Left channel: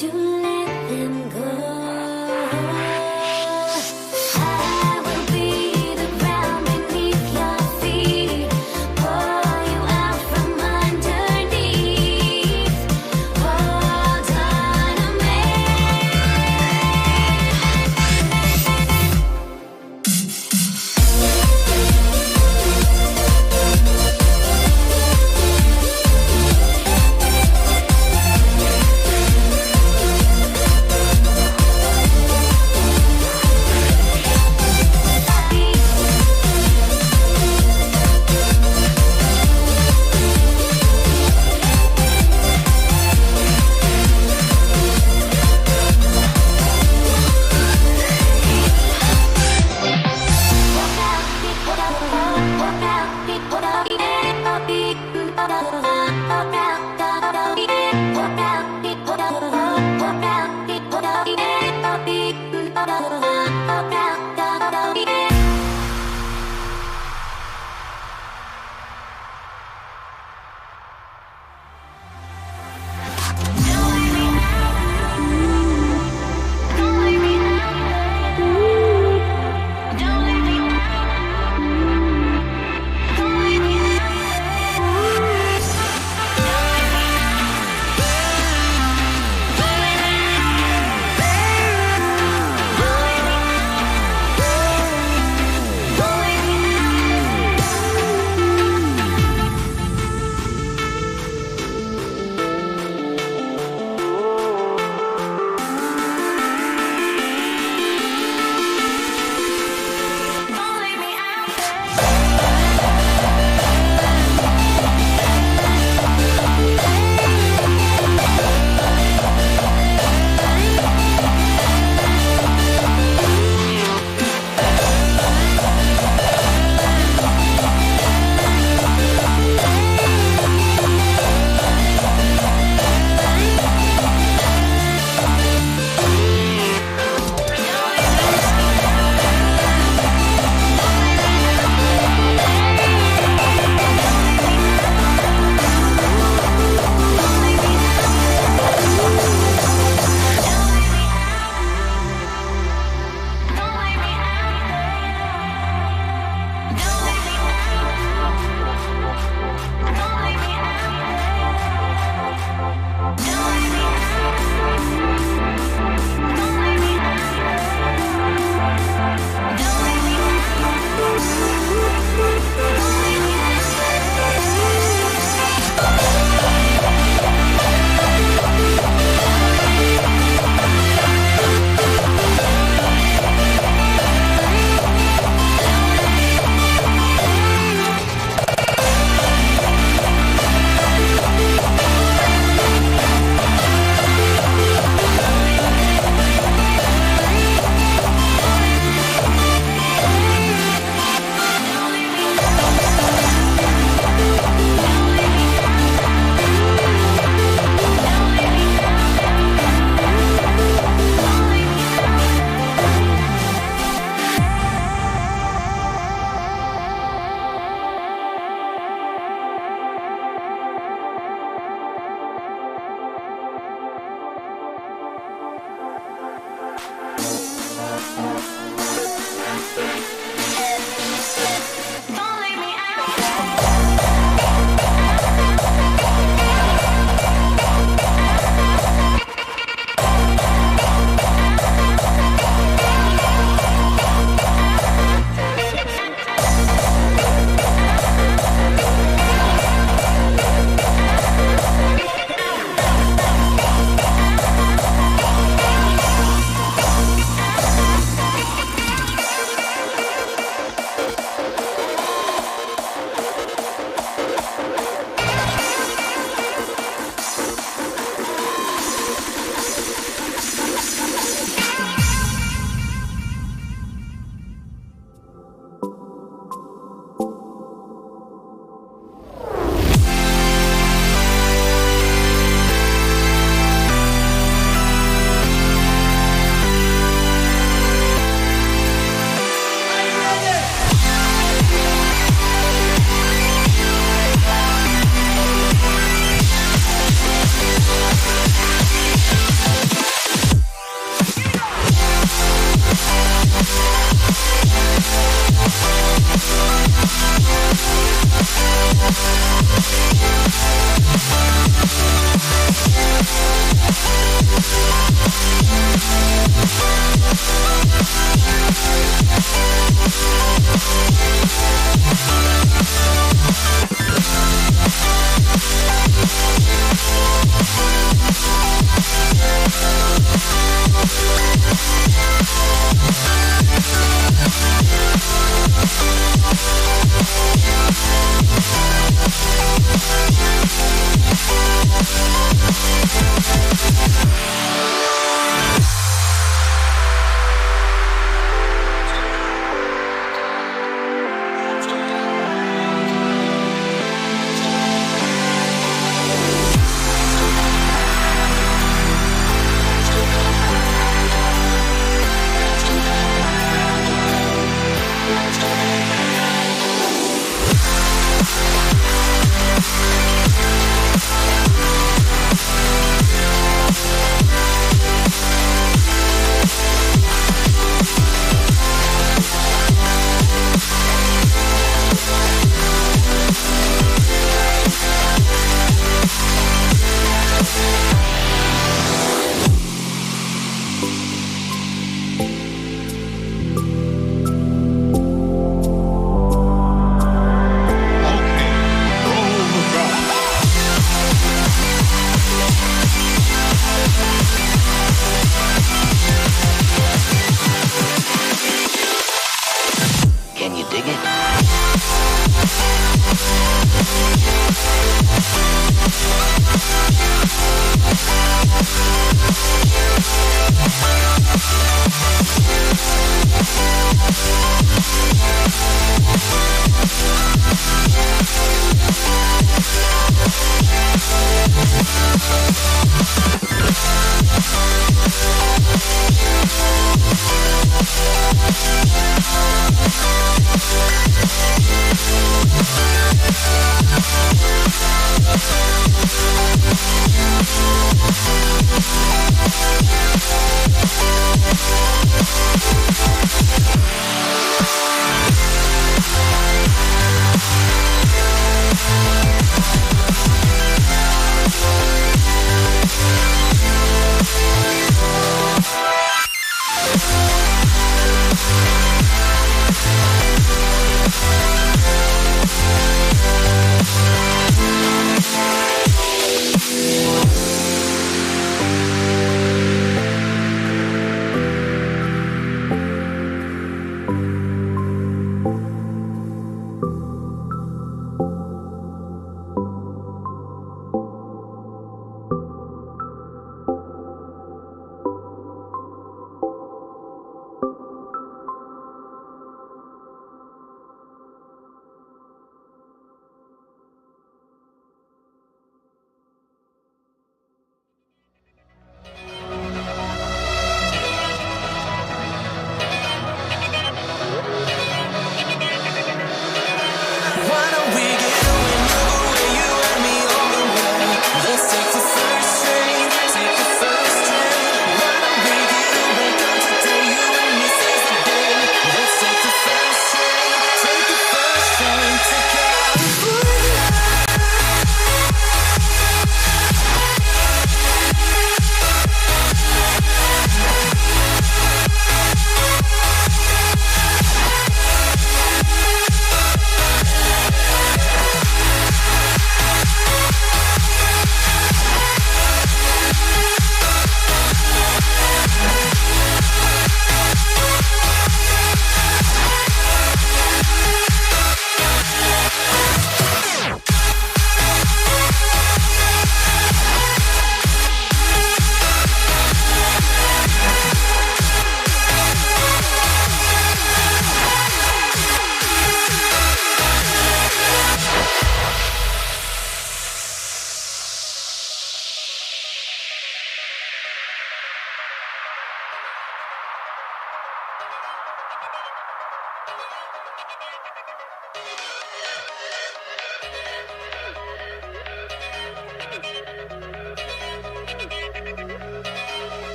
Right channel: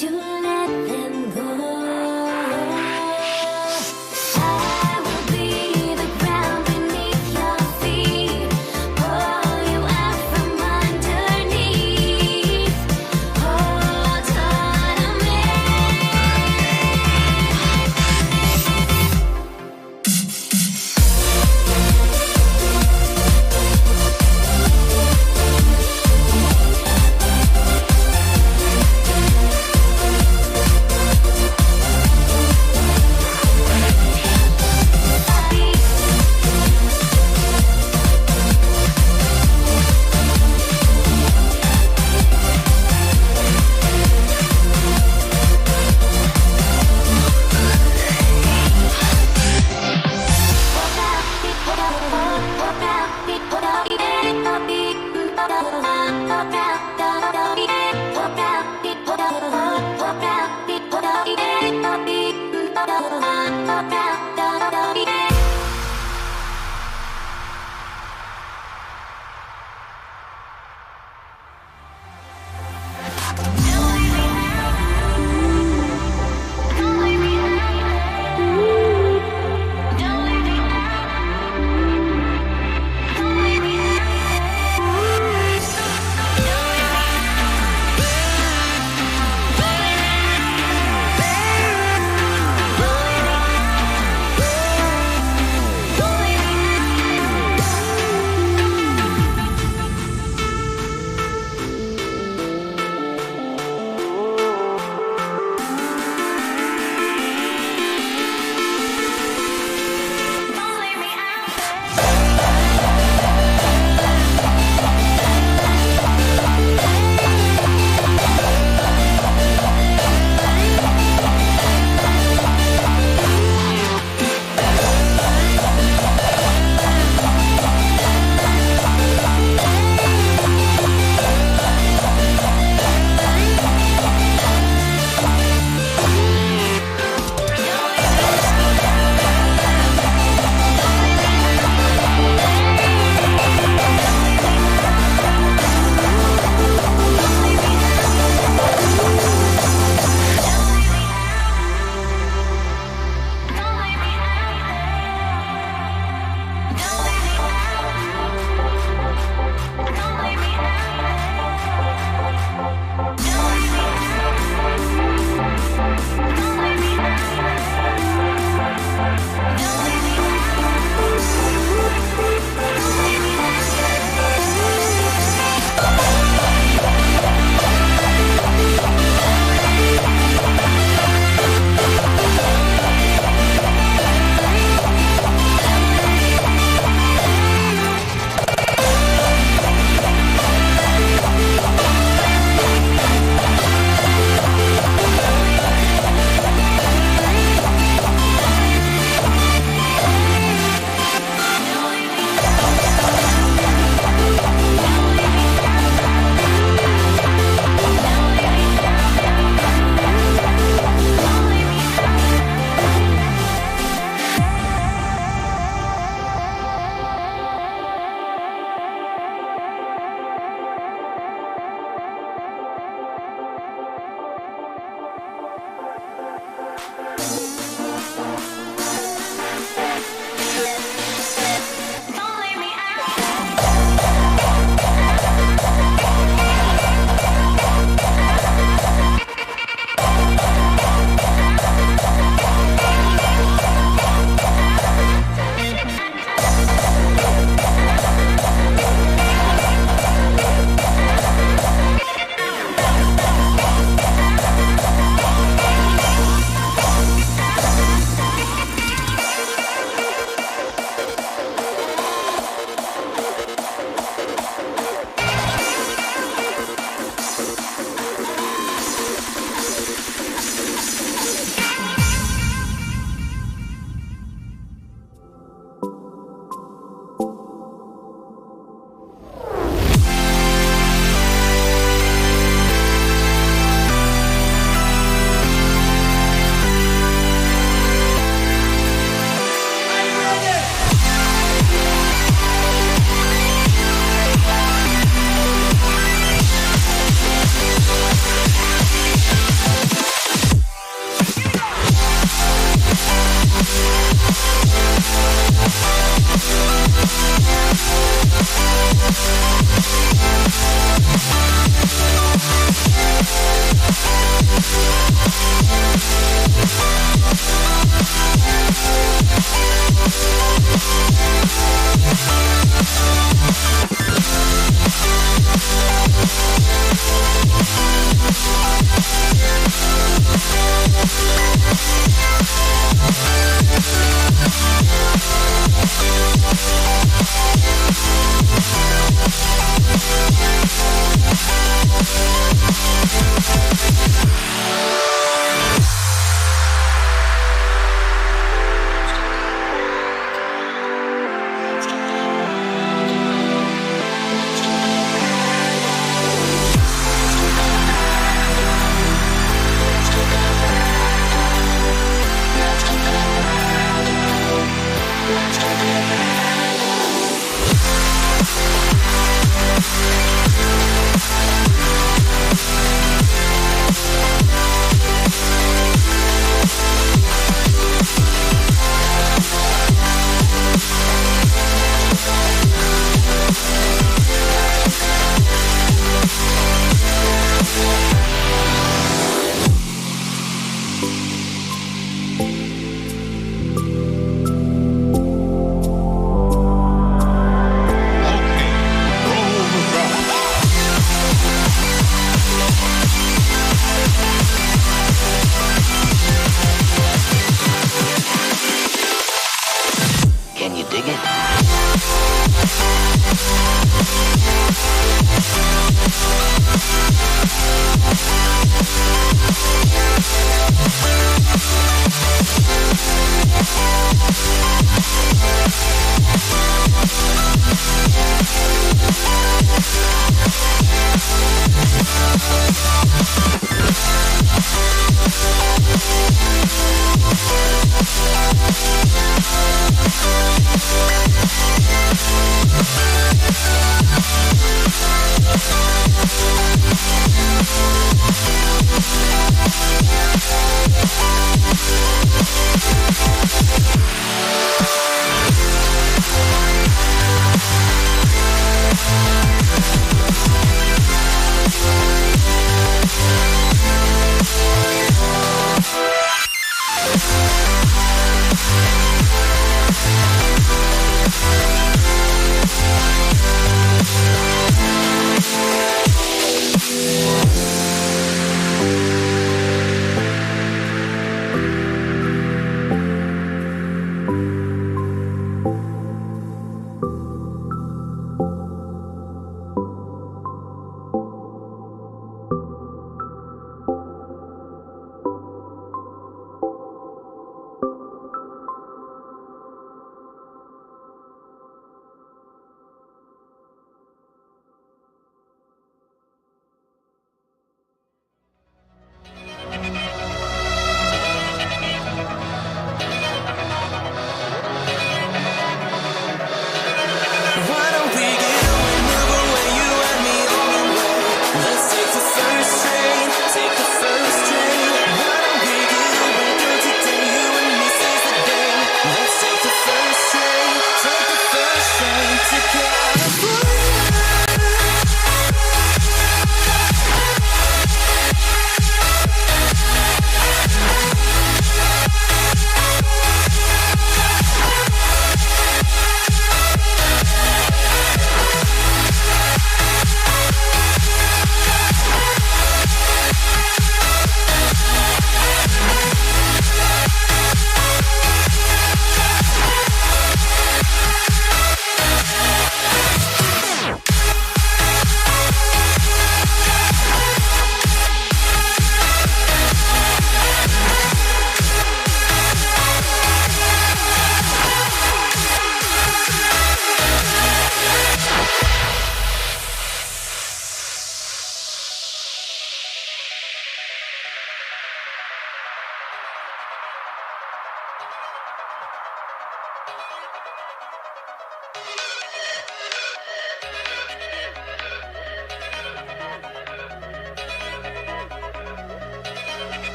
to let them go. I will be the ground beneath your feet, pull you out from underneath. Hold on to me.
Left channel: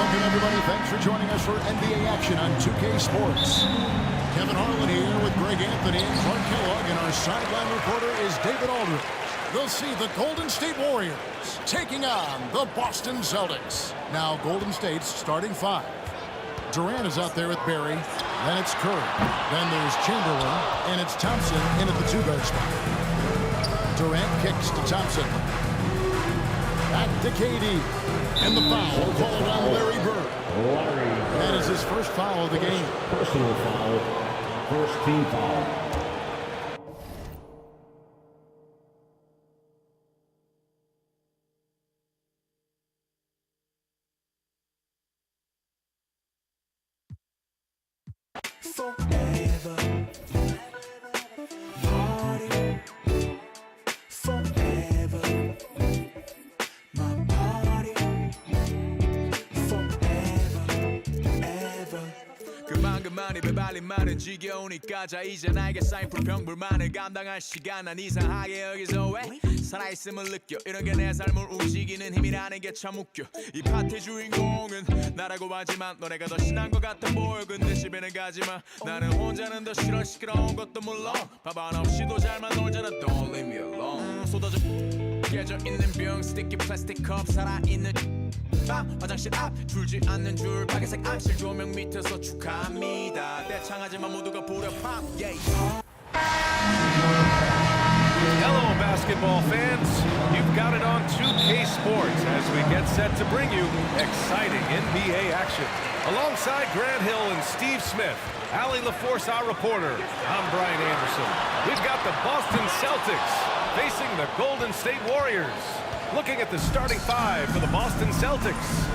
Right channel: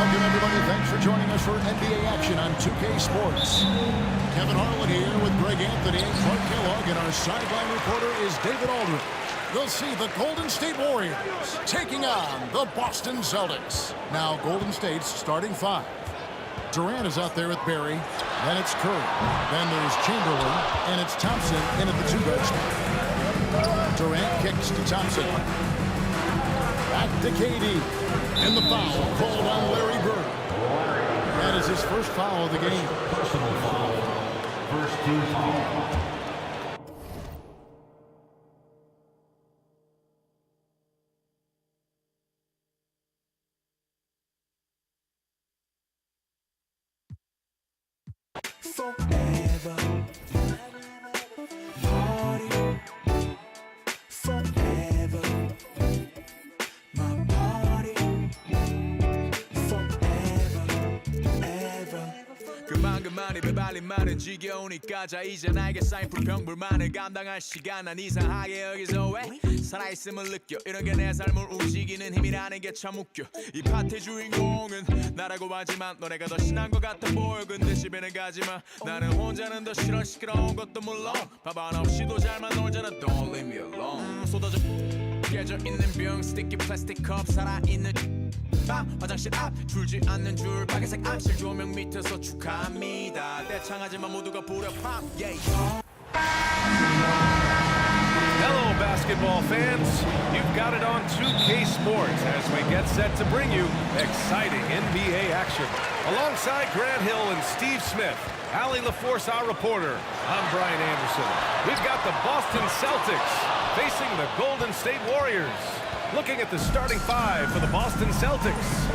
Welcome, everybody. Thanks for joining us for NBA action on 2K Sports. Kevin Harlan here with Greg Anthony and Clark Kellogg, and our sideline reporter is David Aldridge. We'll see the Golden State Warriors taking on the Boston Celtics. Now, Golden State's starting five. Durant is out there with Barry. Then it's Curry. Then there's Chamberlain, and it's Thompson in at the two-guard spot. Durant kicks to Thompson. Back to KD. And the foul called on Larry Bird. That is his first foul of the game. Personal foul. First team foul. forever. Party forever. My party forever, ever. 그만 입에 발린 말은 지겨우니까 자 이제 나에게 쌓인 불평불만을 감당할 시간 난 이상하게 여기서 왜 살아있음을 느껴 이런 게 내 삶을 움직이는 힘이라는 게 참 웃겨 이 파티 주인공은 나라고 하지만 너네가 더 신난 것 같아 보여 근데 집에는 가지마 나는 혼자는 더 싫어 시끄러운 것도 물론 밥안 없이도 잘만 놀잖아 Don't leave me alone 쏟아져 깨져 있는 병 스티키 플라스틱 컵 살아있는 화장실 앞 줄지 않는 줄 빨간색 암실 조명 밑에서 축하합니다 대창하지만 모두가 부려 팝 yeah. Hello, basketball fans. You've got it on 2K Sports as we get set to bring you exciting NBA action. Alongside Grant Hill and Steve Smith, Allie LaForce, our reporter, I'm Brian Anderson. We've got the Boston Celtics facing the Golden State Warriors. Looking at the starting five for the Boston Celtics.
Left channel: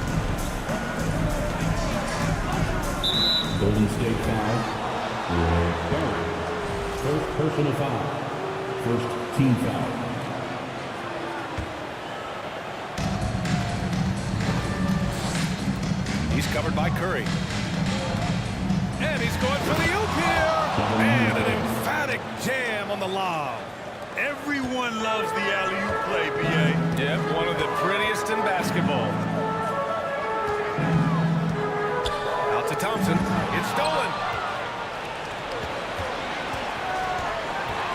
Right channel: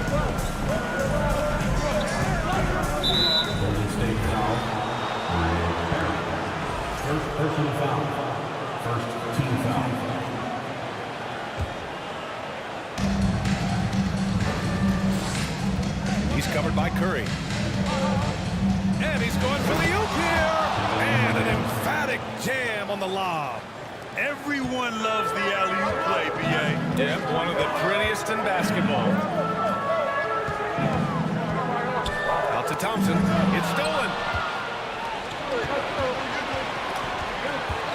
Golden State foul. Rick Barry. First personal foul. First team foul. He's covered by Curry. And he's going for the oop here. And an emphatic jam on the lob. Everyone loves the alley-oop play, B.A. Yep, one of the prettiest in basketball. Out to Thompson. It's stolen.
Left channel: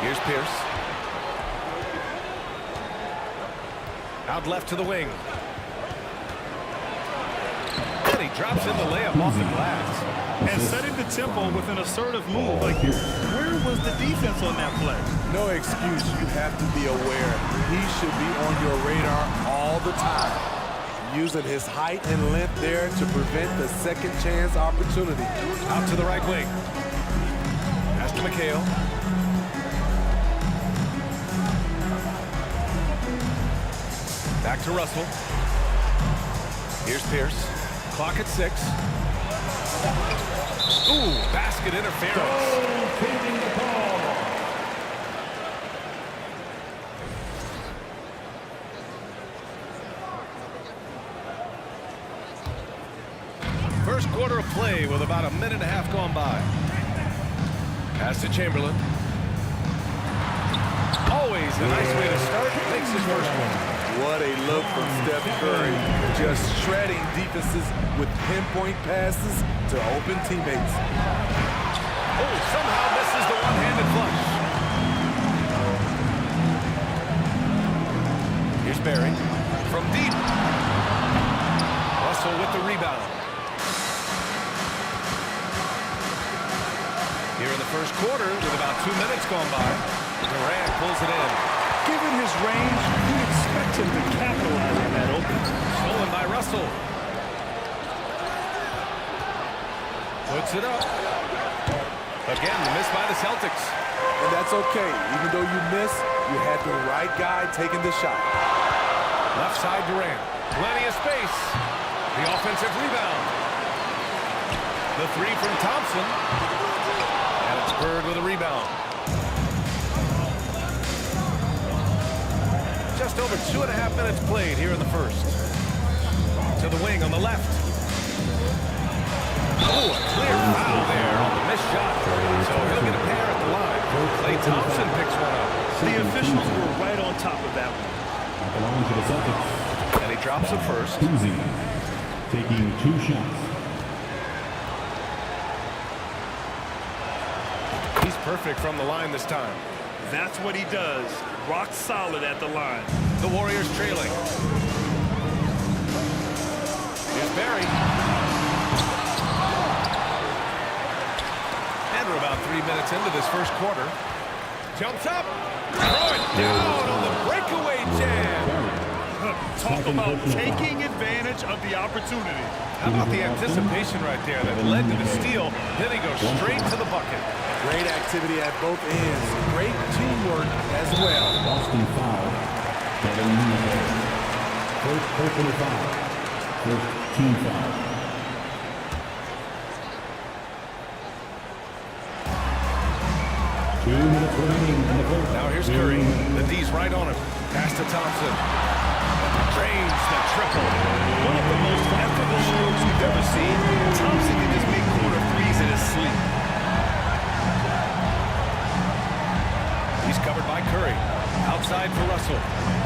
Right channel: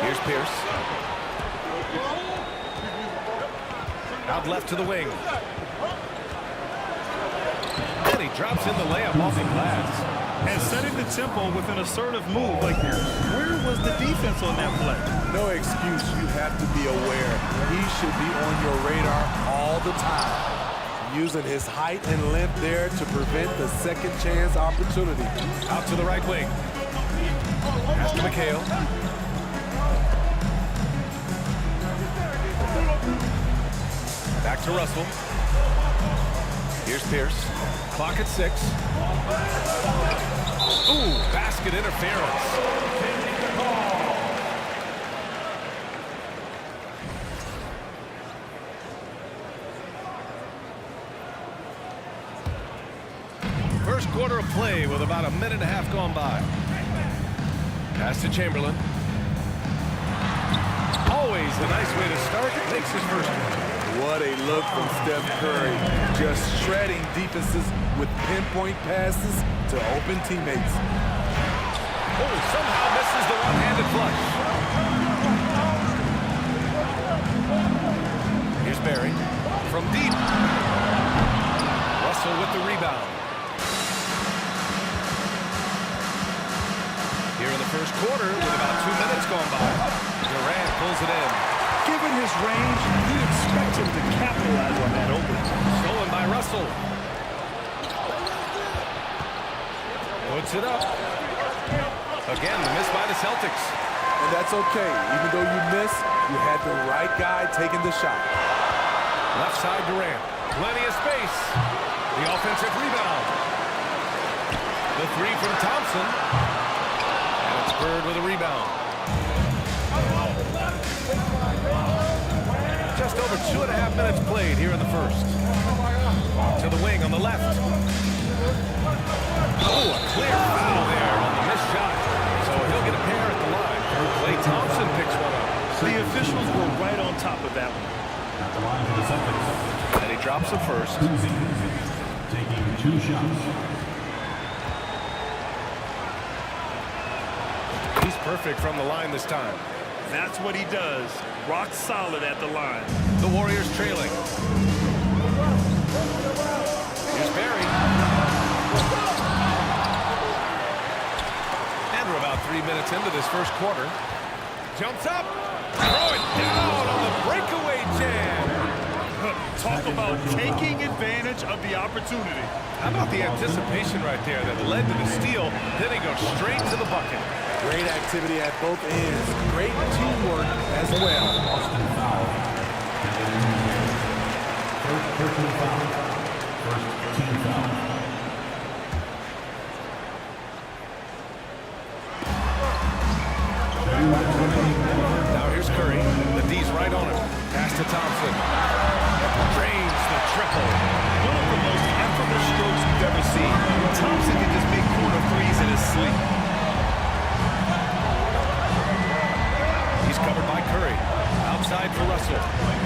Here's Pierce. Out left to the wing. And he drops in the layup off the glass. And setting the tempo with an assertive move. Like, where was the defense on that play? No excuse. You have to be aware. He should be on your radar all the time. Using his height and length there to prevent the second chance opportunity. Out to the right wing. Pass to McHale. Back to Russell. Here's Pierce. Clock at 6. Ooh, basket interference. First quarter of play with about a minute and a half gone by. Pass to Chamberlain. Always a nice way to start. Makes his first one. What a look from Steph Curry. Just shredding defenses with pinpoint passes to open teammates. Oh, somehow misses the one-handed flush. Here's Barry. From deep. Russell with the rebound. Here in the first quarter, with about 2 minutes gone by, Durant pulls it in. Given his range, you'd expect him to capitalize on that opening. Stolen by Russell. Puts it up. Again, the miss by the Celtics. And that's okay. Even though you miss, you had the right guy taking the shot. Left side Durant. Plenty of space. The offensive rebound. The three from Thompson. And it's Bird with a rebound. Just over 2.5 minutes played here in the first. To the wing on the left. Oh, a clear foul there on the missed shot. So he'll get a pair at the line. Klay Thompson picks one up. The officials were right on top of that one. At the line for the Celtics. And he drops it first. Uzi taking 2 shots. He's perfect from the line this time. That's what he does. Rock solid at the line. The Warriors trailing. Here's Barry. And we're about 3 minutes into this first quarter. Jumps up. Throw it down on the breakaway jam. Talk about taking advantage of the opportunity. How about the anticipation right there that led to the steal? Then he goes straight to the bucket. Great activity at both ends. Great teamwork as well. Boston foul. Kevin Durant. First personal foul. First team foul. 2 minutes remaining in the third. Now here's Curry. The D's right on him. Pass to Thompson. Drains the triple. One of the most effortless strokes we've ever seen. Thompson can just make corner threes in his sleep. He's covered by Curry. Outside for Russell.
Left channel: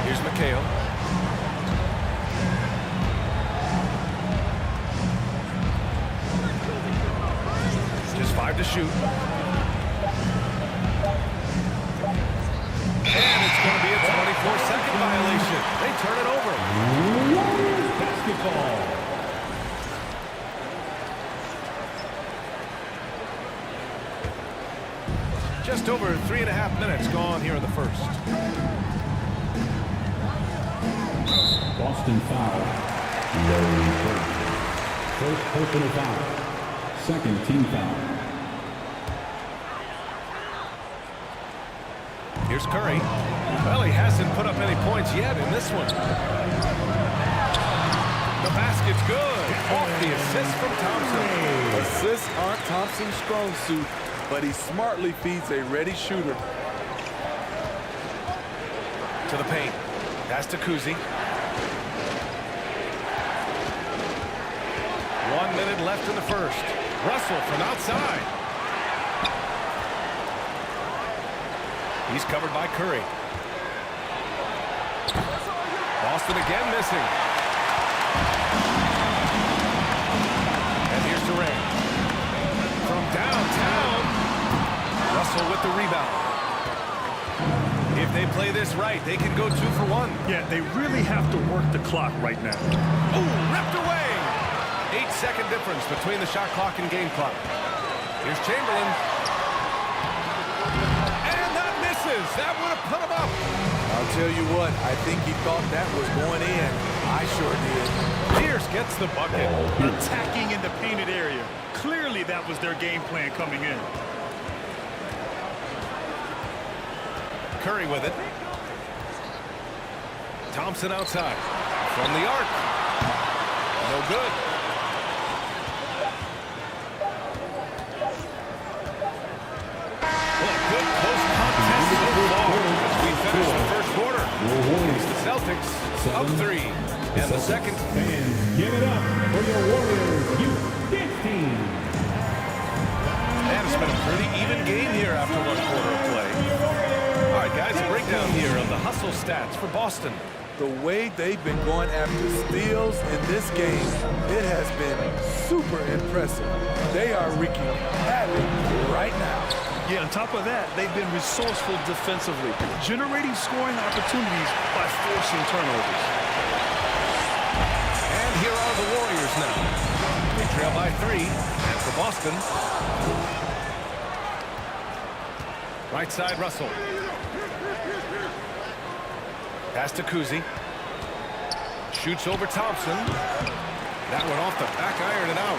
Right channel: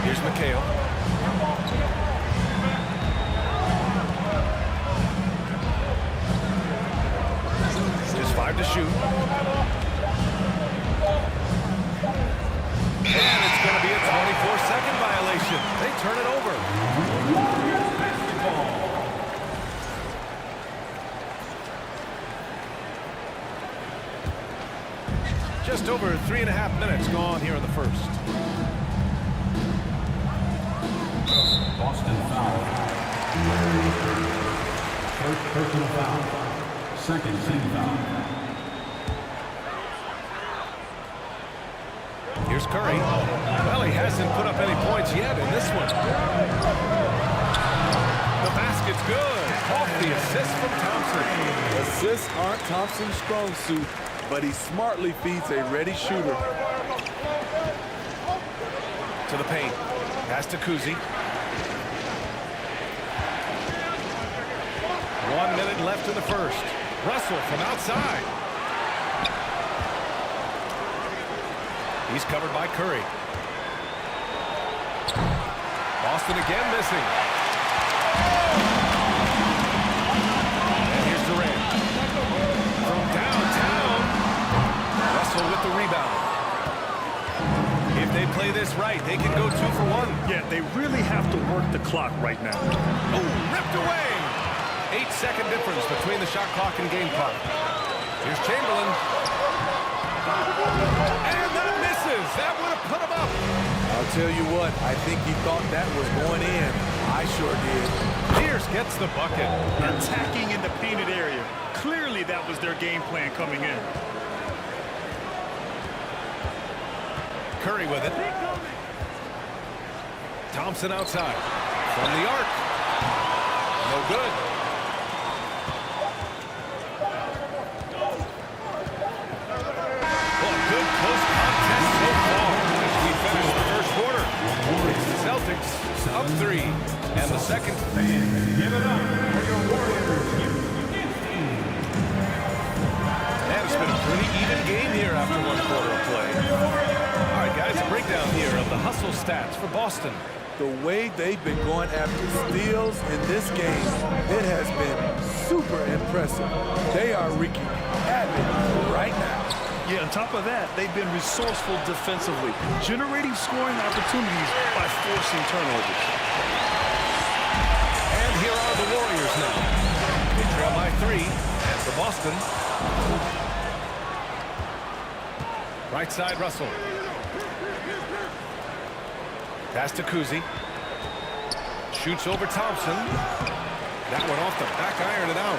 Here's McHale. Just 5 to shoot. And it's going to be a 24-second violation. They turn it over. Warriors basketball. Just over 3.5 minutes gone here in the first. Boston foul. Larry Bird. First personal foul. Second team foul. Here's Curry. Well, he hasn't put up any points yet in this one. The basket's good. Off the assist from Thompson. Assists aren't Thompson's strong suit, but he smartly feeds a ready shooter. To the paint. Pass to Kuzi. 1 minute left in the first. Russell from outside. He's covered by Curry. Boston again missing. And here's Durant. From downtown. Russell with the rebound. If they play this right, they can go 2 for 1. Yeah, they really have to work the clock right now. Oh, ripped away. 8-second difference between the shot clock and game clock. Here's Chamberlain. And that misses. That would have put him up. I'll tell you what, I think he thought that was going in. I sure did. Pierce gets the bucket. Attacking in the painted area. Clearly that was their game plan coming in. Curry with it. Thompson outside. From the arc. No good. Well, a good close contest so far as we finish the first quarter. It's the Celtics up 3. And the second. Fans, give it up for your Warriors youth dance team. And it's been a pretty even game here after 1 quarter of play. All right, guys, a breakdown here of the hustle stats for Boston. The way they've been going after steals in this game, it has been super impressive. They are wreaking havoc right now. Yeah, on top of that, they've been resourceful defensively, generating scoring opportunities by forcing turnovers. And here are the Warriors now. They trail by 3. And for Boston, right side Russell. Pass to Kuzi. Shoots over Thompson. That one off the back iron and out.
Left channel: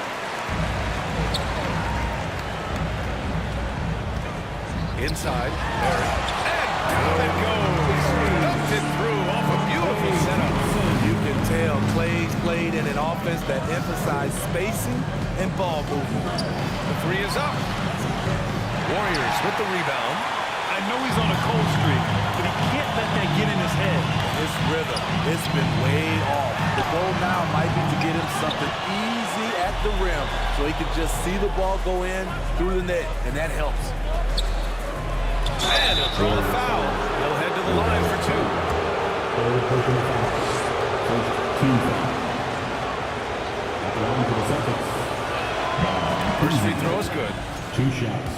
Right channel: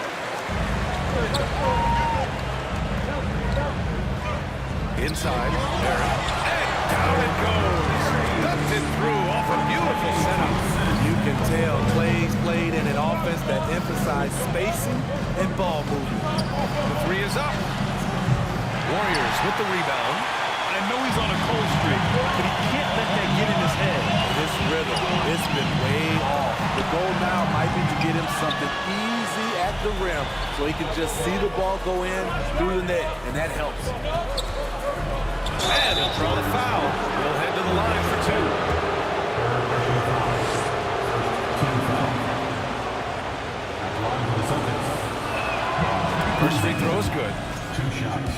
Inside, Barry. And down it goes. Dumped it through off a beautiful setup. You can tell Clay's played in an offense that emphasized spacing and ball movement. The 3 is up. Warriors with the rebound. I know he's on a cold streak, but he can't let that get in his head. His rhythm, it's been way off. The goal now might be to get him something easy at the rim so he can just see the ball go in through the net, and that helps. And he'll draw the foul. He'll head to the line for 2. Third personal foul. First team foul. At the line for the Celtics. First free throw is good. 2 shots.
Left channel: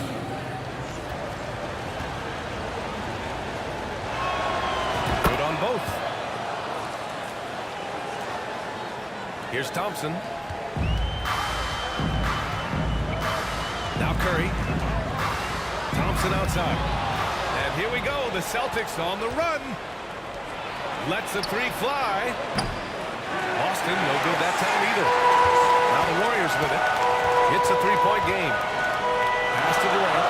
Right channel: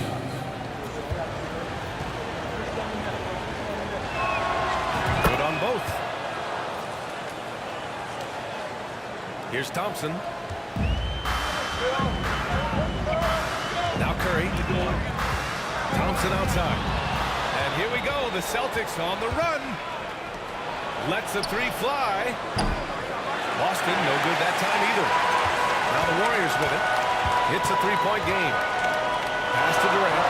Good on both. Here's Thompson. Now Curry. Thompson outside. And here we go. The Celtics on the run. Lets a 3 fly. Boston, no good that time either. Now the Warriors with it. It's a 3-point game. Pass to Durant.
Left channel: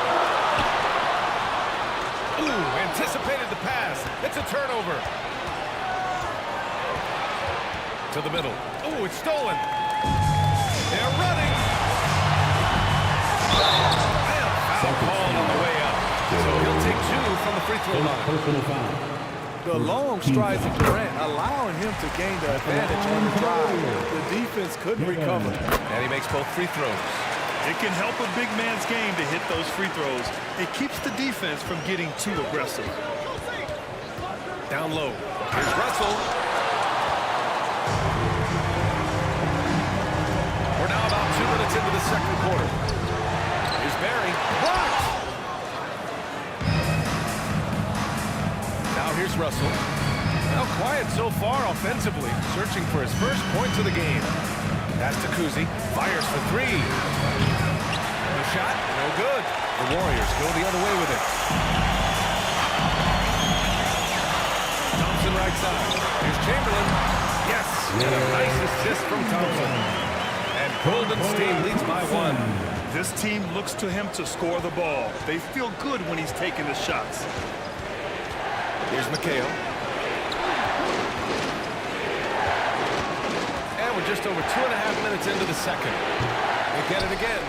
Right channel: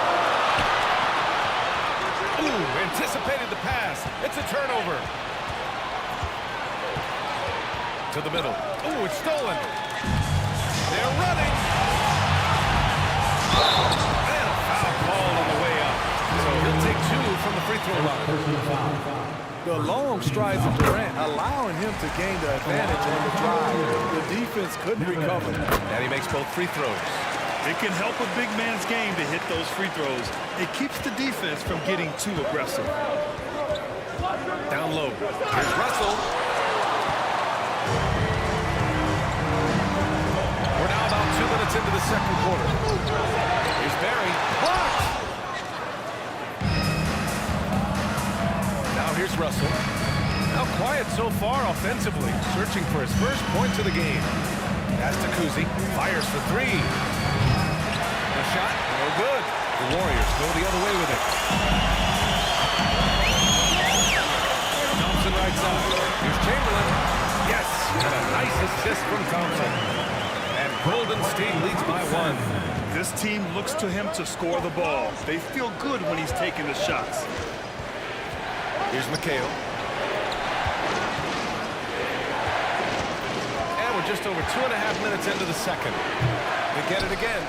Ooh, anticipated the pass. It's a turnover. To the middle. Ooh, it's stolen. They're running. And a foul called on the way out. So he'll take 2 from the free throw line. Personal foul. The long strides of Durant allowing him to gain the advantage on the drive. The defense couldn't recover. And he makes both free throws. It can help a big man's game to hit those free throws. It keeps the defense from getting too aggressive. Down low. Here's Russell. We're now about 2 minutes into the second quarter. Here's Barry. Blocked! Now here's Russell. Now quiet so far offensively, searching for his first points of the game. That's to Kuzi. Fires for 3. The shot, no good. The Warriors go the other way with it. Thompson right side. Here's Chamberlain. Yes, and a nice assist from Thompson. And Golden State leads by 1. This team looks to him to score the ball. They feel good when he's taking the shots. Here's McHale. And we're just over 2.5 minutes into the second. They get it again.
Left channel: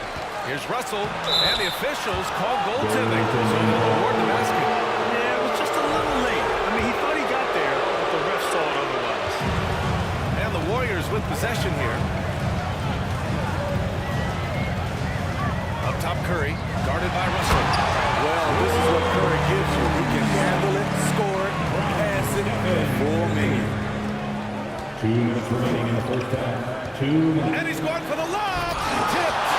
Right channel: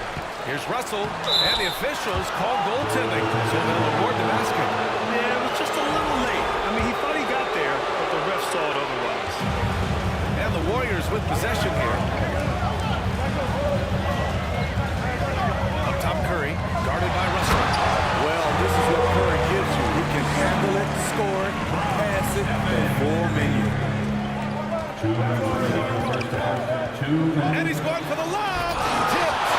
Here's Russell. And the officials call goaltending, so they'll award the basket. Yeah, it was just a little late. I mean, he thought he got there, but the ref saw it otherwise. And the Warriors with possession here. Up top, Curry, guarded by Russell. Well, this is what Curry gives you. He can handle it, score it, pass it in full menu. 2 minutes remaining in the first half. 2 minutes. And he's going for the lob. Tipped.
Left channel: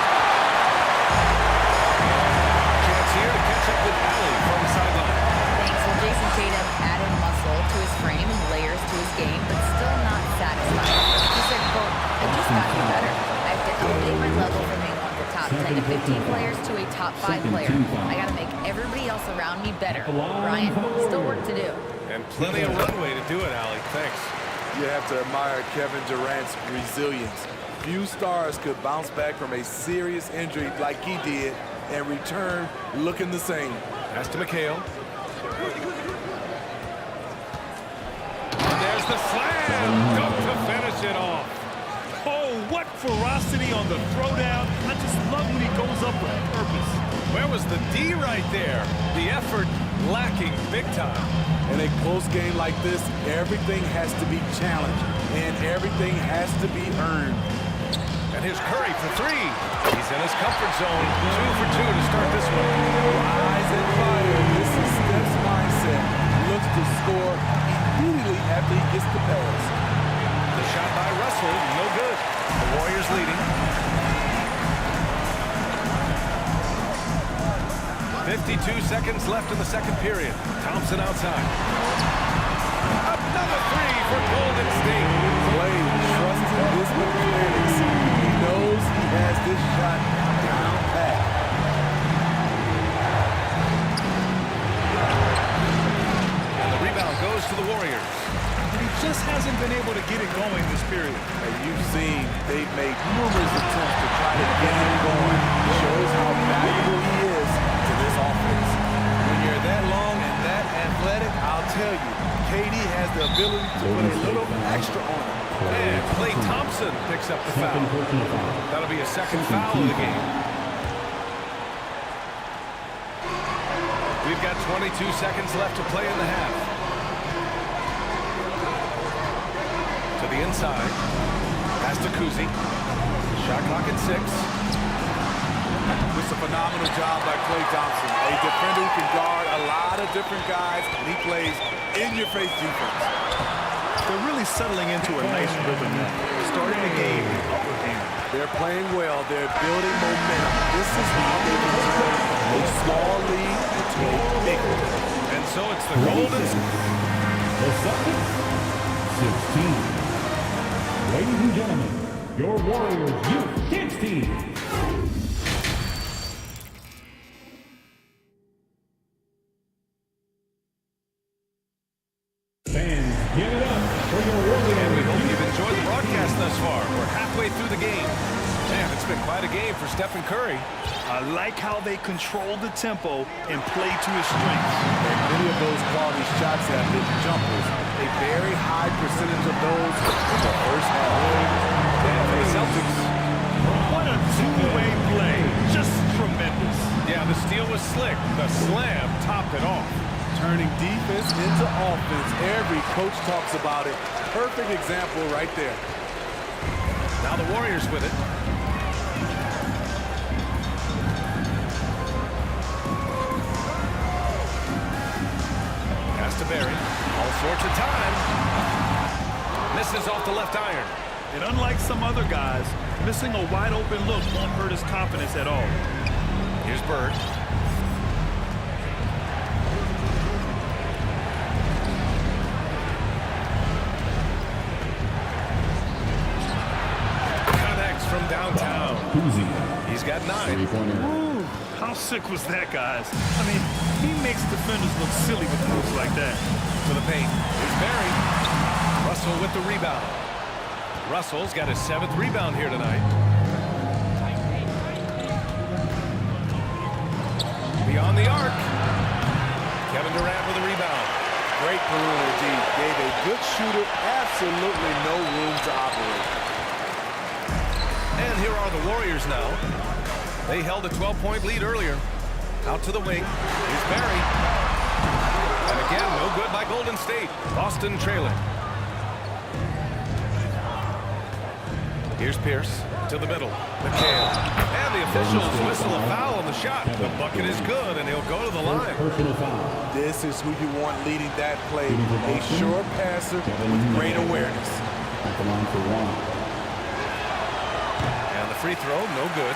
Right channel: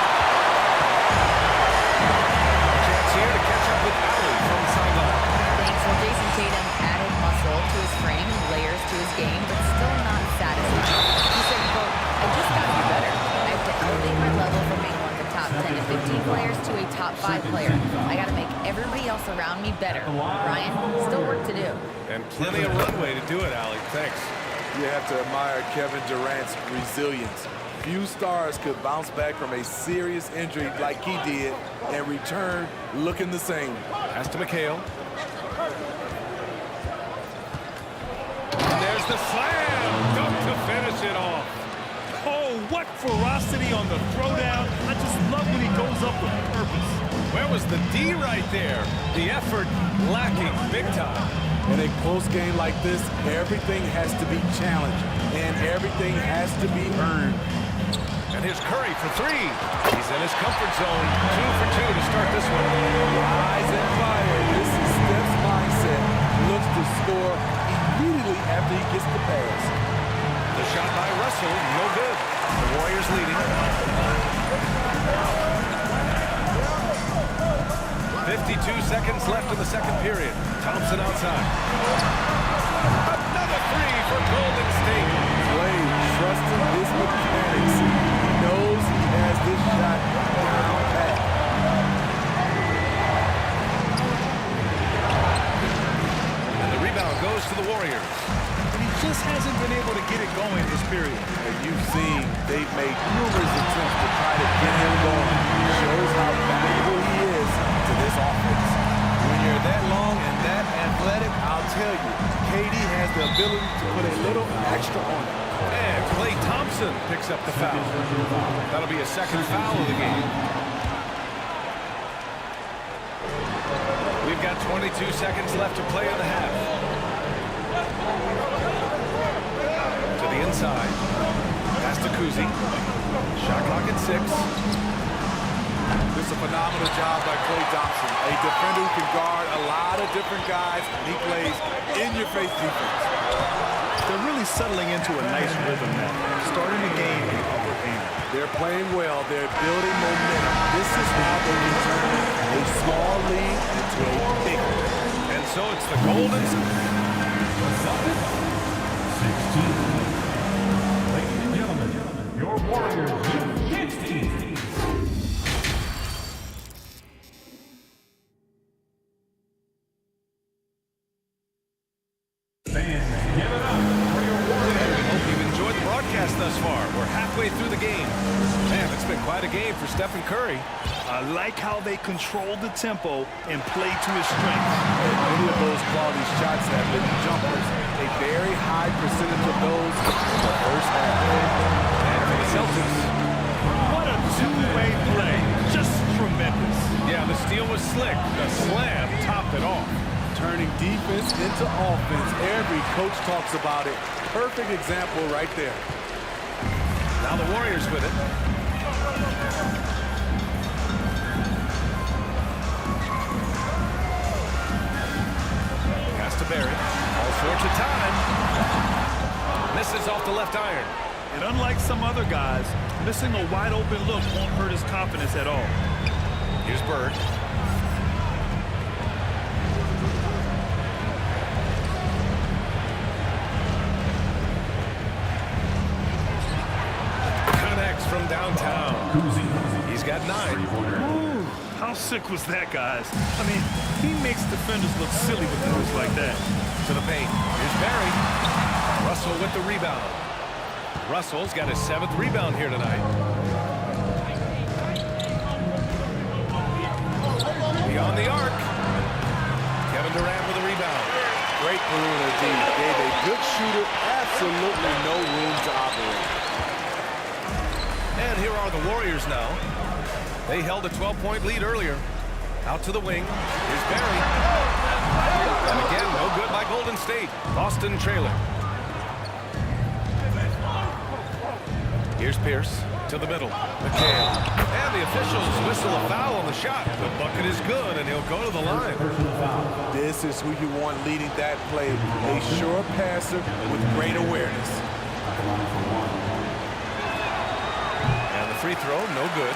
A chance here to catch up with Allie from the sideline. Thanks. Well, Jason Tatum added muscle to his frame and layers to his game, but still not satisfied. He said, quote, I just got to be better. I have to elevate my level from being one of the top 10 to 15 players to a top 5 player. I got to make everybody else around me better. Ryan, still work to do. And plenty of runway to do it, Allie. Thanks. You have to admire Kevin Durant's resilience. Few stars could bounce back from a serious injury like he did and return looking the same. Pass to McHale. And there's the slam. Dunk to finish it off. Oh, what ferocity on the throwdown. I just love when he goes up with purpose. Where was the D right there? The effort lacking big time. In a close game like this, everything has to be challenged and everything has to be earned. And here's Curry for 3. He's in his comfort zone. 2 for 2 to start this one. Rise and fire. This is Steph's mindset. Looks to score immediately after he gets the pass. The shot by Russell, no good. The Warriors leading. 52 seconds left in the second period. Thompson outside. Another 3 for Golden State. Clay trusting his mechanics. He knows he has this shot down pat. And the rebound goes to the Warriors. But he just hasn't been able to get it going this period. And you've seen they've made numerous attempts to try to get him going. Shows how valuable he is to this offense. When you're that long and that athletic, I'll tell you, KD has the ability to put a little extra on it. And Klay Thompson picks up the foul. That'll be a second foul of the game. We've got 22 seconds left to play in the half. To the inside. Pass to Kuzi. Shot clock at 6. Just a phenomenal job by Klay Thompson. A defender who can guard a lot of different guys, and he plays in-your-face defense. They're really settling into a nice rhythm now, starting the game in upper hand. They're playing well. They're building momentum. This is how they can turn a small lead into a big one. And so it's the Golden The Celtics, 16. Ladies and gentlemen, your Warriors Youth Kids team. Fans, give it up for your Warriors. And we hope you've enjoyed the broadcast thus far. We're halfway through the game. Man, it's been quite a game for Stephen Curry. I like how they control the tempo and play to his strengths. And many of those quality shots have been jumpers. A very high percentage of those in the first half. And for the Celtics, What a two-way play. Just tremendous. Yeah, the steal was slick. The slam topped it off. Turning defense into offense. Every coach talks about it. Perfect example right there. Now the Warriors with it. Pass to Barry. All sorts of time. Misses off the left iron. And unlike some other guys, missing a wide open look won't hurt his confidence at all. Here's Bird. Connects from downtown. Kuzi. He's got 9. Three-pointer. Ooh, how sick was that, guys? I mean, he makes defenders look silly with moves like that. To the paint. Here's Barry. Russell with the rebound. Russell's got his 7th rebound here tonight. Beyond the arc. Kevin Durant with a rebound. Great perimeter D. Gave a good shooter absolutely no room to operate. And here are the Warriors now. They held a 12-point lead earlier. Out to the wing. Here's Barry. And again, no good by Golden State. Boston trailing. Here's Pierce to the middle. McHale. And the officials whistle a foul on the shot. The bucket is good, and he'll go to the line. Personal foul. This is who you want leading that play. A sure passer with great awareness. At the line for 1. And the free throw, no good.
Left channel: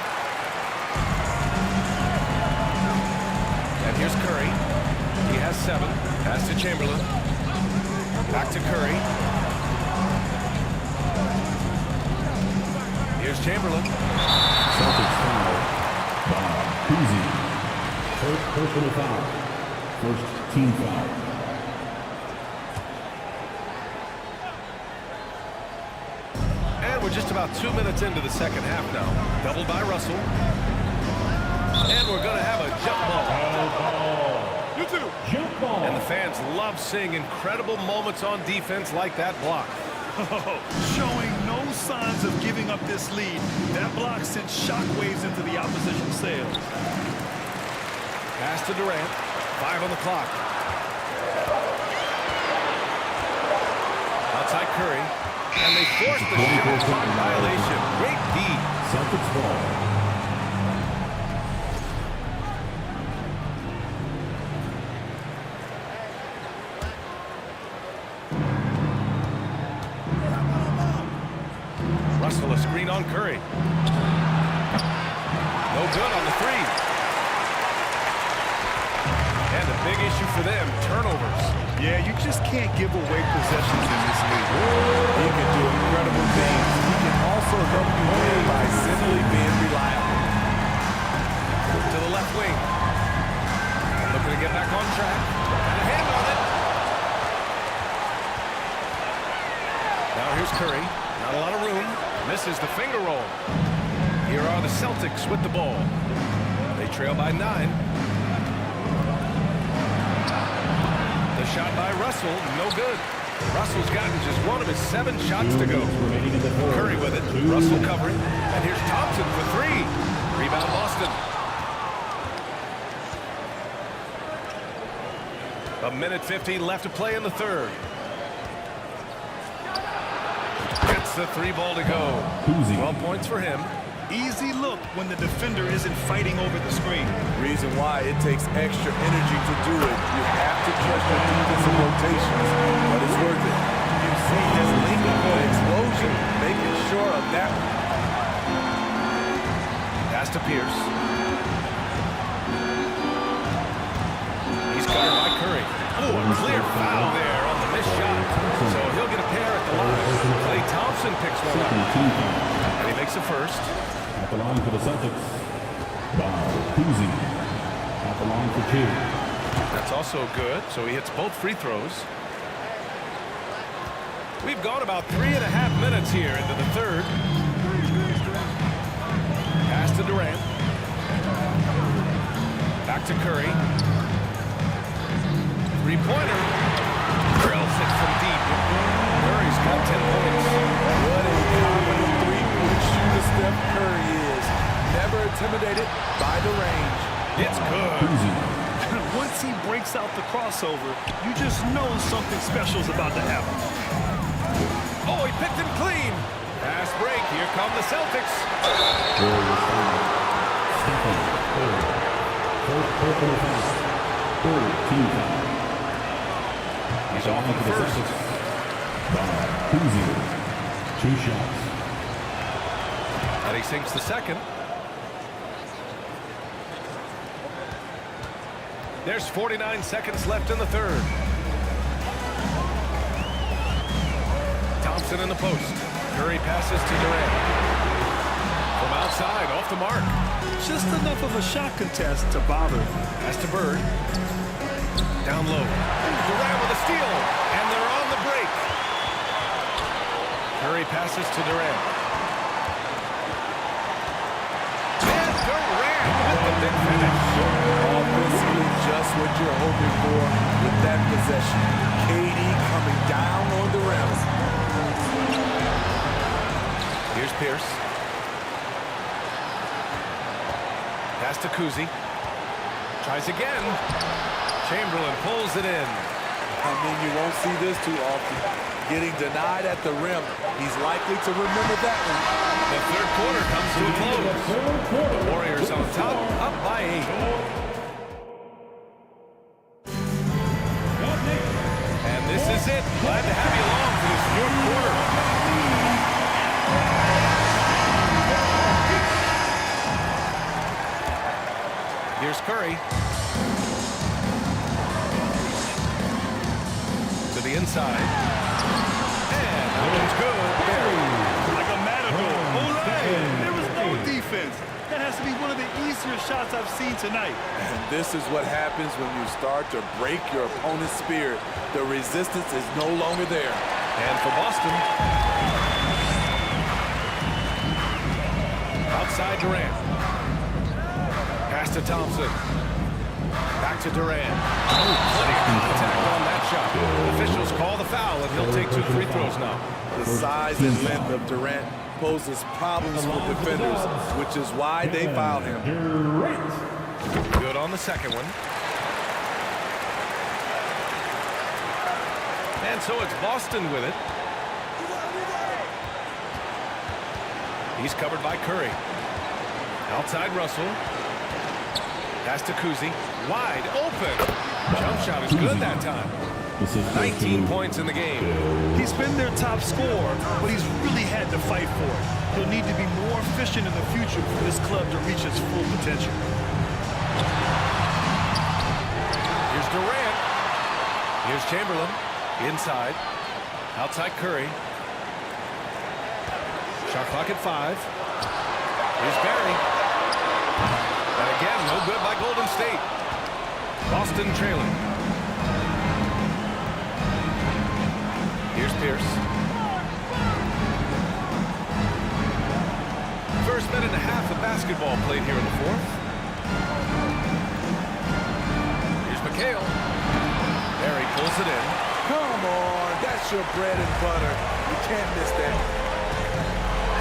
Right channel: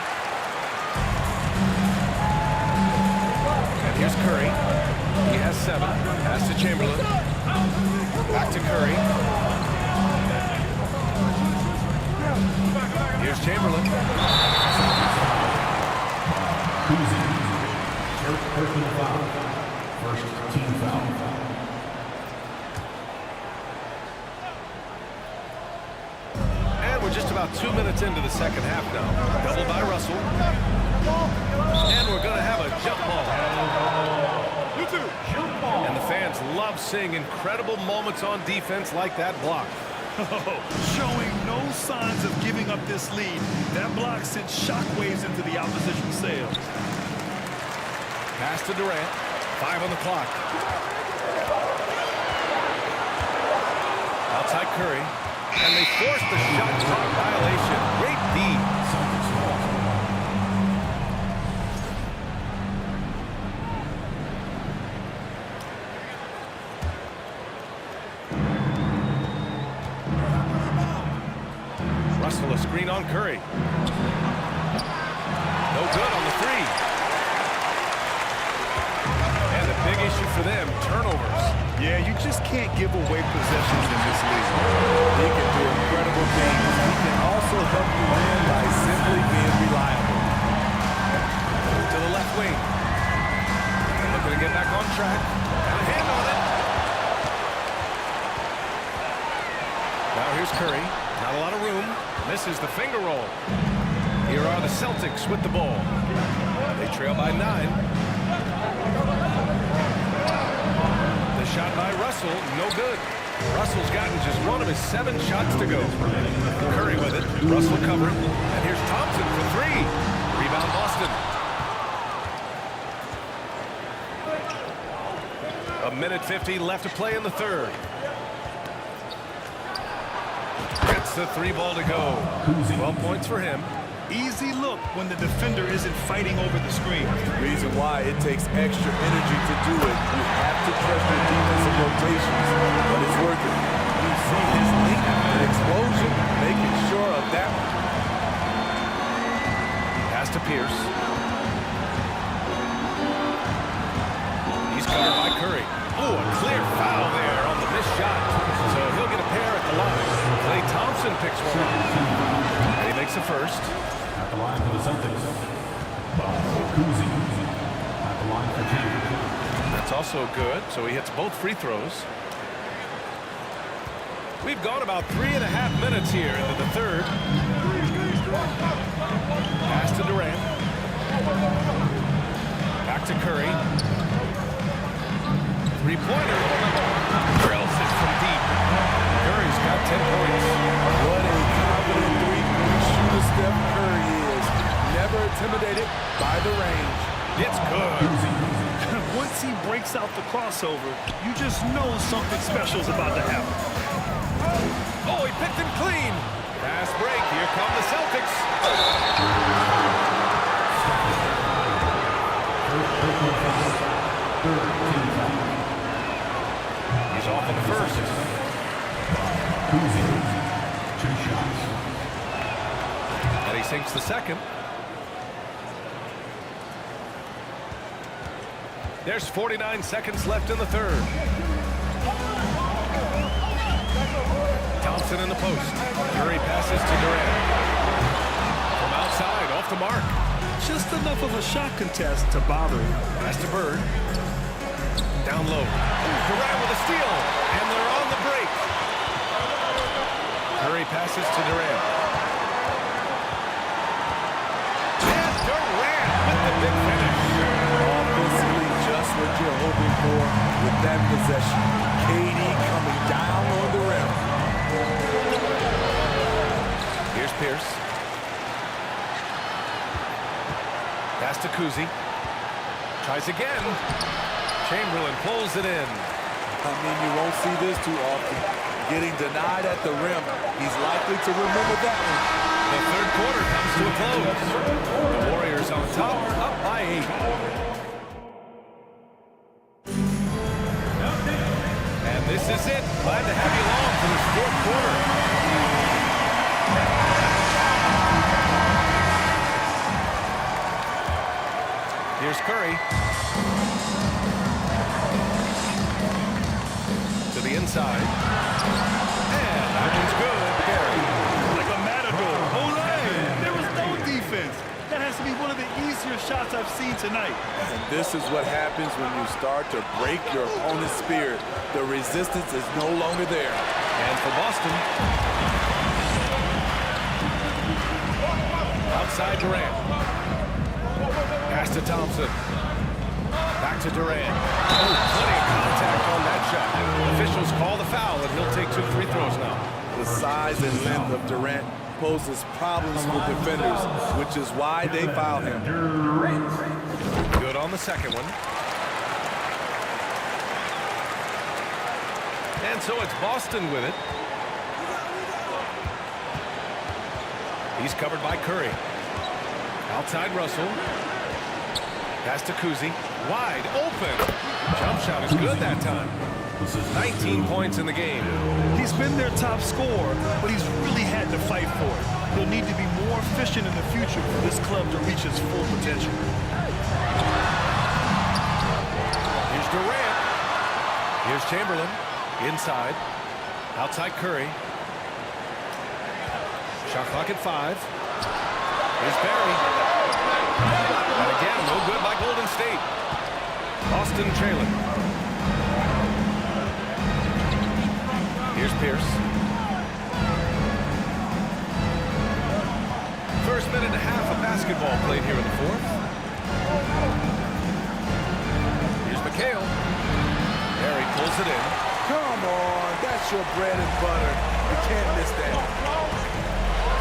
And here's Curry. He has 7. Pass to Chamberlain. Back to Curry. Here's Chamberlain. Celtics foul. Kuzi. First personal foul. First team foul. And we're just about 2 minutes into the second half now. Doubled by Russell. And we're going to have a jump ball. You too. Jump ball. And the fans love seeing incredible moments on defense like that block. Showing no signs of giving up this lead. That block sent shockwaves into the opposition sails. Pass to Durant. 5 on the clock. Outside Curry. And they forced the shot clock violation. Great D. Celtics ball. Russell a screen on Curry. No good on the 3. And a big issue for them, turnovers. Yeah, you just can't give away possessions in this league. He can do incredible things. He can also help you win by simply being reliable. To the left wing. And looking to get back on track. Got a hand on it. Now here's Curry. Not a lot of room. Misses the finger roll. Here are the Celtics with the ball. They trail by 9. The shot by Russell, no good. Russell's gotten just 1 of his 7 shots to go. Curry with it. Russell covering. And here's Thompson for 3. Rebound Boston. A minute 50 left to play in the third. Gets the 3 ball to go. 12 points for him. Easy look when the defender isn't fighting over the screen. Reason why it takes extra energy to do it. You have to trust your defensive rotations, but it's worth it. You see his link, the explosion, making sure of that one. Pass to Pierce. He's covered by Curry. Oh, a clear foul there on the missed shot. So he'll get a pair at the line. Klay Thompson picks one up. And he makes the first. At the line for the Celtics. Kuzi. At the line for 2. That's also good. So he hits both free throws. We've gone about 3.5 minutes here into the third. Pass to Durant. Back to Curry. 3-pointer. Drills it from deep. Curry's got 10 points. What a confident three-point shooter Steph Curry is. Never intimidated by the range. It's good. Once he breaks out the crossover, you just know something special is about to happen. Oh, he picked him clean. Fast break. Here come the Celtics. First personal foul. Third team foul. He's off on the first. Cousy. 2 shots. And he sinks the second. There's 49 seconds left in the third. Thompson in the post. Curry passes to Durant. From outside, off the mark. Just enough of a shot contest to bother him. Pass to Bird. Down low. Ooh, Durant with a steal. And they're on the break. Curry passes to Durant. And Durant with the big finish. Offensively, just what you're hoping for with that possession. KD coming down on the rim. Here's Pierce. Pass to Cousy. Tries again. Chamberlain pulls it in. I mean, you won't see this too often. Getting denied at the rim. He's likely to remember that one. The third quarter comes to a close. The Warriors on top, up by 8. And this is it. Glad to have you along for this fourth quarter. Here's Curry. To the inside. And that one's good. Barry. Like a matador. Olay! There was no defense. That has to be one of the easier shots I've seen tonight. And this is what happens when you start to break your opponent's spirit. The resistance is no longer there. And for Boston, outside Durant. Pass to Thompson. Back to Durant. Oh, plenty of contact on that shot. Officials call the foul, and he'll take 2 free throws now. The size and length of Durant poses problems for defenders, which is why they fouled him. Good on the second one. And so it's Boston with it. He's covered by Curry. Outside Russell. Pass to Cousy. Wide open. Jump shot is good that time. 19 points in the game. He's been their top scorer, but he's really had to fight for it. He'll need to be more efficient in the future for this club to reach its full potential. Here's Durant. Here's Chamberlain. Inside. Outside Curry. Shot clock at 5. Here's Barry. And again, no good by Golden State. Boston trailing. Here's Pierce. First minute and a half of basketball played here in the fourth. Here's McHale. Barry pulls it in. Come on, that's your bread and butter. You can't miss that.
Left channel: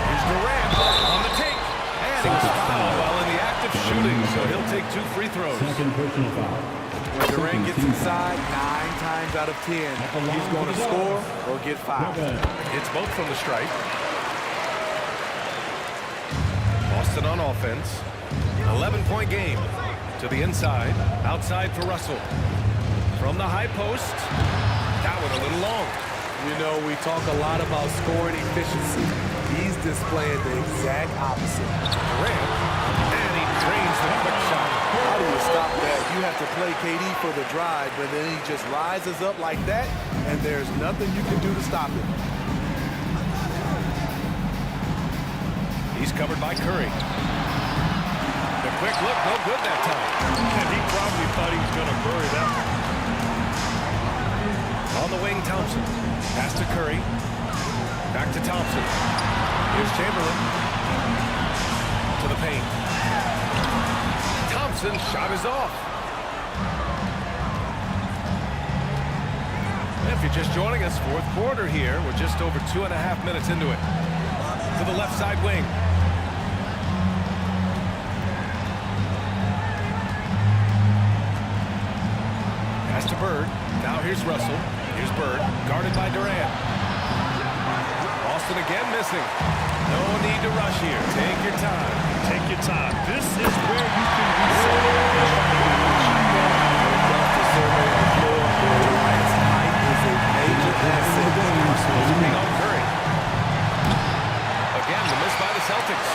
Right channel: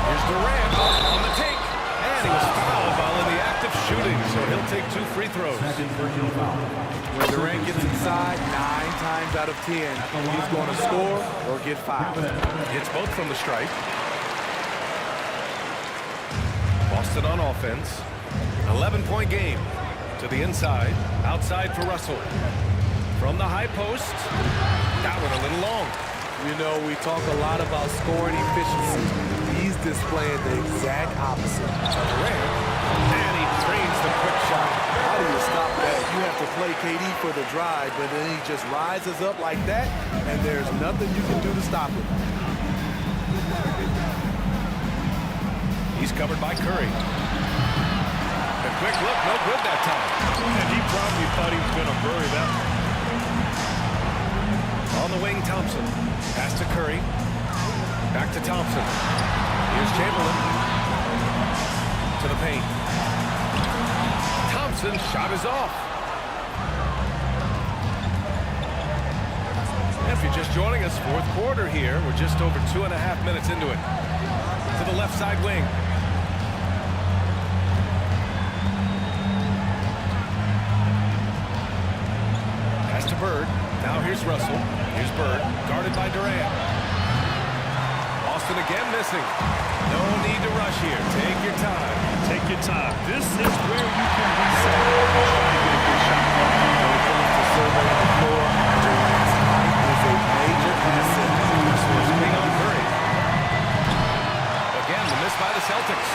Here's Durant on the take. And he was fouled while in the act of shooting, so he'll take 2 free throws. Second personal foul. When Durant gets inside, 9 times out of 10, he's going to score or get fouled. Hits both from the stripe. Boston on offense. 11-point game. To the inside. Outside for Russell. From the high post. That one a little long. You know, we talk a lot about scoring efficiency. He's displaying the exact opposite. Durant. And he drains the quick shot. How do you stop that? You have to play KD for the drive, but then he just rises up like that, and there's nothing you can do to stop it. He's covered by Curry. The quick look, no good that time. And he probably thought he was going to bury that one. On the wing, Thompson. Pass to Curry. Back to Thompson. Here's Chamberlain. To the paint. Thompson's shot is off. If you're just joining us, fourth quarter here. We're just over 2.5 minutes into it. To the left side wing. Pass to Bird. Now here's Russell. Here's Bird, guarded by Durant. Boston again missing. No need to rush here. Take your time. Take your time. This is where you can reset and try to get a good shot. When it comes to surveying the floor, Durant's height is a major asset. Russell is being on Curry. Again, the miss by the Celtics.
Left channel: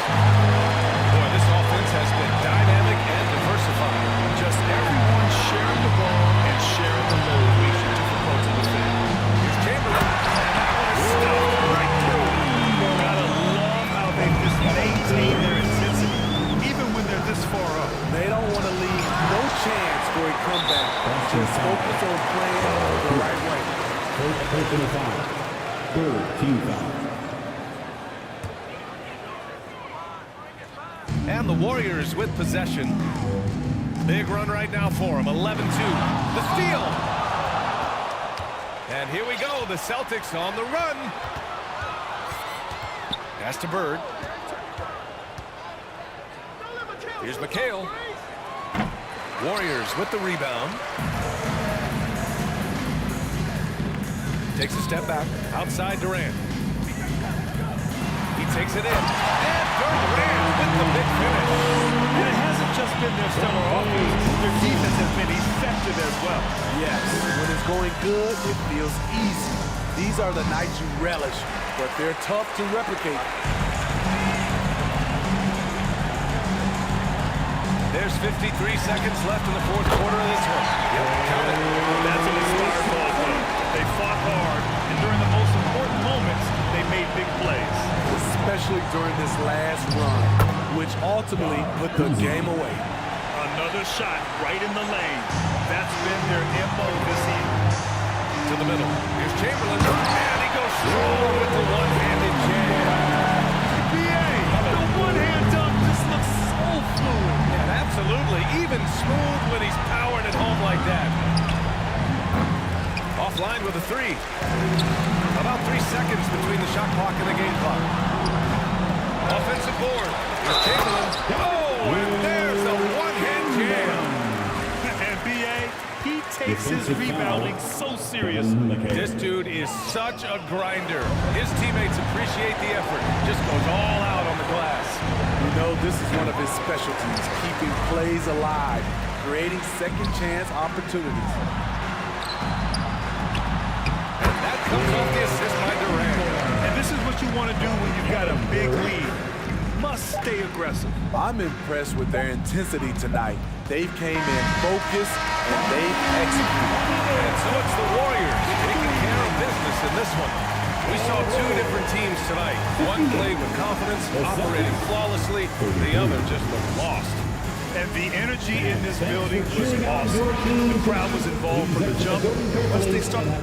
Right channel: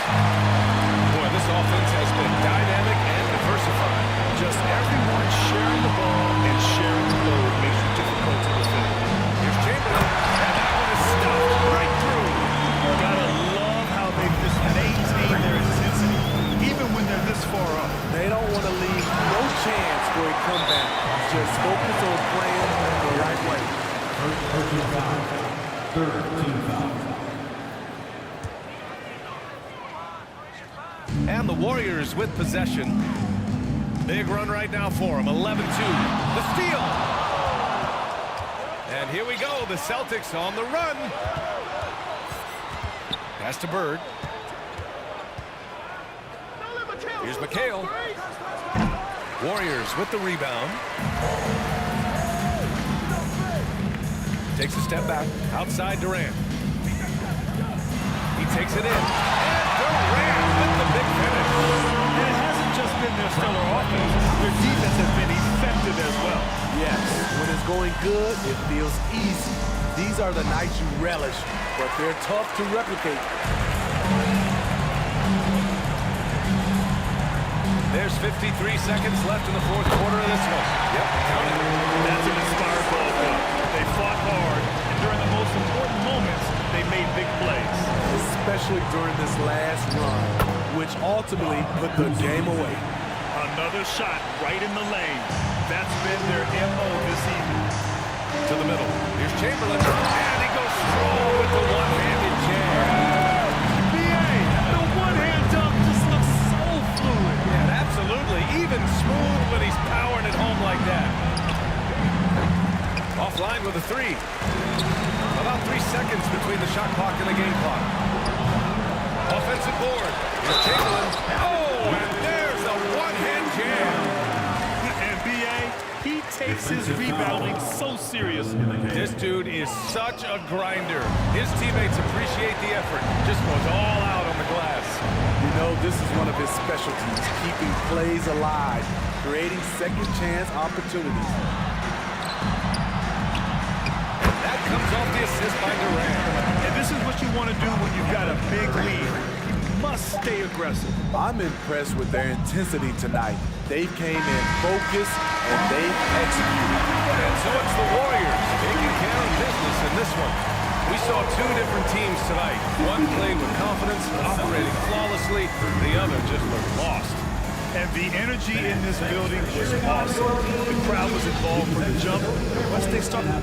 Boy, this offense has been dynamic and diversified. Just everyone sharing the ball and sharing the load makes it difficult to defend. Here's Chamberlain, and that one is stuffed right through. Gotta love how they just maintain their intensity, even when they're this far up. They don't want to leave no chance for a comeback. Just focus on playing the right way. First personal foul. Third team foul. And the Warriors with possession. Big run right now for them. 11-2. The steal. And here we go. The Celtics on the run. Pass to Bird. Here's McHale. Warriors with the rebound. Takes a step back. Outside Durant. He takes it in. And Durant with the big finish. And it hasn't just been their stellar offense. Their defense has been effective as well. Yes, when it's going good, it feels easy. These are the nights you relish, but they're tough to replicate. There's 53 seconds left in the fourth quarter of this one. Yep, count it. That's an inspired ball club. They fought hard, and during the most important moments, they made big plays. Especially during this last run, which ultimately put the game away. Another shot right in the lane. That's been their MO this evening. To the middle. Here's Chamberlain. And he goes strong with the one-handed jam. BA, the one-hand dunk just looks so fluid. Yeah, absolutely. Even smooth when he's powering it home like that. Offline with a three. About 3 seconds between the shot clock and the game clock. Offensive board. Here's Chamberlain. Oh, and there's a one-hand jam. And BA, he takes his rebounding so seriously. This dude is such a grinder. His teammates appreciate the effort. Just goes all out on the glass. You know, this is one of his specialties, keeping plays alive, creating second chance opportunities. And that comes off the assist by Durant. And this is what you want to do when you've got a big lead. You must stay aggressive. I'm impressed with their intensity tonight. They came in focused and they've executed. And so it's the Warriors taking care of business in this one. We saw two different teams tonight. One played with confidence, operating flawlessly. The other just looked lost. And the energy in this building was awesome. The crowd was involved from the jump. And once they started...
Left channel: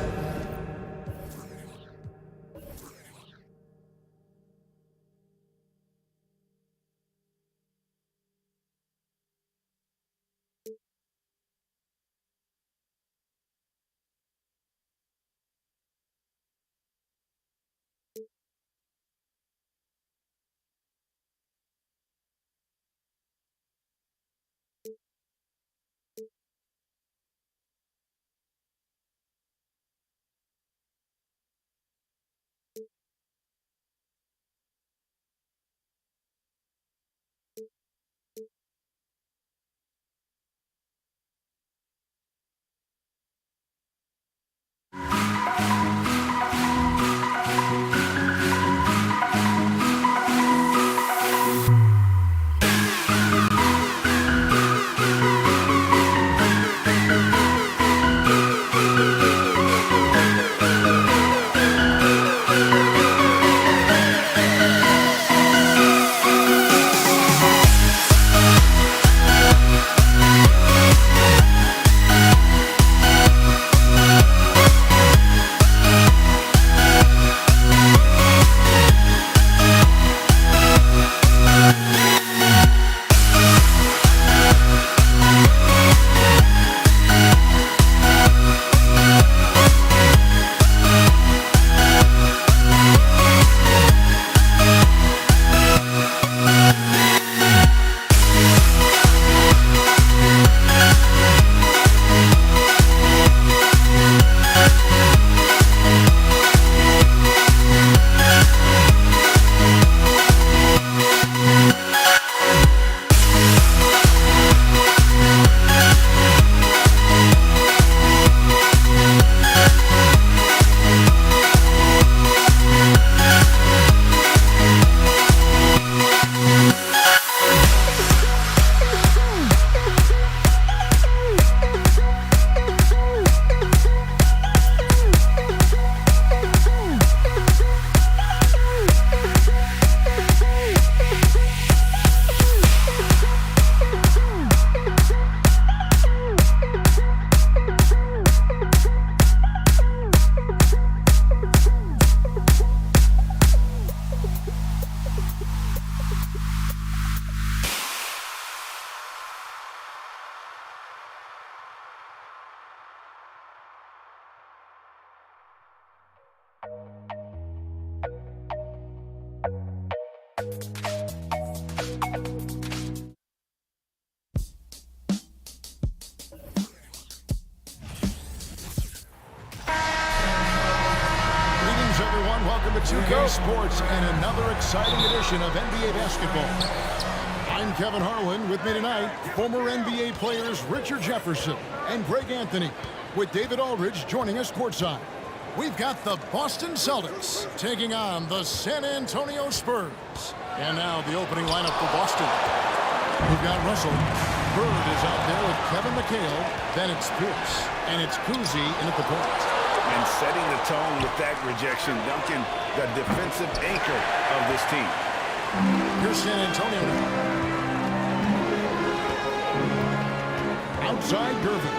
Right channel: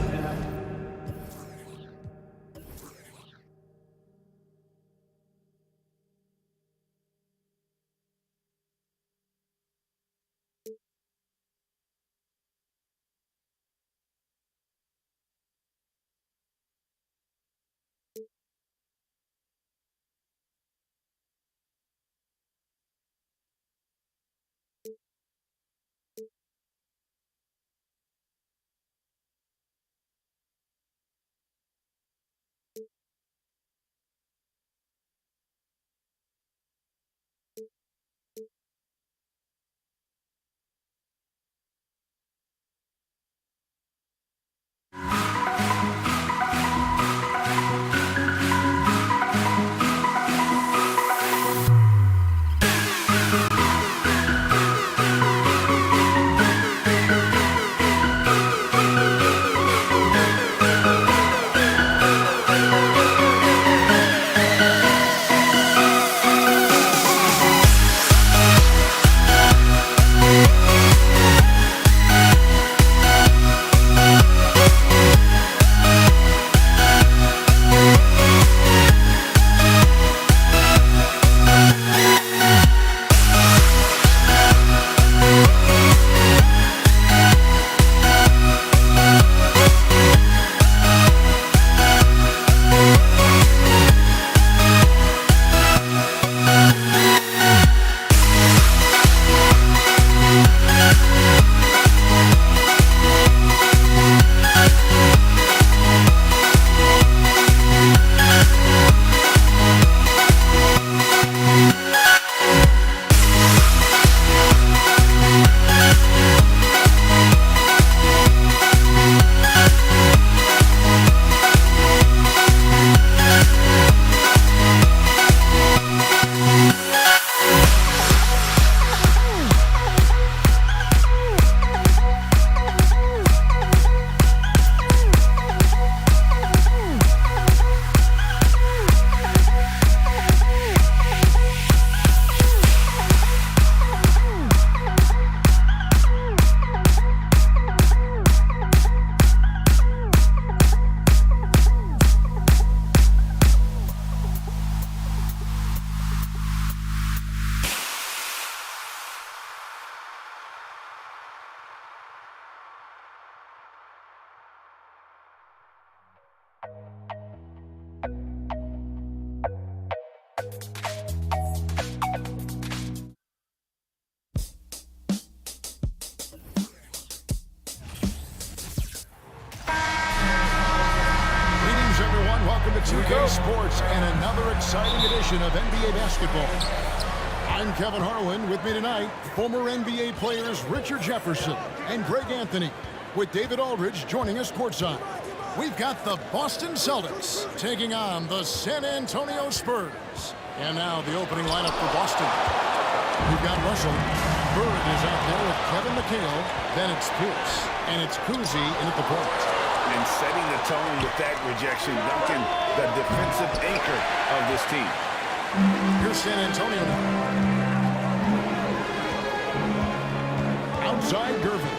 and welcome to 2K Sports and another exciting edition of NBA basketball. I'm Kevin Harlan. With me tonight, former NBA players Richard Jefferson and Greg Anthony, with David Aldridge joining us courtside. We've got the Boston Celtics taking on the San Antonio Spurs. And now the opening lineup for Boston. We've got Russell. Bird is out there with Kevin McHale. Then it's Pierce. And it's Cousy in at the point. And setting the tone with that rejection, Duncan, the defensive anchor of this team. Here's San Antonio now. Outside Gervin.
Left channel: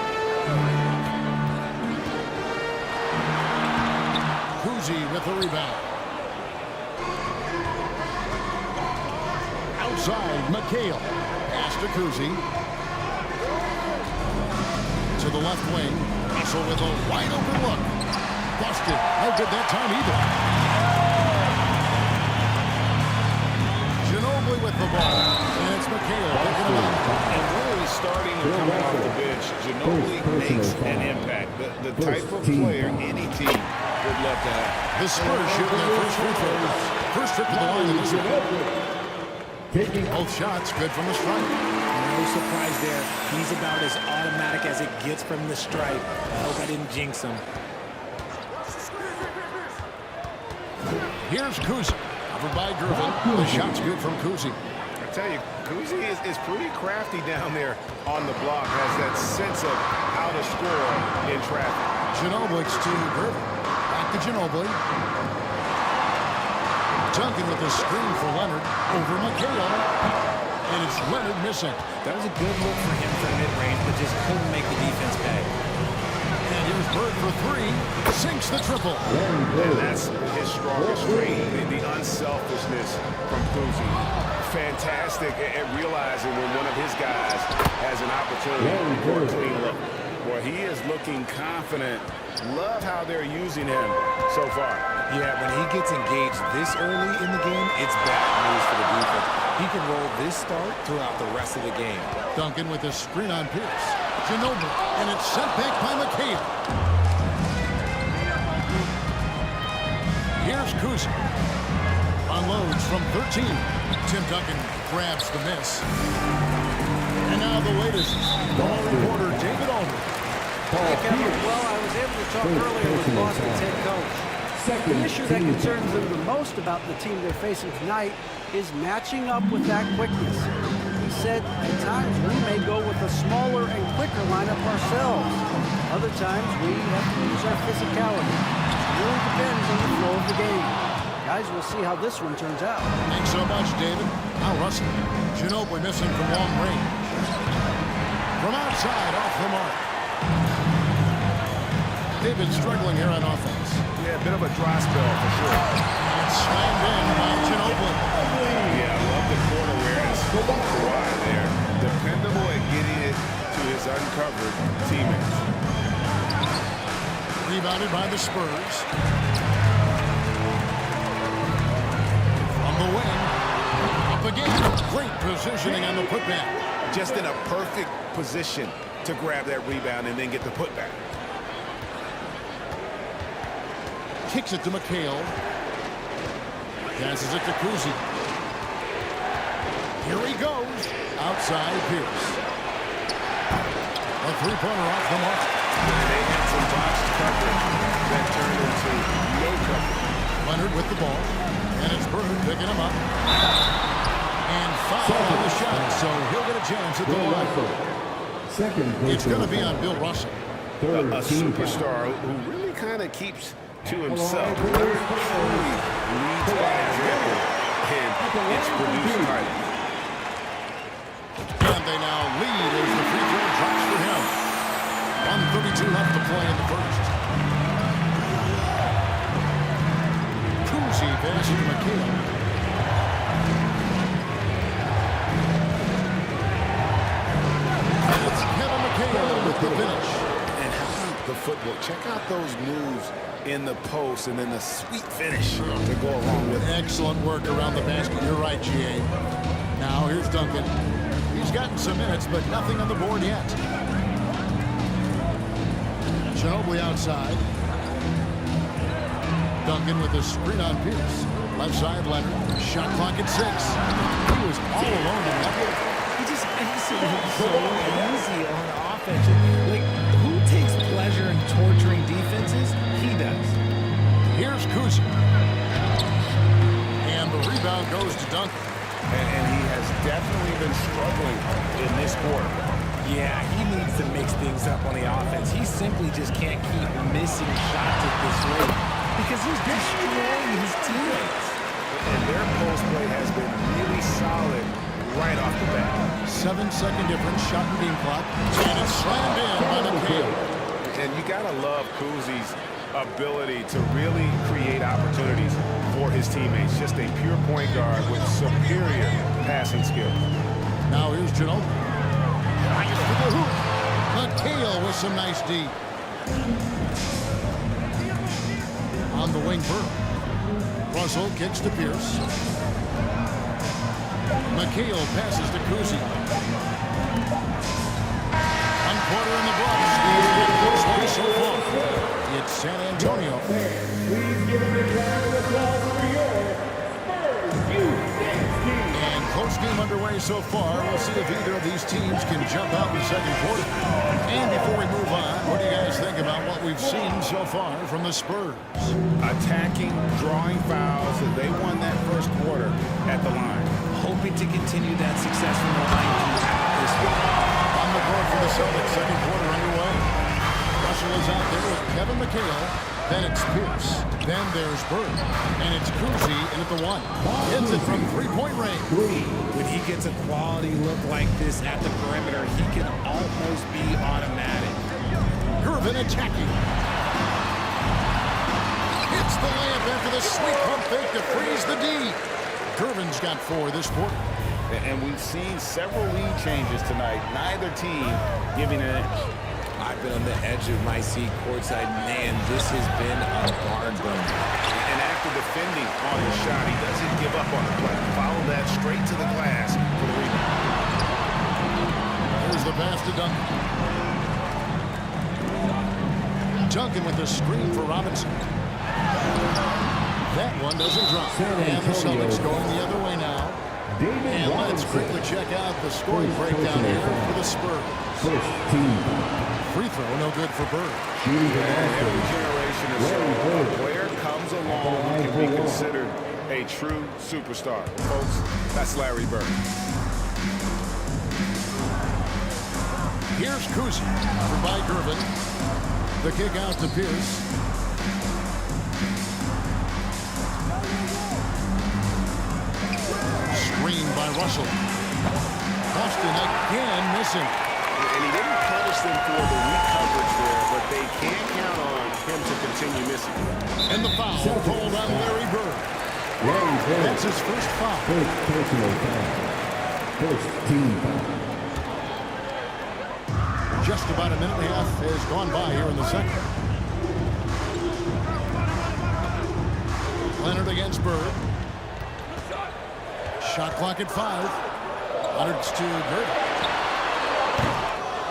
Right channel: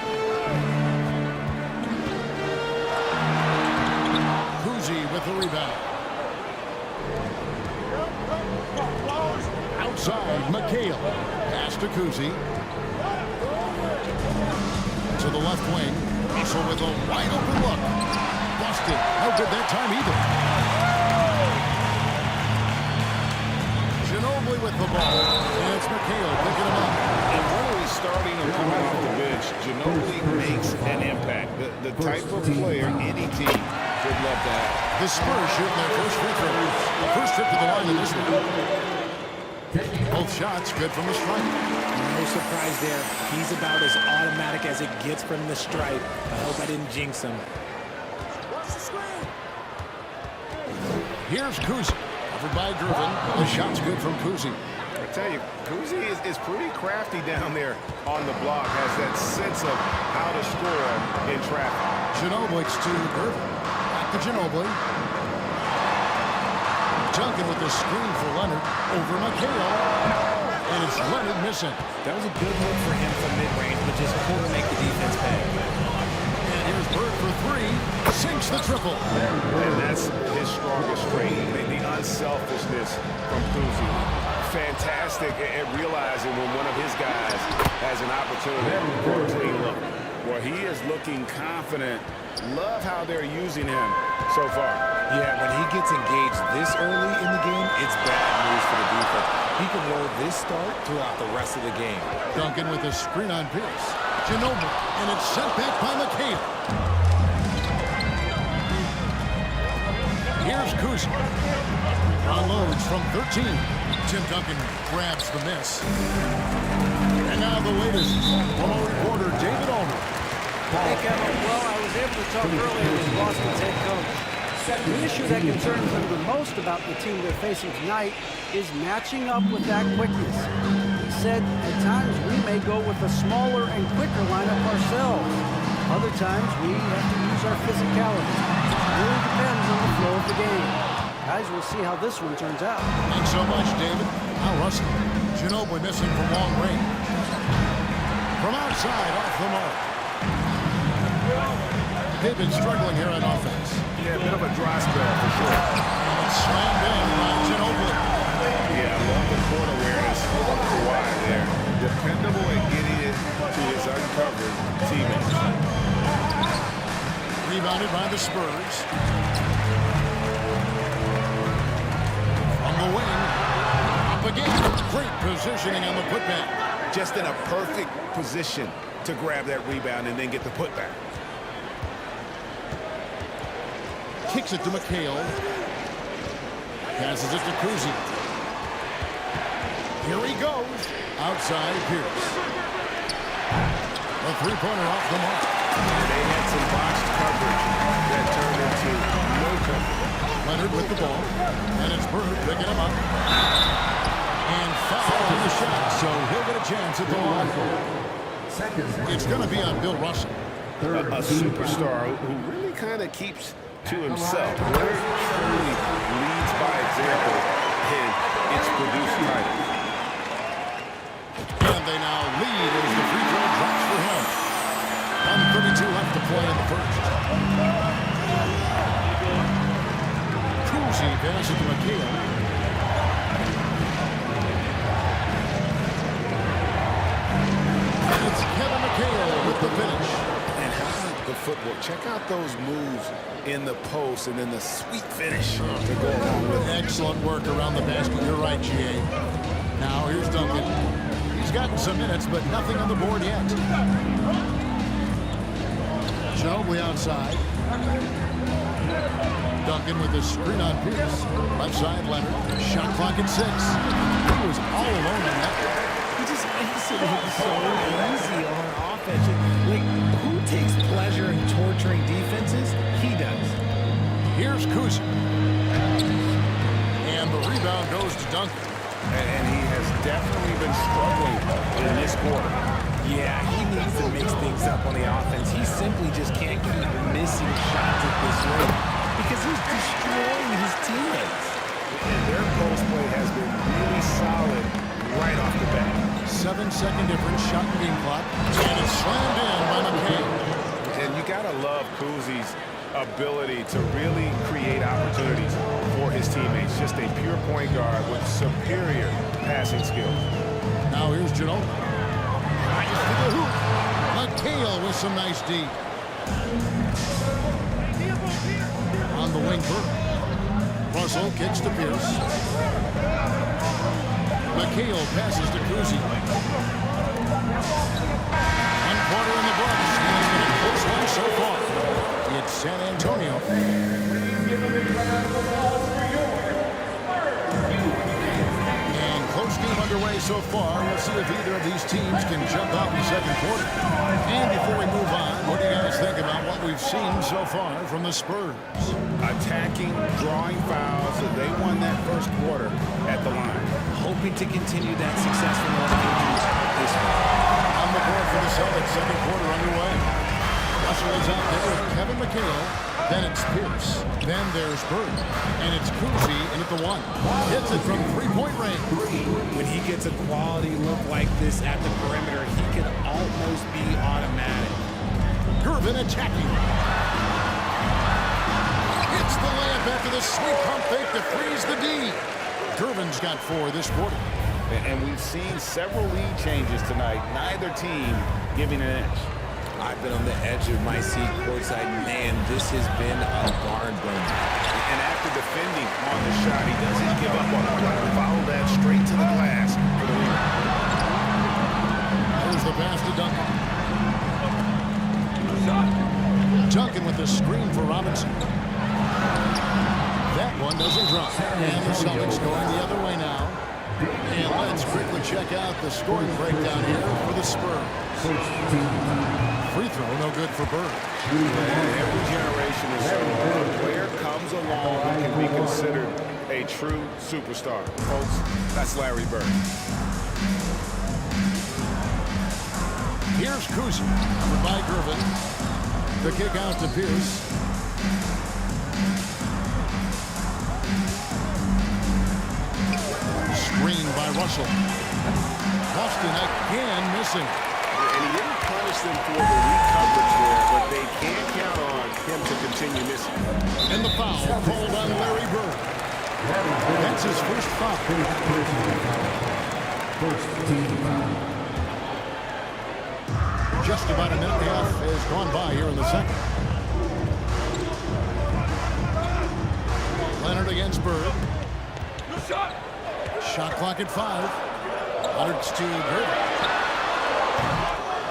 Cousy with the rebound. Outside McHale. Pass to Cousy. To the left wing. Russell with a wide open look. Busted. No good that time either. Ginobili with the ball. And it's McHale picking him up. And whether he's starting or coming off the bench, Ginobili makes an impact. The type of player any team would love to have. The Spurs shooting their first free throws. First trip to the line in this one. Both shots good from the stripe. No surprise there. He's about as automatic as it gets from the stripe. I hope I didn't jinx him. Here's Cousy. Covered by Gervin. The shot's good from Cousy. I tell you, Cousy is pretty crafty down there on the block. Has that sense of how to score in traffic. Ginobili to Gervin. Back to Ginobili. Duncan with the screen for Leonard. Over McHale. And it's Leonard missing. That was a good look for him from mid-range, but just couldn't make the defense pay. And here's Bird for three. Sinks the triple. And that's his strongest trait, the unselfishness from Cousy. Fantastic at realizing when one of his guys has an opportunity for a clean look. Well, he is looking confident. Love how they're using him so far. Yeah, when he gets engaged this early in the game, it's bad news for the defense. He can roll this start throughout the rest of the game. Duncan with the screen on Pierce. Ginobili, and it's sent back by McHale. Here's Cousy. Unloads from 13. Tim Duncan grabs the miss. And now the latest from our reporter, David Aldridge. Hey, Kevin. Well, I was able to talk earlier with Boston's head coach. The issue that concerns them the most about the team they're facing tonight is matching up with that quickness. He said, at times we may go with a smaller and quicker lineup ourselves. Other times we have to use our physicality. It really depends on the flow of the game. Guys, we'll see how this one turns out. Thanks so much, David. Now Russell. Ginobili missing from long range. From outside, off the mark. David struggling here on offense. Yeah, a bit of a dry spell for sure. And it's slammed in by Ginobili. Yeah, I love the court awareness from Kawhi there. Dependable at getting it to his uncovered teammates. Rebounded by the Spurs. From the wing. Up again. Great positioning on the putback. Just in a perfect position to grab that rebound and then get the putback. Kicks it to McHale. Passes it to Cousy. Here he goes. Outside Pierce. A three-pointer off the mark. And they had some botched coverage that turned into no coverage. Leonard with the ball. And it's Bird picking him up. And foul on the shot, so he'll get a chance at the line. It's going to be on Bill Russell. A superstar who really kind of keeps to himself. Leonard truly leads by example, and it's produced titles. And they now lead as the free throw drops for him. 1:32 left to play in the first. Cousy passes to McHale. And it's Kevin McHale with the finish. And how about the footwork? Check out those moves in the post and then the sweet finish to go along with it. Excellent work around the basket. You're right, GA. Now here's Duncan. He's gotten some minutes, but nothing on the board yet. Ginobili outside. Duncan with the screen on Pierce. Left side, Leonard. Shot clock at 6. He was all alone on that one. He just makes it look so easy on offense. Like, who takes pleasure in torturing defenses? He does. Here's Kuzi. And the rebound goes to Duncan. And he has definitely been struggling in this quarter. Yeah, he needs to mix things up on the offense. He simply just can't keep missing shots at this rate because he's destroying his teammates. And their post play has been really solid right off the bat. 7-second difference, shot and game clock. And it's slammed in by McHale. And you gotta love Kuzi's ability to really create opportunities for his teammates. Just a pure point guard with superior passing skills. Now here's Ginobili. Drives to the hoop. McHale with some nice D. On the wing, Burke. Russell kicks to Pierce. McHale passes to Kuzi. 1 quarter in the books. He's been a close one so far. It's San Antonio. And close game underway so far. We'll see if either of these teams can jump out in the second quarter. And before we move on, what do you guys think about what we've seen so far from the Spurs? Attacking, drawing fouls. They won that first quarter at the line. Hoping to continue that success from the line throughout this week. On the board for the Celtics, second quarter underway. Russell is out there with Kevin McHale. Then it's Pierce. Then there's Bird. And it's Kuzi in at the 1. Hits it from three-point range. When he gets a quality look like this at the perimeter, he can almost be automatic. Gervin attacking. Hits the layup after the sweet pump fake to freeze the D. Gervin's got 4 this quarter. And we've seen several lead changes tonight. Neither team giving an inch. I've been on the edge of my seat courtside. Man, this has been a barn burner. And after defending on the shot, he doesn't give up on the play. Follow that straight to the glass for the rebound. Here's the pass to Duncan. Duncan with the screen for Robinson. That one doesn't drop. And the Celtics going the other way now. And let's quickly check out the scoring breakdown here for the Spurs. Free throw, no good for Bird. Yeah, every generation or so, a player comes along who can be considered a true superstar. Folks, that's Larry Bird. Here's Kuzi, covered by Gervin. The kick out to Pierce. Screen by Russell. Boston again missing. And he didn't punish them for the weak coverage there, but they can't count on him to continue missing. And the foul called on Larry Bird. That's his first foul. First personal foul. First team foul. Just about a minute and a half has gone by here in the second. Leonard against Bird. Shot clock at 5. Leonard's to Bird.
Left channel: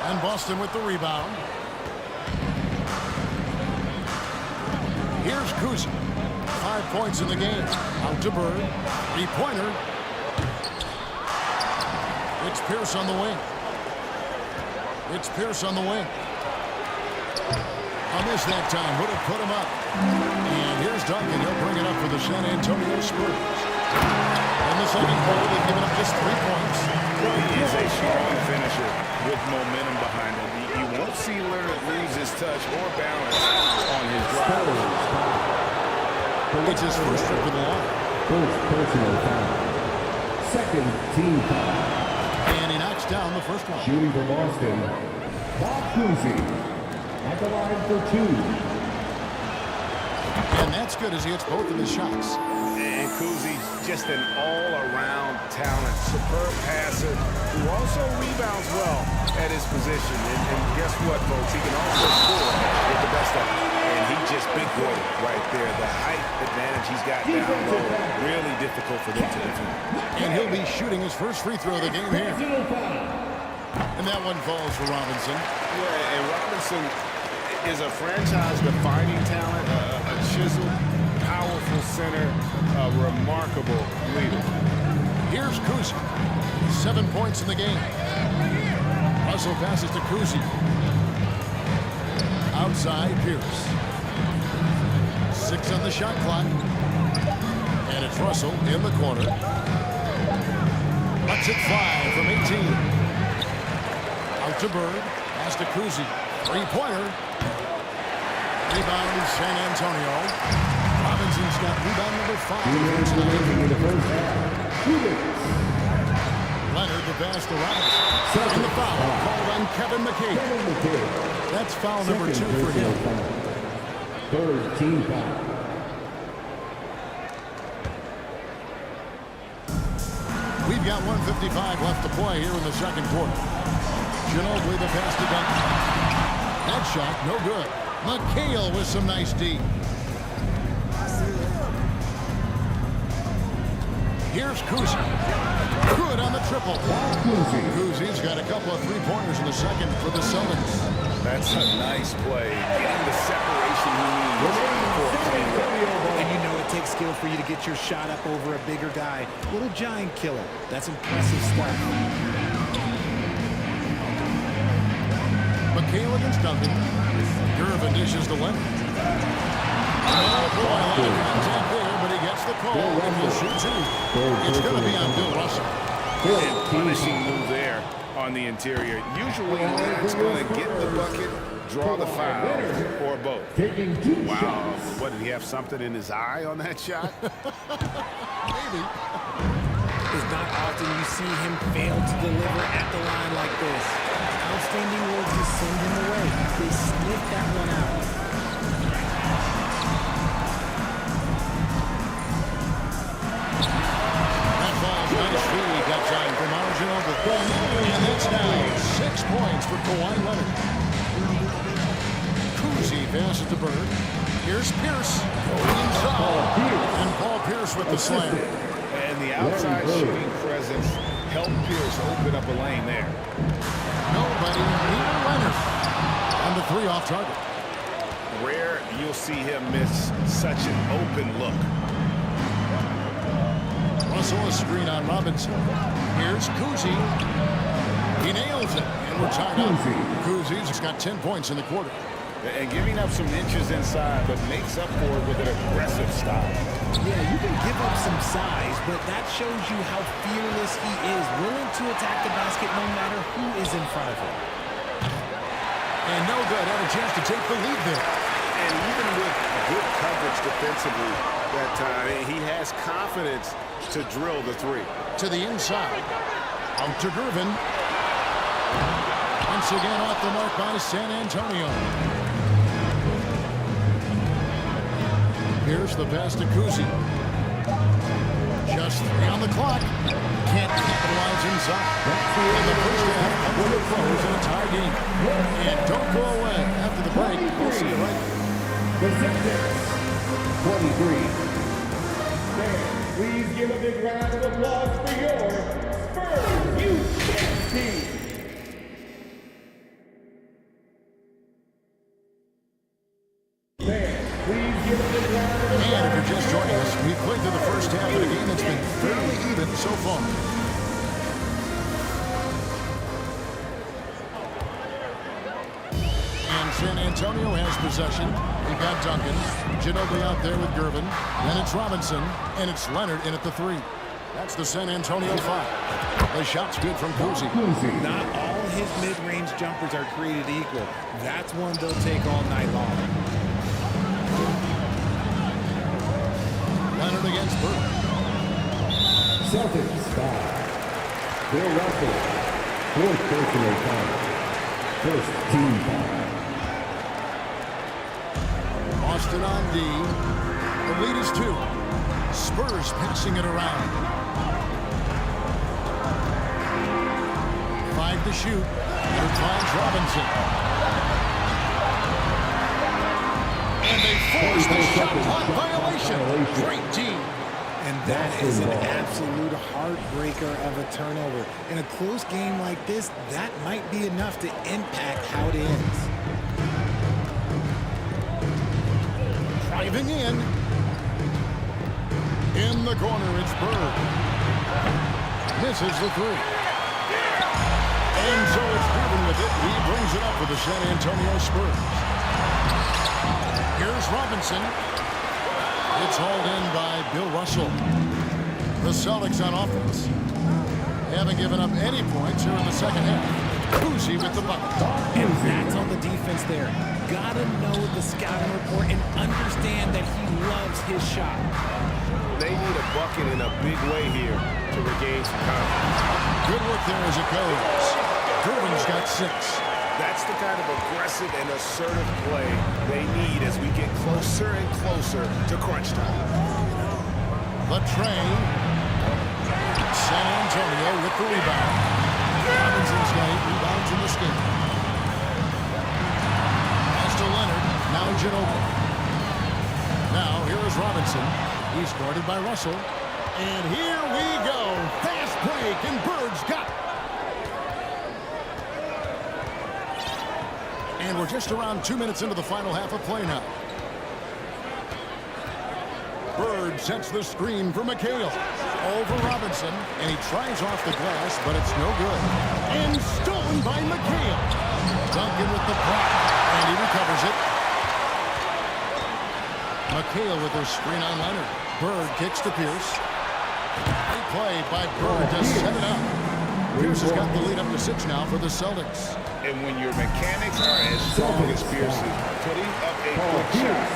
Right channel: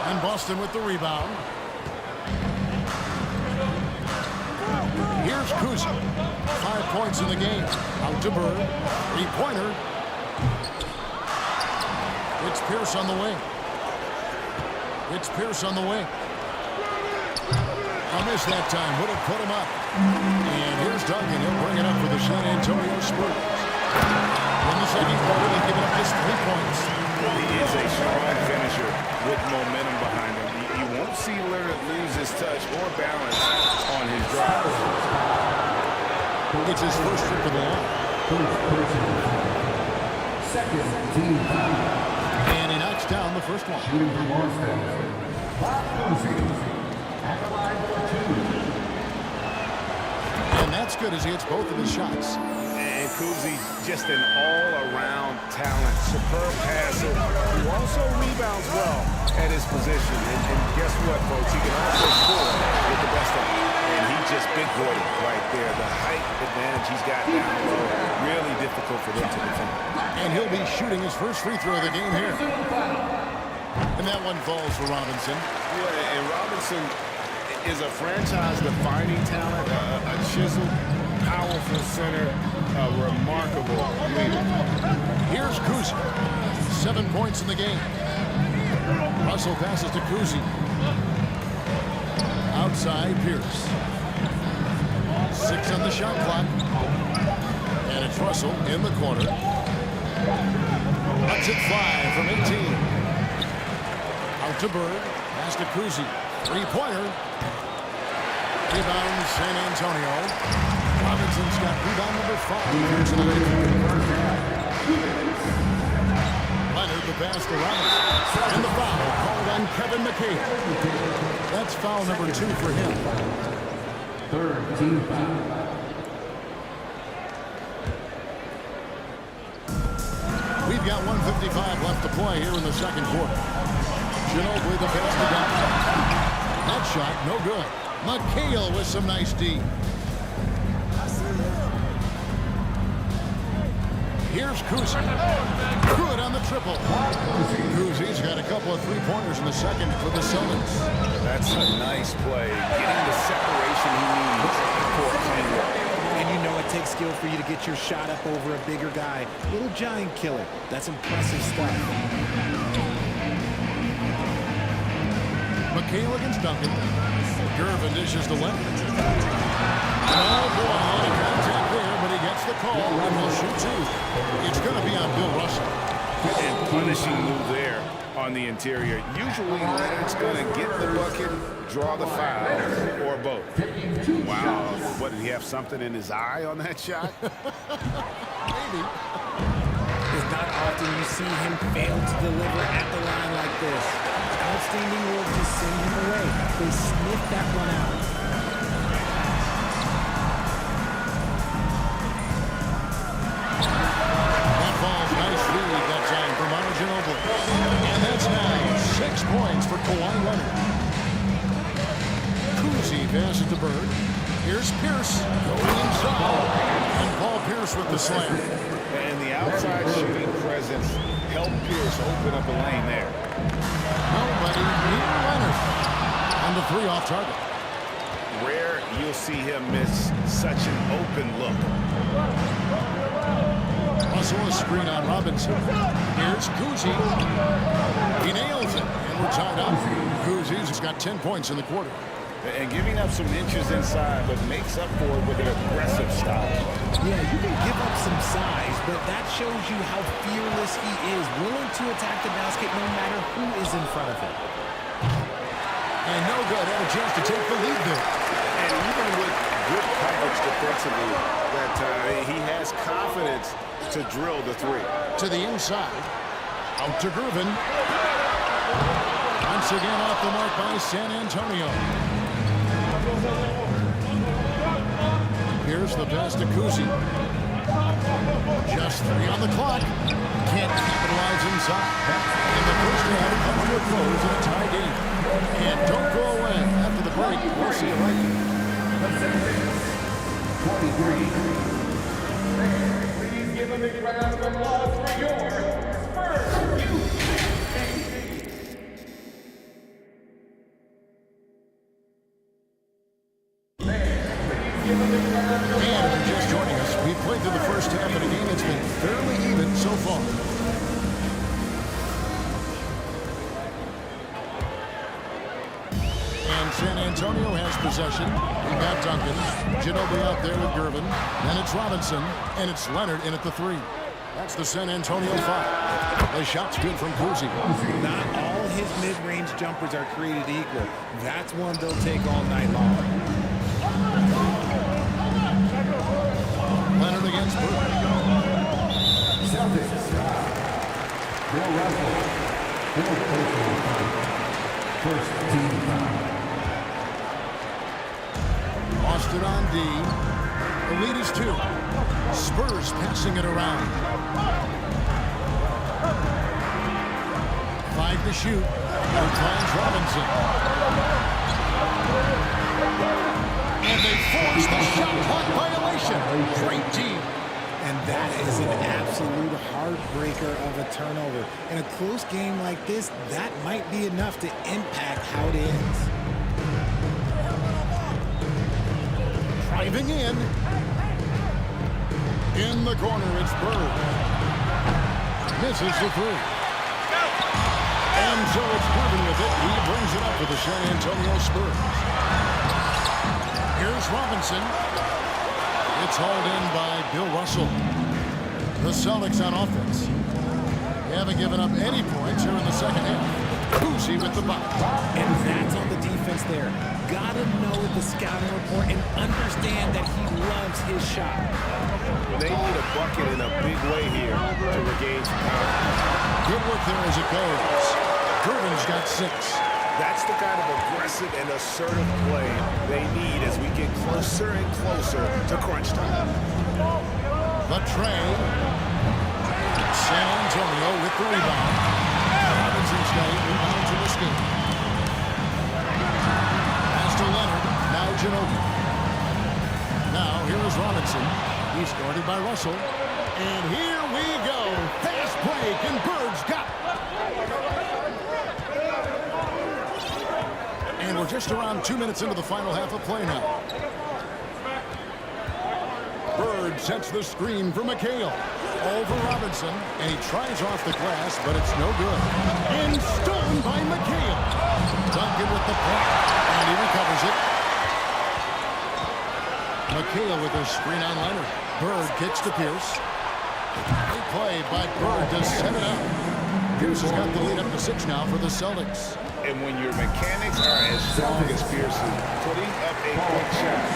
And Boston with the rebound. Here's Kuzi. 5 points in the game. Out to Bird. Three-pointer. It's Pierce on the wing. It's Pierce on the wing. A miss that time. Would have put him up. And here's Duncan. He'll bring it up for the San Antonio Spurs. In the second quarter, they've given up just 3 points. He is a strong finisher with momentum behind him. You won't see Leonard lose his touch or balance on his drive. It's his first trip to the line. First personal foul. Second team foul. And he knocks down the first one. Shooting for Boston. Bob Cousy at the line for 2. And that's good as he hits both of his shots. And Kuzi, just an all-around talent, superb passer, who also rebounds well at his position. And guess what, folks? He can also score with the best of them. And he just big-boyed it right there. The height advantage he's got down low, really difficult for them to defend. And he'll be shooting his first free throw of the game here. And that one falls for Robinson. Yeah, and Robinson is a franchise-defining talent, a chiseled powerful center, a remarkable leader. Here's Kuzi. 7 points in the game. Russell passes to Kuzi. Outside, Pierce. 6 on the shot clock. And it's Russell in the corner. Lets it fly from 18. Out to Bird. Pass to Kuzi. Three-pointer. Rebound, San Antonio. Robinson's got rebound number 5 here tonight. Leonard, the pass to Robinson. And the foul called on Kevin McCabe. That's foul number 2 for him. Third team foul. We've got 1:55 left to play here in the second quarter. Ginobili the pass to Duncan. That shot, no good. McHale with some nice D. Here's Kuzi. Good on the triple. Kuzi's got a couple of three-pointers in the second for the Celtics. That's a nice play, getting the separation he needs for a clean look. And you know it takes skill for you to get your shot up over a bigger guy. Little giant killer. That's impressive stuff. McHale against Duncan. Gervin dishes to Leonard. Oh boy, a lot of contact there, but he gets the call and will shoot 2. It's going to be on Bill Russell. And punishing move there on the interior. Usually Leonard's going to get the bucket, draw the foul, or both. Wow, what, did he have something in his eye on that shot? Maybe. It's not often you see him fail to deliver at the line like this. Outstanding work to send him away. They sniffed that one out. That ball's nice read that time from Manu Ginobili. And that's now 6 points for Kawhi Leonard. Kuzi passes to Bird. Here's Pierce going inside. And Paul Pierce with the slam. And the outside shooting presence helped Pierce open up a lane there. Nobody near Leonard. And the 3 off target. Rare you'll see him miss such an open look. Russell a screen on Robinson. Here's Kuzi. He nails it. And we're tied up. Kuzi's got 10 points in the quarter. And giving up some inches inside, but makes up for it with an aggressive style. Yeah, you can give up some size, but that shows you how fearless he is, willing to attack the basket no matter who is in front of him. And no good. Had a chance to take the lead there. And even with good coverage defensively, that he has confidence to drill the 3. To the inside. Out to Gervin. Once again off the mark by San Antonio. Here's the pass to Kuzi. Just 3 on the clock. Can't capitalize inside. And the first half coming to a close in a tie game. And don't go away. After the break, we'll see you right here. The Sixers, 23. Please give a big round of applause for your Spurs youth team. And if you're just joining us, we've played through the first half of the game that's been fairly even so far. And San Antonio has possession. We've got Duncan. Ginobili out there with Gervin. Then it's Robinson. And it's Leonard in at the 3. That's the San Antonio 5. The shot's good from Kuzi. Not all his mid-range jumpers are created equal. That's one they'll take all night long. Leonard against Bird. Celtics. Bill Russell. 4th personal foul. First team foul. Boston on D. The lead is 2. Spurs passing it around. 5 to shoot. Leonard finds Robinson. And they force the shot clock violation. Great team. And that is an absolute heartbreaker of a turnover. In a close game like this, that might be enough to impact how it ends. Driving in. In the corner, it's Bird. Misses the three. And so it's Gervin with it. He brings it up for the San Antonio Spurs. Here's Robinson. It's hauled in by Bill Russell. The Celtics on offense. They haven't given up any points here in the second half. Cousy with the bucket. And that's on the defense there. Gotta know the scouting report and understand that he loves his shot. They need a bucket in a big way here to regain some confidence. Good work there as it goes. Gervin's got 6. That's the kind of aggressive and assertive play they need as we get closer and closer to crunch time. The tray. San Antonio with the rebound. Robinson's got 8 rebounds in this game. Pass to Leonard. Now Ginobili. Now here is Robinson. He's guarded by Russell. And here we go. Fast break, and Bird's got it. And we're just around 2 minutes into the final half of play now. Bird sets the screen for McHale. Over Robinson, and he tries off the glass, but it's no good. And stolen by McHale. Duncan with the block, and he recovers it. McHale with a screen on Leonard. Bird kicks to Pierce. Great play by Bird to set it up. Pierce has got the lead up to 6 now for the Celtics. And when your mechanics are as strong as Pierce's, putting up a quick shot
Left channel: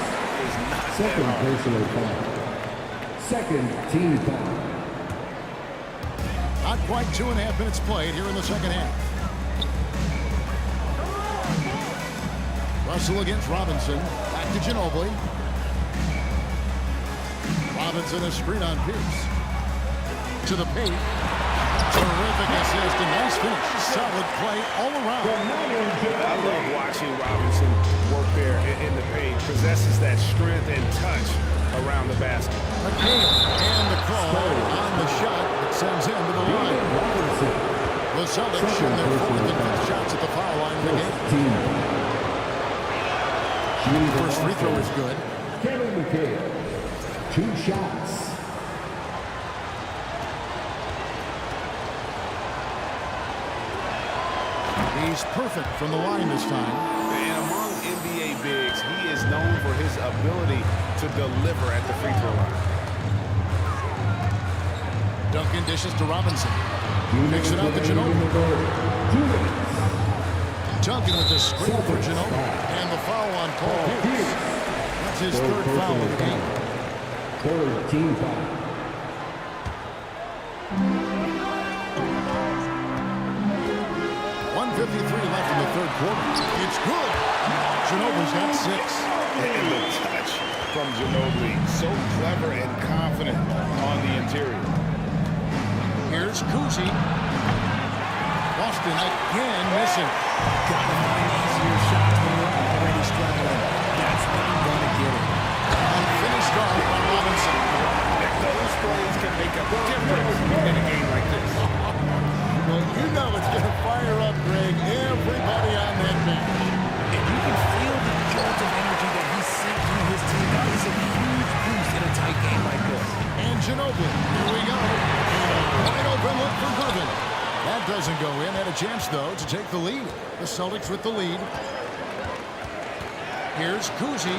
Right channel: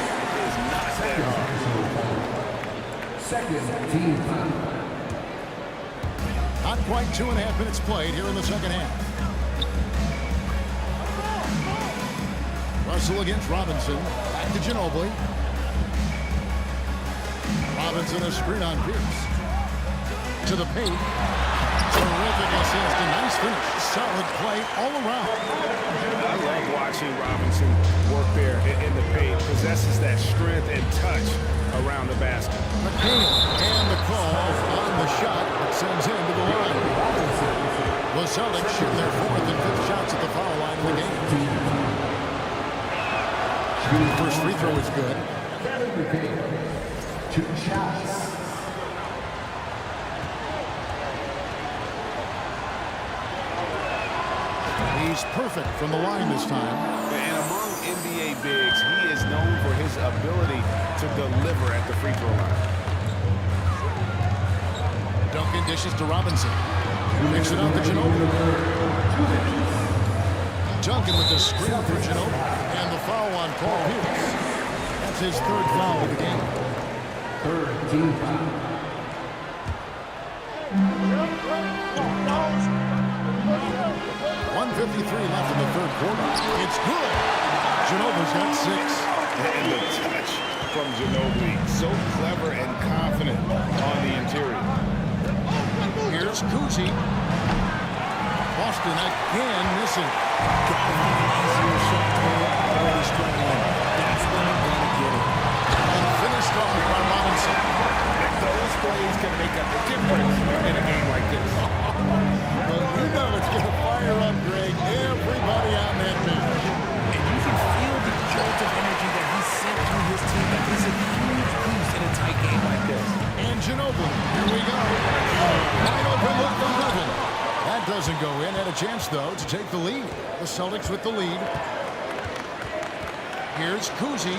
is not that hard. Second team foul. Not quite 2.5 minutes played here in the second half. Russell against Robinson. Back to Ginobili. Robinson a screen on Pierce. To the paint. Terrific assist. A nice finish. Solid play all around. I love watching Robinson work there in the paint. Possesses that strength and touch around the basket. McHale and the call on the shot that sends him to the line. The Celtics shooting their 4th and 5th shots at the foul line in the game. First free throw is good. 2 shots. He's perfect from the line this time. And among NBA bigs, he is known for his ability to deliver at the free throw line. Duncan dishes to Robinson. Makes it out to Ginobili. Duncan with the screen for Ginobili. And the foul on Paul Pierce. That's his 3rd foul of the game. 3rd team foul. .153 left in the 3rd quarter. It's good. Ginobili's got 6. And the touch from Ginobili. So clever and confident on the interior. Here's Cousy. Boston again missing. Gotta find easier shots when you're already struggling. That's not gonna get it. And finished off by Robinson. And those plays can make a difference in a game like this. Well, you know it's going to fire up, Greg, everybody on that bench. And you can feel the jolt of energy that he sent through his team. That is a huge boost in a tight game like this. And Ginobili, here we go. And a wide open look for Gervin. That doesn't go in. Had a chance, though, to take the lead. The Celtics with the lead. Here's Cousy.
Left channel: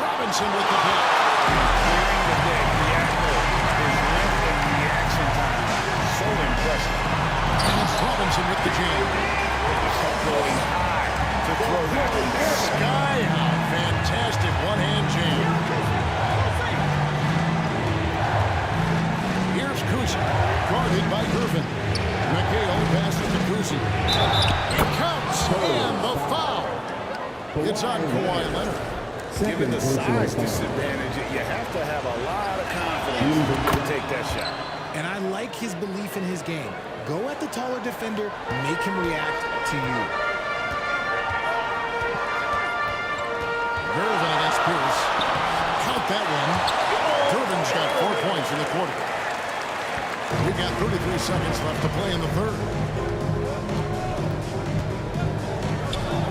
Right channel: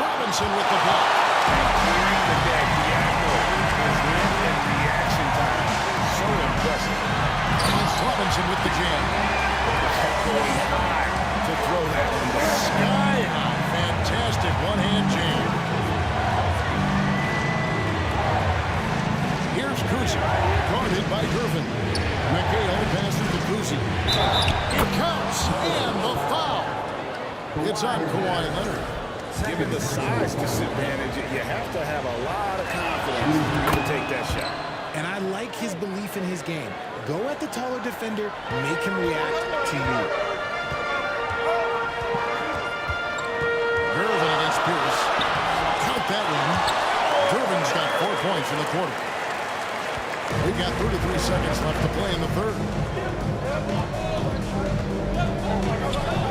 Robinson with the block. And clearing the deck diagonal. His length and reaction time is so impressive. And it's Robinson with the jam. Going high to throw that one down. Sky high. Fantastic one-hand jam. Here's Cousy. Guarded by Gervin. McHale passes to Cousy. It counts. And the foul. It's on Kawhi Leonard. Given the size disadvantage, you have to have a lot of confidence to take that shot. And I like his belief in his game. Go at the taller defender, make him react to you. Gervin against Pierce. Count that one. Gervin's got 4 points in the quarter. We've got 33 seconds left to play in the 3rd.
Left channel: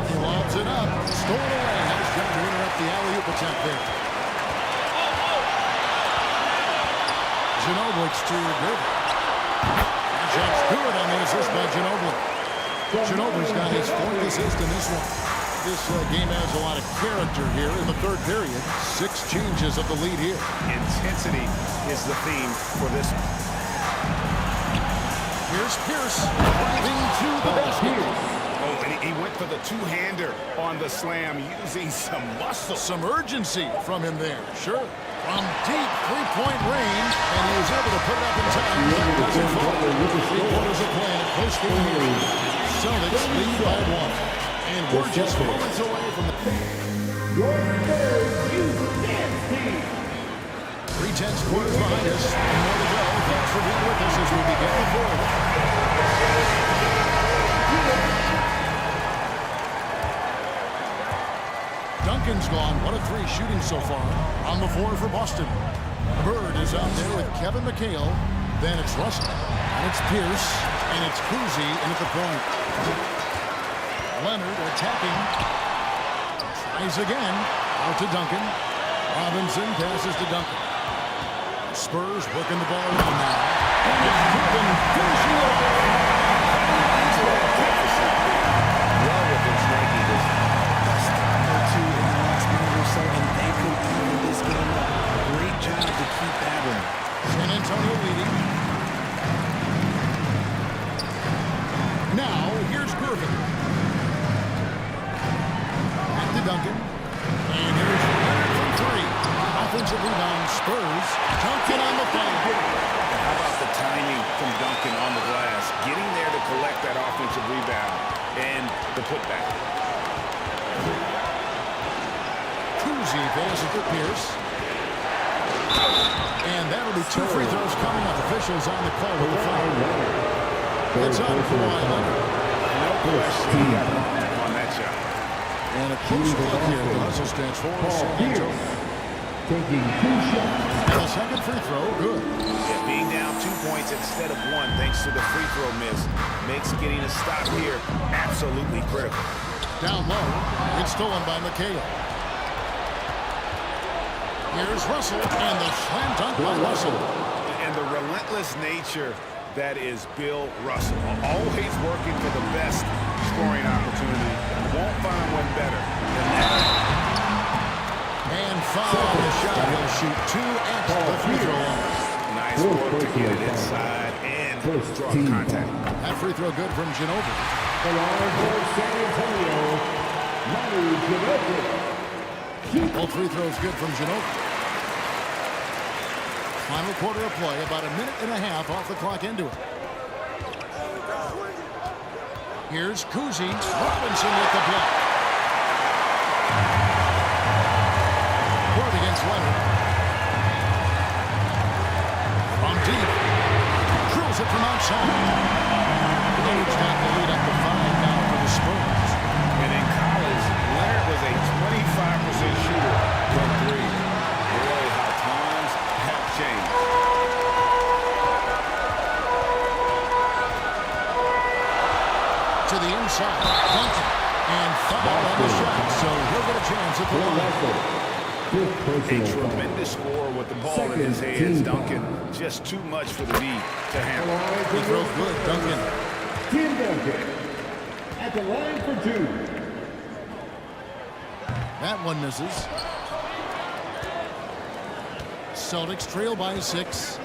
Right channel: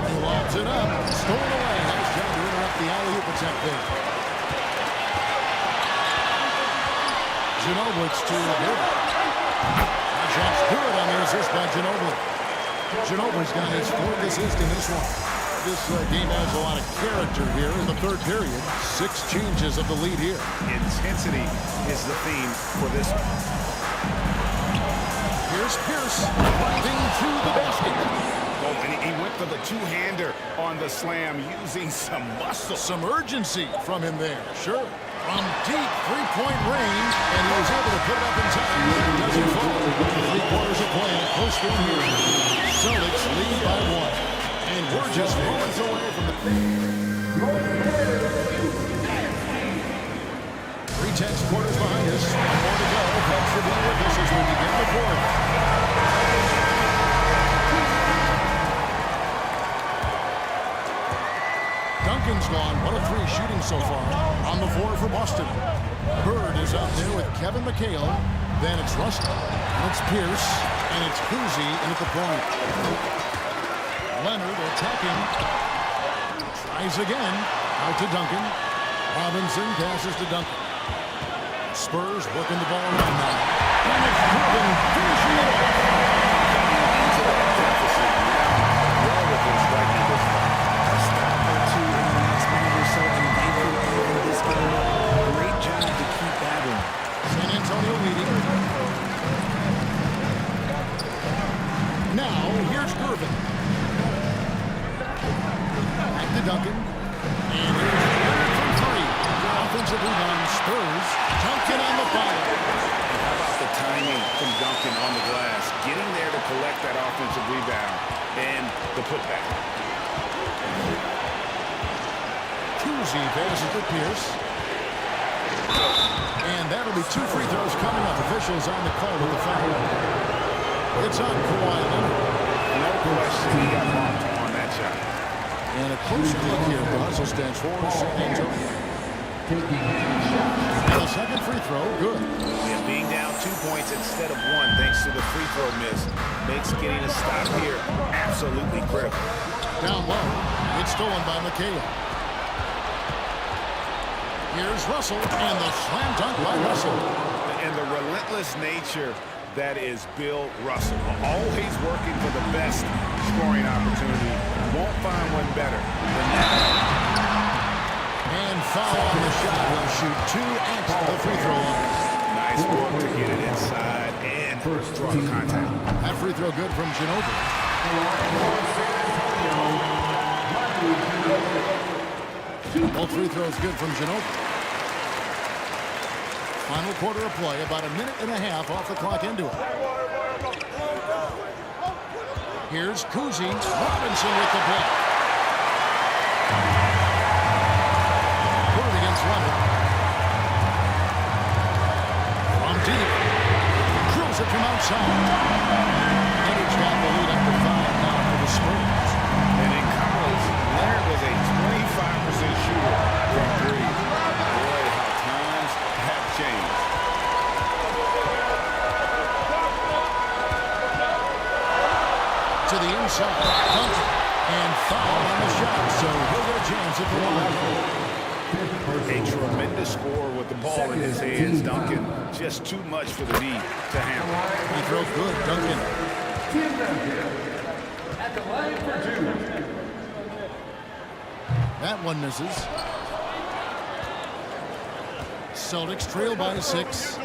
He lobs it up. Stolen away. Nice job to interrupt the alley-oop attempt there. Ginobili to Gerber. That shot's good on the assist by Ginobili. Ginobili's got his 4th assist in this one. This game has a lot of character here in the 3rd period. 6 changes of the lead here. Intensity is the theme for this one. Here's Pierce driving to the basket. Oh, and he went for the two-hander on the slam using some muscle. Some urgency from him there, sure. From deep three-point range, and he was able to put it up in time, but it doesn't fall. 3 quarters of play in a close game here. Celtics lead by 1. And we're just moments away from the... 3/10 quarters behind us. 1 more to go. Thanks for being with us as we begin the 4th. Duncan's gone. 1 of 3 shooting so far. On the floor for Boston. Bird is out there with Kevin McHale. Then it's Russell. And it's Pierce. And it's Cousy in at the point. Leonard attacking. Tries again. Out to Duncan. Robinson passes to Duncan. Spurs working the ball around now. And it's Gervin finishing it off. Cutting into that deficit now. Well within striking distance. A stop or 2 in the next minute or so, and they could even this game up. Great job to keep battling. San Antonio leading. Now, here's Gervin. Back to Duncan. And here's Leonard from 3. Offensive rebound, Spurs. Duncan on the follow. And how about the timing from Duncan on the glass? Getting there to collect that offensive rebound and the putback. Cousy passes to Pierce. And that'll be 2 free throws coming up. Officials on the call with the foul. It's on Kawhi Leonard. No question, he got bumped on that shot. And a close look here at the hustle stats for San Antonio. And the second free throw, good. Yeah, being down 2 points instead of 1 thanks to the free throw miss makes getting a stop here absolutely critical. Down low, it's stolen by McHale. Here's Russell, and the slam dunk by Russell. And the relentless nature that is Bill Russell. Always working for the best scoring opportunity. Won't find one better than that. And foul on the shot. He'll shoot 2 at the free throw line. Nice work to get it inside and draw the contact. That free throw good from Ginobili. Both free throws good from Ginobili. Final quarter of play, about 1.5 minutes off the clock into it. Here's Cousy. Robinson with the block. Bird against Leonard. From deep. Drills it from outside. Leonard's got the lead up to 5 now for the Spurs. And in college, Leonard was a 25% shooter from 3. Boy, how times have changed. To the inside, Duncan, and foul on the shot, so he'll get a chance at the line. A tremendous score with the ball in his hands. Duncan, just too much for the D to handle. Free throw good, Duncan. Tim Duncan at the line for 2. That one misses. Celtics trail by 6.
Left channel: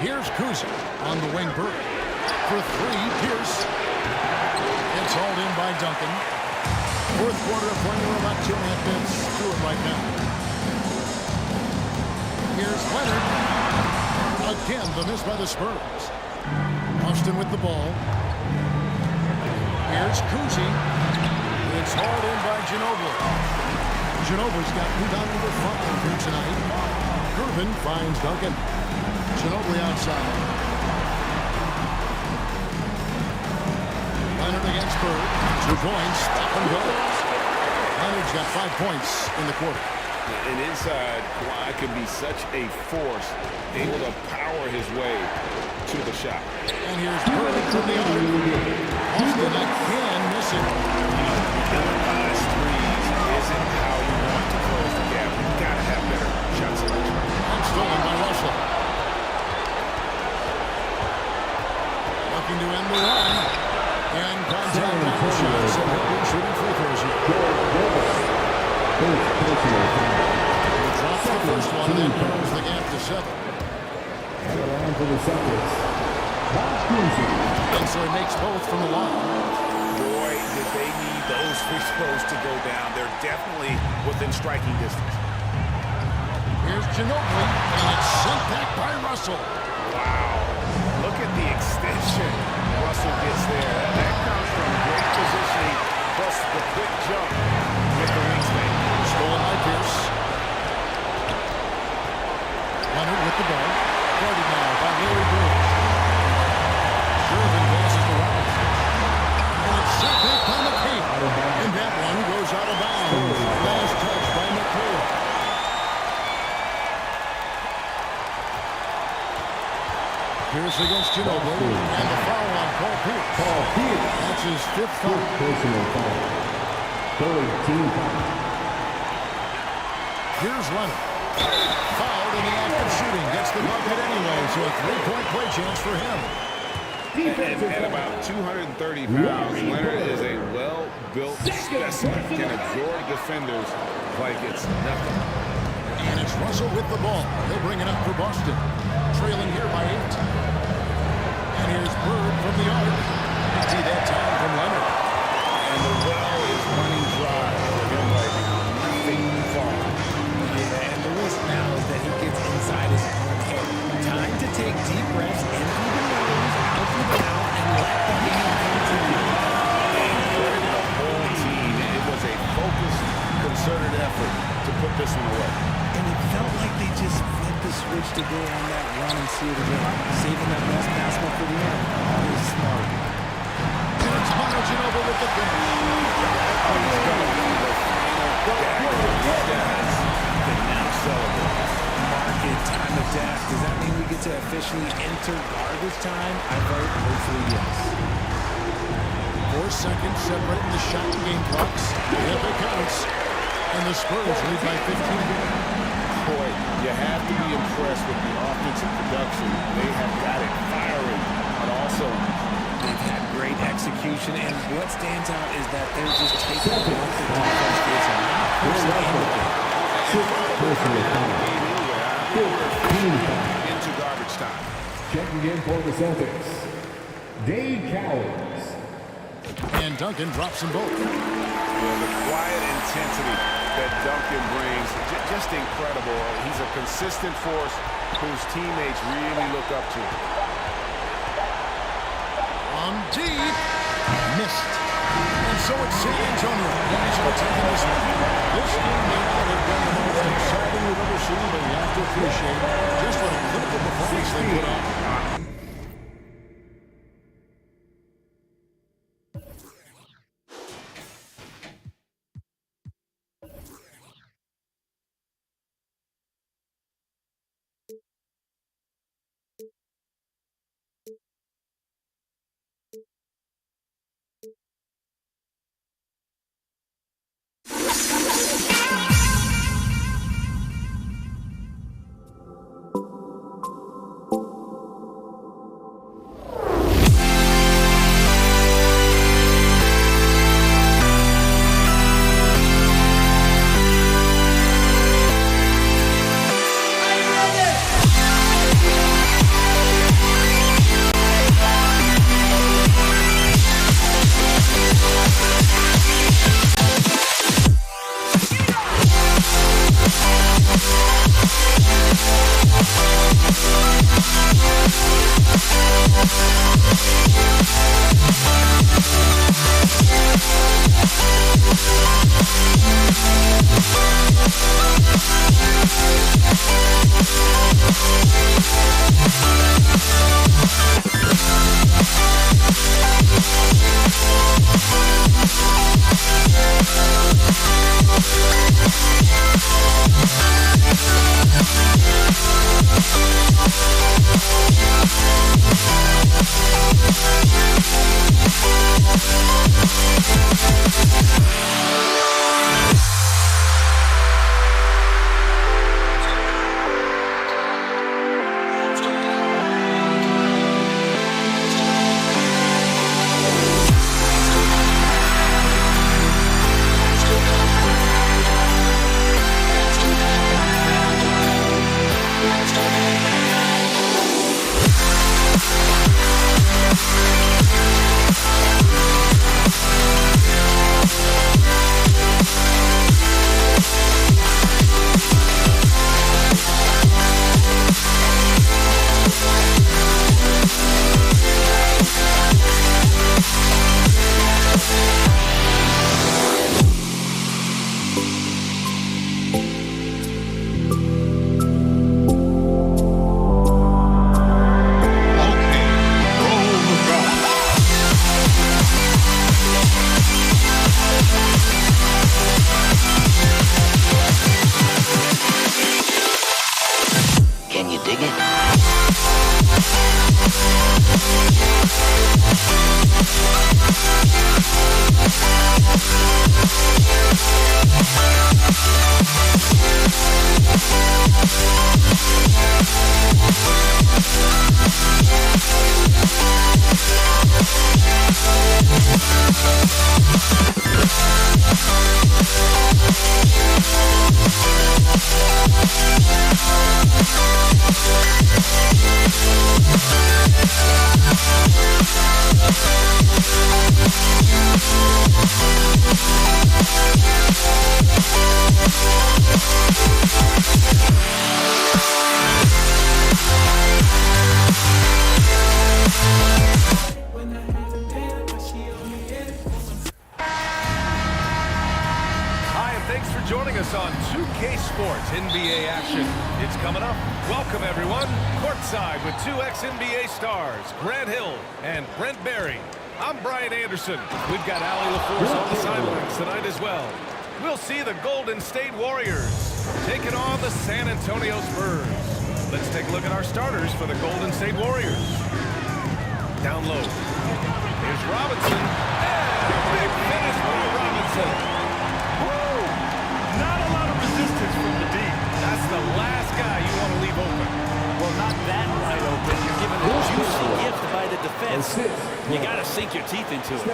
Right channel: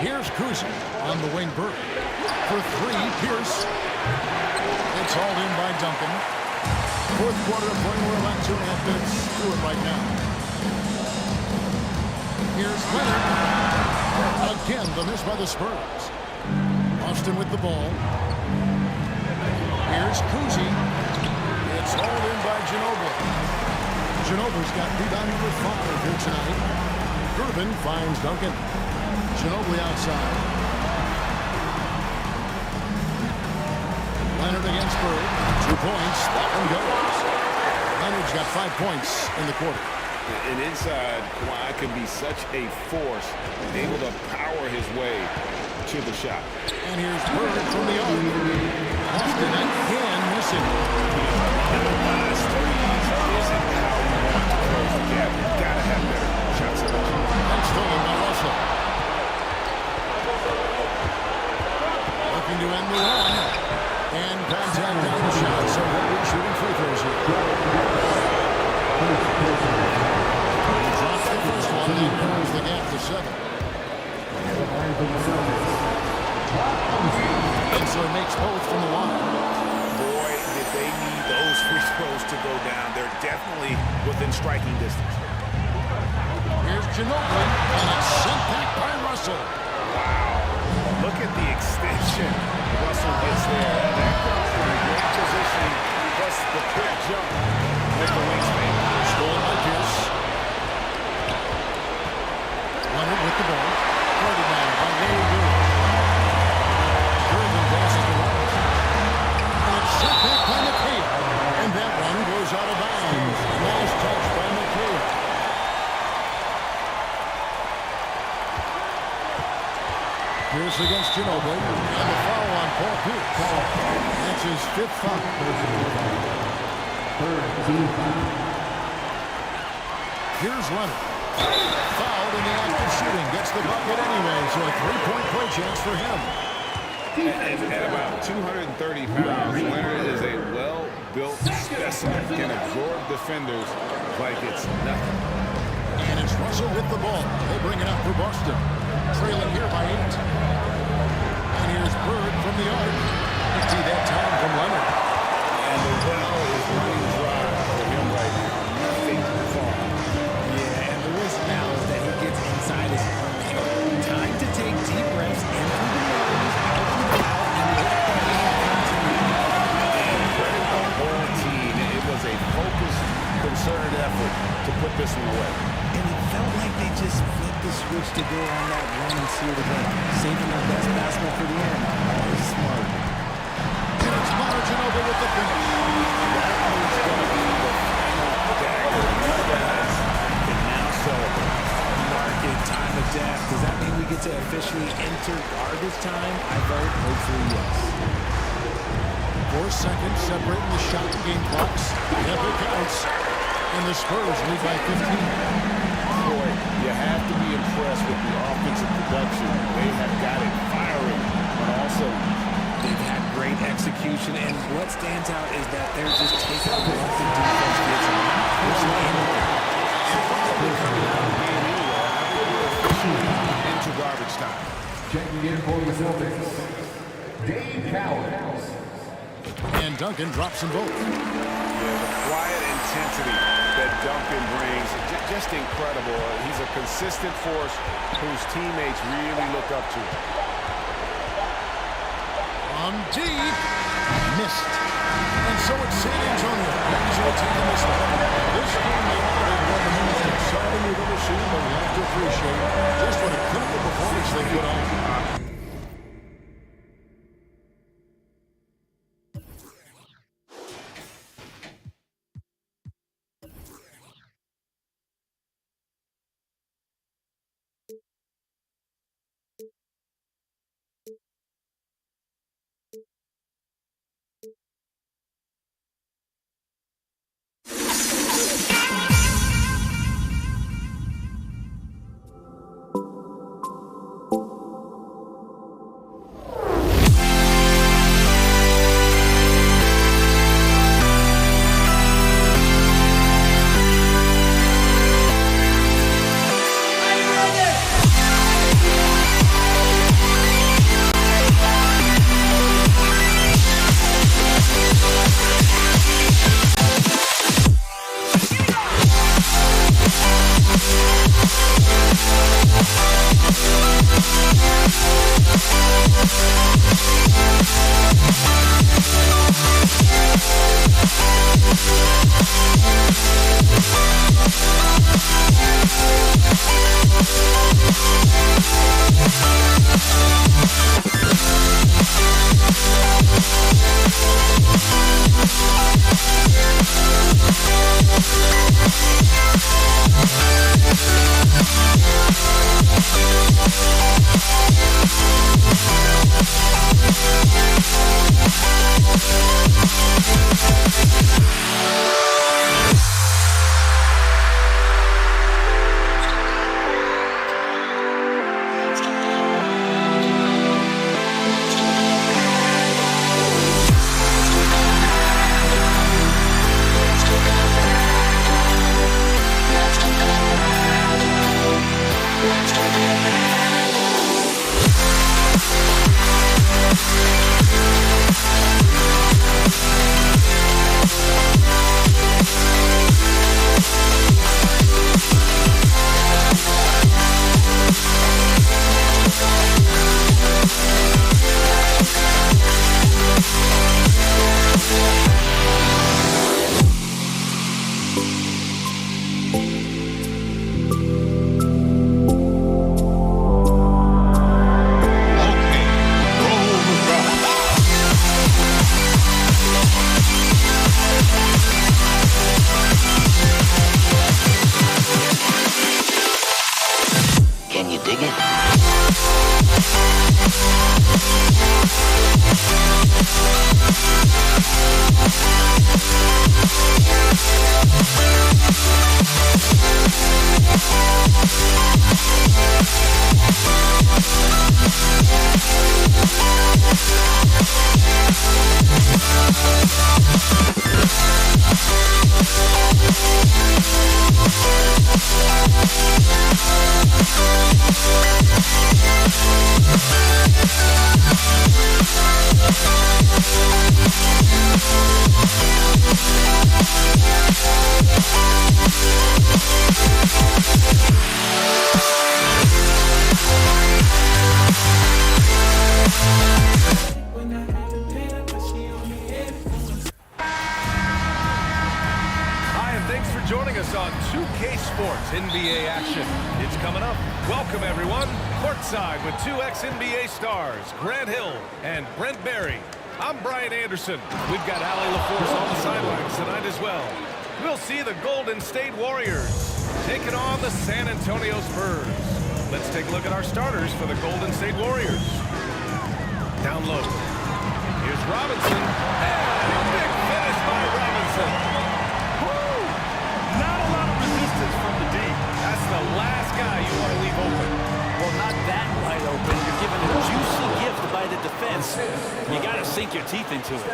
Here's Cousy on the wing. Bird for 3. Pierce. It's hauled in by Duncan. 4th quarter of play. We're about 2.5 minutes through it right now. Here's Leonard. Again, the miss by the Spurs. Austin with the ball. Here's Cousy. It's hauled in by Ginobili. Ginobili's got rebound number 5 here tonight. Gervin finds Duncan. Ginobili outside. Leonard against Bird. 2 points. That one goes. Leonard's got 5 points in the quarter. And inside, Kawhi can be such a force, able to power his way to the shot. And here's Bird from the arc. Austin again missing. You know, ill-advised threes isn't how you want to close the gap. You've got to have better shot stolen by Russell. Looking to end the run. And contact on the shot, so he'll be shooting free throws here. He drops the first one and then narrows the gap to 7. And the line for the Celtics. And so he makes both from the line. Boy, did they need those free throws to go down. They're definitely within striking distance. Here's Ginobili, and it's sent back by Russell. Wow. Look at the extension Russell gets there. That comes from great positioning, plus the quick jump with the wingspan. Stolen by Pierce. Leonard with the ball. Guarded now by Larry Bird. Durbin passes to Robinson. And it's sent back by McHale. And that one goes out of bounds. Last touch by McHale. Pierce against Ginobili. And the foul on Paul Pierce. That's his 5th foul. Personal foul. 3rd team foul. Here's Leonard. Fouled in the act of shooting. Gets the bucket anyway, so a 3-point play chance for him. And at about 230 pounds, Leonard is a well-built specimen. Can absorb defenders like it's nothing. And it's Russell with the ball. He'll bring it up for Boston. Trailing here by 8. And here's Bird from the arc. See that time from Leonard. And the well is running dry for him right now. Nothing far. Yeah, and the risk now is that he gets inside his own head. Time to take deep breaths in through the nose, out through the mouth, and let the game come to you. And credit the whole team. It was a focused, concerted effort to put this one away. And it felt like they just flipped the switch to go on that run and seal the game, saving their best basketball for the end. Always smart. And it's Manu Ginobili with the finish. That one's going to be the final dagger. These guys can now celebrate. Mark it, time of death. Does that mean we get to officially enter garbage time? I vote hopefully yes. 4 seconds separating the shot and game clocks. Yep, it counts. And the Spurs lead by 15. Boy, you have to be impressed with the offensive production. They have got it firing on all cylinders. They've had great execution, and what stands out is that they're just taking what the defense gives them, not forcing anything. And probably coming out of the game anyway. I think we're officially into garbage time. Checking in for the Celtics. Dave Cowens. And Duncan drops them both. Yeah, the quiet intensity that Duncan brings, just incredible. He's a consistent force whose teammates really look up to. On deep. Missed. And so it's San Antonio. Easily taking this one. This game may not have been the most exciting we've ever seen, but we have to appreciate just what a clinical performance they put on. Dig it. Thanks for joining us on 2K Sports NBA action. It's coming up. Welcome, everyone. Courtside with two ex-NBA stars, Grant Hill and Brent Barry. I'm Brian Anderson. We've got Allie LaForce on the sidelines tonight as well. We'll see the Golden State Warriors taking on the San Antonio Spurs. Let's take a look at our starters for the Golden State Warriors. Down low. Here's Robinson. And a big finish by Robinson. Not a lot of resistance from the deep. That's the last guy you want to leave open. Well, not that wide open. You're given a juicy gift by the defense. You got to sink your teeth into it.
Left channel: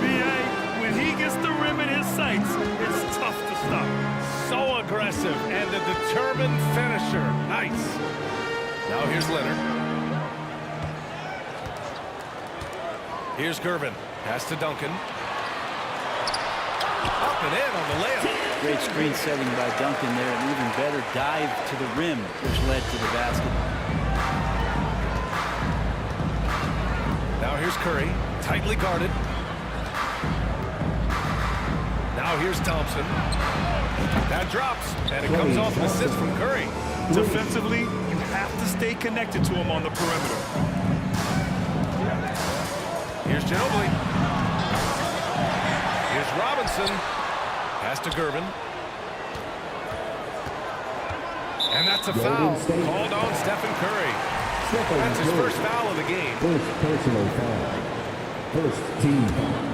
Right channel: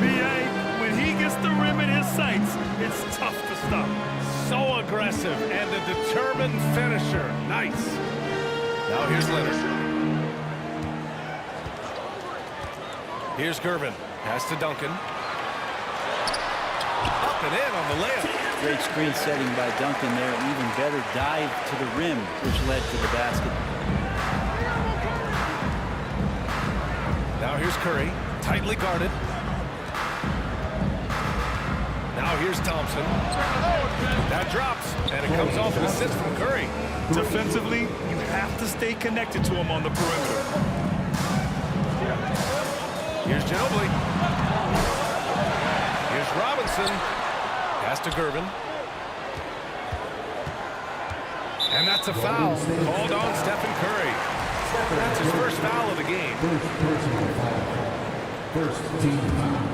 B.A., when he gets the rim in his sights, it's tough to stop. So aggressive and a determined finisher. Nice. Now here's Leonard. Here's Gervin. Pass to Duncan. Up and in on the layup. Great screen setting by Duncan there. An even better dive to the rim, which led to the basket. Now here's Curry. Tightly guarded. Now here's Thompson. That drops, and it comes off an assist from Curry. Defensively, you have to stay connected to him on the perimeter. Here's Ginobili. Here's Robinson. Pass to Gervin. And that's a foul called on Stephen Curry. That's his first foul of the game. First personal foul. First team foul.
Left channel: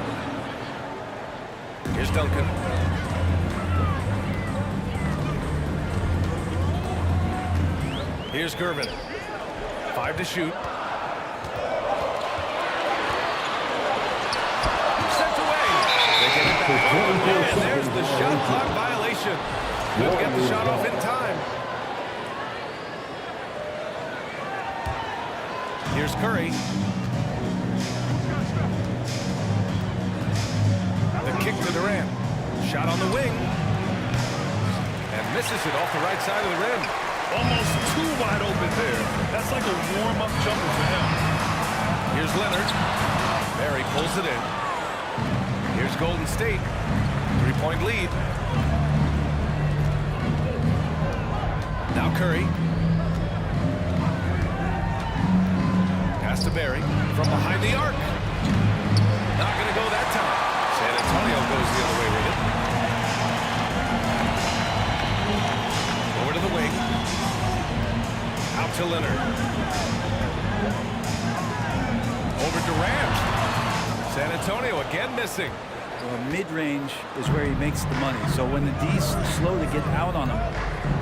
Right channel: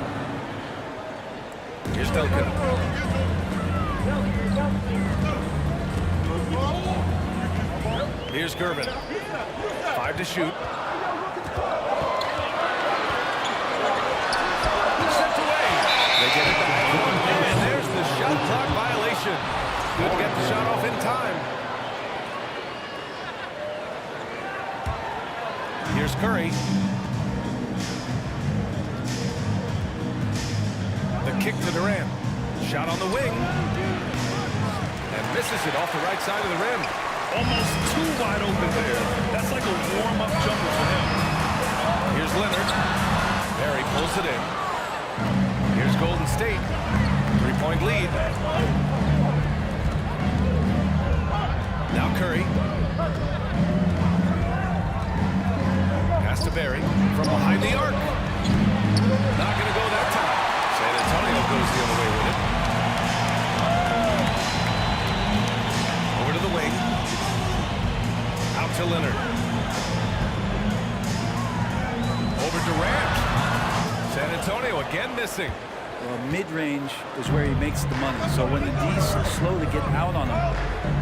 Here's Duncan. Here's Gervin. 5 to shoot. Sent away. They get it back. And there's the shot clock violation. Couldn't get the shot off in time. Here's Curry. The kick to Durant. Shot on the wing. And misses it off the right side of the rim. Almost too wide open there. That's like a warm-up jumper for him. Here's Leonard. Barry pulls it in. Here's Golden State. 3-point lead. Now Curry. Pass to Barry from behind the arc. Not going to go that time. San Antonio goes the other way with it. Over to the wing. Out to Leonard. Over Durant. San Antonio again missing. Well, mid-range is where he makes the money. So when the D's slow to get out on him,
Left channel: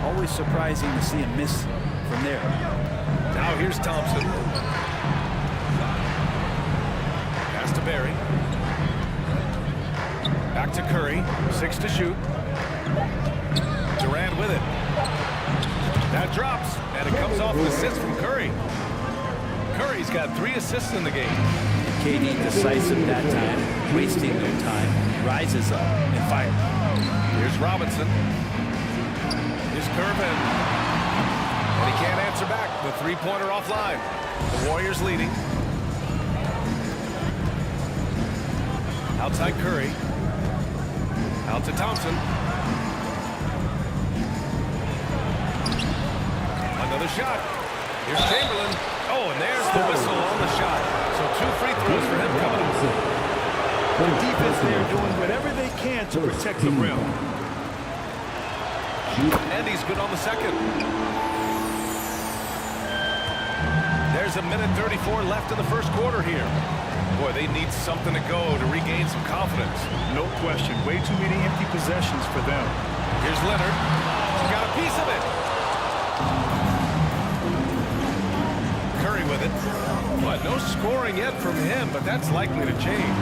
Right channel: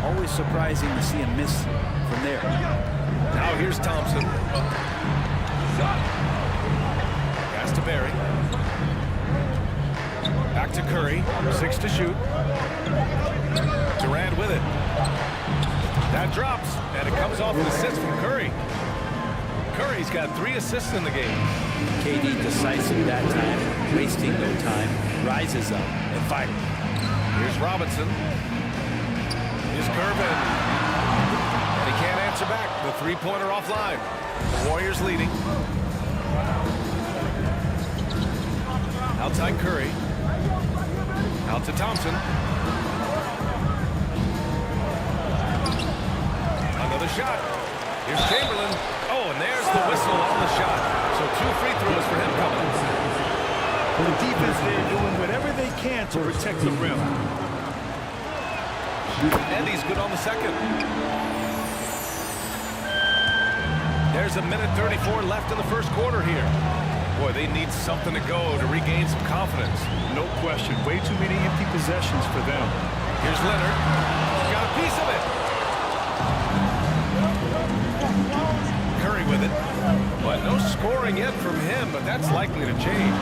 always surprising to see him miss from there. Now here's Thompson. Pass to Barry. Back to Curry. 6 to shoot. Durant with it. That drops, and it comes off an assist from Curry. Curry's got 3 assists in the game. KD decisive that time, wasting no time, rises up and fires. Here's Robinson. Here's Gervin. And he can't answer back. The three-pointer offline. The Warriors leading. Outside Curry. Out to Thompson. Another shot. Here's Chamberlain. Oh, and there's the whistle on the shot. So 2 free throws for him coming up. The defense there doing whatever they can to protect the rim. And he's good on the second. There's a minute 34 left in the first quarter here. Boy, they need something to go to regain some confidence. No question. Way too many empty possessions for them. Here's Leonard. He's got a piece of it. Curry with it. But no scoring yet from him, but that's likely to change.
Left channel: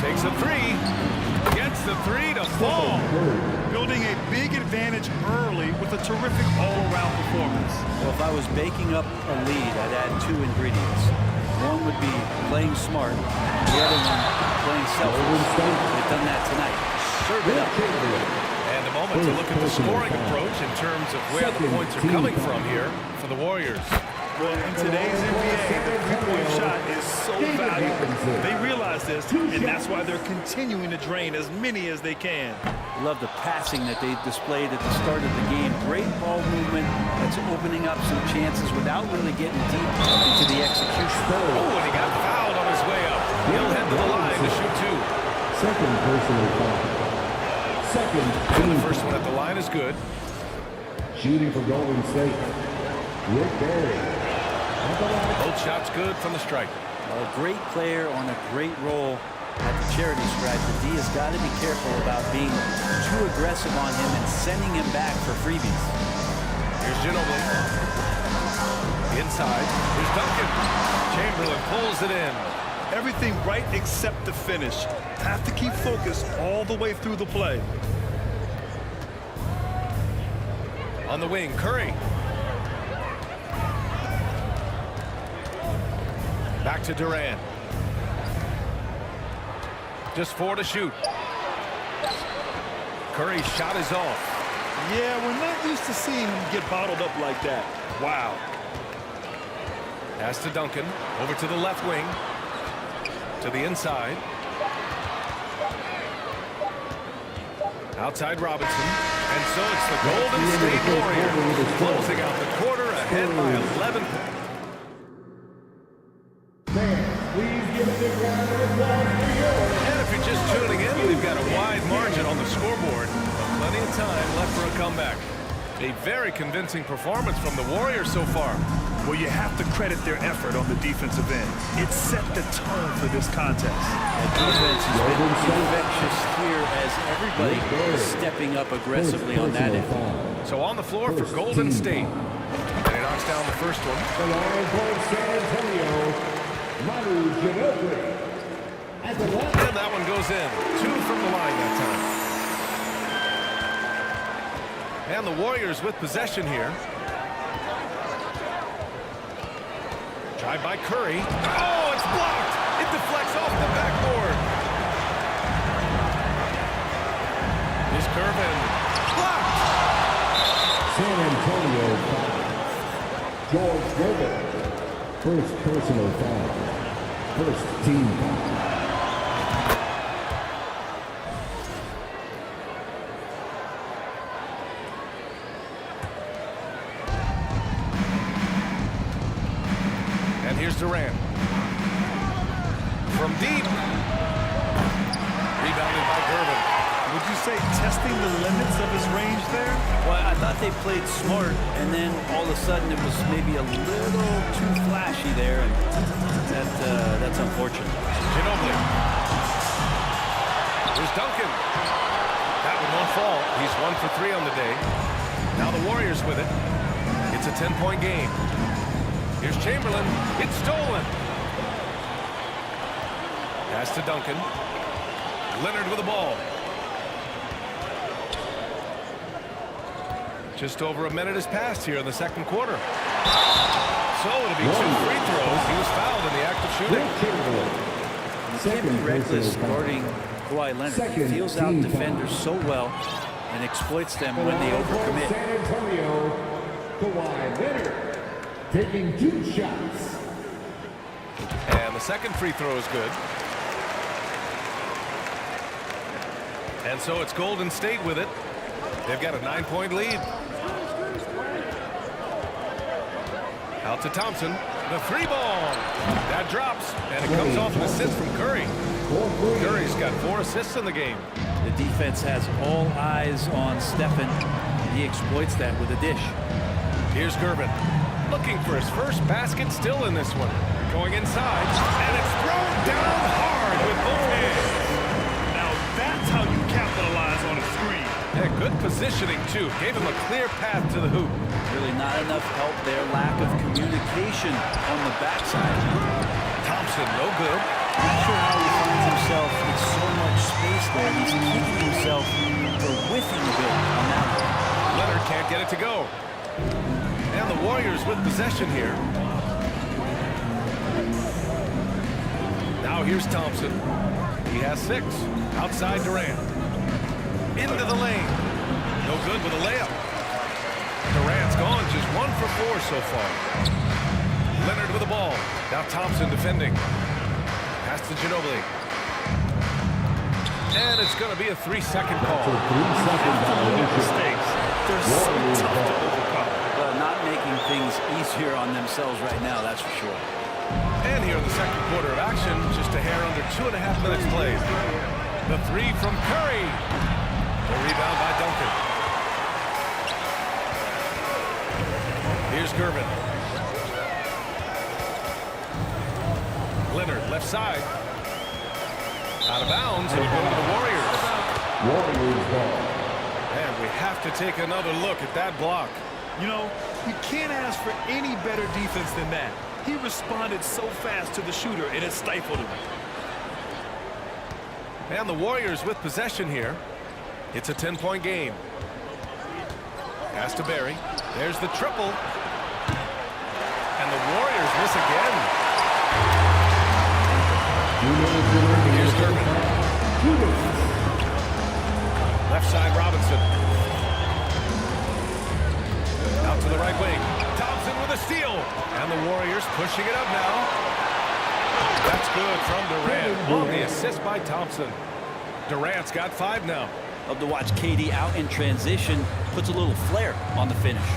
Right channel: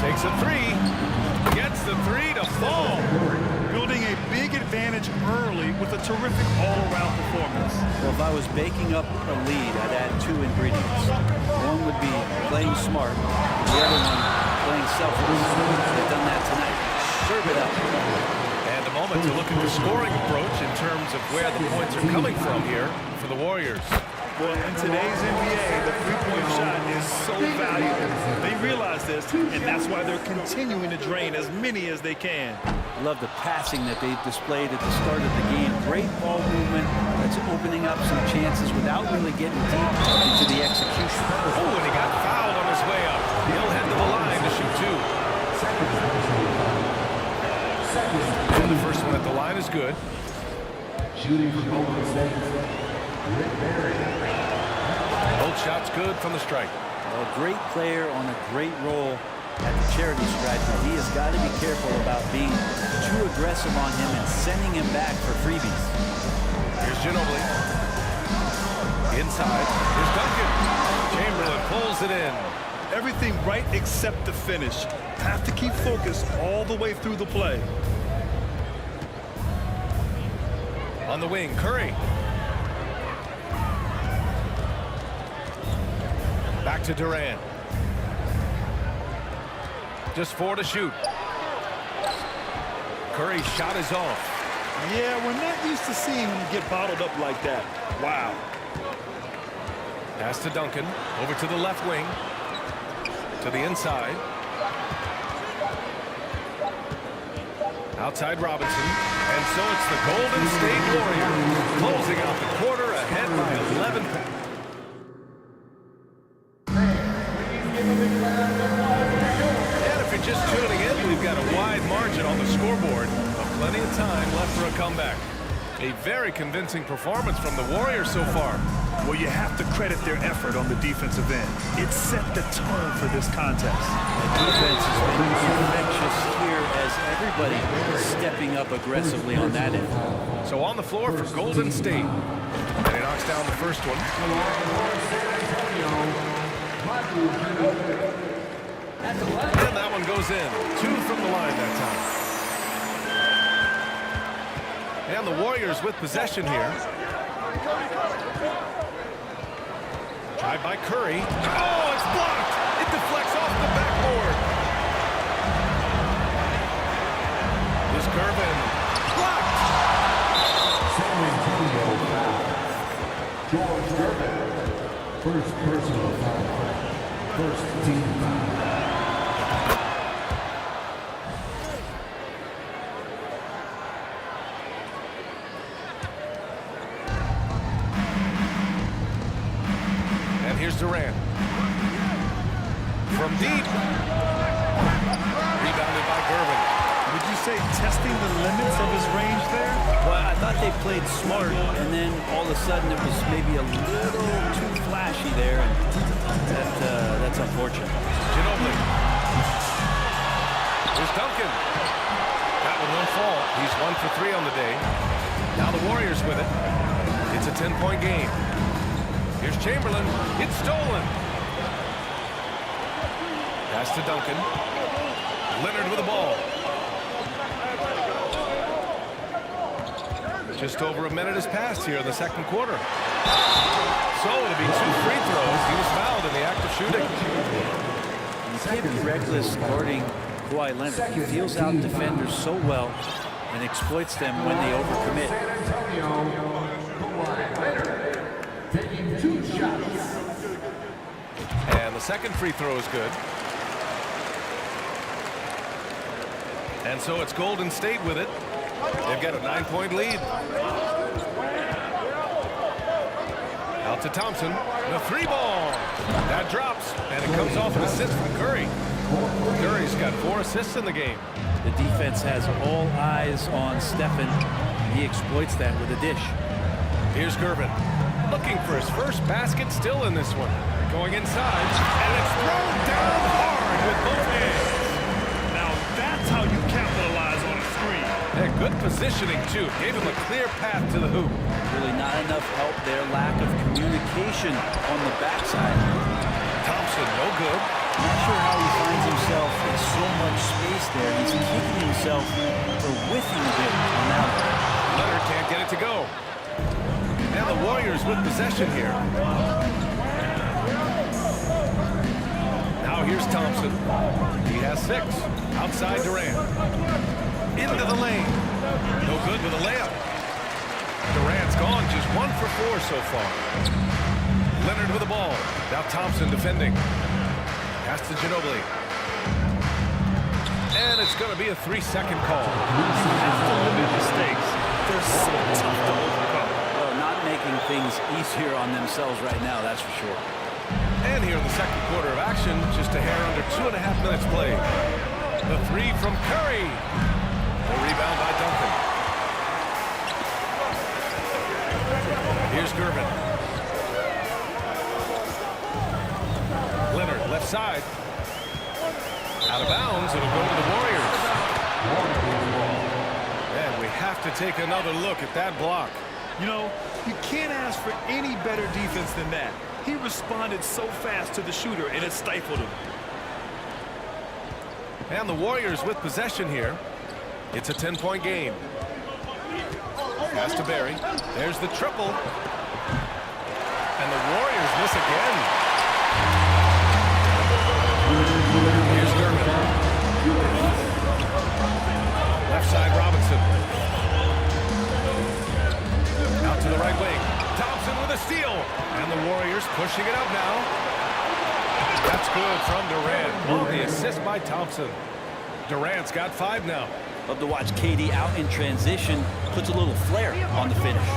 Takes a three. Gets the three to fall. Building a big advantage early with a terrific all-around performance. Well, if I was baking up a lead, I'd add two ingredients. One would be playing smart. The other one, playing selfless. They've done that tonight. Serve it up. And a moment to look at the scoring approach in terms of where the points are coming from here for the Warriors. Well, in today's NBA, the three-point shot is so valuable. They realize this, and that's why they're continuing to drain as many as they can. Love the passing that they've displayed at the start of the game. Great ball movement that's opening up some chances without really getting deep into the execution. Oh, and he got fouled on his way up. He'll head to the line to shoot two. Second personal foul. And the first one at the line is good. Shooting for Golden State, Rick Barry. Both shots good from the stripe. A great player on a great role at the charity stripe. The D has got to be careful about being too aggressive on him and sending him back for freebies. Here's Ginobili. Inside. Here's Duncan. Chamberlain pulls it in. Everything right except the finish. Have to keep focused all the way through the play. On the wing, Curry. Back to Durant. Just 4 to shoot. Curry's shot is off. Yeah, we're not used to seeing him get bottled up like that. Wow. Pass to Duncan. Over to the left wing. To the inside. Outside Robinson. And so it's the Golden State Warriors closing out the quarter ahead by 11 points. And if you're just tuning in, we've got a wide margin on the scoreboard, but plenty of time left for a comeback. A very convincing performance from the Warriors so far. Well, you have to credit their effort on the defensive end. It set the tone for this contest. The defense has been infectious here as everybody is stepping up aggressively on that end. So on the floor for Golden State. And he knocks down the first one. And that one goes in. 2 from the line that time. And the Warriors with possession here. Tried by Curry. Oh, it's blocked. It deflects off the backboard. Here's Kervin. Blocked. San Antonio foul. George Gervin. First personal foul. First team foul. And here's Durant. From deep. Rebounded by Gervin. Would you say testing the limits of his range there? Well, I thought they played smart, and then all of a sudden it was maybe a little too flashy there, and that's unfortunate. Ginobili. Here's Duncan. That one won't fall. He's 1 for 3 on the day. Now the Warriors with it. It's a 10-point game. Here's Chamberlain. It's stolen. Pass to Duncan. Leonard with the ball. Just over a minute has passed here in the second quarter. So it'll be 2 free throws. He was fouled in the act of shooting. You can't be reckless guarding Kawhi Leonard. He feels out defenders so well and exploits them when they overcommit. San Antonio, Kawhi Leonard taking 2 shots. And the second free throw is good. And so it's Golden State with it. They've got a 9-point lead. Out to Thompson. The 3-ball. That drops. And it comes off an assist from Curry. Curry's got 4 assists in the game. The defense has all eyes on Stephen, and he exploits that with a dish. Here's Gervin. Looking for his first basket still in this one. Going inside, and it's thrown down hard with both hands. Now that's how you capitalize on a screen. Yeah, good positioning, too. Gave him a clear path to the hoop. Really not enough help there. Lack of communication on the backside. Thompson, no good. Not sure how he finds himself in so much space there. He's kicking himself for whiffing a bit on that one. Leonard can't get it to go. And the Warriors with possession here. Now here's Thompson. He has 6. Outside Durant. Into the lane. No good with a layup. Durant's gone just 1 for 4 so far. Leonard with the ball. Now Thompson defending. Pass to Ginobili. And it's going to be a 3-second call. You have to limit mistakes. They're so tough to overcome. Well, not making things easier on themselves right now, that's for sure. And here in the second quarter of action, just a hair under 2.5 minutes played. The 3 from Curry. The rebound by Duncan. Here's Gervin. Leonard, left side. Out of bounds, it'll go to the Warriors. And we have to take another look at that block. You know, you can't ask for any better defense than that. He responded so fast to the shooter, and it stifled him. And the Warriors with possession here. It's a 10-point game. Pass to Barry. There's the triple. And the Warriors miss again. Here's Gervin. Left side, Robinson. Out to the right wing. Thompson with a steal. And the Warriors pushing it up now. That's good from Durant. On the assist by Thompson. Durant's got 5 now. Love to watch KD out in transition. Puts a little flair on the finish.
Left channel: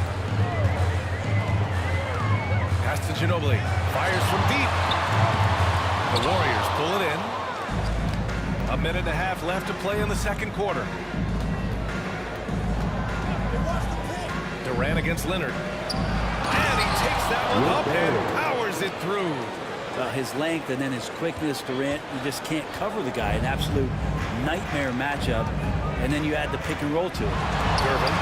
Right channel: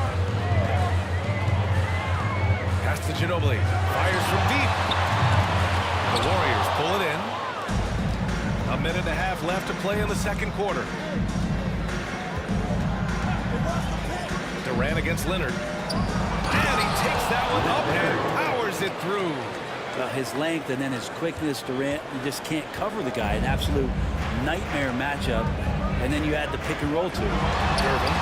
Pass to Ginobili. Fires from deep. The Warriors pull it in. 1.5 minutes left to play in the second quarter. Durant against Leonard. And he takes that one up and powers it through. Well, his length and then his quickness, Durant, you just can't cover the guy. An absolute nightmare matchup. And then you add the pick and roll to it. Gervin.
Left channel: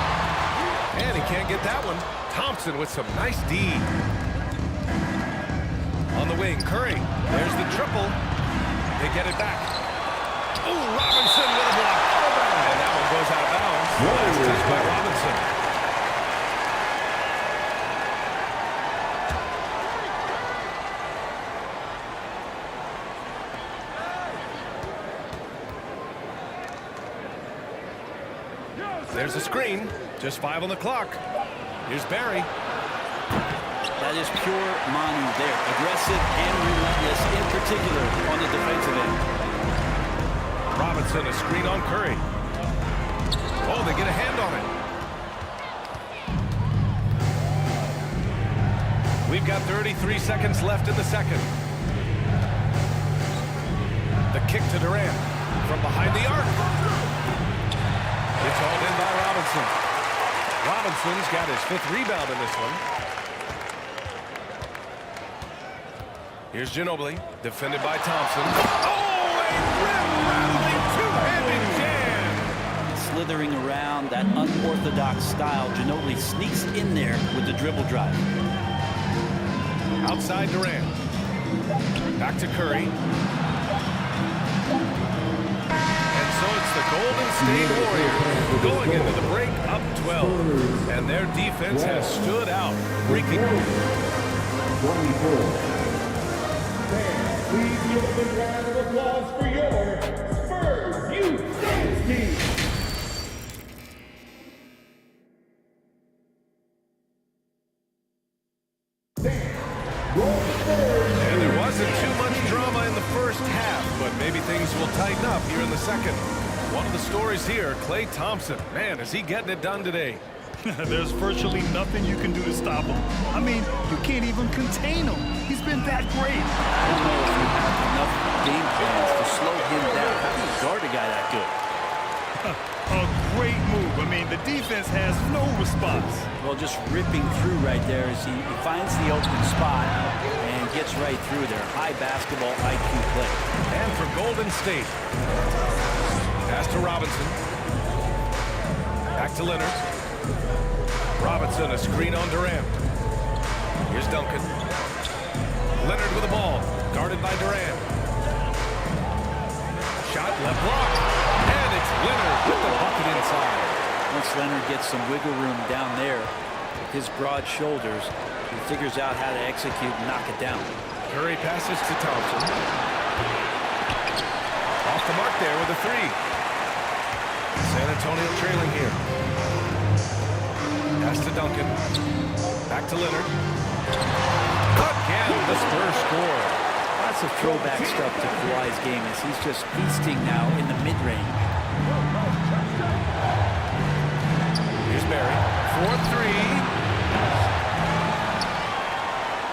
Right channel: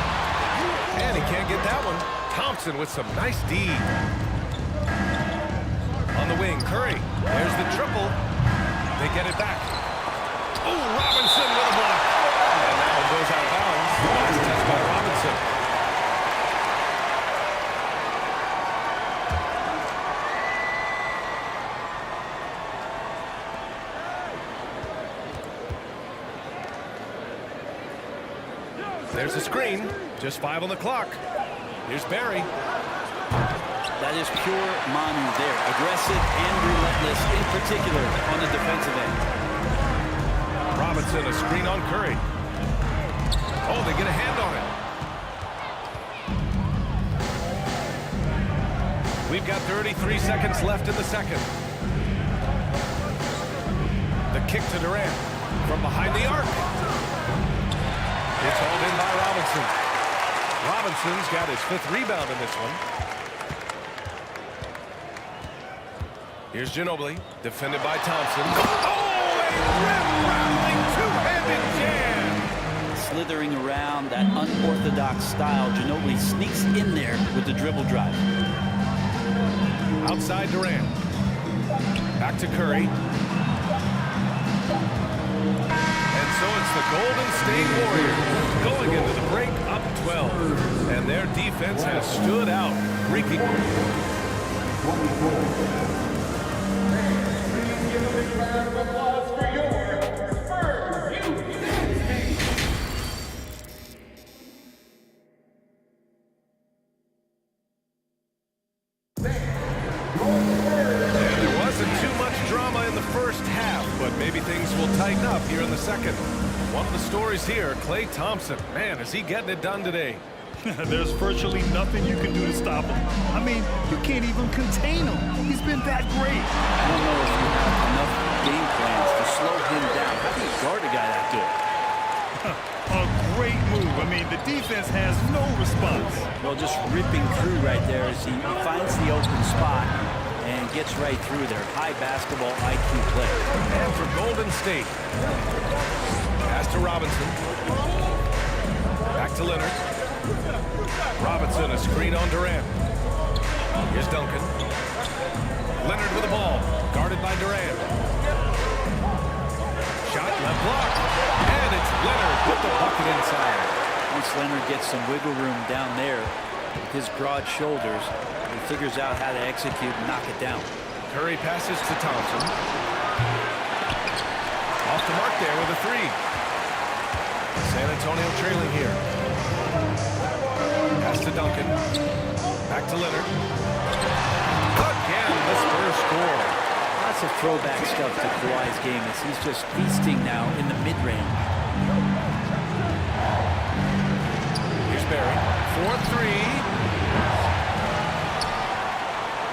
And he can't get that one. Thompson with some nice D. On the wing, Curry. There's the triple. They get it back. Oh, Robinson with a block. And that one goes out of bounds. Last touch by Robinson. There's a screen. Just 5 on the clock. Here's Barry. That is pure Manu there. Aggressive and relentless, in particular on the defensive end. Robinson, a screen on Curry. Oh, they get a hand on it. We've got 33 seconds left in the second. The kick to Durant from behind the arc. It's hauled in by Robinson. Robinson's got his 5th rebound in this one. Here's Ginobili, defended by Thompson. Oh, a rim-rattling two-handed jam! Slithering around that unorthodox style, Ginobili sneaks in there with the dribble drive. Outside Durant. Back to Curry. And so it's the Golden State Warriors going into the break up 12. And their defense has stood out, wreaking. 24. Please give a big round of applause for your Spurs Youth Dance Team. And there wasn't too much drama in the first half, but maybe things will tighten up here in the second. One of the stories here, Klay Thompson. Man, is he getting it done today. There's virtually nothing you can do to stop him. I mean, you can't even contain him. He's been that great. I don't know if you have enough game plans to slow him down. How do you guard a guy that good? A great move. I mean, the defense has no response. Well, just ripping through right there as he finds the open spot and gets right through there. High basketball IQ play. And for Golden State. Pass to Robinson. Back to Leonard. Robinson, a screen on Durant. Here's Duncan. Leonard with the ball. Guarded by Durant. Shot, left block. And it's Leonard with the bucket inside. Once Leonard gets some wiggle room down there with his broad shoulders, he figures out how to execute and knock it down. Curry passes to Thompson. Off the mark there with a three. San Antonio trailing here. Pass to Duncan. Back to Leonard. Again, the Spurs score. Lots of throwback stuff to Kawhi's game as he's just feasting now in the mid-range. Here's Barry. 4-3.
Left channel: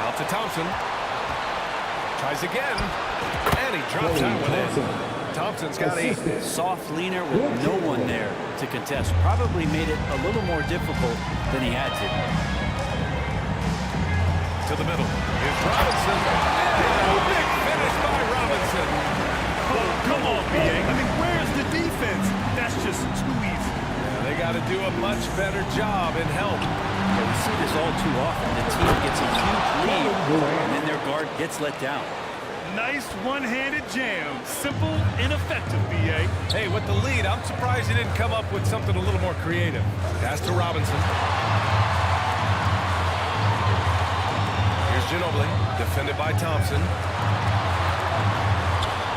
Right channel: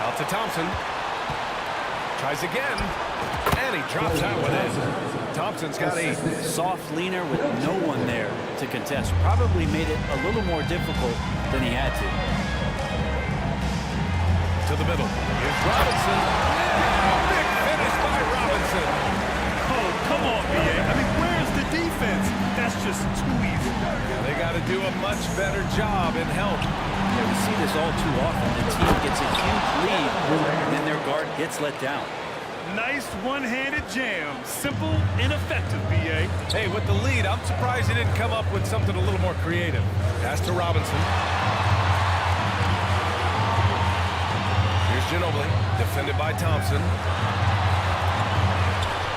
Out to Thompson. Tries again. And he drops out with it. Thompson's got a soft leaner with no one there to contest. Probably made it a little more difficult than he had to. To the middle. Here's Robinson. Yeah, big finish by Robinson. Oh, come on, B.A. I mean, where's the defense? That's just too easy. Yeah, they got to do a much better job in help. Yeah, we see this all too often. The team gets a huge lead, and then their guard gets let down. Nice one-handed jam. Simple and effective, B.A. Hey, with the lead, I'm surprised he didn't come up with something a little more creative. Pass to Robinson. Here's Ginobili, defended by Thompson.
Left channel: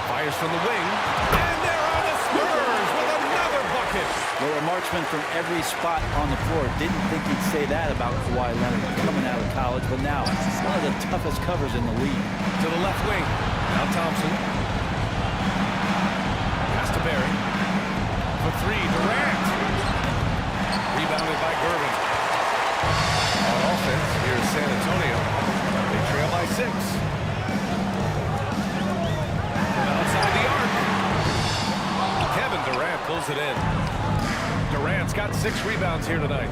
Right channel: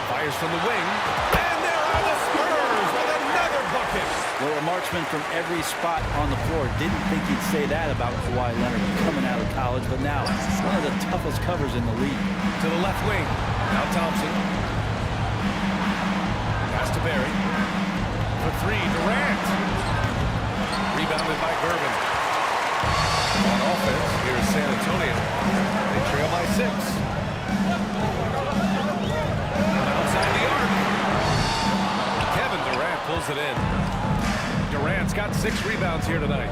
Fires from the wing. And there are the Spurs with another bucket. Well, a marksman from every spot on the floor. Didn't think he'd say that about Kawhi Leonard coming out of college, but now one of the toughest covers in the league. To the left wing. Now Thompson. Pass to Barry. For three, Durant. Rebounded by Gervin. On offense, here's San Antonio. They trail by 6. From outside the arc. Kevin Durant pulls it in. Durant's got 6 rebounds here tonight.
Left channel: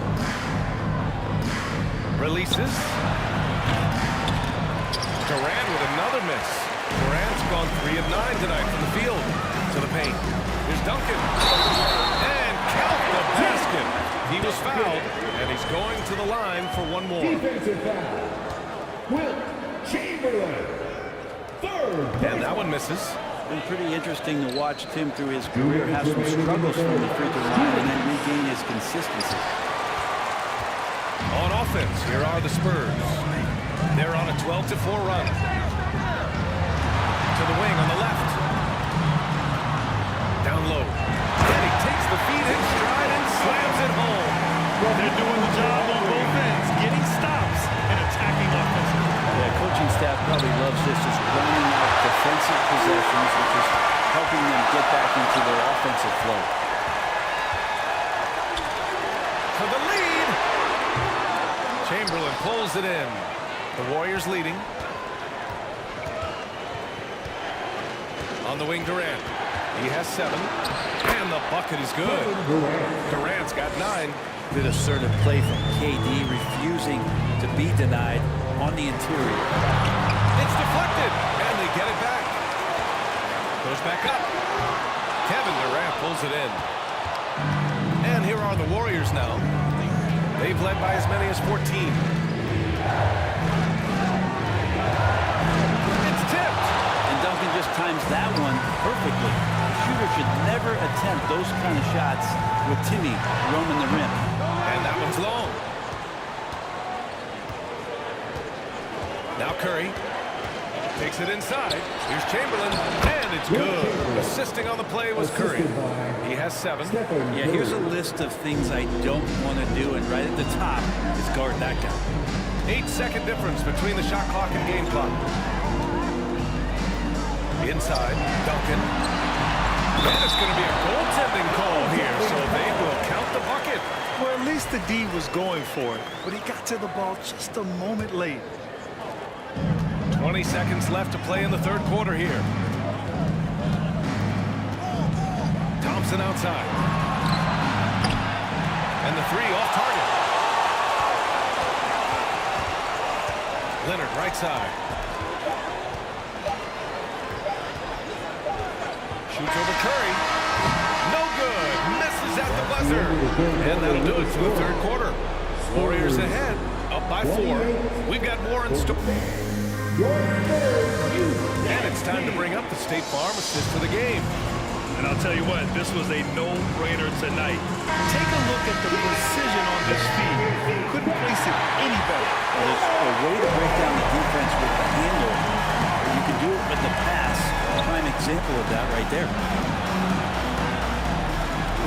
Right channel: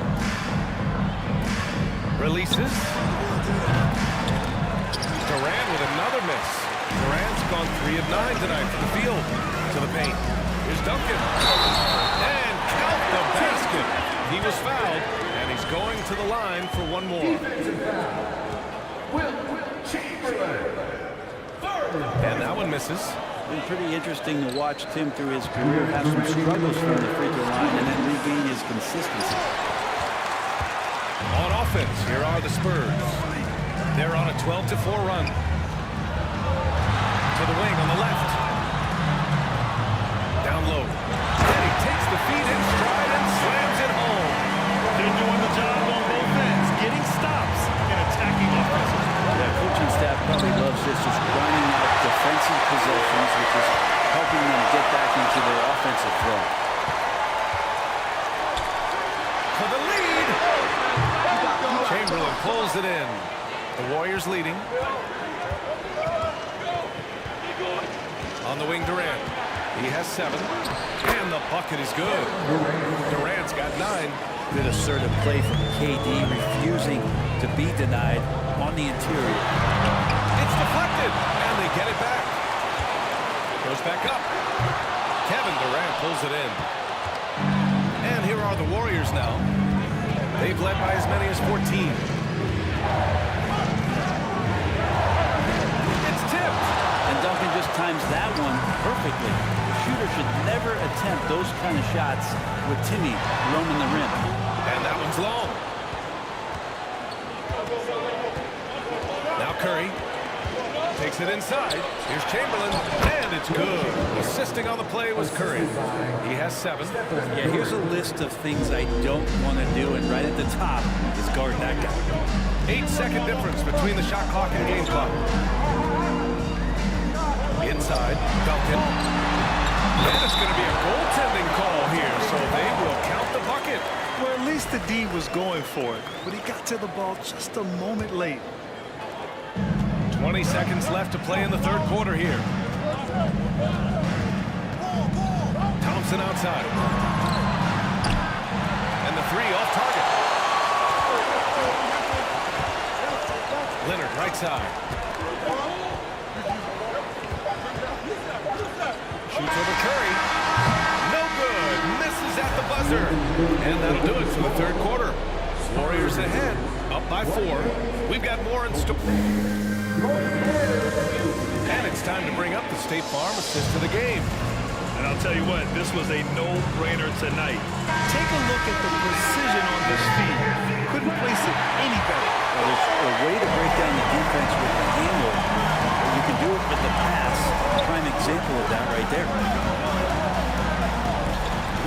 Releases. Durant with another miss. Durant's gone 3 of 9 tonight from the field. To the paint. Here's Duncan. And count the basket. He was fouled, and he's going to the line for one more. Defensive foul. Wilt Chamberlain. And that one misses. Been pretty interesting to watch Tim through his career have some struggles from the free throw line and then regain his consistency. On offense, here are the Spurs. They're on a 12-4 run. To the wing on the left. Down low. And he takes the feet in stride and slams it home. They're doing the job on both ends, getting stops and attacking offensively. Yeah, coaching staff probably loves this, just grinding out defensive possessions, which is helping them get back into their offensive flow. For the lead. Chamberlain pulls it in. The Warriors leading. On the wing, Durant. He has 7. And the bucket is good. Durant's got 9. Good assertive play from KD, refusing to be denied on the interior. It's deflected, and they get it back. Goes back up. Kevin Durant pulls it in. And here are the Warriors now. They've led by as many as 14. It's tipped. And Duncan just times that one perfectly. The shooter should never attempt those kind of shots with Timmy roaming the rim. And that one's long. Now Curry takes it inside. Here's Chamberlain, and it's good. Assisting on the play was Curry. He has 7. Yeah, here's a list of things I don't want to do, and right at the top is guard that guy. 8-second difference between the shot clock and game clock. Inside, Duncan. And it's going to be a goaltending call here, so they will count the bucket. Well, at least the D was going for it, but he got to the ball just a moment late. 20 seconds left to play in the third quarter here. Thompson outside. And the three off target. Leonard right side. Shoots over Curry. No good. Misses at the buzzer. And that'll do it for the third quarter. Warriors ahead, up by 4. We've got more in store. And it's time to bring up the State Farm assist to the game. And I'll tell you what, this was a no-brainer tonight. Take a look at the precision on this feed. Couldn't place it any better. Well, there's a way to break down the defense with the handle. You can do it with the pass. Prime example of that right there.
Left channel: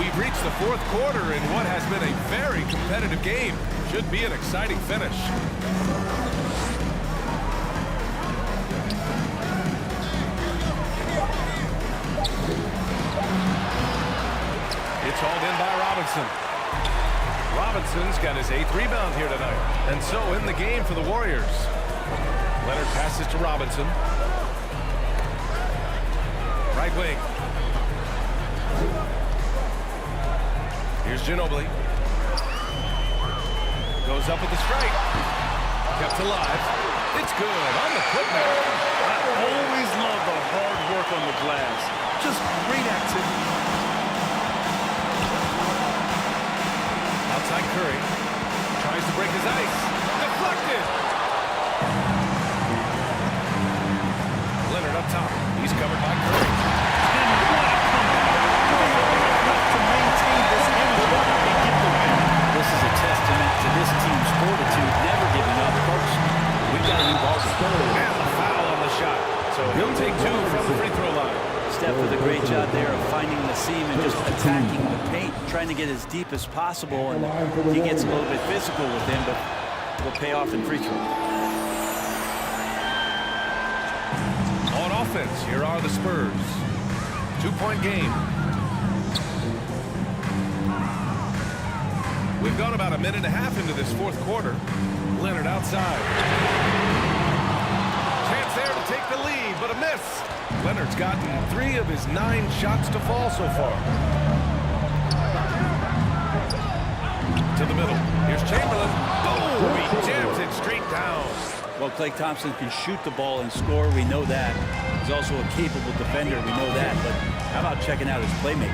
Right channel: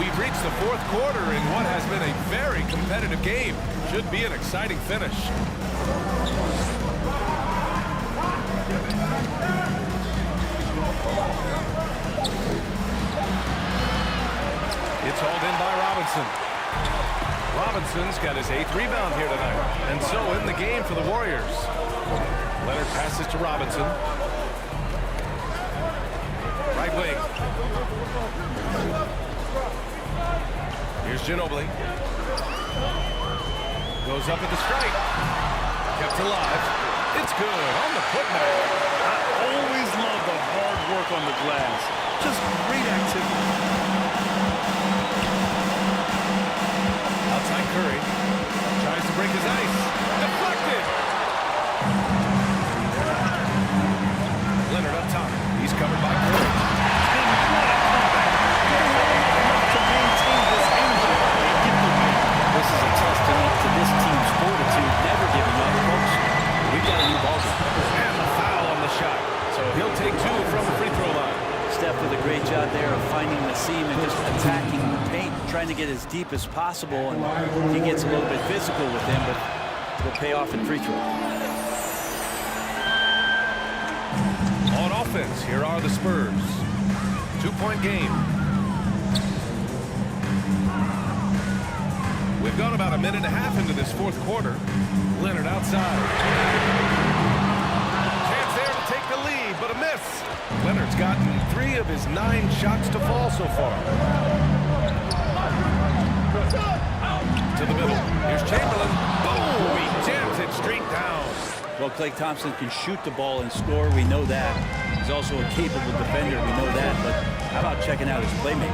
We've reached the fourth quarter in what has been a very competitive game. Should be an exciting finish. It's hauled in by Robinson. Robinson's got his 8th rebound here tonight. And so in the game for the Warriors. Leonard passes to Robinson. Right wing. Here's Ginobili. Goes up at the stripe. Kept alive. It's good on the putback. I always love the hard work on the glass. Just great activity. Outside Curry. Tries to break his ice. Deflected. Leonard up top. He's covered by Curry. And what a comeback. They have enough left to maintain this energy and get the win. This is a testament to this team's fortitude, never giving up. Folks, we've got a new ball game. And the foul on the shot. So he'll take 2 from the free throw line. Steph with a great job there of finding the seam and just attacking the paint, trying to get as deep as possible. And he gets a little bit physical with him, but will pay off in free throw. On offense, here are the Spurs. 2-point game. We've gone about a minute and a half into this fourth quarter. Leonard outside. Chance there to take the lead, but a miss. Leonard's gotten 3 of his 9 shots to fall so far. To the middle. Here's Chamberlain. Boom! He jams it straight down. Well, Klay Thompson can shoot the ball and score. We know that. He's also a capable defender. We know that. But how about checking out his playmaking?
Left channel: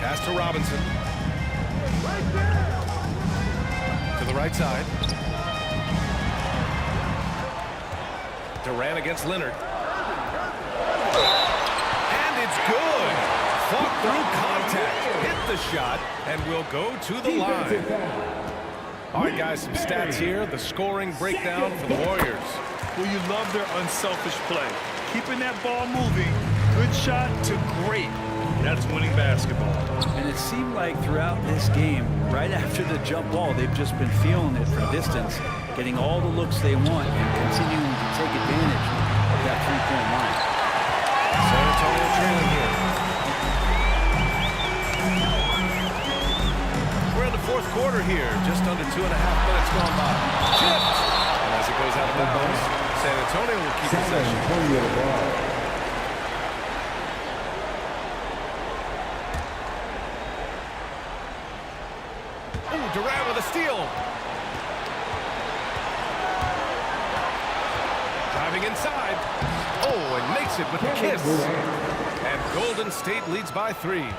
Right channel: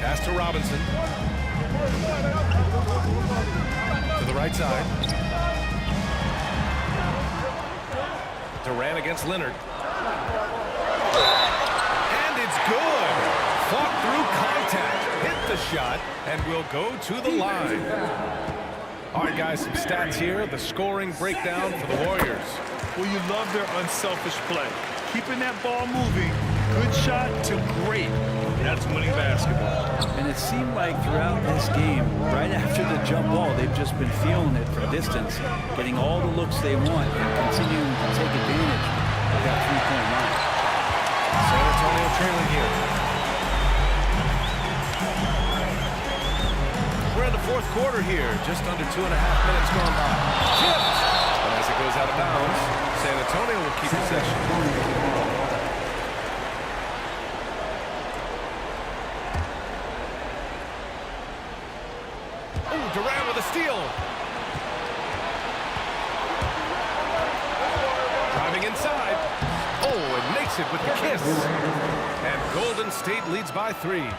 Pass to Robinson. To the right side. Durant against Leonard. And it's good. Fought through contact. Hit the shot. And will go to the line. All right, guys, some stats here. The scoring breakdown for the Warriors. Well, you love their unselfish play. Keeping that ball moving. Good shot to great. That's winning basketball. And it seemed like throughout this game, right after the jump ball, they've just been feeling it from distance, getting all the looks they want and continuing to take advantage of that three-point line. San Antonio trailing here. We're in the fourth quarter here, just under 2.5 minutes gone by. Tipped! And as it goes out of bounds, San Antonio will keep possession. Oh, Durant with a steal. Driving inside. Oh, and makes it with the kiss. And Golden State leads by 3.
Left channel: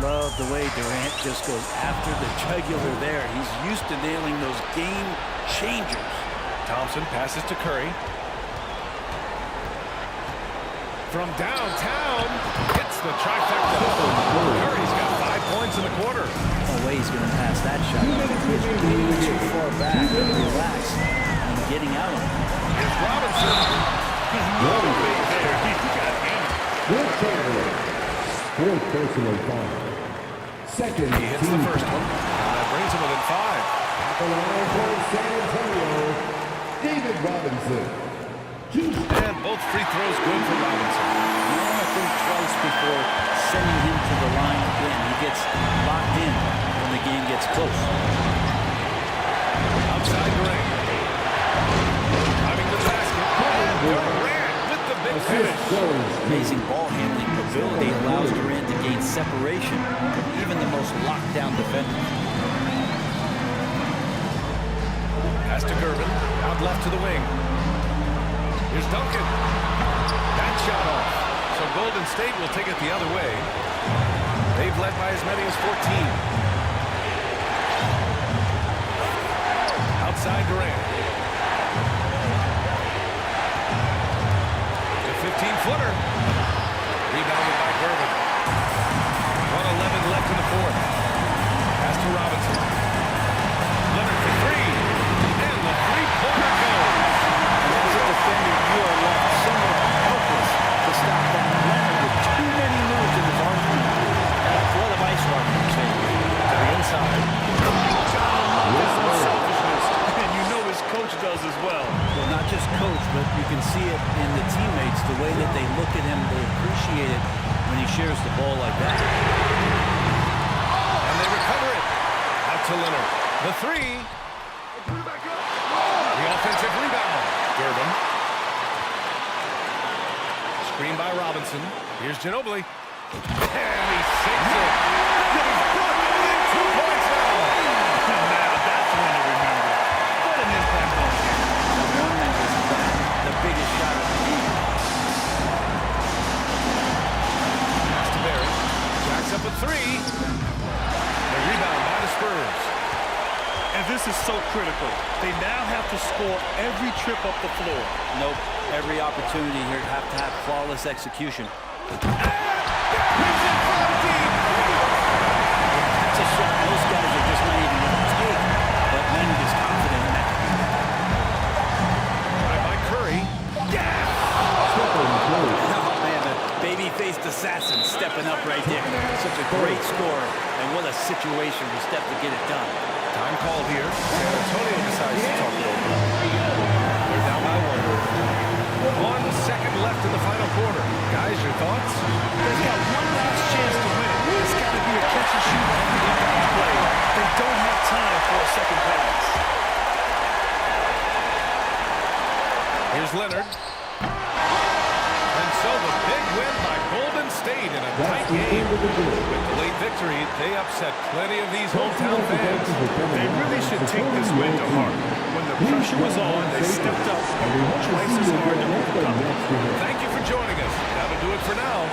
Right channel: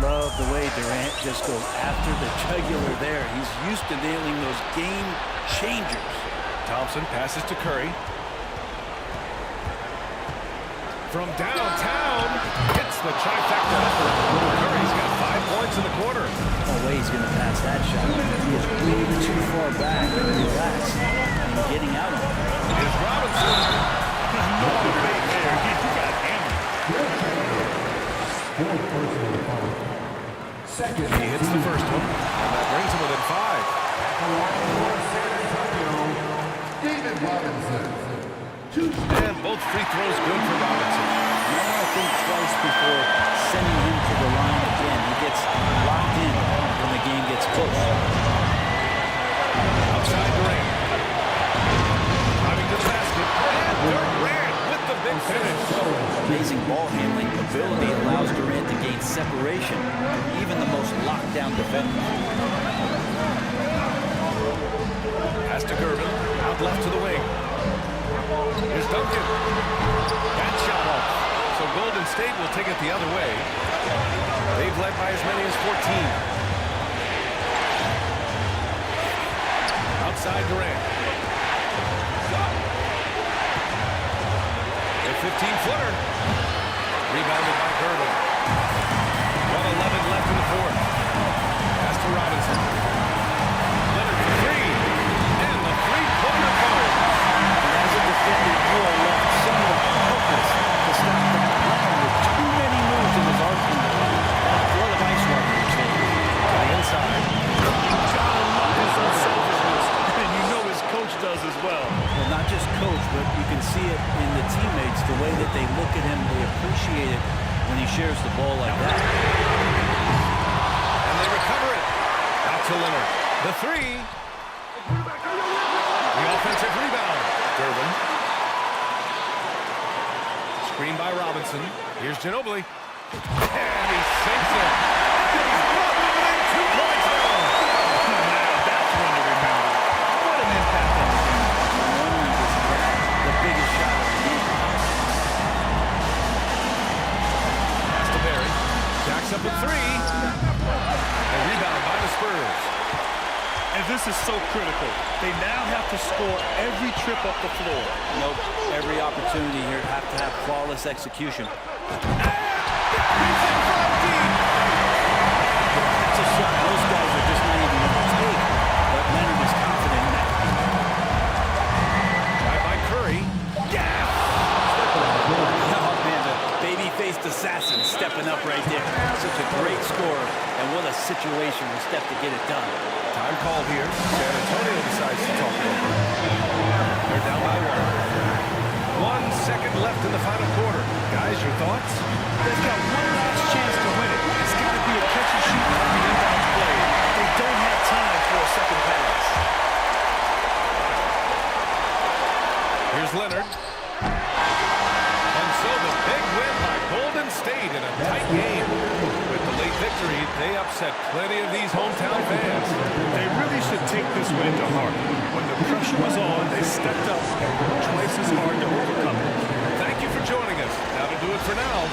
Love the way Durant just goes after the jugular there. He's used to nailing those game changers. Thompson passes to Curry. From downtown, hits the trifecta. Curry's got 5 points in the quarter. No way he's going to pass that shot. He is way too far back and relaxed and getting out on him. Here's Robinson. No debate there. He got hammered. Fourth personal foul. Second. He hits the first one, and that brings him within 5. At the line for San Antonio, David Robinson. And both free throws good for Robinson. You might want to think twice before sending him to the line again. He gets locked in when the game gets close. Outside Durant. Driving to the basket. And Durant with the big finish. Amazing ball handling ability allows Durant to gain separation from even the most lockdown defenders. Pass to Gervin, out left to the wing. Here's Duncan. That shot off. So Golden State will take it the other way. They've led by as many as 14. Outside Durant. The 15-footer. Rebounded by Gervin. 1:11 left in the fourth. Pass to Robinson. Leonard for three. And the three-pointer goes. And as a defender, you are left somewhat helpless to stop that. Leonard with too many moves in his arsenal and a flood of ice water in his veins. To the inside. Gotta love his unselfishness, and you know his coach does as well. Well, not just coach, but you can see it in the teammates, the way that they look at him. They appreciate it when he shares the ball like that. And they recover it. Out to Leonard. The three. The offensive rebound. Gervin. Screen by Robinson. Here's Ginobili. And he sinks it. And he's brought them within 2 points now. Now that's one to remember. What an impact on the game. I'm wondering, is that the biggest shot of the game? Pass to Barry. Jacks up a three. The rebound by the Spurs. And this is so critical. They now have to score every trip up the floor. Nope. Every opportunity here have to have flawless execution. Barry's in front deep. That's a shot most guys are just not even going to take. But Leonard is confident in that. Drive by Curry. Yes! Oh, man, the baby-faced assassin stepping up right there. Such a great scorer, and what a situation for Steph to get it done. Time called here. San Antonio decides to talk it over. They're down by 1. 1 second left in the final quarter. Guys, your thoughts? They've got one last chance to win it. It's got to be a catch and shoot off the inbound play. They don't have time for a second pass. Here's Leonard. And so the big win by Golden State in a tight game. With the late victory, they upset plenty of these hometown fans. They really should take this win to heart. When the pressure was on, they stepped up and worked twice as hard to overcome it. Thank you for joining us. That'll do it for now.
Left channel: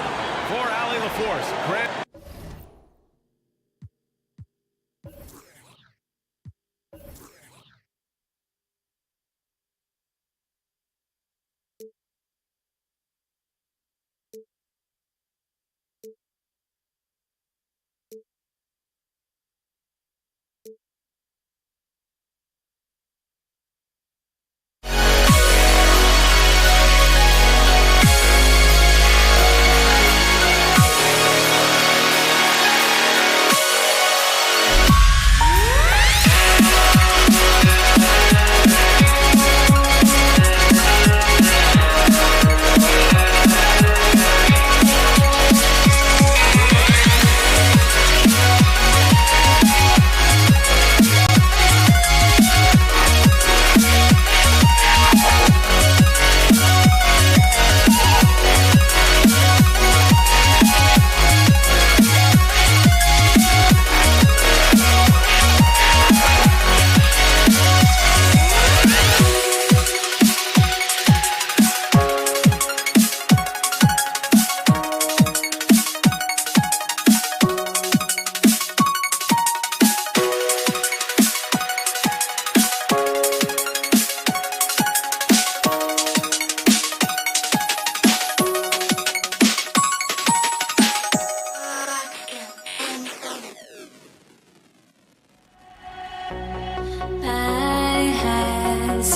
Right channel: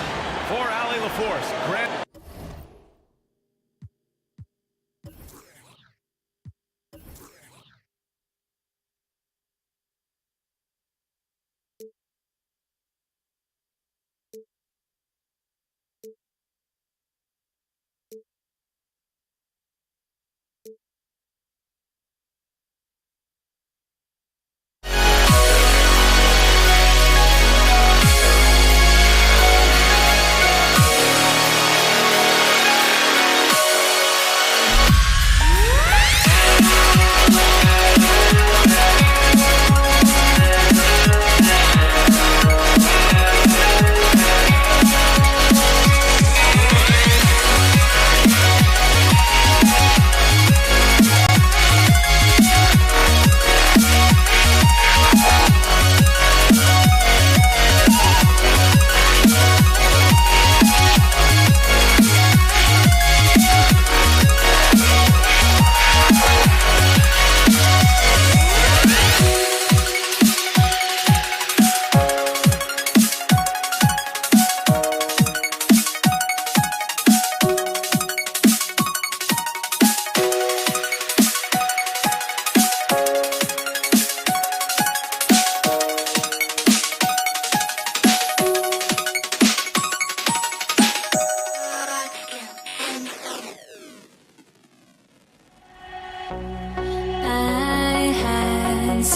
For Allie LaForce, Grant.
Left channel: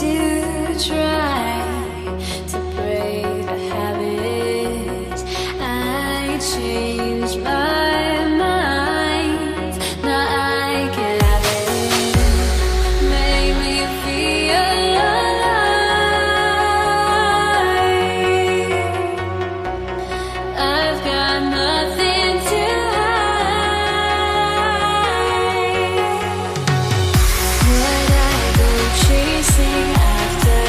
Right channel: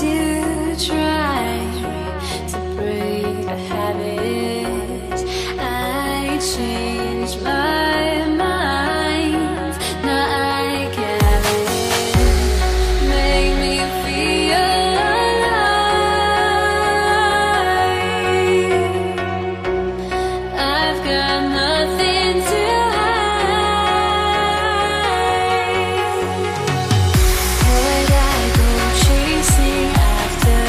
to try to break the habits. I changed my mind. Now I can have it. Make me feel alive. I've got nothing to chasing after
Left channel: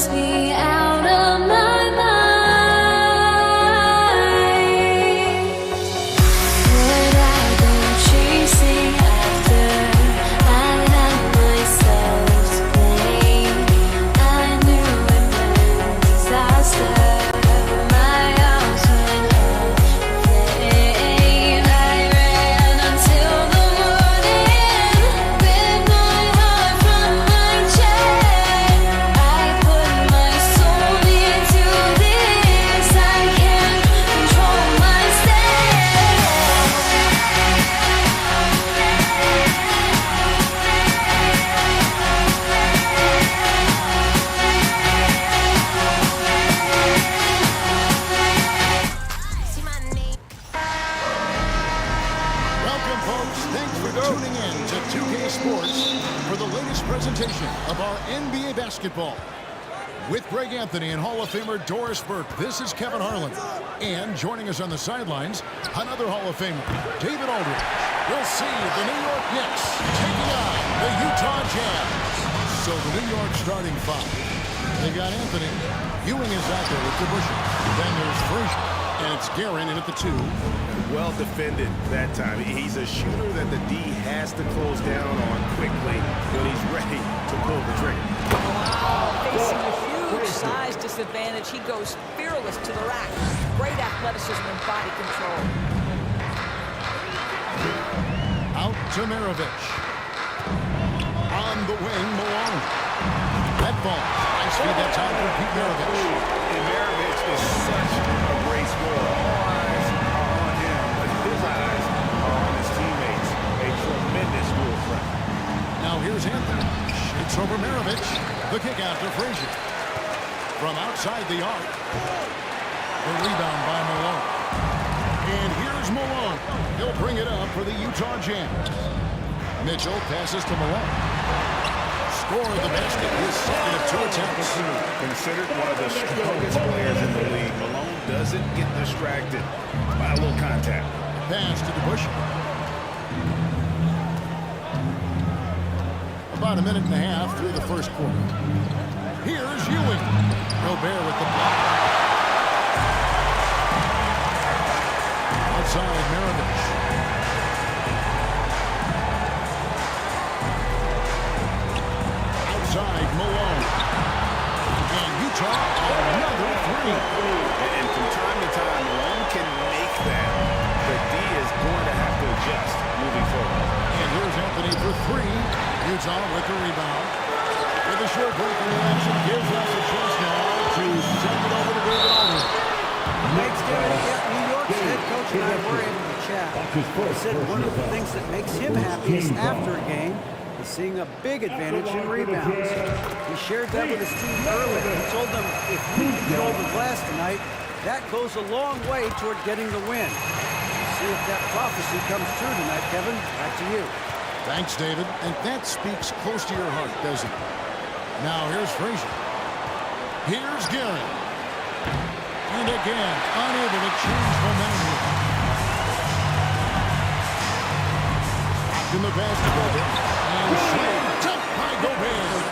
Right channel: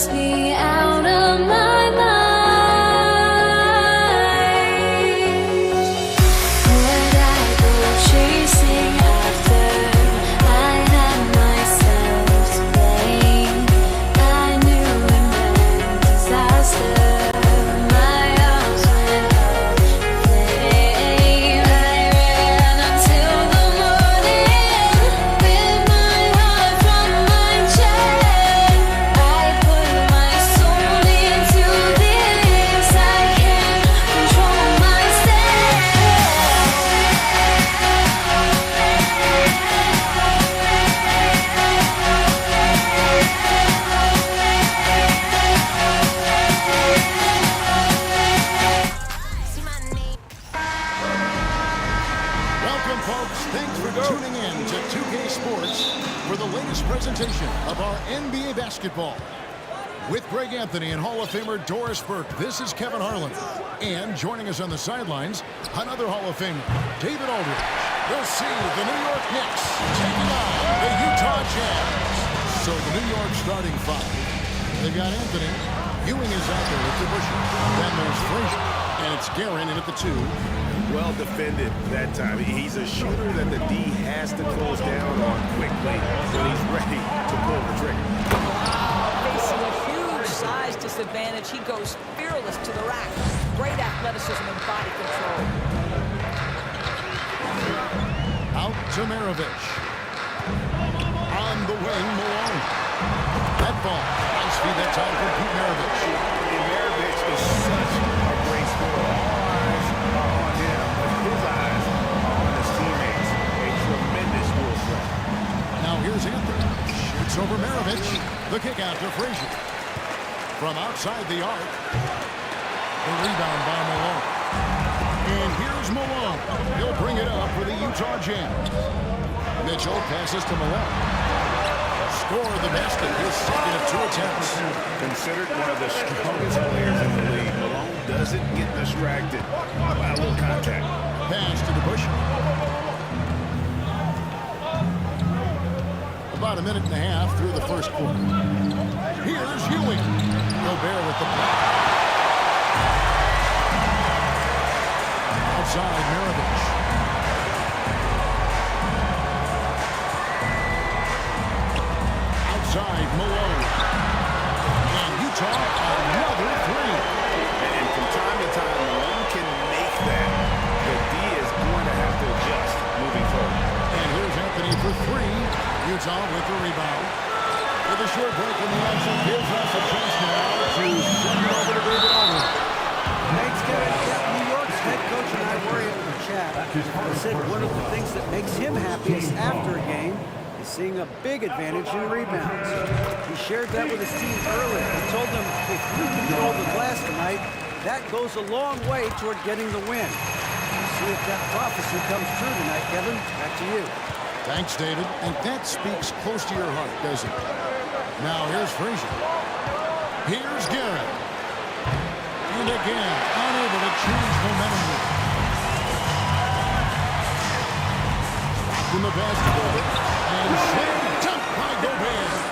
must be out of my mind. Would I go chasing after I had myself to blame? I knew it meant disaster. My house went up in flames. I ran until the morning with my heart from my chest. I put my soul into this. I can't control Welcome, folks. Thanks for tuning in to 2K Sports for the latest presentation of our NBA basketball. With Greg Anthony and Hall of Famer Doris Burke, this is Kevin Harlan. And joining us on the sidelines, another Hall of Famer, David Aldridge. We'll see the New York Knicks taking on the Utah Jazz. So the New York starting five. They've got Anthony. Ewing is out there with DeBusschere. Then there's Frazier. And it's Guerin in at the two. Well defended that time. He's a shooter that the D has to close down on quickly when he's ready to pull the trigger. Wow, facing a huge size disadvantage, he goes fearless to the rack. Great athleticism and body control. Out to Maravich. On the wing, Malone. That ball. Nice feed that time from Pete Maravich. And Maravich is such a great scorer. All eyes are on him, but his eyes are on his teammates. A tremendous dual threat. Now here's Anthony. Shoots over Maravich. The kick out to Frazier. From outside the arc. The rebound by Malone. And here's Malone. He'll bring it up for the Utah Jazz. Mitchell passes to Malone. Scored the basket, his second of 2 attempts. Considered one of the strongest players in the league, Malone doesn't get distracted by a little contact. Pass to DeBusschere. About a minute and a half through the first quarter. Here's Ewing. Gobert with the block. Outside Maravich. Outside Malone. And Utah another three. And from time to time, Malone can make that. The D is going to have to adjust moving forward. And here's Anthony for three. Utah with the rebound. With a short break in the action, gives us a chance now to send it over to David Aldridge. Thanks, Kevin. Yeah, New York's head coach and I were able to chat. He said one of the things that makes him happiest after a game is seeing a big advantage in rebounds. He shared that with his team earlier. He told them, if you control the glass tonight, that goes a long way toward getting the win. We'll see if that prophecy comes true tonight, Kevin. Back to you. Thanks, David. And that speaks close to your heart, doesn't it? Now here's Frazier. Here's Guerin. And again, unable to change momentum here. Stopped in the basketball bit. And slam dunk by Gobert.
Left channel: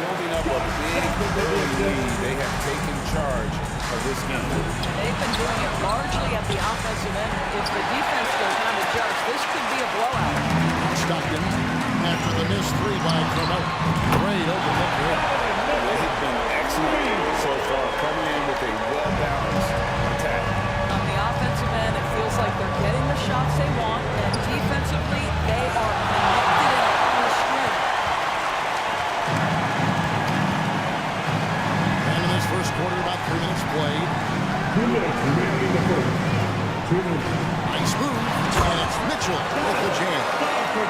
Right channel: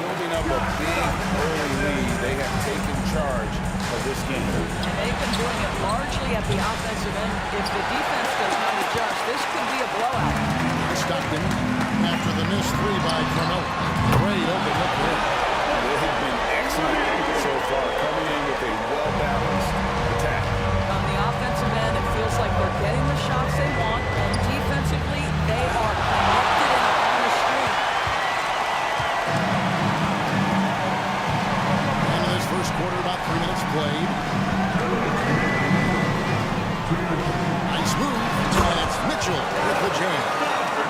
Building up a big early lead, they have taken charge of this game. And they've been doing it largely at the offensive end. If the defense does not adjust, this could be a blowout. Stockton after the missed three by Carmelo. Great open look there. They have been excellent so far, coming in with a well-balanced attack. On the offensive end, it feels like they're getting the shots they want, and defensively, they are connected and on a string. And in this first quarter, about 3 minutes played. Nice move. And it's Mitchell with the jam.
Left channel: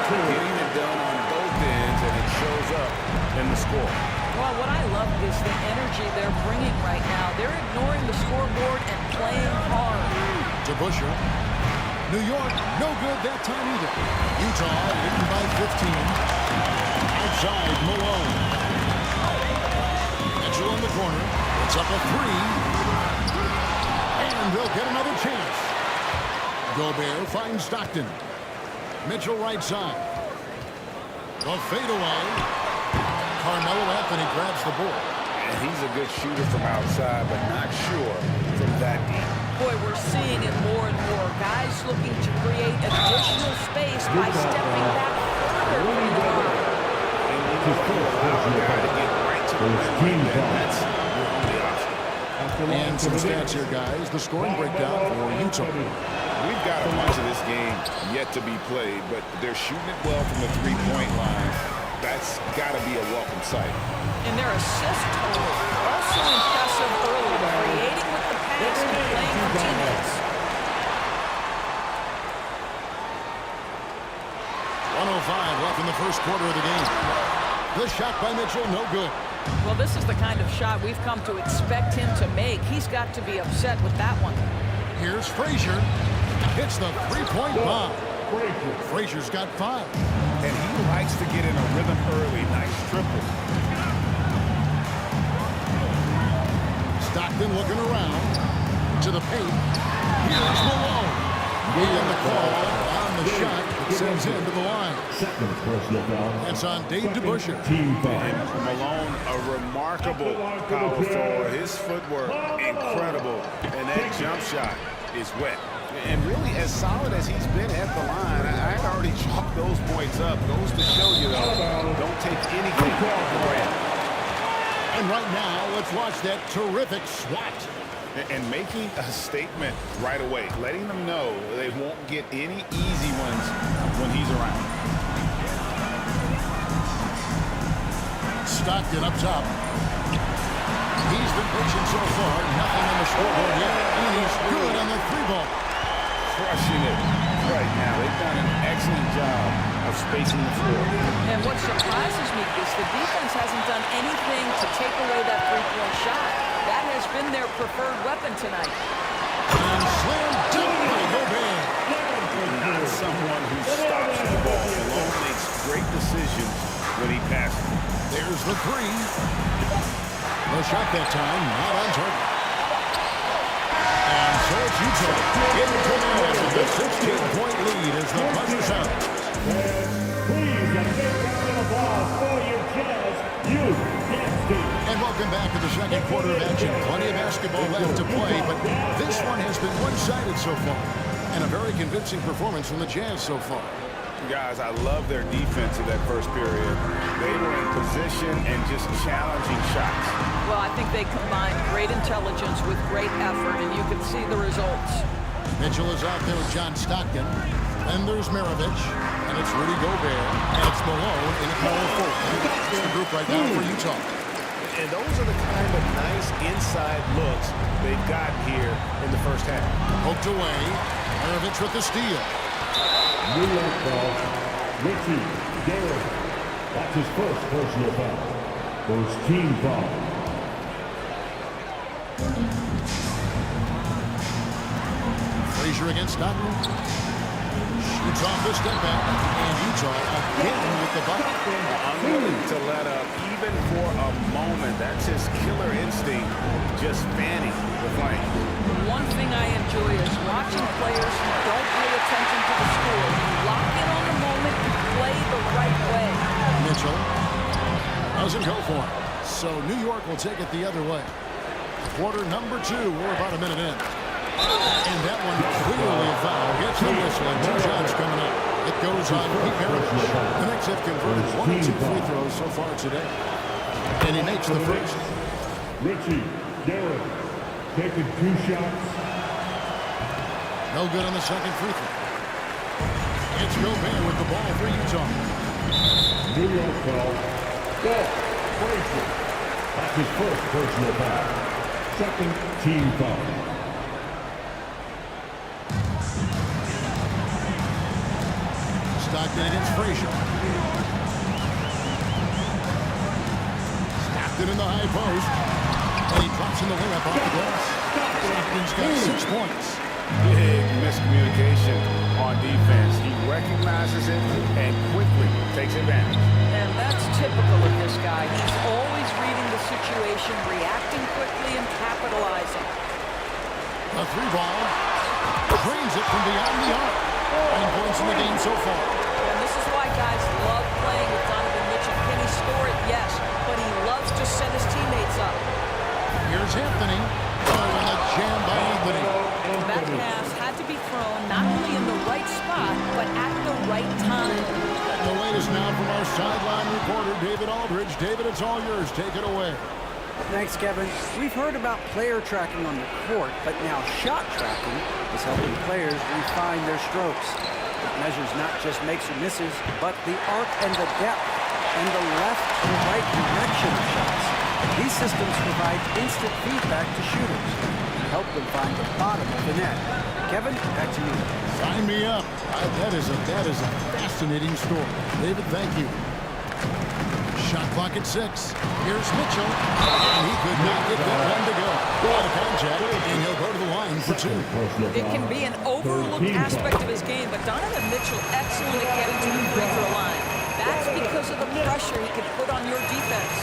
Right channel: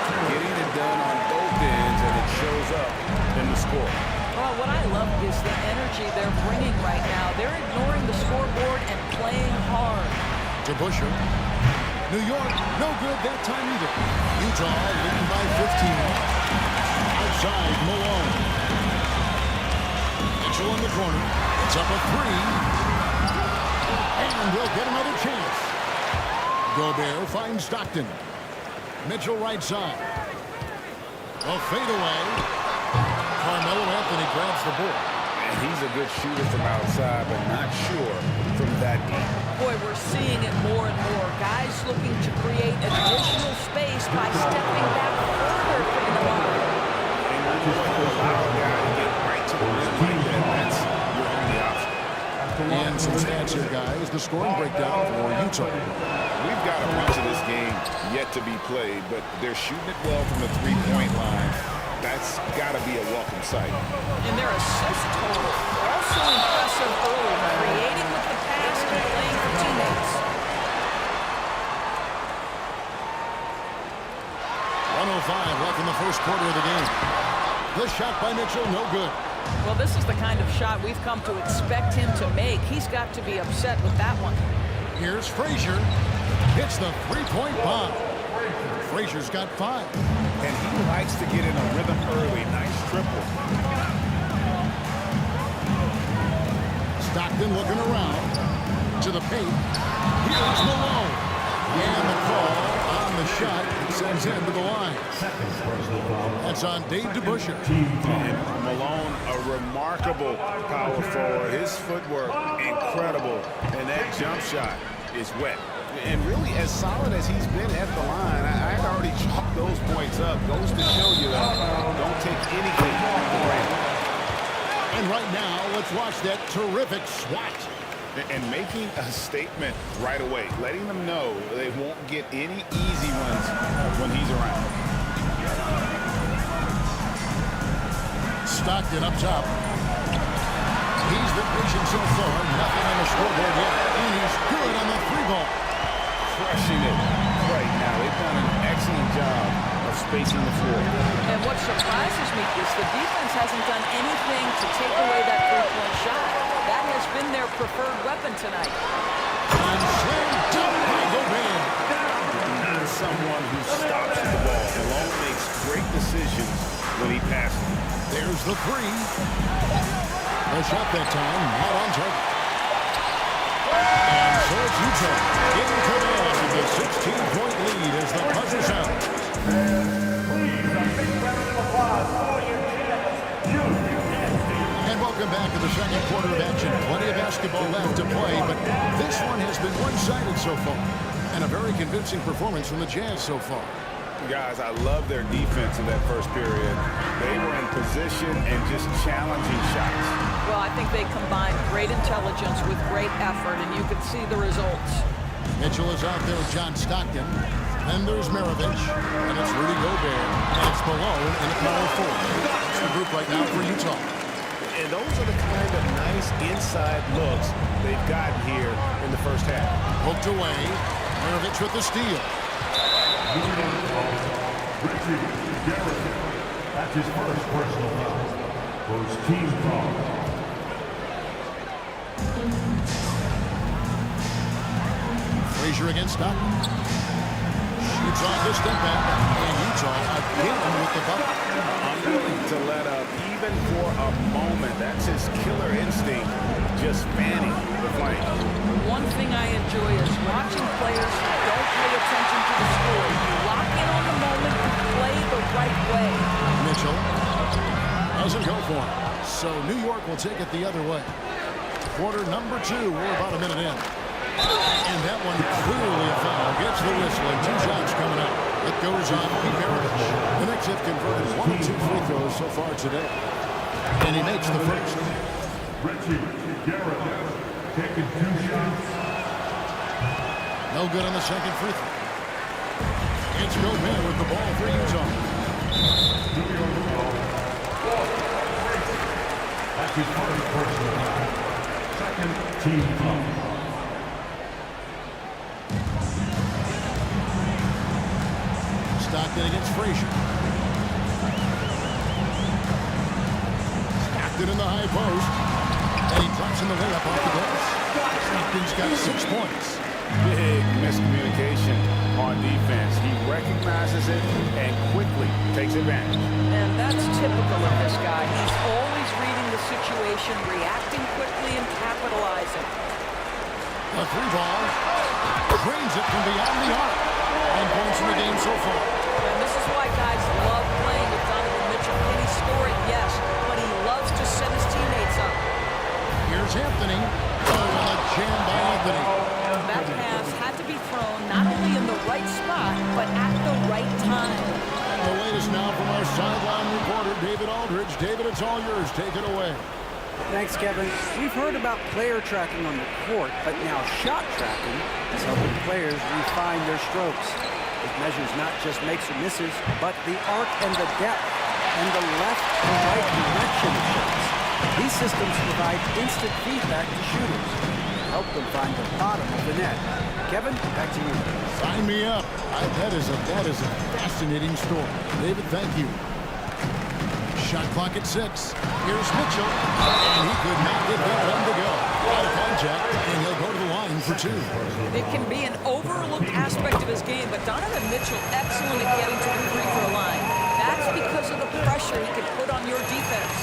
Getting it done on both ends, and it shows up in the score. Well, what I love is the energy they're bringing right now. They're ignoring the scoreboard and playing hard. DeBusschere. New York, no good that time either. Utah leading by 15. Outside, Malone. Mitchell in the corner. It's up a three. And they'll get another chance. Gobert finds Stockton. Mitchell right side. The fadeaway. Carmelo Anthony grabs the board. And he's a good shooter from outside, but not sure from that deep. Boy, we're seeing it more and more. Guys looking to create additional space by stepping back further from the line. And you know what? You allow a guy to get right to the rim like that. That's your only option. And some stats here, guys. The scoring breakdown for Utah. We've got a bunch of this game yet to be played, but they're shooting it well from the three-point line. That's got to be a welcome sight. And their assist total also impressive early, creating with the pass and playing for teammates. 1:05 left in the first quarter of the game. The shot by Mitchell, no good. Well, this is the kind of shot we've come to expect him to make. He's got to be upset with that one. Here's Frazier. Hits the three-point bomb. Frazier's got 5. And he likes to get in a rhythm early. Nice triple. Stockton looking around to the paint. Here's Malone. And the call on the shot that sends him to the line. Second personal foul. That's on Dave DeBusschere. Team foul. And Malone, a remarkable power forward. His footwork, incredible. And that jump shot is wet. And really, as solid as he's been at the line, I'd already chalked those points up. Goes to show you, though, don't take anything for granted. And right now, let's watch that terrific swat. And making a statement right away, letting them know they won't get any easy ones when he's around. Stockton up top. He's been patient so far. Nothing on the scoreboard yet. And he's good on the 3-ball. Crushing it right now. They've done an excellent job of spacing the floor. And what surprises me is the defense hasn't done anything to take away that three-point shot. That has been their preferred weapon tonight. And slam dunk by Gobert. Not someone who stops the ball. Malone makes great decisions when he passes. There's the 3. The shot that time, not on target. And so it's Utah in command with a 16-point lead as the buzzer sounds. Please, a big round of applause for your Jazz University. And welcome back to the second quarter of action. Plenty of basketball left to play, but this one has been one-sided so far. And a very convincing performance from the Jazz so far. Guys, I love their defense in that first period. They were in position and just challenging shots. Well, I think they combined great intelligence with great effort, and you could see the results. Mitchell is out there with John Stockton. Then there's Maravich, and it's Rudy Gobert, and it's Malone in the power forward. It's the group right now for Utah. And those are the kind of nice inside looks they've gotten here in the first half. Poked away. Maravich with the steal. Richie Garrett. That's his first personal foul. First team foul. Frazier against Stockton. Shoots off the step back. And Utah again with the bucket. Unwilling to let up even for a moment. That's his killer instinct, just fanning the flame. One thing I enjoy is watching players who don't pay attention to the score. You lock in on the moment and play the right way. Mitchell doesn't go for it. So New York will take it the other way. Quarter number 2. We're about a minute in. And that one clearly a foul. Gets the whistle and 2 shots coming up. It goes on Pete Maravich. The Knicks have converted 1 of 2 free throws so far today. And he makes the first. Richie Garrett taking 2 shots. No good on the second free throw. It's Gobert with the ball for Utah. New York foul. Frazier. That's his first personal foul. Second team foul. Stockton against Frazier. Stockton in the high post. And he drops in the layup off the glass. Stockton's got 6 points. Big miscommunication on defense. He recognizes it and quickly takes advantage. And that's typical of this guy. He's always reading the situation, reacting quickly, and capitalizing. The 3-ball. Drains it from beyond the arc. 9 points in the game so far. And this is why guys love playing with Donovan Mitchell. Can he score it? Yes. But he loves to set his teammates sets up. Here's Anthony. Oh, and a jam by Anthony. That pass had to be thrown not only in the right spot, but at the right time. And the latest now from our sideline reporter, David Aldridge. David, it's all yours. Take it away. Thanks, Kevin. We've heard about player tracking on the court, but now shot tracking is helping players refine their strokes. It measures not just makes or misses, but the arc and the depth, and the left to right direction of shots. These systems provide instant feedback to shooters, help them find the bottom of the net. Kevin, back to you. Sign me up. That is a fascinating story. David, thank you. Shot clock at 6. Here's Mitchell, and he could not get that one to go. Out of contact, and he'll go to the line for 2. It can be an overlooked aspect of his game, but Donovan Mitchell excellent at getting to the free throw line. That's because of the pressure he can put on your defense.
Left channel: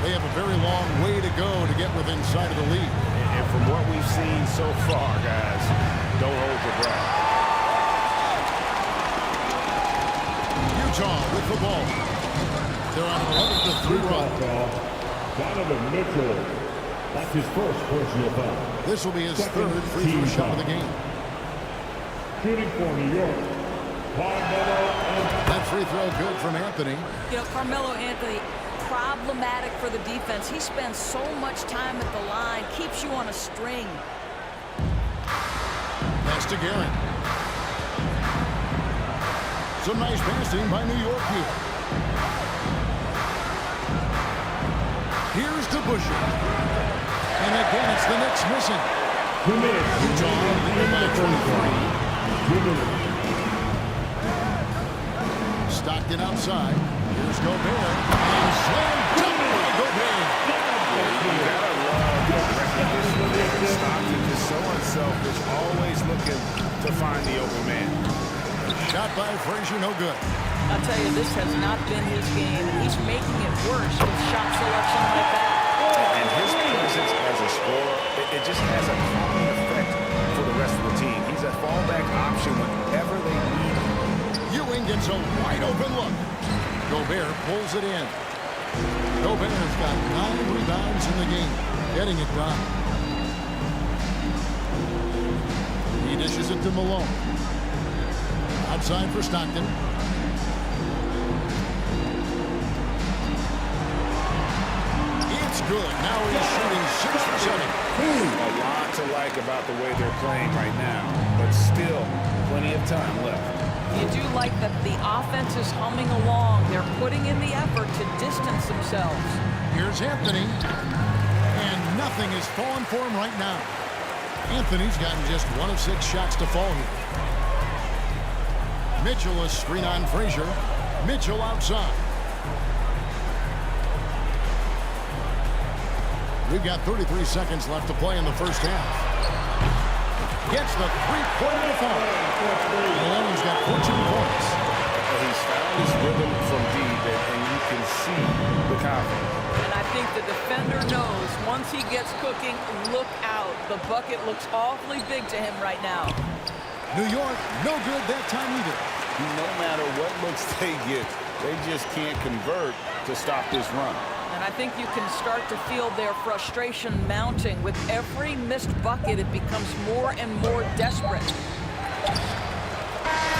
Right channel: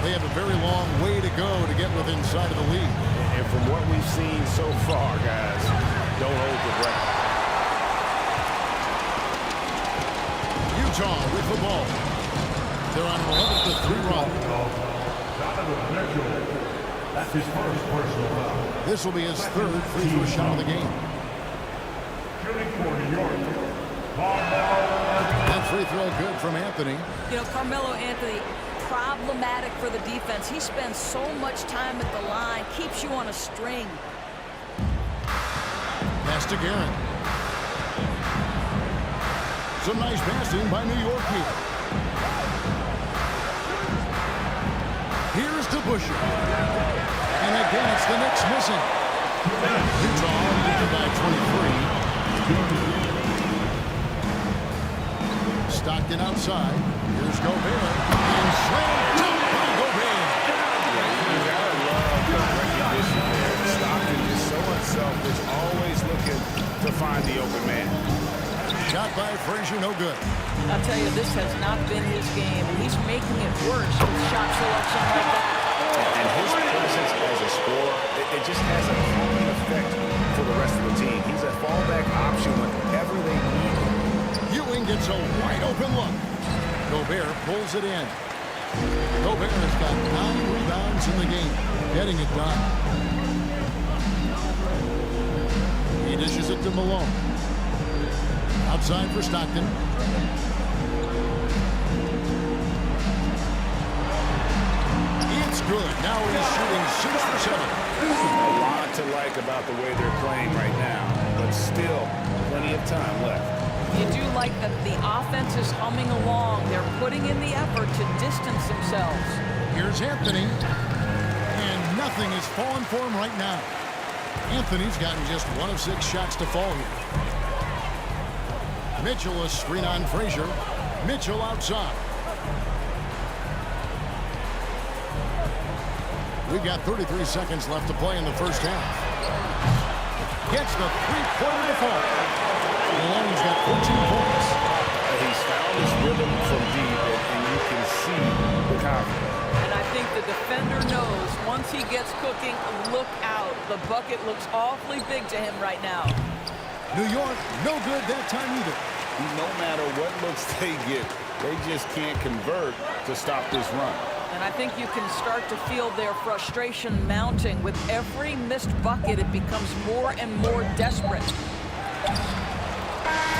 They have a very long way to go to get within sight of the lead. And from what we've seen so far, guys, don't hold your breath. Utah with the ball. They're on an 11-3 run. Donovan Mitchell. That's his first personal foul. This will be his third free throw shot of the game. Shooting for New York, Carmelo Anthony. That free throw good from Anthony. You know, Carmelo Anthony, problematic for the defense. He spends so much time at the line, keeps you on a string. Pass to Guerin. Some nice passing by New York here. Here's DeBusschere. And again, it's the Knicks missing. Utah leading by 23. Stockton outside. Here's Gobert. And slam dunk by Gobert. Yeah, you gotta love the recognition there. Stockton just so unselfish, always looking to find the open man. Shot by Frazier, no good. I'll tell you, this has not been his game, and he's making it worse with shot selection like that. And his presence as a scorer, it just has a calming effect for the rest of the team. He's a fallback option whenever they need him. Ewing gets a wide open look. Gobert pulls it in. Gobert's got 9 rebounds in the game, getting it done. He dishes it to Malone. Outside for Stockton. It's good. Now he's shooting 6 for 7. A lot to like about the way they're playing right now, but still plenty of time left. You do like that the offense is humming along. They're putting in the effort to distance themselves. Here's Anthony. And nothing is falling for him right now. Anthony's gotten just 1 of 6 shots to fall here. Mitchell, a screen on Frazier. Mitchell outside. We've got 33 seconds left to play in the first half. Gets the three-pointer to fall. Malone's got 14 points. He's found his rhythm from deep, and you can see the confidence. And I think the defender knows once he gets cooking, look out. The bucket looks awfully big to him right now. New York, no good that time either. No matter what looks they get, they just can't convert to stop this run. And I think you can start to feel their frustration mounting. With every missed bucket, it becomes more and more desperate.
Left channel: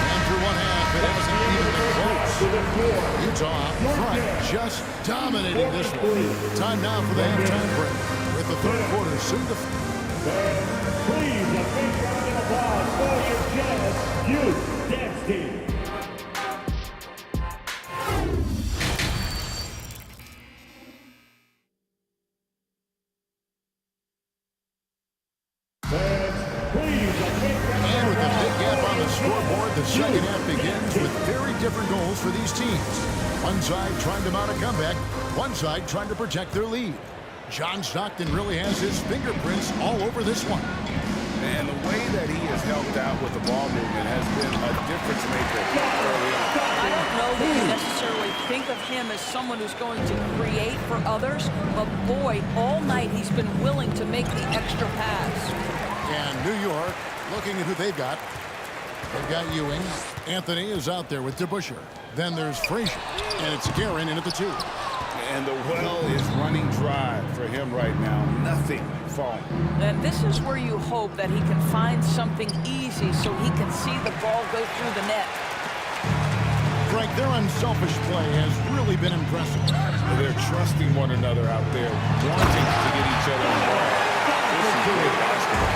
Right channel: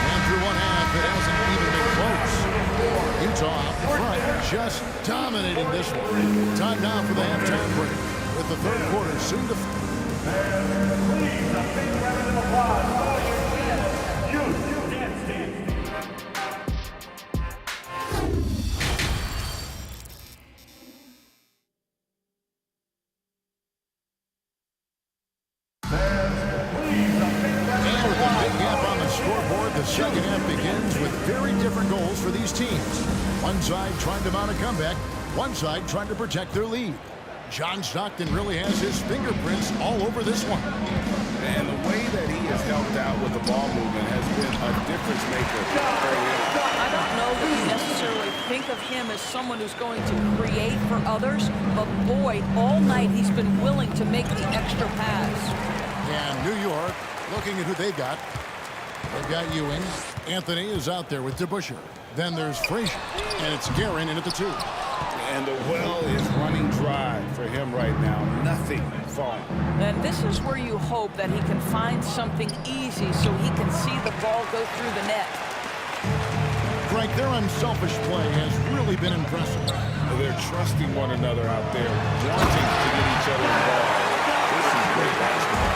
And through one half, it hasn't even been close. Utah out in front, just dominating this one. Time now for the halftime break, with the third quarter soon to... Please, a big round of applause for your Jazz Youth Dance Team. And with a big gap on the scoreboard, the second half begins with very different goals for these teams. One side trying to mount a comeback, one side trying to protect their lead. John Stockton really has his fingerprints all over this one. And the way that he has helped out with the ball movement has been a difference maker early on. I don't know that you necessarily think of him as someone who's going to create for others, but boy, all night he's been willing to make the extra pass. And New York, looking at who they've got. They've got Ewing. Anthony is out there with DeBusschere. Then there's Frazier. And it's Guerin in at the 2. And the well is running dry for him right now. Nothing falling. And this is where you hope that he can find something easy so he can see the ball go through the net. Frank, their unselfish play has really been impressive. They're trusting one another out there, wanting to get each other involved. This is great basketball.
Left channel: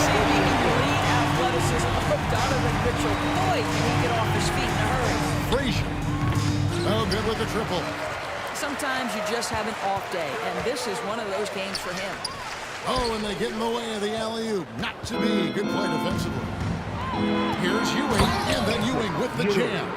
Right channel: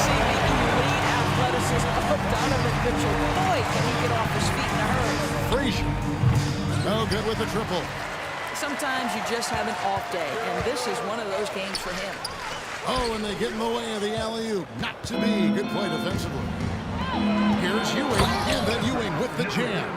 See the elite athleticism of Donovan Mitchell. Boy, can he get off his feet in a hurry. Frazier. Oh, good with the triple. Sometimes you just have an off day, and this is one of those games for him. Oh, and they get in the way of the alley-oop. Not to be. Good play defensively. Here's Ewing, and then Ewing with the jam.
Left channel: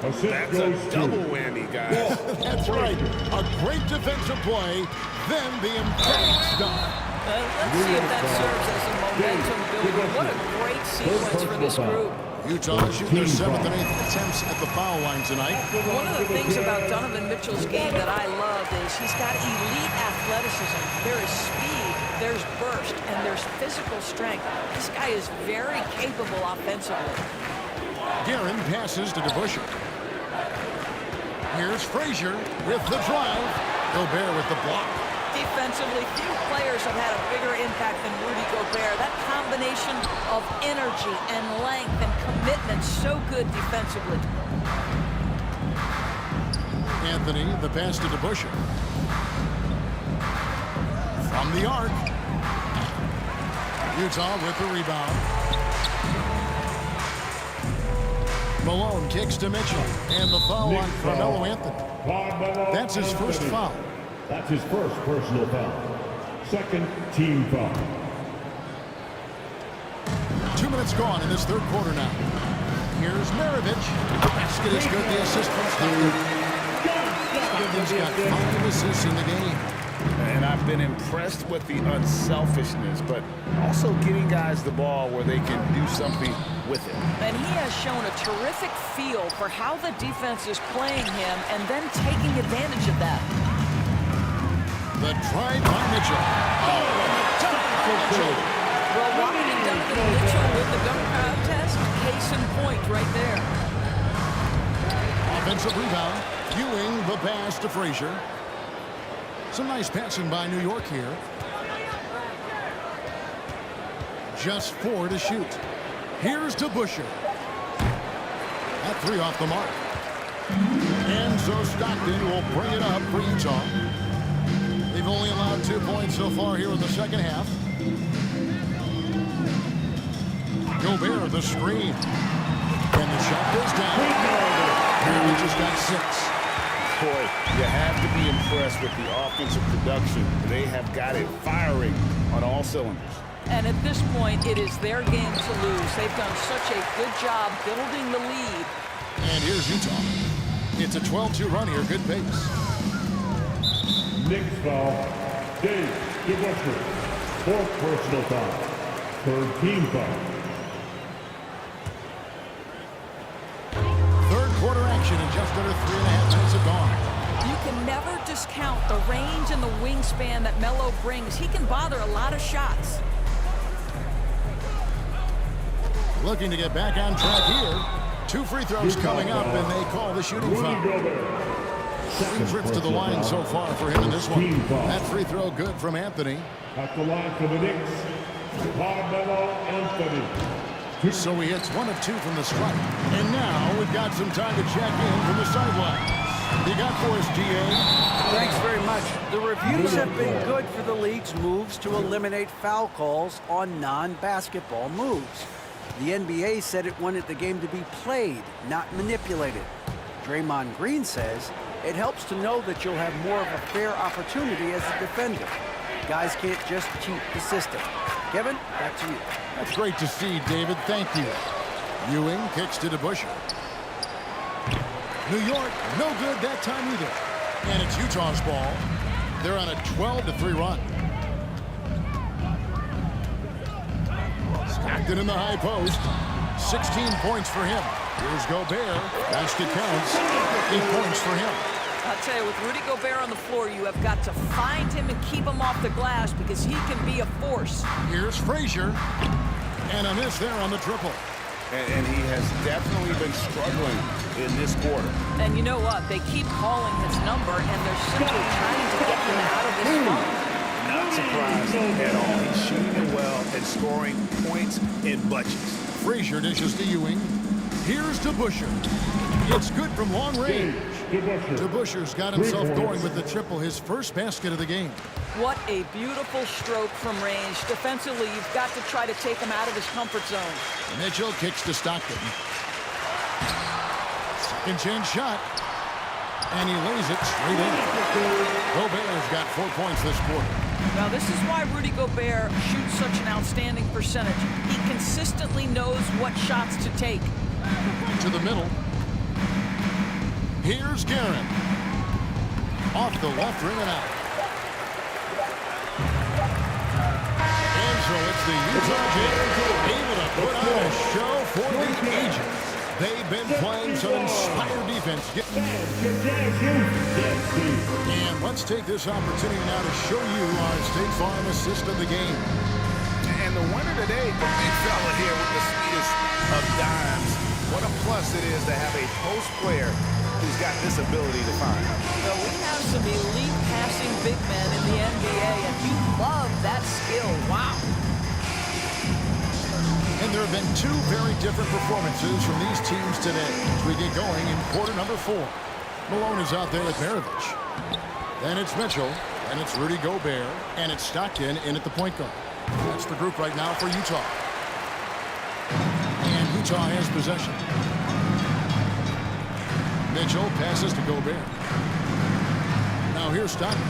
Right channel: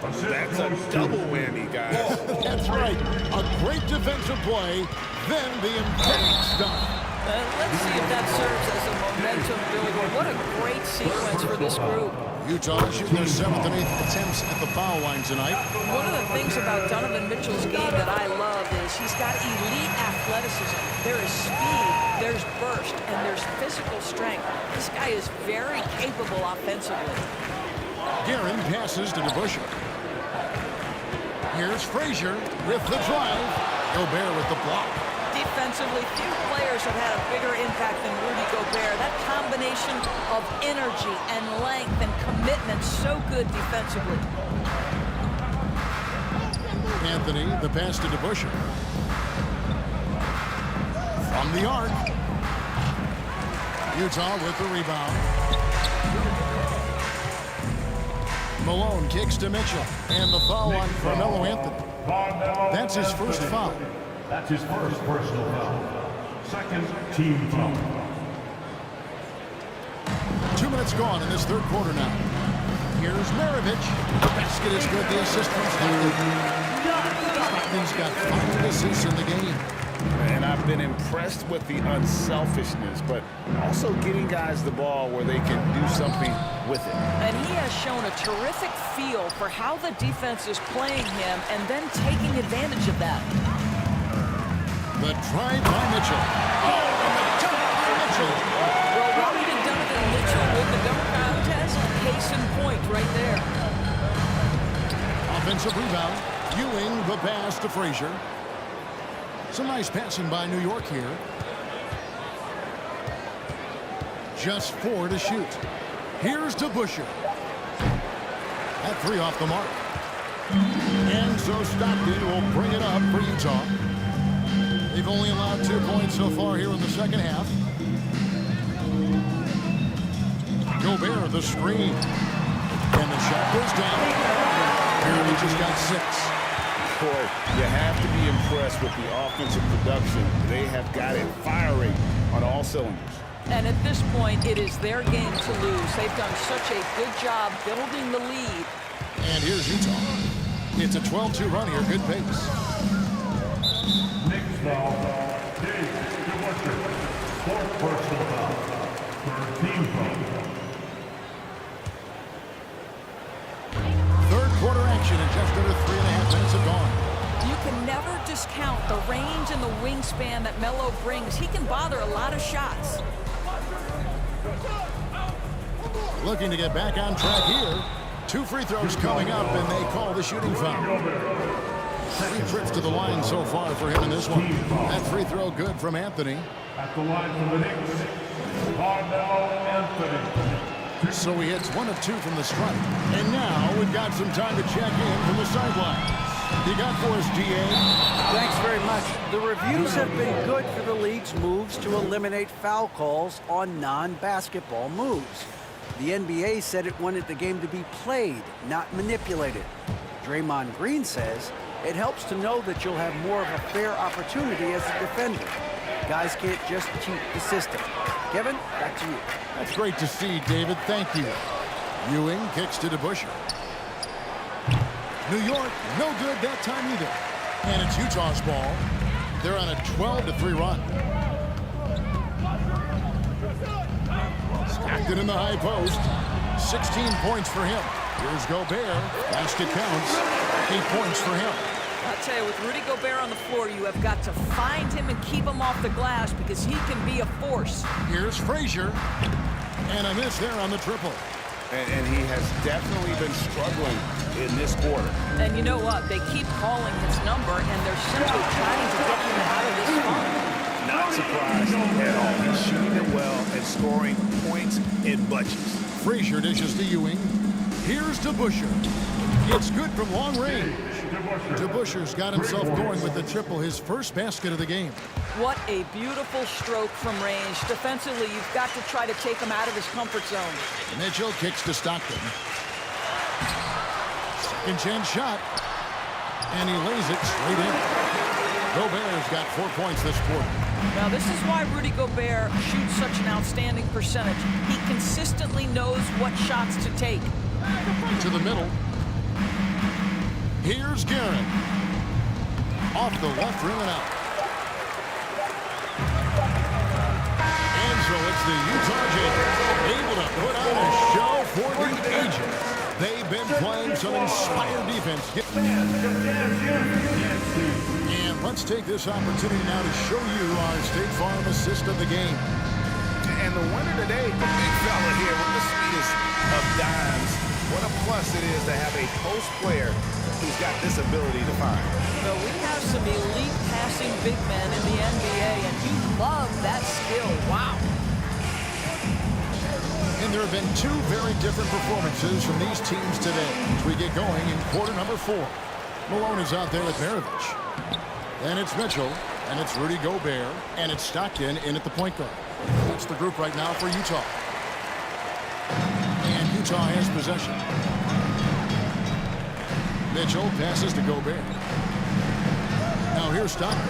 That's a double whammy, guys. That's right. A great defensive play, then the emphatic stuff. Let's see if that serves as a momentum builder. What a great sequence for this group. Utah shooting their 7th and 8th attempts at the foul line tonight. One of the things about Donovan Mitchell's game that I love is he's got elite athleticism. There is speed, there's burst, and there's physical strength. This guy is very capable offensively. Guerin passes to DeBusschere. Here's Frazier with the drive. Gobert with the block. Defensively, few players have had a bigger impact than Rudy Gobert. That combination of energy and length and commitment, so good defensively. Anthony, the pass to DeBusschere. From the arc. Utah with the rebound. Malone kicks to Mitchell. And the foul on Carmelo Anthony. That's his first foul. That's his first personal foul. Second team foul. 2 minutes gone in this third quarter now. Here's Maravich. The basket is good. The assist from Stockton. Stockton's got 5 assists in the game. And I've been impressed with the unselfishness, but also getting guys the ball where they can do something with it. And he has shown a terrific feel for how the defense is playing him and then taking advantage of that. The drive by Mitchell. Oh, and the dunk by Mitchell. Well, why did Donovan Mitchell win the dunk contest? Case in point right there. Offensive rebound. Ewing the pass to Frazier. Some nice passing by New York here. Just 4 to shoot. Here's DeBusschere. That 3 off the mark. And so Stockton will bring it up for Utah. They've only allowed 2 points so far here in the second half. Gobert, the screen. And the shot goes down. Apparently just got 6. Boy, you have to be impressed with the offensive production. They have got it firing on all cylinders. And at this point, it is their game to lose. They've done such a good job building the lead. And here's Utah. It's a 12-2 run here. Good pace. Next foul, Dave DeBusschere. 4th personal foul. 3rd team foul. Third quarter action and just under 3.5 minutes have gone. You can never discount the range and the wingspan that Melo brings. He can bother a lot of shots. Looking to get back on track here. 2 free throws coming up, and they call the shooting foul. 3 trips to the line so far for him in this one. That free throw good from Anthony. At the line for the Knicks, Carmelo Anthony. So he hits 1 of 2 from the stripe. And now we've got some time to check in from the sidelines. You got for us, DA? Thanks very much. The reviews have been good for the league's moves to eliminate foul calls on non-basketball moves. The NBA said it wanted the game to be played, not manipulated. Draymond Green says it helps to know that you'll have more of a fair opportunity as a defender. Guys can't just cheat the system. Kevin, back to you. That's great to see, David. Thank you. Ewing kicks to DeBusschere. New York, no good that time either. And it's Utah's ball. They're on a 12-3 run. Stockton in the high post. 16 points for him. Here's Gobert. Basket counts. 8 points for him. I'll tell you, with Rudy Gobert on the floor, you have got to find him and keep him off the glass because he can be a force. Here's Frazier. And a miss there on the triple. And he has definitely been struggling in this quarter. And you know what? They keep calling his number, and they're simply trying to get him out of this funk. Not surprised at all. He's shooting it well and scoring points in bunches. Frazier dishes to Ewing. Here's DeBusschere. It's good from long range. DeBusschere's got himself going with the triple, his first basket of the game. What a beautiful stroke from range. Defensively, you've got to try to take him out of his comfort zone. Mitchell kicks to Stockton. Second chance shot. And he lays it straight in. Gobert's got 4 points this quarter. Now, this is why Rudy Gobert shoots such an outstanding percentage. He consistently knows what shots to take. To the middle. Here's Guerin. Off the left rim and out. And so it's the Utah Jazz able to put on a show for the Agents. They've been playing some inspired defense. And let's take this opportunity now to show you our State Farm assist of the game. And the winner today, the big fella here with the sweetest of dimes. What a plus it is to have a post player who's got this ability to find. Well, we have some elite passing big men in the NBA, and you love that skill. Wow. And there have been two very different performances from these teams today as we get going in quarter number 4. Malone is out there with Maravich. Then it's Mitchell, and it's Rudy Gobert, and it's Stockton in at the point guard. That's the group right now for Utah. And Utah has possession. Mitchell passes to Gobert. Now here's Stockton.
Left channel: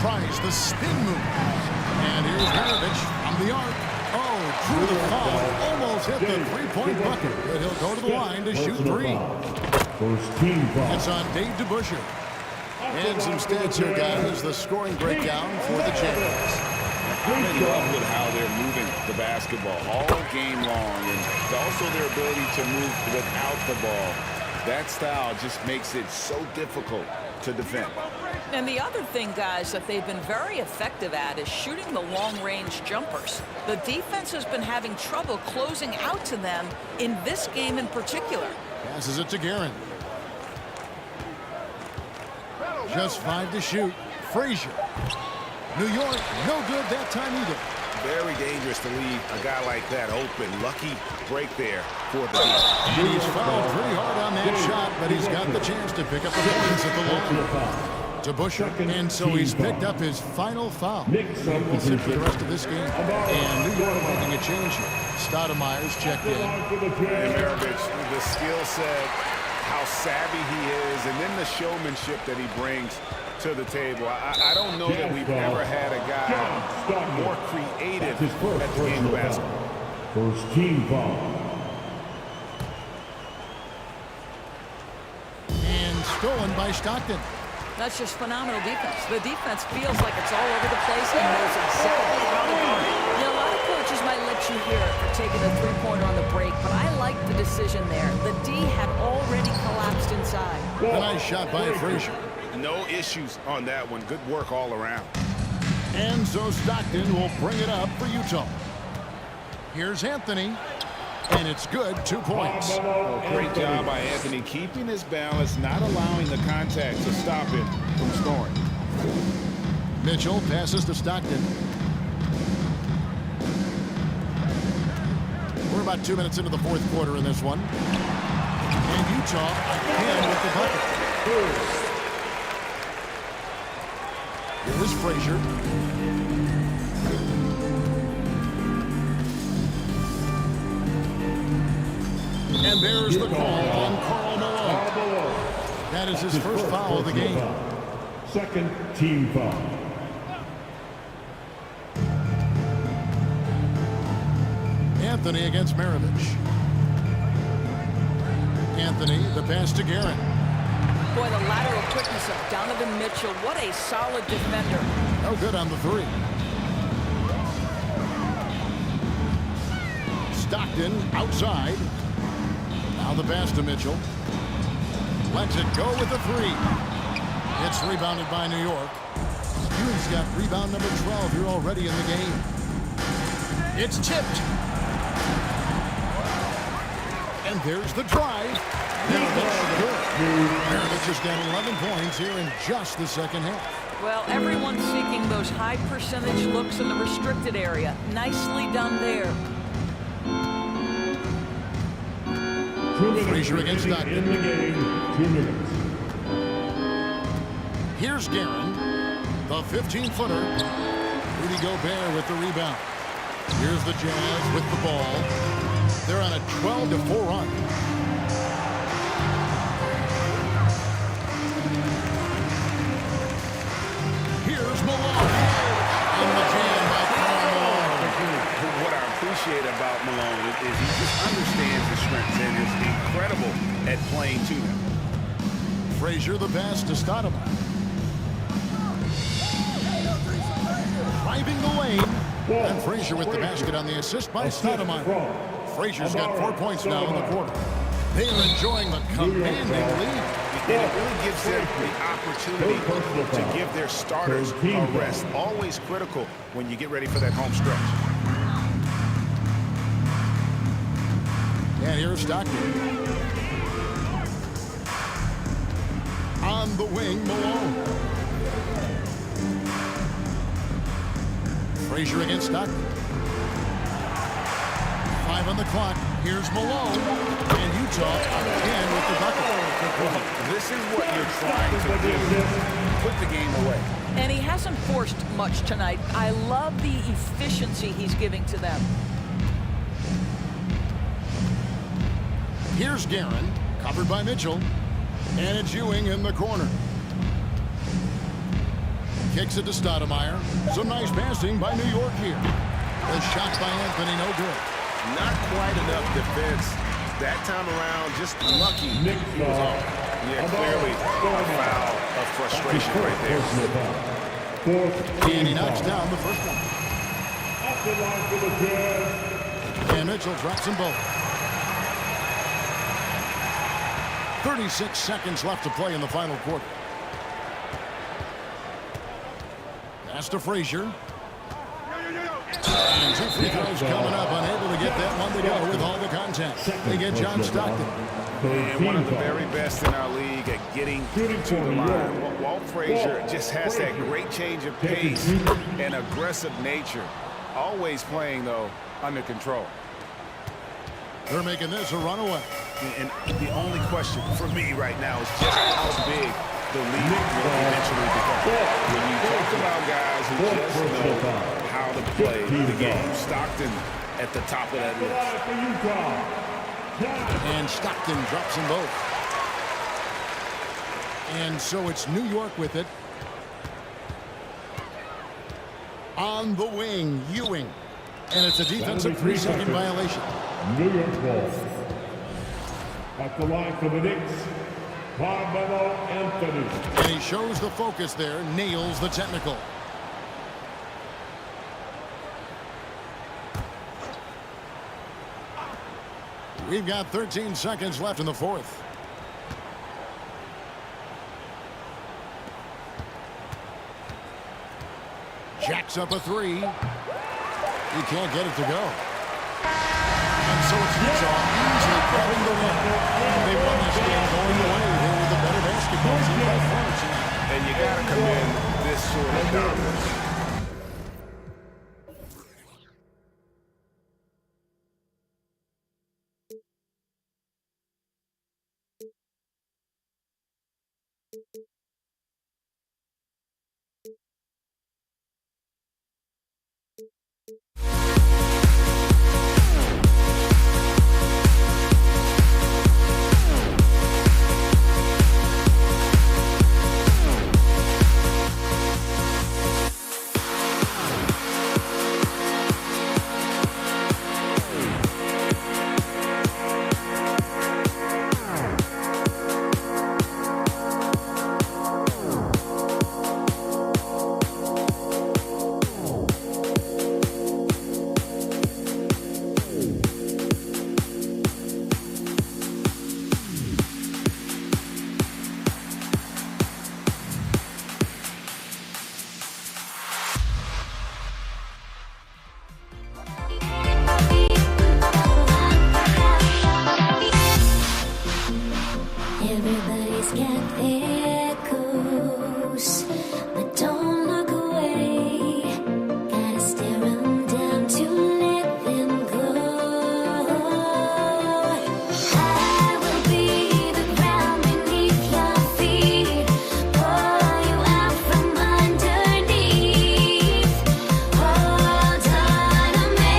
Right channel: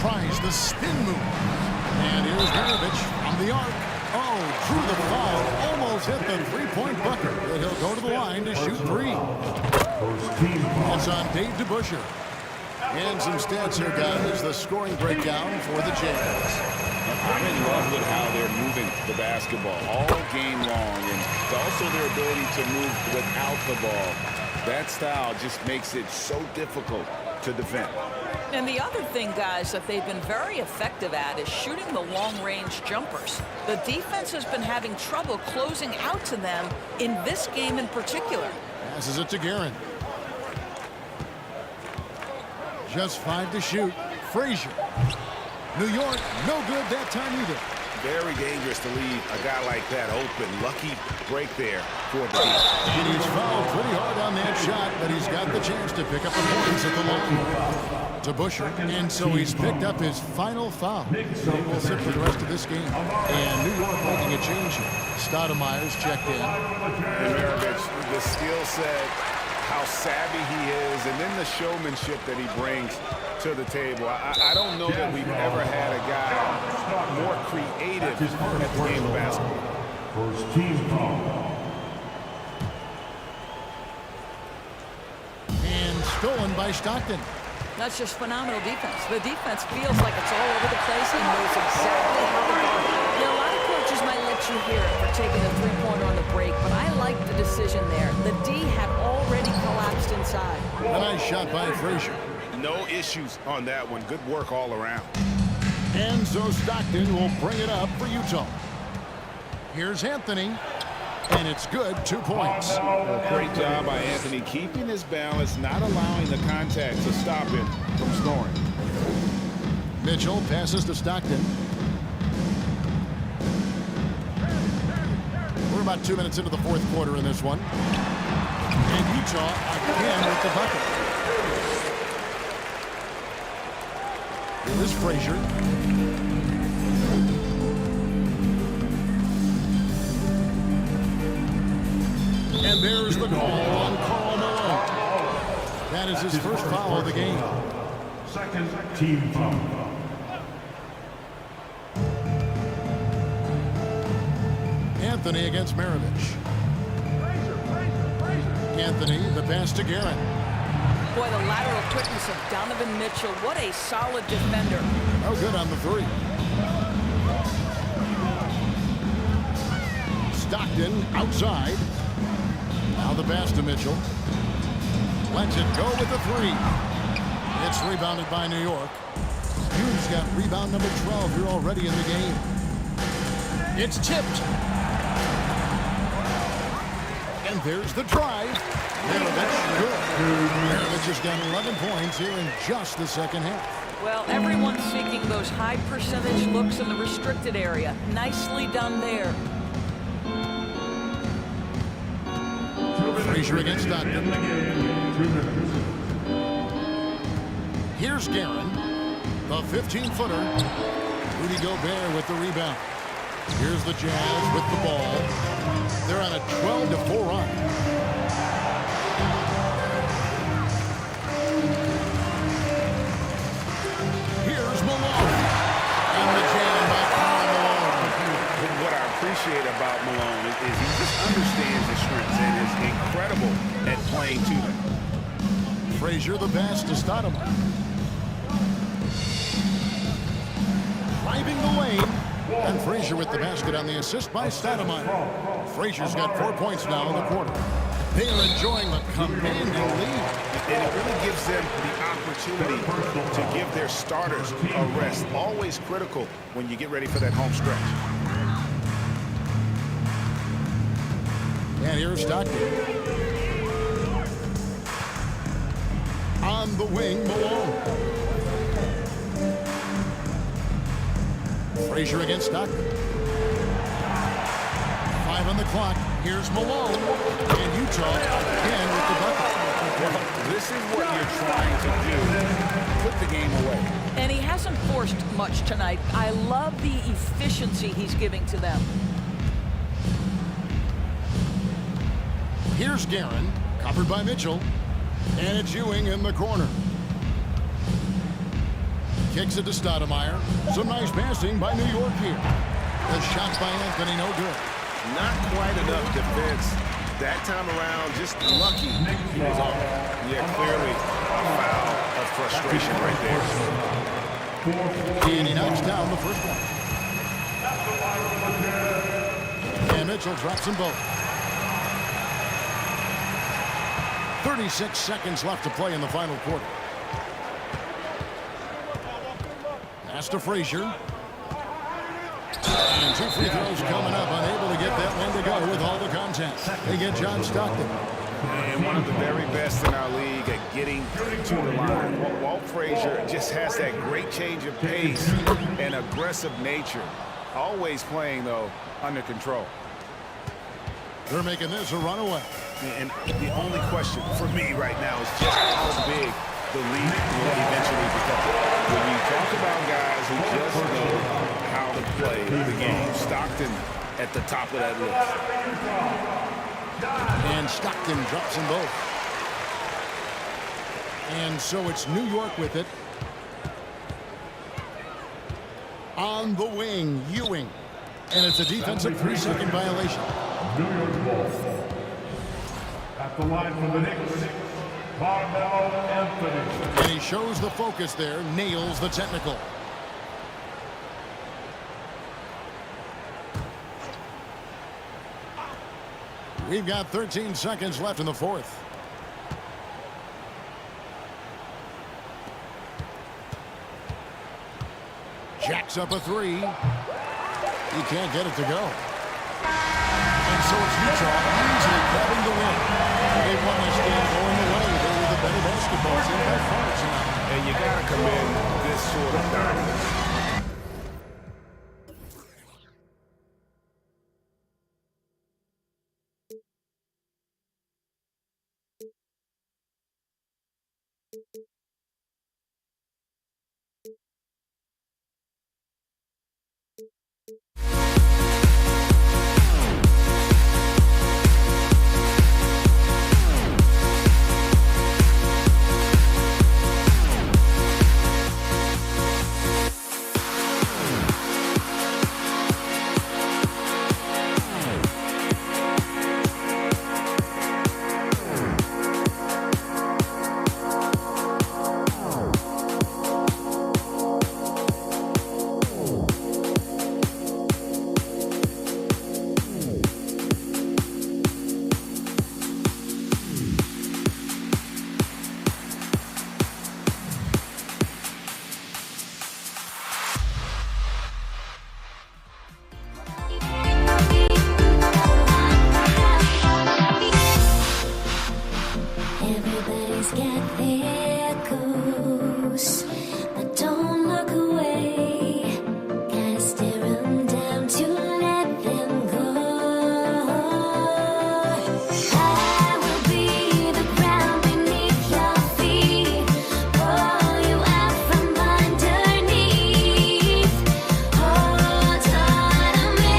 Tries the spin move. And here's Maravich from the arc. Oh, drew the foul. Almost hit the three-point bucket. But he'll go to the line to shoot 3. It's on Dave DeBusschere. And some stats here, guys. The scoring breakdown for the Jazz. I'm in love with how they're moving the basketball all game long, and also their ability to move without the ball. That style just makes it so difficult to defend. And the other thing, guys, that they've been very effective at is shooting the long-range jumpers. The defense has been having trouble closing out to them in this game in particular. Passes it to Guerin. Just 5 to shoot. Frazier. New York, no good that time either. Very dangerous to leave a guy like that open. Lucky break there for the team. And he's fouled pretty hard on that shot, but he's got the chance to pick up the points at the line. DeBusschere, and so he's picked up his final foul. He will sit for the rest of this game. And New York making a change here. Stoudemire's checked in. And Maravich, the skill set, how savvy he is, and then the showmanship that he brings to the table. I don't know that we've ever had a guy more creative at the game of basketball. First team foul. And stolen by Stockton. That's just phenomenal defense. The defense feels like it's all over the place and knows exactly how to guard it. Now, a lot of coaches might let you hear it for taking the three-pointer on the break, but I like the decision there. The D had already collapsed inside. A nice shot by Frazier. No issues on that one. Good work all around. And so Stockton will bring it up for Utah. Here's Anthony. And it's good, 2 points. Well, great job by Anthony keeping his balance, not allowing the contact to stop him from scoring. Mitchell passes to Stockton. We're about 2 minutes into the fourth quarter in this one. And Utah again with the bucket. Here is Frazier. And there's the call on Karl Malone. That is his first foul of the game. Second team foul. Anthony against Maravich. Anthony, the pass to Guerin. Boy, the lateral quickness of Donovan Mitchell. What a solid defender. No good on the 3. Stockton outside. Now the pass to Mitchell. Lets it go with the 3. It's rebounded by New York. Ewing's got rebound number 12 here already in the game. It's tipped. And there's the drive. Maravich, good. Maravich has got 11 points here in just the second half. Well, everyone's seeking those high percentage looks in the restricted area. Nicely done there. Frazier against Stockton. 2 minutes. Here's Guerin, the 15-footer. Rudy Gobert with the rebound. Here's the Jazz with the ball. They're on a 12-4 run. Here's Malone. And the jam by Karl Malone. What I appreciate about Malone is he just understands his strengths and is incredible at playing to them. Frazier the pass to Stoudemire. Driving the lane. And Frazier with the basket on the assist by Stoudemire. Frazier's got 4 points now in the quarter. They are enjoying the commanding lead. And it really gives them the opportunity to give their starters a rest. Always critical when you get ready for that home stretch. And here's Stockton. On the wing, Malone. Frazier against Stockton. 5 on the clock. Here's Malone. And Utah again with the bucket. Well, this is what you're trying to do. Put the game away. And he hasn't forced much tonight. I love the efficiency he's giving to them. Here's Guerin, covered by Mitchell. And it's Ewing in the corner. Kicks it to Stoudemire. Some nice passing by New York here. The shot by Anthony, no good. Not quite enough defense that time around. Just lucky he was off. Yeah, clearly a foul of frustration right there. And he knocks down the first one. And Mitchell drops them both. 36 seconds left to play in the final quarter. Pass to Frazier. And 2 free throws coming up. Unable to get that one to go with all the contact. They get John Stockton. And one of the very best in our league at getting to the line. Walt Frazier just has that great change of pace and aggressive nature. Always playing, though, under control. They're making this a runaway. And the only question for me right now is just how big the lead will eventually become. When you talk about guys who just know how to play the game, Stockton at the top of that list. And Stockton drops them both. And so it's New York with it. On the wing, Ewing. And it's a defensive 3-second violation. New York ball. At the line for the Knicks, Carmelo Anthony. And he shows the focus there, nails the technical. We've got 13 seconds left in the fourth. Jacks up a 3. He can't get it to go. And so it's Utah easily grabbing the win. They won this game going away. They were the better basketball team by far tonight. And you got to commend this sort of dominance. there goes. But don't look away. Gotta stare 'em down to let them go. I will be the ground beneath your feet. Pull you out from underneath. Hold on to me.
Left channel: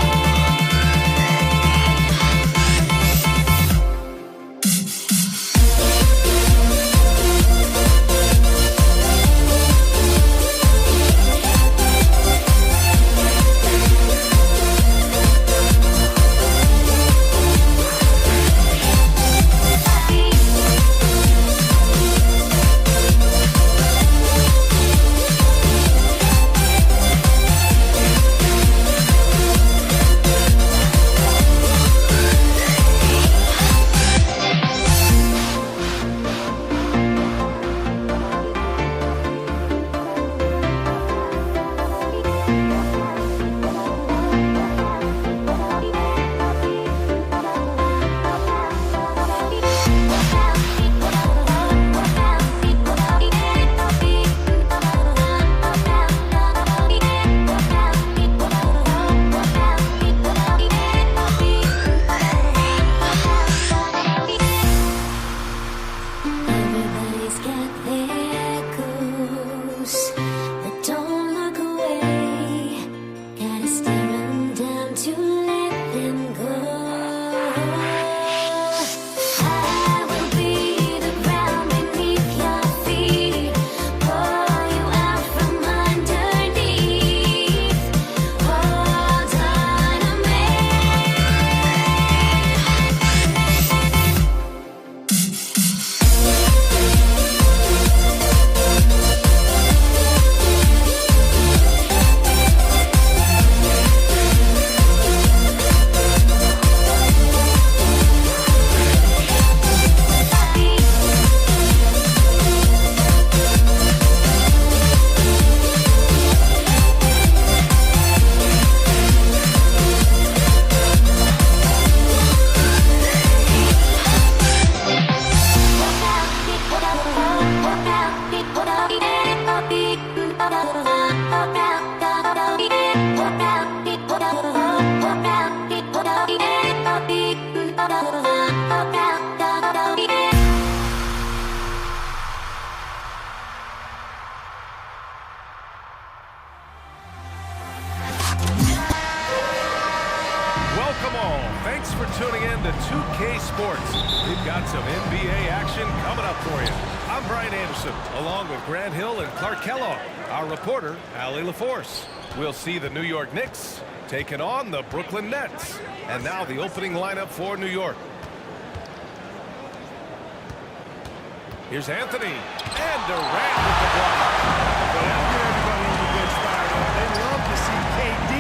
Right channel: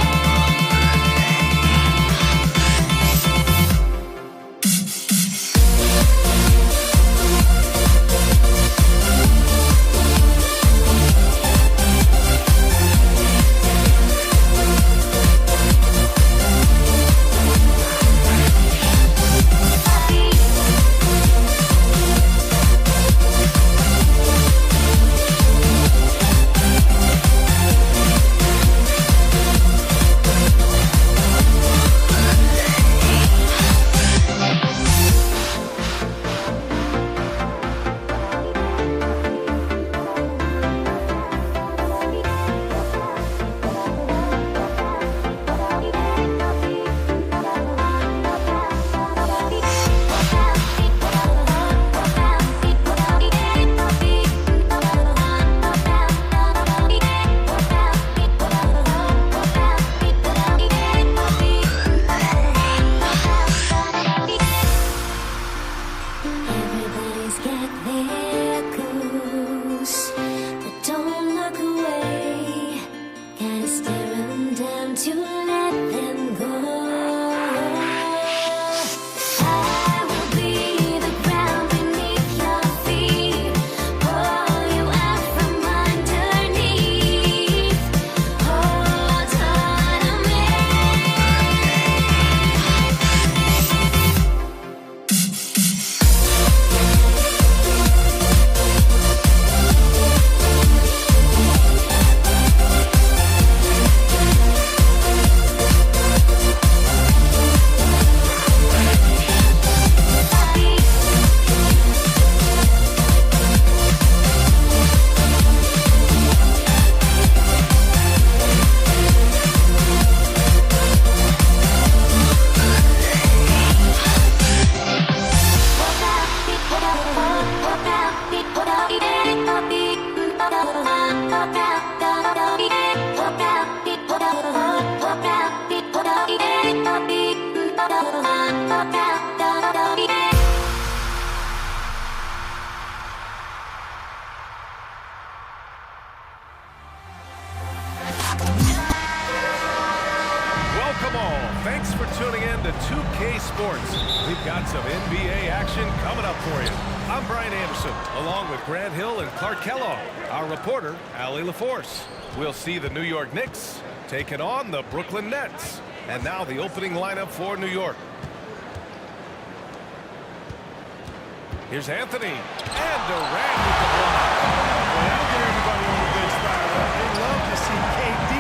Everybody's got their goals, but don't look away. Gotta stare 'em down to let them go. I will be the ground beneath your feet. Pull you out from underneath. Hold on to me. Welcome all. Thanks for tuning in to 2K Sports. We've got some NBA action coming up for you. I'm Brian Anderson, along with Grant Hill and Clark Kellogg. Our reporter, Allie LaForce. We'll see the New York Knicks taking on the Brooklyn Nets. And now the opening lineup for New York. Here's Anthony and Durant with the block. Well, that'll get everybody on the bench fired up. They love to see KD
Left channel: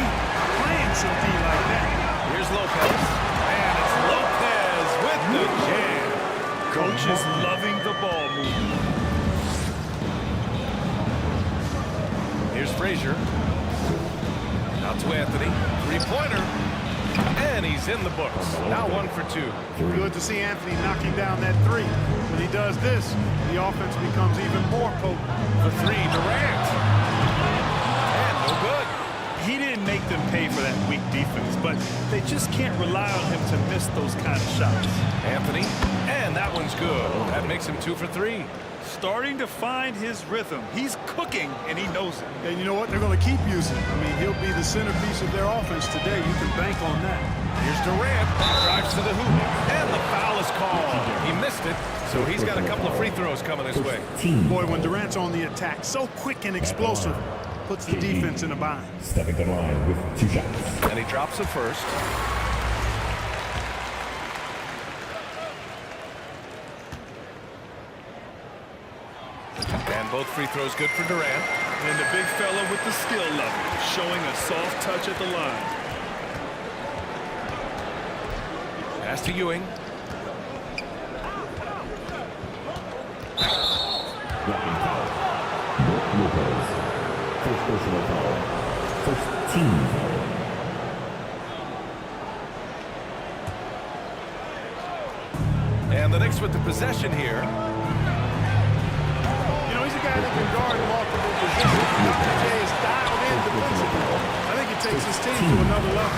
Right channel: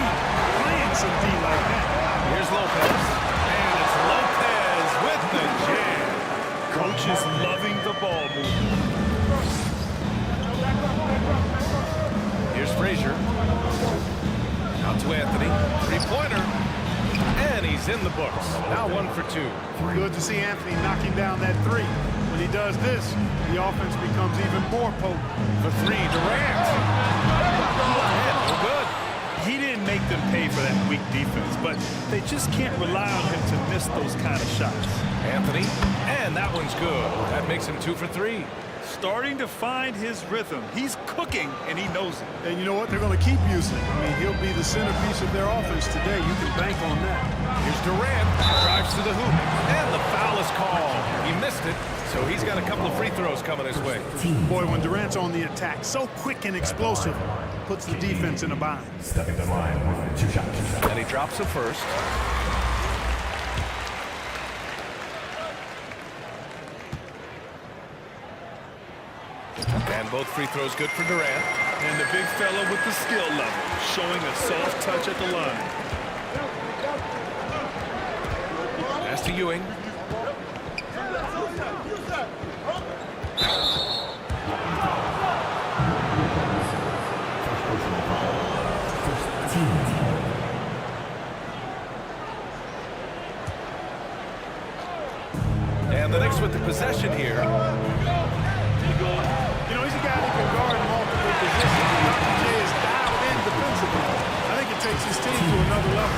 playing some D like that. Here's Lopez, and it's Lopez with the jam. Coach is loving the ball movement. Here's Frazier. Out to Anthony. Three-pointer. And he's in the books. Now 1 for 2. Good to see Anthony knocking down that three. When he does this, the offense becomes even more potent. For 3, Durant. And no good. He didn't make them pay for that weak defense, but they just can't rely on him to miss those kind of shots. Anthony, and that one's good. That makes him 2 for 3. Starting to find his rhythm. He's cooking, and he knows it. And you know what? They're going to keep using it. I mean, he'll be the centerpiece of their offense today. You can bank on that. Here's Durant, drives to the hoop, and the foul is called. He missed it, so he's got a couple of free throws coming his way. Boy, when Durant's on the attack, so quick and explosive, puts the defense in a bind. Stepping to the line with 2 shots. And he drops the first. And both free throws good for Durant. And the big fella with the skill level, showing a soft touch at the line. Pass to Ewing. First personal foul. First team foul. And the Knicks with the possession here. multiple positions. And Dr. J is dialed in defensively. I think it takes his team to another level.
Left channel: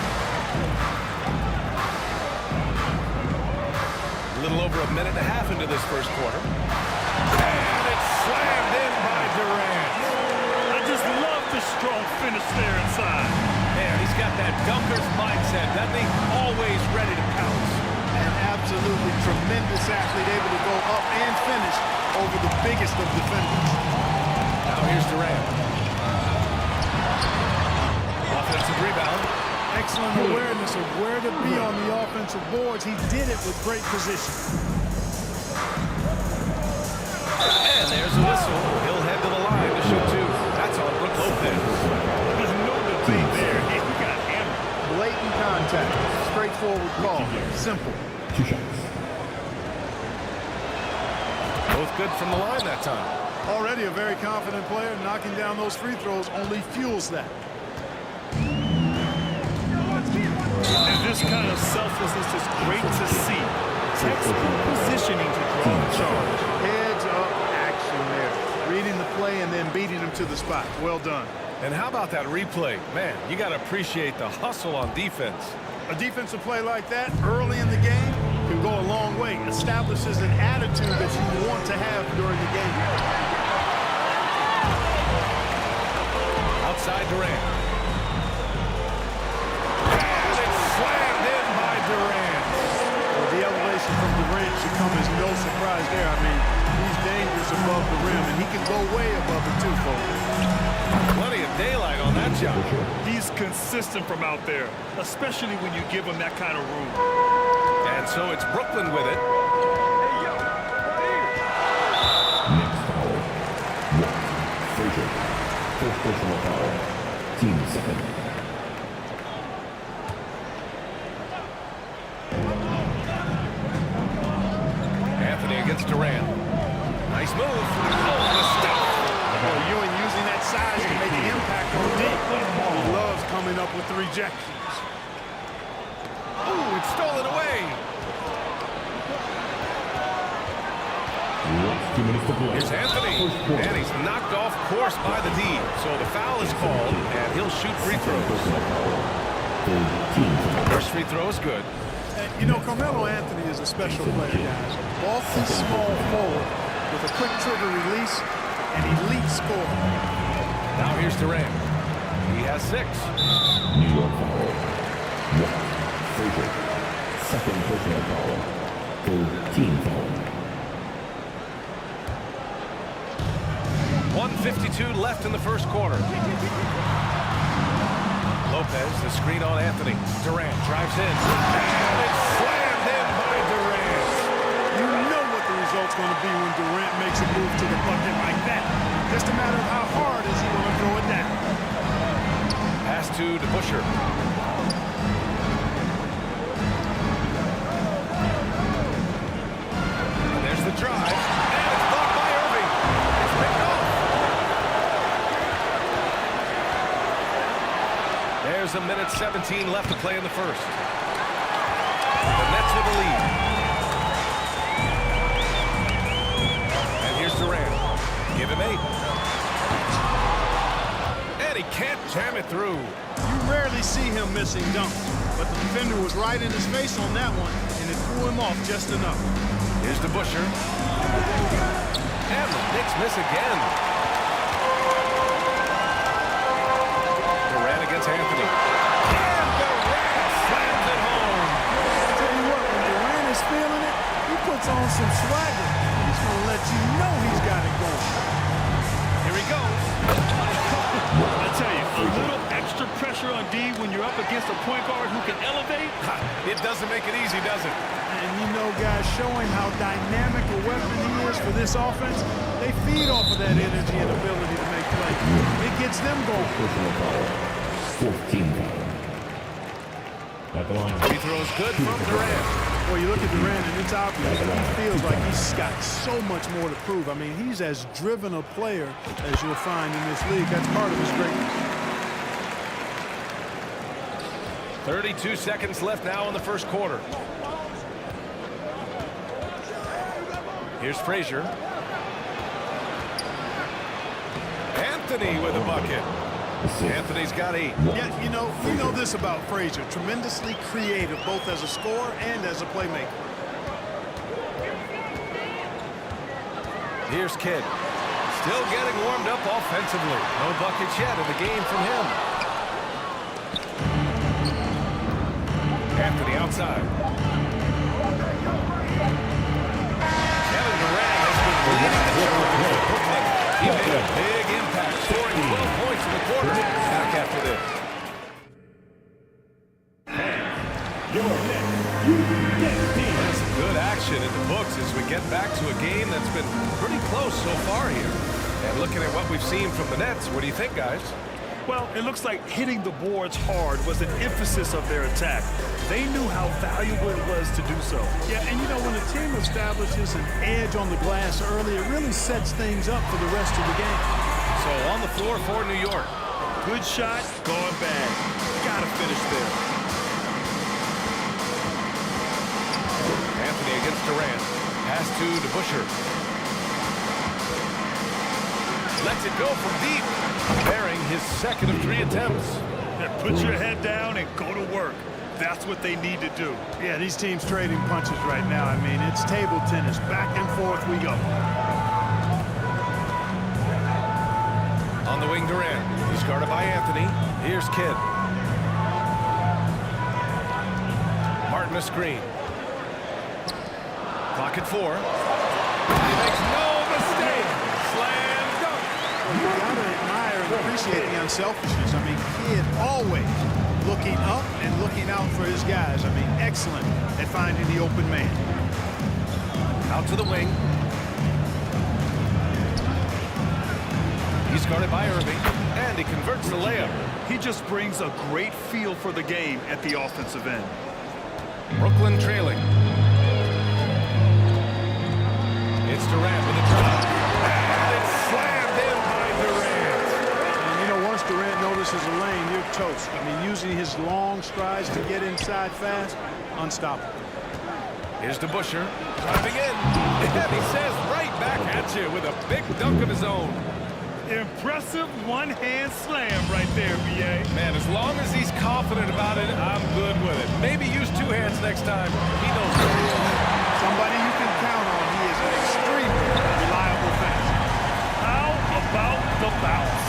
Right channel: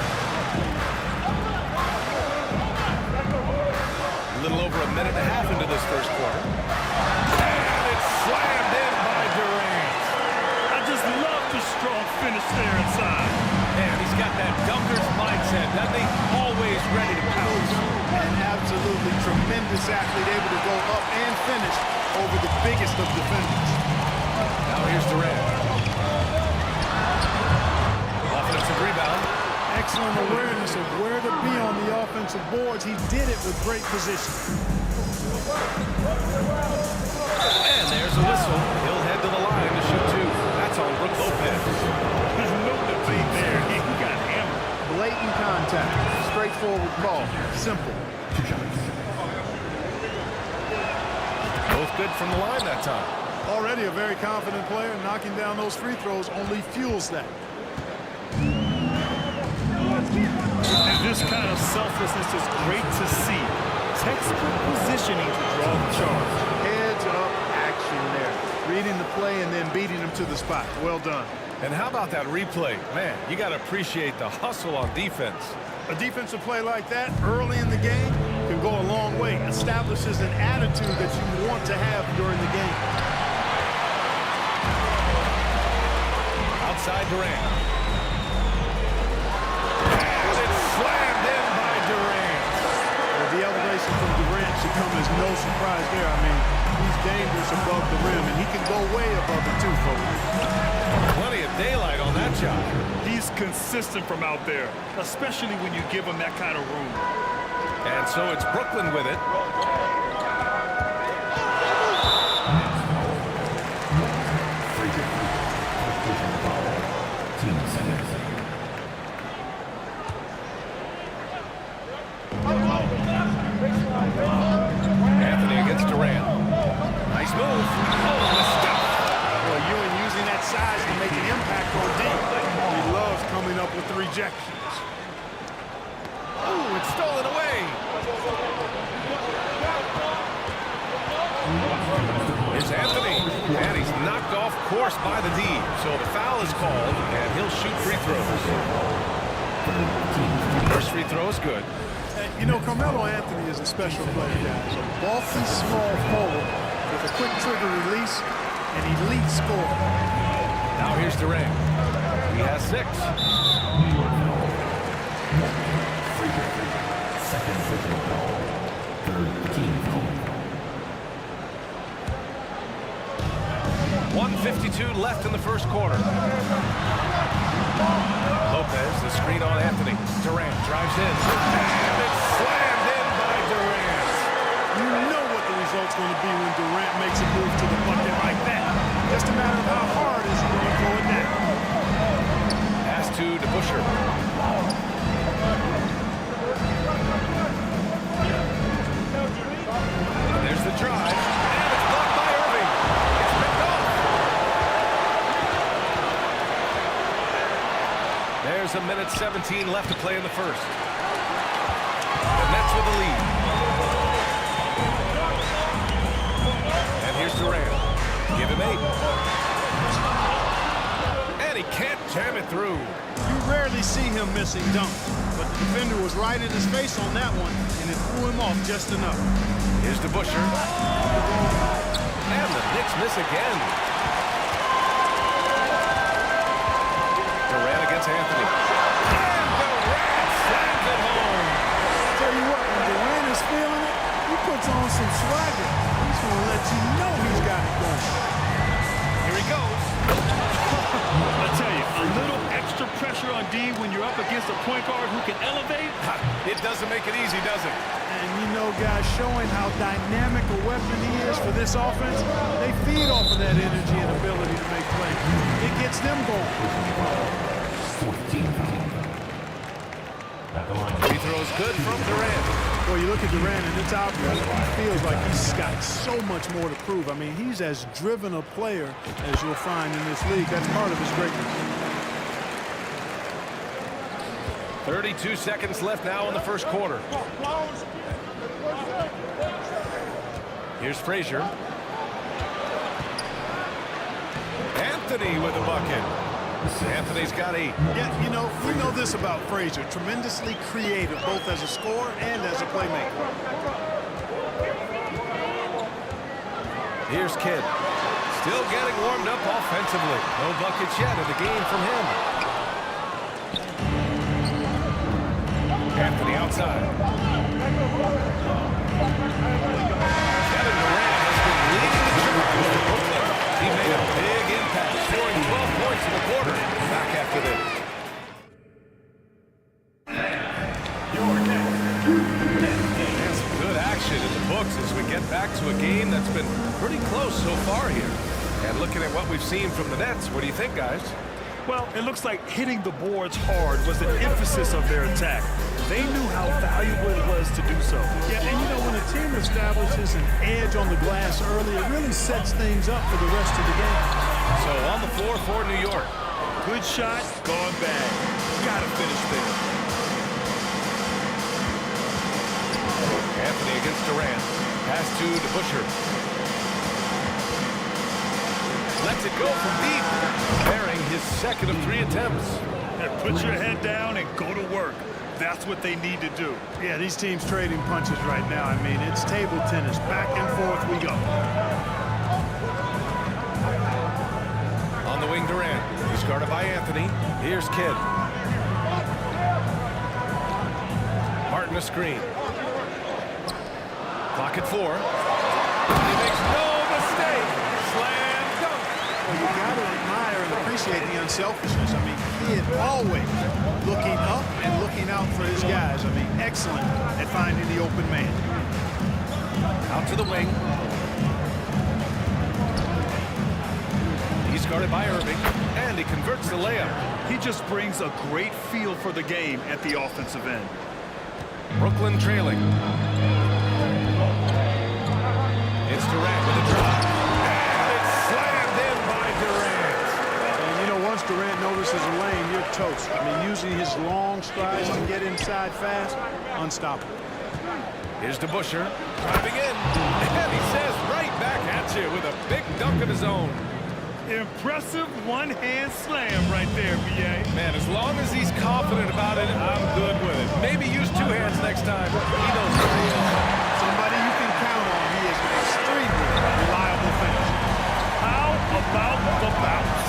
A little over a minute and a half into this first quarter. And it's slammed in by Durant. I just love the strong finish there inside. Man, he's got that dunker's mindset, doesn't he? Always ready to pounce. An absolutely tremendous athlete, able to go up and finish over the biggest of defenders. Now here's Durant. Offensive rebound. Excellent awareness of where to be on the offensive boards. He did it with great position. And there's a whistle. He'll head to the line to shoot two. That's on Brook Lopez. There's no debate there. He got hammered. Blatant contact. Straightforward call. Simple. 2 shots. Both good from the line that time. Already a very confident player. Knocking down those free throws only fuels that. And this kind of selflessness is great to see. Textbook positioning to draw the charge. Heads up action there. Reading the play and then beating him to the spot. Well done. And how about that replay? Man, you got to appreciate the hustle on defense. A defensive play like that early in the game can go a long way. Establishes an attitude that you want to have during the game. Outside Durant. And it's slammed in by Durant. Well, the elevation from Durant should come as no surprise there. I mean, he's dangerous above the rim, and he can go way above it too, folks. Plenty of daylight on that shot. He's consistent from out there, especially when you give him that kind of room. And so it's Brooklyn with it. Frazier. First personal foul. Team second. Anthony against Durant. Nice move. Oh, the stuff. Boy, Ewing using that size to make an impact on D. He loves coming up with the rejections. Ooh, it's stolen away. Here's Anthony. And he's knocked off course by the D. So the foul is called, and he'll shoot free throws. First free throw is good. You know, Carmelo Anthony is a special player, guys. A bulky, small forward with a quick trigger release, an elite scorer. Now here's Durant. He has 6. New York foul. 1. Frazier. Second personal foul. Third team foul. 1:52 left in the first quarter. Lopez, the screen on Anthony. Durant drives in. And it's slammed in by Durant. You know what the result's going to be when Durant makes a move to the bucket like that. Just a matter of how hard is he going to throw it down. Pass to DeBusschere. And there's the drive. And it's blocked by Irving. It's picked off. There's a minute 17 left to play in the first. The Nets with the lead. And here's Durant. Give him 8. And he can't jam it through. You rarely see him missing dunks, but the defender was right in his face on that one, and it threw him off just enough. Here's DeBusschere. And the Knicks miss again. Durant against Anthony. And Durant slams it home. I'll tell you what, when Durant is feeling it, he puts on some swagger. He's going to let you know he's got it going. Here he goes. I tell you, a little extra pressure on D when you're up against a point guard who can elevate. It doesn't make it easy, does it? And you know, guys, showing how dynamic a weapon he is for this offense, they feed off of that energy and ability to make plays. It gets them going. 14 foul. At the line. Free throws good from Durant. Well, you look at Durant, and it's obvious he feels like he's got so much more to prove. I mean, he's as driven a player as you'll find in this league. That's part of his greatness. 32 seconds left now in the first quarter. Here's Frazier. Anthony with a bucket. Anthony's got 8. Yeah, you know, we know this about Frazier. Tremendously creative, both as a scorer and as a playmaker. Here's Kidd. Still getting warmed up offensively. No buckets yet in the game from him. Anthony outside. Kevin Durant has been leading the charge for Brooklyn. He made a big impact, scoring 12 points in the quarter. Back after this. And some good action in the books as we get back to a game that's been pretty close so far here. And looking at what we've seen from the Nets, what do you think, guys? Well, it looks like hitting the boards hard was an emphasis of their attack. They knew how valuable it was to do so. Yeah, and you know, when a team establishes an edge on the glass early, it really sets things up for the rest of the game. So on the floor for New York. Good shot, gone bad. Gotta finish there. Anthony against Durant. Pass to DeBusschere. Lets it go from deep. Bearing his second of 3 attempts. Put your head down and go to work. That's what they need to do. Yeah, these teams trading punches right now. I mean, it's table tennis. Back and forth we go. On the wing, Durant. He's guarded by Anthony. Here's Kidd. Martin a screen. Clock at 4. He makes no mistake. Slam dunk. Well, you got to admire and appreciate the unselfishness. I mean, Kidd always looking up and looking out for his guys. I mean, excellent at finding the open man. Out to the wing. He's guarded by Irving, and he converts the layup. He just brings a great feel for the game at the offensive end. Brooklyn trailing. It's Durant with a drive. And it's slammed in by Durant. And, you know, once Durant notices a lane, you're toast. I mean, using his long strides to get inside fast, unstoppable. Here's DeBusschere driving in. And he says right back at you with a big dunk of his own. Impressive one-hand slam right there, B.A. Man, as long as he's confident about it, I'm good with it. Maybe use 2 hands next time. He knows where he is. Somebody you can count on. He is an extremely reliable finisher. How about the bounce?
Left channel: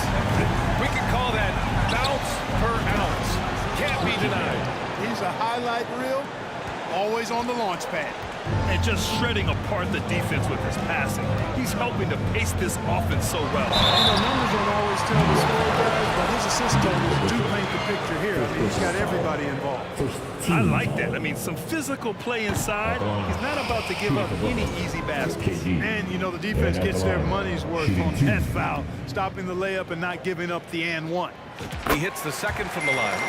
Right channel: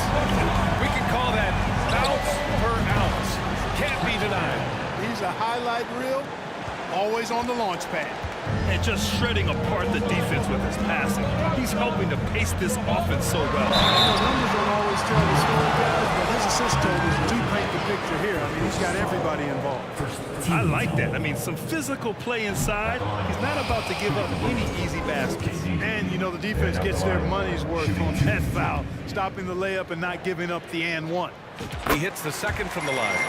We can call that bounce per ounce. Can't be denied. He's a highlight reel, always on the launch pad. And just shredding apart the defense with his passing. He's helping to pace this offense so well. You know, numbers don't always tell the story, guys, but his assist totals do paint the picture here. I mean, he's got everybody involved. I like that. I mean, some physical play inside. He's not about to give up any easy baskets. And, you know, the defense gets their money's worth on that foul, stopping the layup and not giving up the and one. He hits the second from the line.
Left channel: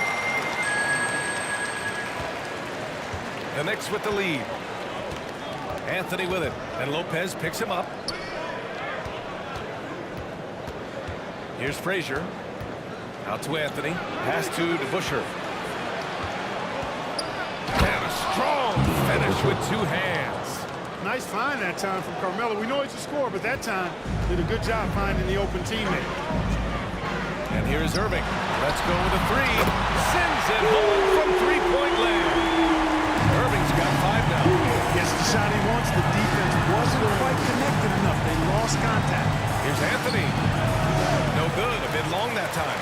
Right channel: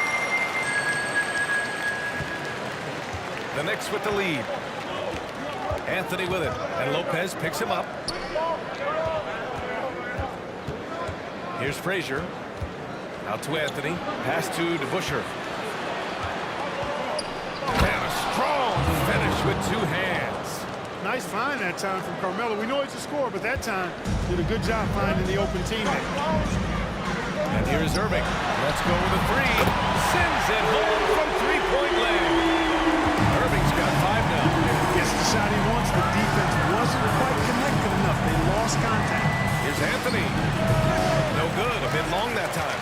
The Knicks with the lead. Anthony with it, and Lopez picks him up. Here's Frazier. Out to Anthony. Pass to DeBusschere. And a strong finish with 2 hands. Nice find that time from Carmelo. We know he's a scorer, but that time did a good job finding the open teammate. And here's Irving. Let's go with a 3. Sends it home from 3-point land. Irving's got 5 now. Gets the shot he wants. The defense wasn't quite connected enough. They lost contact. Here's Anthony. No good. A bit long that time.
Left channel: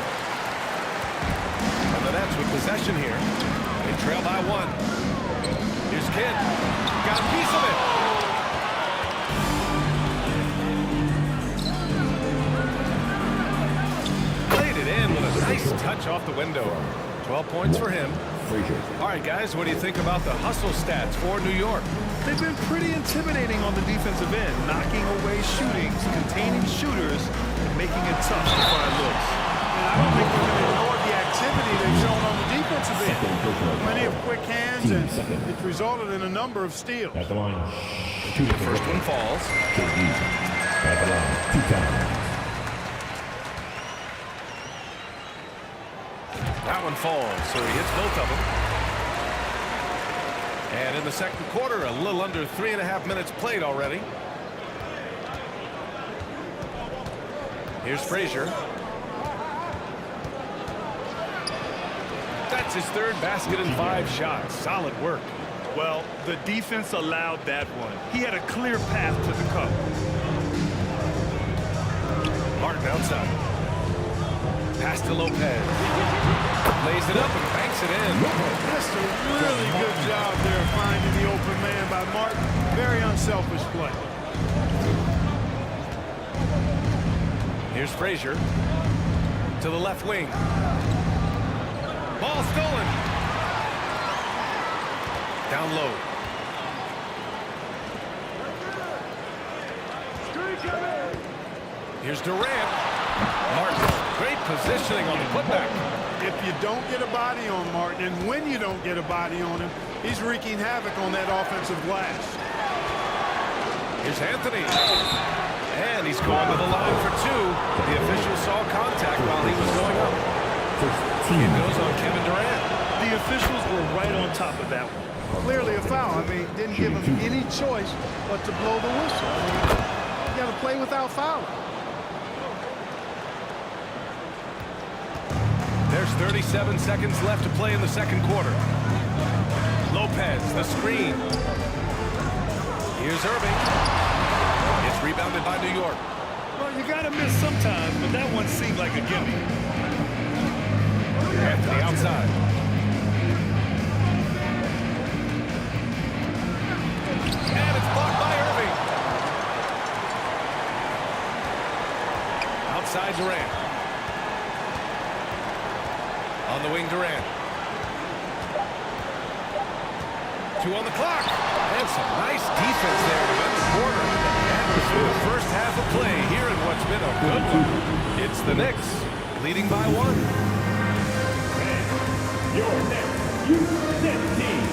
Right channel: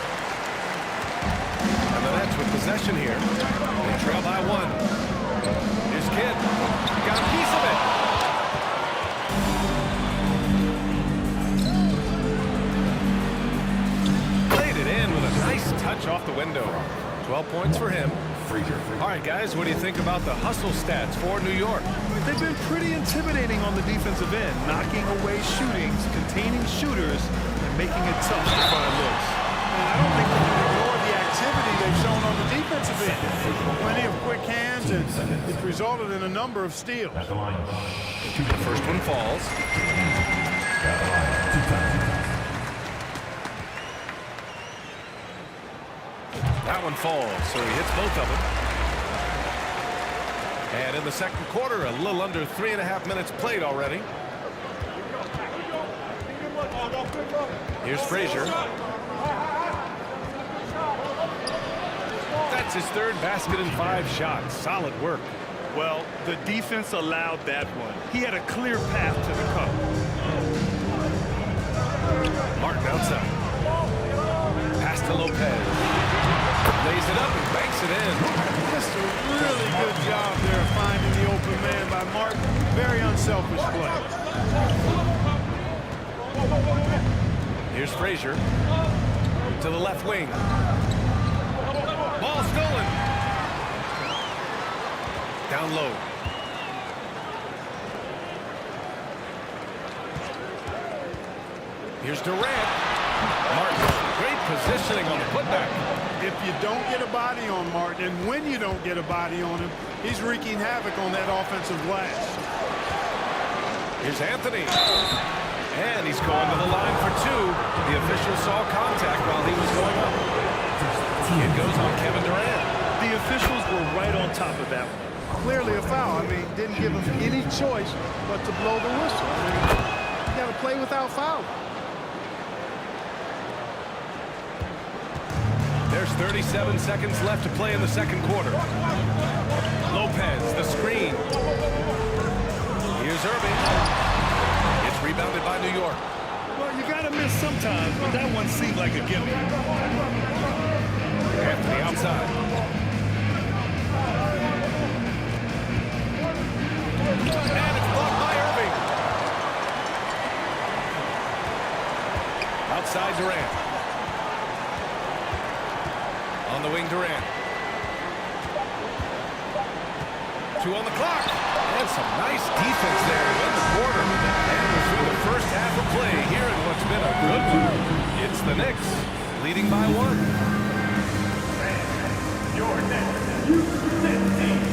And the Nets with possession here. They trail by 1. Here's Kidd. Got a piece of it. Played it in with a nice touch off the window. 12 points for him. All right, guys, what do you think about the hustle stats for New York? They've been pretty intimidating on the defensive end, knocking away shootings, containing shooters, and making it tough to find looks. And I don't think we can ignore the activity they've shown on the defensive end. Plenty of quick hands, and it's resulted in a number of steals. At the line. The first one falls. At the line. 2 times. That one falls, so he hits both of them. And in the second quarter, a little under 3.5 minutes played already. Here's Frazier. That's his third basket in 5 shots. Solid work. Well, the defense allowed that one. He had a clear path to the cup. Martin outside. Pass to Lopez. Lays it up and banks it in. Just a really good job there finding the open man by Martin. Very unselfish play. Here's Frazier to the left wing. Ball stolen. Down low. Here's Durant. Martin, great positioning on the putback. If you don't get a body on Martin, and when you don't get a body on him, he's wreaking havoc on that offensive glass. Here's Anthony. And he's going to the line for 2. The official saw contact while he was going up. It goes on Kevin Durant. The officials were right on top of that one. Clearly a foul. I mean, didn't give him any choice but to blow the whistle. I mean, you got to play without fouling. There's 37 seconds left to play in the second quarter. Lopez, the screen. Here's Irving. It's rebounded by New York. Well, you got to miss sometimes, but that one seemed like a gimme. Anthony outside. And it's blocked by Irving. Outside Durant. On the wing, Durant. 2 on the clock. And some nice defense there to end the quarter. And we're through the first half of play here in what's been a good one. It's the Knicks leading by 1. Your next Houston team.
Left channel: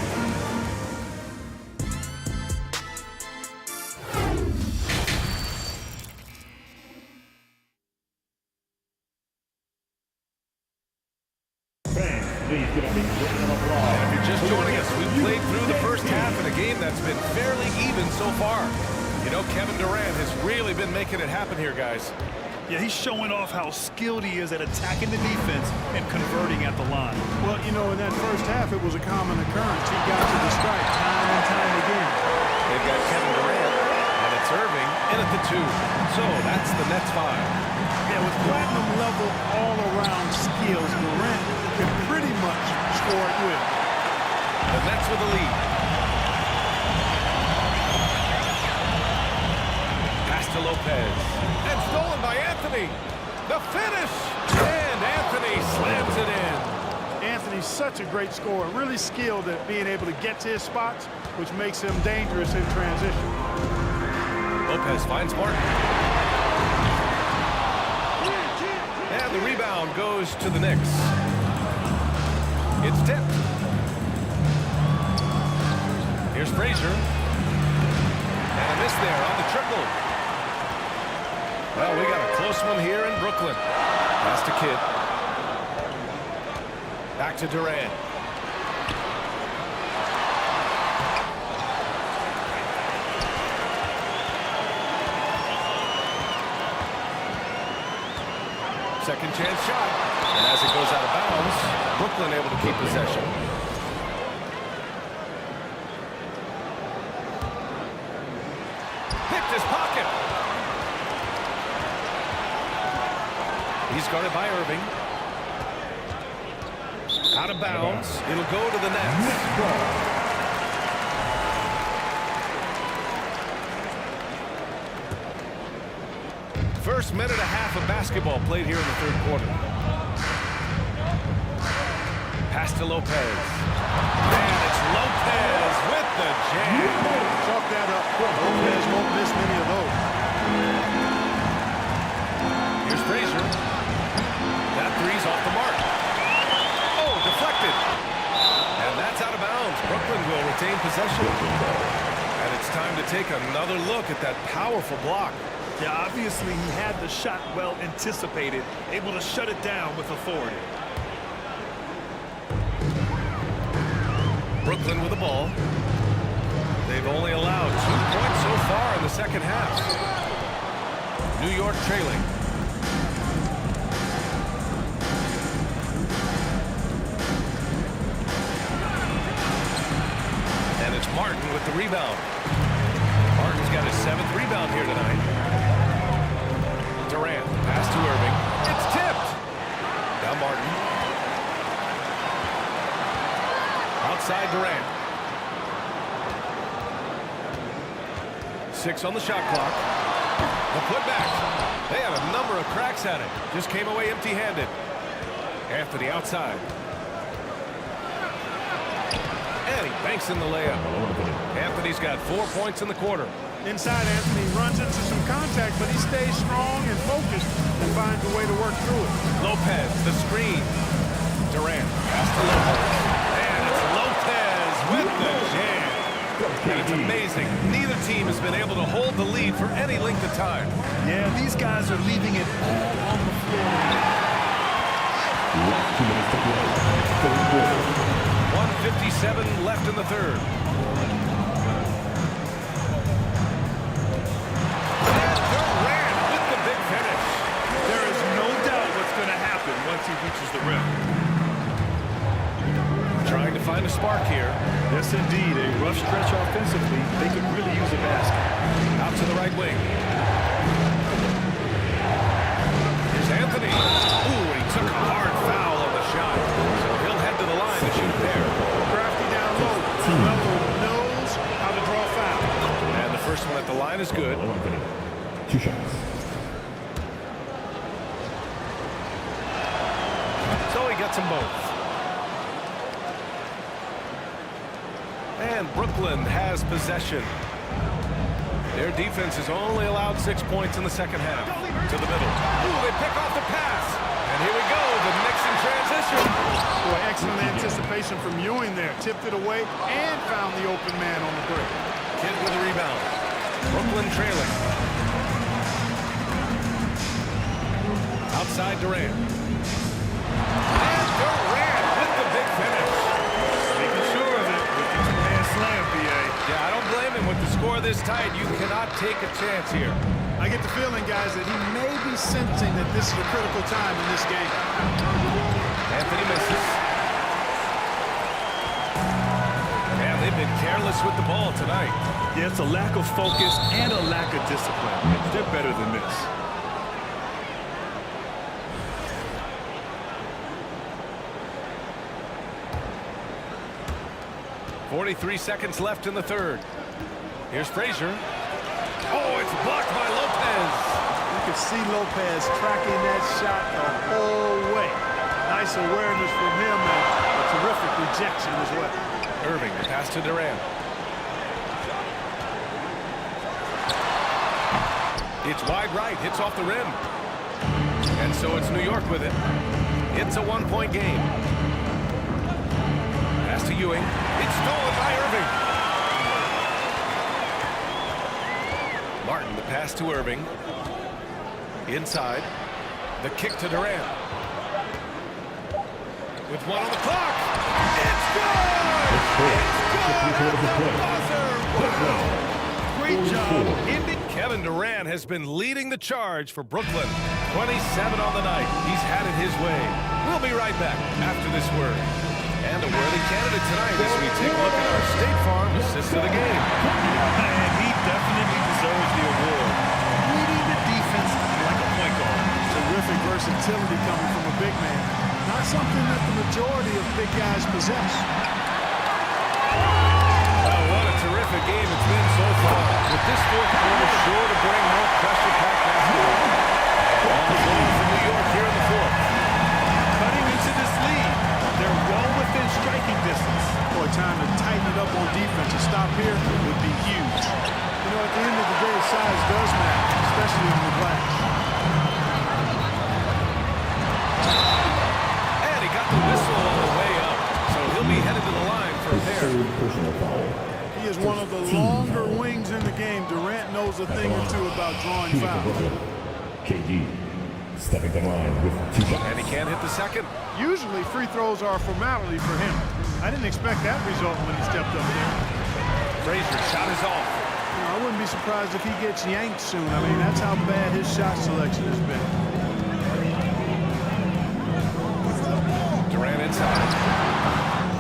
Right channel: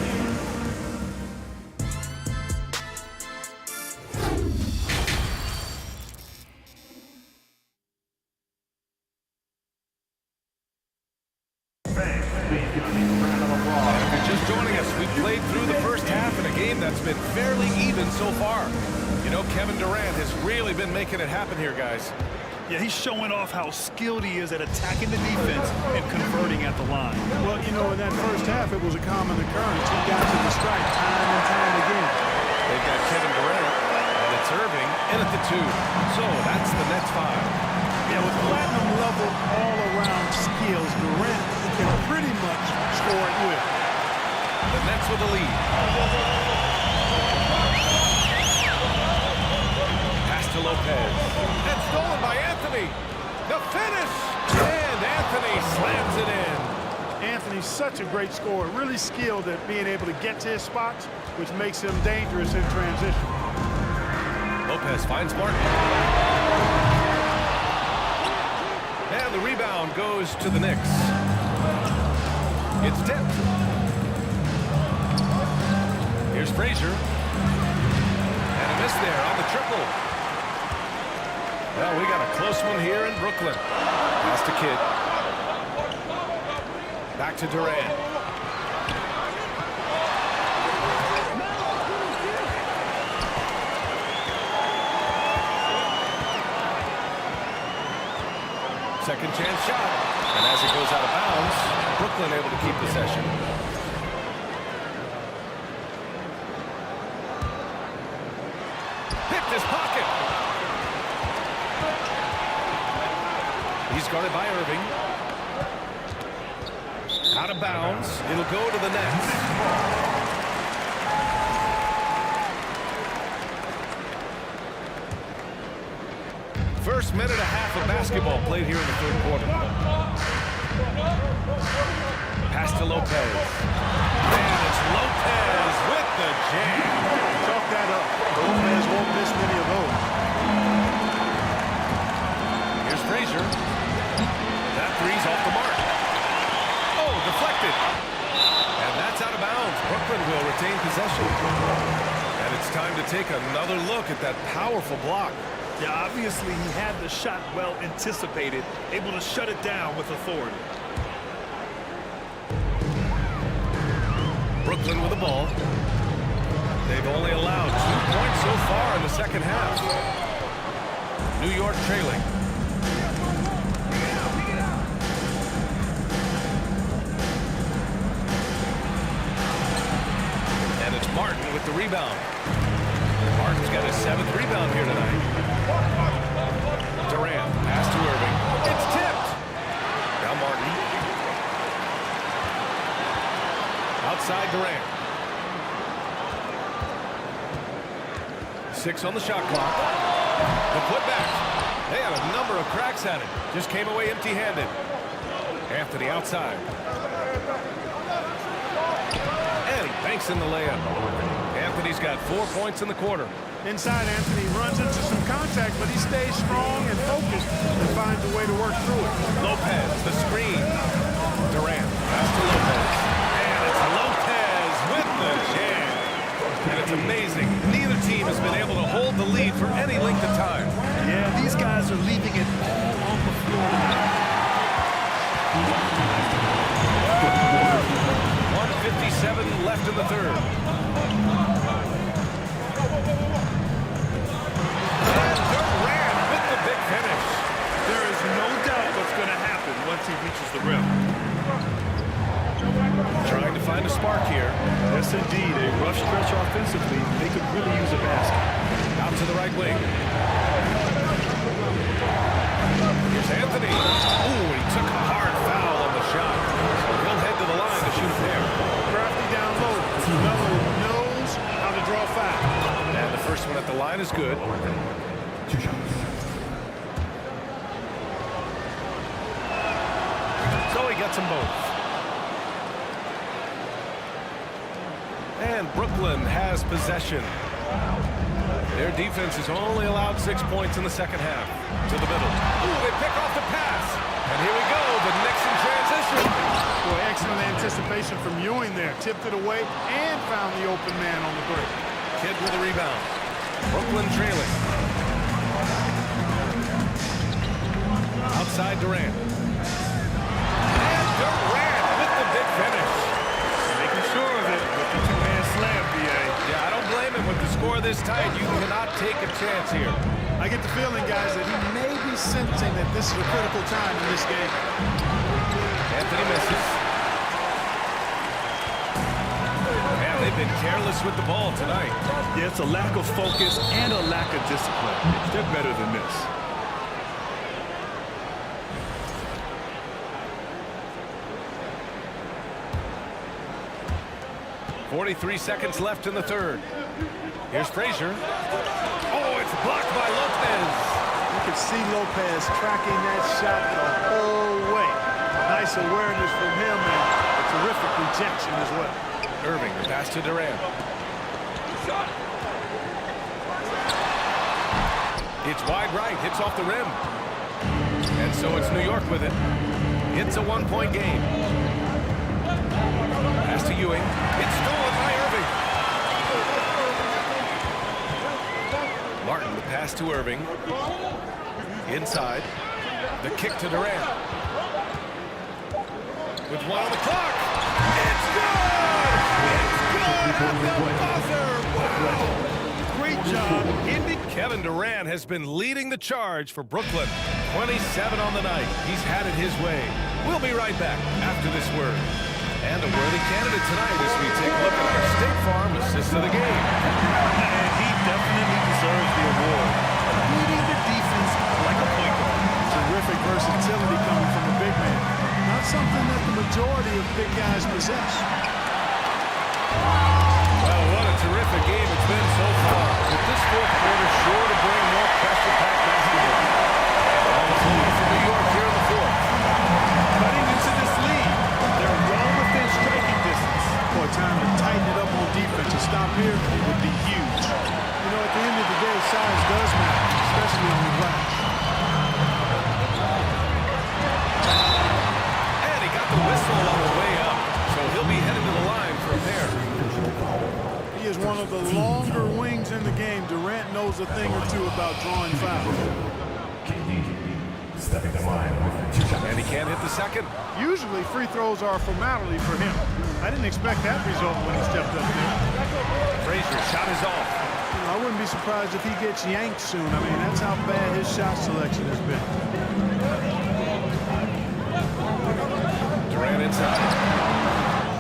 And if you're just joining us, we've played through the first half in a game that's been fairly even so far. You know, Kevin Durant has really been making it happen here, guys. Yeah, he's showing off how skilled he is at attacking the defense and converting at the line. Well, you know, in that first half, it was a common occurrence. He got to the stripe time and time again. They've got Kevin Durant, and it's Irving in at the 2. So that's the Nets 5. Yeah, with platinum-level all-around skills, Durant can pretty much score at will. The Nets with the lead. Pass to Lopez. And stolen by Anthony. The finish. And Anthony slams it in. Anthony's such a great scorer, really skilled at being able to get to his spots, which makes him dangerous in transition. Lopez finds Martin. And the rebound goes to the Knicks. It's tipped. Here's Frazier. And a miss there on the triple. Well, we got a close one here in Brooklyn. Pass to Kidd. Back to Durant. Second chance shot. And as it goes out of bounds, Brooklyn able to keep possession. Picked his pocket. He's guarded by Irving. Out of bounds. It'll go to the Nets. First minute and a half of basketball played here in the third quarter. Pass to Lopez. And it's Lopez with the jam. Chalk that up. Lopez won't miss many of those. Here's Frazier. That three's off the mark. Oh, deflected. And that's out of bounds. Brooklyn will retain possession. And it's time to take another look at that powerful block. Yeah, obviously he had the shot well anticipated, able to shut it down with authority. Brooklyn with the ball. They've only allowed 2 points so far in the second half. New York trailing. Martin with the rebound. Martin's got his 7th rebound here tonight. Durant, pass to Irving. It's tipped. Now Martin. Outside Durant. 6 on the shot clock. The putback. They had a number of cracks at it. Just came away empty-handed. Anthony outside. And he banks in the layup. Anthony's got 4 points in the quarter. Inside, Anthony runs into some contact, but he stays strong and focused and finds a way to work through it. Lopez, the screen. Durant, pass to Lopez. And it's Lopez with the jam. And it's amazing. Neither team has been able to hold the lead for any length of time. Yeah, these guys are leaving it all on the floor tonight. 1:57 left in the third. And Durant with the big finish. There is no doubt what's going to happen once he reaches the rim. Trying to find a spark here. Yes, indeed. A rough stretch offensively. They could really use a basket. Out to the right wing. Here's Anthony. Ooh, and he took a hard foul on the shot. So he'll head to the line to shoot a pair. Crafty down low. Melo knows how to draw a foul. And the first one at the line is good. 2 shots. So he gets them both. And Brooklyn has possession. Their defense has only allowed 6 points in the second half. To the middle. Ooh, they pick off the pass. And here we go, the Knicks in transition. Boy, excellent anticipation from Ewing there. Tipped it away and found the open man on the break. Kidd with a rebound. Brooklyn trailing. Outside Durant. And Durant with the big finish. Making sure of it with the two-hand slam, B.A. Yeah, I don't blame him with the score this tight. You cannot take a chance here. I get the feeling, guys, that he may be sensing that this is a critical time in this game. Anthony misses. And they've been careless with the ball tonight. Yeah, it's a lack of focus and a lack of discipline. They're better than this. 43 seconds left in the third. Here's Frazier. Oh, it's blocked by Lopez. You can see Lopez tracking that shot the whole way. Nice awareness from him and a terrific rejection as well. Irving, the pass to Durant. It's wide right, hits off the rim. And so it's New York with it. It's a one-point game. Pass to Ewing. It's stolen by Irving. Martin, the pass to Irving. Inside. The kick to Durant. With one on the clock. It's good! It's good at the buzzer! Wow! Great job. Kevin Durant has been leading the charge for Brooklyn. 27 on the night. He's had it his way. We'll be right back after this word. And a worthy candidate tonight as we take a look at our State Farm assist of the game. And he definitely deserves the award. Reading the defense like a point guard. Terrific versatility coming from a big man. Not something that the majority of big guys possess. Well, what a terrific game it's been so far. With this fourth quarter sure to bring more pressure-packed basketball. And on the floor for New York here in the fourth. Cutting into this lead. They're well within striking distance. Boy, time to tighten it up on defense. A stop here would be huge. You know, at the end of the day, size does matter, especially on the glass. And he got the whistle on the way up. So he'll be headed to the line for a pair. He is one of the longer wings in the game. Durant knows a thing or two about drawing fouls. KD stepping the line with 2 shots. And he can't hit the second. Usually free throws are a formality for him. I didn't expect that result when he stepped up there. Frazier shot is off. You know, I wouldn't be surprised if he gets yanked soon. I mean, that's how bad his shot selection has been. Durant inside.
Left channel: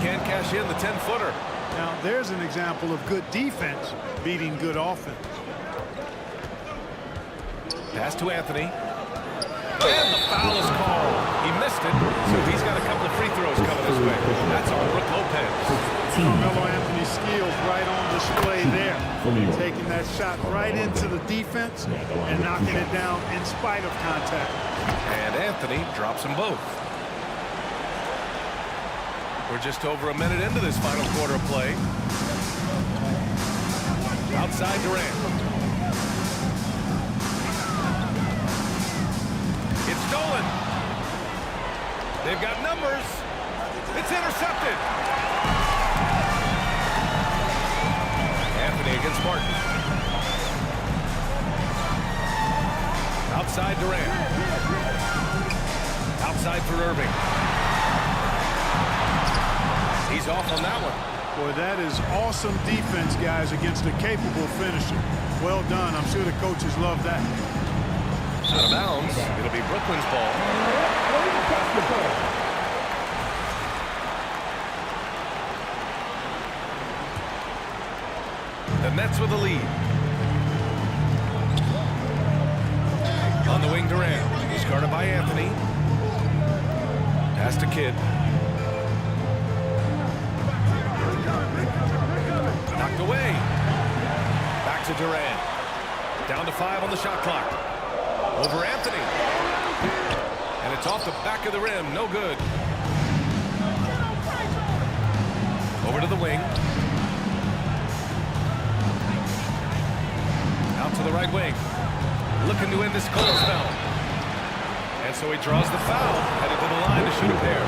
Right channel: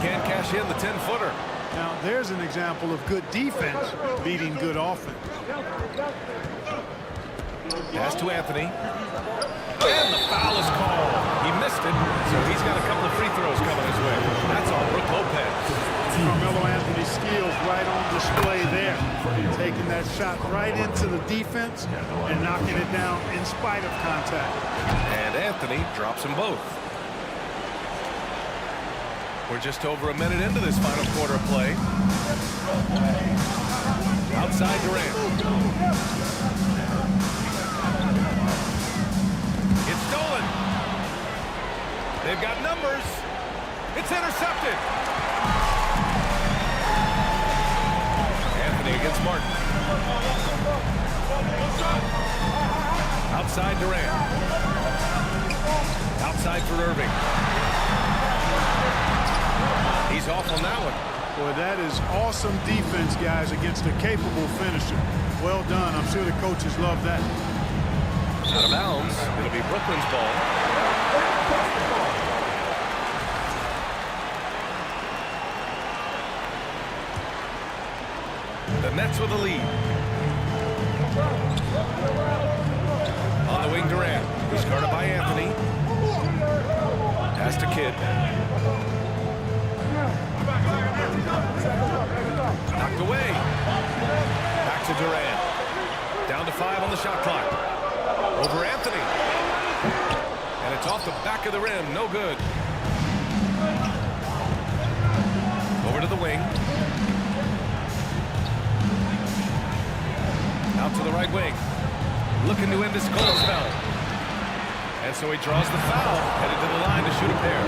Can't cash in the 10-footer. Now, there's an example of good defense beating good offense. Pass to Anthony. And the foul is called. He missed it, so he's got a couple of free throws coming his way. That's on Brook Lopez. Carmelo Anthony's skills right on display there. Taking that shot right into the defense and knocking it down in spite of contact. And Anthony drops them both. We're just over a minute into this final quarter of play. Outside Durant. It's stolen. They've got numbers. It's intercepted. Anthony against Martin. Outside Durant. Outside for Irving. He's off on that one. Boy, that is awesome defense, guys, against a capable finisher. Well done. I'm sure the coaches love that. Out of bounds. It'll be Brooklyn's ball. The Nets with the lead. On the wing, Durant. He's guarded by Anthony. Pass to Kidd. Knocked away. Back to Durant. Down to 5 on the shot clock. Over Anthony. And it's off the back of the rim. No good. Over to the wing. Out to the right wing. Looking to end this cold spell. And so he draws the foul. Headed to the line to shoot a pair.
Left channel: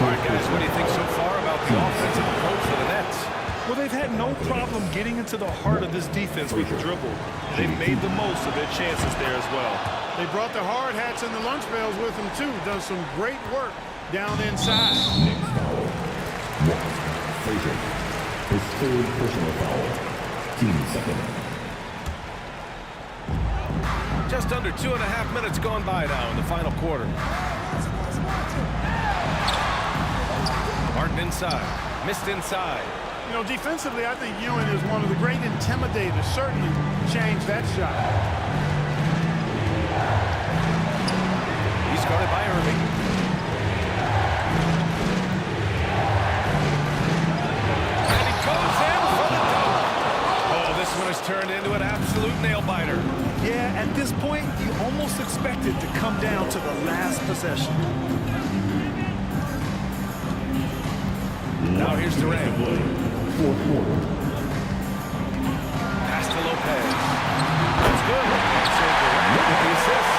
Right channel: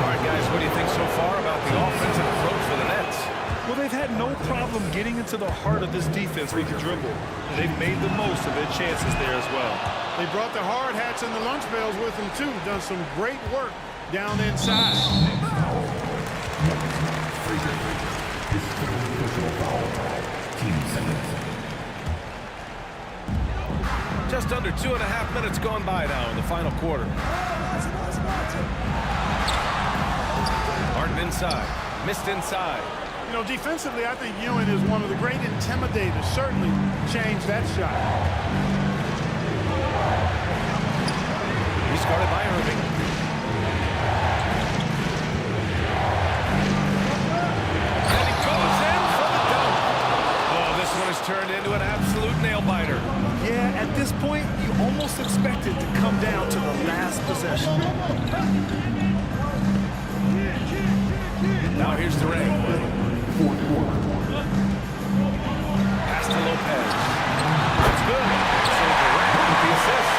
All right, guys, what do you think so far about the offensive approach for the Nets? Well, they've had no problem getting into the heart of this defense with the dribble. And they've made the most of their chances there as well. They brought the hard hats and the lunch pails with them, too. Done some great work down inside. Frazier, his third personal foul. Team second. Just under 2.5 minutes gone by now in the final quarter. Martin inside. Missed inside. You know, defensively, I think Ewing is one of the great intimidators. Certainly changed that shot. He's guarded by Irving. And he goes in for the dunk. Oh, this one has turned into an absolute nail-biter. Yeah, at this point, you almost expect it to come down to the last possession. Now here's Durant. Fourth quarter. Pass to Lopez. That's good. And so Durant with the assist.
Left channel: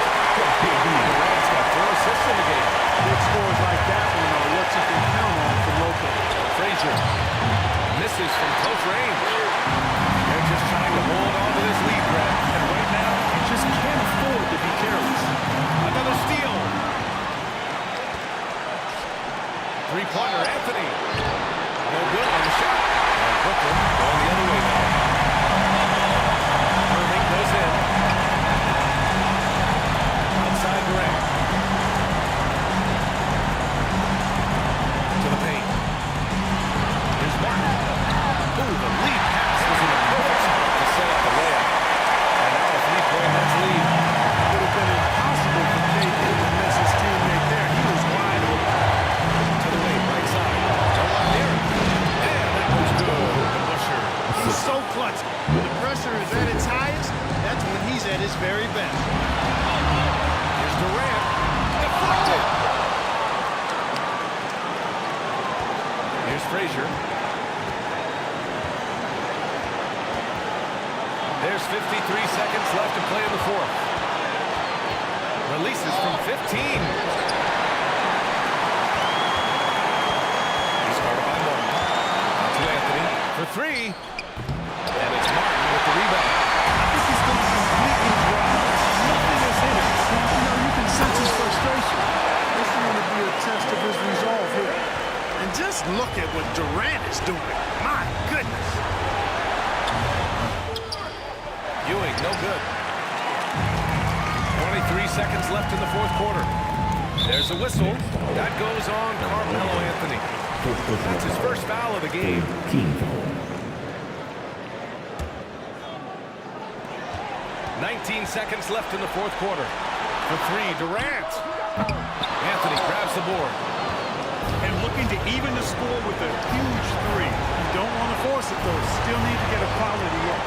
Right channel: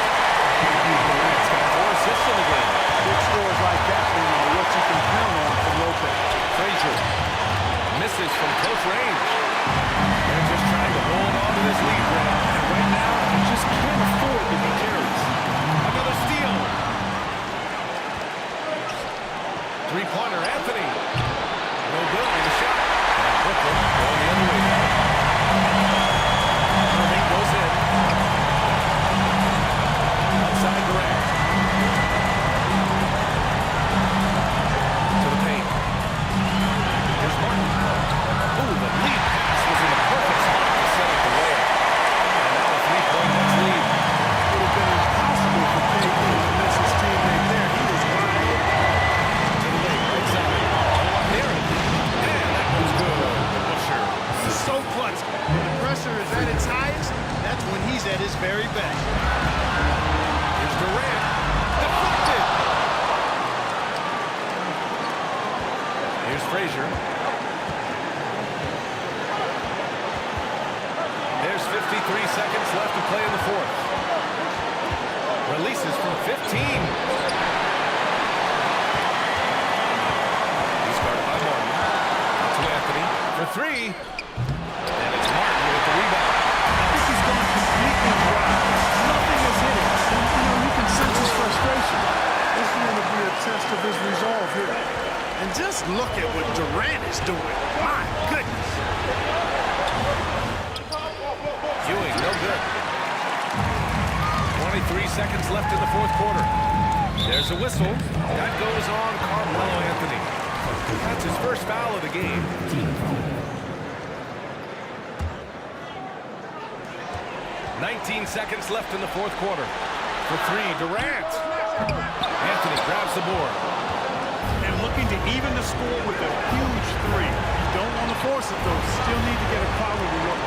Durant's got 4 assists in the game. Big scores like that one are what you can count on from Lopez. Frazier misses from close range. They're just trying to hold on to this lead, Brad. And right now, you just can't afford to be careless. Another steal. Three-pointer, Anthony. No good on the shot. And Brooklyn going the other way now. Irving goes in. Outside Durant. To the paint. Here's Martin. Ooh, the lead pass was in the perfect spot to set up the layup. And now a 3-point Nets lead. It would have been impossible for KD to miss his teammate there. He was wide open. To the wing, right side. No one near it. And that one's good. The Busher. He's so clutch. When the pressure is at its highest, that's when he's at his very best. Here's Durant. Deflected. Here's Frazier. There's 53 seconds left to play in the fourth. Releases from 15. He's guarded by Martin. Out to Anthony for 3. And it's Martin with the rebound. I think he's gone completely dry. Nothing has hit him. And, you know, you can sense his frustration. This is going to be a test of his resolve here. And just look at what Durant is doing. My goodness. Ewing, no good. 23 seconds left in the fourth quarter. There's a whistle. That goes on Carmelo Anthony. That's his first foul of the game. Team foul. 19 seconds left in the fourth quarter. For three, Durant. Anthony grabs the board. And looking to even the score with a huge three. You don't want to force it, though. Still need to get a quality look.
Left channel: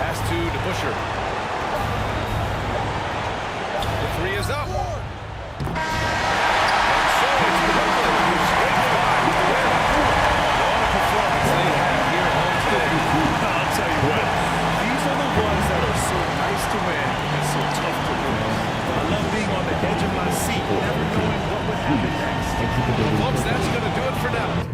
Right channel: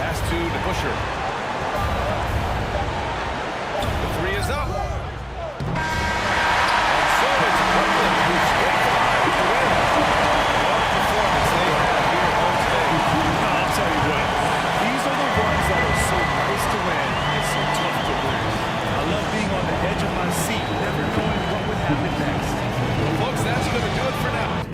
Pass to DeBusschere. The three is up. And so it's Brooklyn who scrapes by with the win. What a performance they have here at home today. I'll tell you what. These are the ones that are so nice to win and so tough to lose. I love being on the edge of my seat, never knowing what would happen next. Well, folks, that's going to do it for now.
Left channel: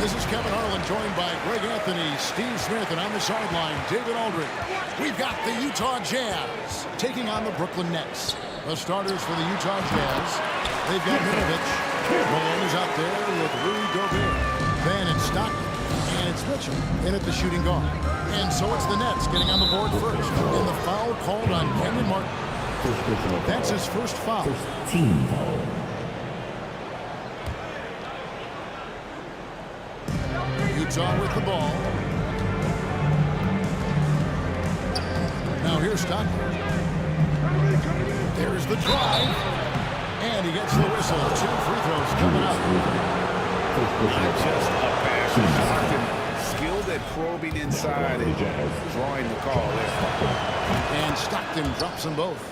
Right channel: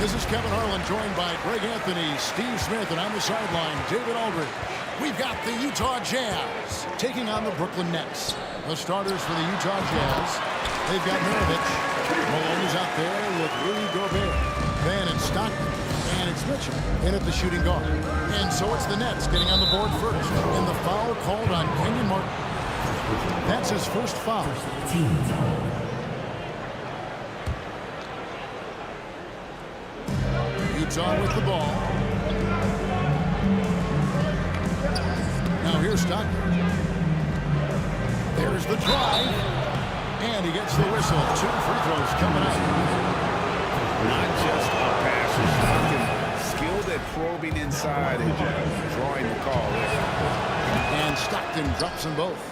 This is Kevin Harlan, joined by Greg Anthony, Steve Smith, and on the sideline, David Aldridge. We've got the Utah Jazz taking on the Brooklyn Nets. The starters for the Utah Jazz, they've got Mirovic. Malone is out there with Rudy Gobert. Then it's Stockton, and it's Mitchell in at the shooting guard. And so it's the Nets getting on the board first. And the foul called on Kenyon Martin. That's his first foul. Team foul. Utah with the ball. Now here's Stockton. There's the drive. And he gets the whistle. 2 free throws coming up. Not just a passer. Stockton skilled at probing inside and drawing the call there. And Stockton drops them both.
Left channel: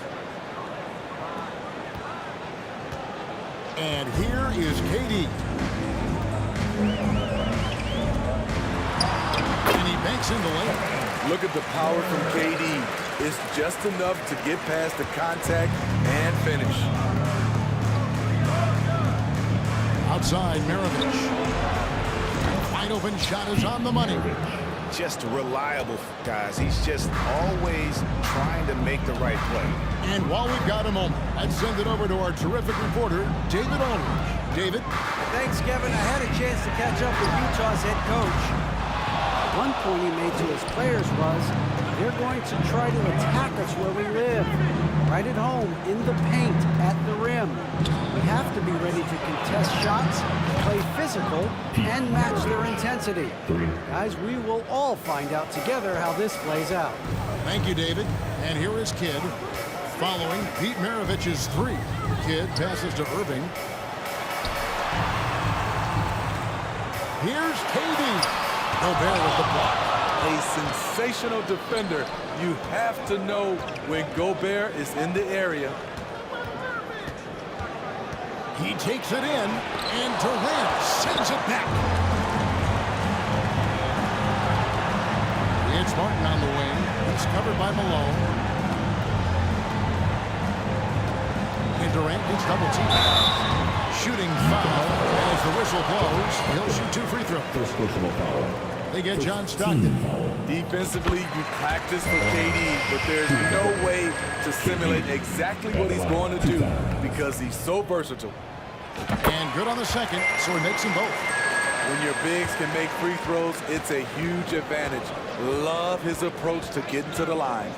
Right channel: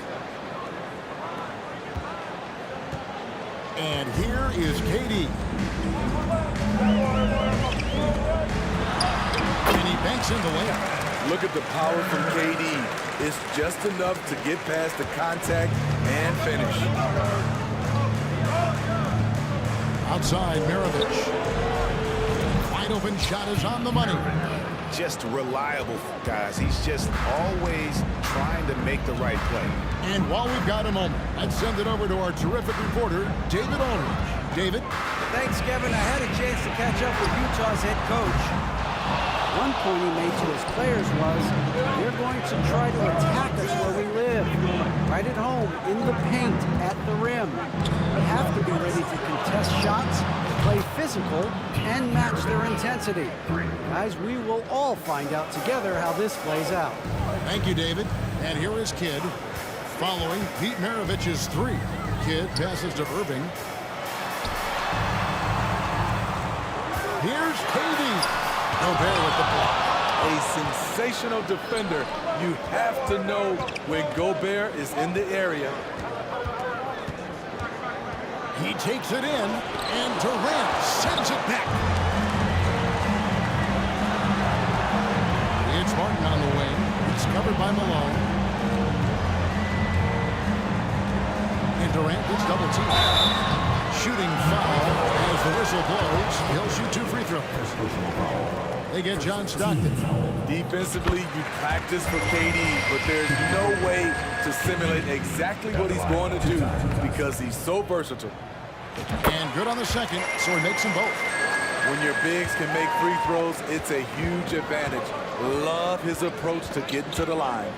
And here is KD. And he banks in the layup. Look at the power from KD. It's just enough to get past the contact and finish. Outside, Mirovic. Wide open shot is on the money. Just reliable, guys. He's just always trying to make the right play. And while we've got a moment, let's send it over to our terrific reporter, David Aldridge. David? Thanks, Kevin. I had a chance to catch up with Utah's head coach. One point he made to his players was, they're going to try to attack us where we live, right at home, in the paint, at the rim. We have to be ready to contest shots, play physical, and match their intensity. Guys, we will all find out together how this plays out. Thank you, David. And here is Kidd, following Pete Maravic's 3. Kidd passes to Irving. Here's KD. Gobert with the block. A sensational defender. You have to know when Gobert is in the area. He takes it in, and Durant sends it back. It's Martin on the wing. He's covered by Malone. And Durant gets double teamed. Shooting foul as the whistle blows. He'll shoot 2 free throws. First personal foul. They get John Stockton. Defensively, you practice for KD, but there's no way to simulate exactly what he's going to do because he's so versatile. And good on the second, so he makes them both. When your bigs can make free throws, it's a huge advantage. Love his approach to getting to the line.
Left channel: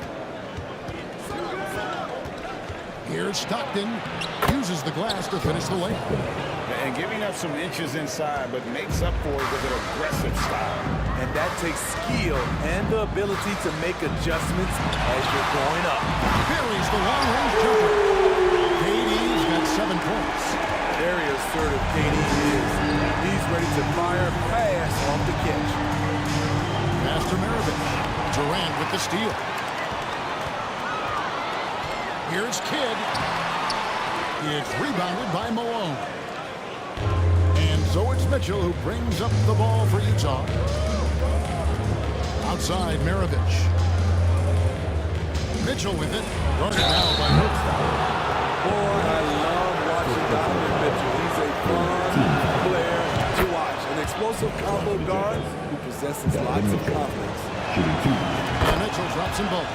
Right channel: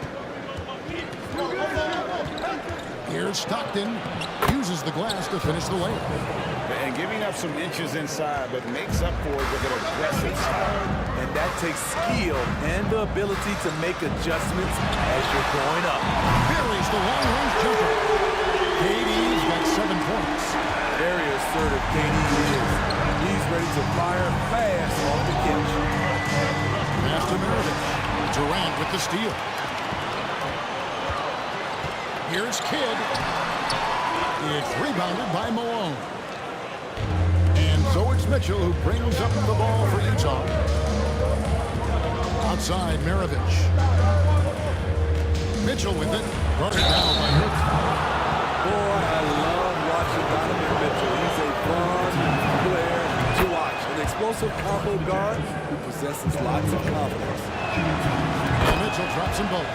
Here's Stockton. Uses the glass to finish the layup. And giving up some inches inside, but makes up for it with an aggressive style. And that takes skill and the ability to make adjustments as you're going up. Buries the long-range jumper. KD's got 7 points. Very assertive KD is. He's ready to fire fast off the catch. Pass to Mirovic. Durant with the steal. Here's Kidd. It's rebounded by Malone. And so it's Mitchell who brings up the ball for Utah. Outside, Mirovic. Mitchell with it. Guarded now by Hook. Boy, I love watching Donovan Mitchell. He's a fun player to watch. An explosive combo guard who possesses lots of confidence. And Mitchell drops them both.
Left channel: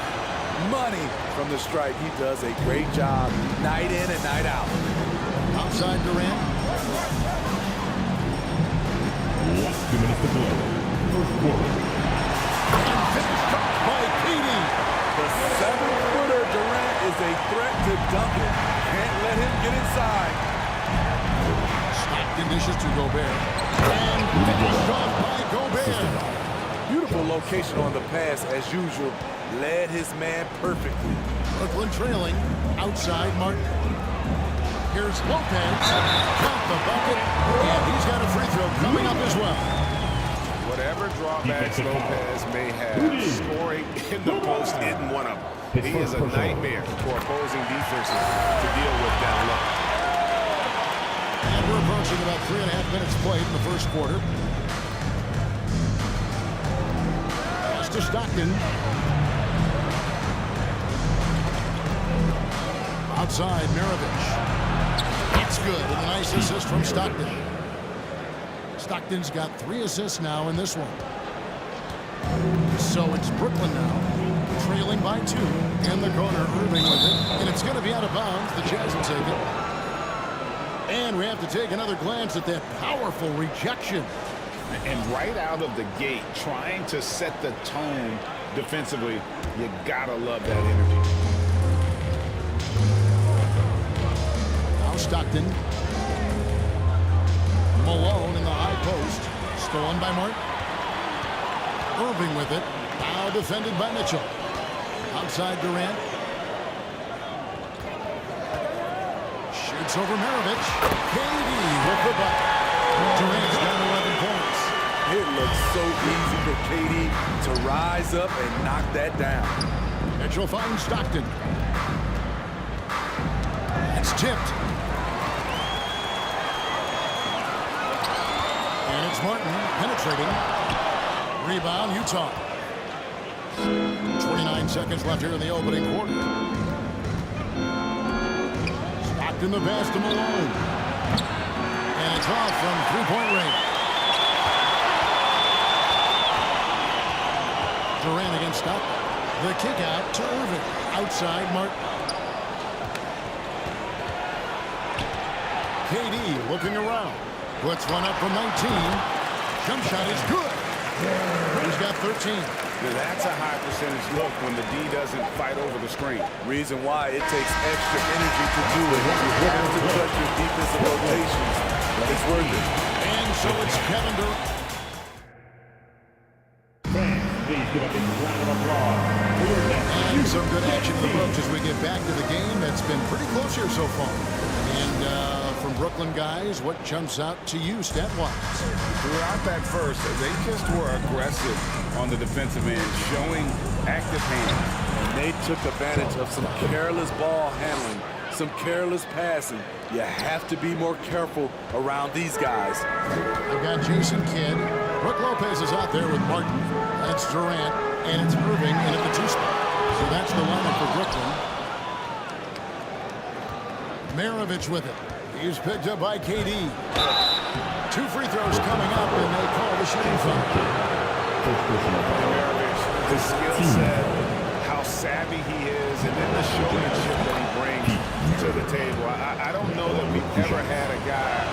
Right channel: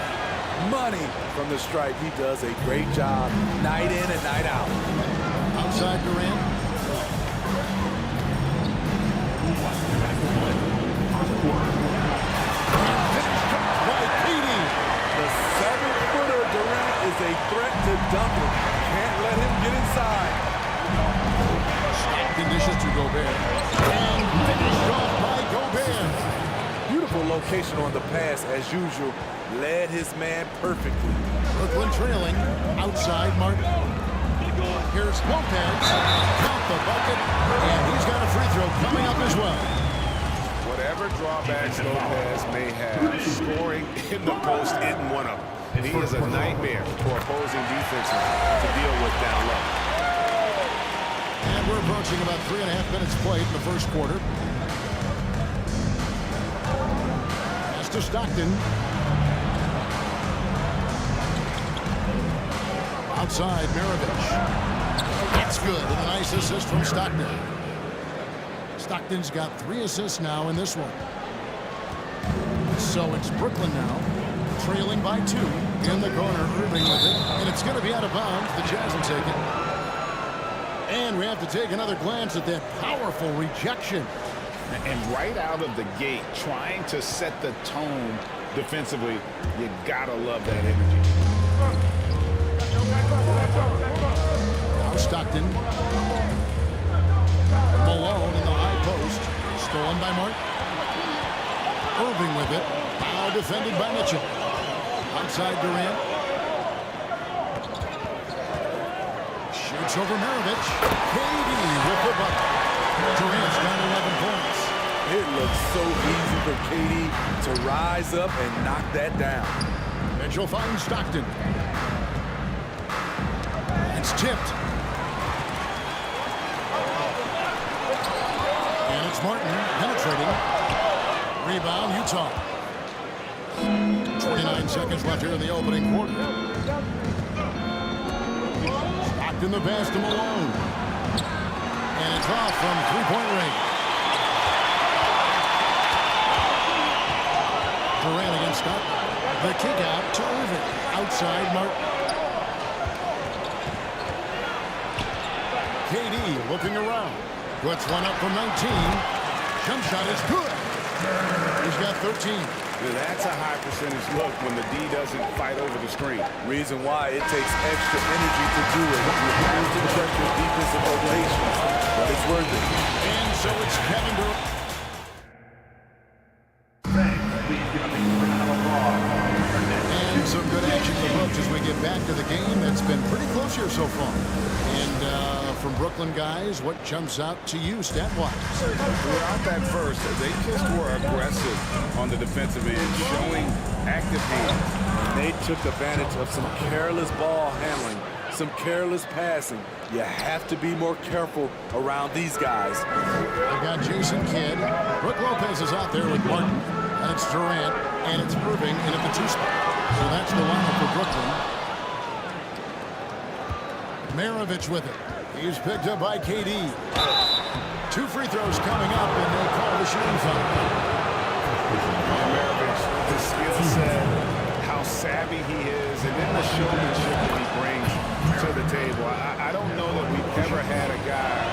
Money from the stripe. He does a great job night in and night out. Outside Durant. And finished off by KD. The 7-footer Durant is a threat to Duncan. Can't let him get inside. Stockton dishes to Gobert. And finished off by Gobert. Beautiful location on the pass as usual. Led his man perfectly. Brooklyn trailing. Outside Martin. Here's Lopez. Count the bucket. And he's got a free throw coming up as well. Whatever drawbacks Lopez may have, scoring in the post isn't one of them. He is a nightmare for opposing defenses to deal with down low. And we're approaching about 3.5 minutes played in the first quarter. Pass to Stockton. Outside, Mirovic. That's good, and a nice assist from Stockton. Stockton's got 3 assists now in this one. So it's Brooklyn now, trailing by 2 in the corner. Irving with it, and it's going to be out of bounds. The Jazz will take it. And we have to take another glance at that powerful rejection. And right out of the gate, trying to set the tone defensively, you gotta love that energy. Now Stockton. Malone in the high post. Stolen by Martin. Irving with it. Now defended by Mitchell. Outside Durant. Shoots over Maravich. KD with the bucket. Durant's got 11 points. It looks so easy for KD to rise up and knock that down. Mitchell finds Stockton. It's tipped. And it's Martin penetrating. Rebound, Utah. 29 seconds left here in the opening quarter. Stockton the pass to Malone. And it's off from three-point range. Durant against Stockton. The kick out to Irving. Outside Martin. KD looking around. Puts one up from 19. Jump shot is good. He's got 13. That's a high percentage look when the D doesn't fight over the screen. Reason why it takes extra energy to do it. You have to trust your defensive rotations, but it's worth it. And so it's Kevin Durant. And some good action in the books as we get back to the game. That's been pretty close here so far. And from Brooklyn guys, what jumps out to you stat-wise? Throughout that first, they just were aggressive on the defensive end, showing active hands. And they took advantage of some careless ball handling, some careless passing. You have to be more careful around these guys. They've got Jason Kidd. Brook Lopez is out there with Martin. And it's Durant. And it's Irving in at the 2 spot. So that's the lineup for Brooklyn. Maravich with it. He's picked up by KD. 2 free throws coming up, and they call the shooting foul. And Maravich, the skill set, how savvy he is, and then the showmanship that he brings to the table. I don't know that we've ever had a guy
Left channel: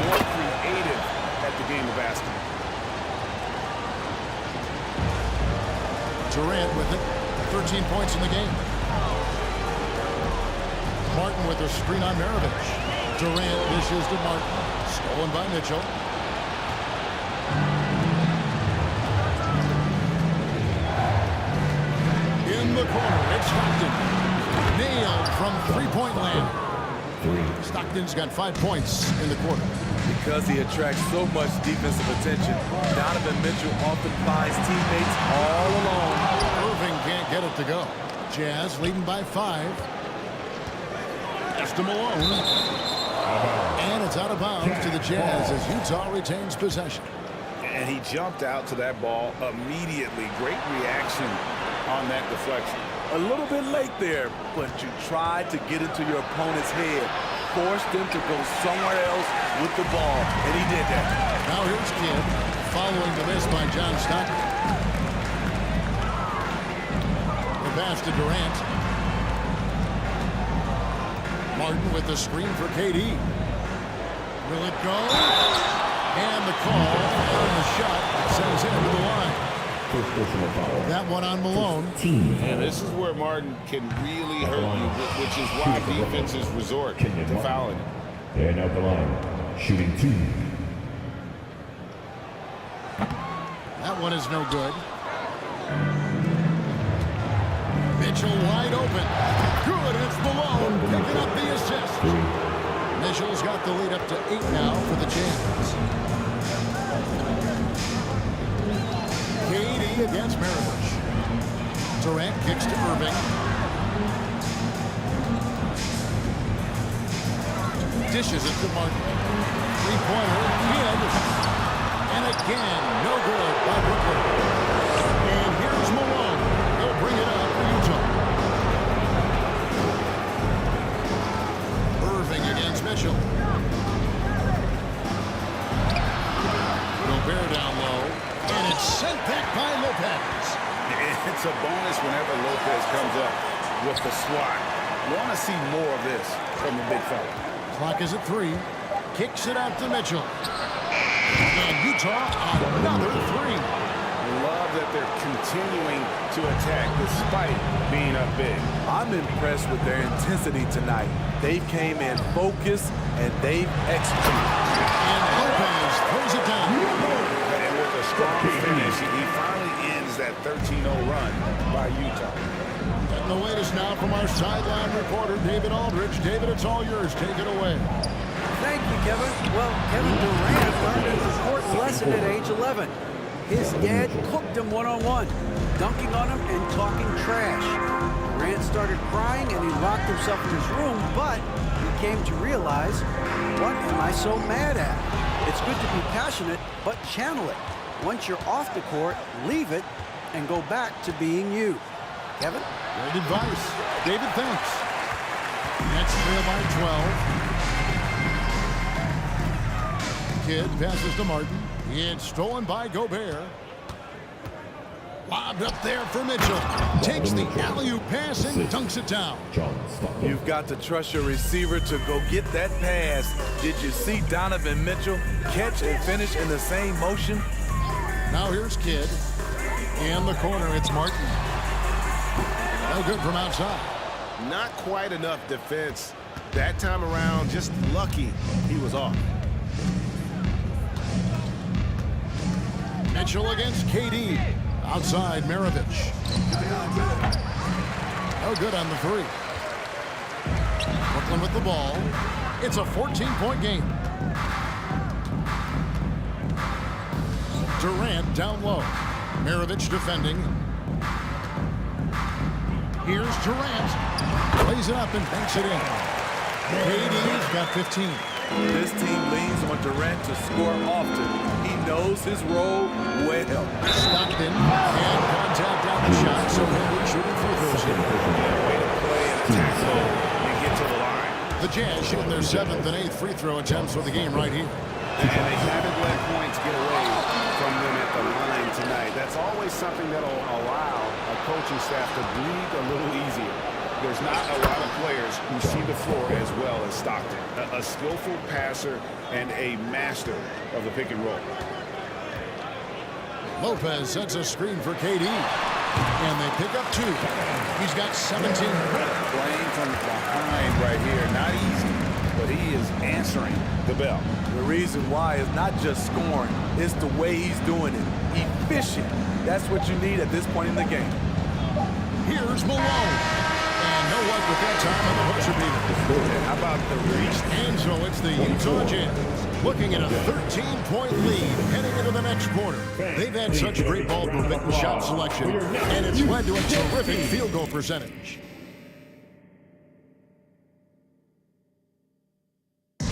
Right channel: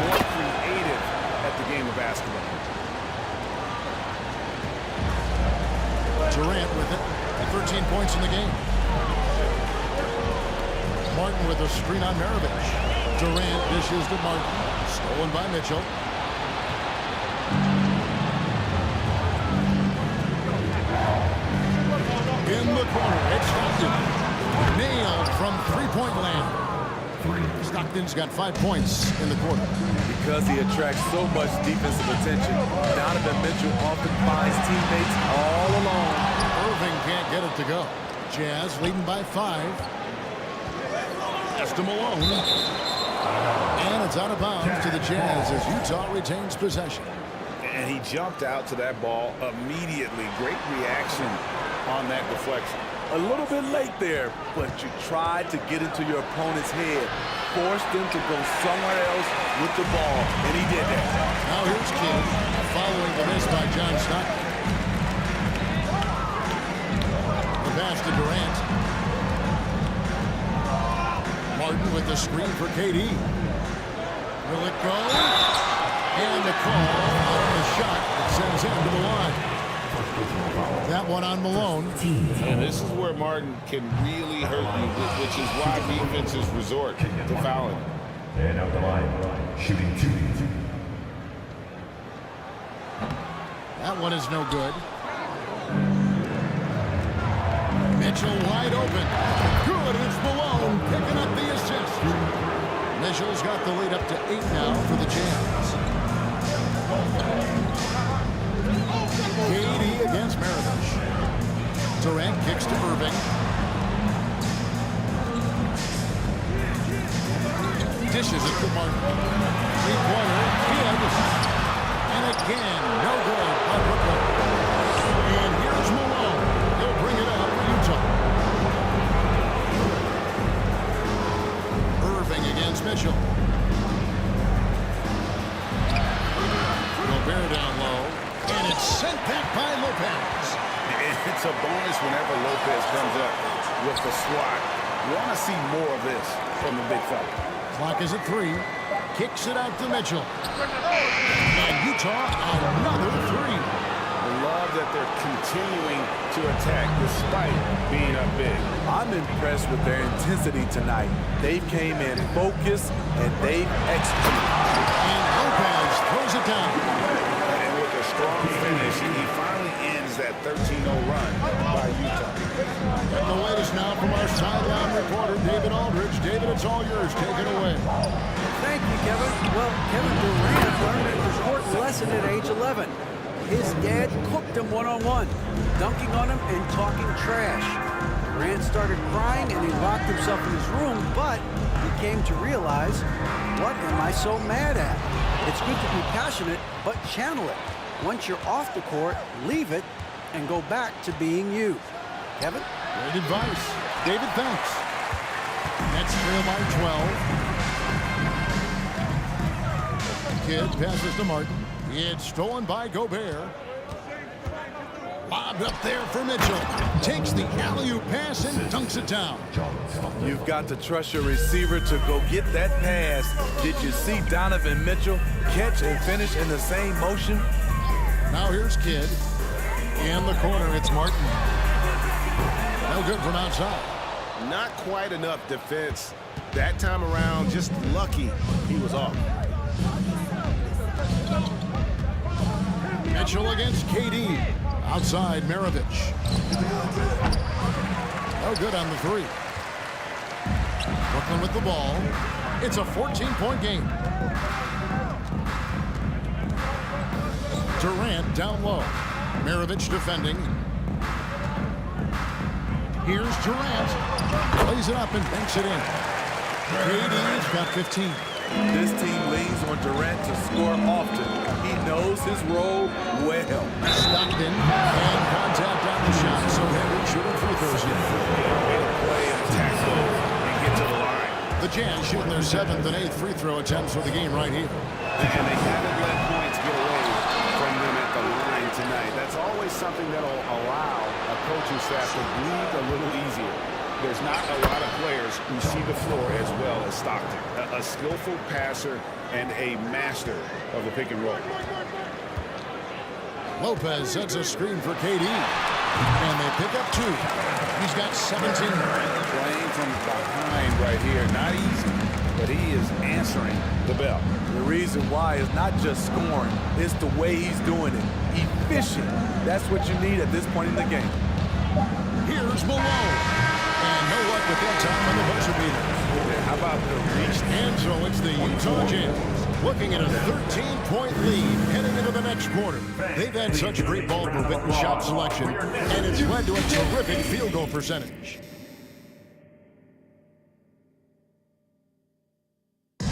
more creative at the game of basketball. Durant with it. 13 points in the game. Martin with a screen on Maravich. Durant dishes to Martin. Stolen by Mitchell. In the corner, it's Stockton. Nailed from three-point land. Stockton's got 5 points in the quarter. Because he attracts so much defensive attention, Donovan Mitchell often finds teammates all alone. Irving can't get it to go. Jazz leading by 5. Pass to Malone. And it's out of bounds to the Jazz as Utah retains possession. And he jumped out to that ball immediately. Great reaction on that deflection. A little bit late there, but you tried to get into your opponent's head. Force them to go somewhere else with the ball, and he did that. Now here's Kidd, following the miss by John Stockton. The pass to Durant. Martin with the screen for KD. Will it go? And the call on the shot that sends him to the line. That one on Malone. And this is where Martin can really hurt you, which is why defenses resort to fouling it. And out the line, shooting 2. That one is no good. Mitchell wide open. Good, and it's Malone picking up the assist. Mitchell's got the lead up to 8 now for the Jazz. KD against Maravich. Durant kicks to Irving. Dishes it to Martin. Three-pointer, Kidd. And again, no good by Brooklyn. And here's Malone. He'll bring it up for Utah. Irving against Mitchell. Gobert down low. And it's sent back by Lopez. It's a bonus whenever Lopez comes up with the swat. You want to see more of this from the big fella. Clock is at 3. Kicks it out to Mitchell. And Utah, another 3. I love that they're continuing to attack despite being up big. I'm impressed with their intensity tonight. They've came in focused and they've executed. And Lopez throws it down. And with a strong finish, he finally ends that 13-0 run by Utah. Getting the latest now from our sideline reporter, David Aldridge. David, it's all yours. Take it away. Thank you, Kevin. Well, Kevin Durant learned an important lesson at age 11. His dad cooked him one-on-one, dunking on him and talking trash. Durant started crying and he locked himself in his room, but he came to realize, what am I so mad at? It's good to be passionate, but channel it. Once you're off the court, leave it and go back to being you. Kevin? Great advice. David, thanks. Nets trail by 12. Kidd passes to Martin. It's stolen by Gobert. Lobbed up there for Mitchell. Takes the alley-oop pass and dunks it down. You've got to trust your receiver to go get that pass. Did you see Donovan Mitchell catch and finish in the same motion? Now here's Kidd. In the corner, it's Martin. No good from outside. Not quite enough defense. That time around, just lucky he was off. Mitchell against KD. Outside, Maravich. No good on the 3. Brooklyn with the ball. It's a 14-point game. Durant down low. Maravich defending. Here's Durant. Plays it up and banks it in. KD's got 15. This team leans on Durant to score often. He knows his role well. Stockton and contact on the shot, so he'll be shooting free throws here. Way to play and attack mode and get to the line. The Jazz shooting their 7th and 8th free throw attempts for the game right here. And they haven't let points get away from them at the line tonight. That's always something that'll allow a coaching staff to breathe a little easier. There's not a lot of players who see the floor as well as Stockton. A skillful passer and a master of the pick and roll. Lopez sets a screen for KD. And they pick up 2. He's got 17. Playing from behind right here. Not easy, but he is answering the bell. The reason why is not just scoring. It's the way he's doing it. Efficient. That's what you need at this point in the game. Here's Malone. And no luck with that time on the buzzer beater. Yeah, how about the reach? And so it's the Utah Jazz looking at a 13-point lead heading into the next quarter. They've had such great ball movement and shot selection, and it's led to a terrific field goal percentage. And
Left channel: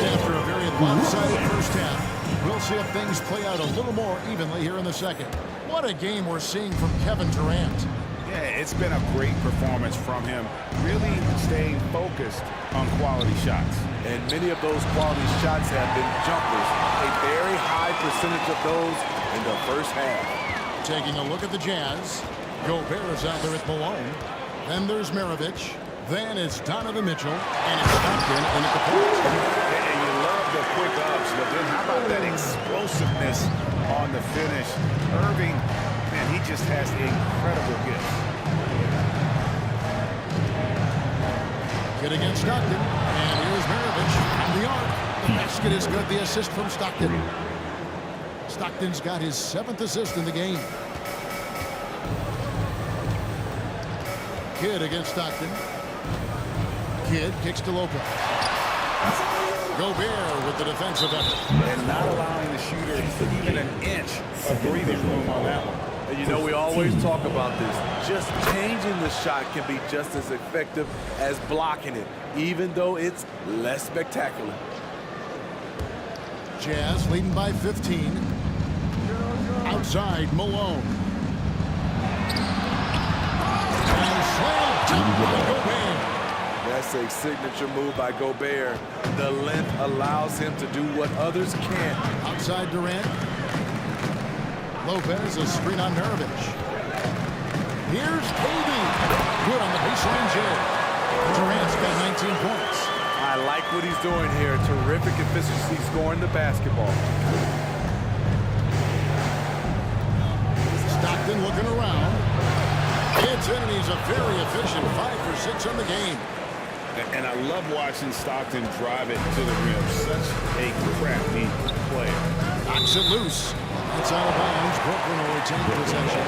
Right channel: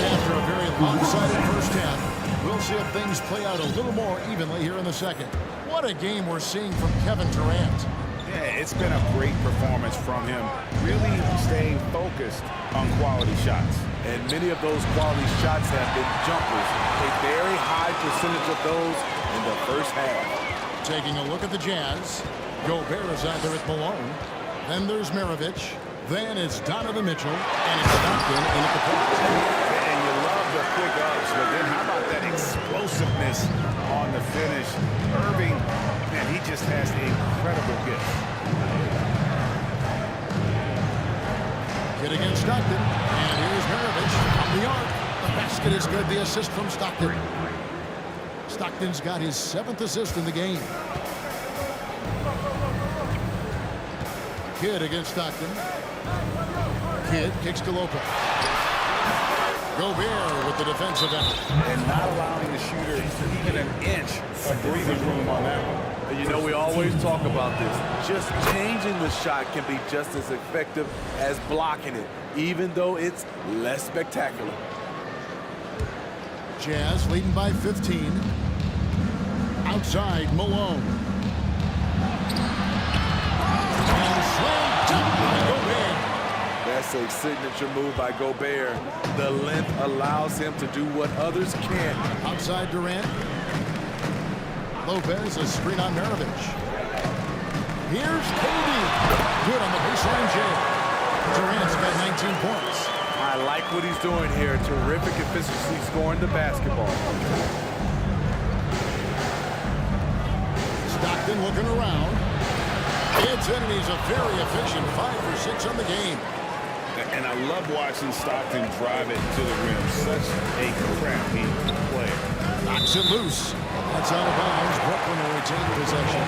after a very lopsided first half, we'll see if things play out a little more evenly here in the second. What a game we're seeing from Kevin Durant. Yeah, it's been a great performance from him, really staying focused on quality shots. And many of those quality shots have been jumpers. A very high percentage of those in the first half. Taking a look at the Jazz. Gobert is out there at Malone. Then there's Maravich. Then it's Donovan Mitchell. And it's Stockton in at the point. And you love the quick ups, but then how about that explosiveness on the finish? Irving, man, he just has the incredible gift. Kidd against Stockton. And here's Maravich from the arc. The basket is good. The assist from Stockton. Stockton's got his 7th assist in the game. Kidd against Stockton. Kidd kicks to Lopez. Gobert with the defensive effort. And not allowing the shooter even an inch of breathing room on that one. You know, we always talk about this. Just changing the shot can be just as effective as blocking it, even though it's less spectacular. Jazz leading by 15. Outside, Malone. And slam dunk by Gobert. That's a signature move by Gobert. The length allows him to do what others can't. Outside Durant. Lopez, a screen on Maravich. Here's KD. Good on the baseline jam. Durant's got 19 points. I like what he's doing here. Terrific efficiency scoring the basketball. Stockton looking around. It's in, and he's a very efficient 5 for 6 on the game. And I love watching Stockton drive it to the rim. Such a crafty player. Knocks it loose. That's out of bounds. Brooklyn will retain possession.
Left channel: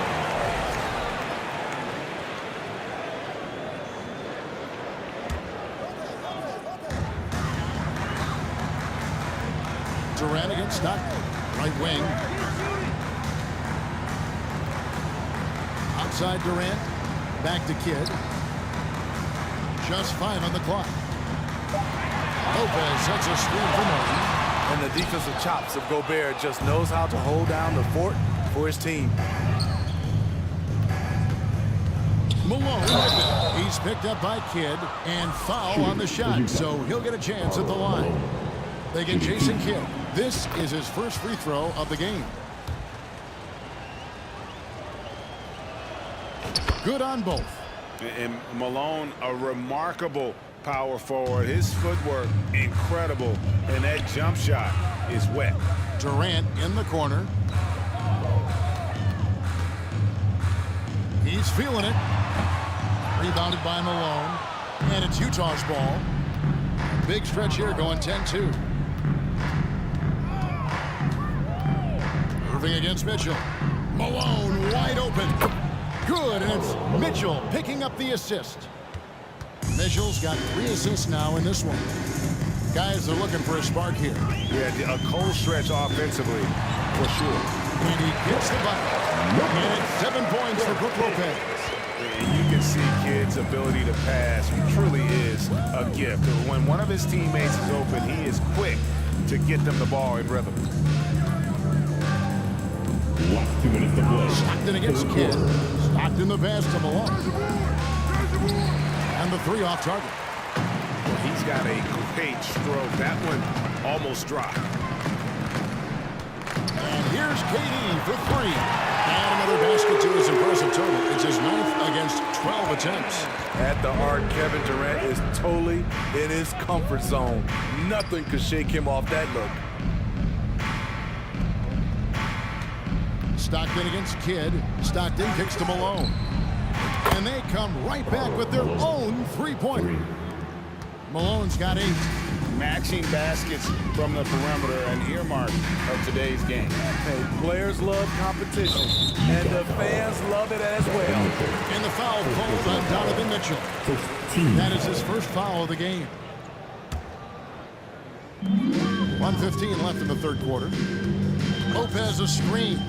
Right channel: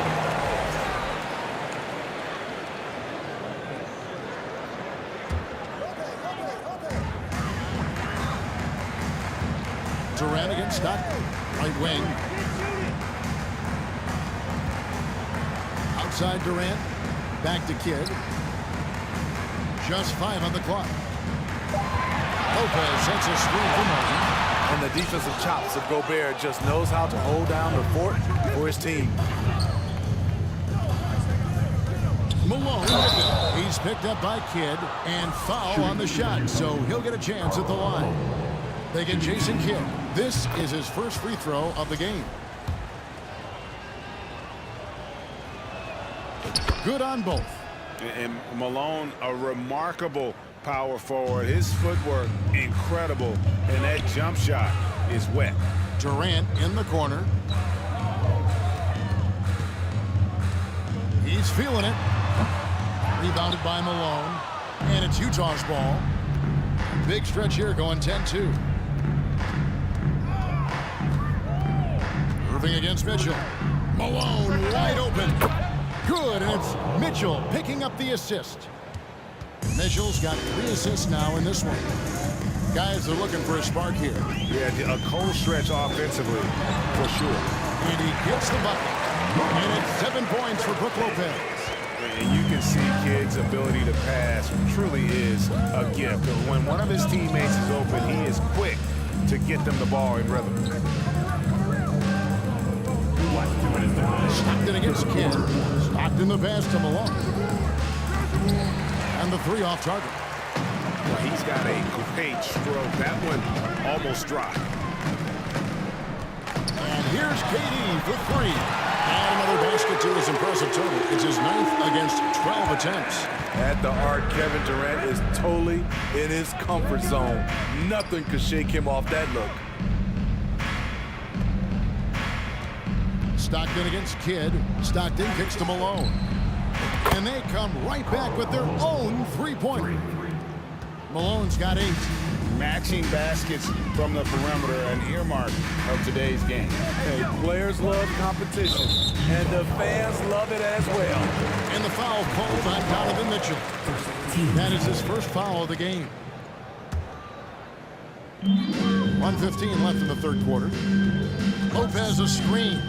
Durant against Stockton. Right wing. Outside Durant. Back to Kidd. Just 5 on the clock. Lopez sets a screen for Martin. And the defensive chops of Gobert just knows how to hold down the fort for his team. Malone with it. He's picked up by Kidd and foul on the shot, so he'll get a chance at the line. They get Jason Kidd. This is his first free throw of the game. Good on both. And Malone, a remarkable power forward. His footwork, incredible. And that jump shot is wet. Durant in the corner. He's feeling it. Rebounded by Malone. And it's Utah's ball. Big stretch here going 10-2. Irving against Mitchell. Malone wide open. Good, and it's Mitchell picking up the assist. Mitchell's got 3 assists now in this one. Guys are looking for a spark here. Yeah, a cold stretch offensively, for sure. And he gets the bucket. And it's 7 points for Brook Lopez. And you can see Kidd's ability to pass truly is a gift. When one of his teammates is open, he is quick to get them the ball in rhythm. Stockton against Kidd. Stockton the pass to Malone. And the 3 off target. Well, he's got a great stroke. That one almost dropped. And here's KD for 3. And another basket to his impressive total. It's his 9th against 12 attempts. At the arc, Kevin Durant is totally in his comfort zone. Nothing could shake him off that look. Stockton against Kidd. Stockton kicks to Malone. And they come right back with their own 3-pointer. Malone's got 8. Matching baskets from the perimeter, an earmark of today's game. Hey, players love competition, and the fans love it as well. And the foul called on Donovan Mitchell. That is his first foul of the game. 1:15 left in the third quarter. Lopez a screen.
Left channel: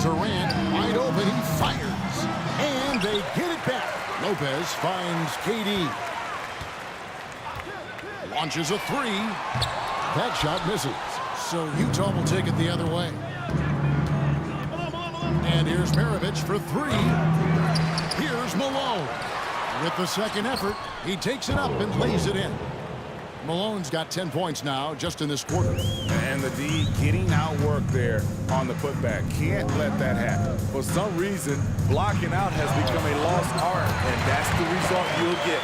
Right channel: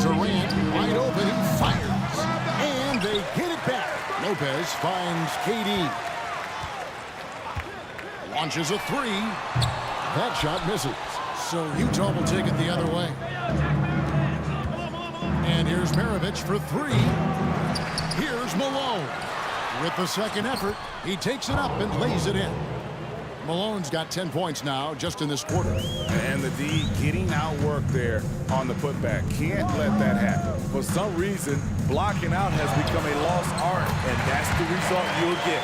Durant wide open, he fires. And they get it back. Lopez finds KD. Launches a 3. That shot misses. So Utah will take it the other way. And here's Maravich for 3. Here's Malone. With the second effort, he takes it up and lays it in. Malone's got 10 points now just in this quarter. And the D getting outworked there on the putback. Can't let that happen. For some reason, blocking out has become a lost art, and that's the result you'll get.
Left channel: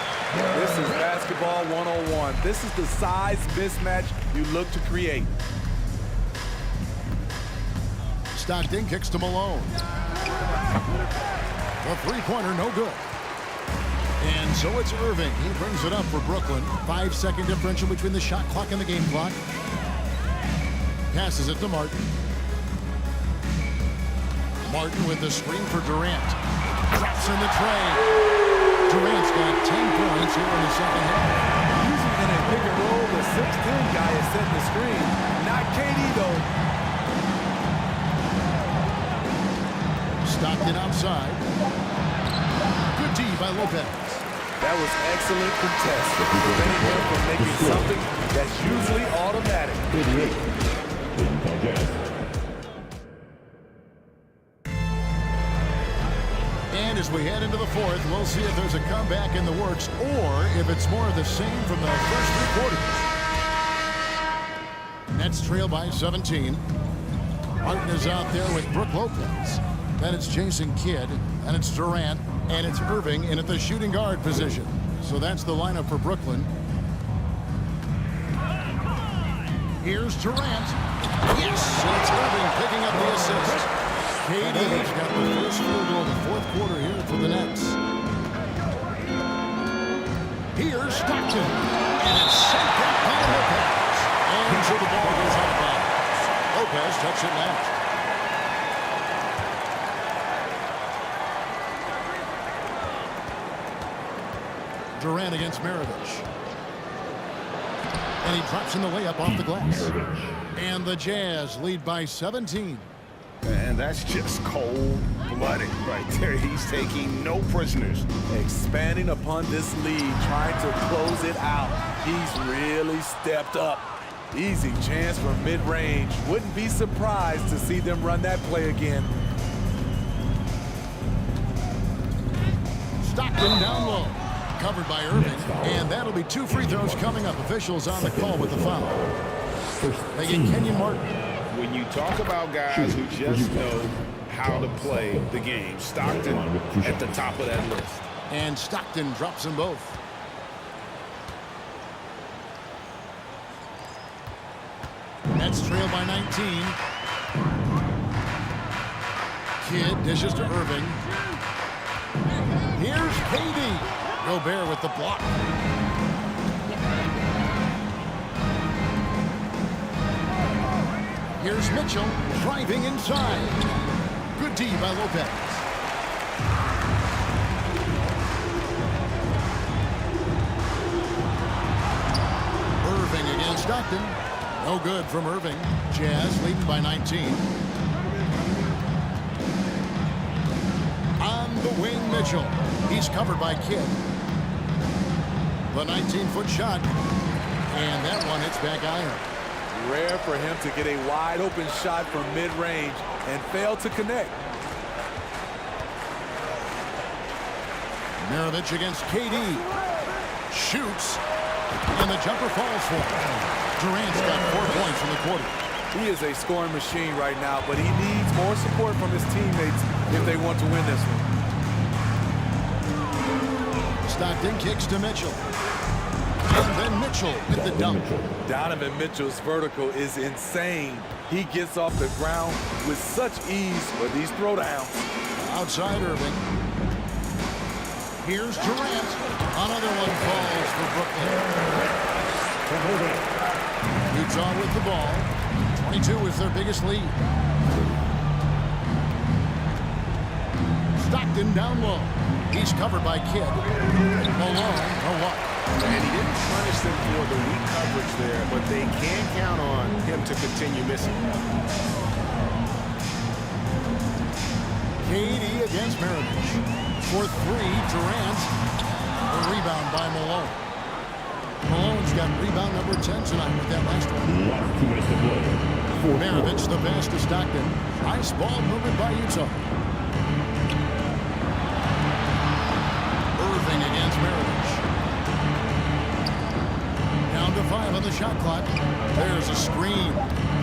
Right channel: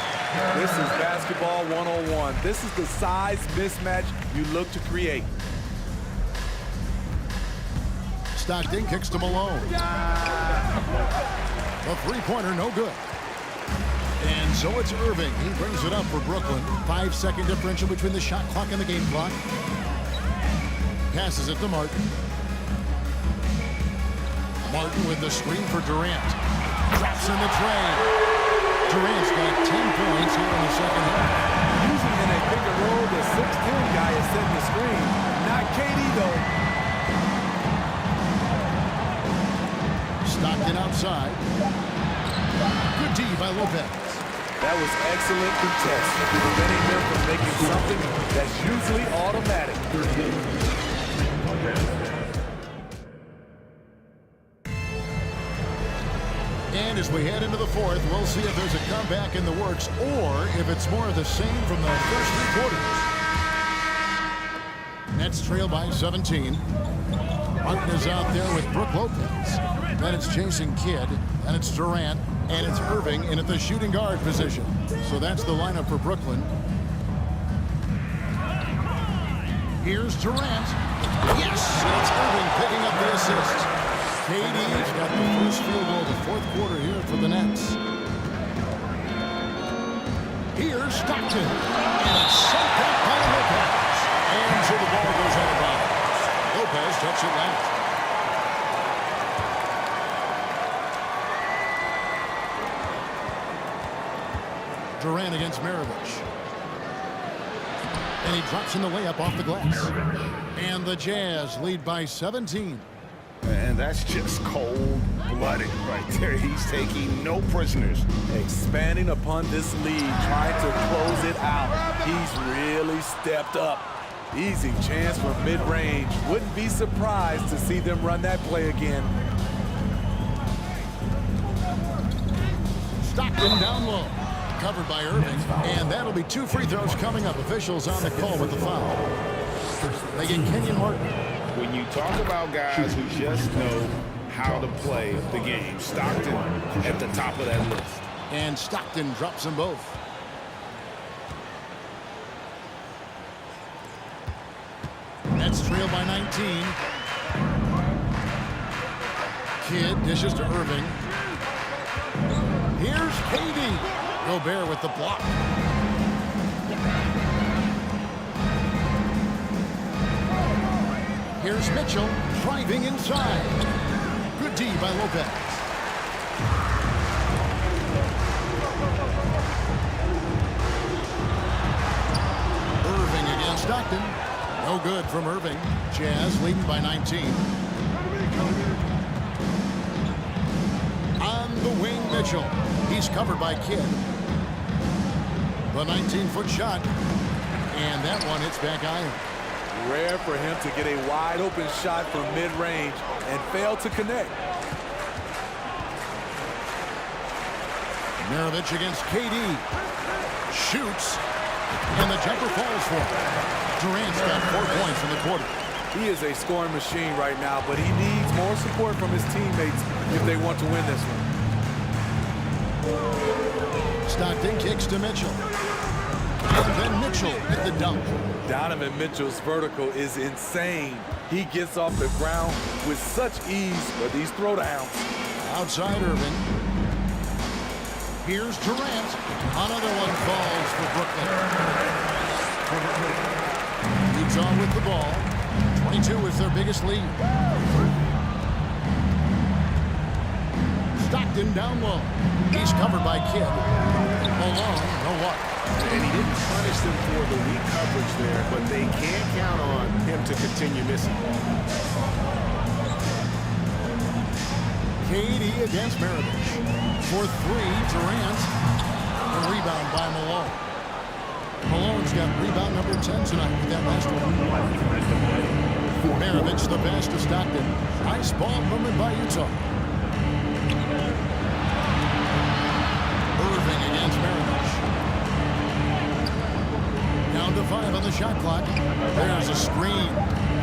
This is basketball 101. This is the size mismatch you look to create. Stockton kicks to Malone. The 3-pointer, no good. And so it's Irving. He brings it up for Brooklyn. 5-second differential between the shot clock and the game clock. Passes it to Martin. Martin with the screen for Durant. Drops in the tray. Durant's got 10 points here in the second half. Usually in a pick and roll, the 6'10 guy is setting the screen. Not KD, though. Stockton outside. Good D by Lopez. That was excellent contest, preventing him from making something that's usually automatic. And as we head into the fourth, we'll see if there's a comeback in the works or if it's more of the same from the first 3 quarters. Nets trail by 17. Martin is out there with Brook Lopez. Then it's Jason Kidd. Then it's Durant. And it's Irving in at the shooting guard position. So that's the lineup for Brooklyn. Here's Durant. Yes! And it's Irving picking up the assist. KD's got the first field goal of the fourth quarter here for the Nets. Here's Stockton. And it's sent back by Lopez. And so the ball goes out of bounds. Lopez touched it last. Durant against Maravich. And he drops in the layup off the glass. And the Jazz lead by 17. And that's just cold-blooded right there. He's taking no prisoners. Expanding upon this lead, trying to close it out. He's really stepped up. Easy chance for mid-range. Wouldn't be surprised to see them run that play again. Stockton down low. Covered by Irving. And that'll be 2 free throws coming up. Officials on the call with the foul. They get Kenyon Martin. When you talk about guys who just know how to play the game, Stockton at the top of that list. And Stockton drops them both. Nets trail by 19. Kidd dishes to Irving. Here's KD. Gobert with the block. Here's Mitchell driving inside. Good D by Lopez. Irving against Stockton. No good from Irving. Jazz leading by 19. On the wing, Mitchell. He's covered by Kidd. The 19-foot shot. And that one hits back iron. Rare for him to get a wide open shot from mid-range and fail to connect. Maravich against KD. Shoots. And the jumper falls for him. Durant's got 4 points in the quarter. He is a scoring machine right now, but he needs more support from his teammates if they want to win this one. Stockton kicks to Mitchell. And then Mitchell at the dunk. Donovan Mitchell's vertical is insane. He gets off the ground with such ease for these throwdowns. Outside Irving. Here's Durant. Another one falls for Brooklyn. Utah with the ball. 22 is their biggest lead. Stockton down low. He's covered by Kidd. Malone, no what? And he didn't punish them for the weak coverage there, but they can count on him to continue missing. KD against Maravich. For 3, Durant. The rebound by Malone. Malone's got rebound number 10 tonight with that last one. Maravich the pass to Stockton. Nice ball movement by Utah. Irving against Maravich. Down to 5 on the shot clock. There's a screen.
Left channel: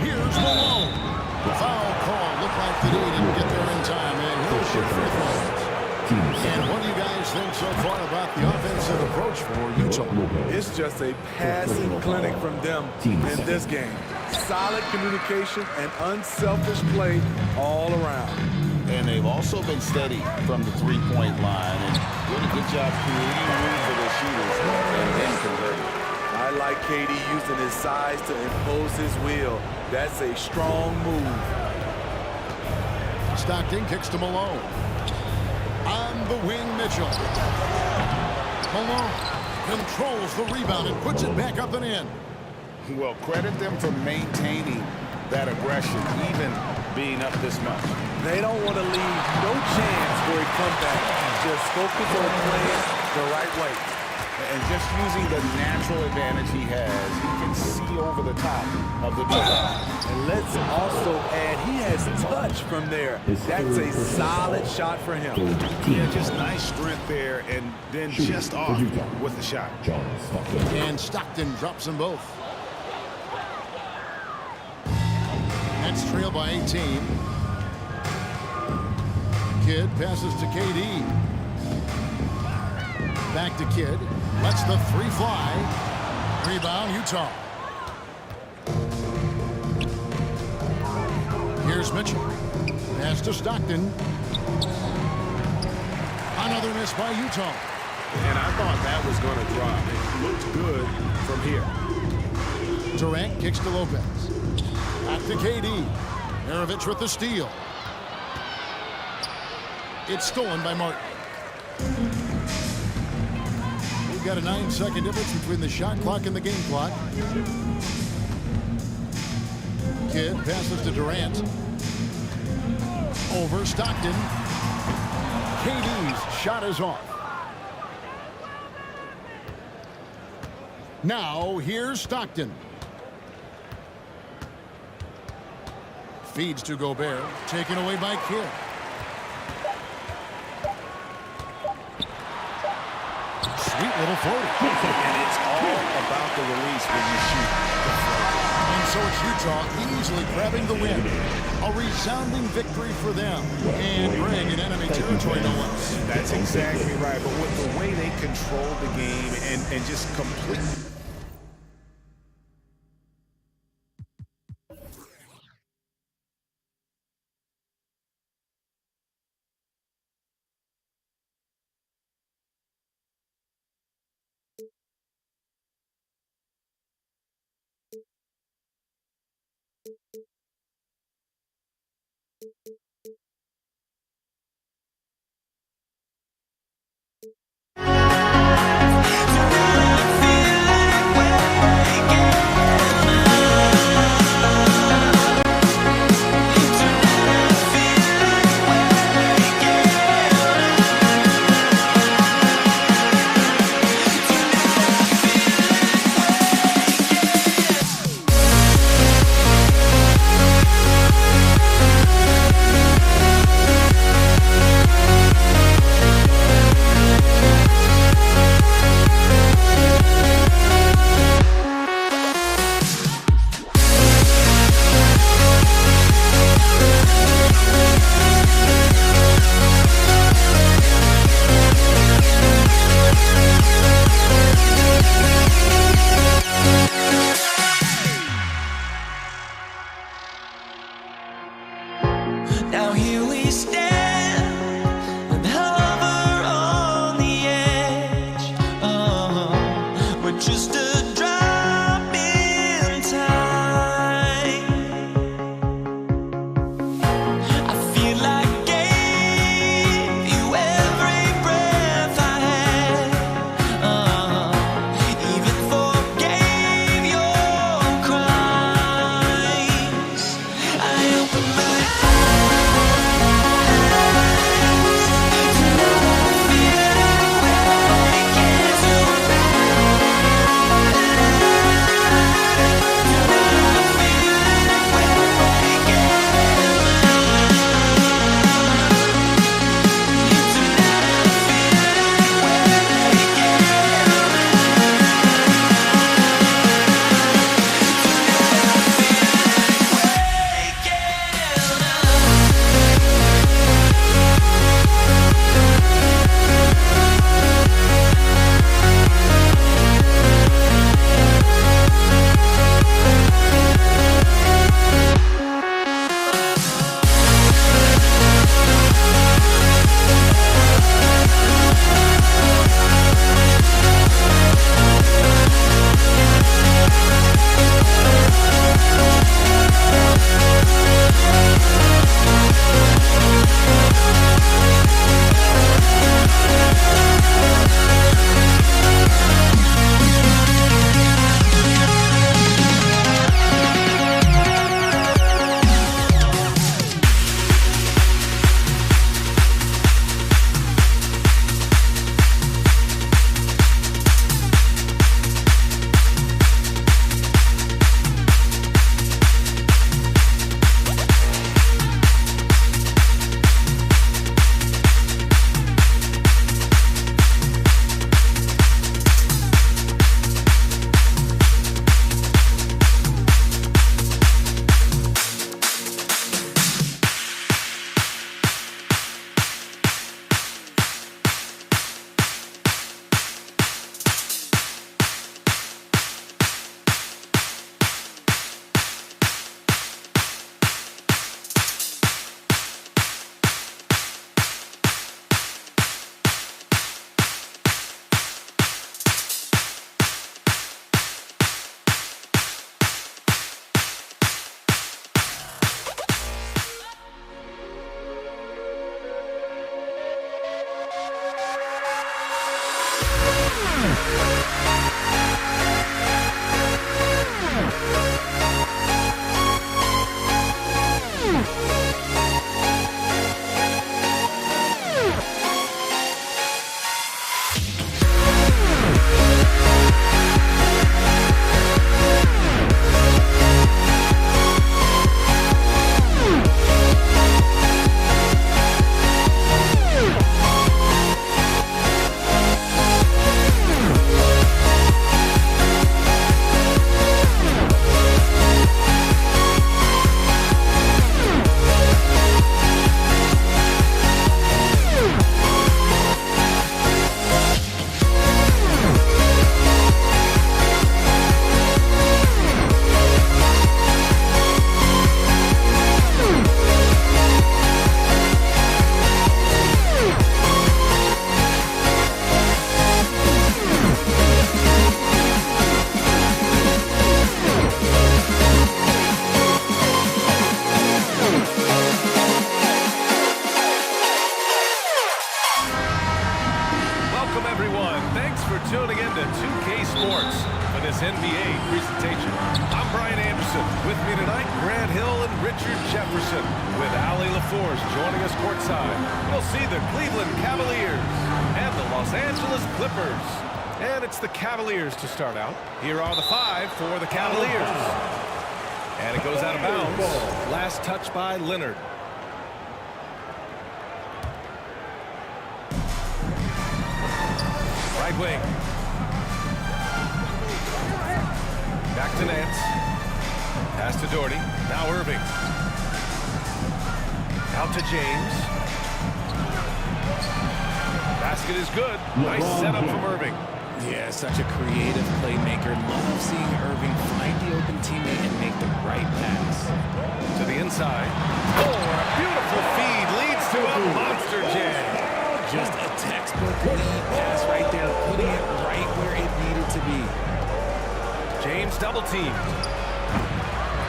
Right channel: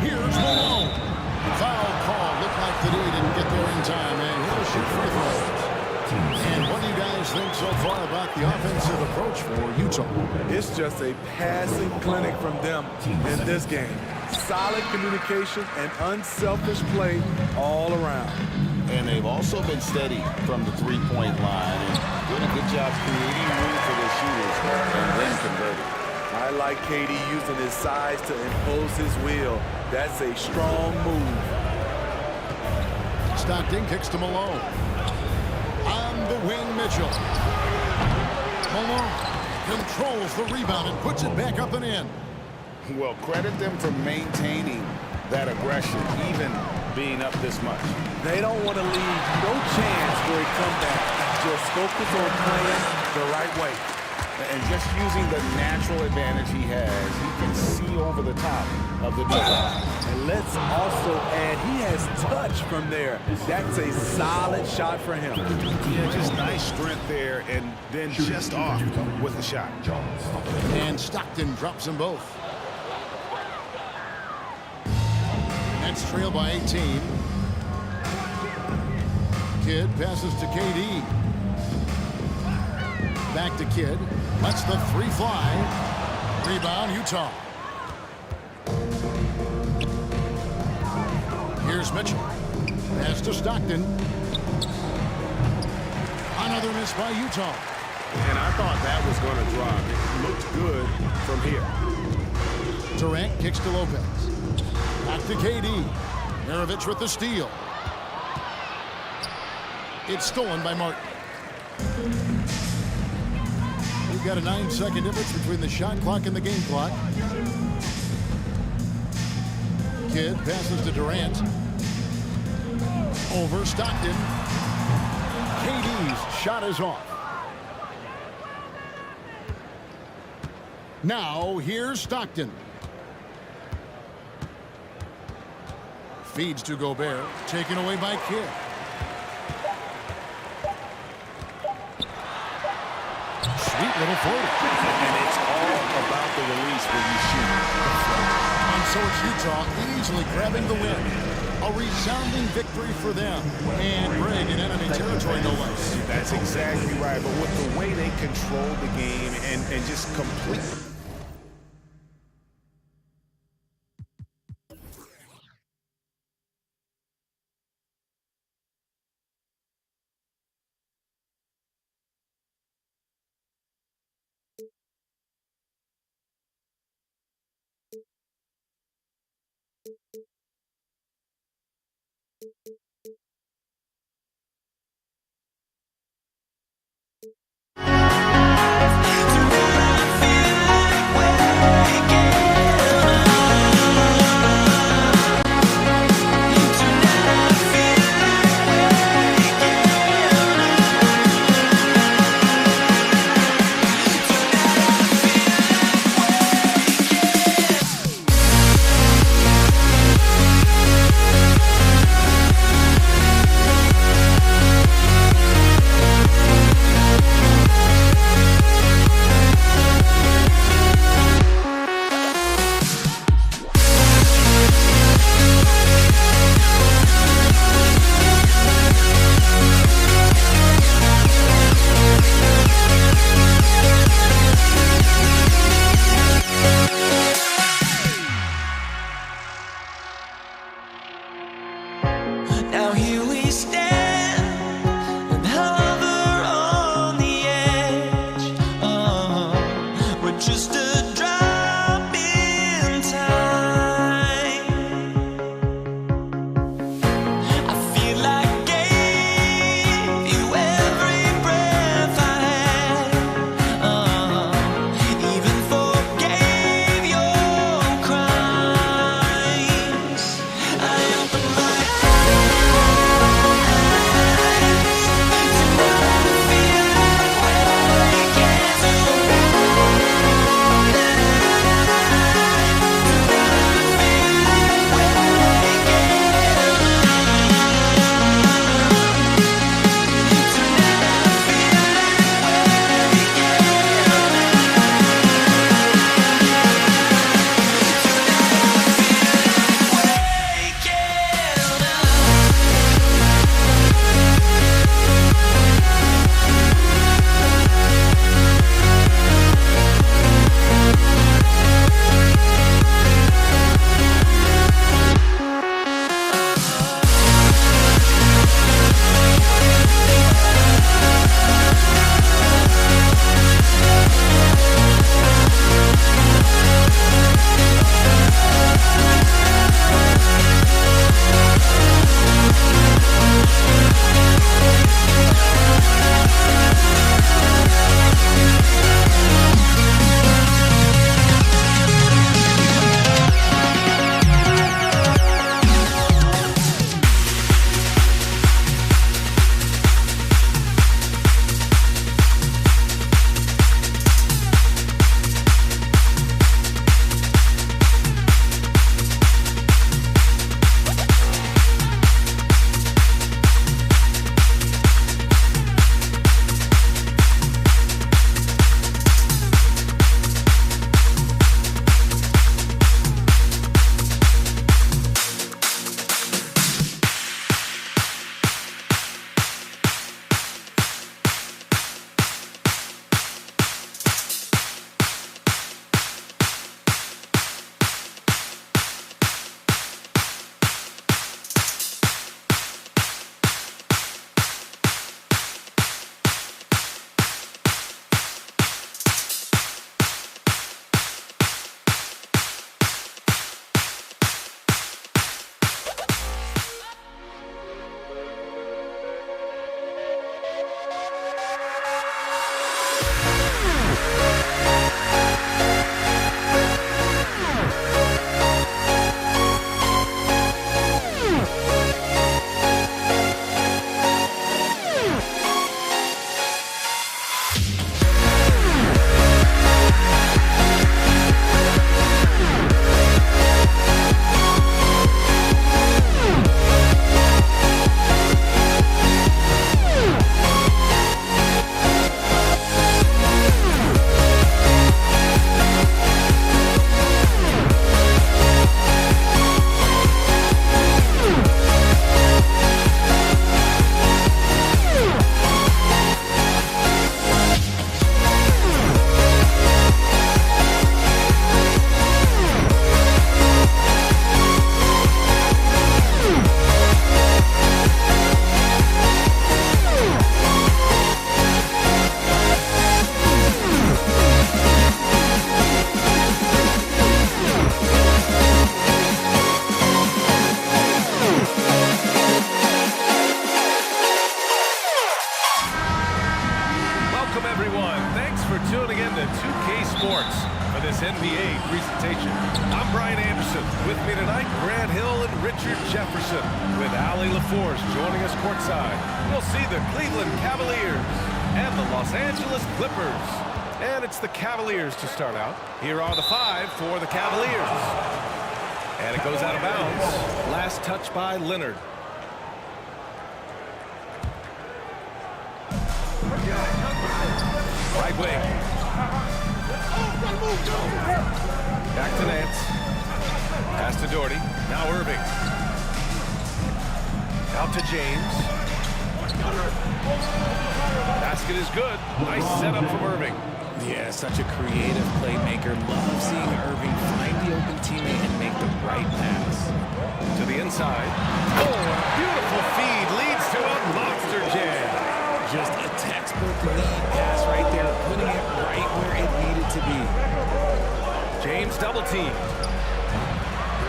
Here's Malone. Foul call. Looked like the D didn't get there in time, and he'll shoot free throws. And what do you guys think so far about the offensive approach for Utah? It's just a passing clinic from them in this game. Solid communication and unselfish play all around. And they've also been steady from the three-point line and doing a good job creating room for their shooters and then converting. I like KD using his size to impose his will. That's a strong move. Stockton kicks to Malone. On the wing, Mitchell. Malone controls the rebound and puts it back up and in. Well, credit them for maintaining that aggression, even being up this much. They don't want to leave no chance for a comeback. Just focus on playing the right way. And just using the natural advantage he has, he can see over the top of the defense. And let's also add, he has touch from there. That's a solid shot for him. Yeah, just nice strength there, and then just off with the shot. And Stockton drops them both. Nets trail by 18. Kidd passes to KD. Back to Kidd. Lets the three fly. Rebound, Utah. Here's Mitchell. Pass to Stockton. Another miss by Utah. And I thought that was going to drop. It looked good from here. Durant kicks to Lopez. Back to KD. Maravich with the steal. It's stolen by Martin. We've got a 9-second difference between the shot clock and the game clock. Kidd passes to Durant. Over Stockton. KD's shot is off. Now here's Stockton. Feeds to Gobert. Taken away by Kidd. Sweet little floater. And it's all about the release when you shoot the floater. And so it's Utah easily grabbing the win. A resounding victory for them. And Greg in enemy territory, no less. That's exactly right. But with the way they controlled the game and just completely... tuning in to 2K Sports for this NBA presentation. I'm Brian Anderson. With me tonight, Grant Hill and Richard Jefferson, with Allie LaForce joining us courtside. We'll see the Cleveland Cavaliers and the Los Angeles Clippers. And it's the Cavaliers to start out. Here are the 5 for the Cavaliers. And it goes out of bounds. Last touch by Leonard. Right wing. Back to Nance. Pass to Doherty. Now Irving. Out to James. Basket is good. Nice setup from Irving. Yeah, such a creative playmaker. Love seeing Irving find the open teammate and make the right pass. To the inside. Oh, and a beautiful feed leads to a monster jam. Just a textbook lead pass right there, putting it right where it needed to be. James double team.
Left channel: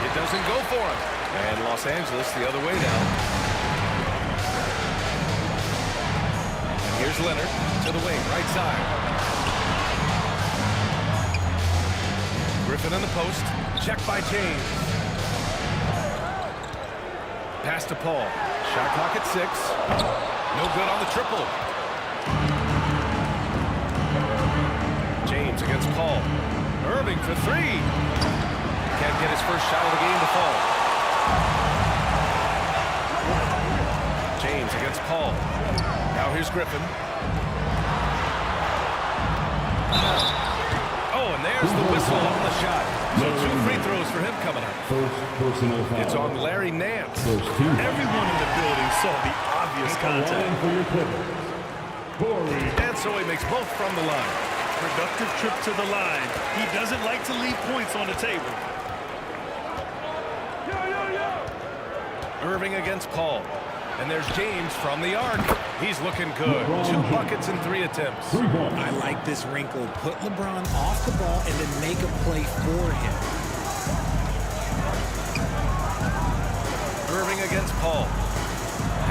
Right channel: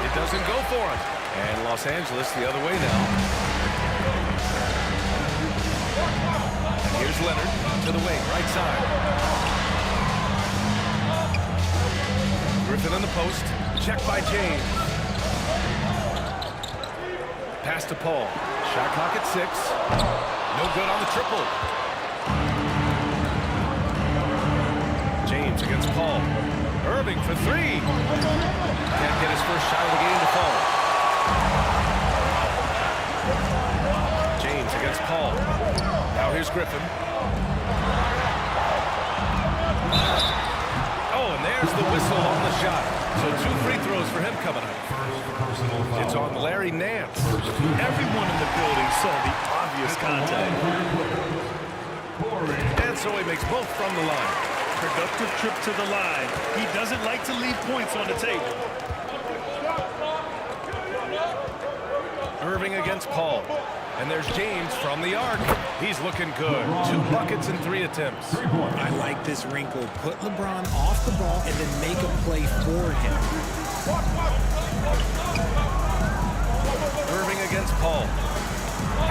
It doesn't go for him. And Los Angeles the other way now. And here's Leonard to the wing, right side. Griffin in the post. Check by James. Pass to Paul. Shot clock at 6. No good on the triple. James against Paul. Irving for 3. Can't get his first shot of the game to fall. James against Paul. Now here's Griffin. Oh, and there's the whistle on the shot. So 2 free throws for him coming up. First personal foul. It's on Larry Nance. Everyone in the building saw the obvious contact. And so he makes both from the line. Productive trip to the line. He doesn't like to leave points on the table. Irving against Paul. And there's James from the arc. He's looking good. 2 buckets in 3 attempts. I like this wrinkle. Put LeBron off the ball and then make a play for him. Irving against Paul.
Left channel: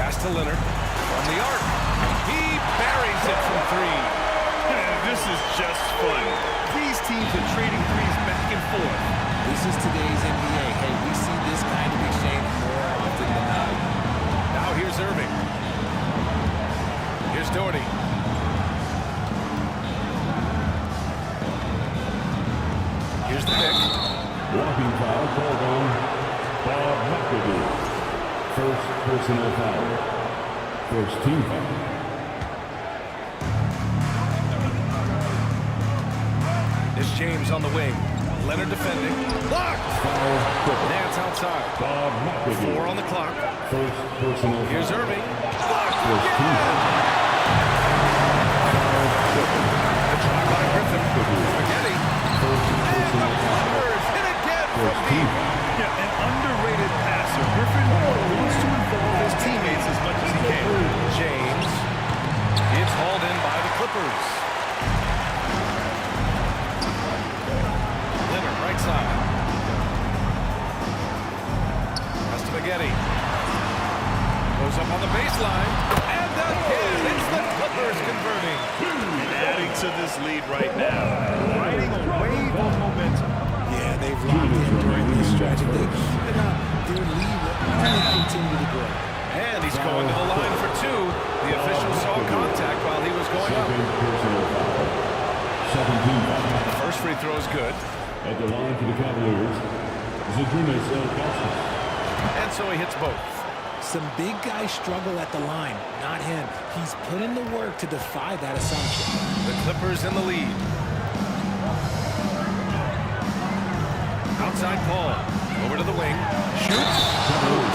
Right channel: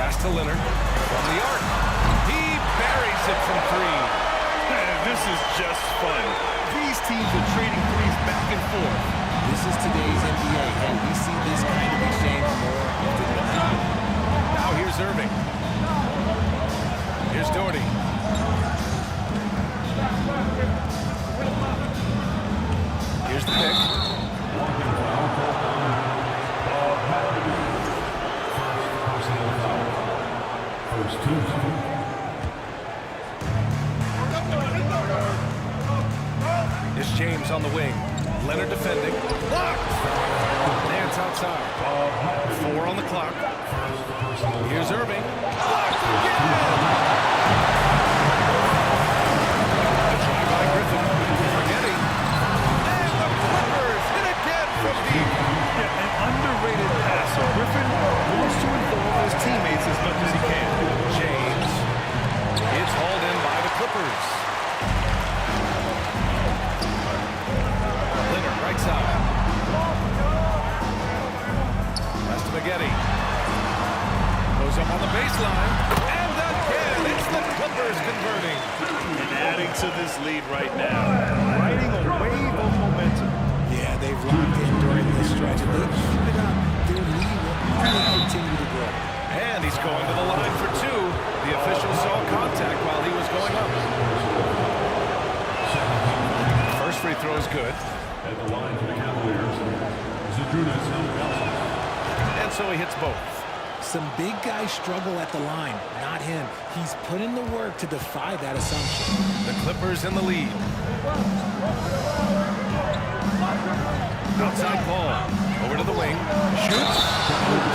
Pass to Leonard from the arc. He buries it from 3. This is just fun. These teams are trading threes back and forth. This is today's NBA. Hey, we see this kind of exchange more often than not. Now here's Irving. Here's Doherty. Here's the pick. Blocking foul called on Bob McAdoo. First personal foul. First team foul. Here's James on the wing. Leonard defending. Blocked! Nance outside. 4 on the clock. First personal foul. Here's Irving. Blocked again! The try by Griffin. Spaghetti. And the Clippers hit again from deep. Yeah, an underrated passer. Griffin wants to involve his teammates as much as he can. James. It's hauled in by the Clippers. Leonard, right side. Pass to Spaghetti. Goes up on the baseline. And again, it's the Clippers converting. And adding to this lead right now. Riding a wave of momentum. Yeah, they've locked in during this stretch. If they keep it up, their lead will only continue to grow. And he's going to the line for 2. The official saw contact while he was going up. The first free throw is good. At the line for the Cavaliers, Zydrunas Ilgauskas. And so he hits both. Some big guys struggle at the line, not him. He's put in the work to defy that assumption. The Clippers in the lead. Outside Paul. Over to the wing. Shoots.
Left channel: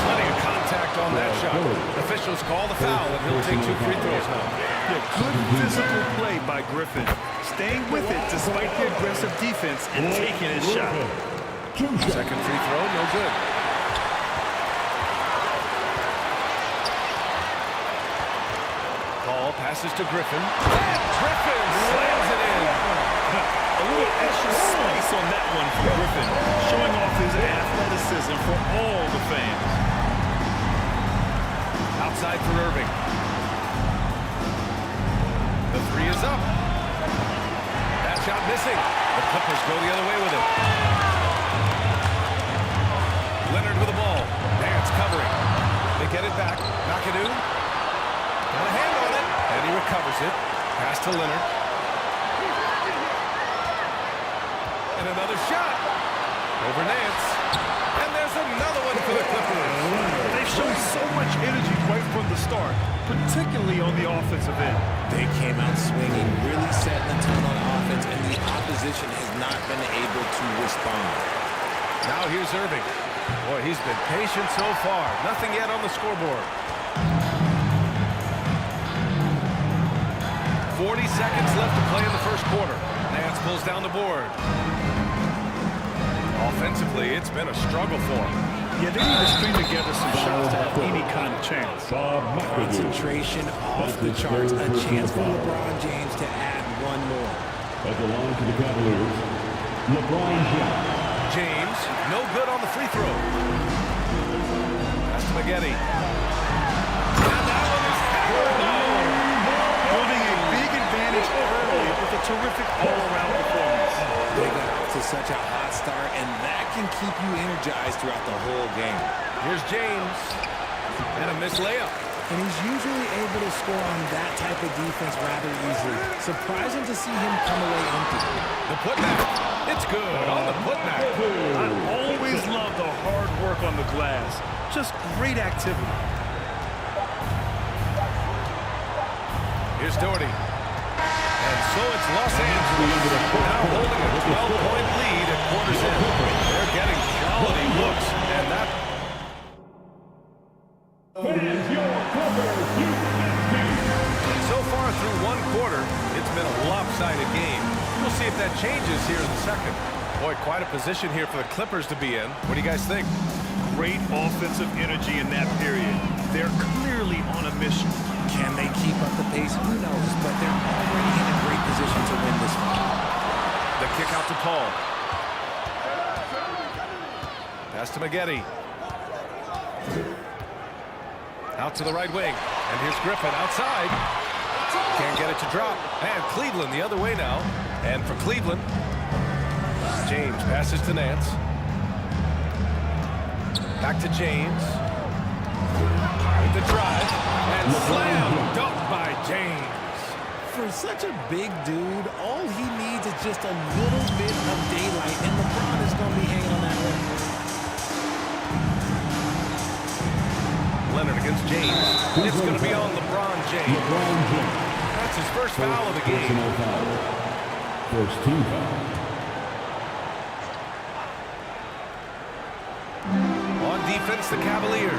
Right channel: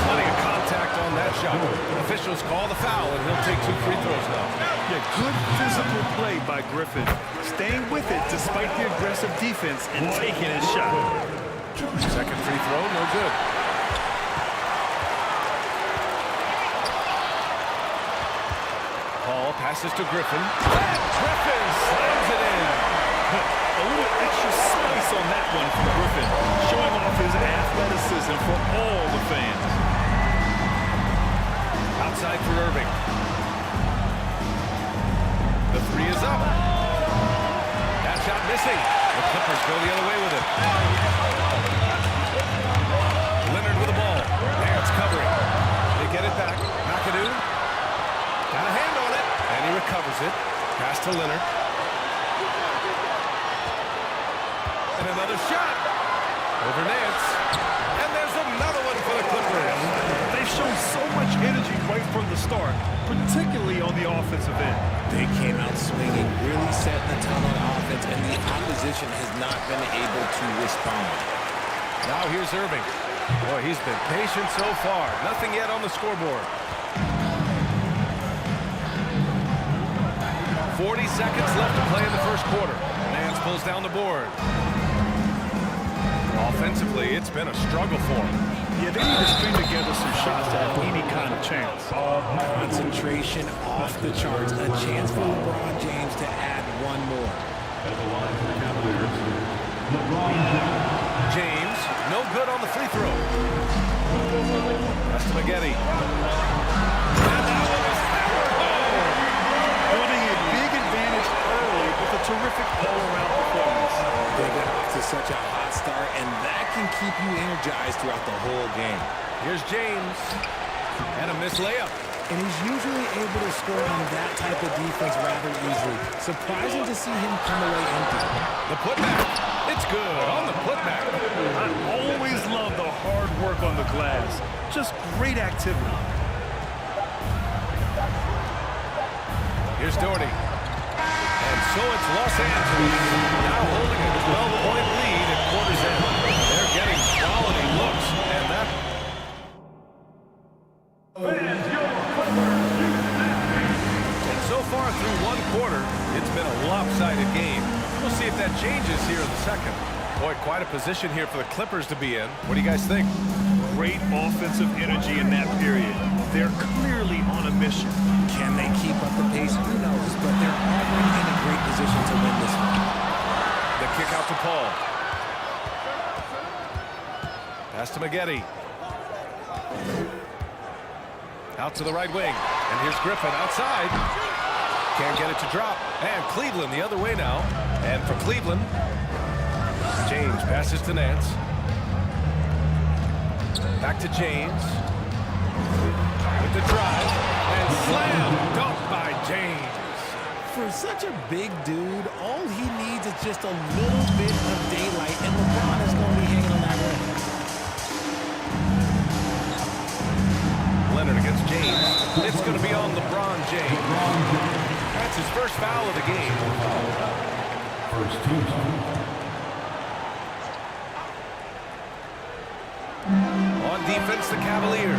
Plenty of contact on that shot. Officials call the foul, and he'll take 2 free throws now. Yeah, good physical play by Griffin. Staying with it despite the aggressive defense and taking his shot. Second free throw, no good. Paul passes to Griffin. And Griffin slams it in. A little extra spice on that one from Griffin, showing off his athleticism for all the fans. Outside for Irving. The 3 is up. That shot missing. The Clippers go the other way with it. Leonard with the ball. Nance covering. They get it back. McAdoo got a hand on it, and he recovers it. Pass to Leonard. And another shot. Over Nance. And there's another one for the Clippers. They've shown so much energy right from the start, particularly on the offensive end. They came out swinging, really setting the tone on offense, and the opposition has not been able to respond. Now here's Irving. Boy, he's been patient so far. Nothing yet on the scoreboard. 40 seconds left to play in the first quarter. Nance pulls down the board. Offensively, it's been a struggle for him. Yeah, they need to string together some shots to have any kind of chance. Concentration off the charts. A chance for LeBron James to add one more. At the line for the Cavaliers, LeBron James. James, no good on the free throw. Pass to Maggette. And that one is hammered home. Building a big advantage early with a terrific all-around performance. They got off to such a hot start, and that can keep you energized throughout the whole game. Here's James. And a missed layup. And he's usually able to score on that type of defense rather easily. Surprising to see him come away empty. The putback. It's good on the putback. I always love the hard work on the glass. Just great activity. Here's Doherty. And so it's Los Angeles now holding a 12-point lead at quarter's end. They're getting quality looks, and that... And so far through one quarter, it's been a lopsided game. We'll see if that changes here in the second. Boy, quite a position here for the Clippers to be in. What do you guys think? Great offensive energy in that period. They're clearly on a mission. Can they keep up the pace? Who knows? But they're already in a great position to win this one. The kick out to Paul. Pass to Maggette. Out to the right wing. And here's Griffin outside. Can't get it to drop. And Cleveland the other way now. And for Cleveland, James passes to Nance. Back to James. With the drive. And slam dunk by James. For such a big dude, all he needs is just a little bit of daylight, and LeBron is going to be hanging on that rim. Leonard against James. It's going to be on LeBron James. That's his first foul of the game. First team foul. On defense, the Cavaliers.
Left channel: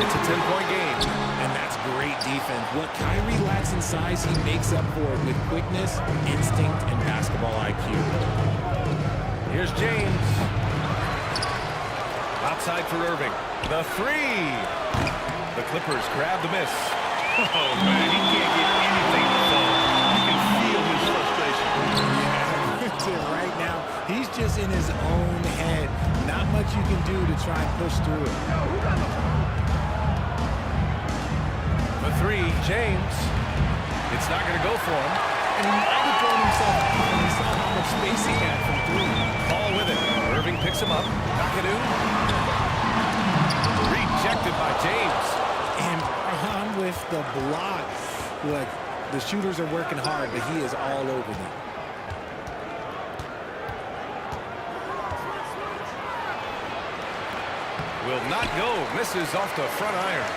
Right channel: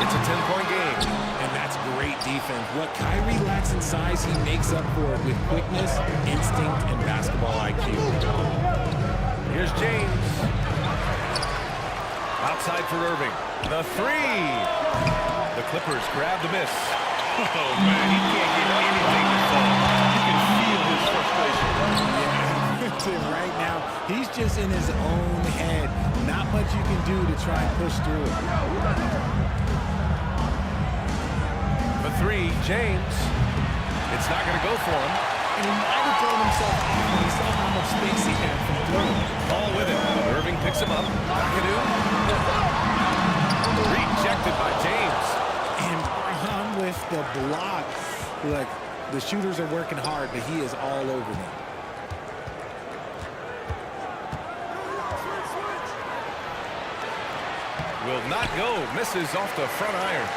It's a 10-point game. And that's great defense. What Kyrie lacks in size, he makes up for it with quickness, instinct, and basketball IQ. Here's James. Outside for Irving. The three. The Clippers grab the miss. Oh, man, he can't get anything to fall. You can feel his frustration. Yeah, right now, he's just in his own head. Not much you can do to try and push through it. The three, James. It's not going to go for him. And he might have thrown himself off when he saw how much space he had from three. Paul with it. Irving picks him up. McAdoo. Rejected by James. And Bron with the block. Look, the shooters are working hard, but he is all over them. Will not go. Misses off the front iron.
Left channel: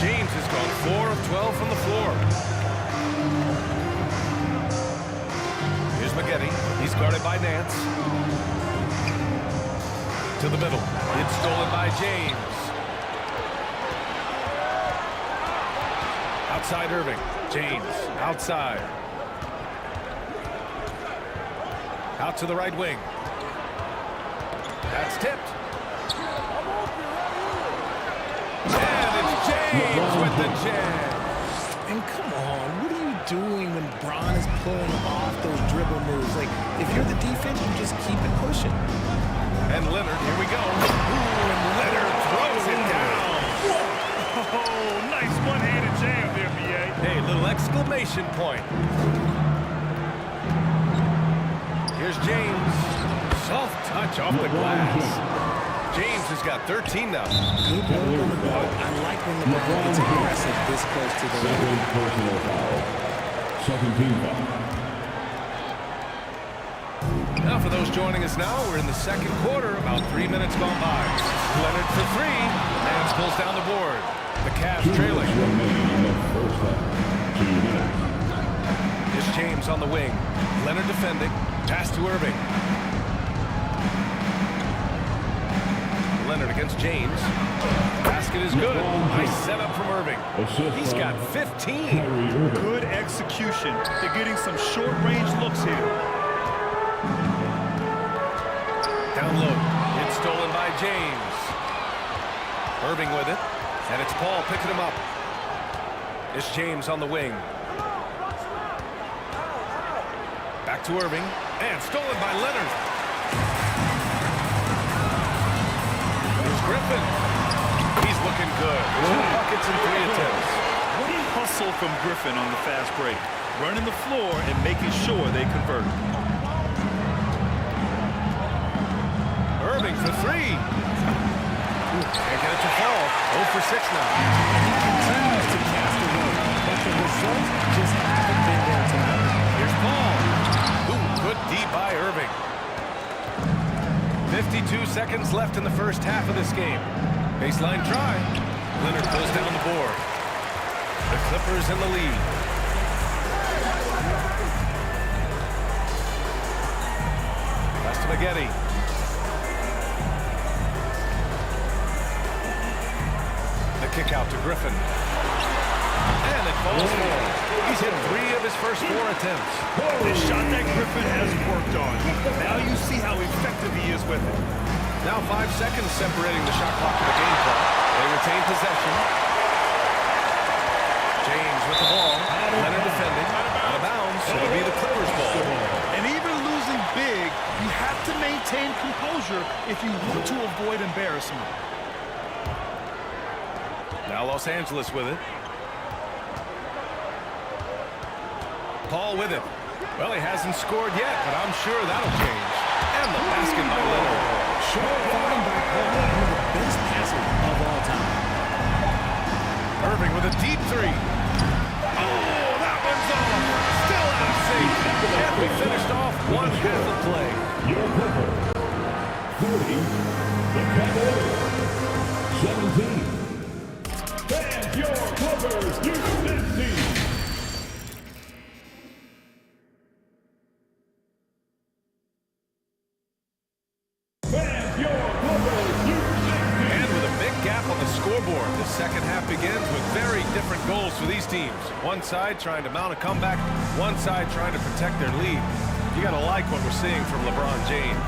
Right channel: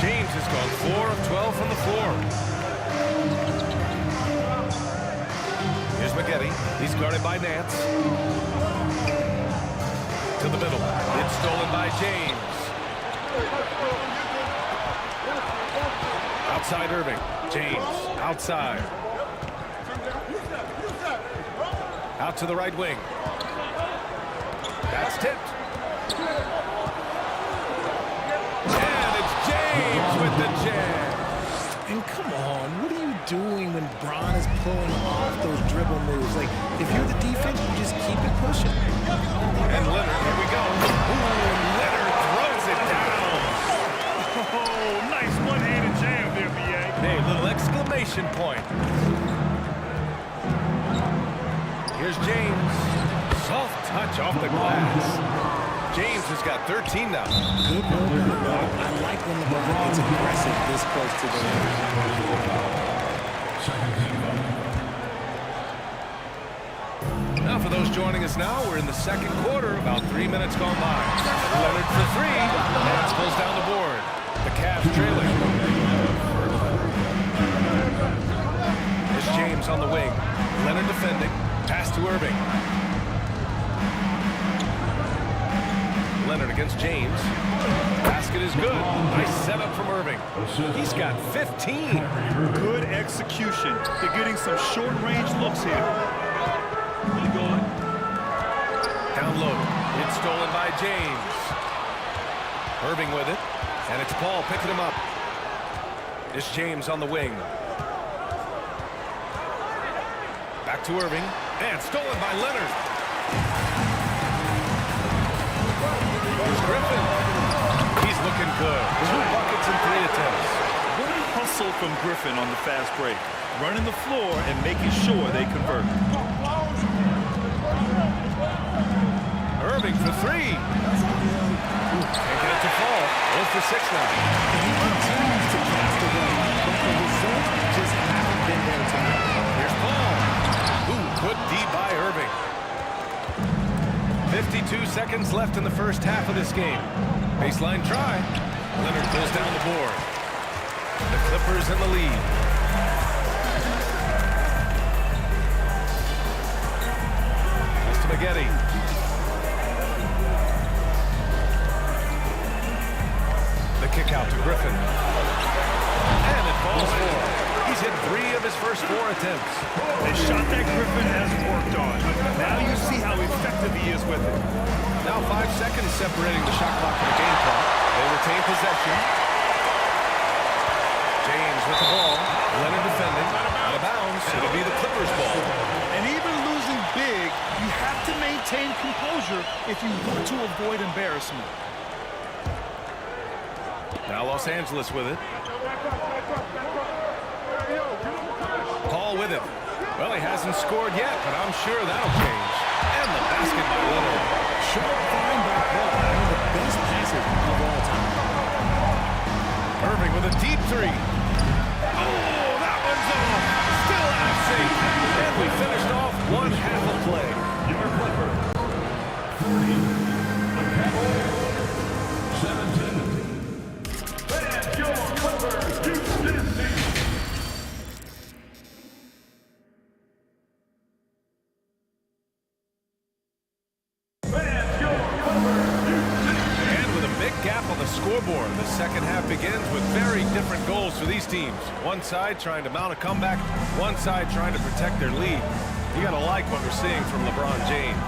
James has gone 4 of 12 from the floor. Here's Maggette. He's guarded by Nance. To the middle. It's stolen by James. Outside Irving. James outside. Out to the right wing. That's tipped. And it's James with the jam. And come on, what are you doing when Bron is pulling off those dribble moves? Like, if you're the defense, you just keep it pushing. And Leonard, here we go. Ooh, and Leonard throws it down. Oh, nice one-handed jam there, B.A. Hey, little exclamation point. Here's James. Soft touch off the glass. James has got 13 now. Good work on the ball. I like when LeBron gets aggressive this close to the rim. Second team foul. Now for those joining us now, we're in the second quarter, about 3 minutes gone by. Leonard for three. Nance pulls down the board. The Cavs trailing. It's James on the wing. Leonard defending. Pass to Irving. Leonard against James. Basket is good. Nice setup from Irving. He's got 15. Good execution. They're getting some short-range looks here. Down low. It's stolen by James. Irving with it. And it's Paul picking him up. It's James on the wing. Back to Irving. And stolen by Leonard. Here's Griffin. He's looking good. 2 buckets and 3 attempts. What a hustle from Griffin on the fast break. Running the floor and making sure they convert. Irving for three. Can't get it to fall. 0 for 6 now. And he continues to cast away, but the results just haven't been there tonight. Here's Paul. Ooh, good D by Irving. 52 seconds left in the first half of this game. Baseline try. Leonard pulls down the board. The Clippers in the lead. Pass to Maggette. The kick out to Griffin. And it falls for him. He's hit 3 of his first 4 attempts. The shot that Griffin has worked on. Now you see how effective he is with it. Now 5 seconds separating the shot clock from the game clock. They retain possession. James with the ball. Leonard defending. Out of bounds. It'll be the Clippers' ball. And even losing big, you have to maintain composure if you want to avoid embarrassment. Now Los Angeles with it. Paul with it. Well, he hasn't scored yet, but I'm sure that'll change. And the basket by Leonard. Short find by Paul, one of the best passers of all time. Irving with a deep 3. Oh, that one's off. Still out of sync. And we finished off 1 half of play. Your Clippers. 30. The Cavaliers. 17. And your Clippers, Houston team. Gap on the scoreboard. The second half begins with very different goals for these teams. One side trying to mount a comeback, one side trying to protect their lead. You gotta like what we're seeing from LeBron James.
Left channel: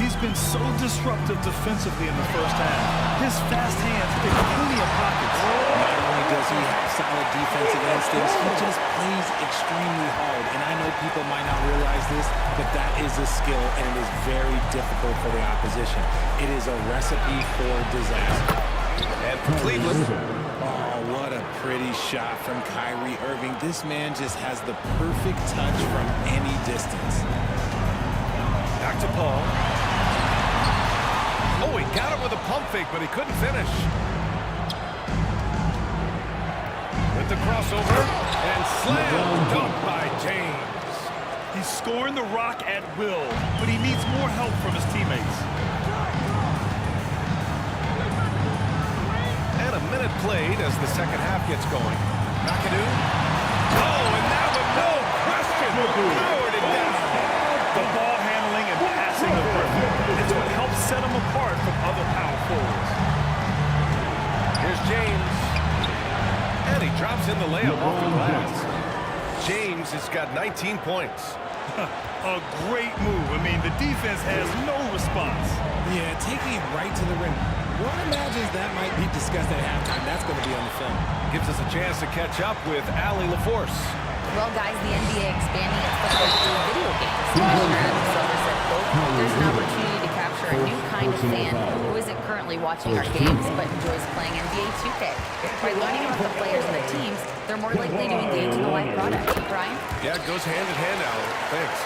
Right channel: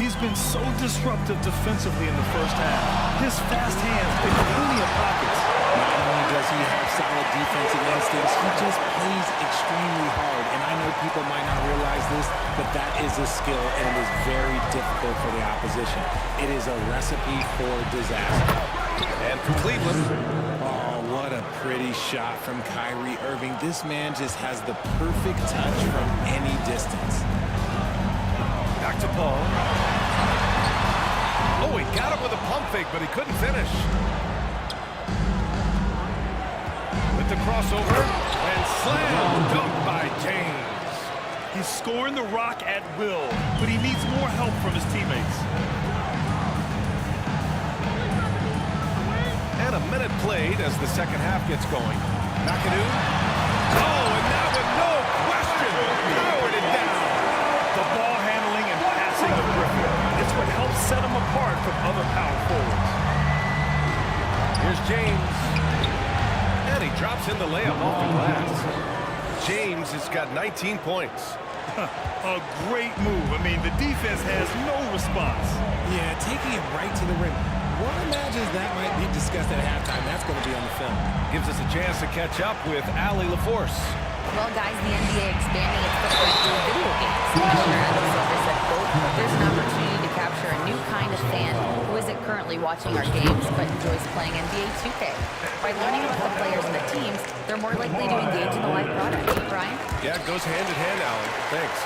He's been so disruptive defensively in the first half. His fast hands pick plenty of pockets. Not only does he have solid defensive instincts, he just plays extremely hard. And I know people might not realize this, but that is a skill, and it is very difficult for the opposition. It is a recipe for disaster. And for Cleveland. Oh, what a pretty shot from Kyrie Irving. This man just has the perfect touch from any distance. Back to Paul. Oh, he got it with a pump fake, but he couldn't finish. With the crossover, and slam dunk by James. He's scoring the rock at will, but he needs more help from his teammates. And a minute played as the second half gets going. McAdoo. Oh, and that one, no question, powered it down. The ball handling and passing of Griffin. It's what helps set him apart from other power forwards. Here's James. And he drops in the layup off the glass. James has got 19 points. A great move. I mean, the defense has no response. Yeah, taking it right to the rim. One imagines that might be discussed at halftime. That's going to be on the film. Gives us a chance to catch up with Allie LaForce. Well, guys, the NBA expanding its footprint through video games. Commissioner Adam Silver said, quote, there's an opportunity to capture a new kind of fan who isn't currently watching our games but enjoys playing NBA 2K. By learning about the players and the teams, they're more likely to engage in the live product. Brian? Yeah, it goes hand in hand, Allie. Thanks.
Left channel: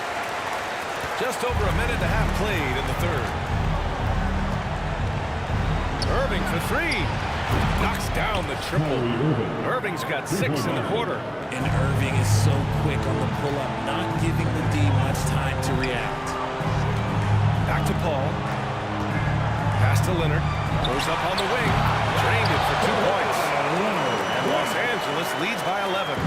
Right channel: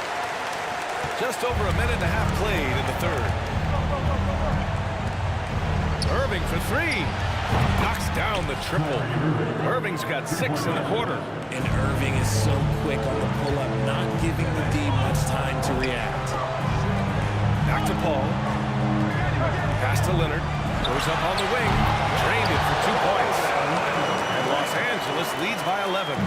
Just over a minute and a half played in the third. Irving for three. Knocks down the triple. Irving's got 6 in the quarter. And Irving is so quick on the pull-up, not giving the D much time to react. Back to Paul. Pass to Leonard. Goes up on the wing. Drained it for 2 points. And Los Angeles leads by 11.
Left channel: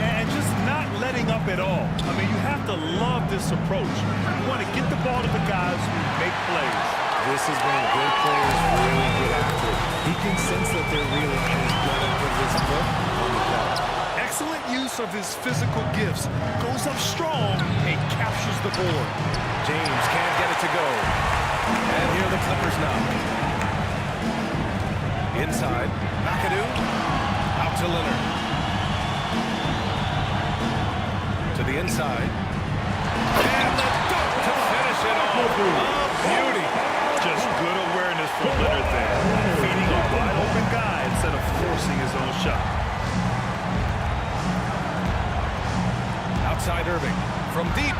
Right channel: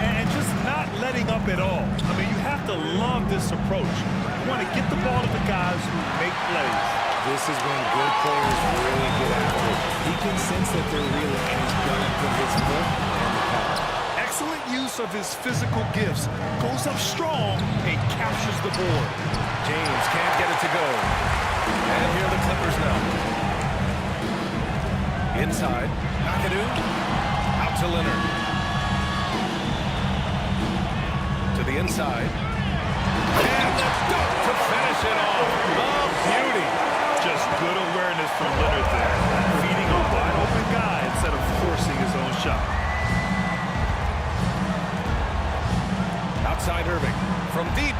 And just not letting up at all. I mean, you have to love this approach. You want to get the ball to the guys who make plays. This is when good players really get after it. He can sense that they're reeling, and he's gonna put his foot on the pedal. Excellent use of his physical gifts. Goes up strong and captures the board. James can't get it to go. And here are the Clippers now. Inside. McAdoo. Out to Leonard. To the inside. And the dunk to finish it off. A beauty. Just good awareness from Leonard there. Feeding a wide open guy instead of forcing his own shot. Outside Irving. From deep.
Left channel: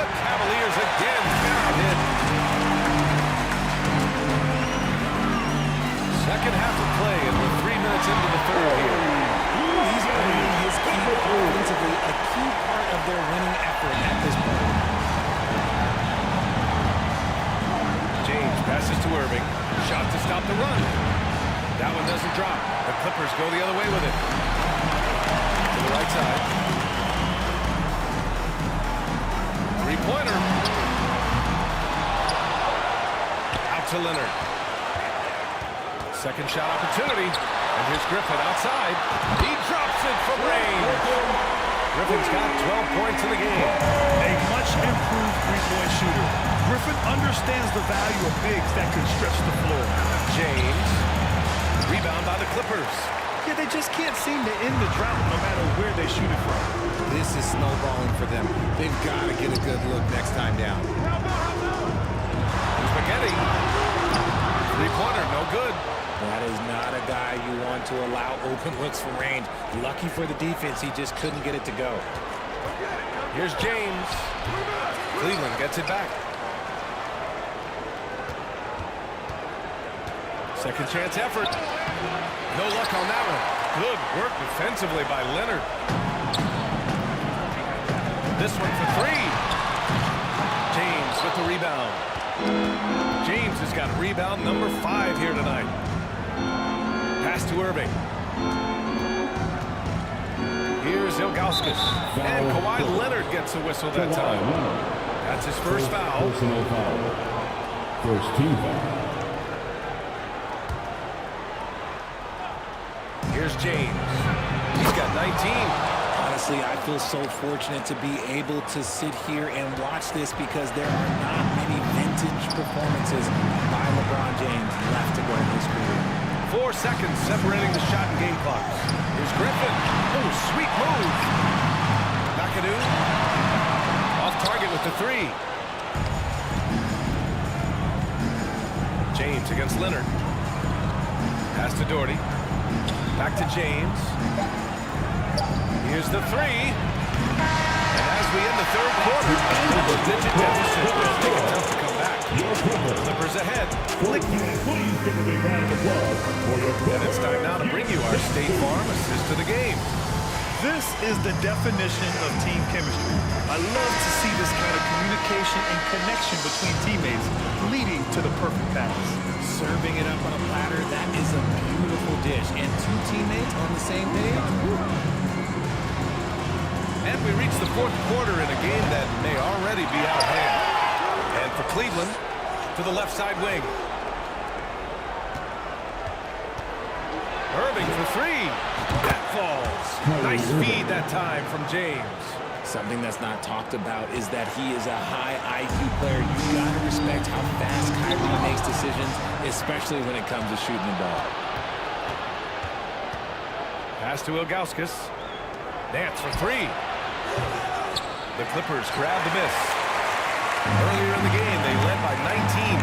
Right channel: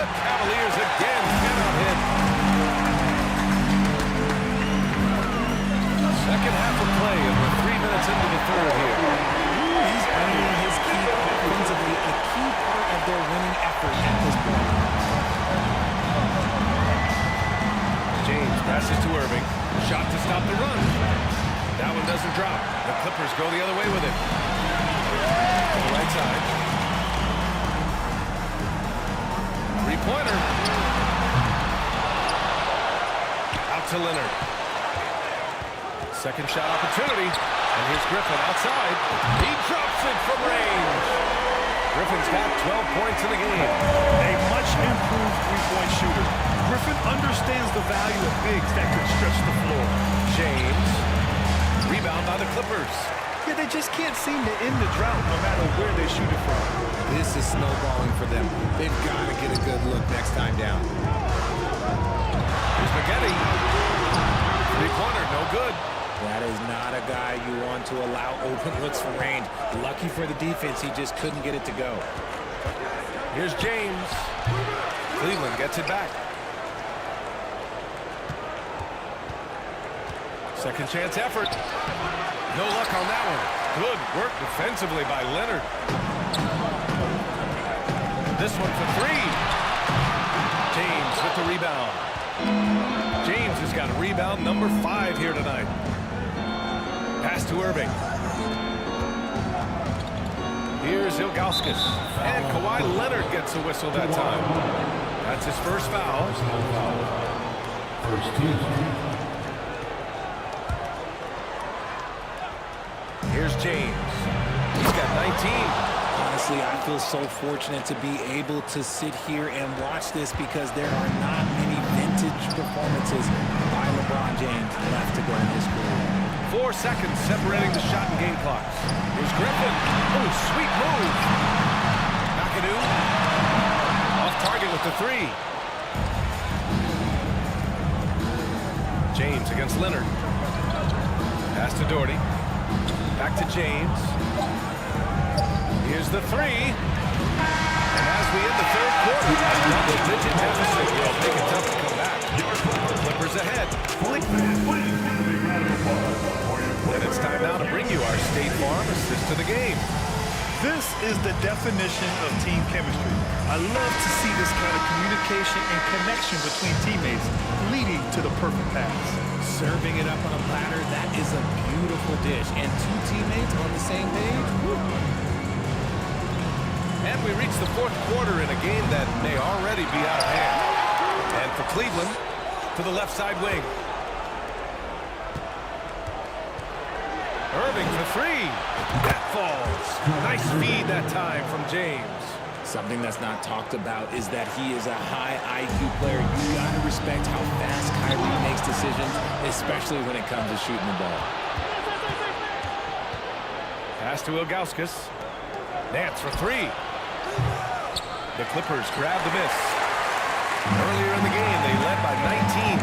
The Cavaliers again cannot hit. Second half of play, and we're 3 minutes into the third here. He's earning his keep offensively, a key part of their winning effort at this point. James passes to Irving. Shot to stop the run. That one doesn't drop. The Clippers go the other way with it. To the right side. Three-pointer. Out to Leonard. Second shot opportunity. And here's Griffin outside. He drops it from range. Griffin's got 12 points in the game. A much improved three-point shooter. Griffin understands the value of bigs that can stretch the floor. James. Rebound by the Clippers. Yeah, they just can't seem to end the drought no matter where they shoot it from. This is snowballing for them. They've got to get a good look next time down. Here's Spaghetti. Three-pointer, no good. That is not a guy you want to allow open looks from range. Lucky for the defense, he just couldn't get it to go. Here's James. Cleveland gets it back. Second chance effort. No luck on that one. Good work defensively by Leonard. This one for three. James with the rebound. James has got rebound number 5 here tonight. Pass to Irving. Here's Ilgauskas. And Kawhi Leonard gets a whistle that time. That's his first foul. Personal foul. First team foul. Here's James. He's got 19. Honestly, I feel so fortunate to be able to sit here and watch this because there are not many vintage performances by LeBron James left to go in his career. 4 seconds separating the shot and game clocks. Here's Griffin. Oh, sweet move. McAdoo. Off target with the 3. James against Leonard. Pass to Doherty. Back to James. Here's the 3. And as we end the third quarter, a double-digit deficit will make it tough to come back. Clippers ahead. And it's time now to bring you our State Farm assist to the game. This is the definition of team chemistry. I love to see this kind of communication and connection between teammates leading to the perfect pass. Serving it up on a platter, that is a beautiful dish. And 2 teammates on the same page. Woo. And we reach the fourth quarter in a game that may already be out of hand. And for Cleveland, to the left side wing. Irving for 3. That falls. Nice feed that time from James. Something that's not talked about is that he is a high IQ player. You got to respect how fast Kyrie makes decisions, especially when it comes to shooting the ball. Pass to Ilgauskas. Nance for 3. The Clippers grab the miss. Earlier in the game, they led by 19.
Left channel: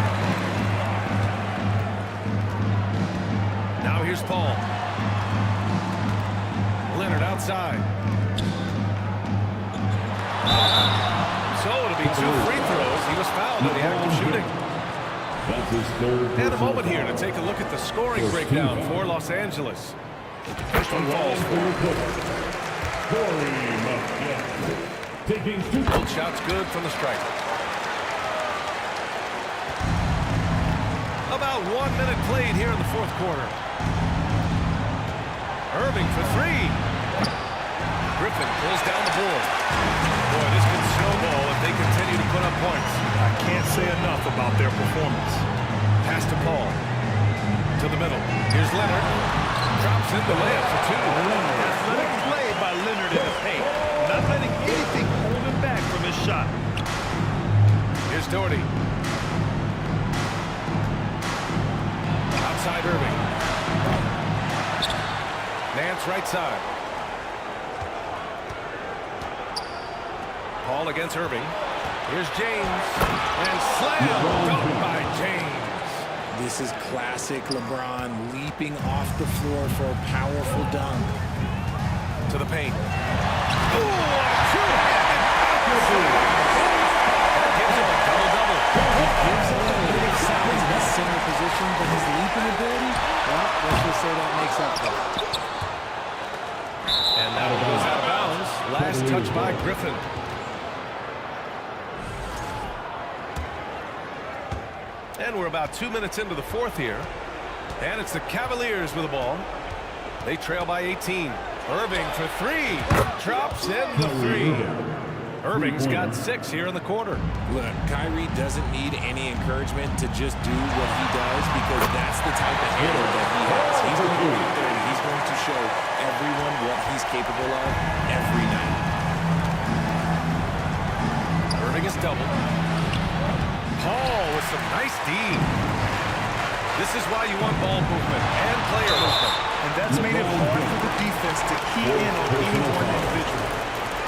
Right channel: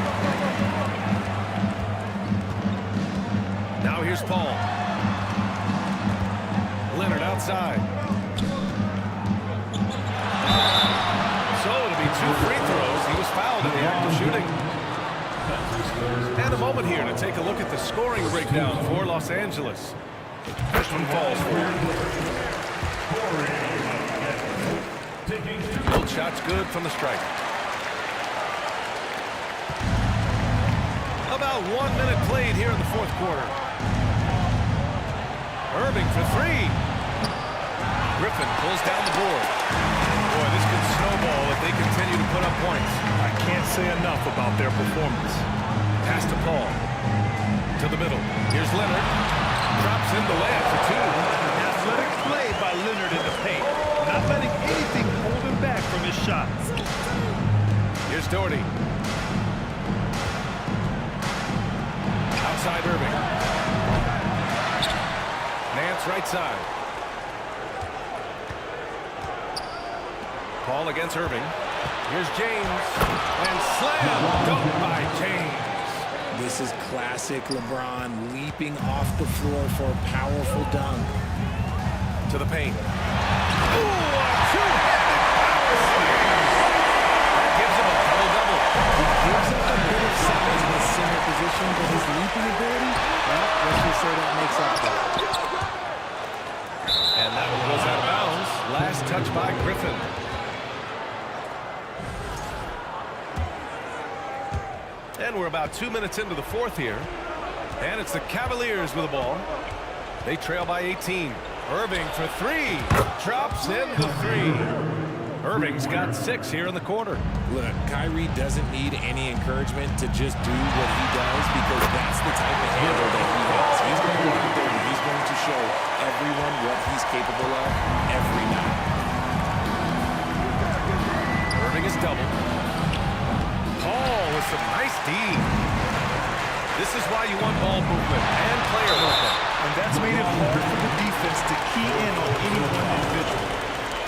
Now here's Paul. Leonard outside. So it'll be 2 free throws. He was fouled in the act of shooting. That's his third. And a moment here to take a look at the scoring breakdown for Los Angeles. First one falls for him. Both shots good from the stripe. About 1 minute played here in the fourth quarter. Irving for 3. Griffin pulls down the board. Boy, this could snowball if they continue to put up points. I can't say enough about their performance. Pass to Paul. To the middle. Here's Leonard. Drops in the layup for 2. Athletic play by Leonard in the paint. Not letting anything hold him back from his shot. Here's Doherty. Outside Irving. Nance right side. Paul against Irving. Here's James. And slam dunk by James. This is classic LeBron leaping off the floor for a powerful dunk. To the paint. Ooh, a two-handed power slam. That gives him a double-double. He gives up a bit of size in his center position, but his leaping ability, well, let's just say that makes up for it. And that one goes out of bounds. Last touch by Griffin. And we're about 2 minutes into the fourth here. And it's the Cavaliers with the ball. They trail by 18. Irving for 3. Drops in the 3. Irving's got 6 here in the quarter. Look, Kyrie doesn't need any encouragement to just do what he does, because that's the type of handle that he has. He's going to go out there and he's going to show everyone what he's capable of every night. Irving is doubled. Paul with some nice D. This is why you want ball movement and player movement. And that's made it hard for the defense to key in on any one individual.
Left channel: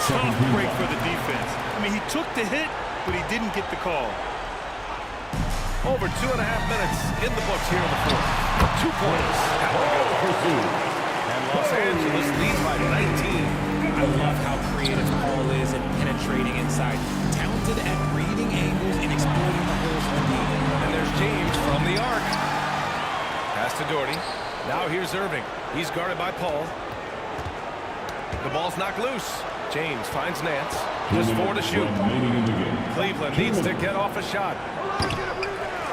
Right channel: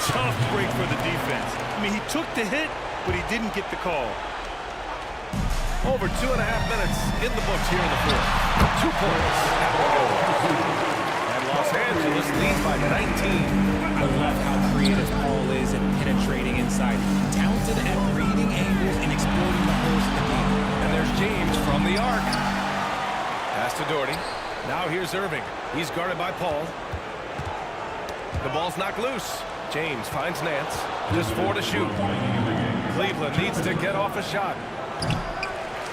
Tough break for the defense. I mean, he took the hit, but he didn't get the call. Over 2.5 minutes in the books here in the fourth. 2 points have to go. And Los Angeles leads by 19. I love how creative Paul is at penetrating inside. Talented at reading angles and exploiting the holes in the D. And there's James from the arc. Pass to Doherty. Now here's Irving. He's guarded by Paul. The ball's knocked loose. James finds Nance. Just 4 to shoot. Cleveland needs to get off a shot.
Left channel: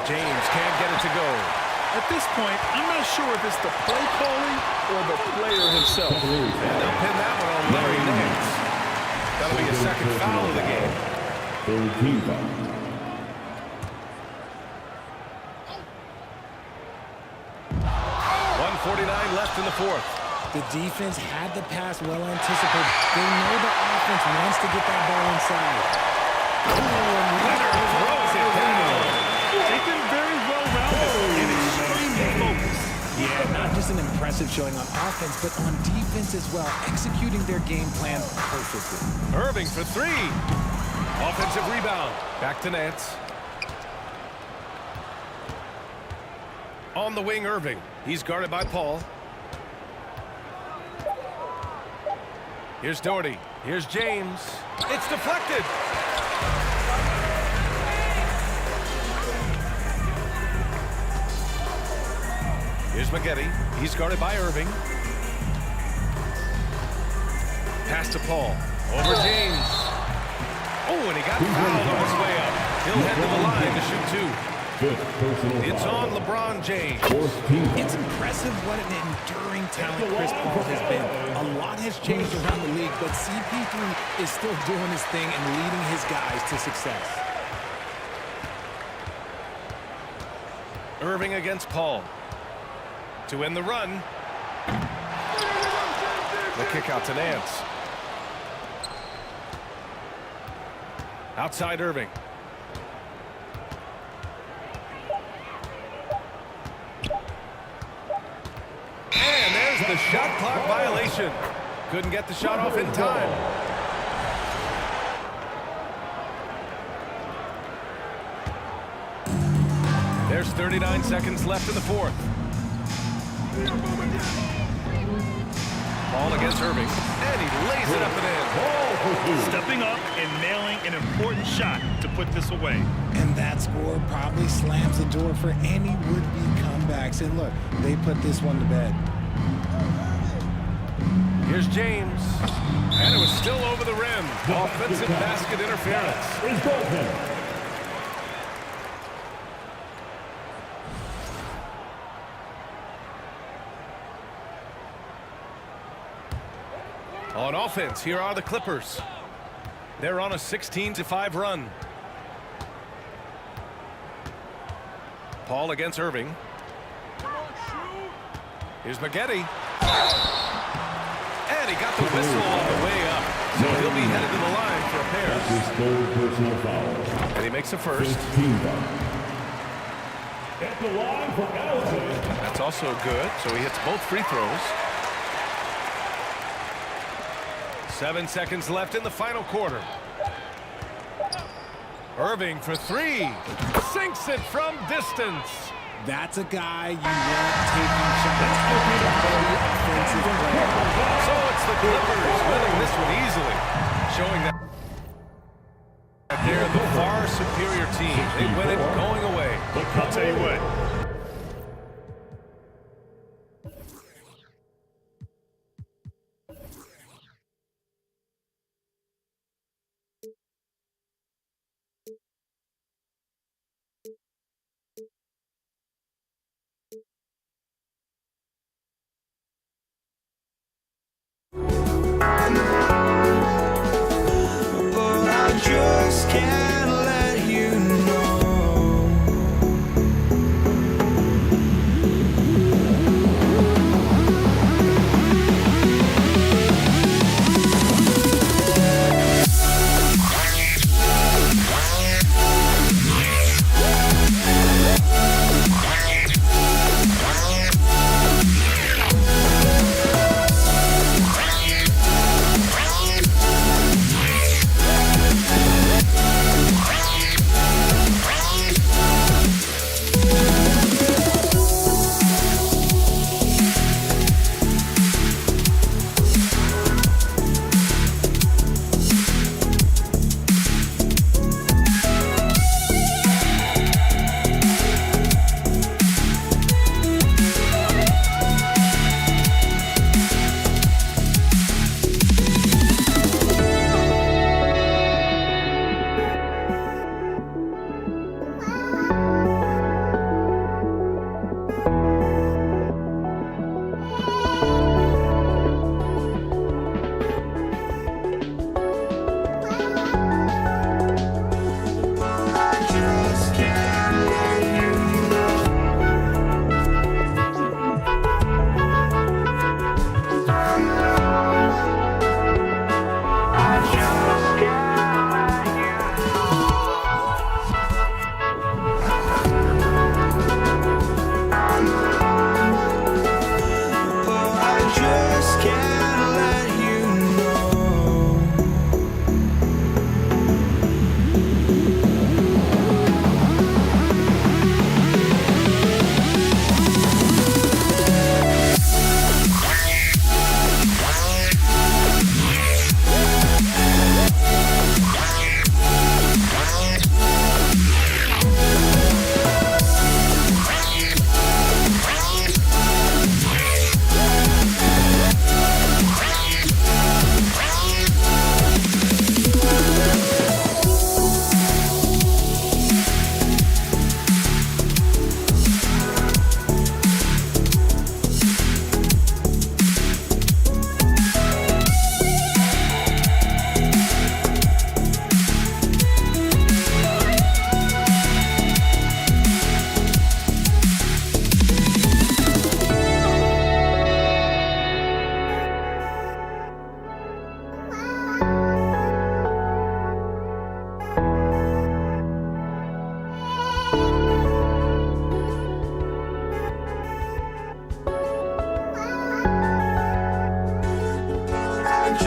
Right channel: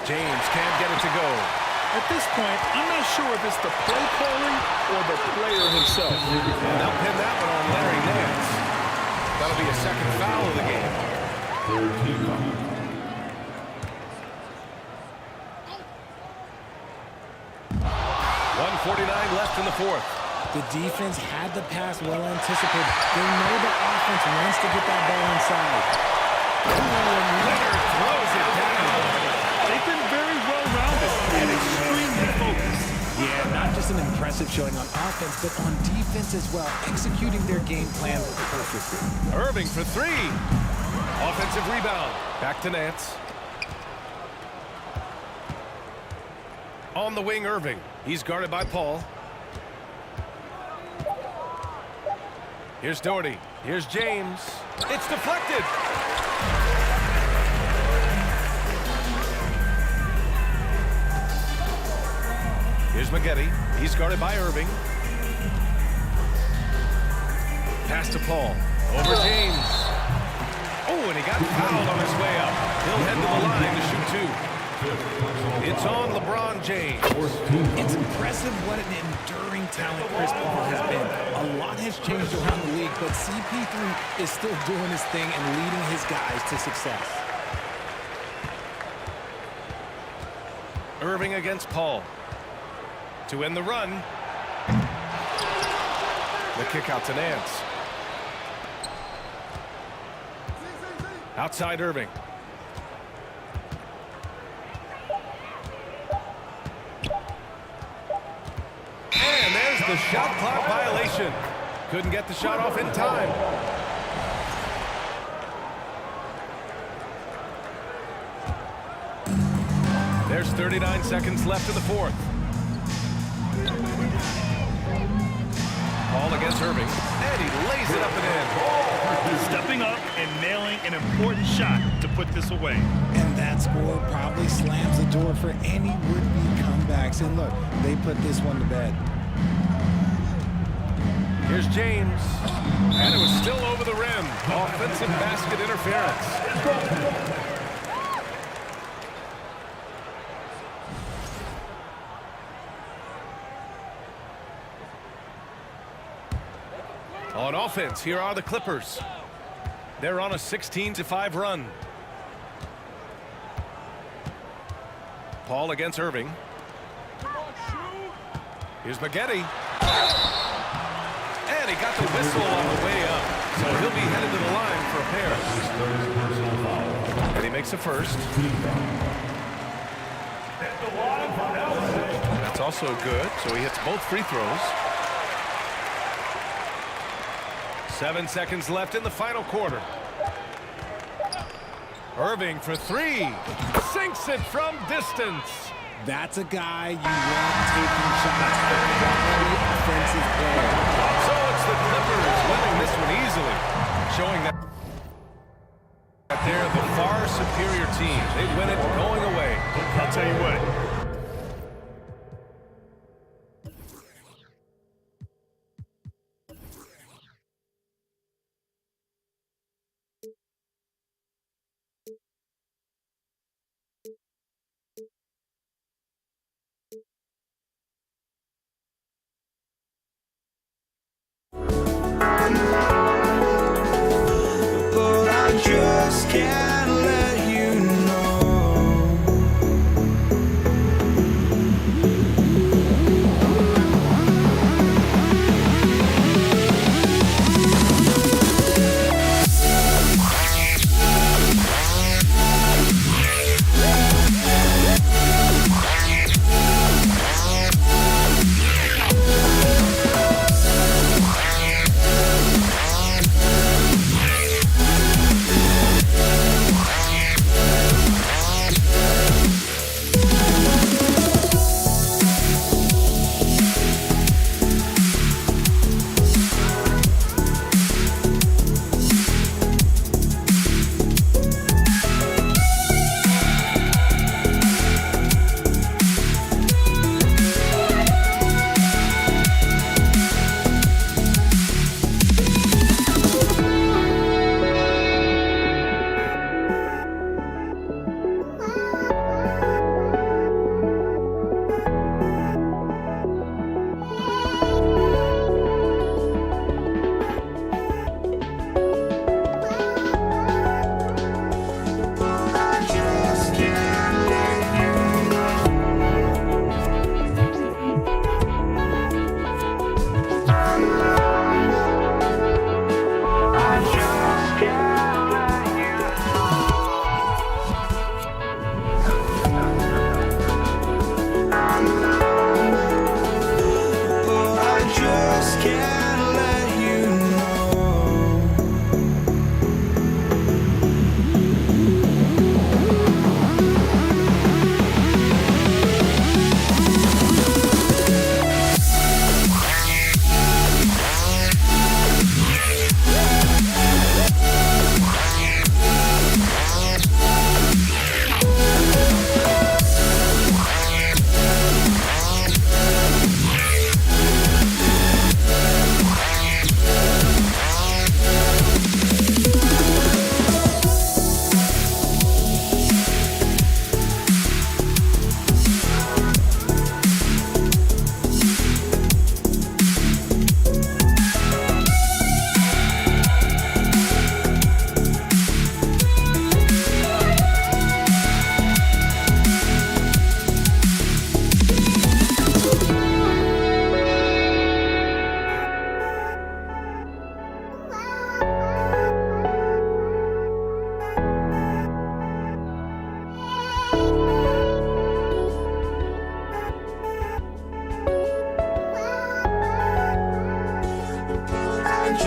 James can't get it to go. At this point, I'm not sure if it's the play calling or the player himself. And they'll pin that one on Larry Nance. That'll be a second foul of the game. Third team foul. .149 left in the fourth. The defense had the pass well anticipated. They know the offense wants to get that ball inside. Ooh, and Leonard throws it down. They've been very well-rounded and extremely focused. Yeah, not just an impressive showing on offense, but on defense as well, executing their game plan perfectly. Irving for 3. Offensive rebound. Back to Nance. On the wing, Irving. He's guarded by Paul. Here's Doherty. Here's James. It's deflected. Here's Maggette. He's guarded by Irving. Pass to Paul. Over James. Oh, and he got fouled on his way up. He'll head to the line to shoot 2. It's on LeBron James. It's impressive what an enduring talent Chris Paul has been. A lot has changed around the league, but CP3 is still doing his thing and leading his guys to success. Irving against Paul. To end the run. The kick out to Nance. Outside Irving. And there's the shot clock violation. Couldn't get the shot off in time. There's 39 seconds left in the fourth. Paul against Irving, and he lays it up and in. Stepping up and nailing an important shot to put this away. And that score probably slams the door for any would-be comebacks. And look, they put this one to bed. Here's James, and it was still over the rim. Offensive basket interference. On offense, here are the Clippers. They're on a 16-5 run. Paul against Irving. Here's Maggette. And he got the whistle on the way up. So he'll be headed to the line for a pair. That's his third personal foul. And he makes a first. At the line for LA. That's also good. So he hits both free throws. 7 seconds left in the final quarter. Irving for three. Sinks it from distance. That's a guy you want taking shots. A quality offensive player. So it's the Clippers winning this one easily, showing that they're the far superior team. They win it going away. I'll tell you what. But I just can't let you know.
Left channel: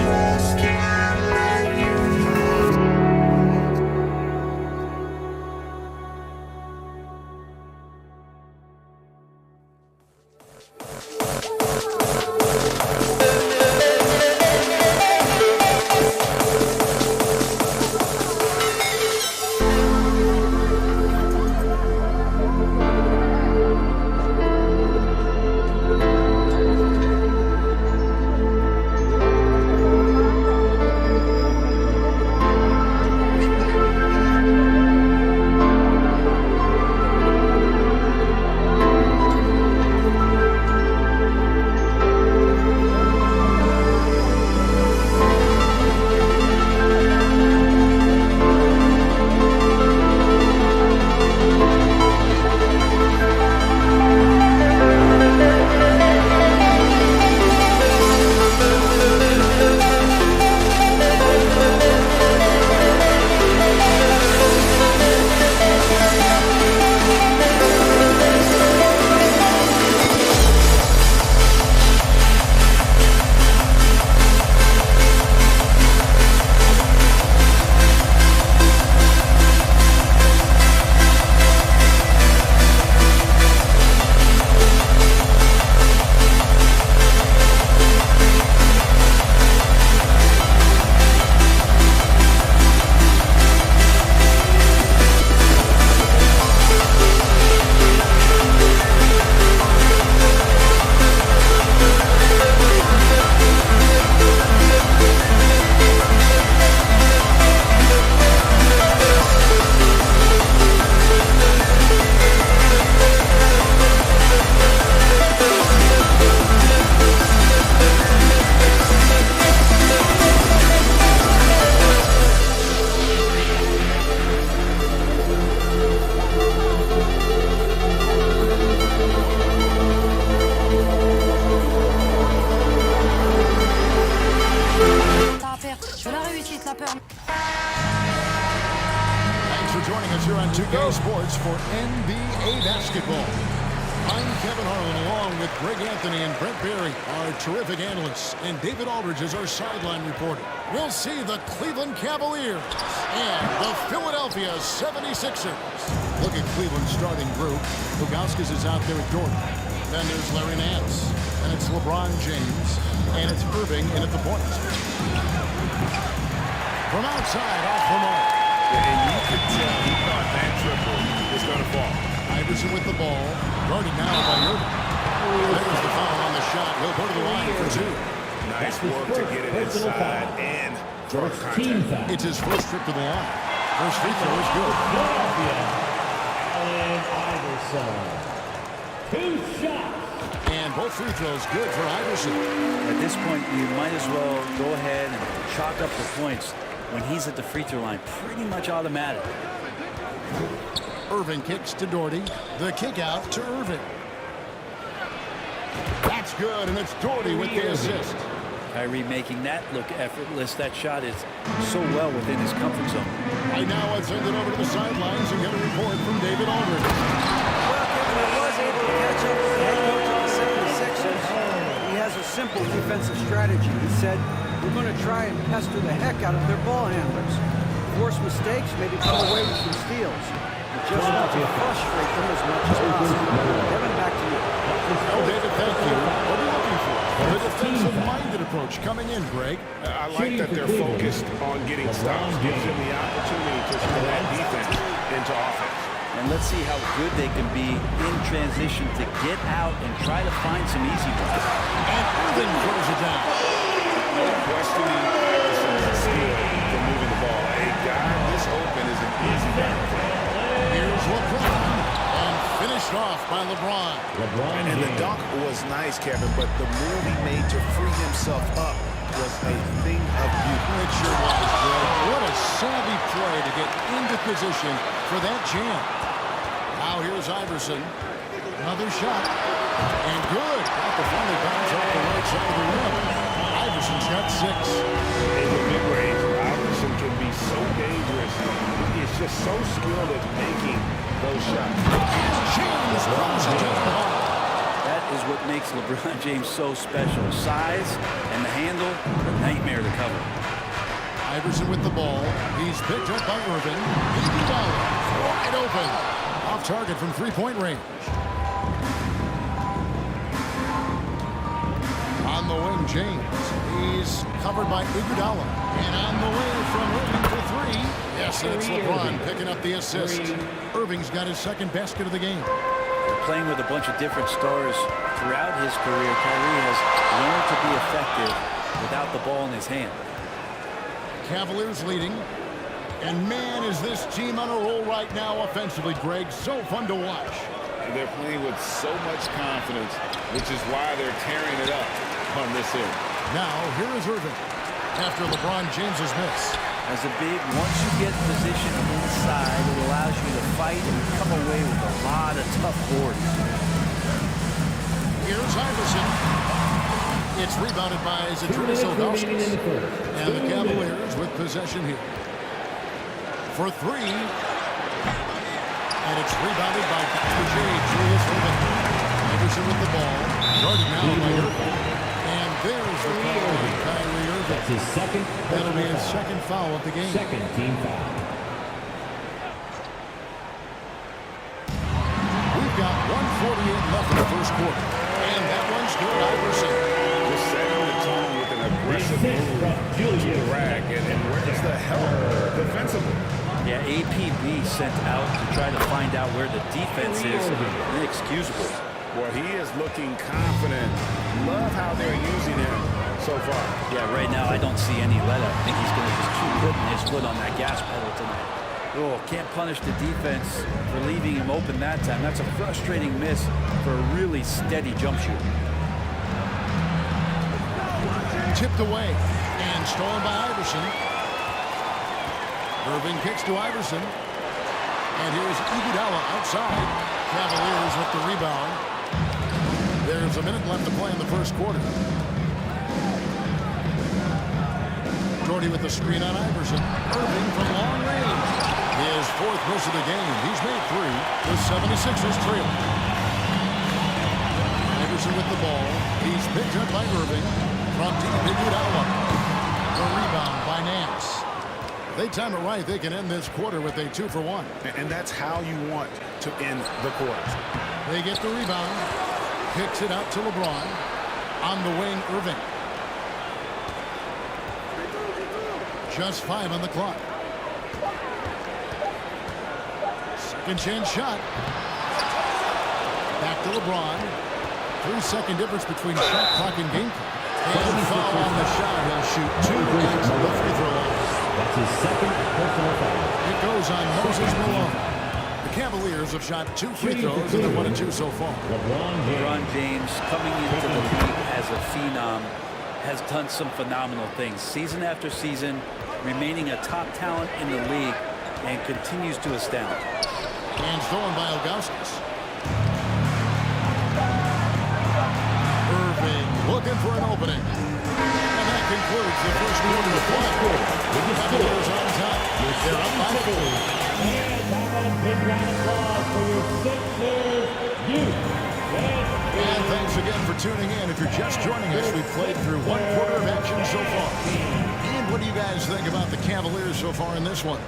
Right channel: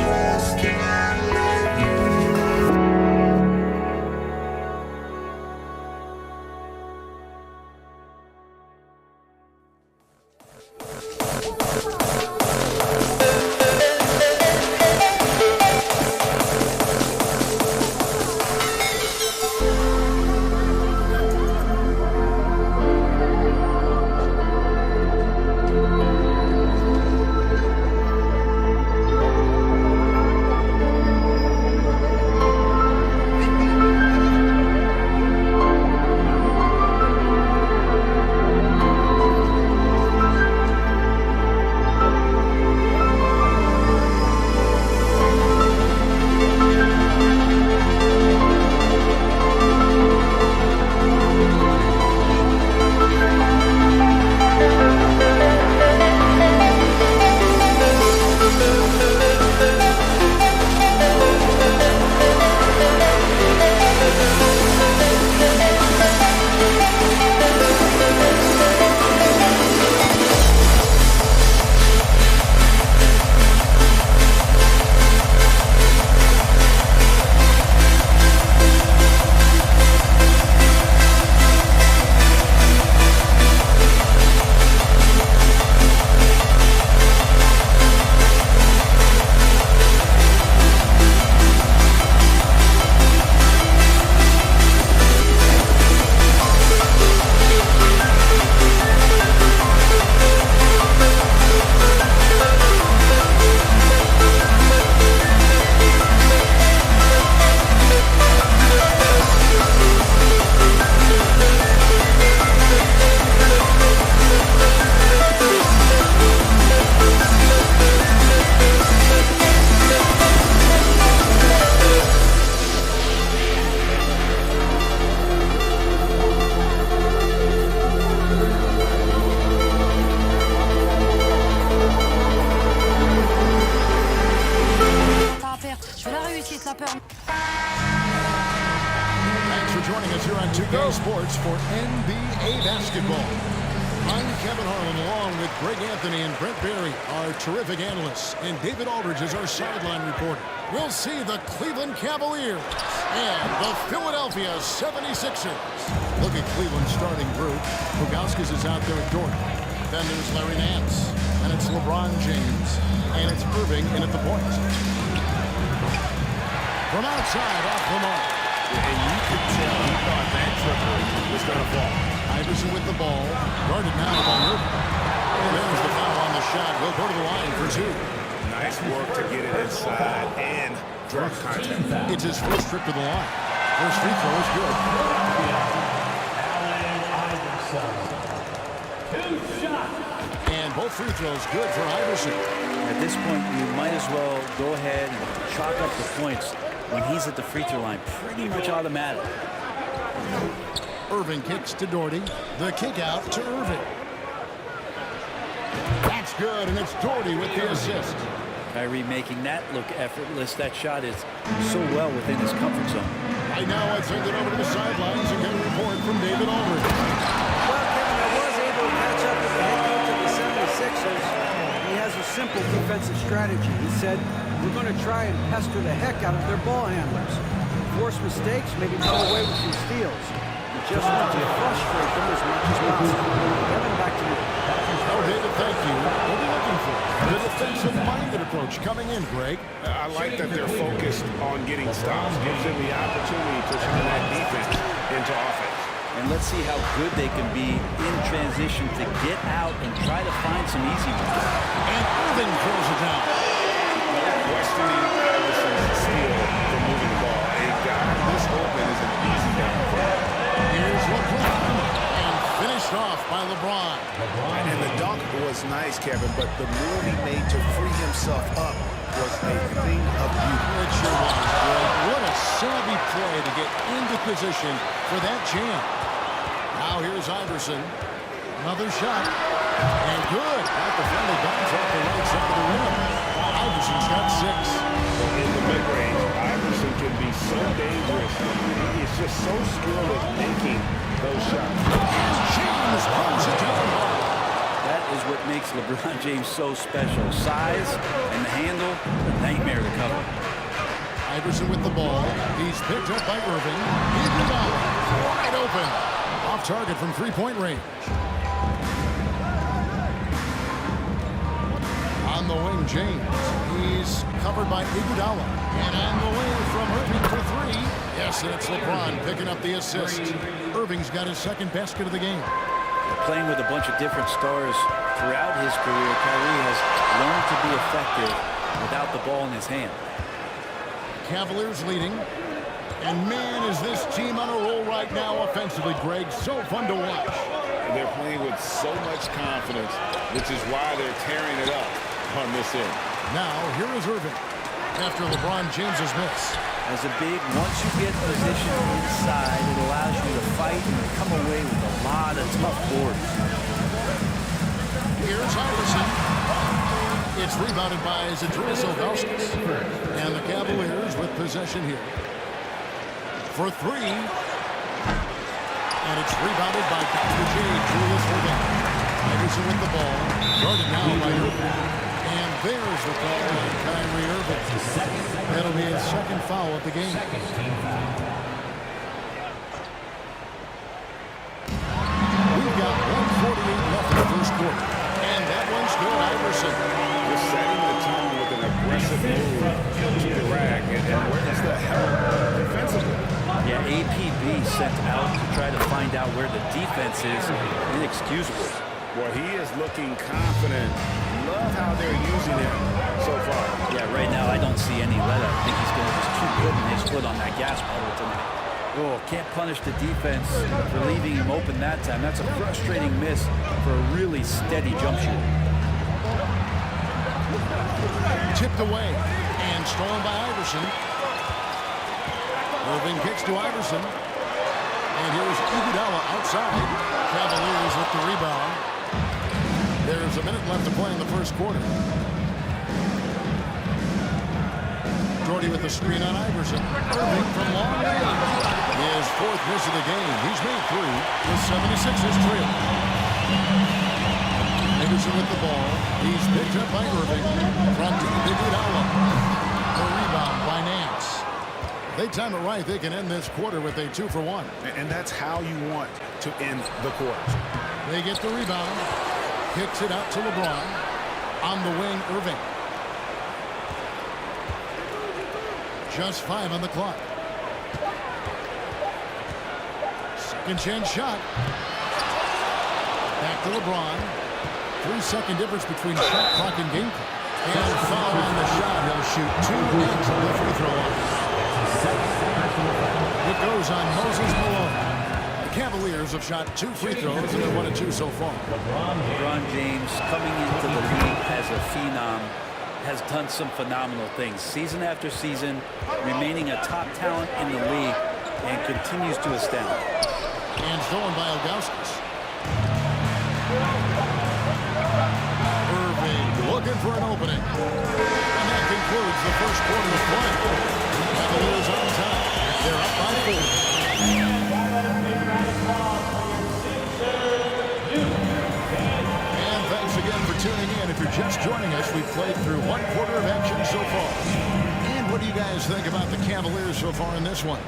just can't let you know. Ça peut... Thanks for joining us here on 2K Sports for NBA basketball. I'm Kevin Harlan, along with Greg Anthony and Brent Barry, our terrific analysts, and David Aldridge is our sideline reporter. We'll see the Cleveland Cavaliers and the Philadelphia 76ers. Look at Cleveland's starting group. Pugauskas is out there with Jordan. Then there's Larry Nance. And it's LeBron James. And it's Irving in at the point. From outside, off the mark. And you could tell he thought that triple was going to fall. Iverson with the ball. Guarded now by Irving. There's the foul on the shot. He'll go to the line for two. Nice work to get it inside and draw contact. It's his first trip to the line. First free throw is good. Allen Iverson. 2 shots. And both free throws good for Iverson. At this point, you might as well go ahead and chalk up the points when he's at the free throw line. Pretty much automatic. Irving kicks to Doherty. The kick out to Irving. That's good, and it's Doherty with the assist. Kyrie making that look effortless. That shot is so well within his comfort zone. Right now, I'd send it over to the sidelines and get a report from David Aldridge. Well, Kevin, I was able to catch up with the head coach of the 76ers. He has a simple defensive strategy. He said, we're going to try and pester the heck out of their ball handlers. Force mistakes, maybe come away with some steals. We just want to frustrate them as much as possible. Kevin, back to you. Oh, David, thank you. We'll be looking for the defensive-minded approach coming in, Greg. I like that they're focused on getting stops. Gives them the opportunity to turn that defense into offense. And let's see how good they can be in transition to get out and try to find some easy ones. And Irving throws it down. No questioning Iverson's skill for moving the ball. A guy this open is an easy down for him. Here's LeBron, and finished off by LeBron. And the dunk was nice, Kevin, but the move he made to free himself up was a thing of beauty. It sure was, Greg. What a savvy play to get into position for that jam. Now here's Iverson. Another shot. And good. Got the friendly bounce off the right side of the rim. Iverson's got 6. In the mid-range, Iverson can be so dangerous. He is just so skilled at making those shots. And James throws it down hard. That is what makes LeBron James so special. Size and the handle, a nightmare to cover. Iverson with the ball. He's picked up by Irving. Iguodala wide open. Off target from three-point range. On the wing, James. He's covered by Iguodala. And on the way from Irving for 3. Yes, and it's LeBron picking up the assist. Irving's got his second basket of the game. Playing with a bunch of different stars throughout his career, Kyrie has learned to be effective without the ball in his hand. Cavaliers leading. And man, is this team on a roll right now offensively, Greg. So fun to watch. They're playing with so much confidence, which is why they're tearing it up on this end. Now, here is Irving after LeBron James's miss. As a big, once you get positioned inside, it allows you to fight and come away with a lot of tough boards. Here's Iverson. It's rebounded by Zydrunas Ilgauskas. And the Cavaliers with possession here. For 3. And it's rebounded by Dr. J, Julius Irving. Iverson with the ball. Guarded now by Irving. And there's the call on Kyrie Irving. That's his second. That'll be his second foul of the game. Second team foul. We've got 1:48 left in the first quarter. And that one's good, Iverson. Just setting the tone with an aggressive move to the rack. And where's the help defensively? Yeah, APB sent out to try to find out where the defense is. Inexcusable. Well, he is looking confident. Love how they're using him so far. Yeah, right now I don't see any let up. I think he's going to just keep putting his foot on that gas pedal tonight. Oh, can't punish the defense for leaving him open that time. That's a frustrating miss for a really steady jump shooter. Tipped away and stolen by Iverson. Irving kicks to Iverson. And here's Iguodala outside. Cavaliers with the rebound. There's a minute left to play in the first quarter. Doherty with the screen on Iverson. Irving from long range. His fourth miss of the game. He's made 3. The 76ers trail. Iverson with the ball. He's picked up by Irving. From deep, Iguodala. The rebound by Nance. They time it right, they can end this quarter with a 2-for-1. And that's how you want to end the quarters. They get the rebound. Kicks it out to LeBron. On the wing, Irving. Just 5 on the clock. Second chance shot. Back to LeBron. 3-second difference between shot clock and game clock. And foul on the shot. He'll shoot 2 at the free throw line. That's his second personal foul. It goes on Moses Malone. The Cavaliers have shot 2 free throws, and they're 1 of 2 so far. LeBron James, coming into the league as a phenom, has done some phenomenal things. Season after season, remaining a top talent in the league, and continues to astound. And stolen by Ilgauskas. Irving looking for an opening. And that concludes the first quarter of play. The Cavaliers on top. They're up by 4. And thanks again for tuning in. If you're just joining us, we've played through 1 quarter of action so far. And what do you guys think about the Cavaliers so far in this one?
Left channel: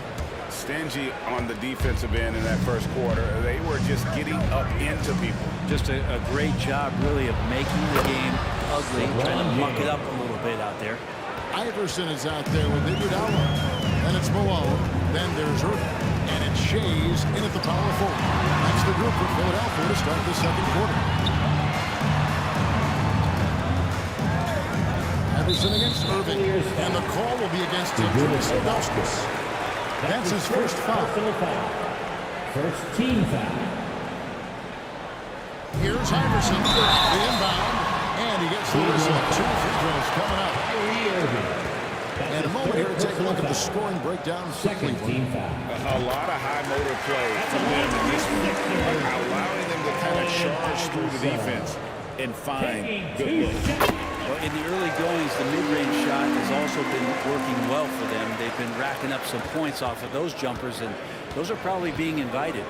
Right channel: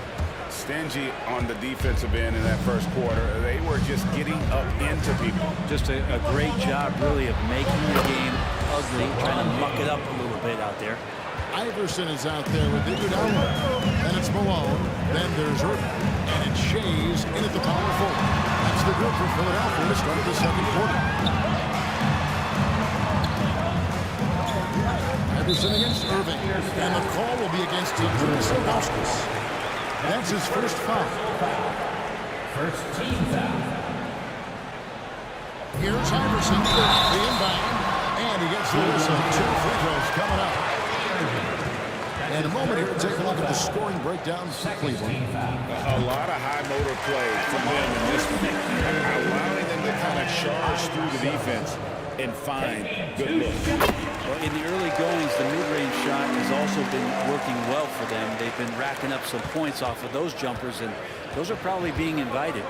Stingy on the defensive end in that first quarter. They were just getting up into people. Just a great job, really, of making the game ugly, trying to muck it up a little bit out there. Iverson is out there with Iguodala. Then it's Malone. Then there's Irving. And it's Shays in at the power forward. That's the group for Philadelphia to start the second quarter. Iverson against Irving. And the call will be against Zydrunas Ilgauskas. That's his first foul. First team foul. Here's Iverson, the inbound, and he gets the whistle. 2 free throws coming up. And a moment here to take a look at the scoring breakdown for Cleveland. A lot of high motor play from them in this one, allowing them to kind of charge through the defense and find good looks. Well, in the early goings, the mid-range shot has also been working well for them. They've been racking up some points off of those jumpers, and those are probably being invited.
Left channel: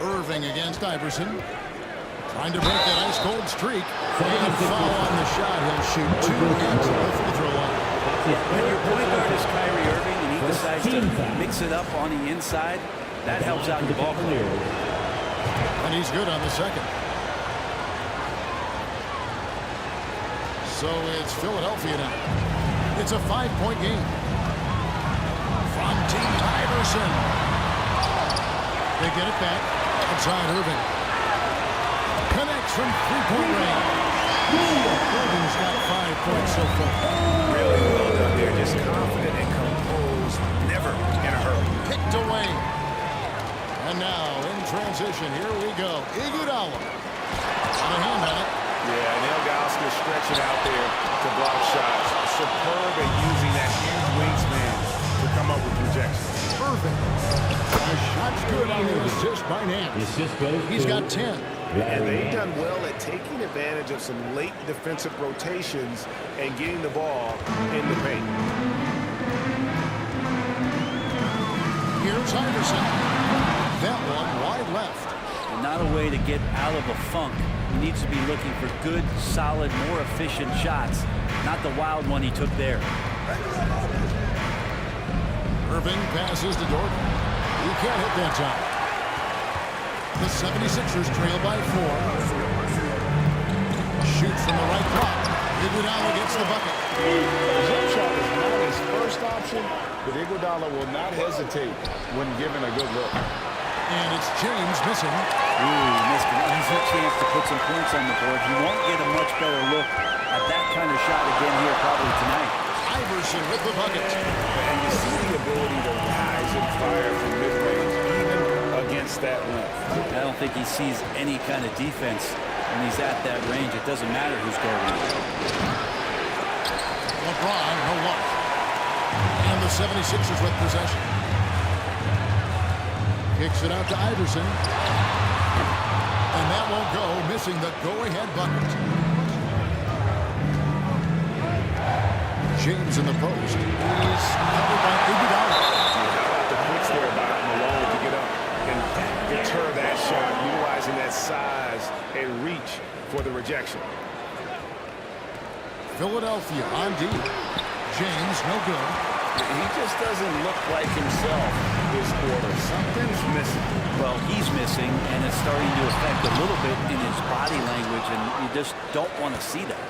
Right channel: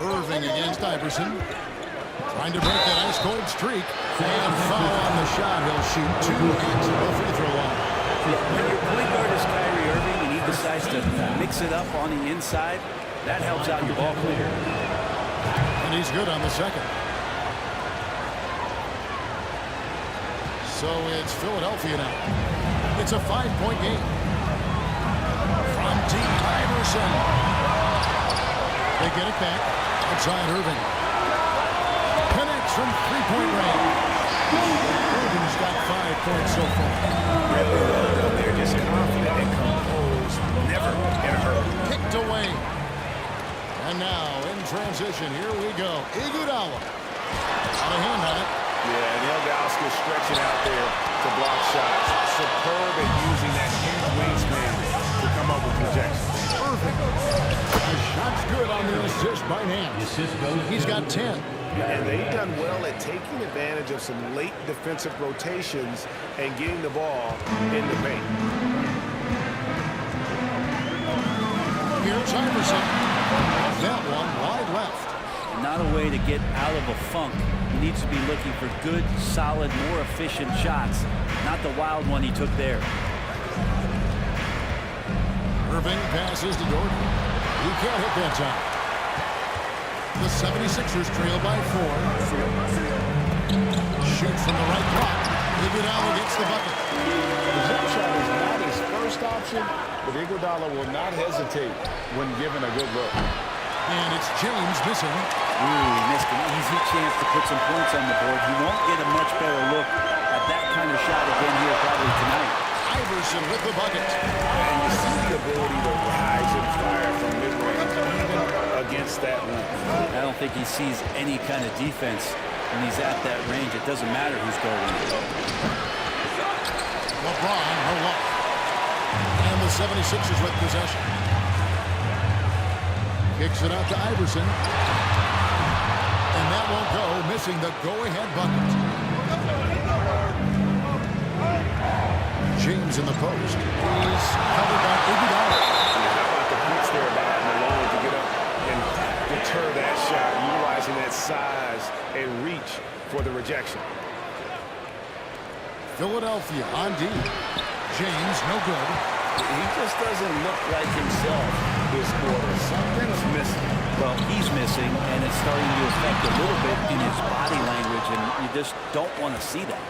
Irving against Iverson. Trying to break that ice-cold streak. And foul on the shot. He'll shoot 2 at the free throw line. When your point guard is Kyrie Irving and he decides to mix it up on the inside, that helps out your ball player. And he's good on the second. So it's Philadelphia now. It's a 5-point game. From deep, Iverson. They get it back. Outside Irving. Connects from 3-point range. Irving's got 5 points so far. Really well done there. Just confident and composed. Never in a hurry. Picked away. And now in transition, here we go. Iguodala. Got a hand on it. Yeah, and Ilgauskas stretching out there to block shots. Superb at using that huge wingsman to come up with projections. Irving. The shot's good on the assist by Nance. He's got 10. And they've done well at taking advantage of some late defensive rotations and getting the ball in the paint. Here's Iverson. That one wide left. And not a way to get out of a funk. He needs to be looking for good, solid, more efficient shots, not the wild one he took there. Irving passes to Doherty. He can't hit that time. The 76ers trail by 4. Shoots from the right block. Iguodala gets the bucket. The jump shot is not his first option, but Iguodala will not hesitate when given a good look. And it's James missing. Missed an easy chance to put some points on the board. He won't get a much better look at that kind of shot again here probably tonight. Iverson with the bucket. And you see the ability to rise and fire from mid-range, even against that length. I don't think he sees any kind of defense when he's at that range. It doesn't matter who's guarding him. LeBron, no luck. And the 76ers with possession. Kicks it out to Iverson. And that won't go, missing the go-ahead bucket. James in the post. He's covered by Iguodala. How about the quick stare by Malone to get up and deter that shot, utilizing that size and reach for the rejection. Philadelphia on D. James, no good. He just doesn't look like himself this quarter. Something's missing. Well, he's missing, and it's starting to affect a little bit in his body language, and you just don't want to see that.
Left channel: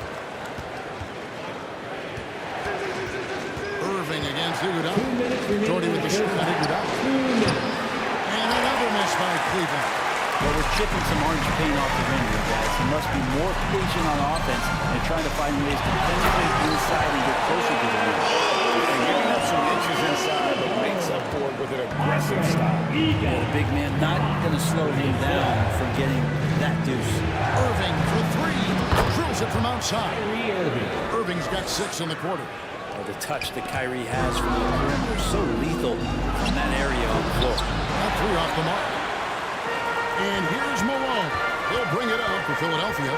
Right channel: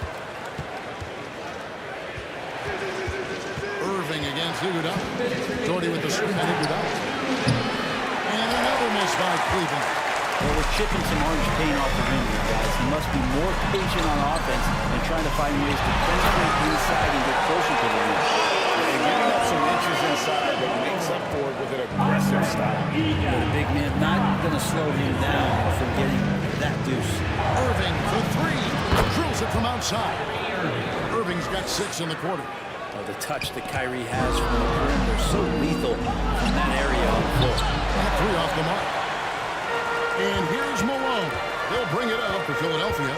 Irving against Iguodala. Jordy with the screen on Iguodala. And another miss by Cleveland. Well, we're chipping some orange paint off the rim here, guys. He must be more patient on offense and trying to find ways to penetrate inside and get closer to the rim. And giving up some inches inside, but makes up for it with an aggressive style. Yeah, the big man not going to slow him down from getting that deuce. Irving for three. Drills it from outside. Irving's got 6 in the quarter. Oh, the touch that Kyrie has from the perimeter, so lethal from that area on the floor. That 3 off the mark. And here's Malone. He'll bring it up for Philadelphia.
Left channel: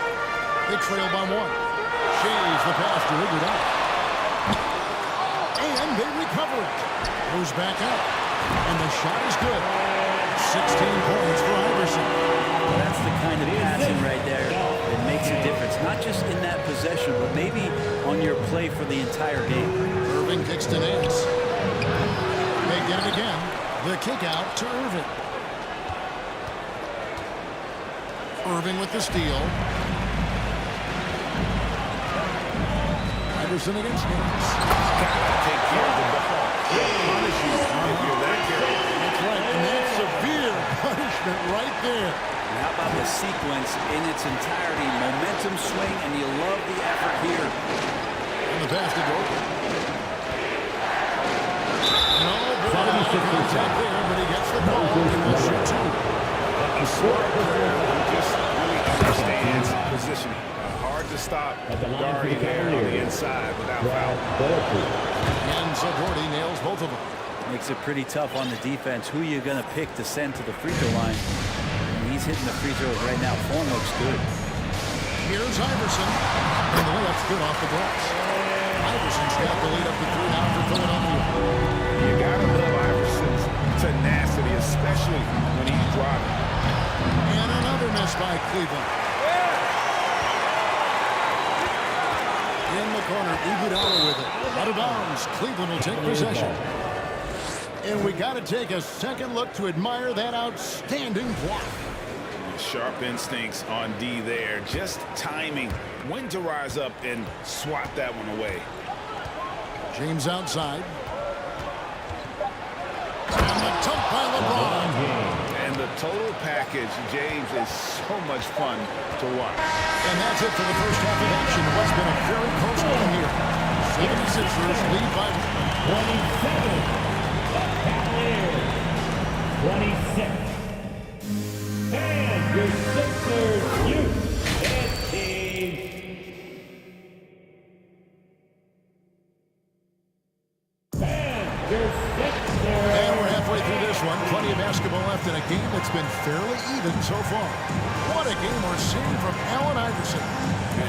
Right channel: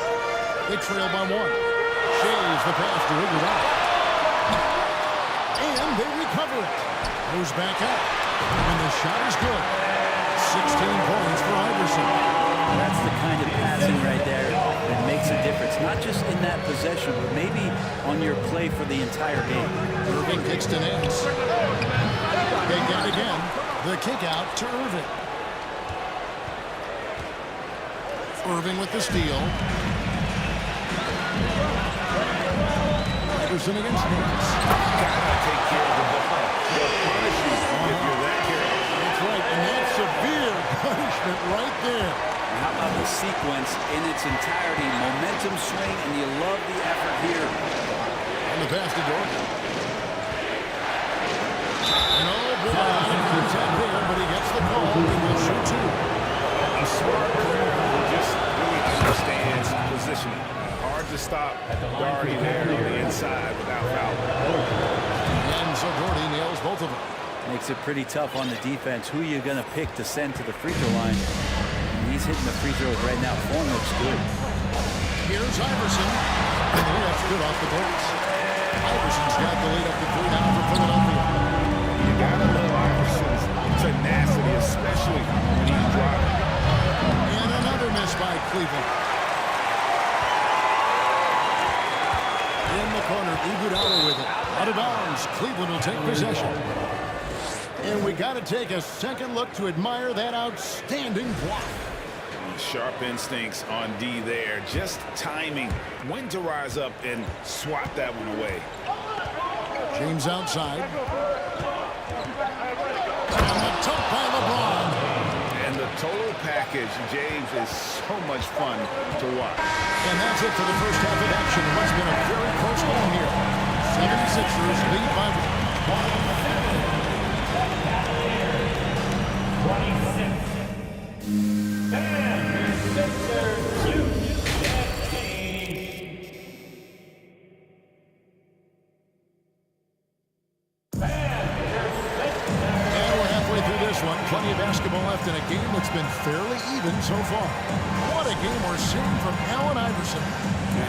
They trail by 1. Shays the pass to Iguodala. And they recover it. Goes back up. And the shot is good. 16 points for Iverson. That's the kind of passing right there that makes a difference. Not just in that possession, but maybe on your play for the entire game. Irving kicks to Nance. They get it again. The kick out to Irving. Irving with the steal. Iverson against Nance. Gotta take care of the ball. They'll punish you if you're that careless. That's right, and that's severe punishment right there. And how about the sequence in its entirety? Momentum swing, and you love the effort here. And the pass to Gordon. No, good contact there, but he gets the call and will shoot 2. A smart player who just really understands positioning. Hard to stop Doherty there on the inside without foul. And so Doherty nails both of them. Makes it pretty tough on the defense. Who are you going to pick to send to the free throw line? And he's hitting the free throws right now. Form looks good. Here's Iverson. And the layup's good off the glass. Iverson's got the lead up to 3 now for Philadelphia. You gotta love Iverson's tenacity, especially when he's driving. And another miss by Cleveland. In the corner, Iguodala with it. Out of bounds. Cleveland will take possession. And we got to take a second look to admire that outstanding block. Sharp instincts on D there. Just timing when to rise up and swat that one away. James outside. And the dunk by LeBron. And the total package, James, is so much fun to watch. And that's it for the first half of action. What's been a very close game here. 76ers lead by 27. 26. And your Sixers shoot that team. And we're halfway through this one. Plenty of basketball left in a game that's been fairly even so far. What a game we're seeing from Allen Iverson.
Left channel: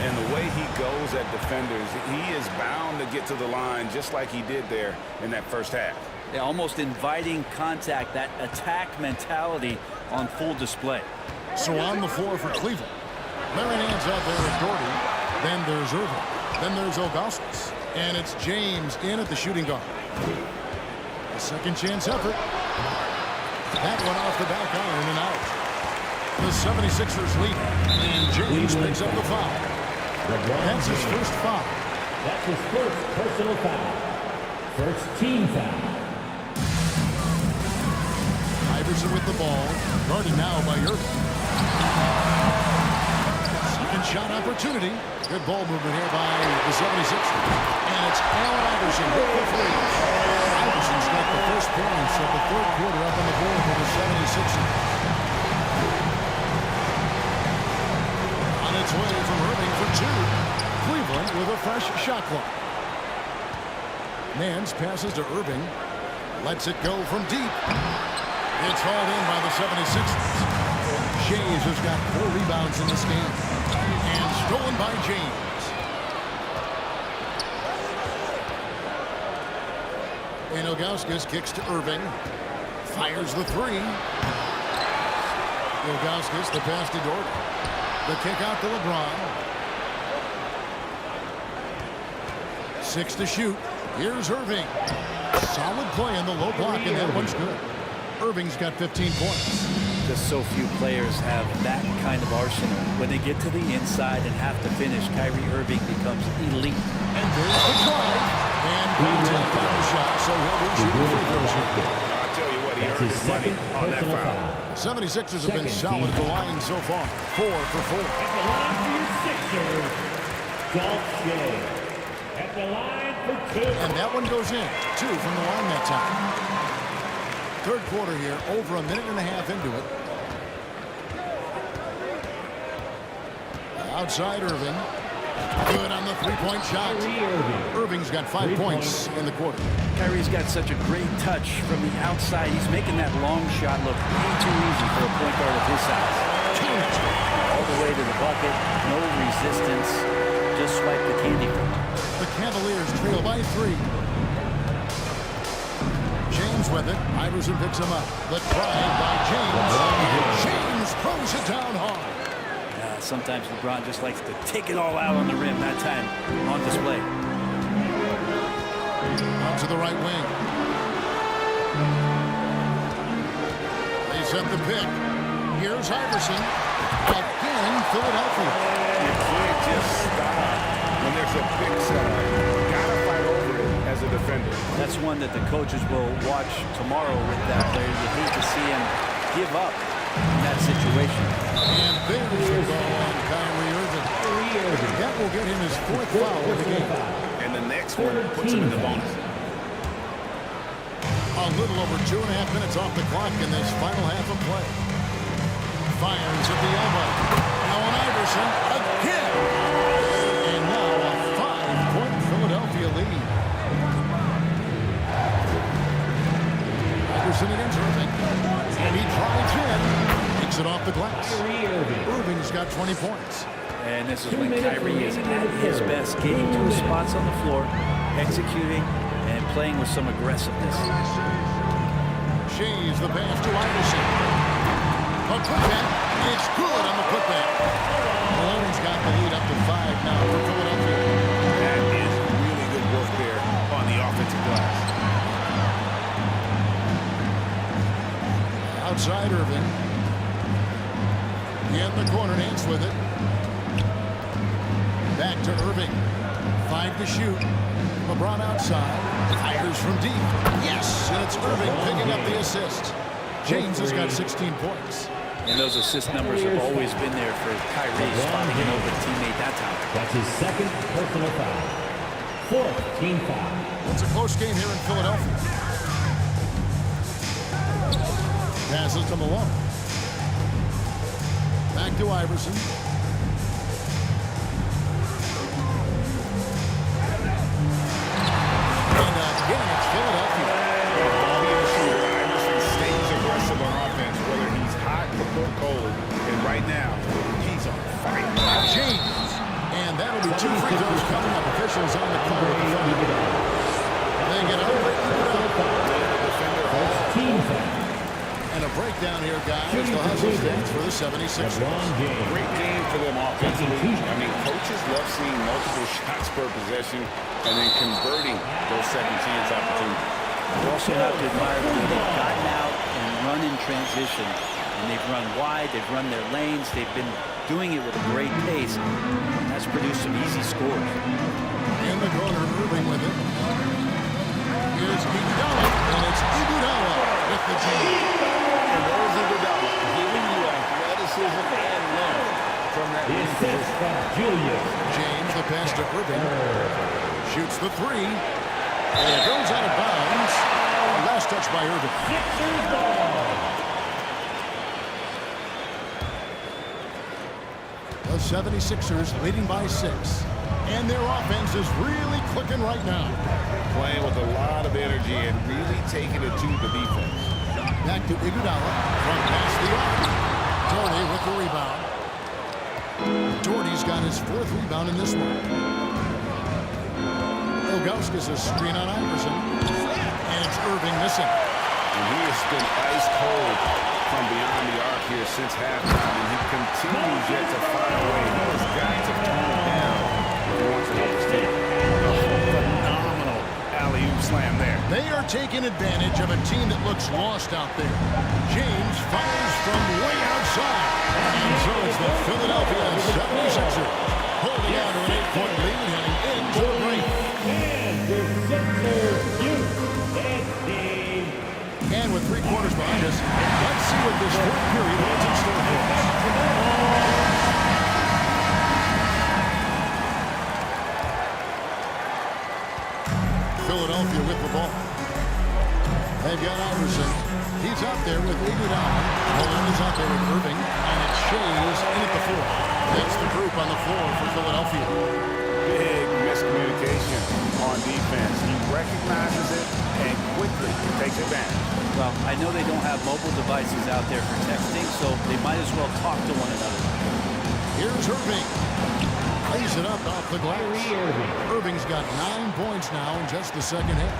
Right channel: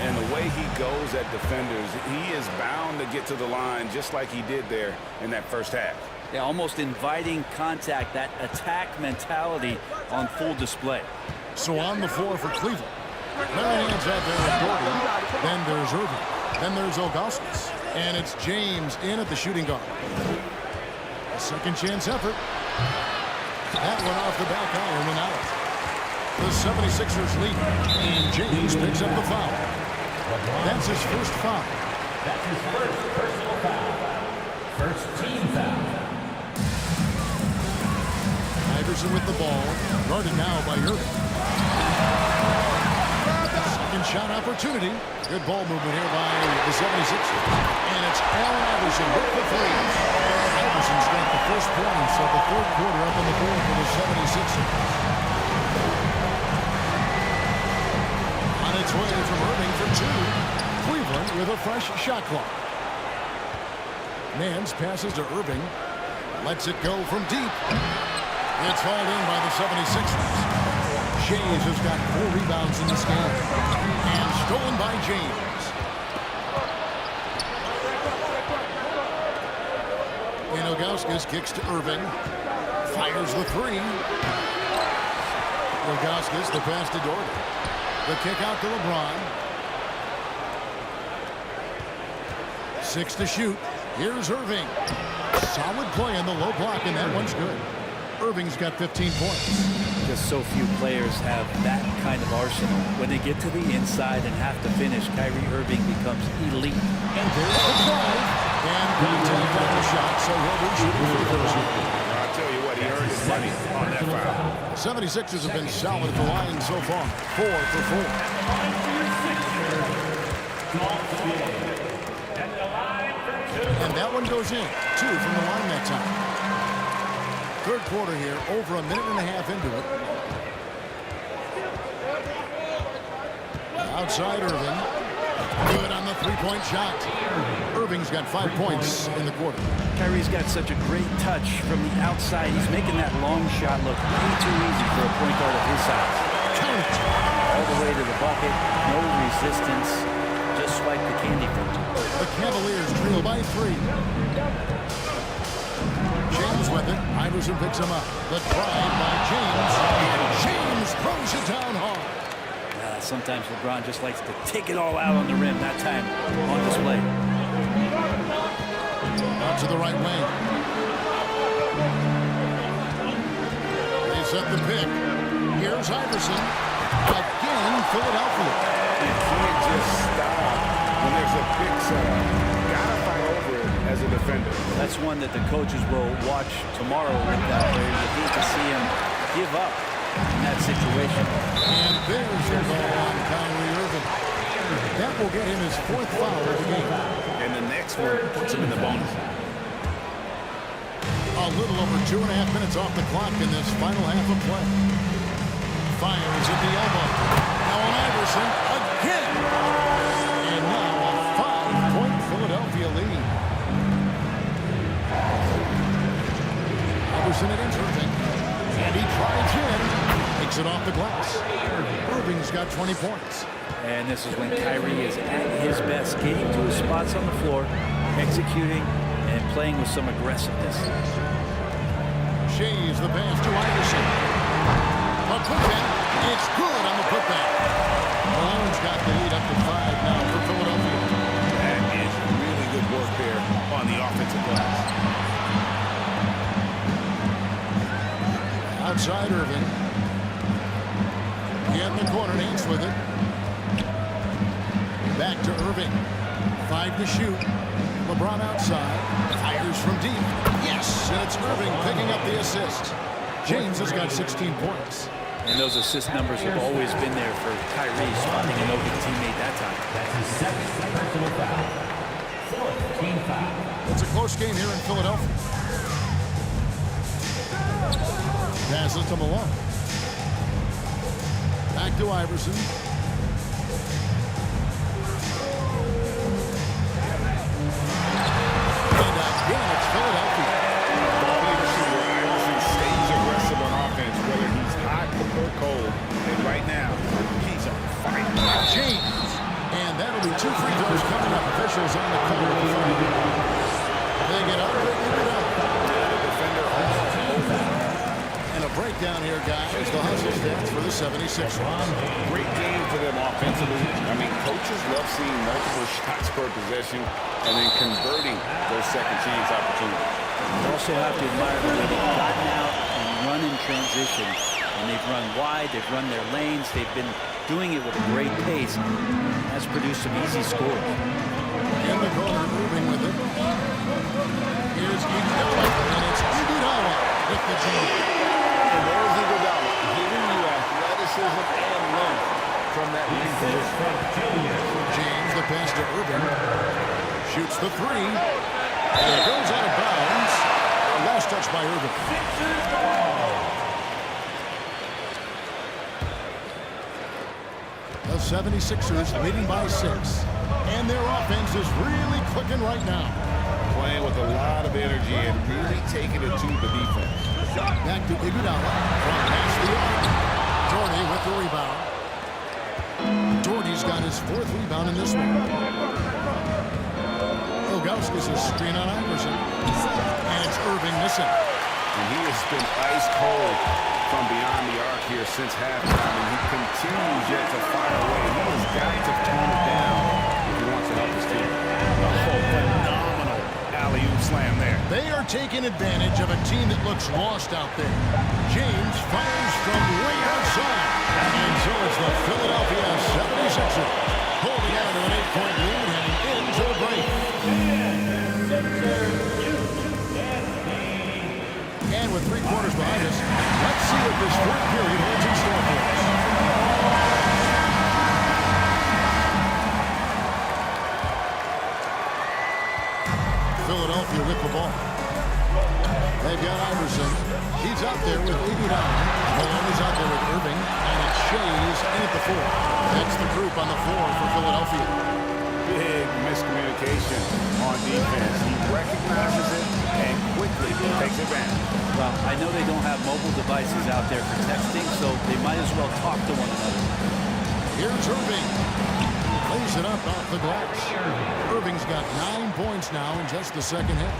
And the way he goes at defenders, he is bound to get to the line just like he did there in that first half. Yeah, almost inviting contact, that attack mentality on full display. So on the floor for Cleveland. Larry Nance out there with Doherty. Then there's Irving. Then there's Augustus. And it's James in at the shooting guard. A second chance effort. That one off the back iron and out. The 76ers lead. And James picks up the foul. That's his first foul. That's his first personal foul. First team foul. Iverson with the ball. Guarded now by Irving. Second shot opportunity. Good ball movement here by the 76ers. And it's Allen Iverson with the 3. Iverson's got the first points of the third quarter up on the board for the 76ers. On its way from Irving for 2. Cleveland with a fresh shot clock. Nance passes to Irving. Lets it go from deep. It's hauled in by the 76ers. Shays has got 4 rebounds in this game. And stolen by James. And Ilgauskas kicks to Irving. Fires the three. Ilgauskas, the pass to Doherty. The kick out to LeBron. 6 to shoot. Here's Irving. Solid play in the low block, and that one's good. Irving's got 15 points. Just so few players have that kind of arsenal. When they get to the inside and have to finish, Kyrie Irving becomes elite. And there's the drive. And contact on the shot, so he'll be shooting free throws here. I'll tell you what, he earned his money on that foul. The 76ers have been solid at the line so far. 4 for 4. And the line for your Sixers, Dolph Gilliam. And the line for 2. And that one goes in. 2 from the line that time. Third quarter here, over a minute and a half into it. Outside Irving. Good on the three-point shot. Irving's got 5 points in the quarter. Kyrie's got such a great touch from the outside. He's making that long shot look way too easy for a point guard of his size. Count it. All the way to the bucket. No resistance. Just swipe the candy from him. The Cavaliers trail by 3. James with it. Iverson picks him up. The drive by James. And James throws it down hard. Sometimes LeBron just likes to take it all out on the rim. That time on display. Out to the right wing. They set the pick. Here's Iverson. Again, Philadelphia. You can't just stop when there's a pick set up. Gotta fight over it as a defender. That's one that the coaches will watch tomorrow with that player. You hate to see him give up in that situation. And there's your ball on Kyrie Irving. That will get him his 4th foul of the game. And the next one puts him in the bonus. A little over 2.5 minutes off the clock in this final half of play. Fires at the elbow. Now on Iverson again. And now a 5-point Philadelphia lead. Iverson against Irving. And he drives in. Takes it off the glass. Irving's got 20 points. And this is when Kyrie is at his best, getting to his spots on the floor, executing, and playing with some aggressiveness. Shays the pass to Iverson. A putback. It's good on the putback. Malone's got the lead up to 5 now for Philadelphia. That is really good work there on the offensive glass. Outside Irving. In the corner, Nance with it. Back to Irving. 5 to shoot. LeBron outside. Fires from deep. Yes, and it's Irving picking up the assist. James has got 16 points. And those assist numbers have always been there for Kyrie, spotting an open teammate that time. That's his 2nd personal foul. 4th team foul. It's a close game here in Philadelphia. Passes to Malone. Back to Iverson. And again, it's Philadelphia. Ball being a shooter, Iverson stays aggressive on offense, whether he's hot or cold. And right now, he's on fire. James. And that'll be 2 free throws coming up. Officials on the call with the front. They get up, they get up. And the defender all. And a breakdown here, guys. The hustle stats for the 76ers. Great game for them offensively. I mean, coaches love seeing multiple shots per possession and then converting those second chance opportunities. You also have to admire the way they've gotten out and run in transition. And they've run wide, they've run their lanes, they've been doing it with a great pace. And that's produced some easy scores. In the corner, Irving with it. Here's Iguodala, and it's Iguodala with the jam. And there's Iguodala giving you athleticism and length from that wing position. James, the pass to Irving. Shoots the 3. And it goes out of bounds. Last touch by Irving. The 76ers leading by 6. And their offense is really clicking right now. Playing with a lot of energy and really taking it to the defense. Back to Iguodala from past the arc. Doherty with the rebound. Doherty's got his 4th rebound in this one. Ilgauskas a screen on Iverson. And it's Irving missing. And he has been ice cold from beyond the arc here since halftime, and he continues yet to fire away. He has got to tone it down if he wants to help his team. Oh, phenomenal alley-oop slam there. They are taking advantage of a team that looks lost out there. James fires from way outside. And so it's the Philadelphia 76ers holding on to an 8-point lead heading into the break. And with 3 quarters behind us, let's see what this fourth period holds in store for us. Philadelphia with the ball. They've got Iverson. He's out there with Iguodala. Malone is out there with Irving. And it's Shays in at the 4. That's the group on the floor for Philadelphia. Big miscommunication on defense. He recognizes it and quickly takes advantage. Well, I know they don't have mobile devices out there for texting, so they might as well talk to one another. Here's Irving. Lays it up off the glass. Irving's got 9 points now in just the second half.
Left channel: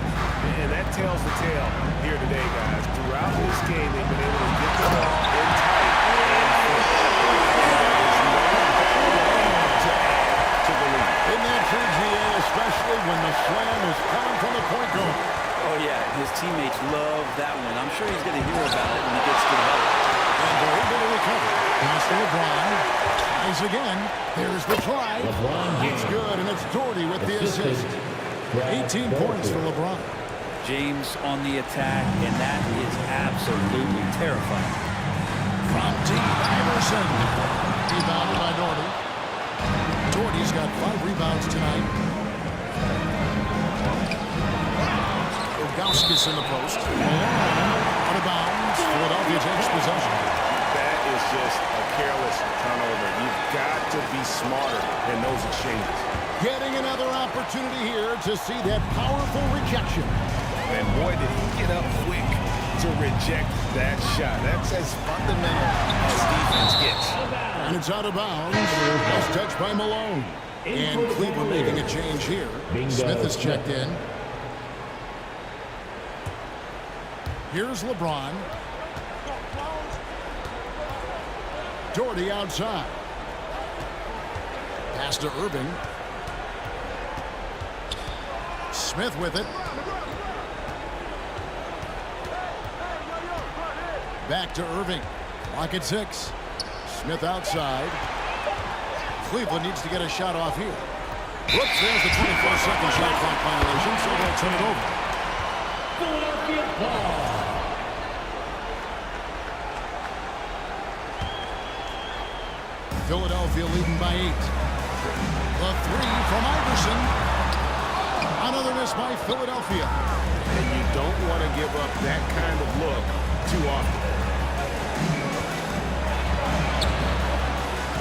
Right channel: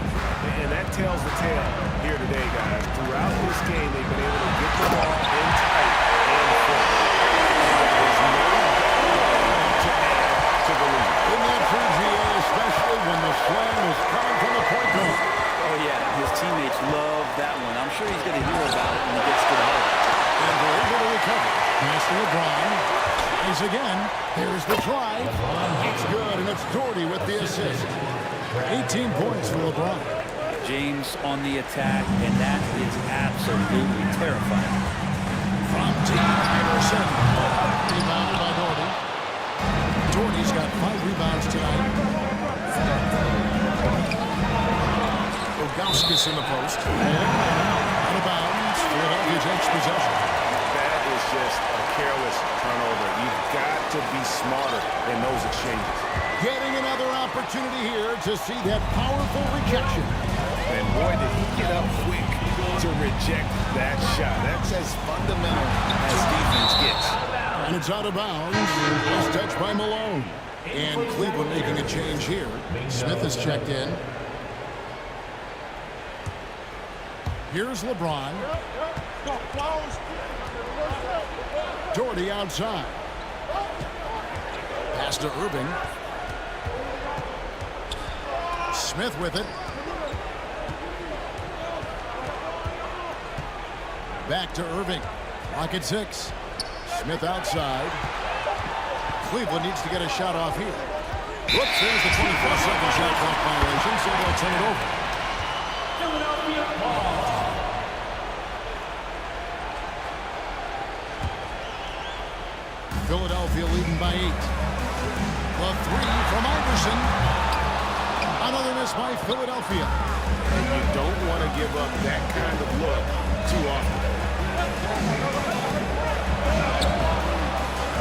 And that tells the tale here today, guys. Throughout this game, they've been able to get the ball in tight and full. And there is no better way to add to the lead. Isn't that true, GA, especially when the slam is coming from the point guard? Oh, yeah, his teammates love that one. I'm sure he's going to hear about it when he gets to the huddle. And they're able to recover. Pass to LeBron. Tries again. There's the try. It's good, and it's Doherty with the assist. 18 points for LeBron. James on the attack, and that is absolutely terrifying. From T. Iverson. Rebounded by Doherty. Doherty's got 5 rebounds tonight. Ilgauskas in the post. Malone on him. Out of bounds. Philadelphia takes possession. That is just a careless turnover. You've got to be smarter in those exchanges. Getting another opportunity here to see that powerful rejection. And boy, did he get up quick to reject that shot. That's as fundamental as defense gets. And it's out of bounds. Nice touch by Malone. And Cleveland making a change here. Smith is checked in. Here's LeBron. Doherty outside. Pass to Irving. Smith with it. Back to Irving. Clock at 6. Smith outside. Cleveland needs to get a shot off here. Whoops, there's the 24-second shot clock violation, so they'll turn it over. Philadelphia ball. Philadelphia leading by 8. The 3 from Iverson. Another miss by Philadelphia. And you don't want to give up that kind of look too often.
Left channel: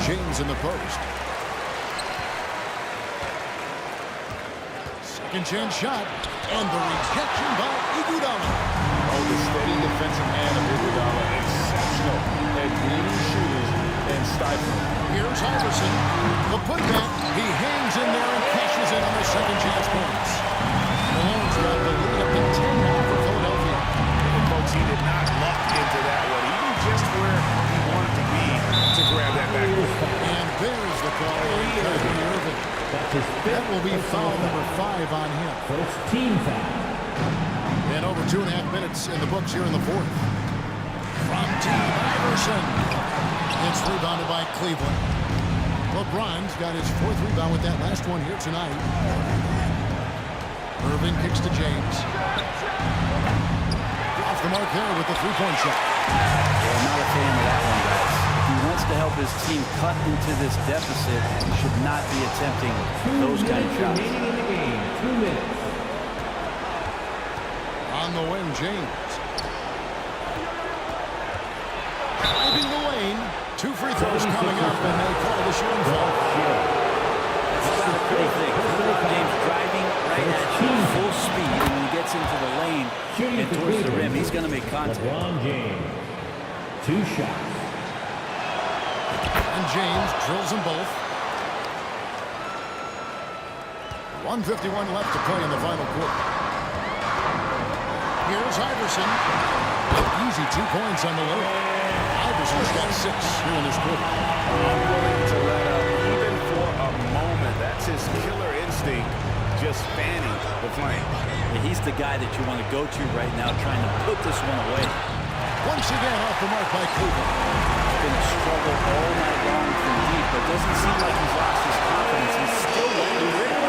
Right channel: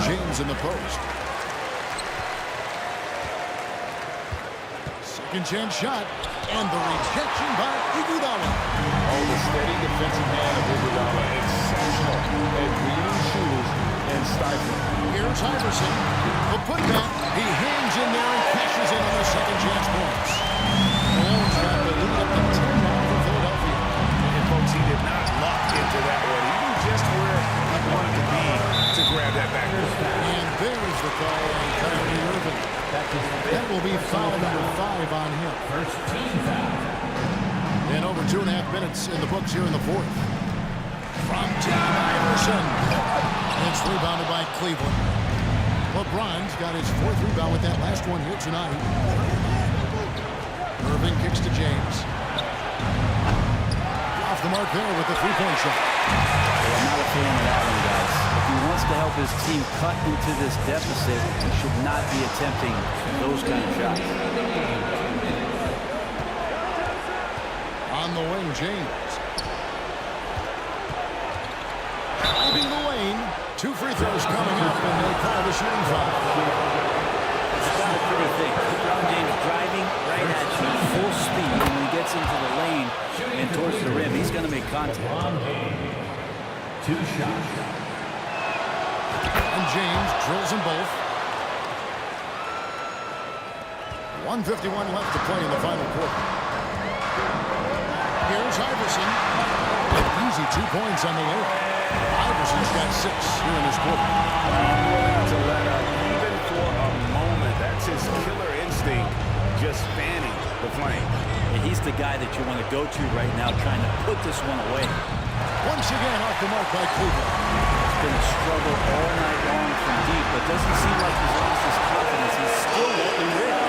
James in the post. Second chance shot. And the rejection by Iguodala. Oh, the steady defensive hand of Iguodala. Exceptional at reading shooters and stifling. Here's Iverson. The putback. He hangs in there and cashes in on the second chance points. Malone's got the lead up to 10 now for Philadelphia. And folks, he did not luck into that one. He knew just where he wanted to be to grab that backboard. And there's the call on Kyrie Irving. That will be foul number 5 on him. First team foul. And over 2.5 minutes in the books here in the fourth. From Team Iverson. It's rebounded by Cleveland. LeBron's got his 4th rebound with that last one here tonight. Irving kicks to James. Off the mark there with the 3-point shot. Yeah, I'm not a fan of that one, guys. If he wants to help his team cut into this deficit, he should not be attempting those kind of shots. On the wing, James. Driving the lane. 2 free throws coming up, and they call the shooting foul. That's not a pretty thing. LeBron James driving right at you full speed, and when he gets into the lane and towards the rim, he's going to make contact. LeBron James. 2 shots. And James drills them both. 1:51 left to play in the final quarter. Here's Iverson. An easy 2 points on the layup. Iverson's got 6 here in this quarter. Unwilling to let up even for a moment. That's his killer instinct, just fanning the flame. Yeah, he's the guy that you want to go to right now, trying to put this one away. Once again off the mark by Cleveland. It's been a struggle all night long from deep, but doesn't seem like he's lost his confidence. He's still letting him rip.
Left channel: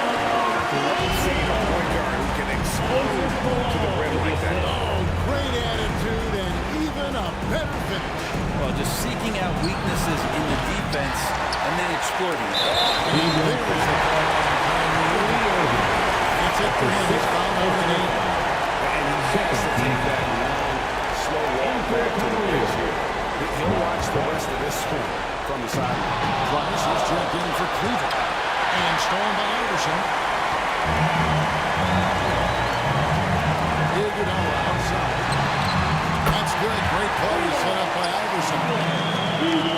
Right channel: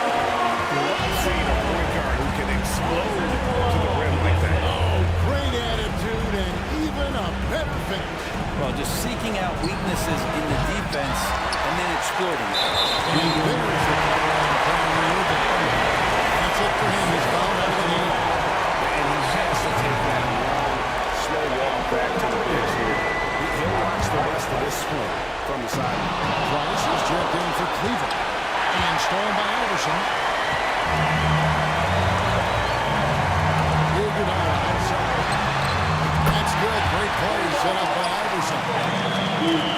Love seeing a point guard who can explode to the rim like that. Oh, great attitude and even a better finish. Well, just seeking out weaknesses in the defense and then exploiting it. And there's the call on Kyrie Irving. That's it for him. He's fouled out of the game. And he has to take that long, slow walk back to the bench here. He'll watch the rest of this one from the sideline. Price is checked in for Cleveland. And stolen by Iverson. Iguodala outside. That's good. Great play set up by Iverson.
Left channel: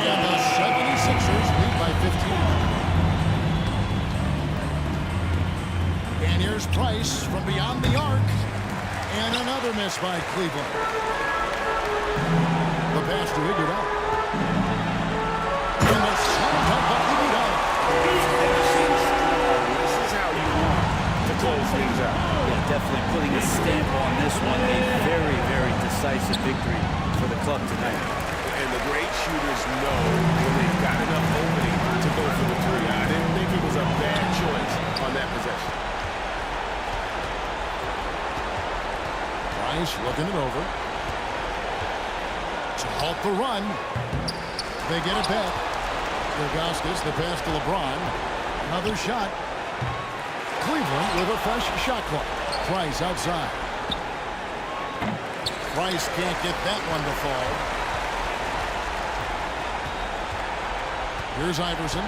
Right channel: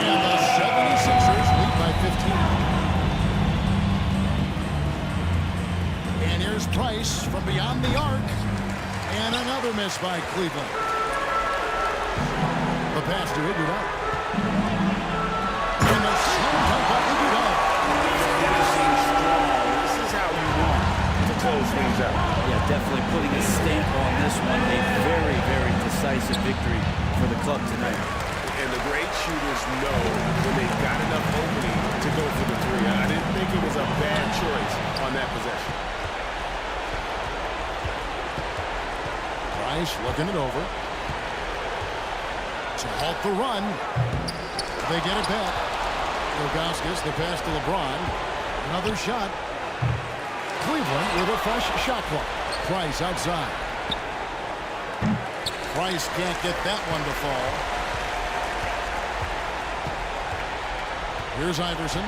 And the 76ers lead by 15. And here's Price from beyond the arc. And another miss by Cleveland. The pass to Iguodala. And the slam dunk by Iguodala. Finishing strong. This is how you want to close things out. Yeah, definitely putting a stamp on this one. A very, very decisive victory for the club tonight. And the great shooters know when they've got enough opening to go for the three. I didn't think it was a bad choice on that possession. Price looking it over. To halt the run. They get it back. Ilgauskas, the pass to LeBron. Another shot. Cleveland with a fresh shot clock. Price outside. Price can't get that one to fall. Here's Iverson.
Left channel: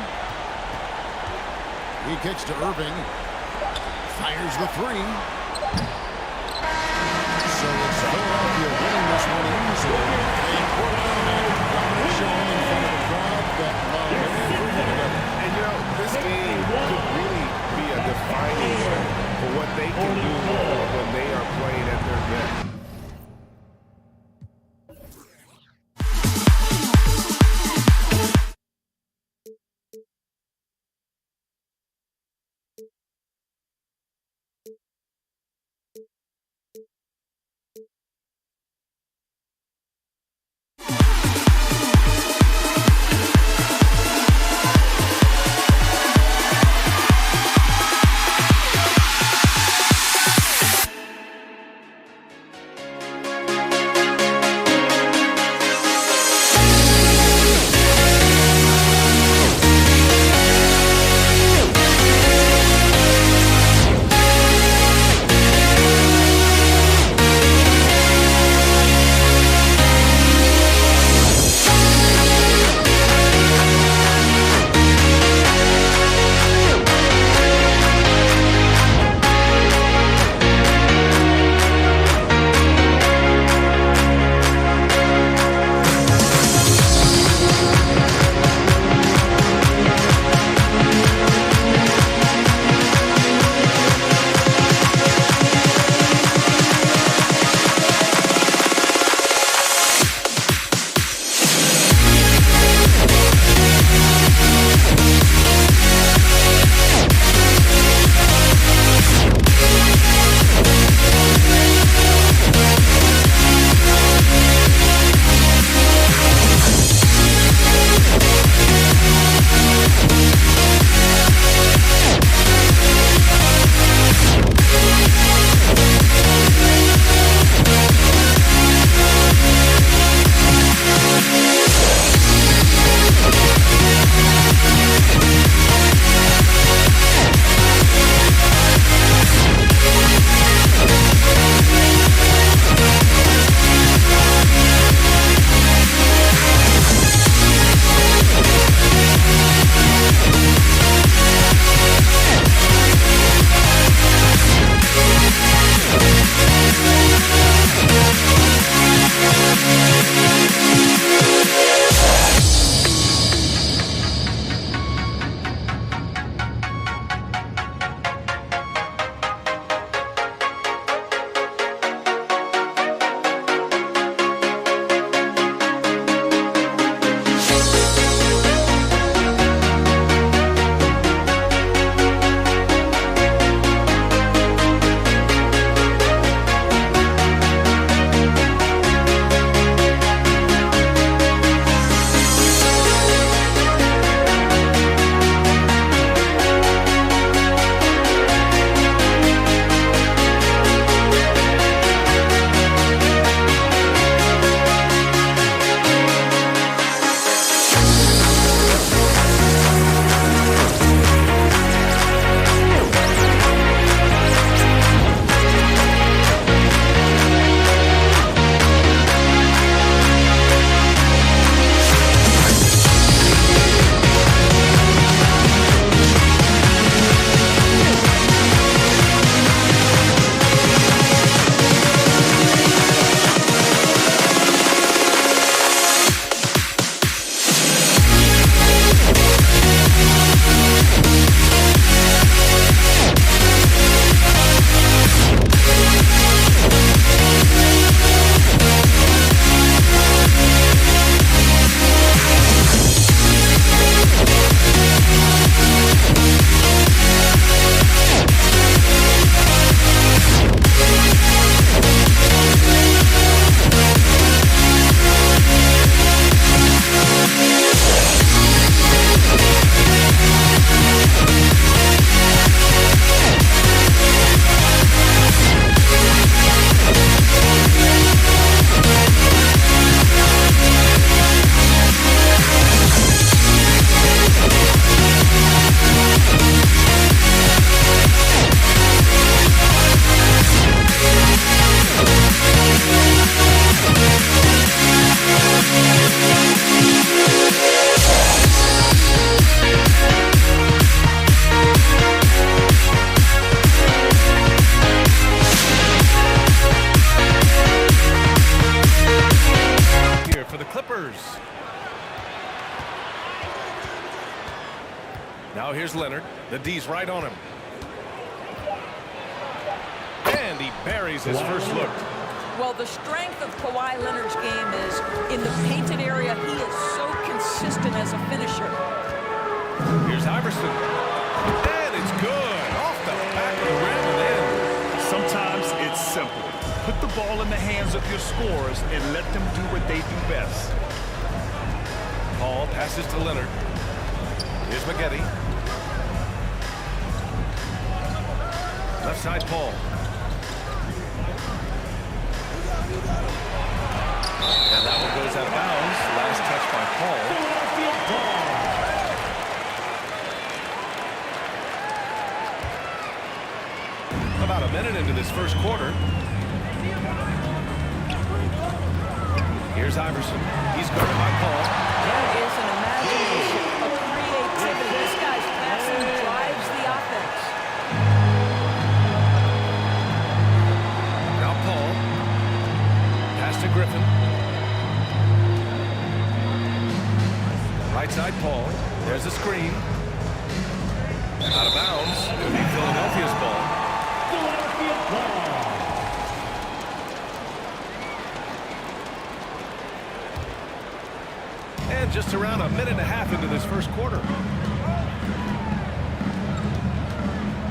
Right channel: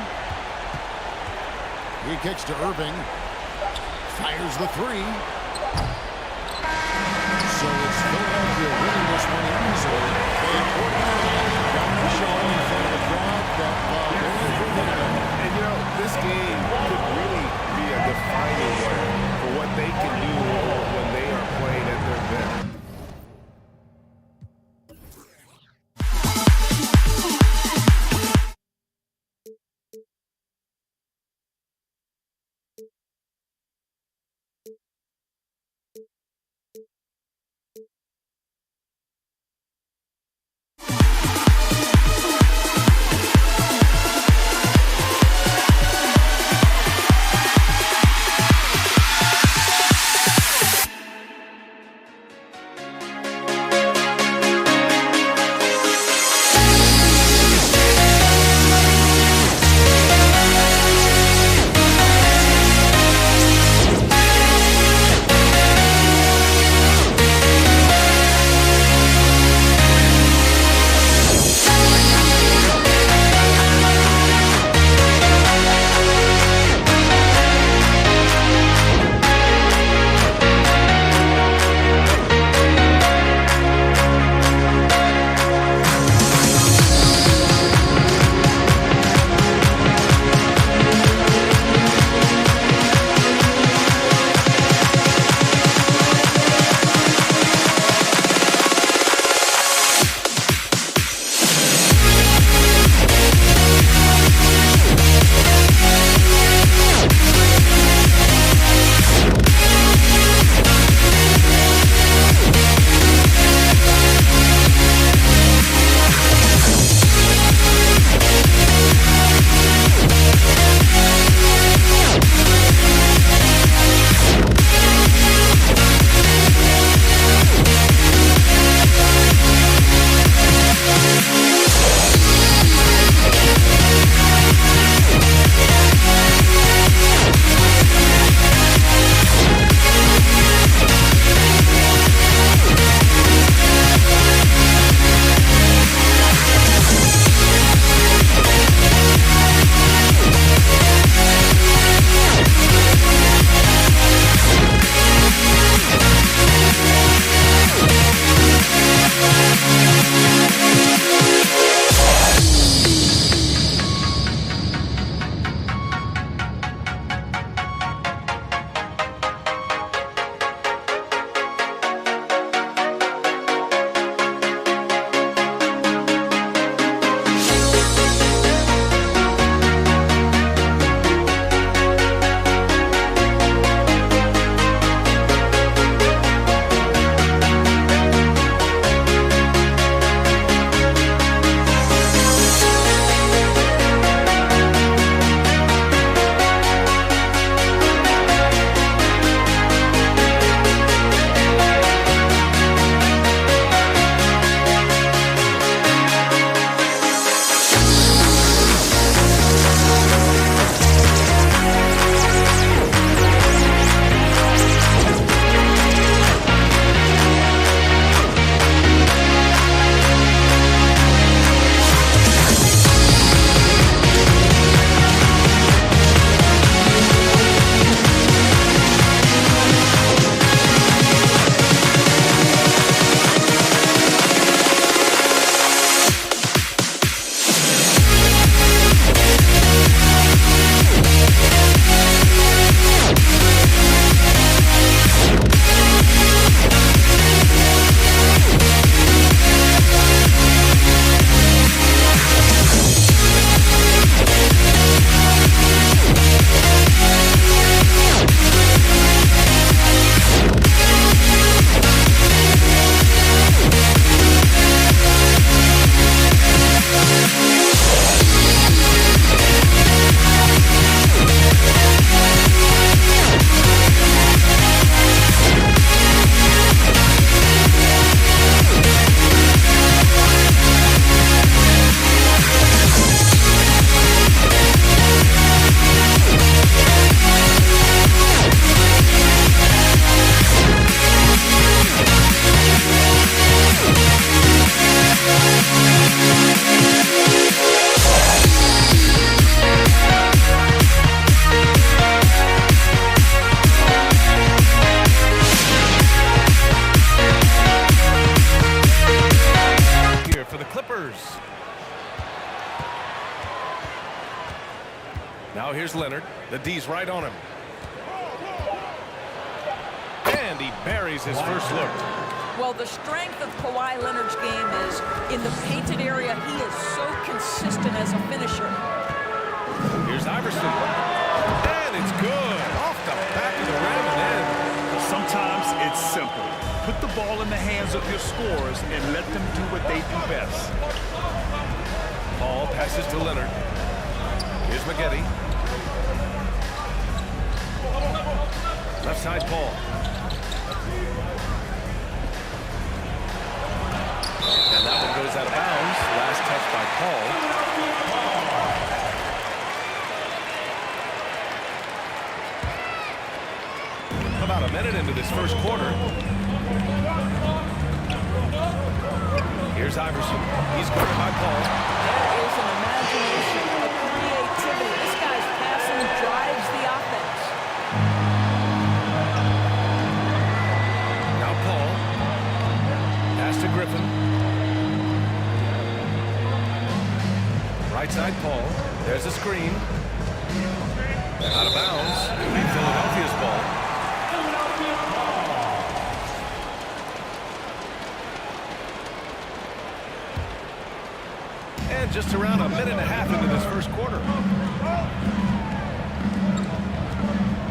He kicks to Irving. Fires the three. So it's Philadelphia winning this one easily. They poured it on tonight. Dominant showing in front of a crowd that loved every minute of it. And you know, this game could really be a defining one for what they can do when they are playing at their best. Now here's Leonard. The D's right on him. And he buries his first look. Well, the strength of Kawhi Leonard's game is in the painted area. He is so consistent as a finisher. Here's Iverson. And it's good. Off the back of the rim and in. Sometimes it's simple. Put the ball in the hands of your scorers and let them do what they do best. Paul passes to Leonard. Here's Maggette. Left side, Paul. And that one goes out of bounds. Last touch by Paul. About a minute into this first quarter. Here's Iverson. He's guarded by Paul. There is an imagination, a creativity. This guy's passing drives the offense. Now Paul. Pass to Griffin. Right side, Paul. There's a screen. Out of bounds. Could be Philadelphia's ball. Philadelphia ball. And just around a minute and a half into this first quarter.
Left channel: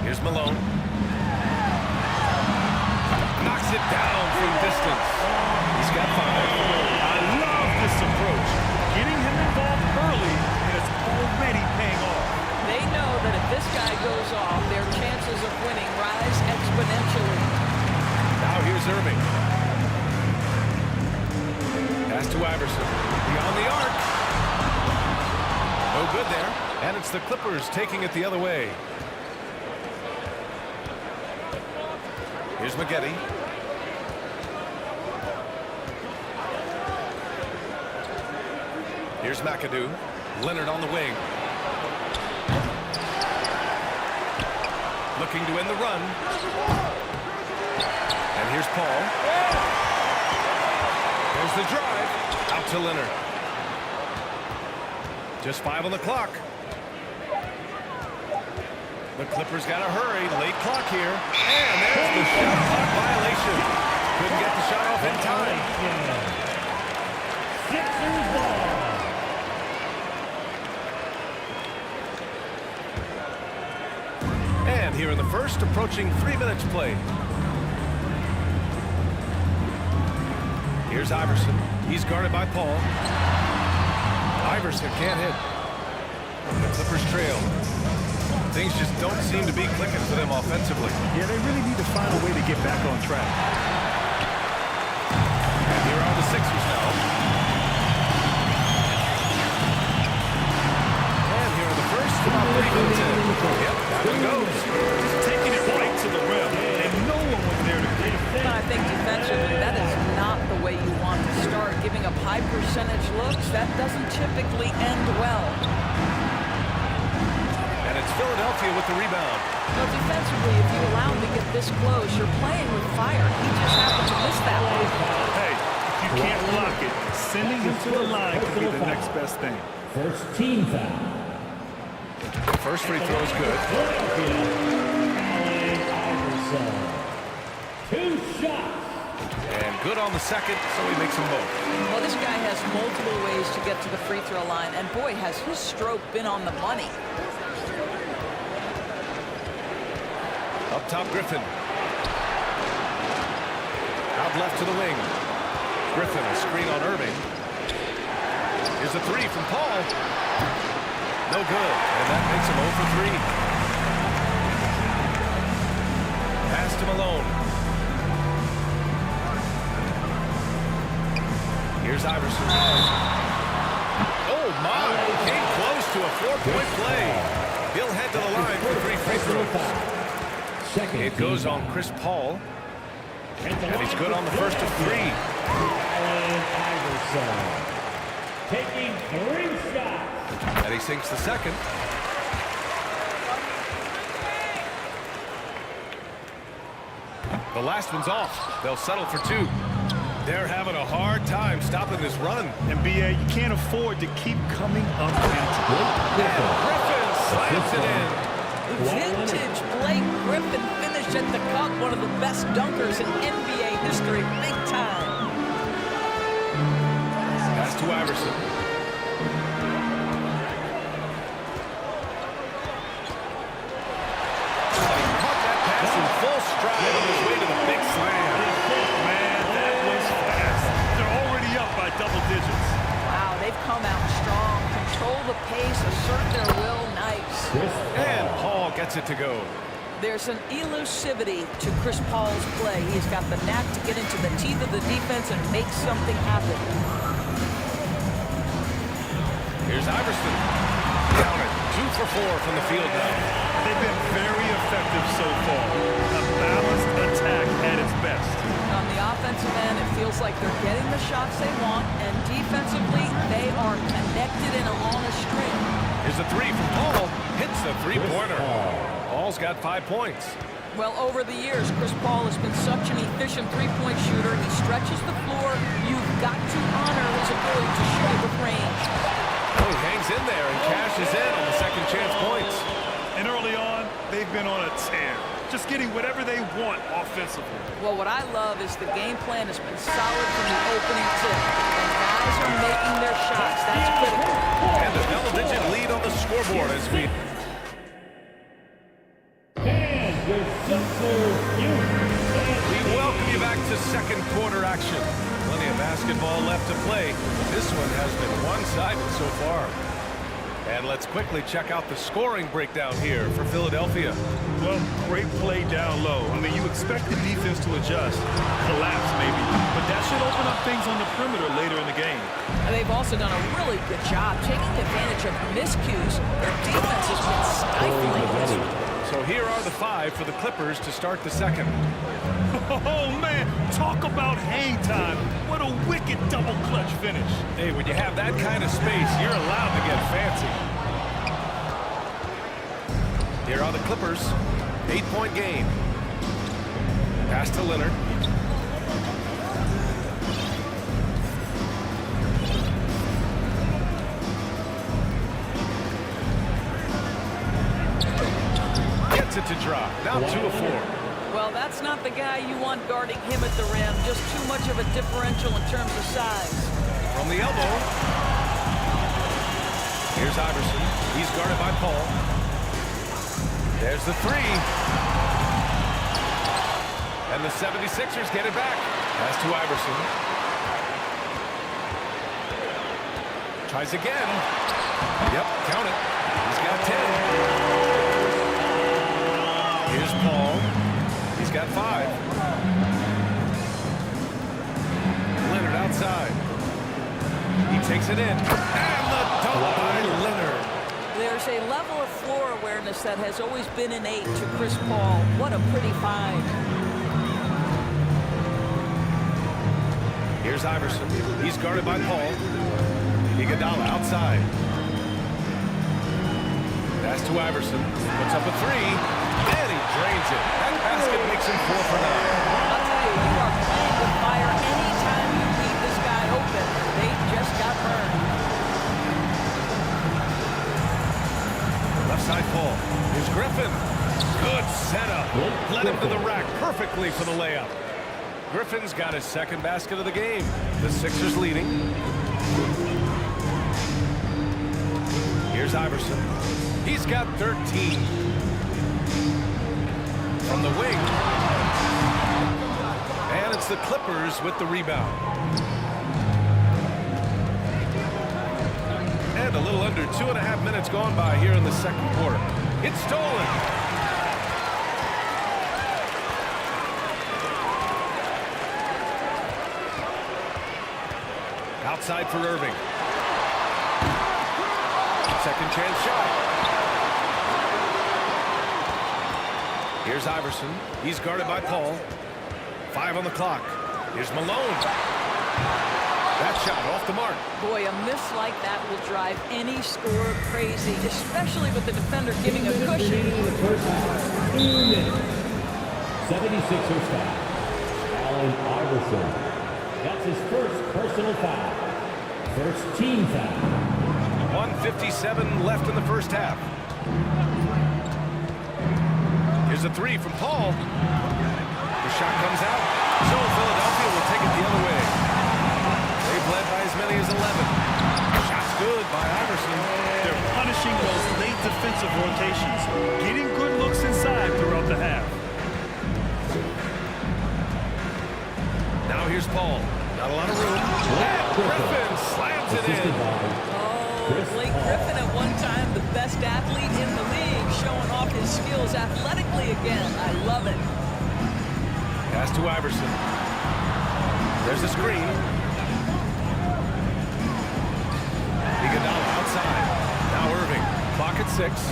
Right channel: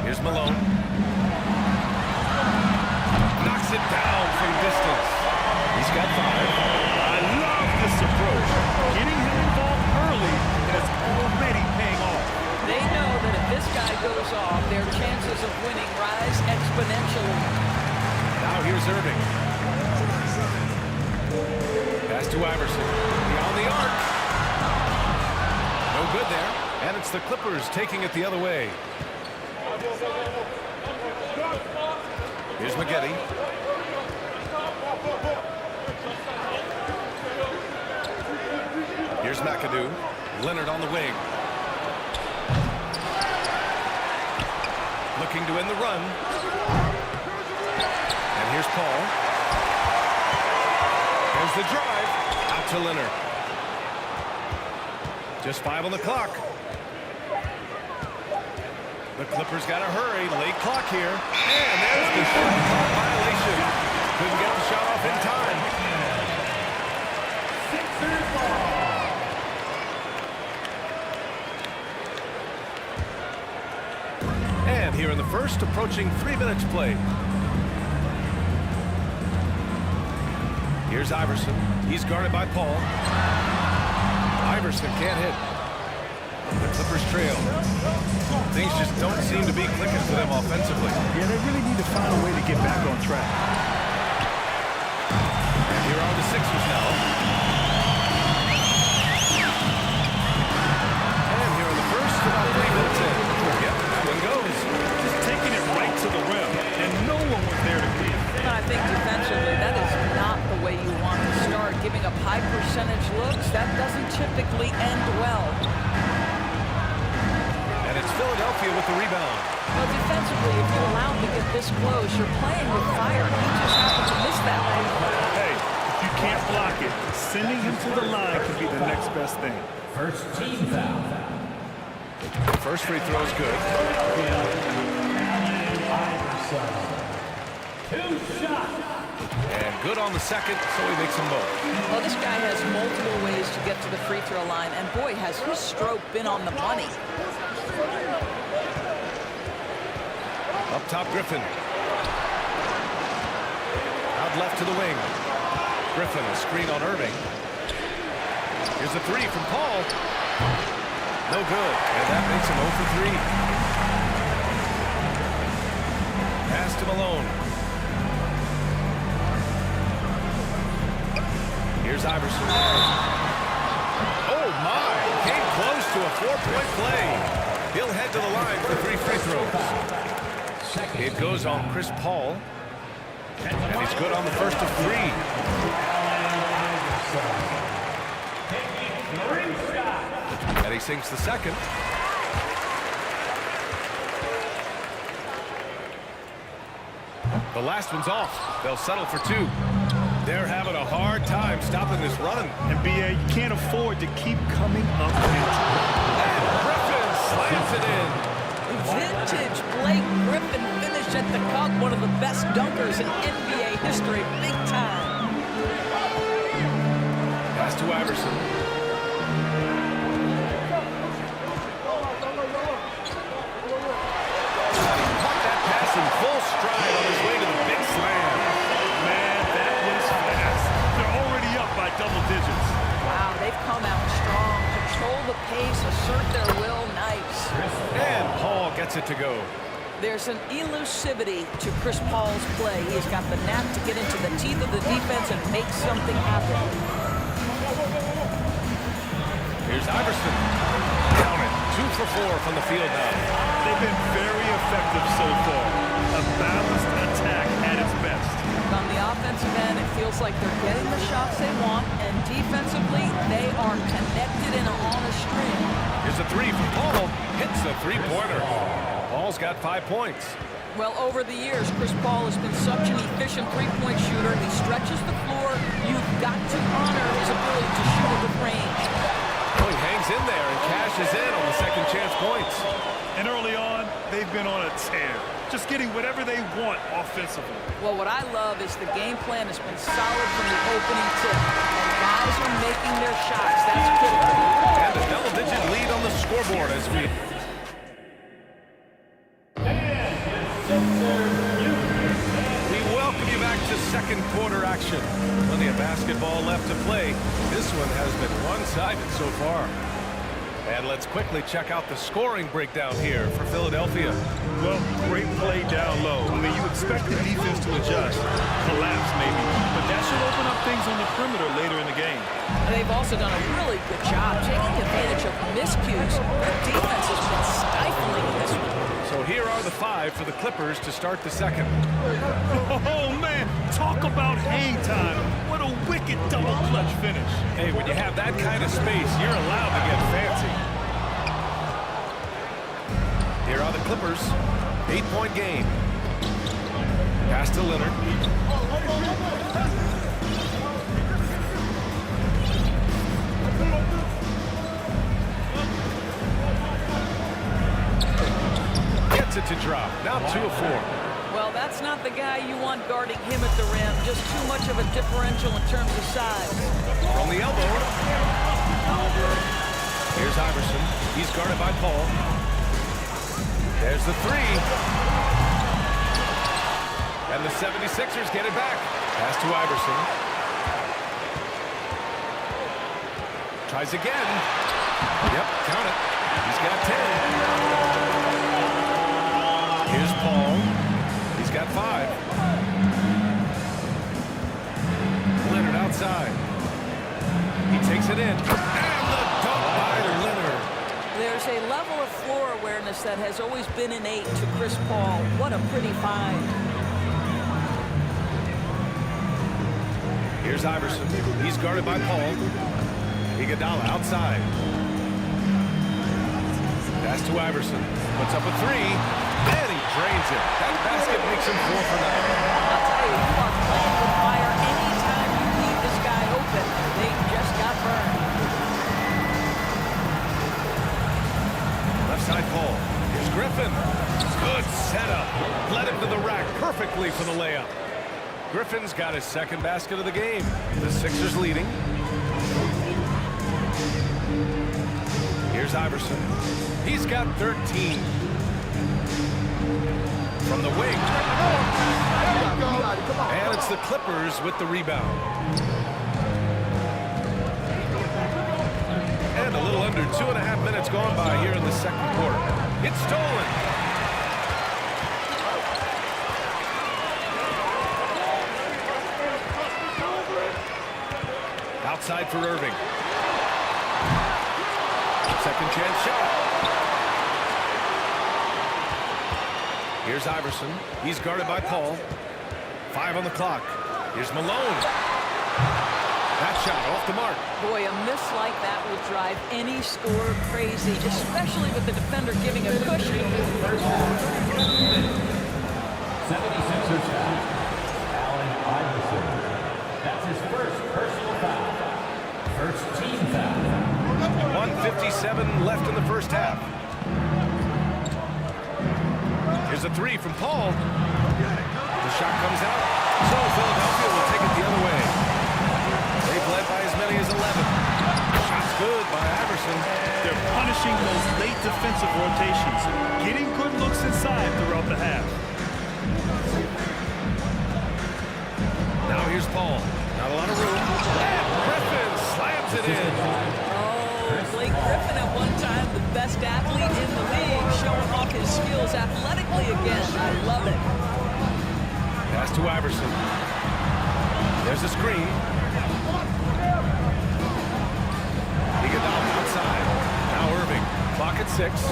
Here's Malone. Knocks it down from distance. He's got 5. I love this approach. Getting him involved early, and it's already paying off. They know that if this guy goes off, their chances of winning rise exponentially. Now here's Irving. Pass to Iverson. Beyond the arc. No good there. And it's the Clippers taking it the other way. Here's Maggette. Here's McAdoo. Leonard on the wing. Looking to end the run. And here's Paul. There's the drive. Out to Leonard. Just 5 on the clock. The Clippers got to hurry. Late clock here. And there's the shot clock violation. Couldn't get the shot off in time. Sixers ball. And here in the first, approaching 3 minutes play. Here's Iverson. He's guarded by Paul. Iverson can't hit. The Clippers trail. Things just don't seem to be clicking for them offensively. Yeah, they really need to find a way to get back on track. And here are the Sixers now. And here in the first, about 3 minutes in. Yep, that one goes. Just taking it right to the rim, and no one was there to greet him. I think defensively, that is not the way you want to start. Giving up high percentage looks, that doesn't typically end well. And it's Philadelphia with the rebound. Well, defensively, if you allow him to get this close, you're playing with fire. He just happened to miss that one. Hey, if you can't block it, sending him to the line can be the next best thing. First team foul. First free throw is good. Allen Iverson. 2 shots. And good on the second, so he makes them both. Well, this guy has multiple ways to get to the free throw line, and boy, has his stroke been on the money. Up top, Griffin. Out left to the wing. Griffin, a screen on Irving. Here's a 3 from Paul. No good, and that makes him 0 for 3. Pass to Malone. Here's Iverson. Oh, my. Came close to a 4-point play. He'll head to the line for 3 free throws. It goes on Chris Paul. And he's good on the first of 3. Allen Iverson. Taking 3 shots. And he sinks the second. The last one's off. They'll settle for 2. They're having a hard time stopping this run. And BA, you can't afford to keep coming up empty. And Griffin slams it in. Vintage Blake Griffin finished at the cup, one of the best dunkers in NBA history, big time. Pass to Iverson. He caught that pass in full stride on his way to the big slam. Man, that was fast. They're already up by double digits. Wow, they've come out strong, control the pace, assert their will, nice. And Paul gets it to go. There's an elusivity to Chris Paul's play. He's got the knack to get into the teeth of the defense and make something happen. Here's Iverson. Count it. 2 for 4 from the field now. They've been very effective so far. A balanced attack at its best. On the offensive end, it feels like they're getting the shots they want, and defensively, they are connected and on a string. Here's a 3 from Paul. Hits the three-pointer. Paul's got 5 points. Well, over the years, Chris Paul has been such an efficient three-point shooter. He stretches the floor. You've got to honor his ability to shoot it with range. Oh, he hangs in there and cashes in on the second chance points. And early on, they've been on a tear. Just getting whatever they want offensively. Well, what I love is the game plan has been solid from the opening tip. And guys are making their shots. That's critical. And a double-digit lead on the scoreboard as we... We welcome you back to second quarter action. Plenty of basketball left to play. This one has been one-sided so far. And let's quickly check out the scoring breakdown here for Philadelphia. Well, great play down low. I mean, you expect the defense to adjust, collapse maybe, but that should open up things on the perimeter later in the game. They've also done a really good job taking advantage of miscues. Their defense has been stifling in this one. So here are the 5 for the Clippers to start the second. Oh, man, talk about hang time. What a wicked double clutch finish. Hey, when you have that kind of space, you're allowed to get fancy. Here are the Clippers. 8-point game. Pass to Leonard. Gets it to drop. Now 2 of 4. Well, that's not the guy you want guarding him at the rim. Just too much of a differential in terms of size. From the elbow. Here's Iverson. He's guarded by Paul. There's the 3. And the 76ers get it back. Pass to Iverson. Tries again. Yep, count it. He's got 10. Here's Paul. He's got 5. Leonard outside. He takes it in. And the dunk by Leonard. There's a level of floor awareness that has always been innate to Chris Paul. What a pretty find. Here's Iverson. He's guarded by Paul. Iguodala outside. Pass to Iverson. Puts up a 3. And he drains it. That basket makes him 4 for 9. I'll tell you, you are playing with fire anytime you leave this guy open. They just got burned. Left side Paul. Here's Griffin. Good setup. Led him to the rack perfectly for the layup. Griffin's got his second basket of the game. The Sixers leading. Here's Iverson. He's got 13. From the wing. And it's the Clippers with the rebound. And a little under 2.5 minutes gone by here in the second quarter. It's stolen. Outside for Irving. Second chance shot. Here's Iverson. He's guarded by Paul. 5 on the clock. Here's Malone. That shot off the mark. Boy, a miss like that will drive any scorer crazy, especially with the defender giving a cushion. 76ers foul. Allen Iverson. That's his first personal foul. First team foul. 1:57 left in the first half. Here's a three from Paul. The shot comes out, so Philadelphia will take it the other way. They've led by as many as 11. Shot's good by Iverson. They're punishing those late defensive rotations, getting good looks inside throughout the half. Now here's Paul. Not a lot of room. And Griffin slams it in. Oh, Blake Griffin at one time the best athlete in the league, showing off his skills athletically again. I love it. Pass to Iverson. There's a screen. Iguodala outside. Now Irving. Clock at 6.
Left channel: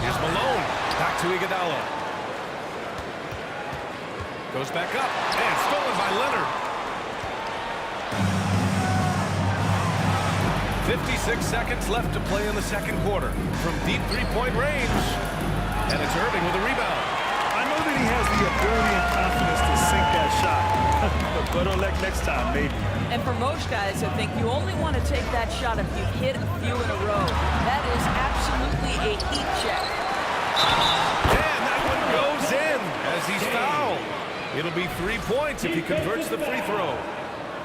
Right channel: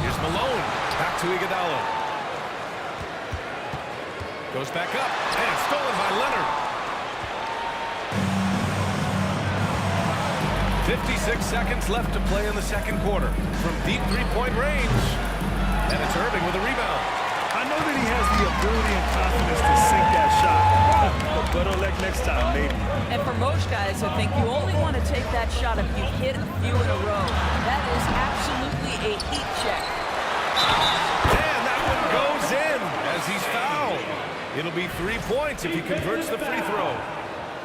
Here's Malone. Back to Iguodala. Goes back up. And stolen by Leonard. 56 seconds left to play in the second quarter. From deep three-point range. And it's Irving with a rebound. I know that he has the ability and confidence to sink that shot. But better luck next time, maybe. And for most guys, I think you only want to take that shot if you hit a few in a row. That is absolutely a heat check. And that one goes in as he's fouled. It'll be 3 points if he converts the free throw.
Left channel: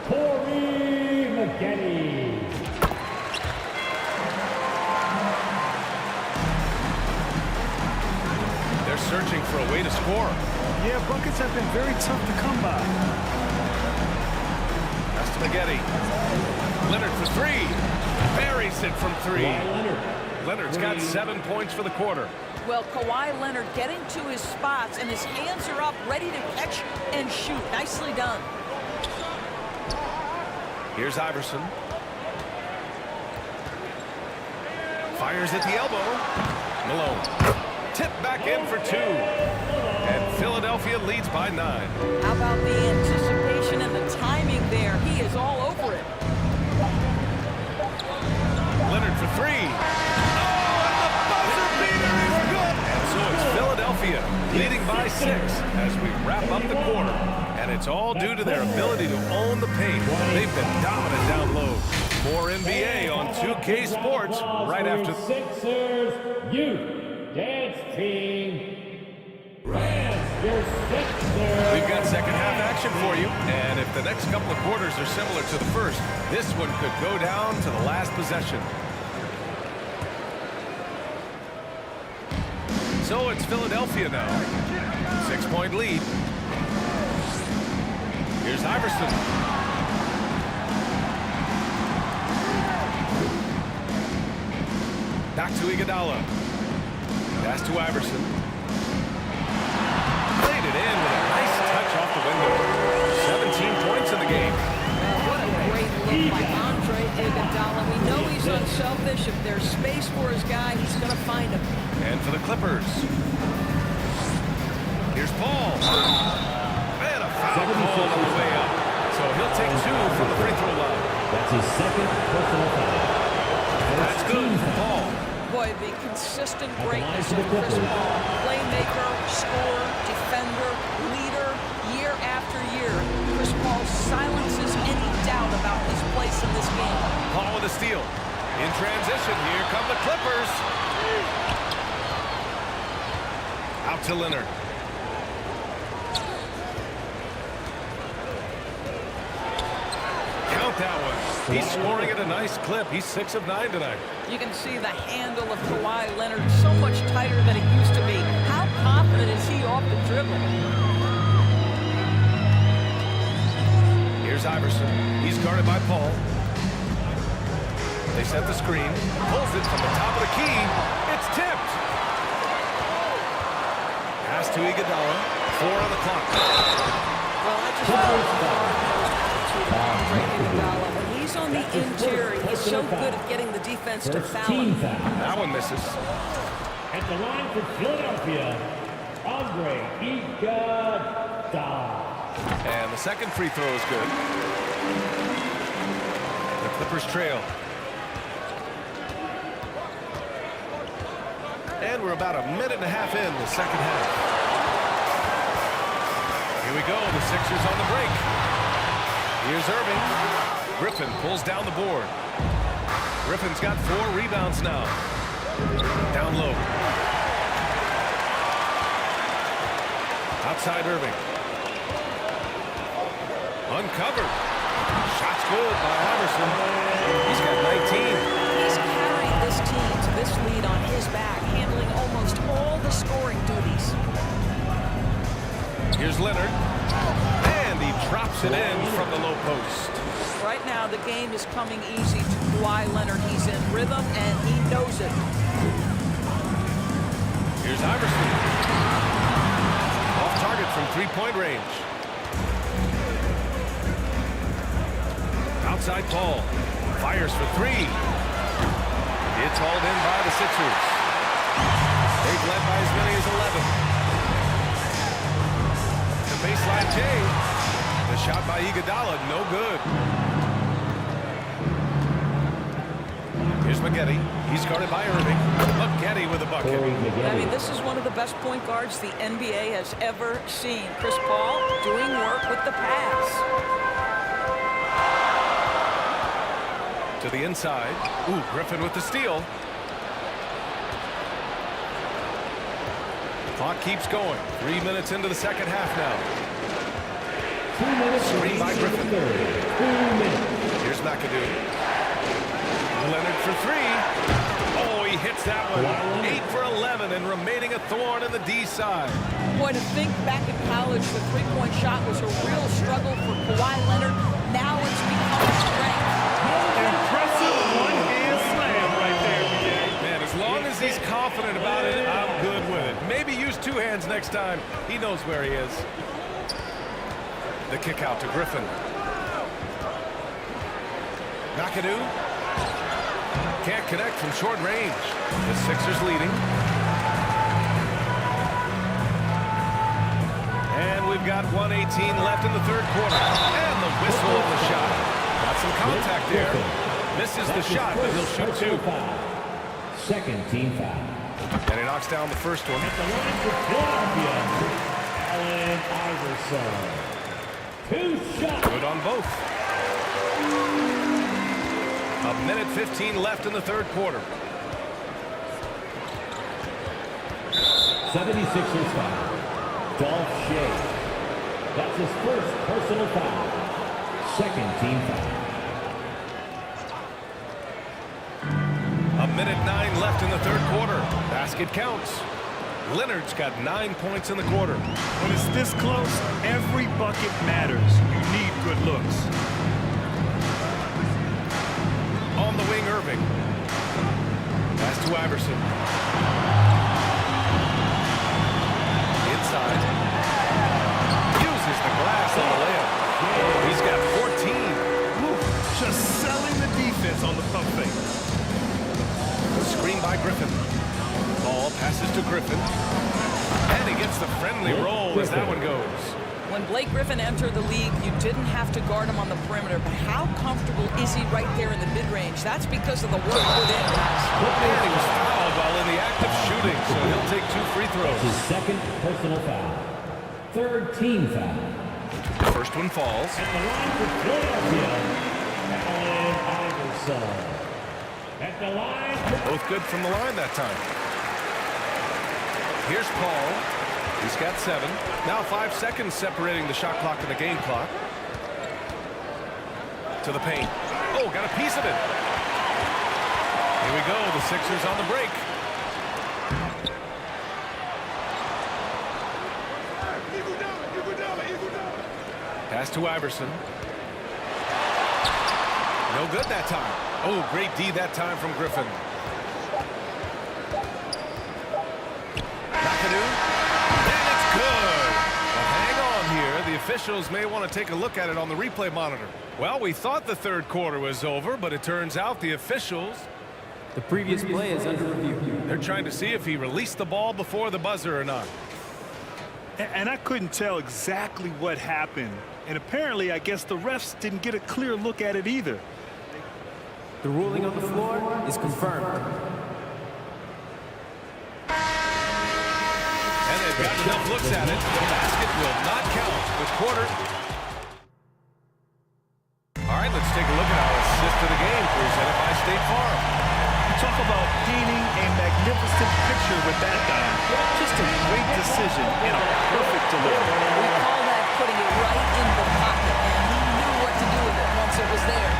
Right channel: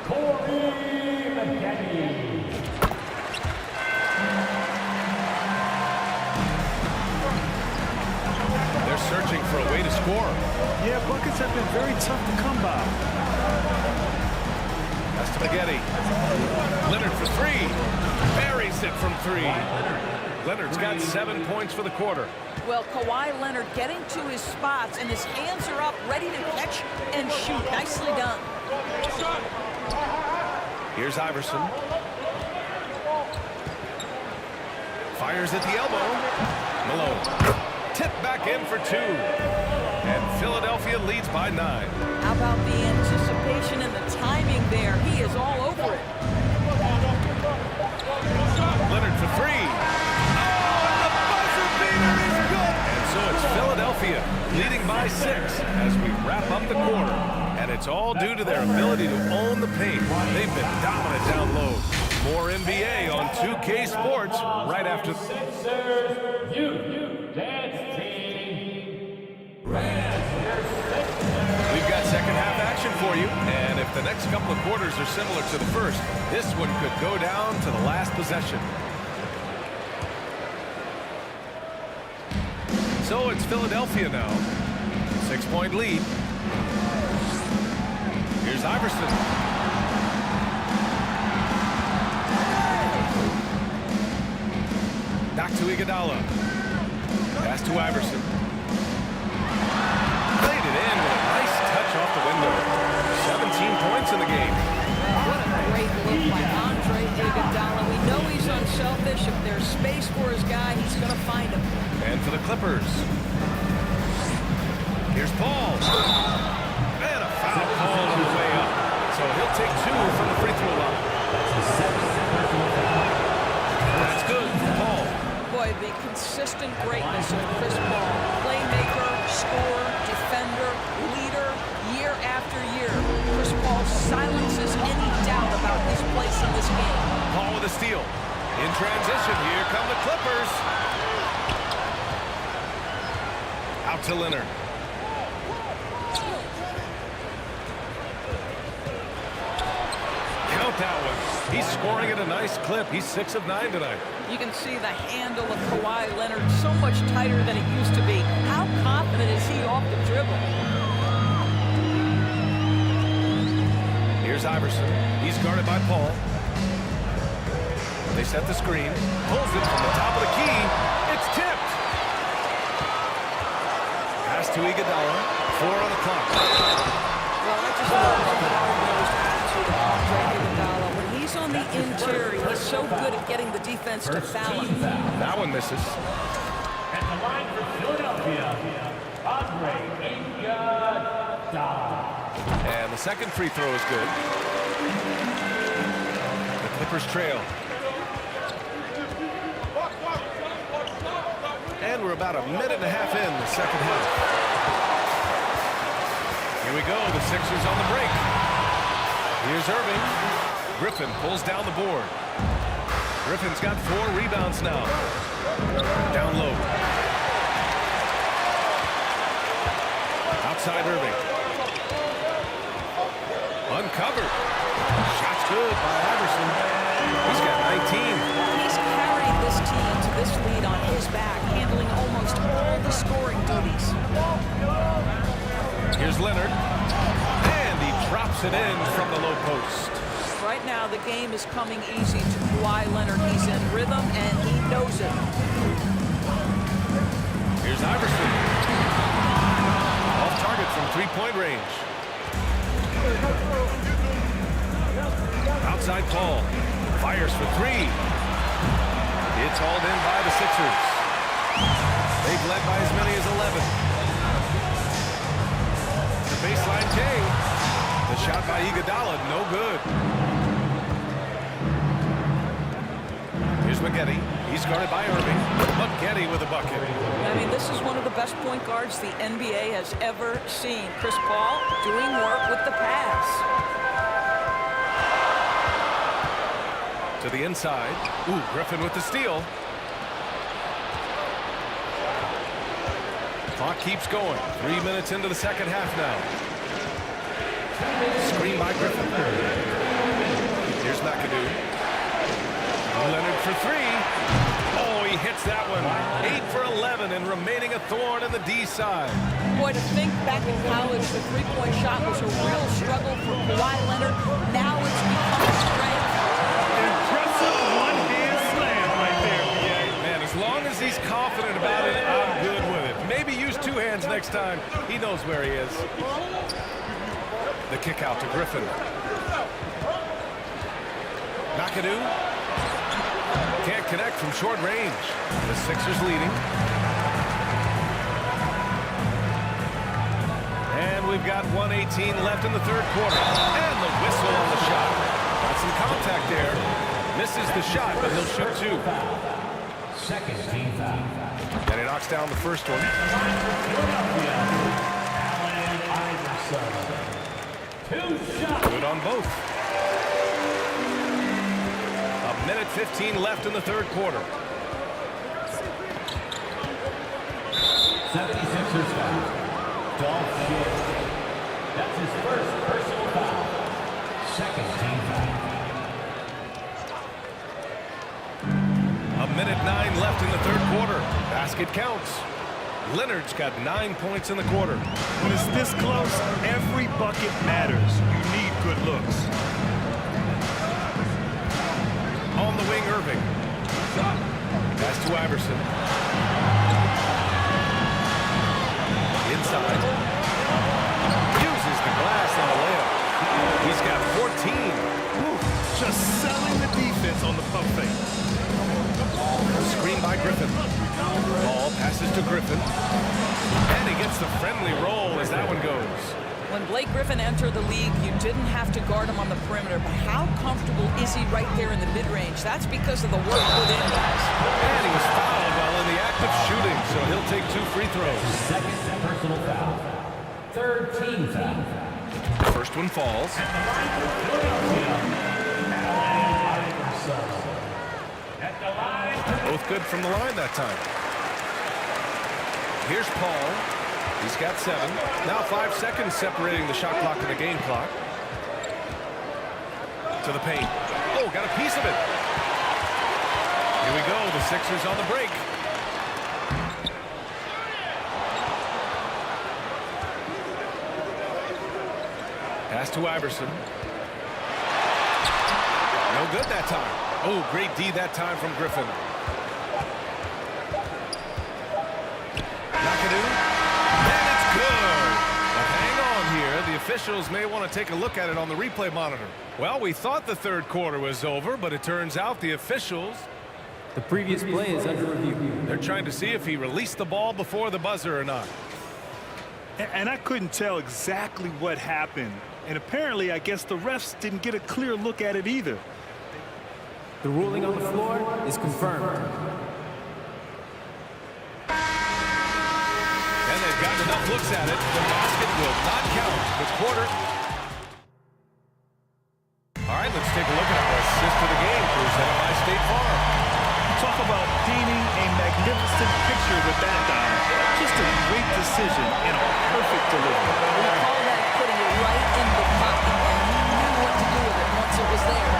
Corey Maggette. They're searching for a way to score. Yeah, buckets have been very tough to come by. Pass to Maggette. Leonard for three. Buries it from three. Leonard's got 7 points for the quarter. Well, Kawhi Leonard getting to his spots, and his hands are up, ready to catch and shoot. Nicely done. Here's Iverson. Fires at the elbow. Malone. Tipped back in for 2. And Philadelphia leads by 9. How about the anticipation and the timing there? He is all over it. Leonard for 3. Oh, and the buzzer beater is good. And so it's Philadelphia leading by 6 as we wrap up the quarter. And it's all due to their ability to own the paint. They've been dominant down low. More NBA on 2K Sports right after. Sixers Youth Dance Team. We've got second half action for you, and if the next couple of quarters are similar to the first, this one could go down to the last possession. So it's Philadelphia now. 6-point lead. Here's Iverson. Back to Iguodala. Pass to Iverson. Played it in with a nice touch off the window. 17 points in the game. Well, what a great look by Andre Iguodala. We know he's unselfish. If there's space for his guy, he's going to find him. And for the Clippers. Here's Paul. And a foul called on the way up. So he'll take 2 from the free throw line. That's his second personal foul. That's good for Paul. Boy, the consistent greatness of Chris Paul. Playmaker, scorer, defender, leader, year after year. Chris Paul silences any doubt about his place in this game. Paul with a steal. In transition, here come the Clippers. Out to Leonard. Count that one. He's scoring at a nice clip. He's 6 of 9 tonight. You can see the handle of Kawhi Leonard so much tighter than it used to be. How confident is he off the dribble? Here's Iverson. He's guarded by Paul. They set the screen. Pulls it from the top of the key. It's tipped. Pass to Iguodala. 4 on the clock. Well, I just love the hard-nosed attitude of Andre Iguodala. When he's on the interior, he's so good at getting the defense to foul him. That one misses. At the line for Philadelphia, Andre Iguodala. And the second free throw is good. The Clippers trail. And we're about a minute and a half in the second half. Here we go, the Sixers on the break. Here's Irving. Griffin pulls down the board. Griffin's got 4 rebounds now. Down low. Outside Irving. Uncovered. Shot's good by Iverson. He's got 19. He's carried this team to this lead on his back, handling almost all the scoring duties. Here's Leonard. And he drops it in from the low post. Right now, the game is coming easy to Kawhi Leonard. He's in rhythm, and he knows it. Here's Iverson. Off target from 3-point range. Outside Paul. Fires for 3. It's hauled in by the Sixers. They've led by as many as 11. The baseline J. The shot by Iguodala, no good. Here's Maggette. He's guarded by Irving. Maggette with a bucket. I mean, this is one of the best point guards the NBA has ever seen. Chris Paul doing work with the pass. To the inside. Ooh, Griffin with the steal. Clock keeps going. 3 minutes into the second half now. Screen by Griffin. Here's McAdoo. Leonard for 3. Oh, he hits that one. 8 for 11 and remaining a thorn in the D side. Boy, to think back in college, the three-point shot was a real struggle for Kawhi Leonard. Now it's become a strength. Impressive one-hand slam right there, BA. Man, as long as he's confident about it, I'm good with it. Maybe use 2 hands next time. He knows where he is. The kick out to Griffin. McAdoo. Can't connect from short range. The Sixers leading. And we've got 1:18 left in the third quarter. And the whistle on the shot. Got some contact there. Misses the shot, but he'll shoot 2. Second team foul. And he knocks down the first one. Allen Iverson. 2 shots. Good on both. 1:15 left in the third quarter. 76ers foul. Dolph Shea. That's his first personal foul. Second team foul. 1:09 left in the third quarter. Basket counts. Leonard's got 9 points in the quarter. When it's this close, every bucket matters. You need good looks. On the wing, Irving. Pass to Iverson. Inside. Uses the glass on the layup. He's got 14. Woo, just selling the defense on the pump fake. Screen by Griffin. Ball passes to Griffin. And he gets the friendly roll as that one goes. When Blake Griffin entered the league, you didn't have to guard him on the perimeter, but how comfortable is he right there in the mid-range? That's because of the work put in, guys. And he was fouled while in the act of shooting, so he'll take 2 free throws. His second personal foul. Third team foul. The first one falls. At the line for Philadelphia, Allen Iverson. At the line. Both good from the line that time. Here's Paul. He's got 7. Now 5 seconds separating the shot clock and the game clock. To the paint. Oh, got a piece of it. Here we go. The Sixers on the break. Pass to Iverson. No good that time. Oh, great D that time from Griffin. McAdoo. And it's good. But hang on here. The officials may want to take a look at it on the replay monitor. Well, we thought the third quarter was over, but it turns out the officials... The previous play is under review. They're trying to see if he released the ball before the buzzer or not. And I couldn't tell exactly what happened. And apparently, I guess the refs didn't get a clear look at it either. The ruling on the floor is confirmed. And they they've got enough looks at it. The basket will not count. The quarter. All right, let's take a look at our assist to the game presented by State Farm. Talk about painting a magnificent picture with that dime. Just a great decision and a perfect delivery. We call that putting it right in the pocket, and he knew what to do with it once it was there.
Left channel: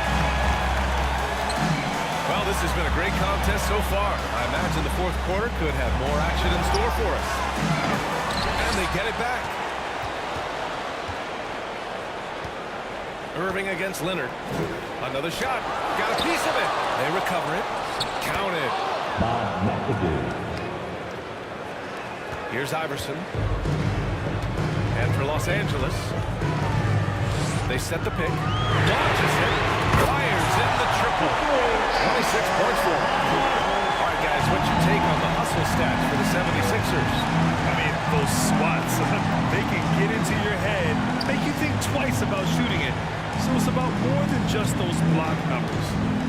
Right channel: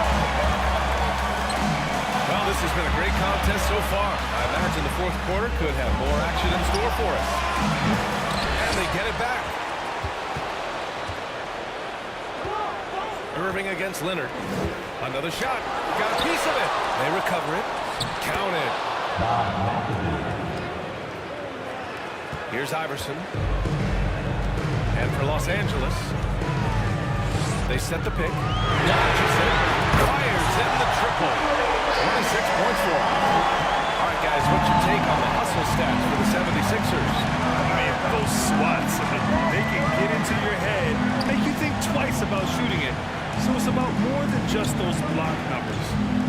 Well, this has been a great contest so far. I imagine the fourth quarter could have more action in store for us. And they get it back. Irving against Leonard. Another shot. Got a piece of it. They recover it. Counted. Here's Iverson. And for Los Angeles, they set the pick. Launches it. Fires in the triple. 26 points for him. All right, guys, what's your take on the hustle stats for the 76ers? I mean, those swats, they can get into your head, make you think twice about shooting it. So it's about more than just those block numbers.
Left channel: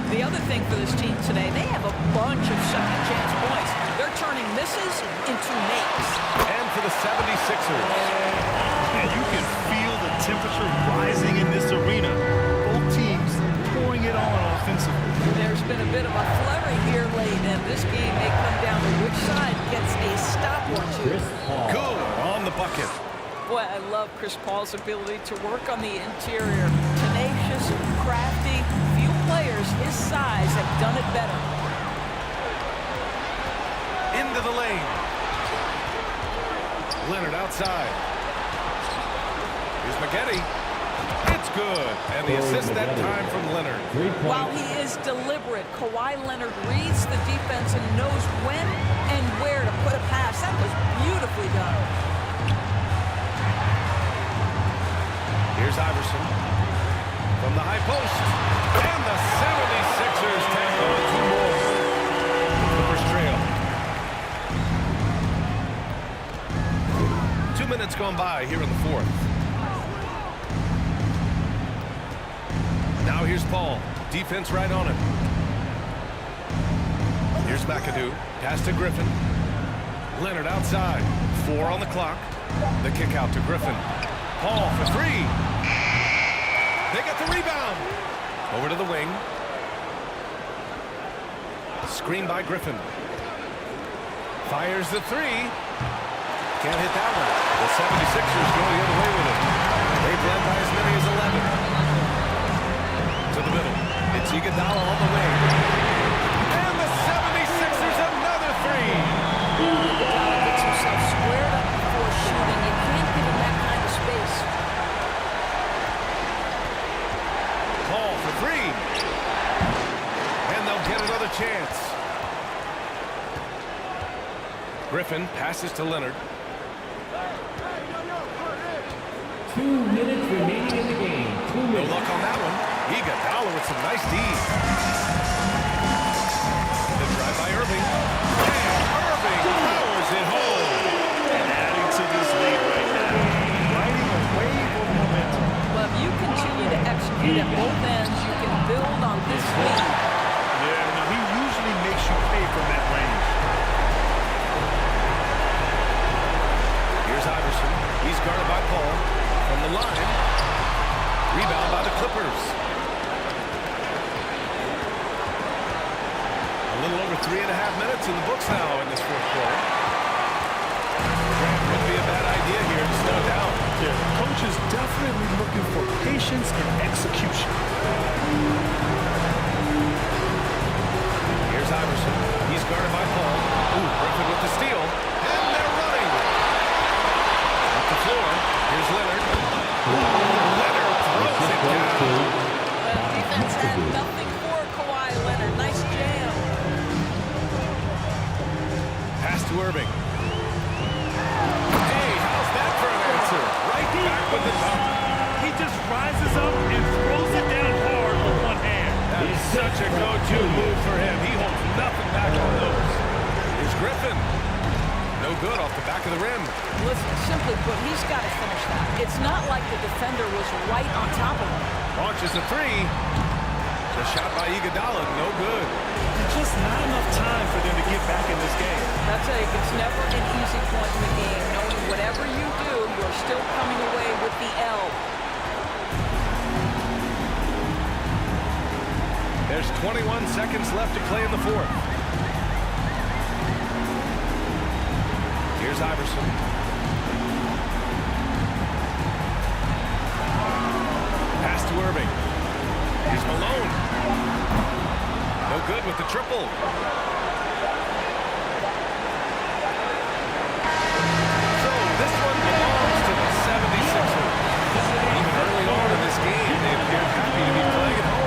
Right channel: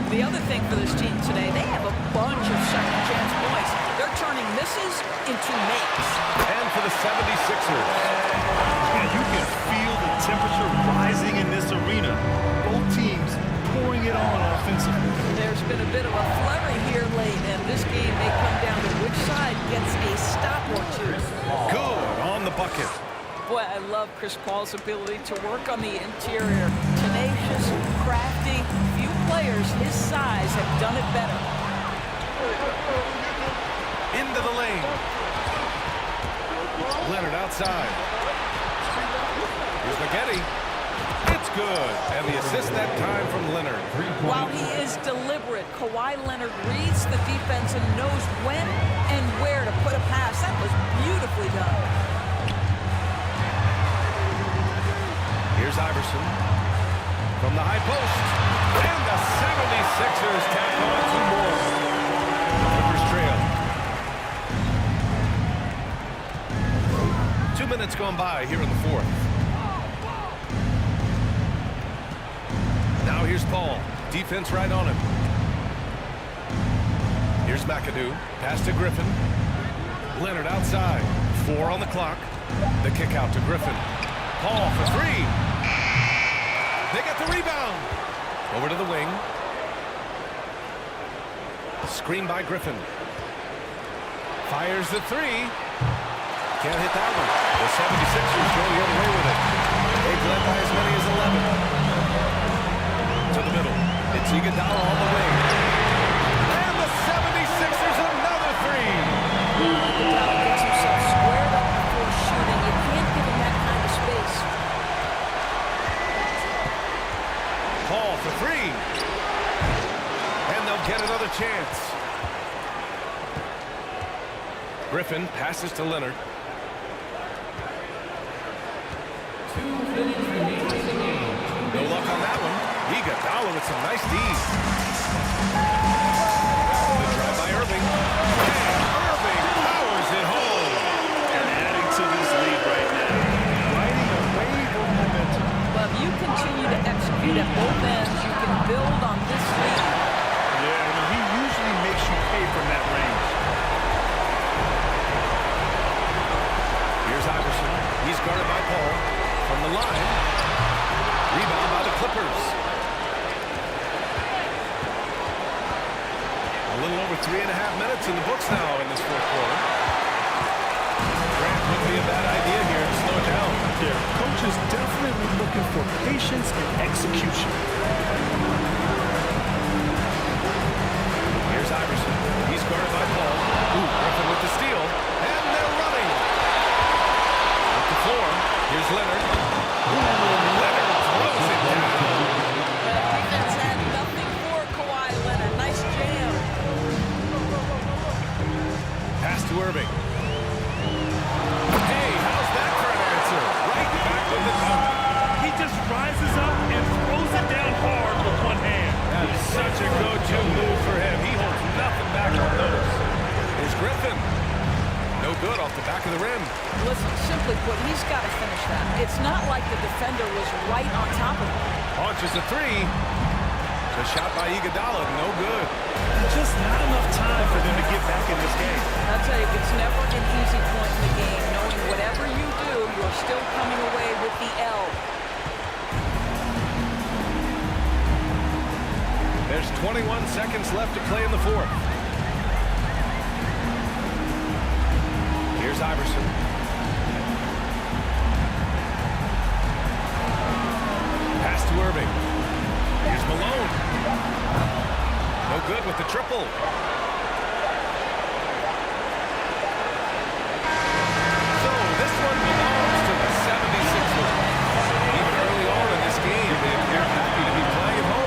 The other thing for this team today, they have a bunch of second chance points. They're turning misses into makes. And for the 76ers. And you can feel the temperature rising in this arena. Both teams pouring it on offensively. There's been a bit of a flurry here late, and this game may come down to which side gets a stop or two. Good on the bucket. Boy, I love Chris Paul's ability to work on the interior. Tenacious, crafty. Few players his size have done it better. Into the lane. Leonard outside. Here's Maggette. It's good. And the assist that time from Leonard. While he is deliberate, Kawhi Leonard reads the defense and knows when and where to put a pass. That was beautifully done. Here's Iverson from the high post. And the 76ers tack on 2 more. The Clippers trail. 2 minutes gone by here in the fourth. Now here's Paul. Defense right on him. Here's McAdoo. Pass to Griffin. Leonard outside. 4 on the clock. The kick out to Griffin. Paul for 3. They get the rebound. Over to the wing. Screen by Griffin. Fires the 3. Can't hit that one. The 76ers go the other way with it. They've led by as many as 11. To the middle. It's Iguodala on the wing. And the 76ers another 3. Iguodala gets himself squared up before shooting. You can't give him that kind of space. Paul for 3. And they'll get another chance. Griffin passes to Leonard. 2 minutes remaining in the game. No luck on that one. Iguodala with some nice D. The drive by Irving. And Irving powers it home. And adding to this lead right now. Riding a wave of momentum. Well, if you continue to execute at both ends, you can build on this lead. Yeah, no, he usually makes you pay from that range. Here's Iverson. He's guarded by Paul. From the line. Rebound by the Clippers. A little over 3.5 minutes in the books now in this fourth quarter. Grant, wouldn't be a bad idea here to slow it down. Yeah, coach is definitely looking for patience and execution. Here's Iverson. He's guarded by Paul. Griffin with the steal. And they're running. Up the floor. Here's Leonard. Leonard throws it down. Well, defense had nothing for Kawhi Leonard. Nice jam. Pass to Irving. Hey, how's that for an answer? Right back with the dunk. He just rises up and throws it down hard with one hand. That is such a go-to move for him. He holds nothing back on those. Here's Griffin. No good off the back of the rim. Listen, simply put, he's got to finish that. It's not like the defender was right on top of him. Launches a 3. The shot by Iguodala, no good. There's just not enough time for them to get back in this game. I'll tell you, it's never an easy point in the game, knowing whatever you do, you're still coming away with the L. There's 21 seconds left to play in the fourth. Here's Iverson. Pass to Irving. Here's Malone. No good with the triple. So this one belongs to the 76ers. Even early on in this game, they appeared happy to be playing at home.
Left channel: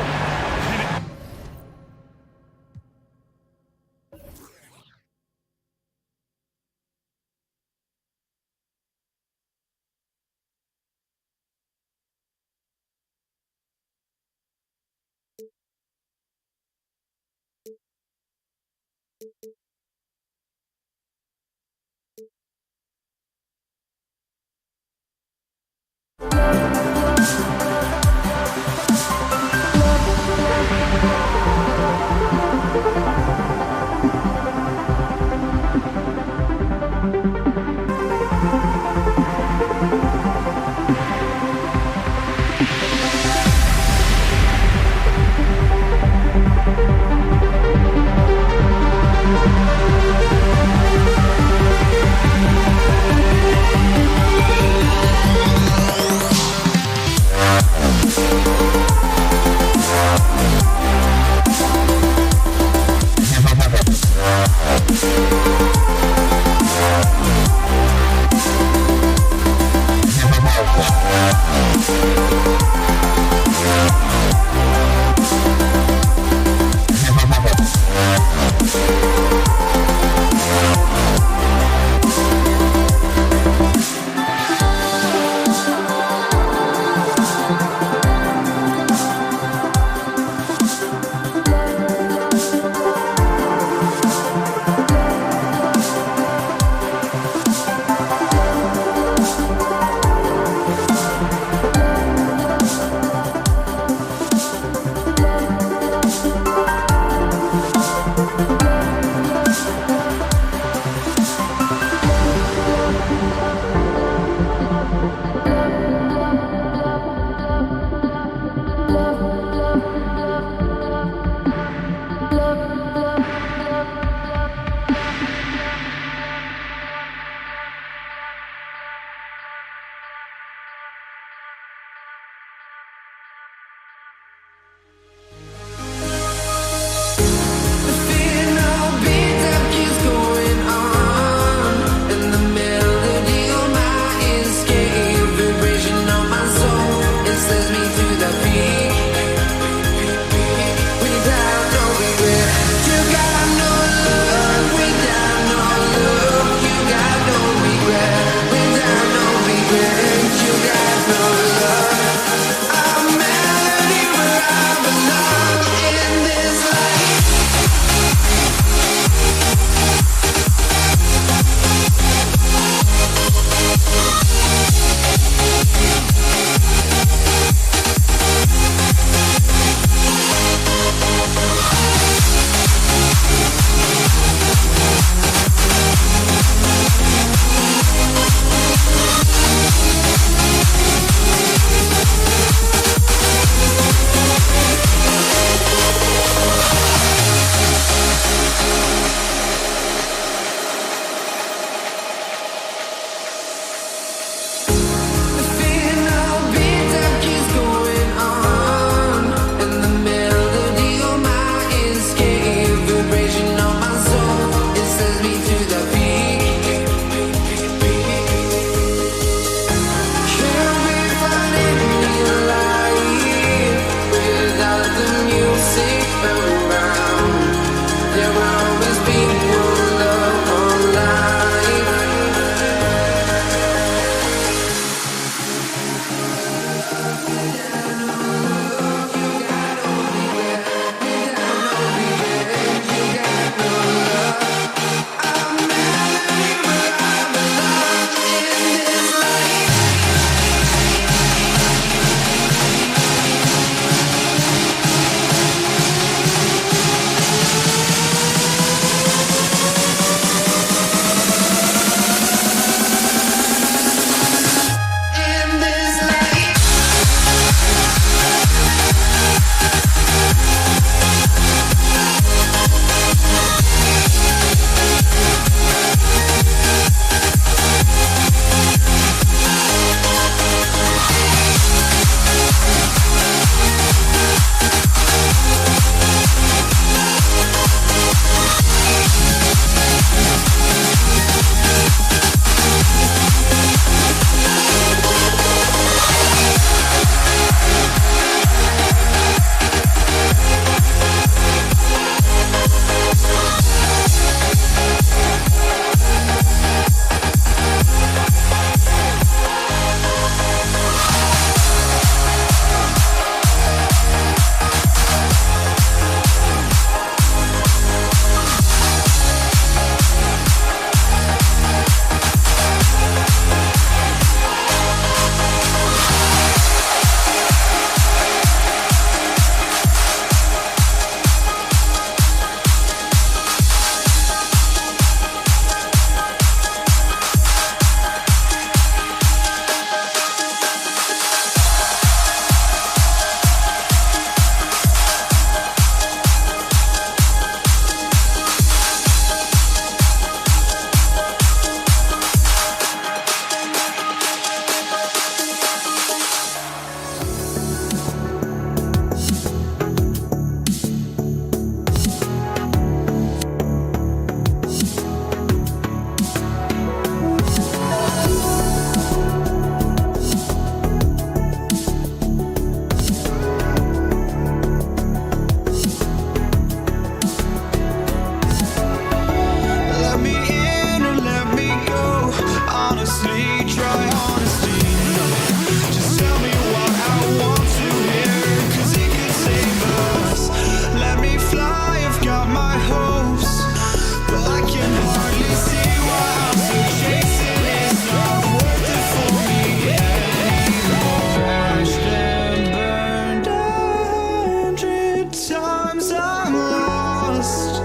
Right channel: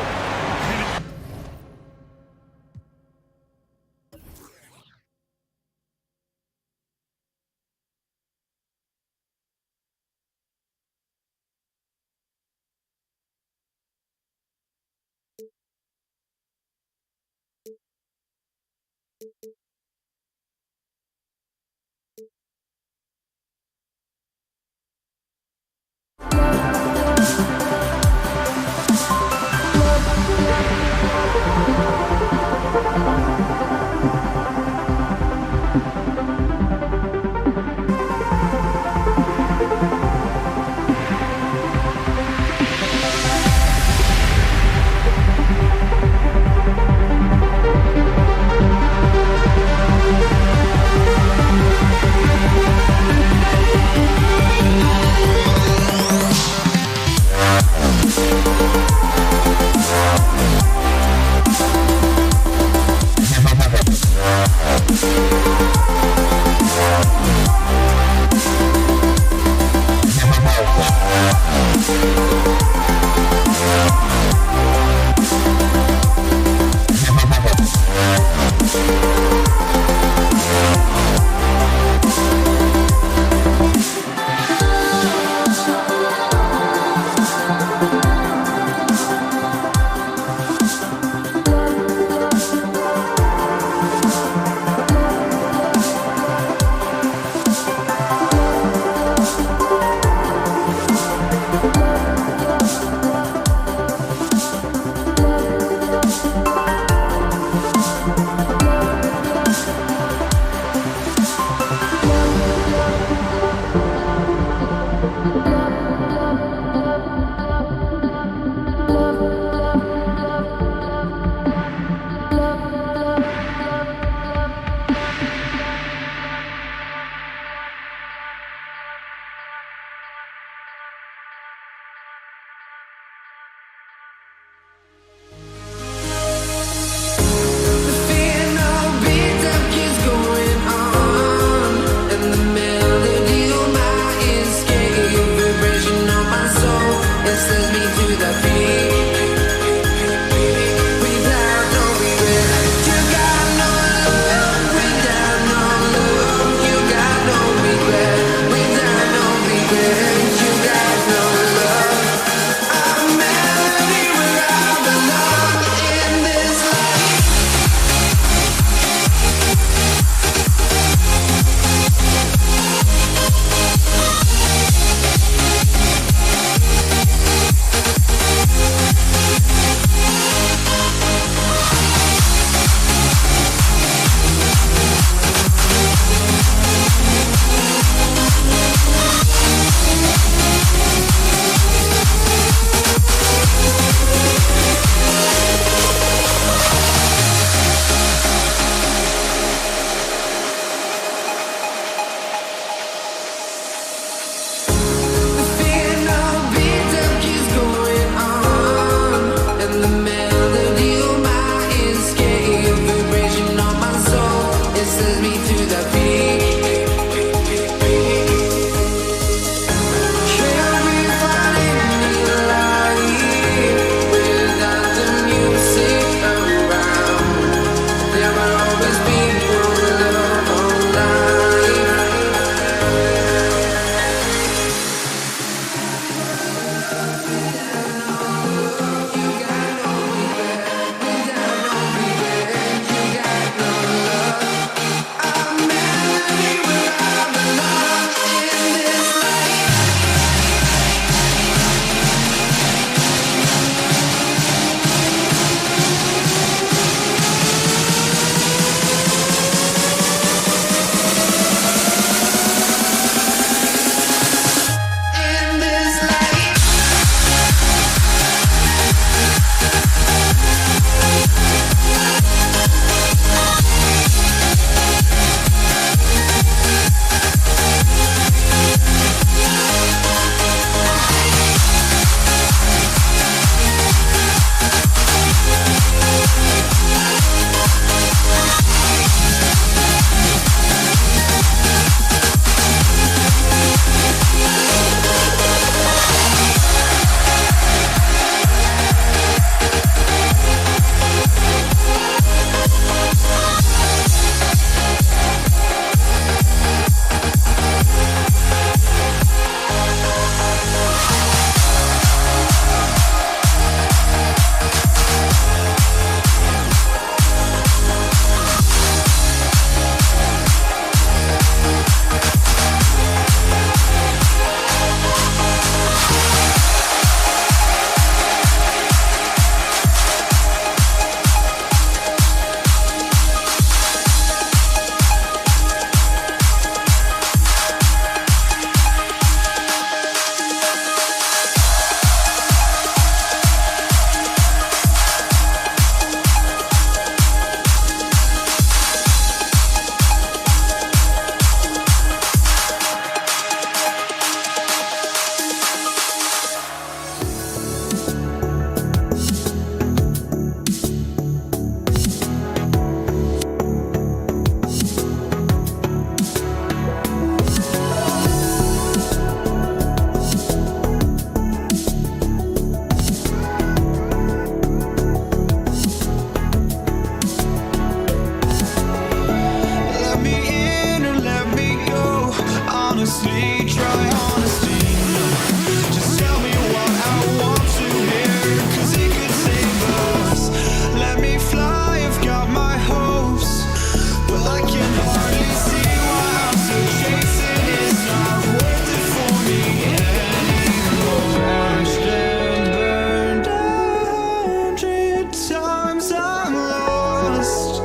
I can hardly see why I'm still chasing. It's not worth it for me anymore. Crashed and burned 100 times I'm lost.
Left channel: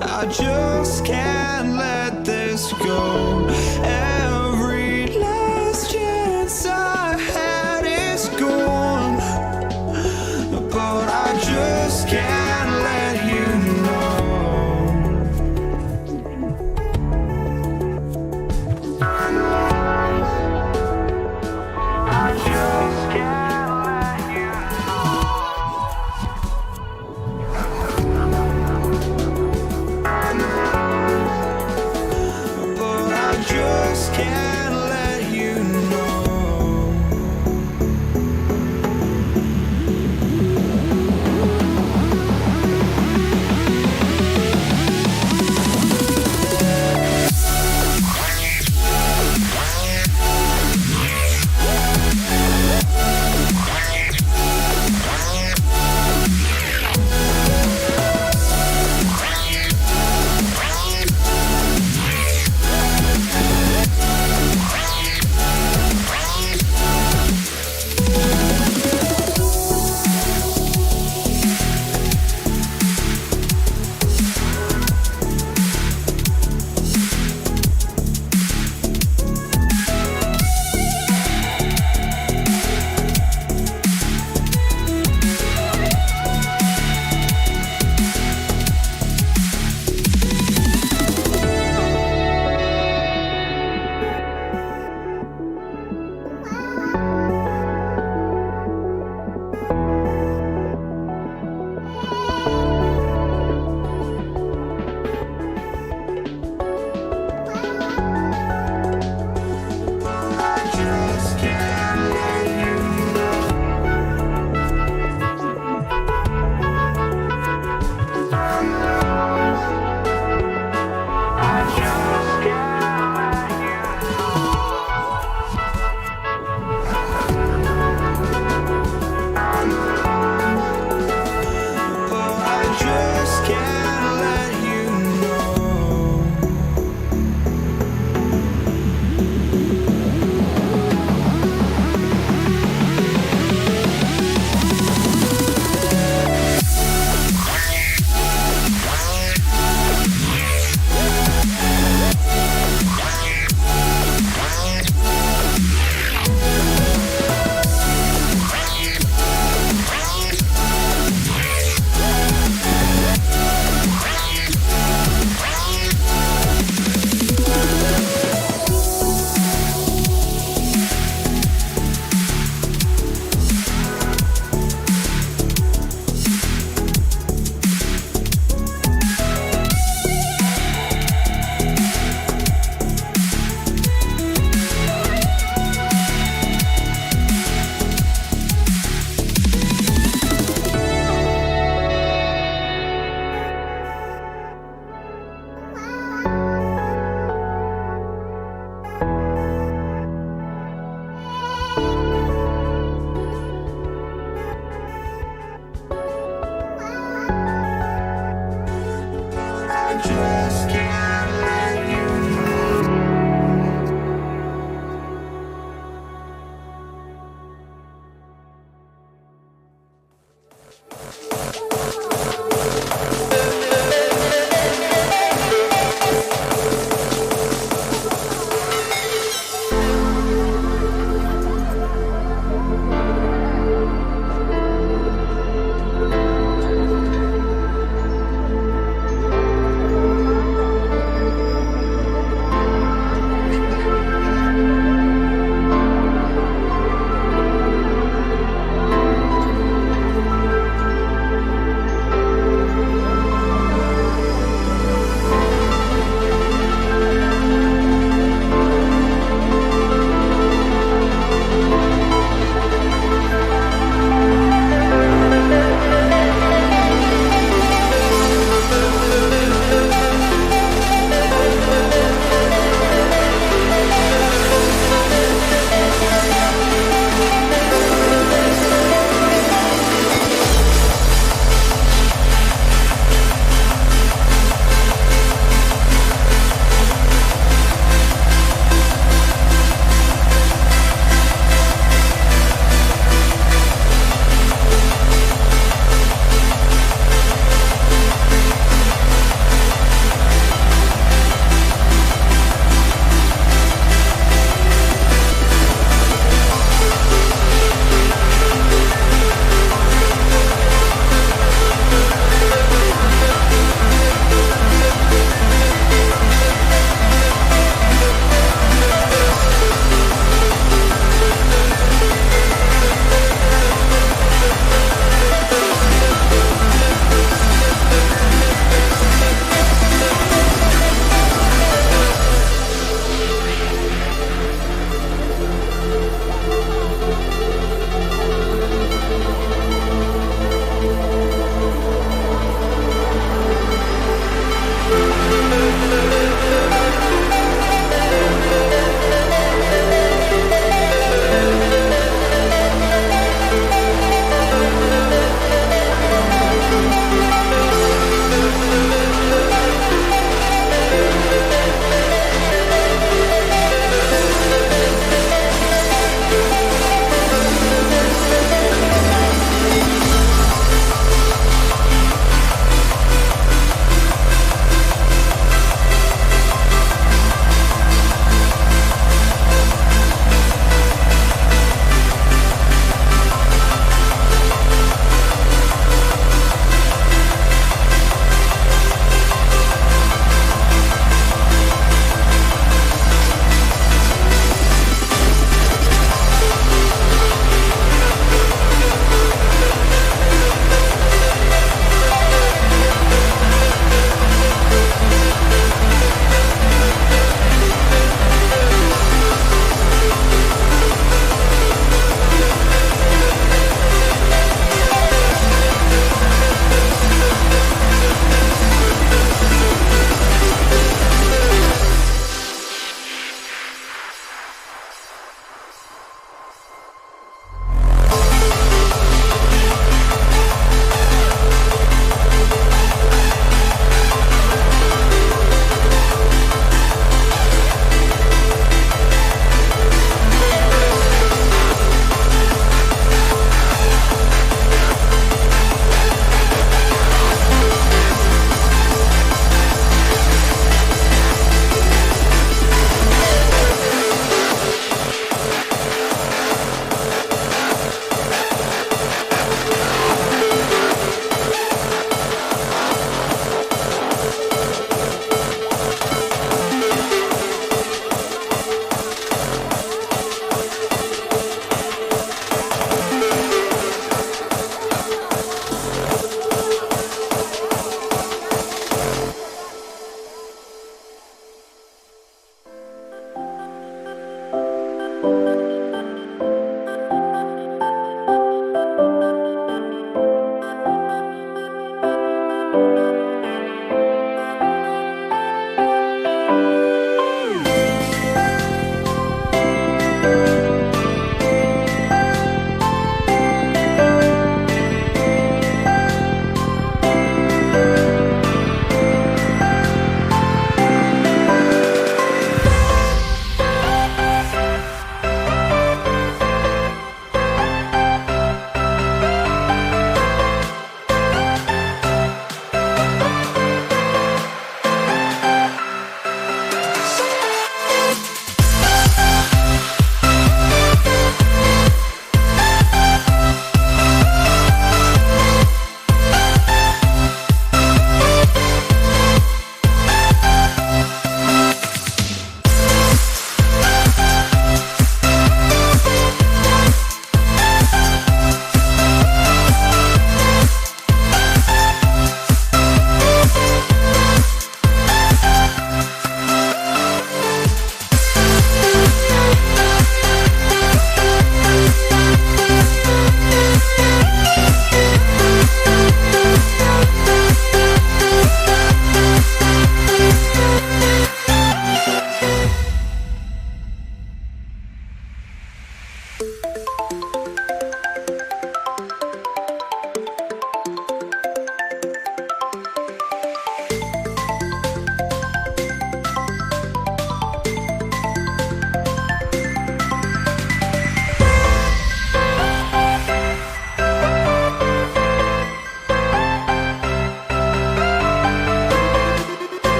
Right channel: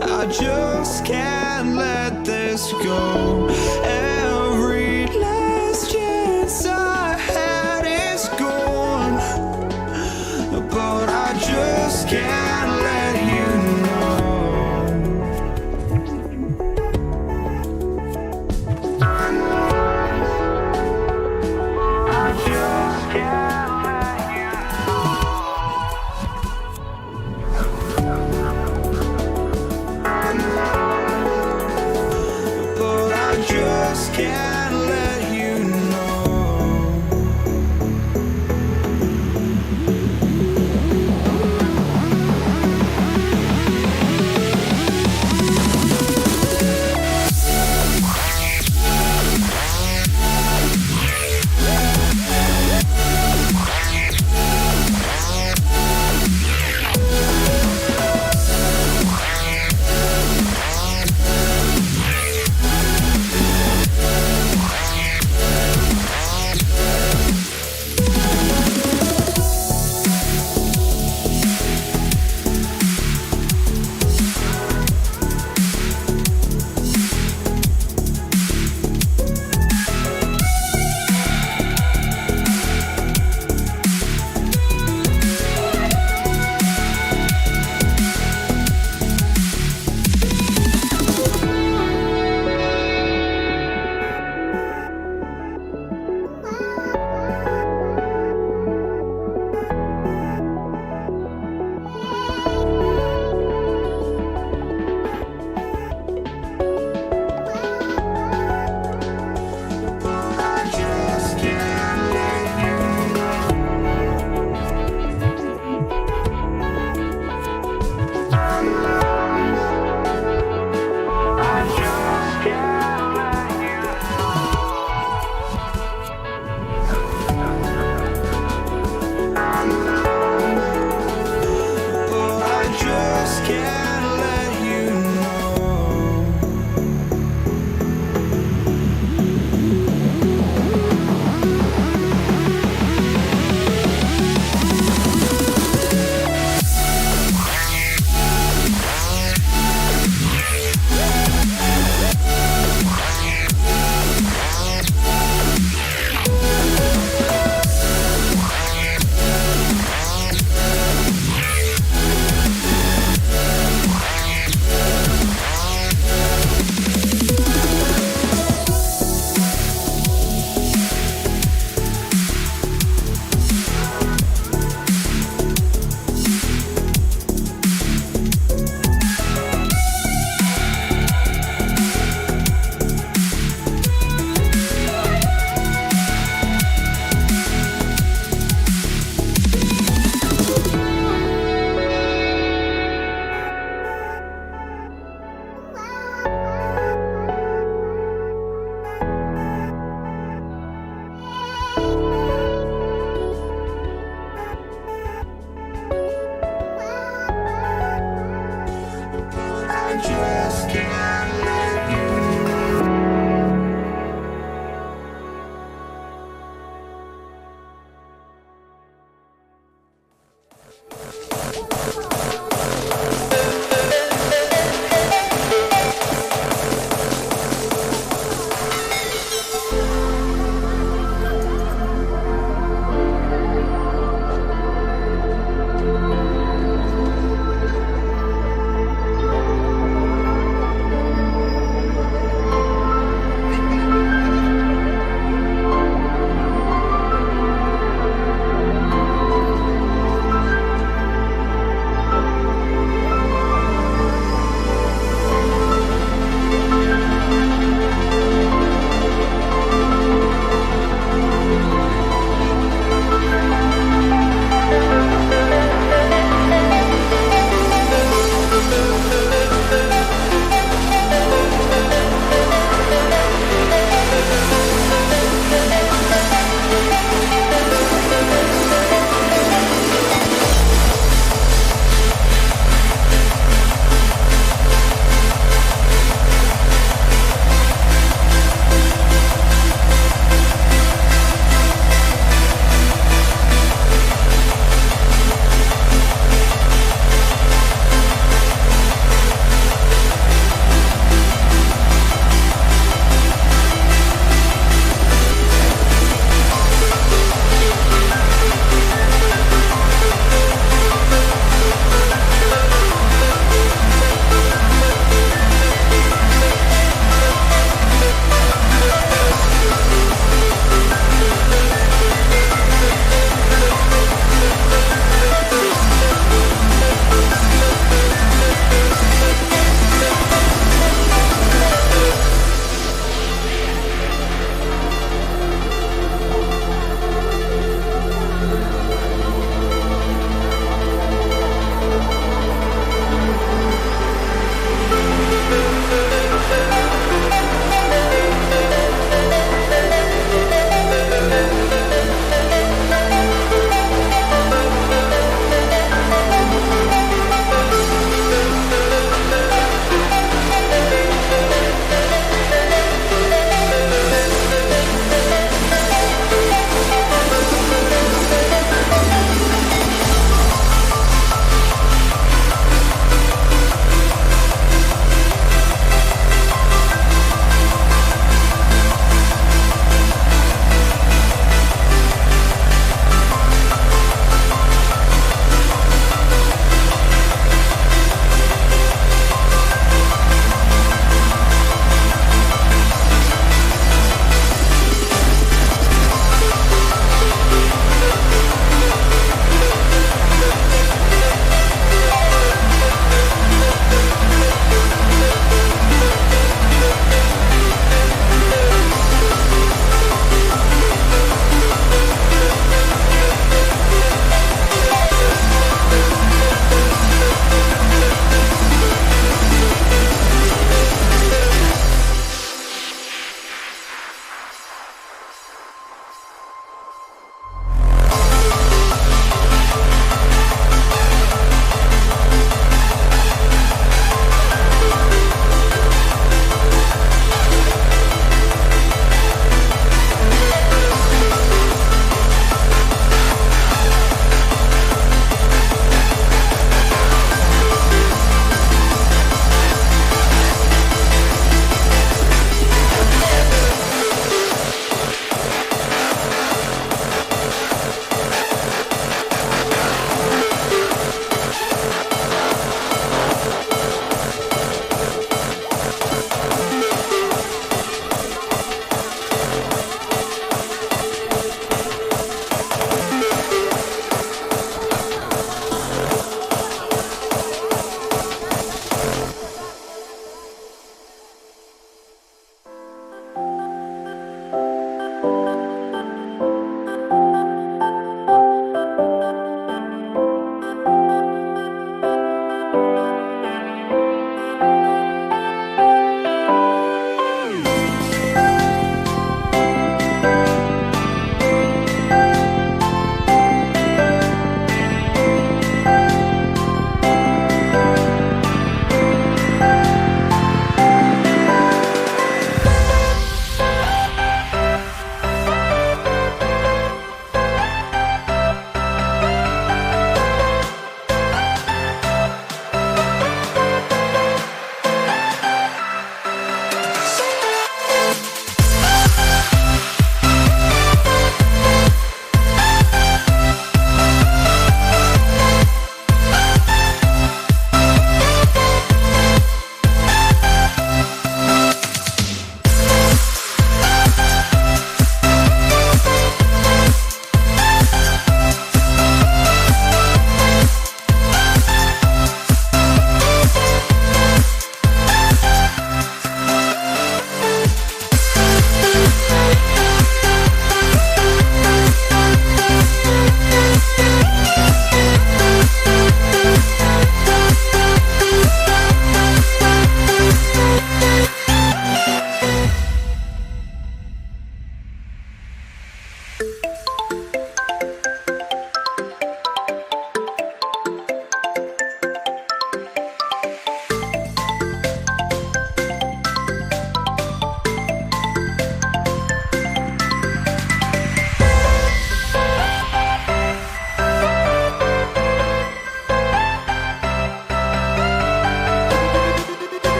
I just can't let this go. Every last chance I had is gone, but I just can't let you know. I just can't let you know. But I just can't let you know. just can't let you know.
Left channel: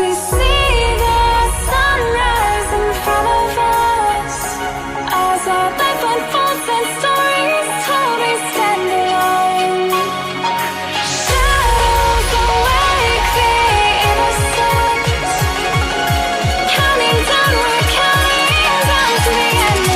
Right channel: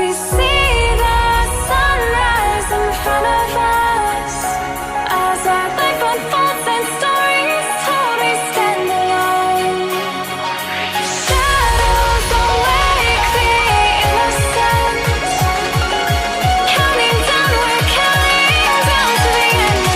We see the sunrise in front of us as our life unfolds and stories told. We stand alone. Shadows awake the innocent, counting down, we're counting down to the end.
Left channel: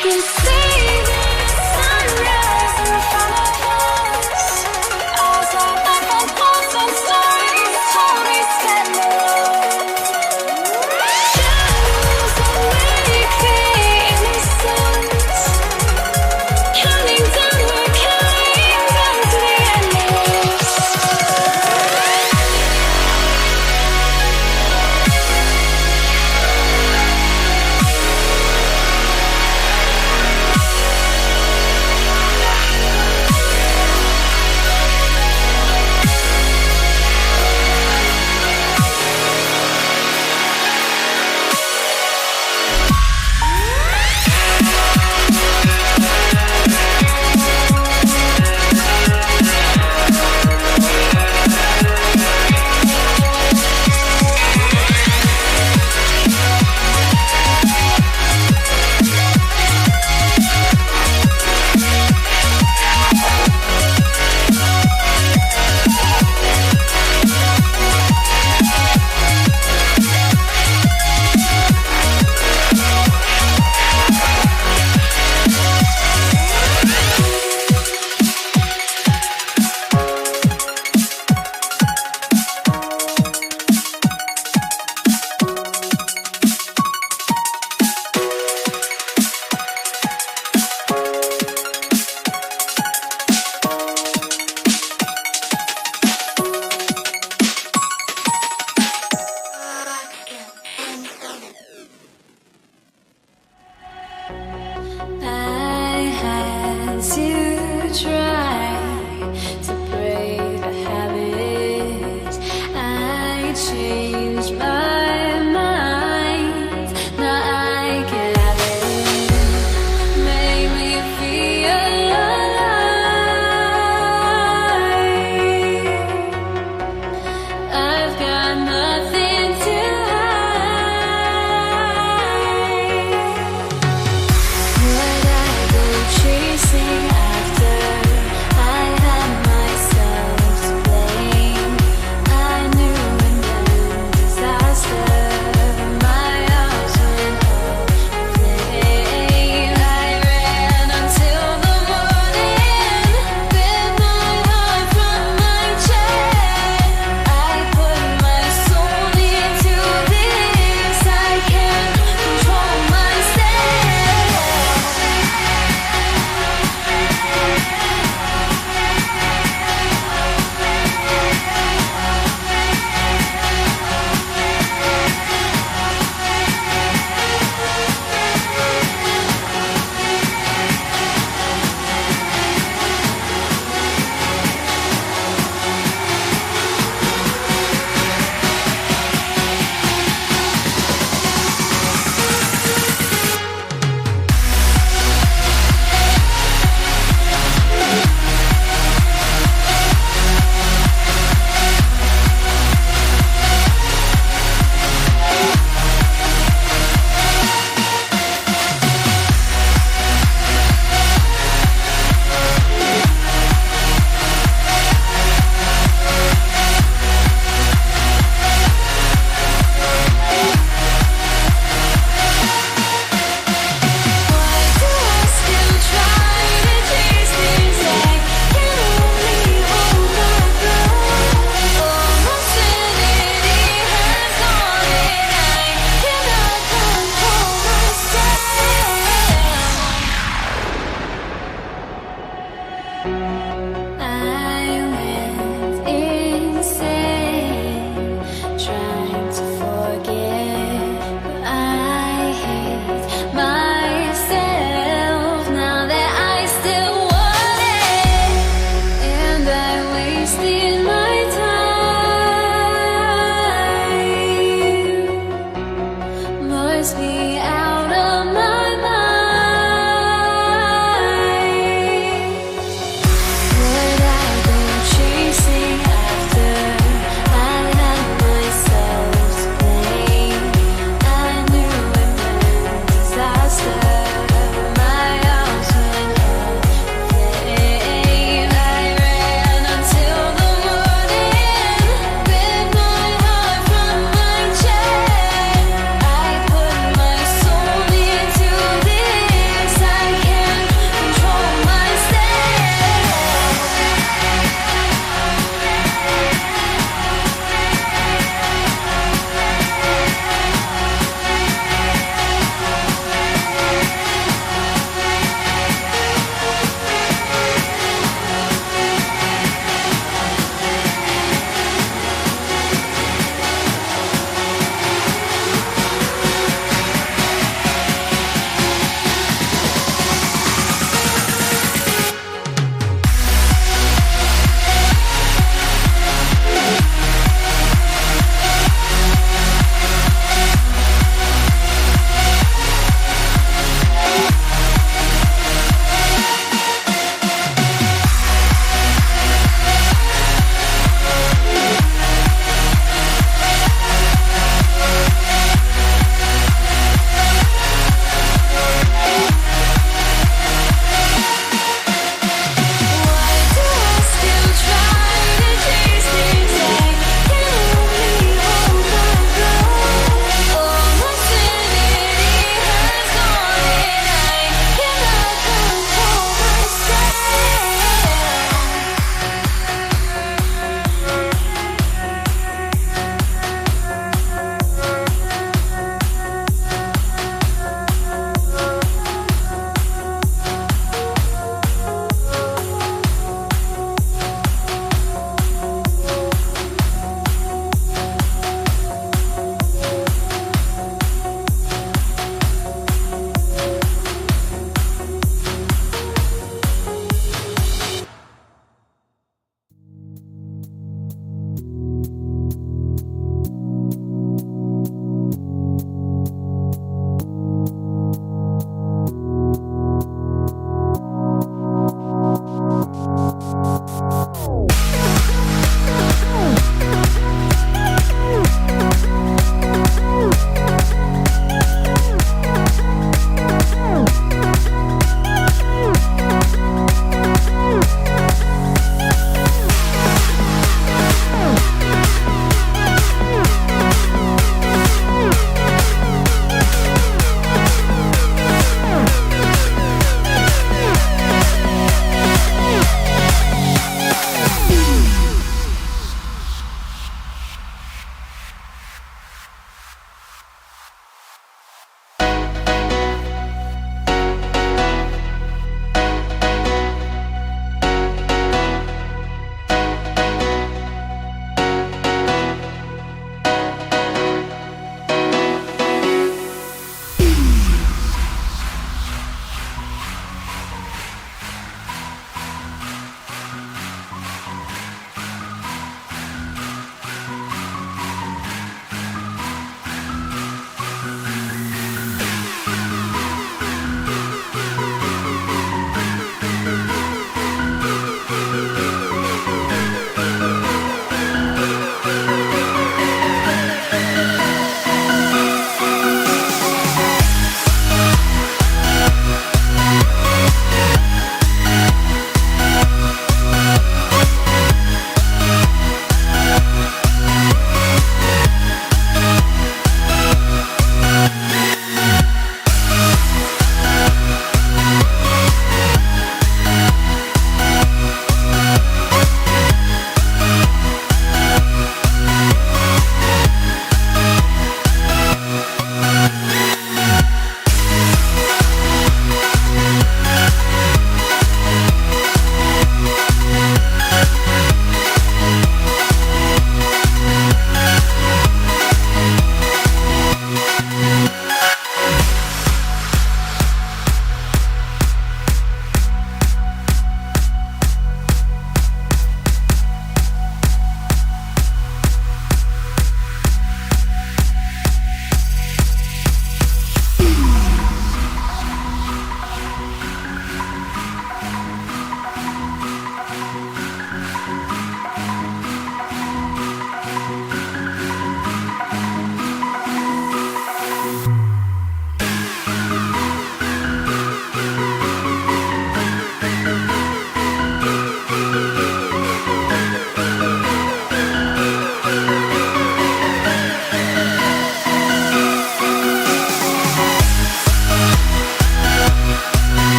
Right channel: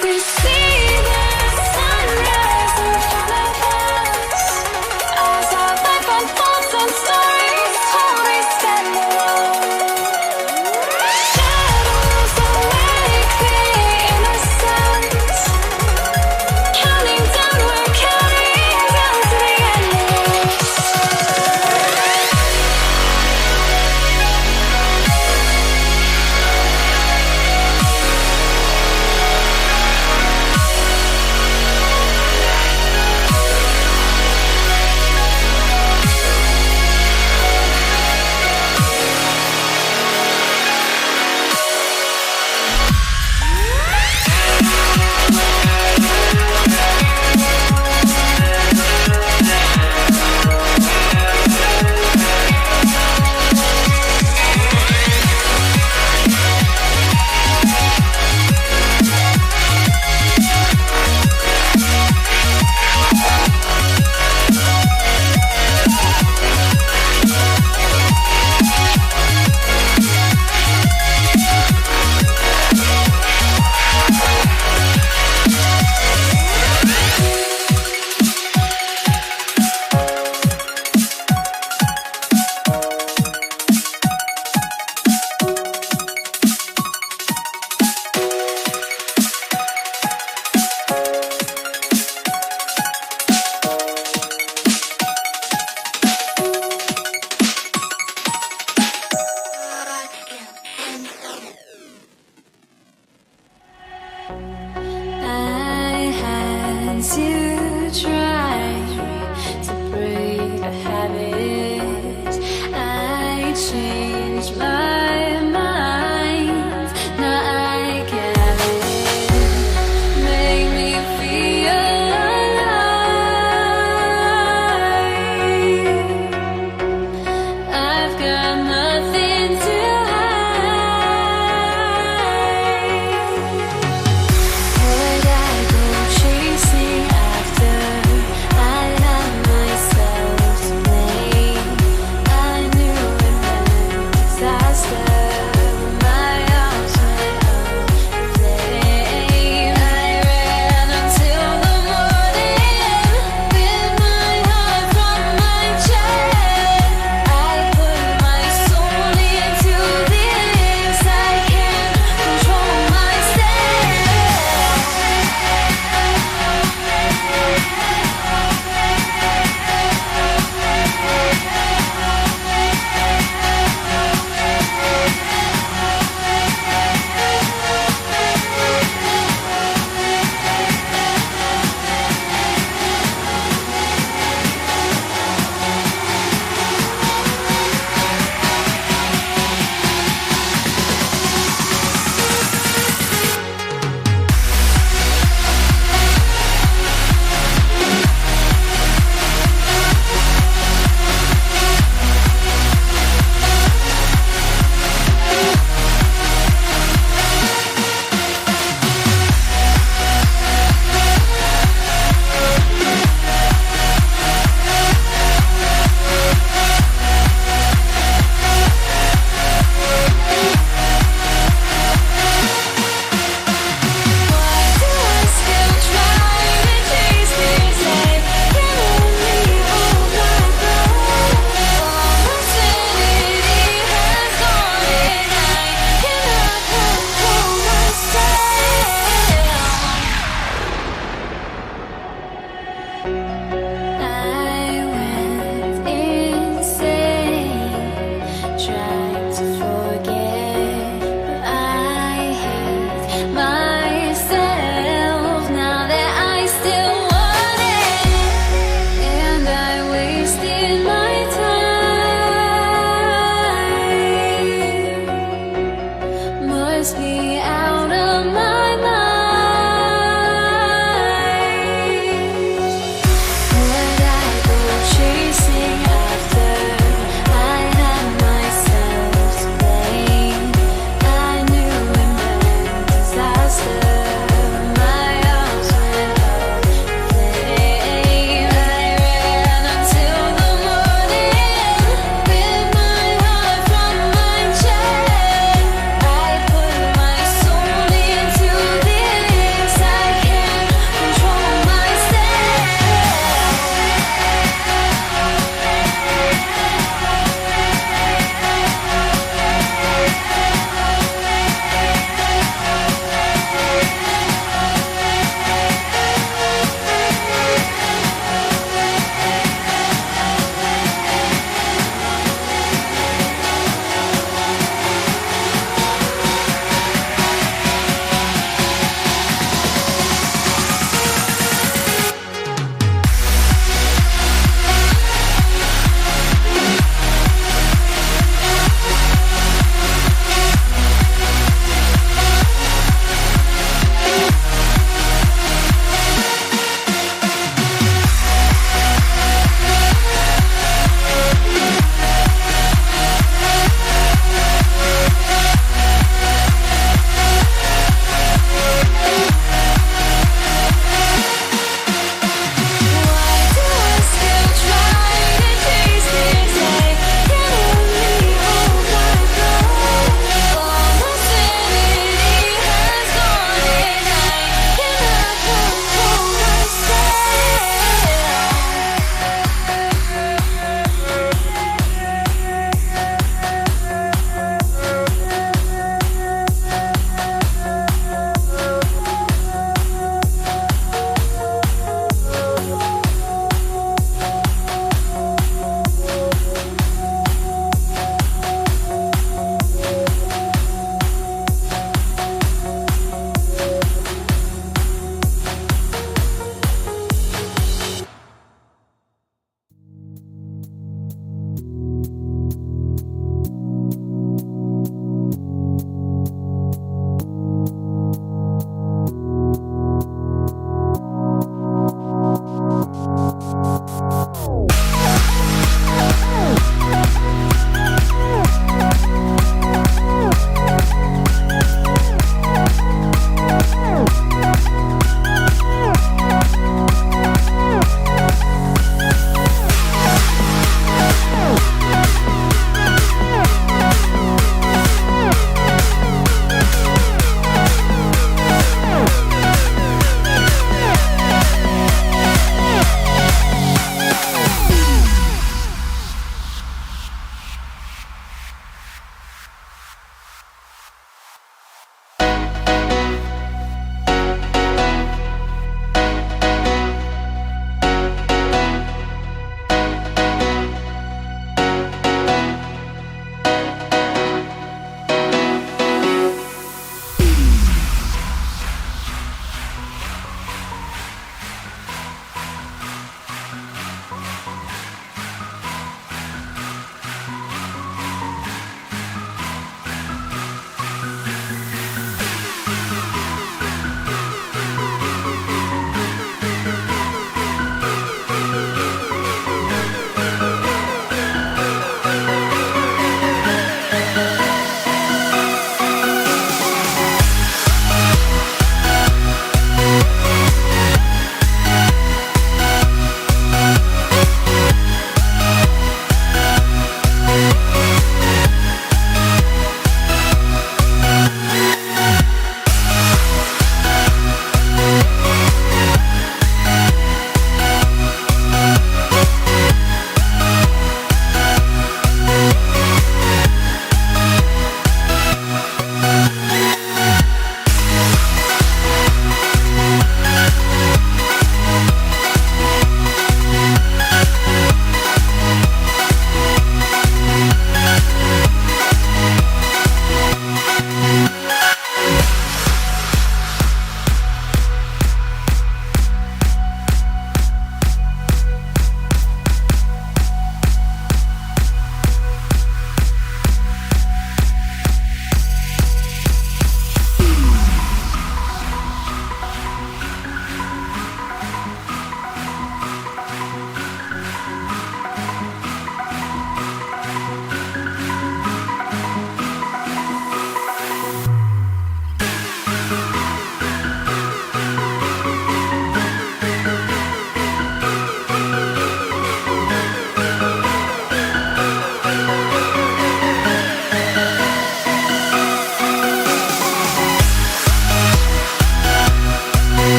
We see the sunrise in front of us as our life unfolds and stories told. We stand alone. Shadows awake the innocent, counting down, we're counting down to the endless. must be out of my mind. Would I go chasing after? I had myself to blame. I knew it meant disaster. My arms went up in flame. I ran until the morning with my heart from my chest. I put my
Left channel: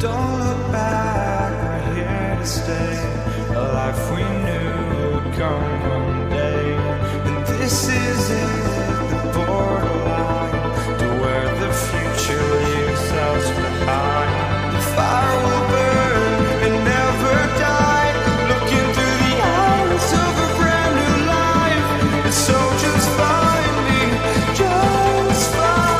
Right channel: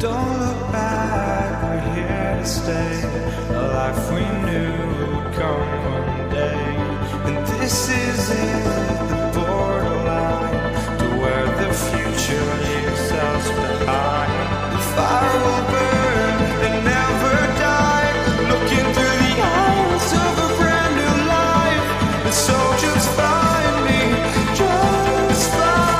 Don't look back, we're here to stay. A life we knew would come one day. And this is it, the borderline to where the future leaves us behind. The fire will burn and never die, looking through the eyes of a brand new life. And so just find me, just find me.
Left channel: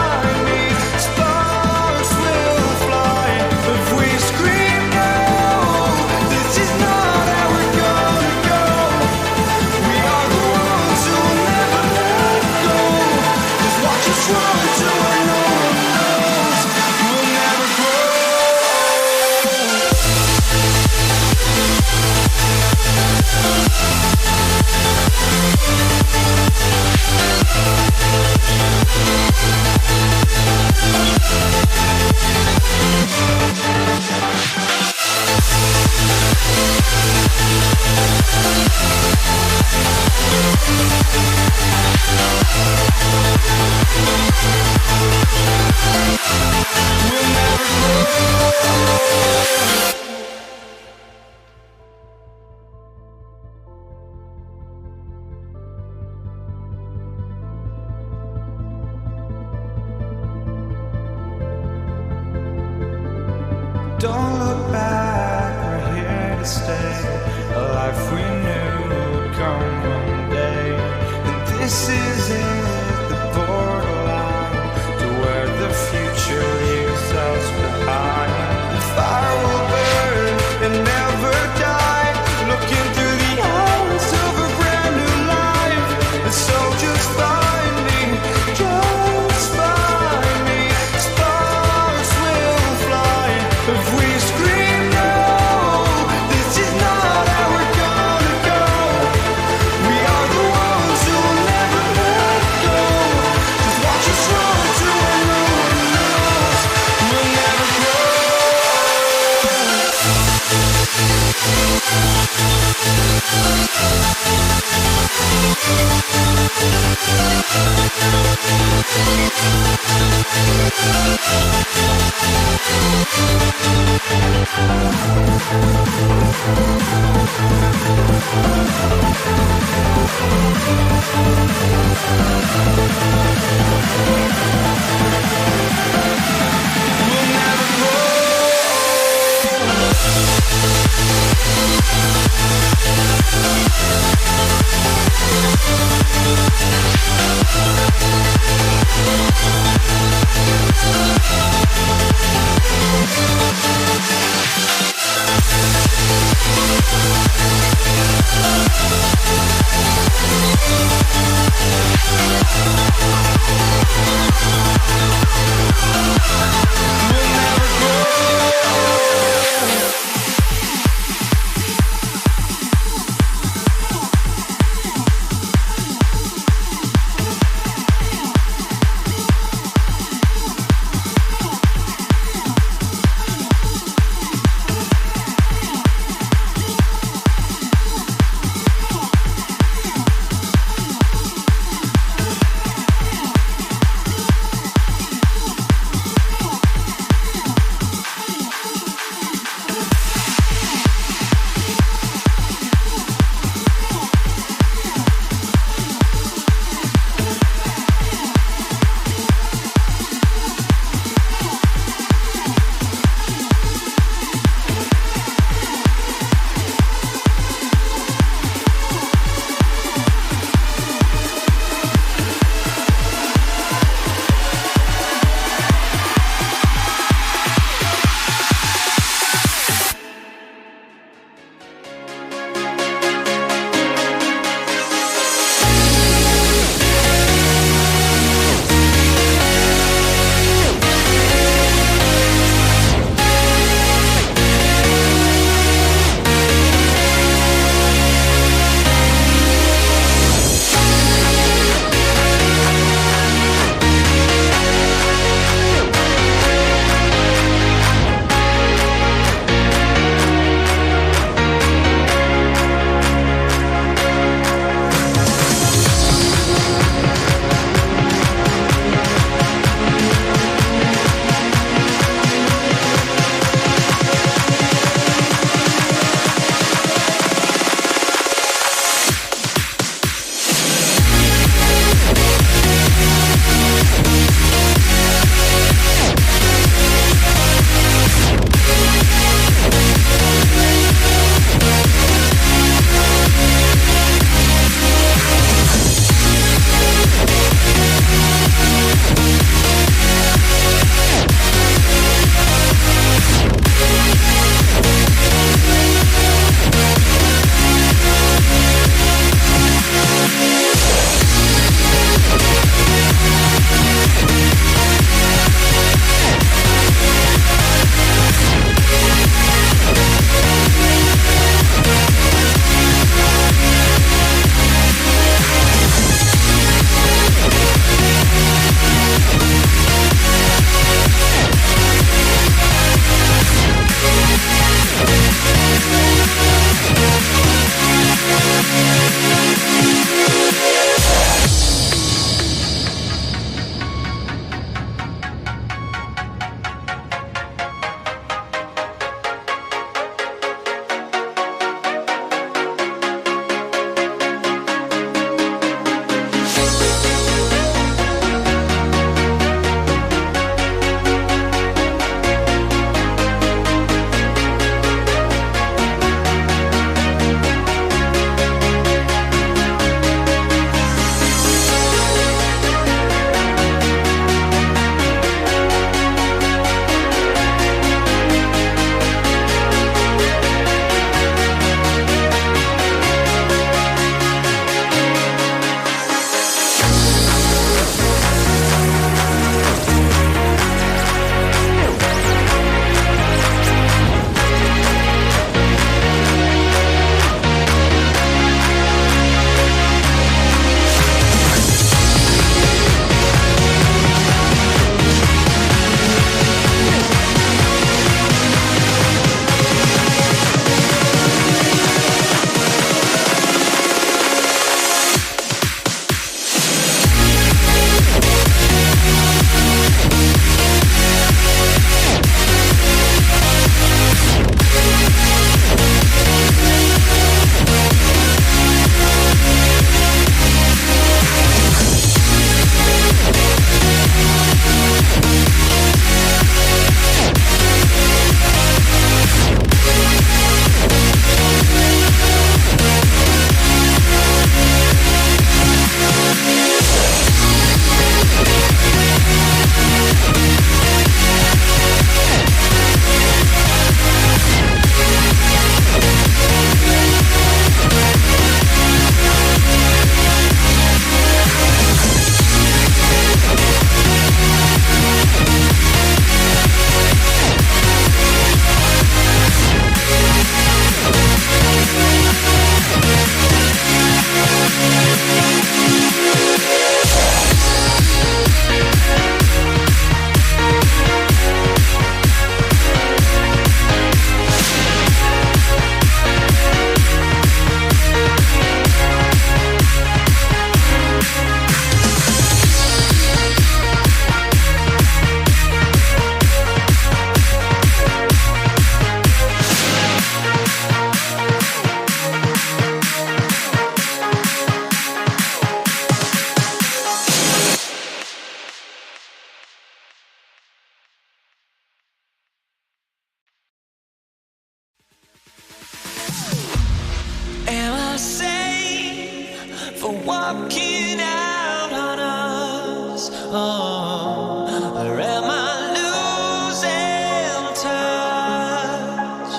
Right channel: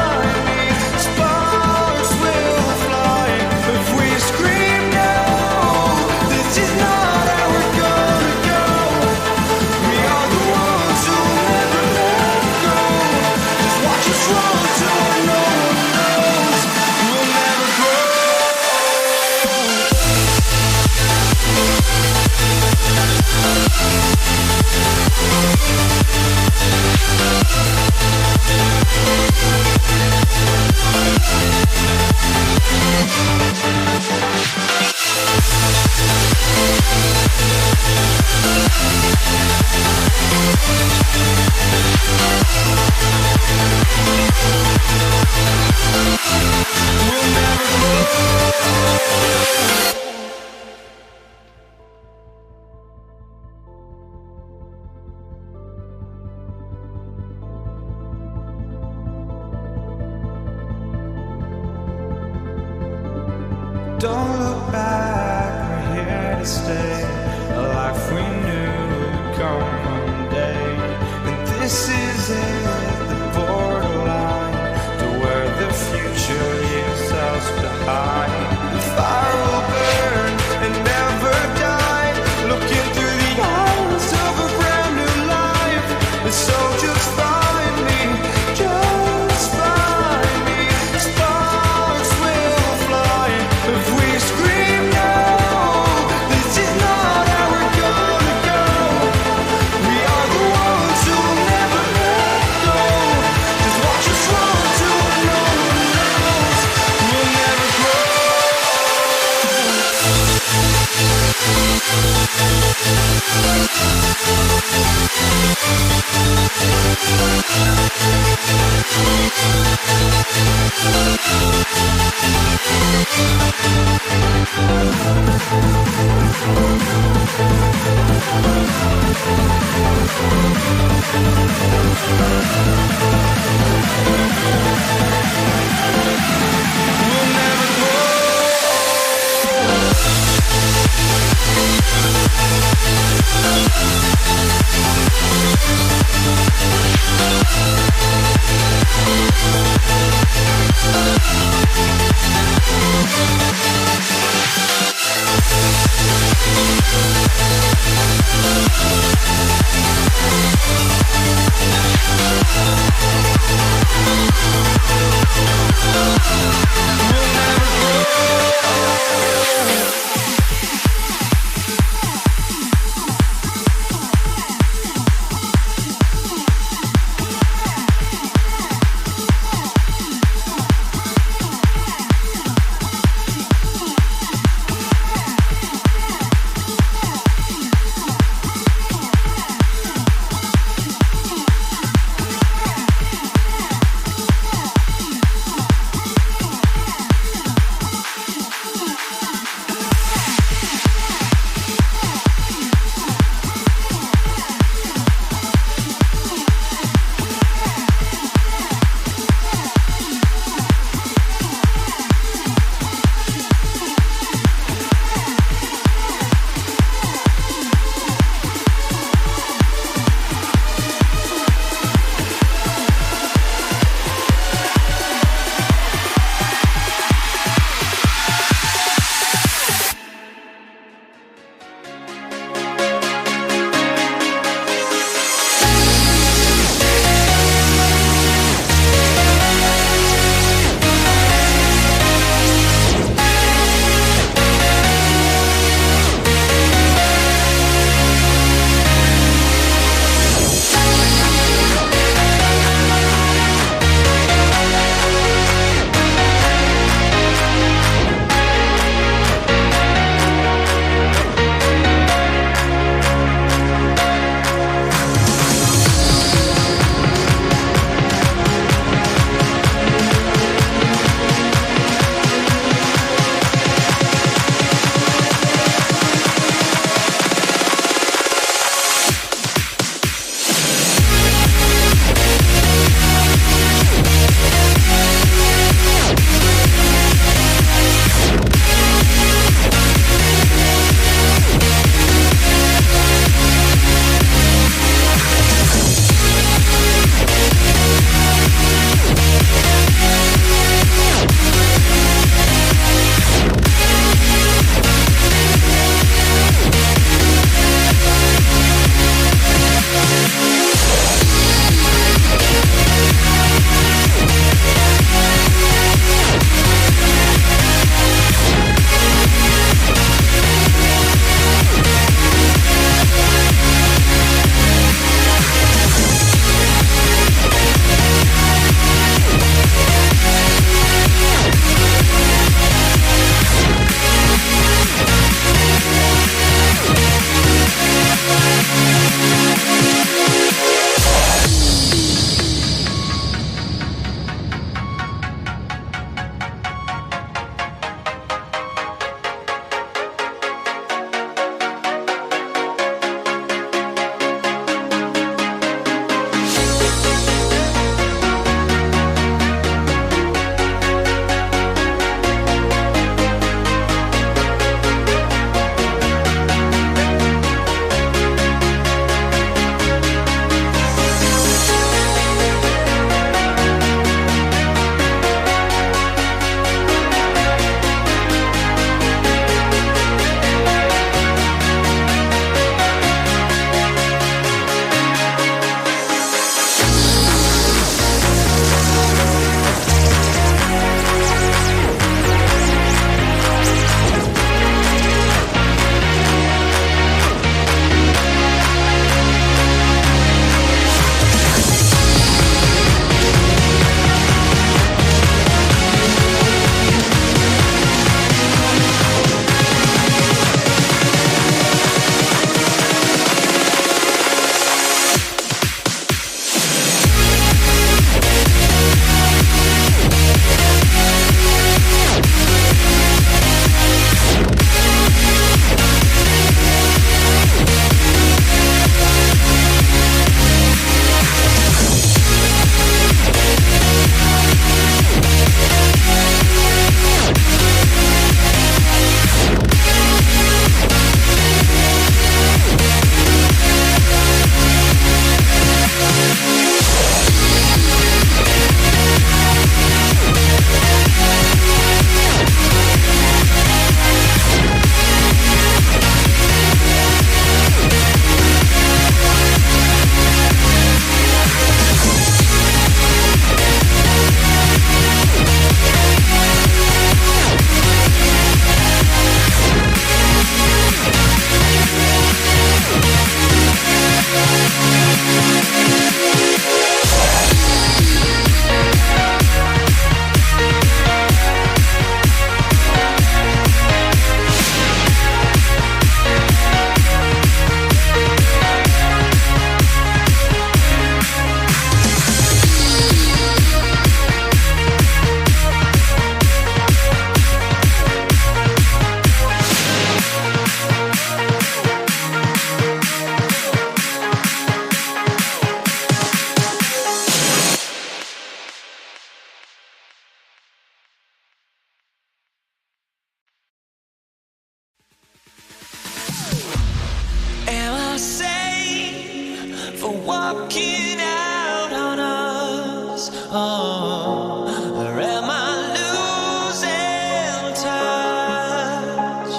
Don't look back, we're here to stay. A life we knew would come one day. And this is it, the borderline to where the future leaves us behind. The fire will burn and never die, looking through the eyes of a brand new life. And so just find me, just find me. Sparks will fly if we scream no. This is not how we're gonna go. We are the ones who will never let go. Just watch us run to where no one knows. We'll never grow. We'll never grow. for walking out on us. Oh, or am I losing touch?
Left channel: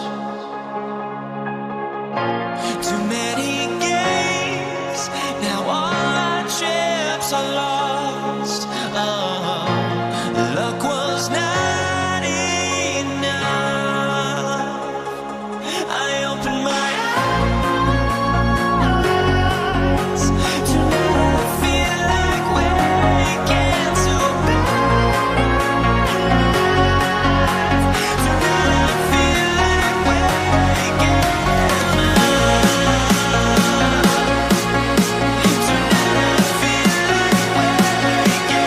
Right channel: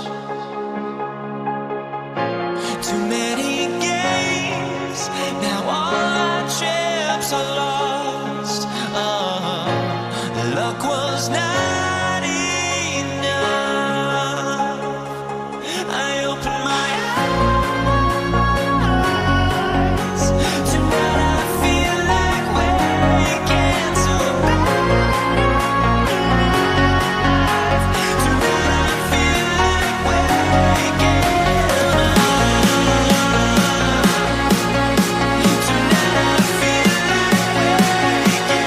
Too many games, now all our chips are lost. Oh, luck was not enough. I opened my eyes. Tonight I feel like waking to life. Tonight I feel like waking up. Tonight I feel like waking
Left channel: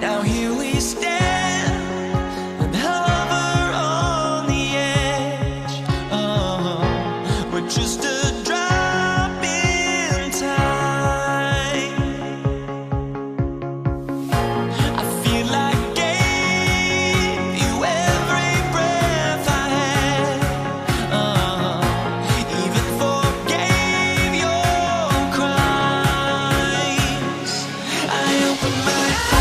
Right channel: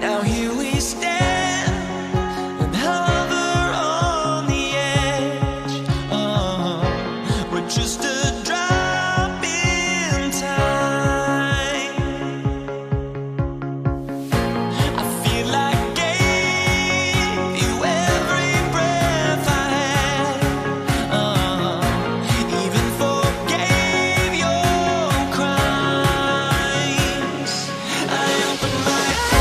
Now here we stand and hover on the edge. Oh, we're just a drop in time. I feel like I gave you every breath I had. Even forgave your crimes. I opened my eyes.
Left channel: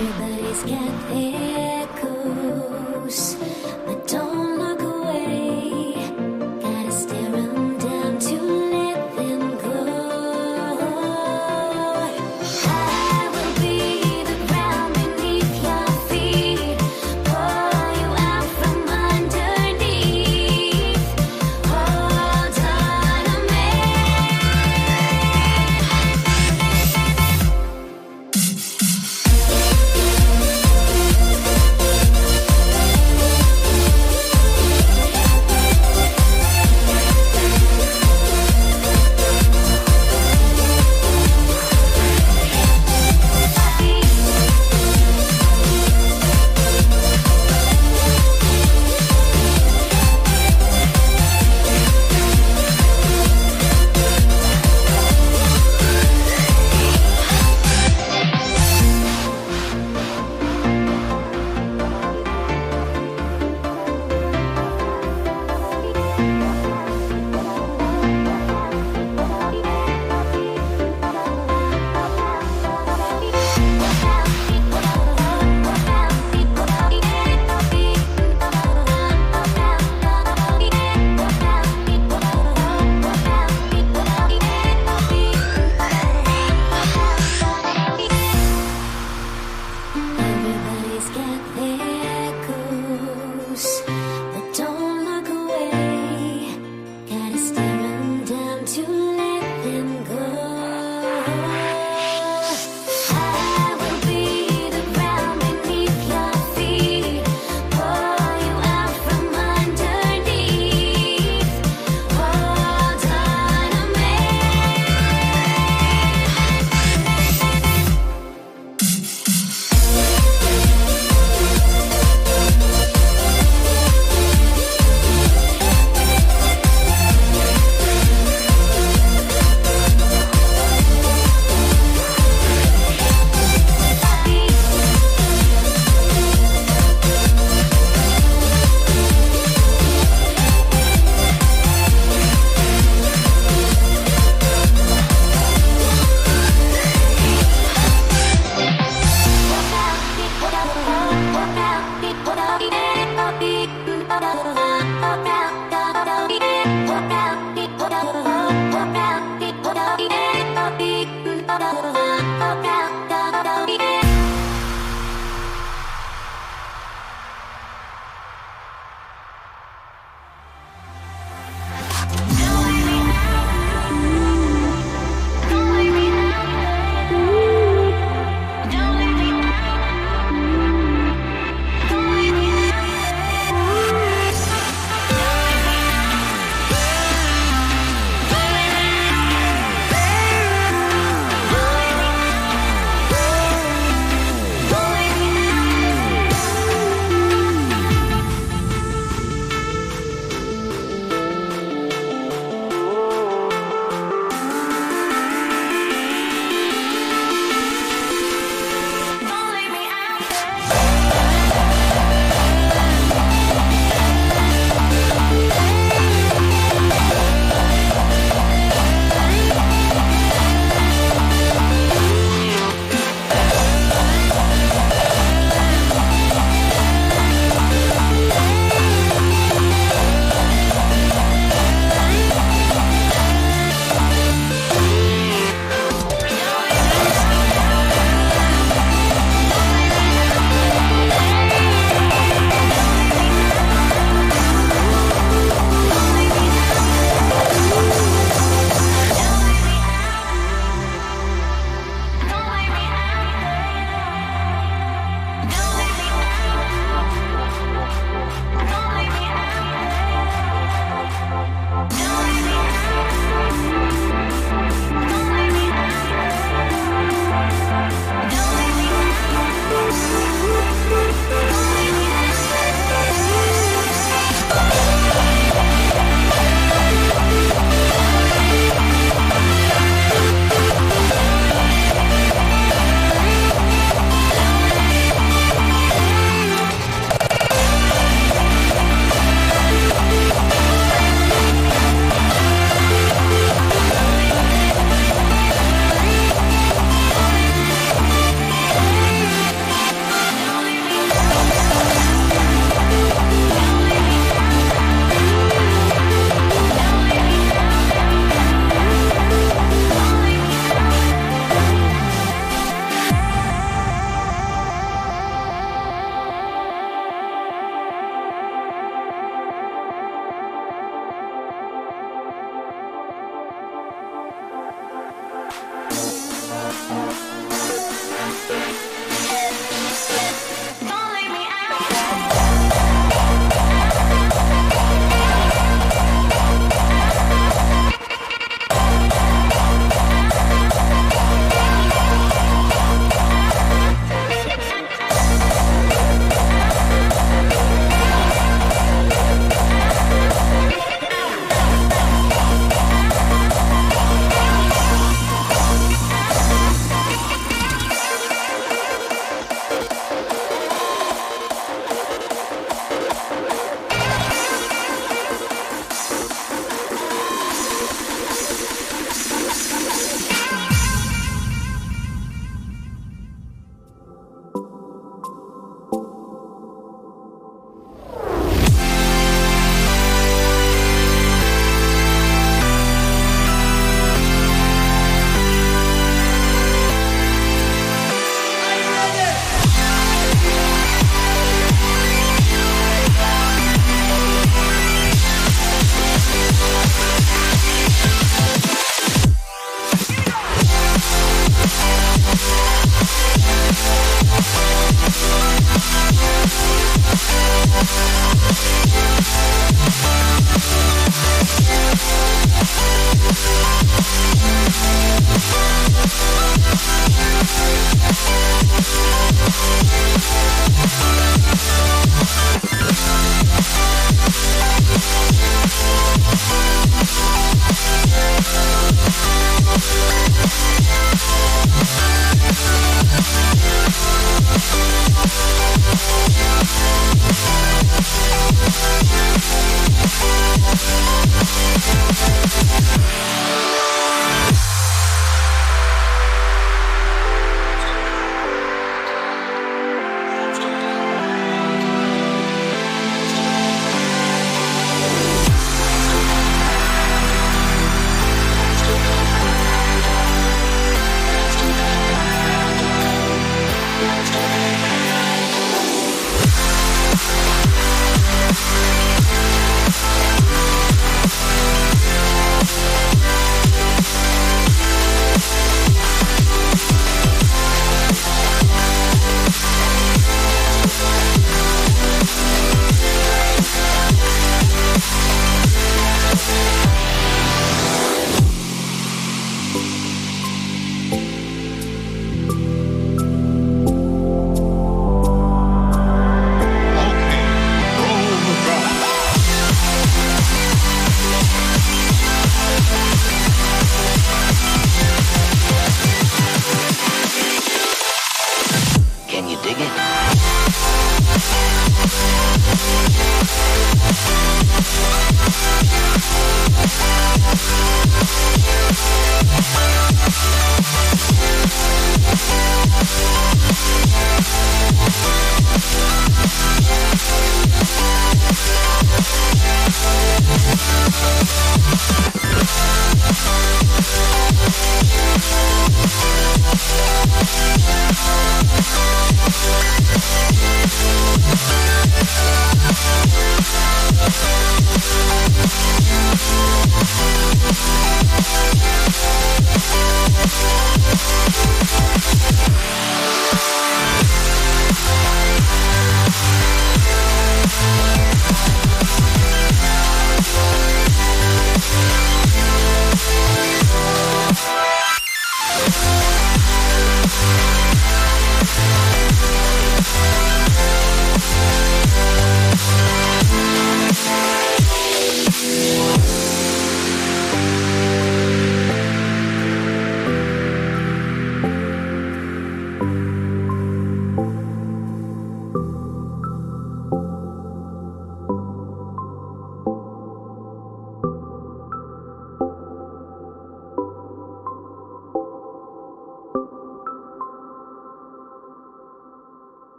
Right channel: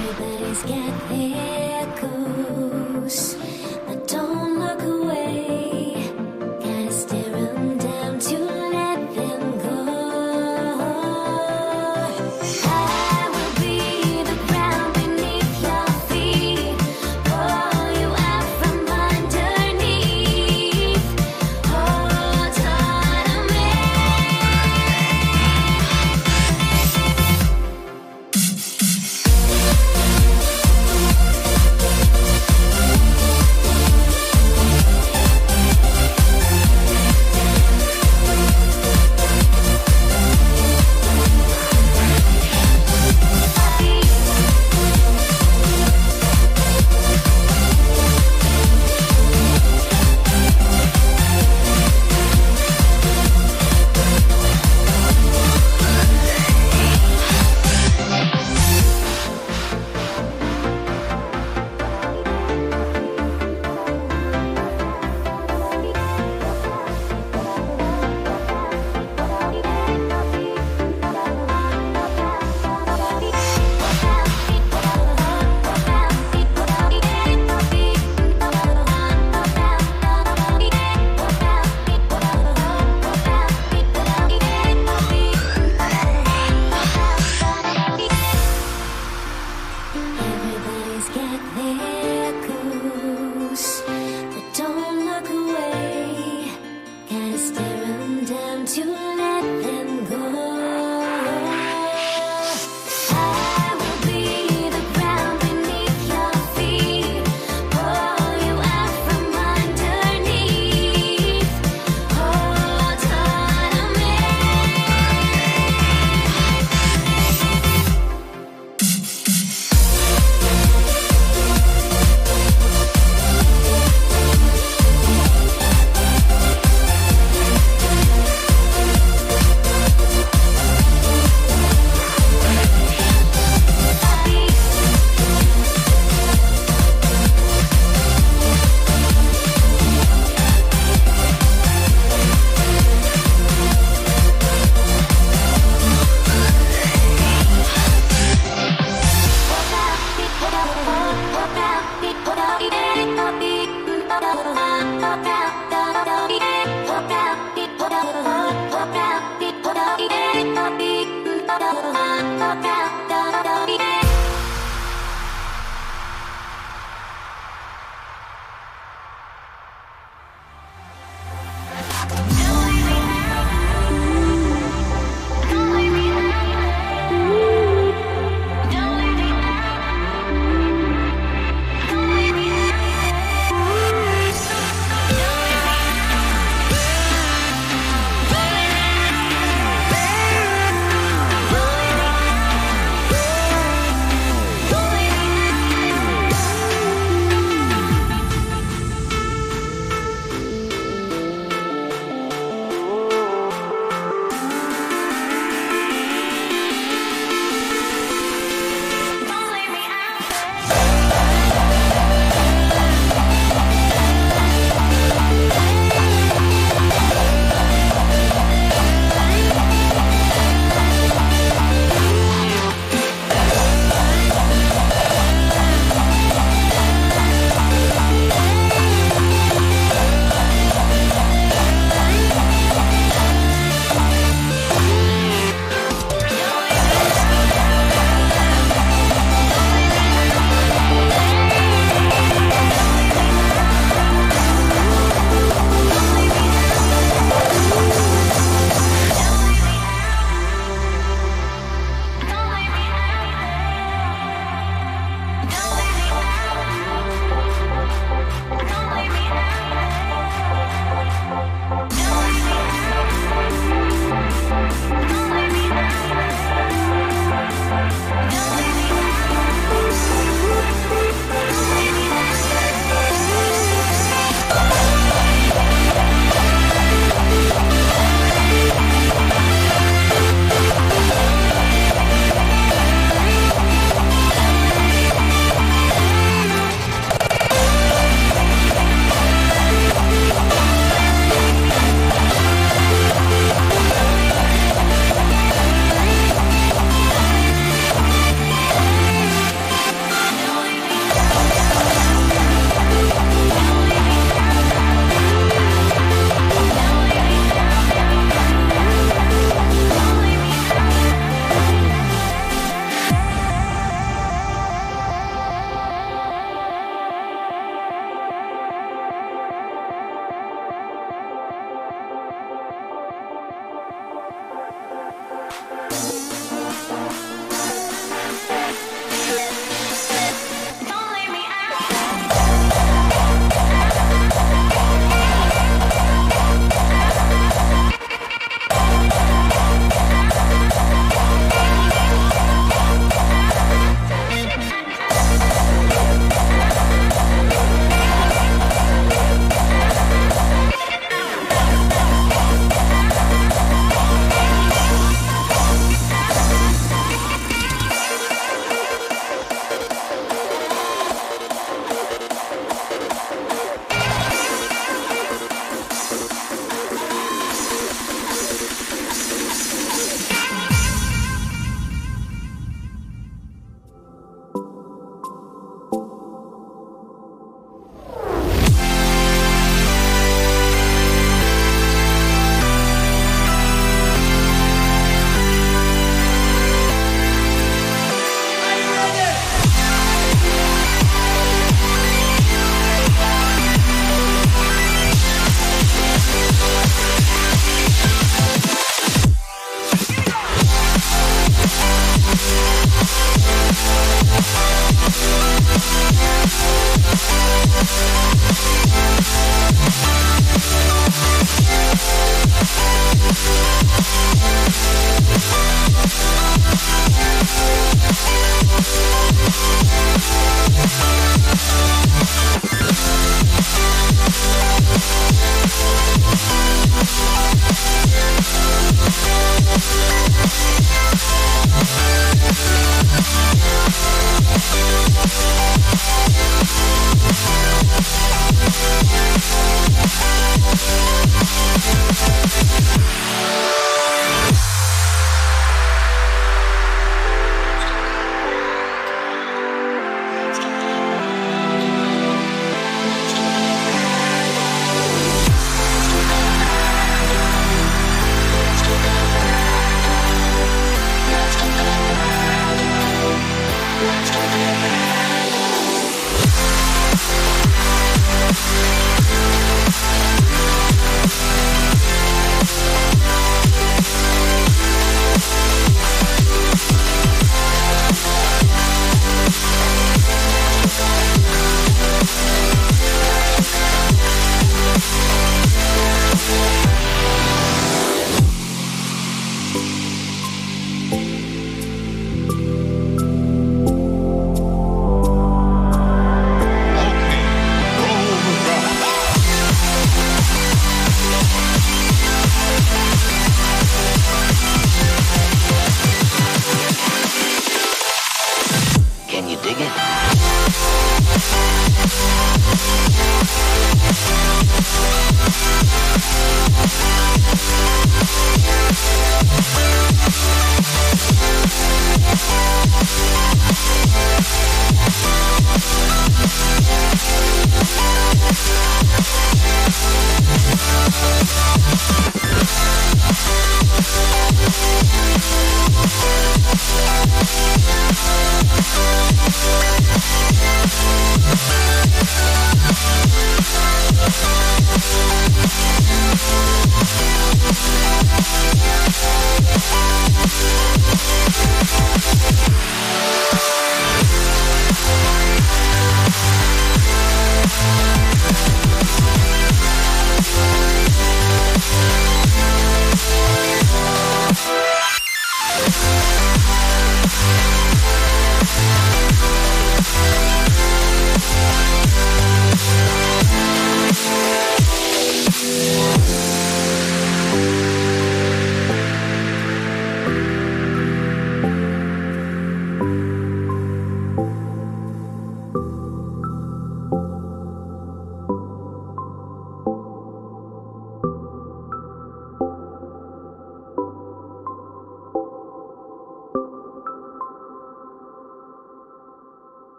Everybody's got their goals, but don't look away. Gotta stare 'em down to let them go. I will be the ground beneath your feet, pull you out from underneath. Hold on to me.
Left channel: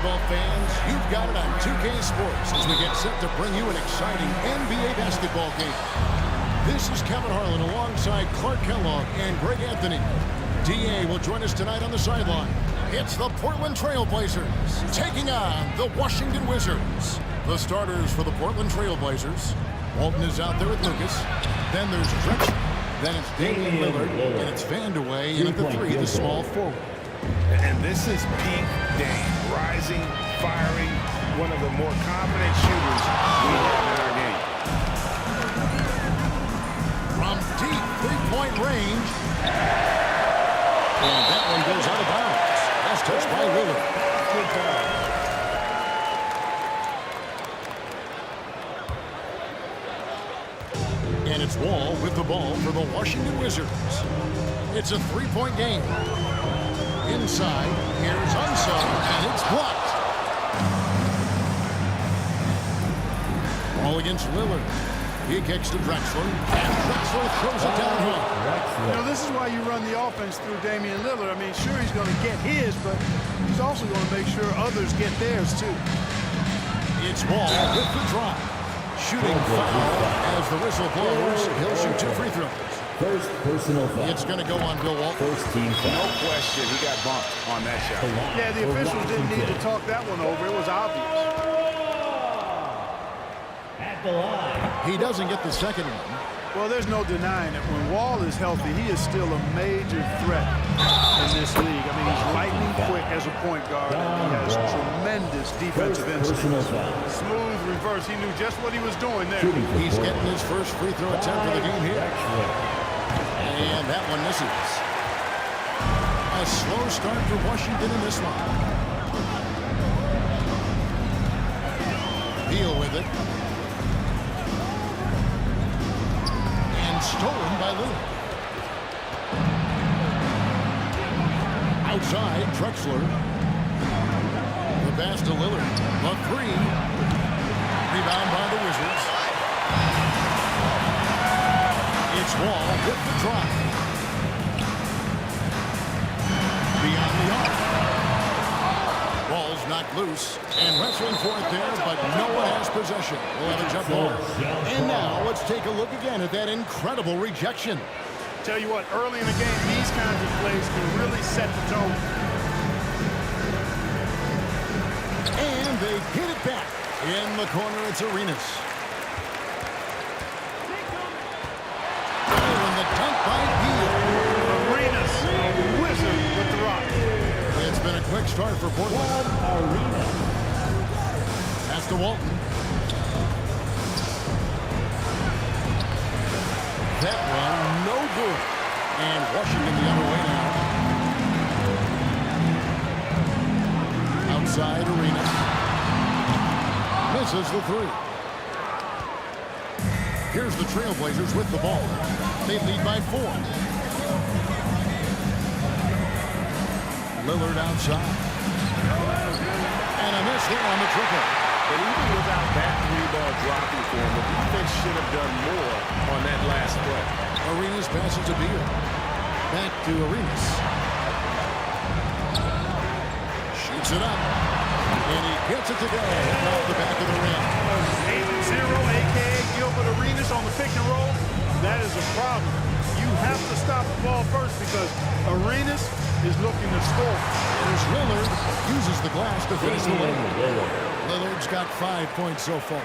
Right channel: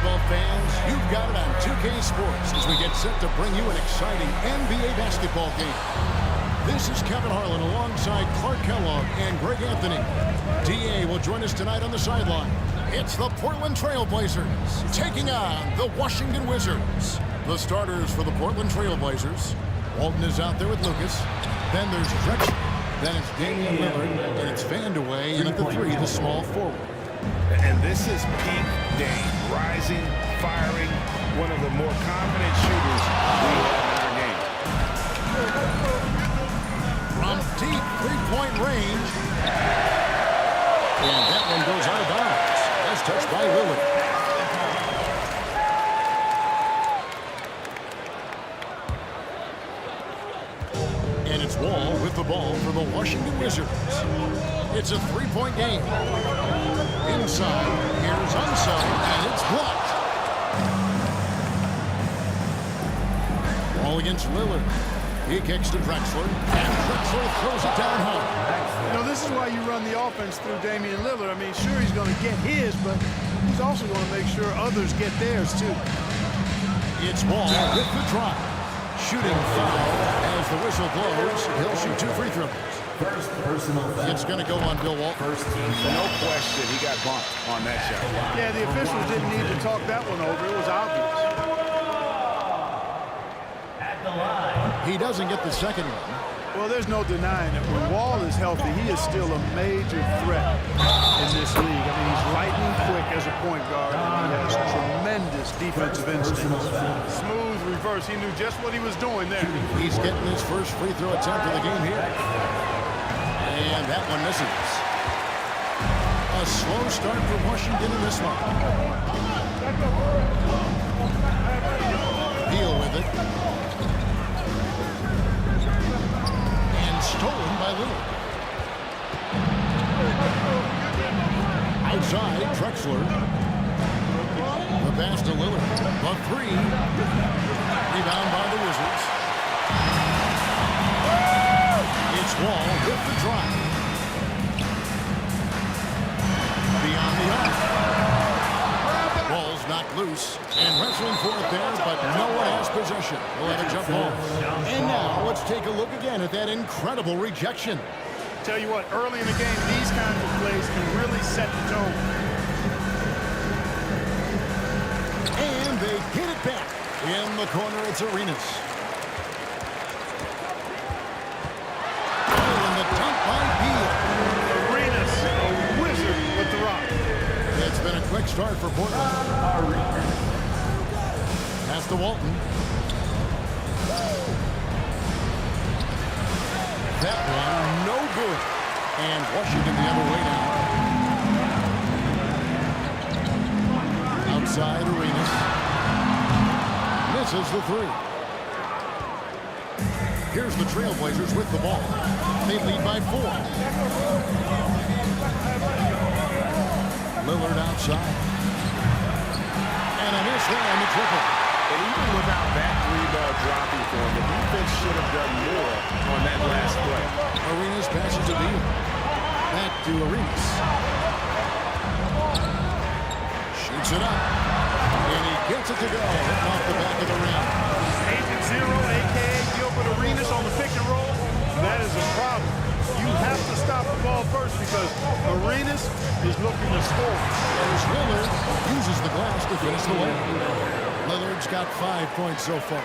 basketball fans, you've got it on 2K Sports as we get set to bring you an exciting NBA basketball game. This is Kevin Harlan alongside Clark Kellogg and Greg Anthony. DA will join us tonight on the sideline. It's the Portland Trail Blazers taking on the Washington Wizards. The starters for the Portland Trail Blazers. Walton is out there with Lucas. Then there's Drexler. Then it's Damian Lillard, and it's Vandeweghe, and at the 3, the small forward. And this is peak Dame, rising, firing, one of the more confident shooters we have in our game. From deep three-point range. And that one goes out of bounds. That's touched by Lillard. And it's Wall with the ball for the Washington Wizards. It's a three-point game. Inside, here's Unso, and it's blocked. Ball against Lillard. He kicks to Drexler, and Drexler throws it down hard. You know, this is why you run the offense through Damian Lillard. I mean, sure, he's going to get his, but he's also going to make sure others get theirs, too. It's Wall with the drive. Shooting foul as the whistle blows. He'll shoot 2 free throws. First personal foul. It's going to go on Bill Walton. First team foul. No question, he got bumped on that shot. Yeah, the officials didn't need to talk that one over. It was obvious. At the line. He doesn't get the second one. Well, there's no denying it. When Wall is healthy, he is still a major threat in this league. I mean, he's lightning quick as a point guard, and he has tremendous defensive instincts. Smooth reverse. He knew just what he was doing there. He's getting his first free throw attempt of the game here. And that one misses. A slow start for Washington in this one. Beal with it. Stolen by Lillard. Outside, Drexler. The pass to Lillard. The 3. Rebound by the Wizards. It's Wall with the drive. Beyond the arc. Ball's knocked loose, and wrestling for it there, but no one has possession. We'll have a jump ball. And now let's take a look again at that incredible rejection. Tell you what, early in the game, these kinds of plays can really set the tone. And they get it back. In the corner, it's Arenas. Oh, and the dunk by Beal. Arenas, a wizard with the rock. It's been a quick start for Portland. Pass to Walton. That one, no good. And Washington the other way now. Outside, Arenas. Misses the 3. Here's the Trailblazers with the ball. They lead by 4. Lillard outside. And a miss there on the triple. And even without that 3-ball dropping for him, the defense should have done more on that last play. Arenas passes to Beal. Back to Arenas. Shoots it up. And he gets it to go. Hitting off the back of the rim. Agent Zero, a.k.a. Gilbert Arenas on the pick and roll. That is a problem. You have to stop the ball first because Arenas is looking to score. There's Lillard. Uses the glass to finish the layup. Lillard's got 5 points so far.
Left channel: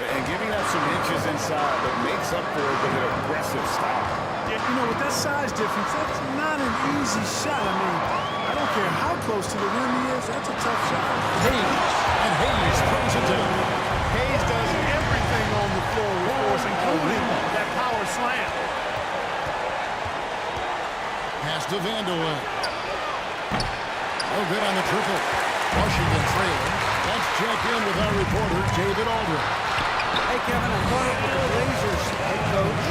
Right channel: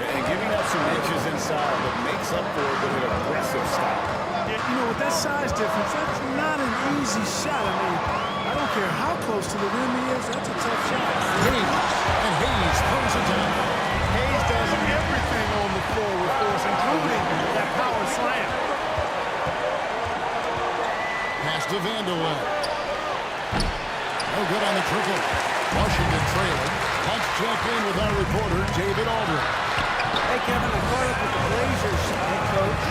And giving up some inches inside, but makes up for it with an aggressive style. Yeah, you know, with that size difference, that's not an easy shot. I mean, I don't care how close to the rim he is. That's a tough shot. Hayes throws it down. Hayes does everything on the floor with force, including that power slam. Pass to Vandeweghe. No good on the triple. Washington trailing. Let's check in with our reporter, David Aldridge. Hey, Kevin, I caught up with the Blazers head coach.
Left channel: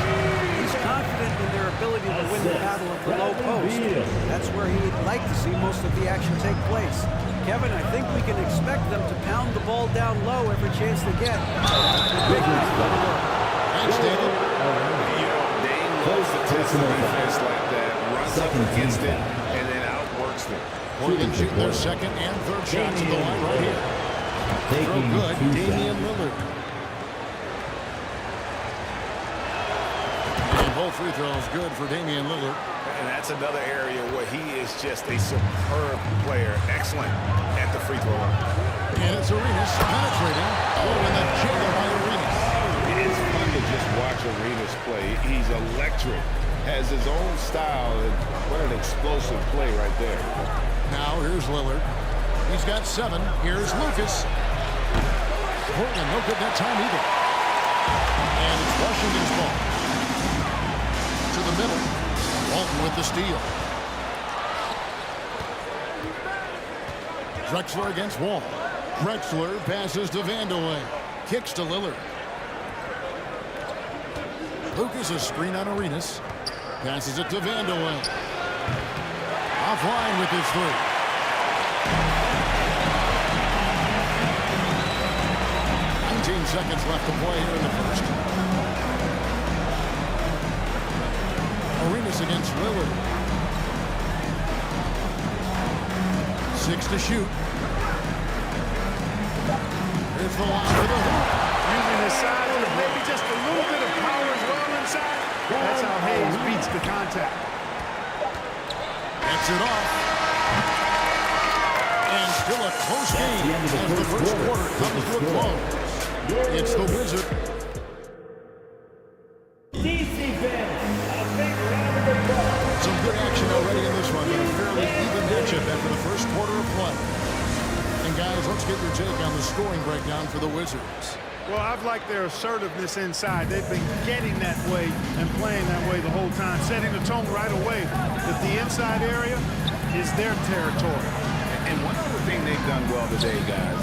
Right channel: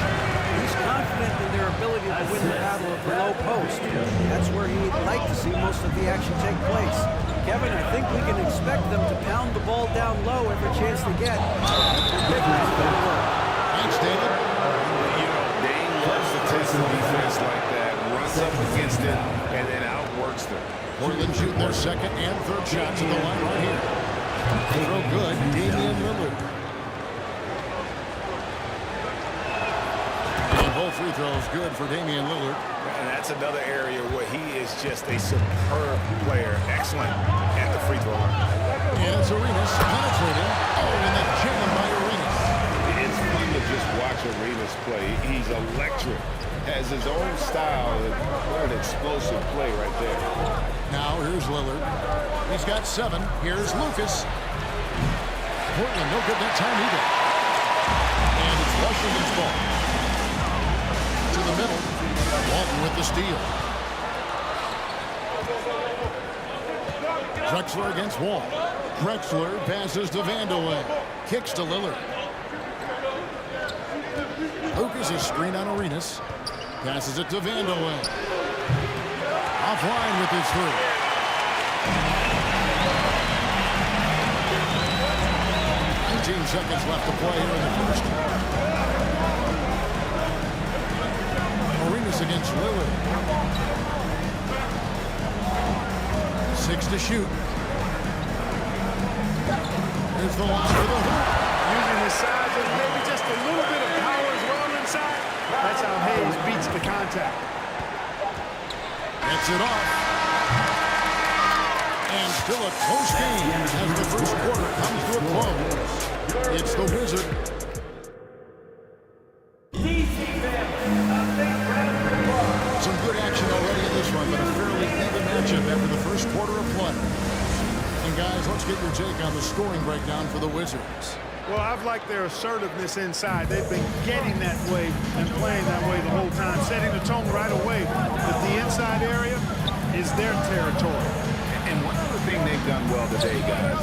He's confident in their ability to win the battle of the low post. That's where he'd like to see most of the action take place. Kevin, I think we can expect them to pound the ball down low every chance they get. That's their big man go to work. Thanks, David. You know, Dame loves to test the defense like that, runs up against it, and then outworks them. Portland shooting their second and third shots at the line right here. Throw good, Damian Lillard. And both free throws good for Damian Lillard. And that's another area where he is just a superb player. Excellent at the free throw line. And it's Arenas penetrating. Oh, and the jam by Arenas. It's fun to just watch Arenas play. He's electric. Has his own style. And what an explosive play right there. Now here's Lillard. He's got 7. Here's Lucas. Portland no good that time either. And it's Washington's ball. To the middle. Walton with the steal. Drexler against Wall. Drexler passes to Vandeweghe. Kicks to Lillard. Lucas a screen on Arenas. Passes it to Vandeweghe. Offline with his 3. Seconds left to play here in the first. Arenas against Lillard. 6 to shoot. Here's the line for the hoop. Using his size and maybe just a little bit of power as well inside. That's how Hayes beats the contact. Gets it off. And still a close game as the first quarter comes to a close. It's the Wizard. Some good action already in this one, but a fairly even matchup after the first quarter of play. And guys, let's get your take on the scoring breakdown for the Wizards. Well, I've liked their assertiveness inside. They've been getting that way and playing that way the whole time, setting the tone right away that the inside area is their territory. And one other thing they've done well today, guys,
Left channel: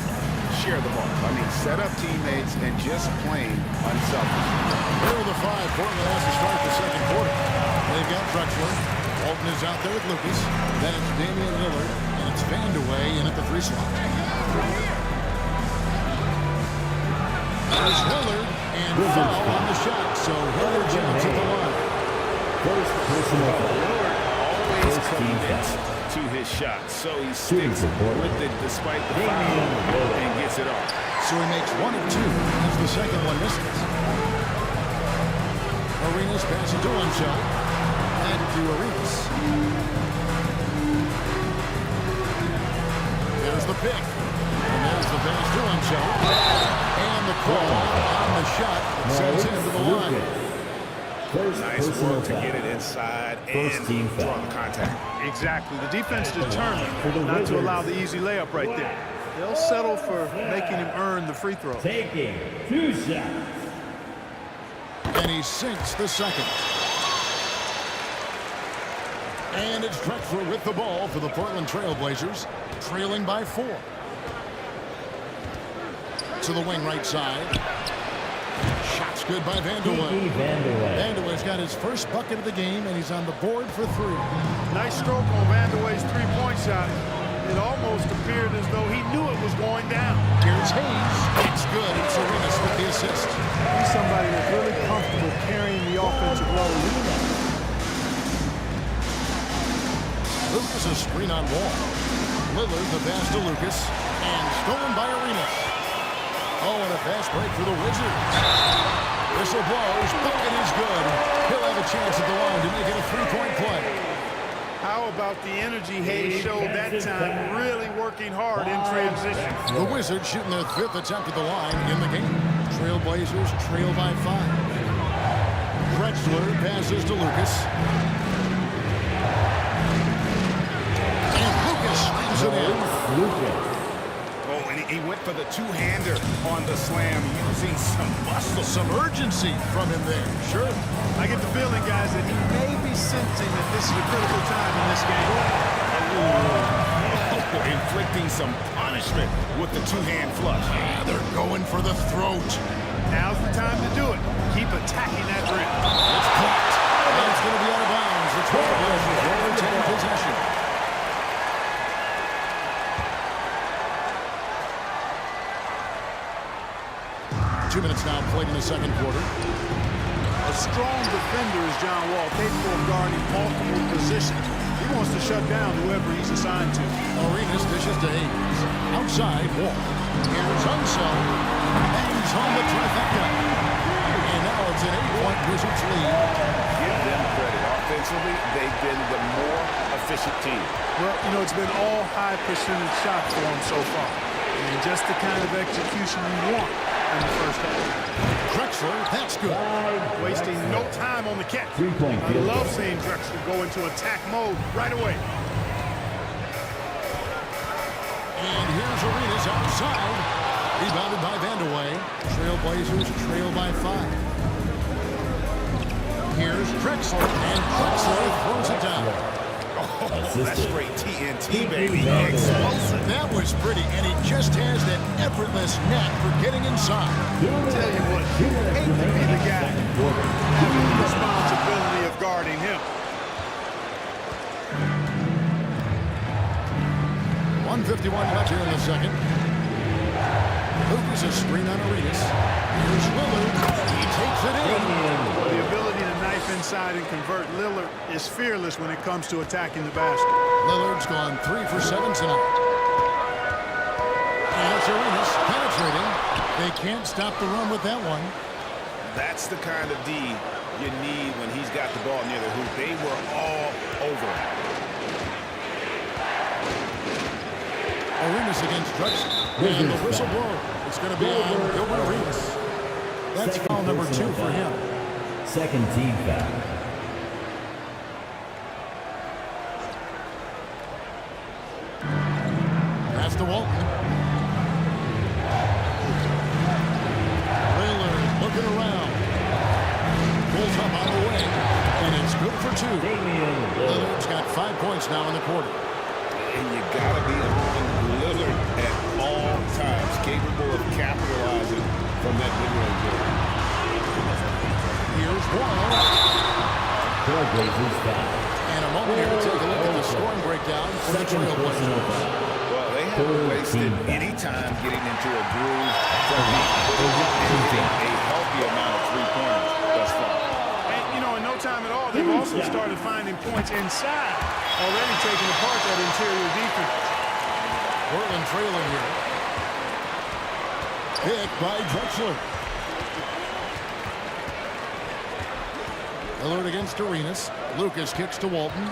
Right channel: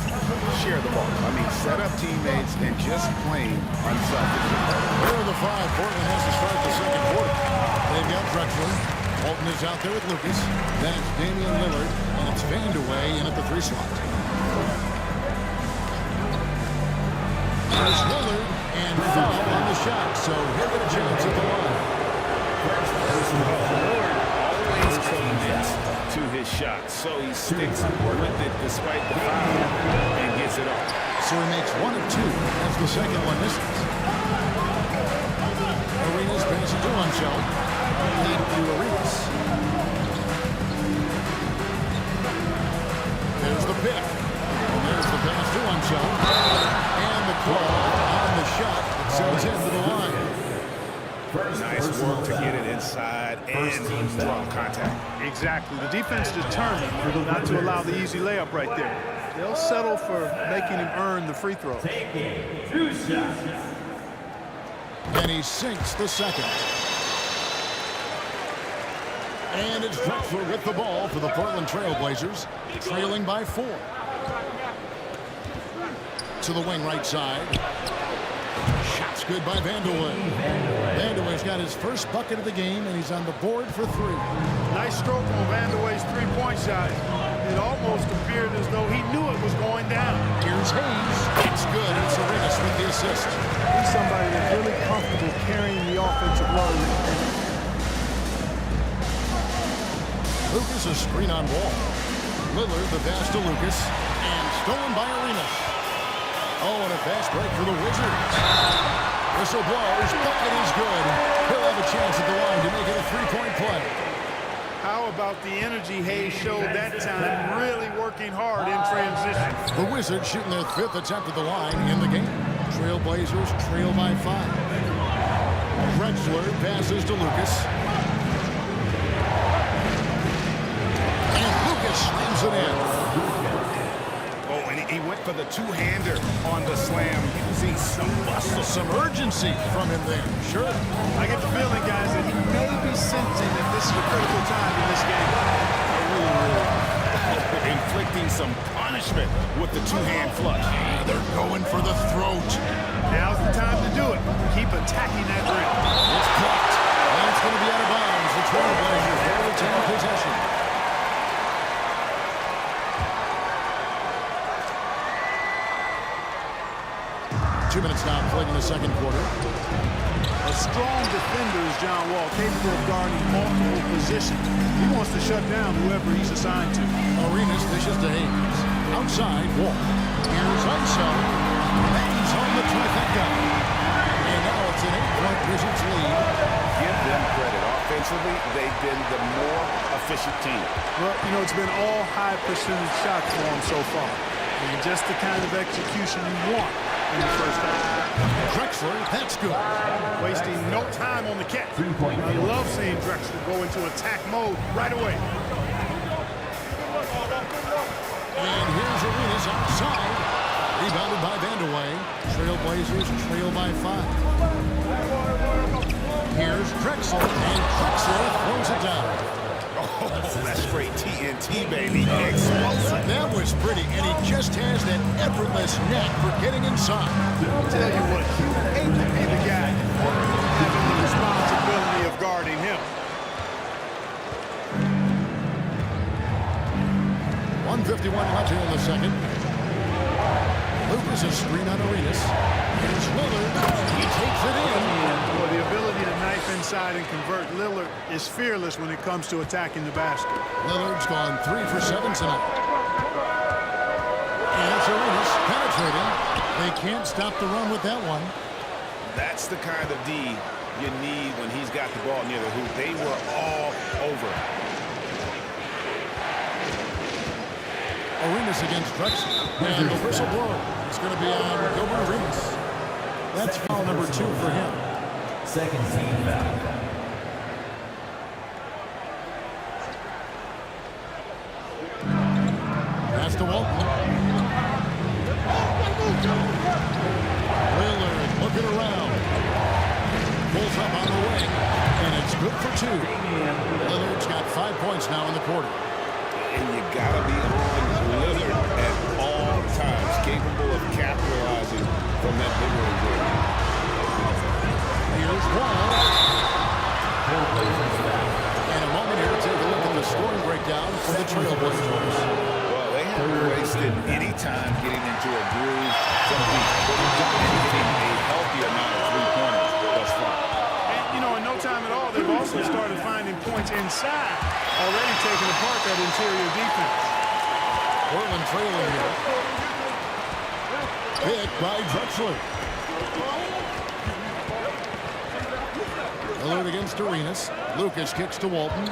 share the ball. I mean, set up teammates and just plain unselfishly. Here are the 5 Portland has to start the second quarter. They've got Drexler. Walton is out there with Lucas. Then it's Damian Lillard, and it's Vandeweghe in at the 3 slot. There's Lillard, and foul on the shot, so he'll get a chance at the line. Lillard always commits to his shot, so he sticks with it despite the foul and gets it off. So he makes 1 of 2 as the second one misses. Arenas passes to himself. Back to Arenas. There's the pick. And there's the pass to himself. And the call on the shot that sends him to the line. Nice work to get it inside and draw the contact. Exactly. The defense determined not to allow the easy layup right there. They'll settle for making him earn the free throw. Taking 2 shots. And he sinks the second. And it's Drexler with the ball for the Portland Trail Blazers, trailing by 4. To the wing right side. Shots good by Vandeweghe. Vandeweghe's got his first bucket of the game, and he's on the board for 3. Nice stroke on Vandeweghe's 3-point shot. It almost appeared as though he knew it was going down. Here's Hayes. It's good. It's Arenas with the assist. He's somebody that's really comfortable carrying the offensive load. Lucas a screen on Wall. Lillard the pass to Lucas. And stolen by Arenas. Oh, and a fast break for the Wizards. Whistle blows. Bucket is good. He'll have a chance at the line to make it a 3-point play. How about the energy Hayes showed that time, really working hard in transition. The Wizards shooting their 5th attempt at the line in the game. Trailblazers trail by 5. Drexler passes to Lucas. And Lucas slams it in. Oh, and he went for the 2-hander on the slam, using some muscle. Some urgency from him there. Sure. I get the feeling, guys, that he may be sensing that this is a critical time in this game. Oh, inflicting some punishment with the 2-hand flush. Yeah, they're going for the throat. Now's the time to do it. Keep attacking that rim. It's blocked. And it's going to be out of bounds. The Trailblazers will retain possession. Two minutes now played in the second quarter. A strong defender is John Wall, capable of guarding multiple positions. He wants to shut down whoever he's assigned to. Arenas dishes to Hayes. Outside, Wall. Here's Unseld. Bangs home the trifecta. And now it's an 8-point Wizards lead. Give them credit. Offensively, they've been the more efficient team. Well, you know, it's been all high percentage shots for them so far. I mean, just the kind of execution you want in the first half. Drexler, that's good. Wasting no time on the catch. I love seeing Drexler go into attack mode right away. And here's Arenas outside. Rebounded by Vandeweghe. Trailblazers trail by 5. Here's Drexler, and Drexler throws it down. Oh, that's straight TNT, baby. Explosive. That was pretty, and he just has that effortless knack for getting inside. Tell you what, you hate to be the guy having the responsibility of guarding him. 1:51 left here in the second. Lucas, a screen on Arenas. Here's Lillard. He takes it in. Boy, the ability to knife inside and convert. Lillard is fearless when it comes to attacking the basket. Lillard's gone 3 for 7 tonight. And it's Arenas penetrating. They can't stop the run with that one. That's the kind of D you need when he's got the ball near the hoop. They were all over him. Arenas against Drexler. And the whistle blow. It's going to be on Gilbert Arenas. That's foul number 2 for him. Second team foul. Pass to Walton. Lillard looking around. Pulls up on the wing. And it's good for 2. Lillard's got 5 points now in the quarter. And you got to be on Lillard at all times, capable of capitalizing from that mid-range area. Here's Wall. Trailblazers foul. And a moment here to take a look at the scoring breakdown for the Trailblazers. Well, they haven't wasted any time getting into a groove from deep, and getting a healthy amount of three-pointers thus far. You know, in no time at all, they've also started finding points inside, already taking apart that interior defense. Portland trailing here. Picked by Drexler. Lillard against Arenas. Lucas kicks to Walton.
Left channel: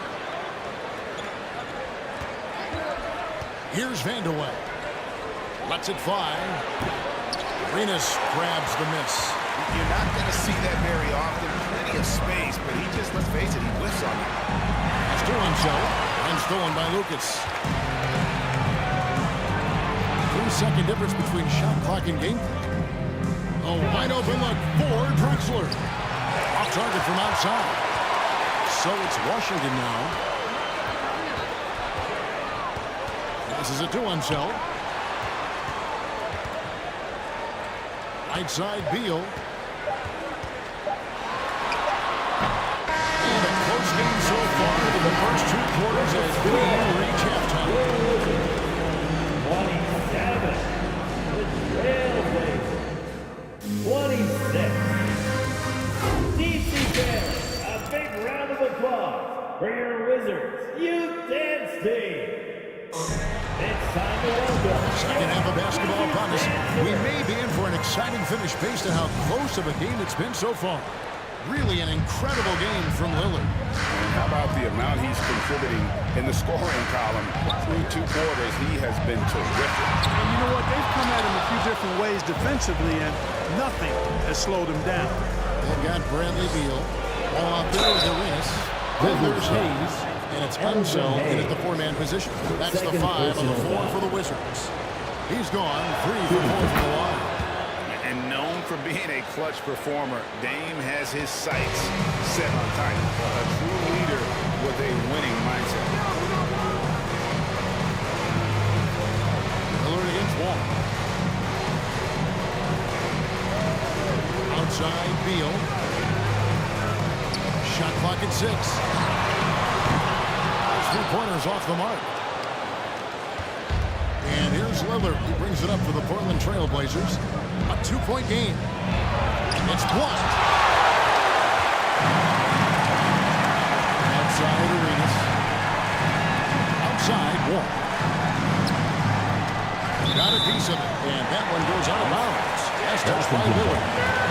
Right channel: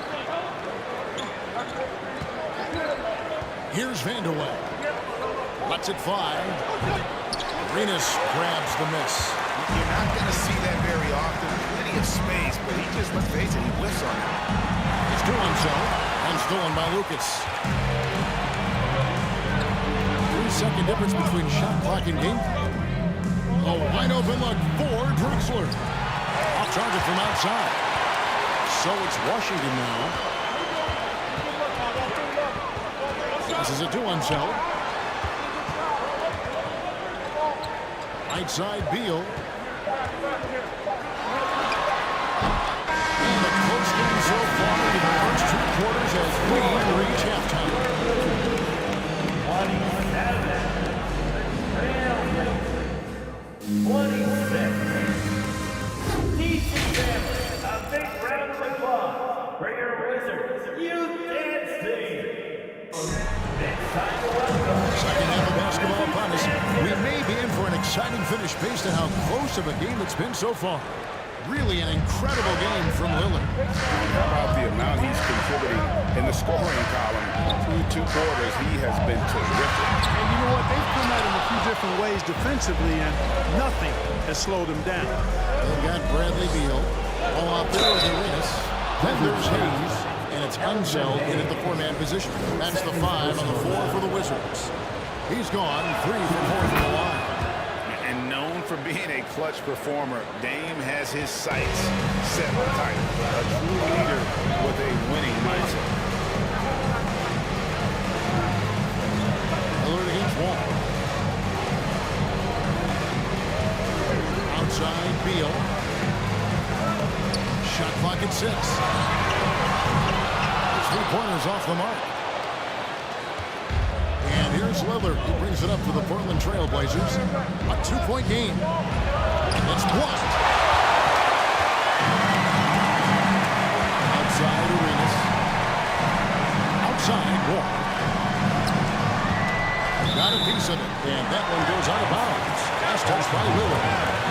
Here's Vandeweghe. Lets it fly. Arenas grabs the miss. You're not going to see that very often. Plenty of space, but he just, let's face it, he whiffs on that. That's 2 on Unseld, and stolen by Lucas. 3-second difference between shot clock and game clock. A wide open look for Drexler. Off target from outside. So it's Washington now. This is a 2 on Unseld. Right side, Beal. And a close game so far to the first 2 quarters as we reach halftime. 27. 26. DC fans, a big round of applause for your Wizards Youth Dance Team. Second half of basketball upon us. We may be in for an exciting finish based on how close of a game it's been so far. Really an incredible game from Lillard. How about the amount he's contributing in the scoring column through 2 quarters? He has been terrific. And you know what? They've come at him a few different ways defensively, and nothing has slowed him down. They've got Bradley Beal. All out there with Arenas. Then there's Hayes. And it's Unseld in at the 4-man position. That's the 5 on the 4 for the Wizards. He's gone 3 for 4 from the line. And known for being a clutch performer, Dame has his sights set on title. A true leader with a winning mindset. Lillard against Wall. Outside, Beal. Shot clock at 6. 3-pointers off the mark. And here's Lillard. He brings it up for the Portland Trailblazers. A 2-point game. It's blocked. inside Arenas. Outside Wall. Got a piece of it, and that one goes out of bounds. Last touch by Lillard.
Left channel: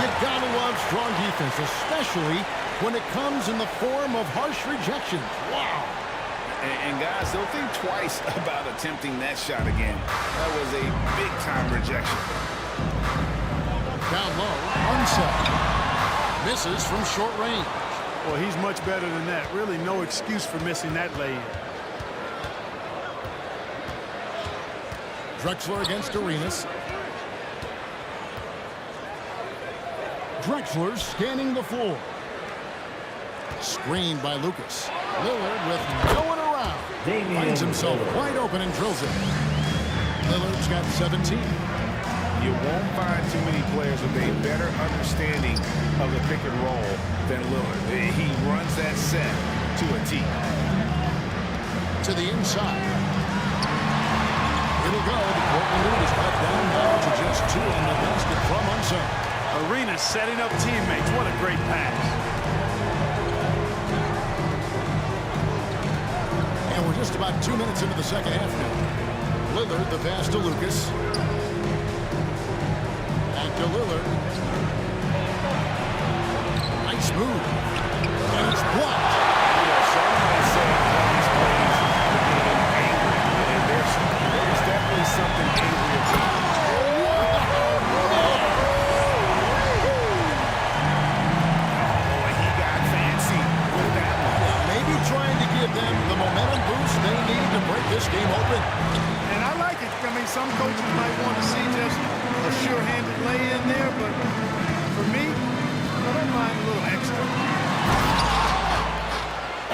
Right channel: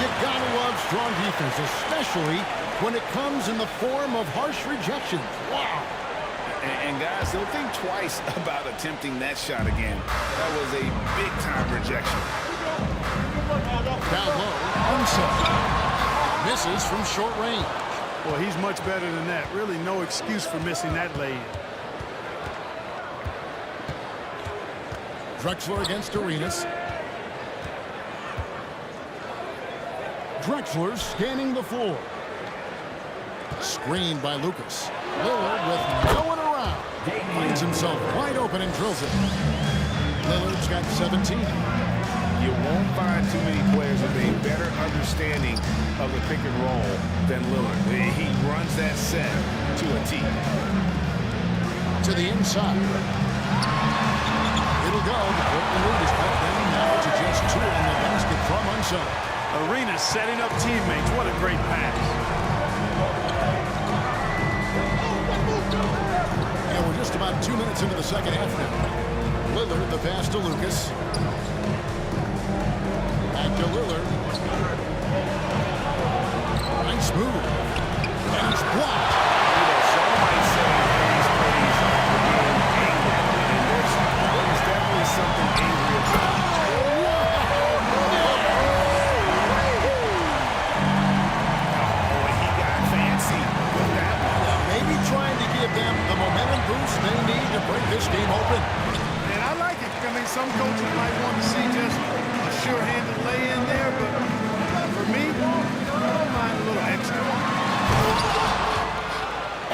You gotta love strong defense, especially when it comes in the form of harsh rejections. Wow. And guys, they'll think twice about attempting that shot again. That was a big-time rejection. Down low, Unseld. Misses from short range. Well, he's much better than that. Really no excuse for missing that lay-in. Drexler against Arenas. Drexler scanning the floor. Screened by Lucas. Lillard with no one around. Finds himself wide open and drills it. Lillard's got 17. You won't find too many players with a better understanding of the pick and roll than Lillard. He runs that set to a T. To the inside. It'll go. The Portland lead is cut down now to just 2 on the basket from Unseld. Arenas setting up teammates. What a great pass. And we're just about 2 minutes into the second half now. Lillard, the pass to Lucas. Back to Lillard. Nice move. And it's blocked. You know, some might say these plays the game angry. And there was definitely something angry about it. Trying to give them the momentum boost they need to break this game open. And I like it. I mean, some coaches might want to see just a sure-handed lay-in there, but for me, I don't mind a little extra.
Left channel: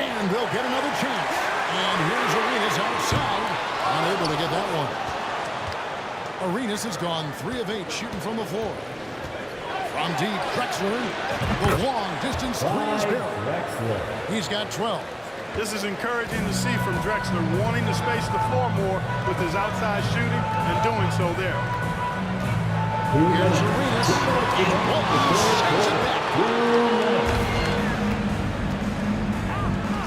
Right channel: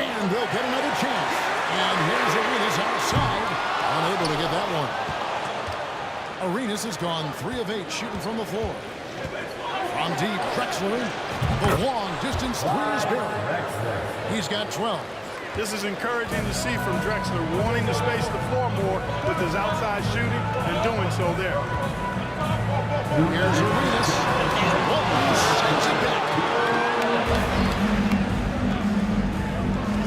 And they'll get another chance. And here's Arenas outside, unable to get that one. Arenas has gone 3 of 8 shooting from the floor. From deep, Drexler, the long distance 3 is buried. He's got 12. This is encouraging to see from Drexler, wanting to space the floor more with his outside shooting and doing so there. Here's Arenas, and Walton sends it back.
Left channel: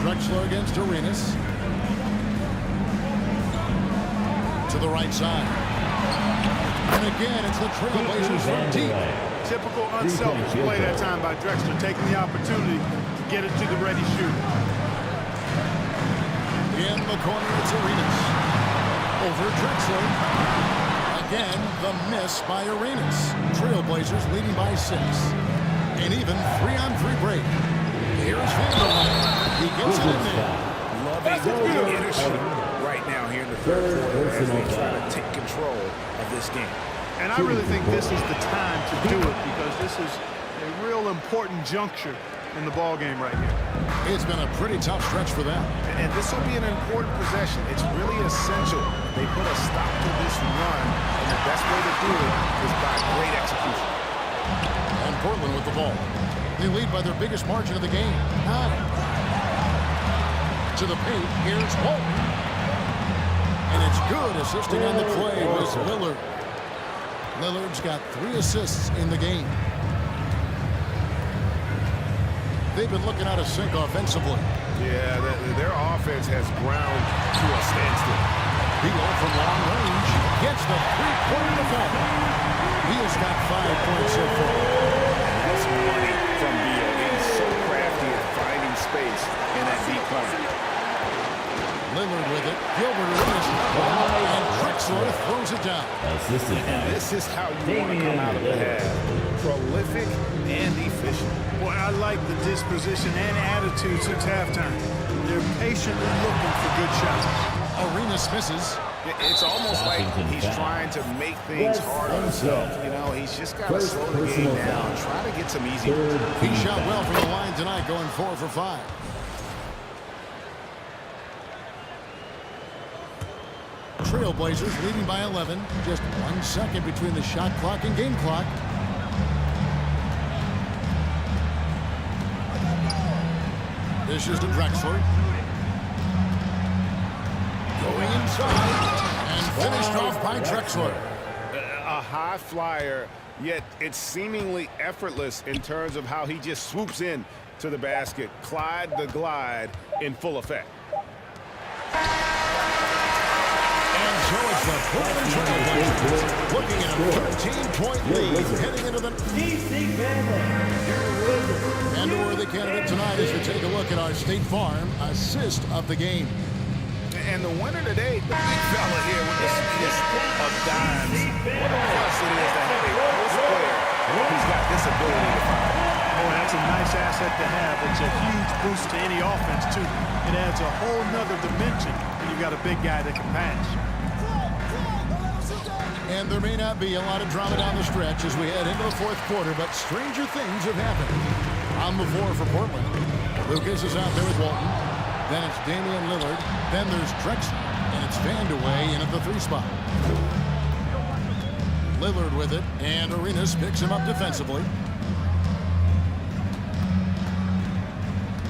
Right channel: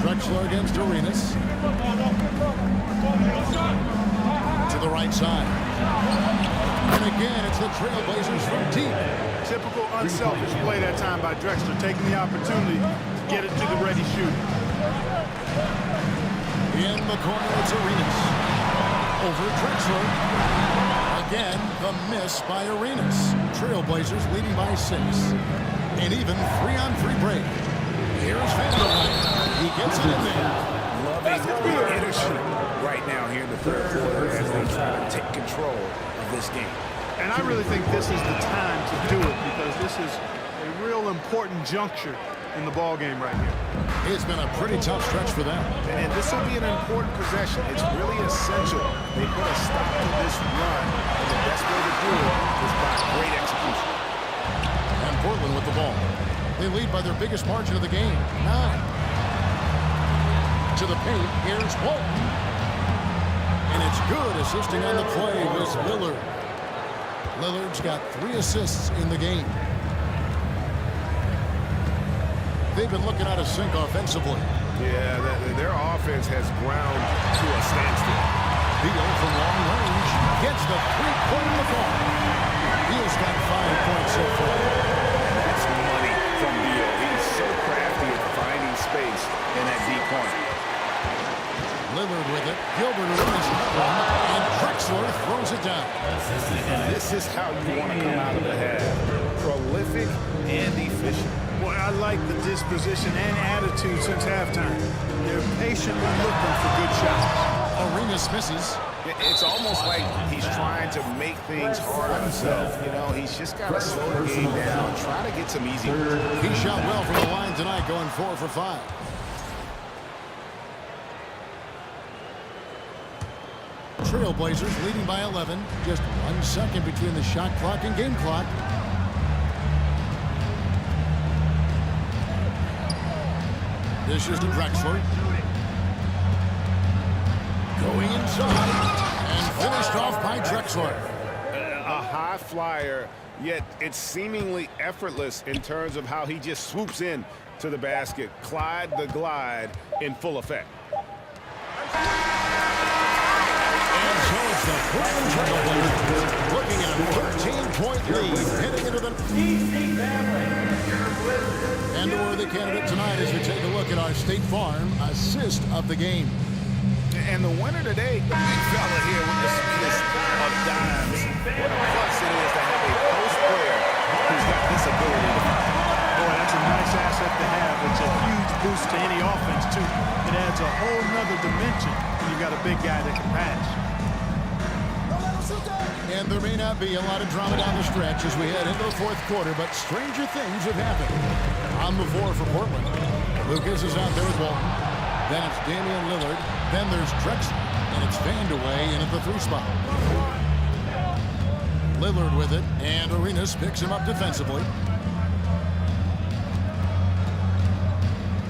Drexler against Arenas. To the right side. And again, it's the Trailblazers from deep. Typical unselfish play that time by Drexler, taking the opportunity to get it to the ready shooter. In the corner, it's Arenas. Over Drexler. Again, the miss by Arenas. Trailblazers leading by 6. And even 3-on-3 break. Here's Vanderbilt. He gets it in there. Loving the energy right now here in the third quarter as they try to take control of this game. And I really think this is the time to do it because this is a real important juncture in the ball game right here. It's been a pretty tough stretch for them. And this will be an important possession. It's really essential. They put a stop to this run, and the best way to do it is by great execution. And Portland with the ball. They lead by their biggest margin of the game, 9. To the paint, here's Walton. And it's good assisting on the play was Lillard. Lillard's got 3 assists in the game. They've been looking out of sync offensively. Yeah, their offense has ground to a standstill. Beal from long range gets the 3-pointer in the fall. Beal's got 5 points so far. And that's money from Beal. He's so crafty at finding space in that deep corner. Lillard with it. Gilbert Arenas covering, and Drexler throws it down. And this is how you want to come out of the half. Prolific and efficient. Boy, I like the disposition and attitude since halftime. They're patiently looking for good shots. Arenas misses. It's almost like he's trying to make things hard on himself. You know, he's just got to slow the game down. Try to get some easy ones. He shot well from the line tonight, going 4 for 5. Trailblazers leading by 11. Just 1 second between the shot clock and game clock. This is to Drexler. Going inside and finished off by Drexler. A high flyer, yet it's seemingly effortless in terms of how he just swoops in to the basket. Clyde the Glide in full effect. And so it's the Portland Trail Blazers looking at a 13-point lead heading into the... And a worthy candidate tonight as we take a look at our State Farm assist of the game. And the winner today, the big fella here with the sweetest of dimes. What a plus it is to have a post player who's got this ability to find. Boy, that's a nice asset to have. It's a huge boost to any offense, too. It adds a whole nother dimension when you've got a big guy that can pass. And there may not be a lot of drama down the stretch as we head into the fourth quarter, but stranger things have happened. On the floor for Portland, Lucas is out there with Walton. Then it's Damian Lillard. Then there's Drexler, and it's Vandeweghe in at the 3 spot. Lillard with it, and Arenas picks him up defensively.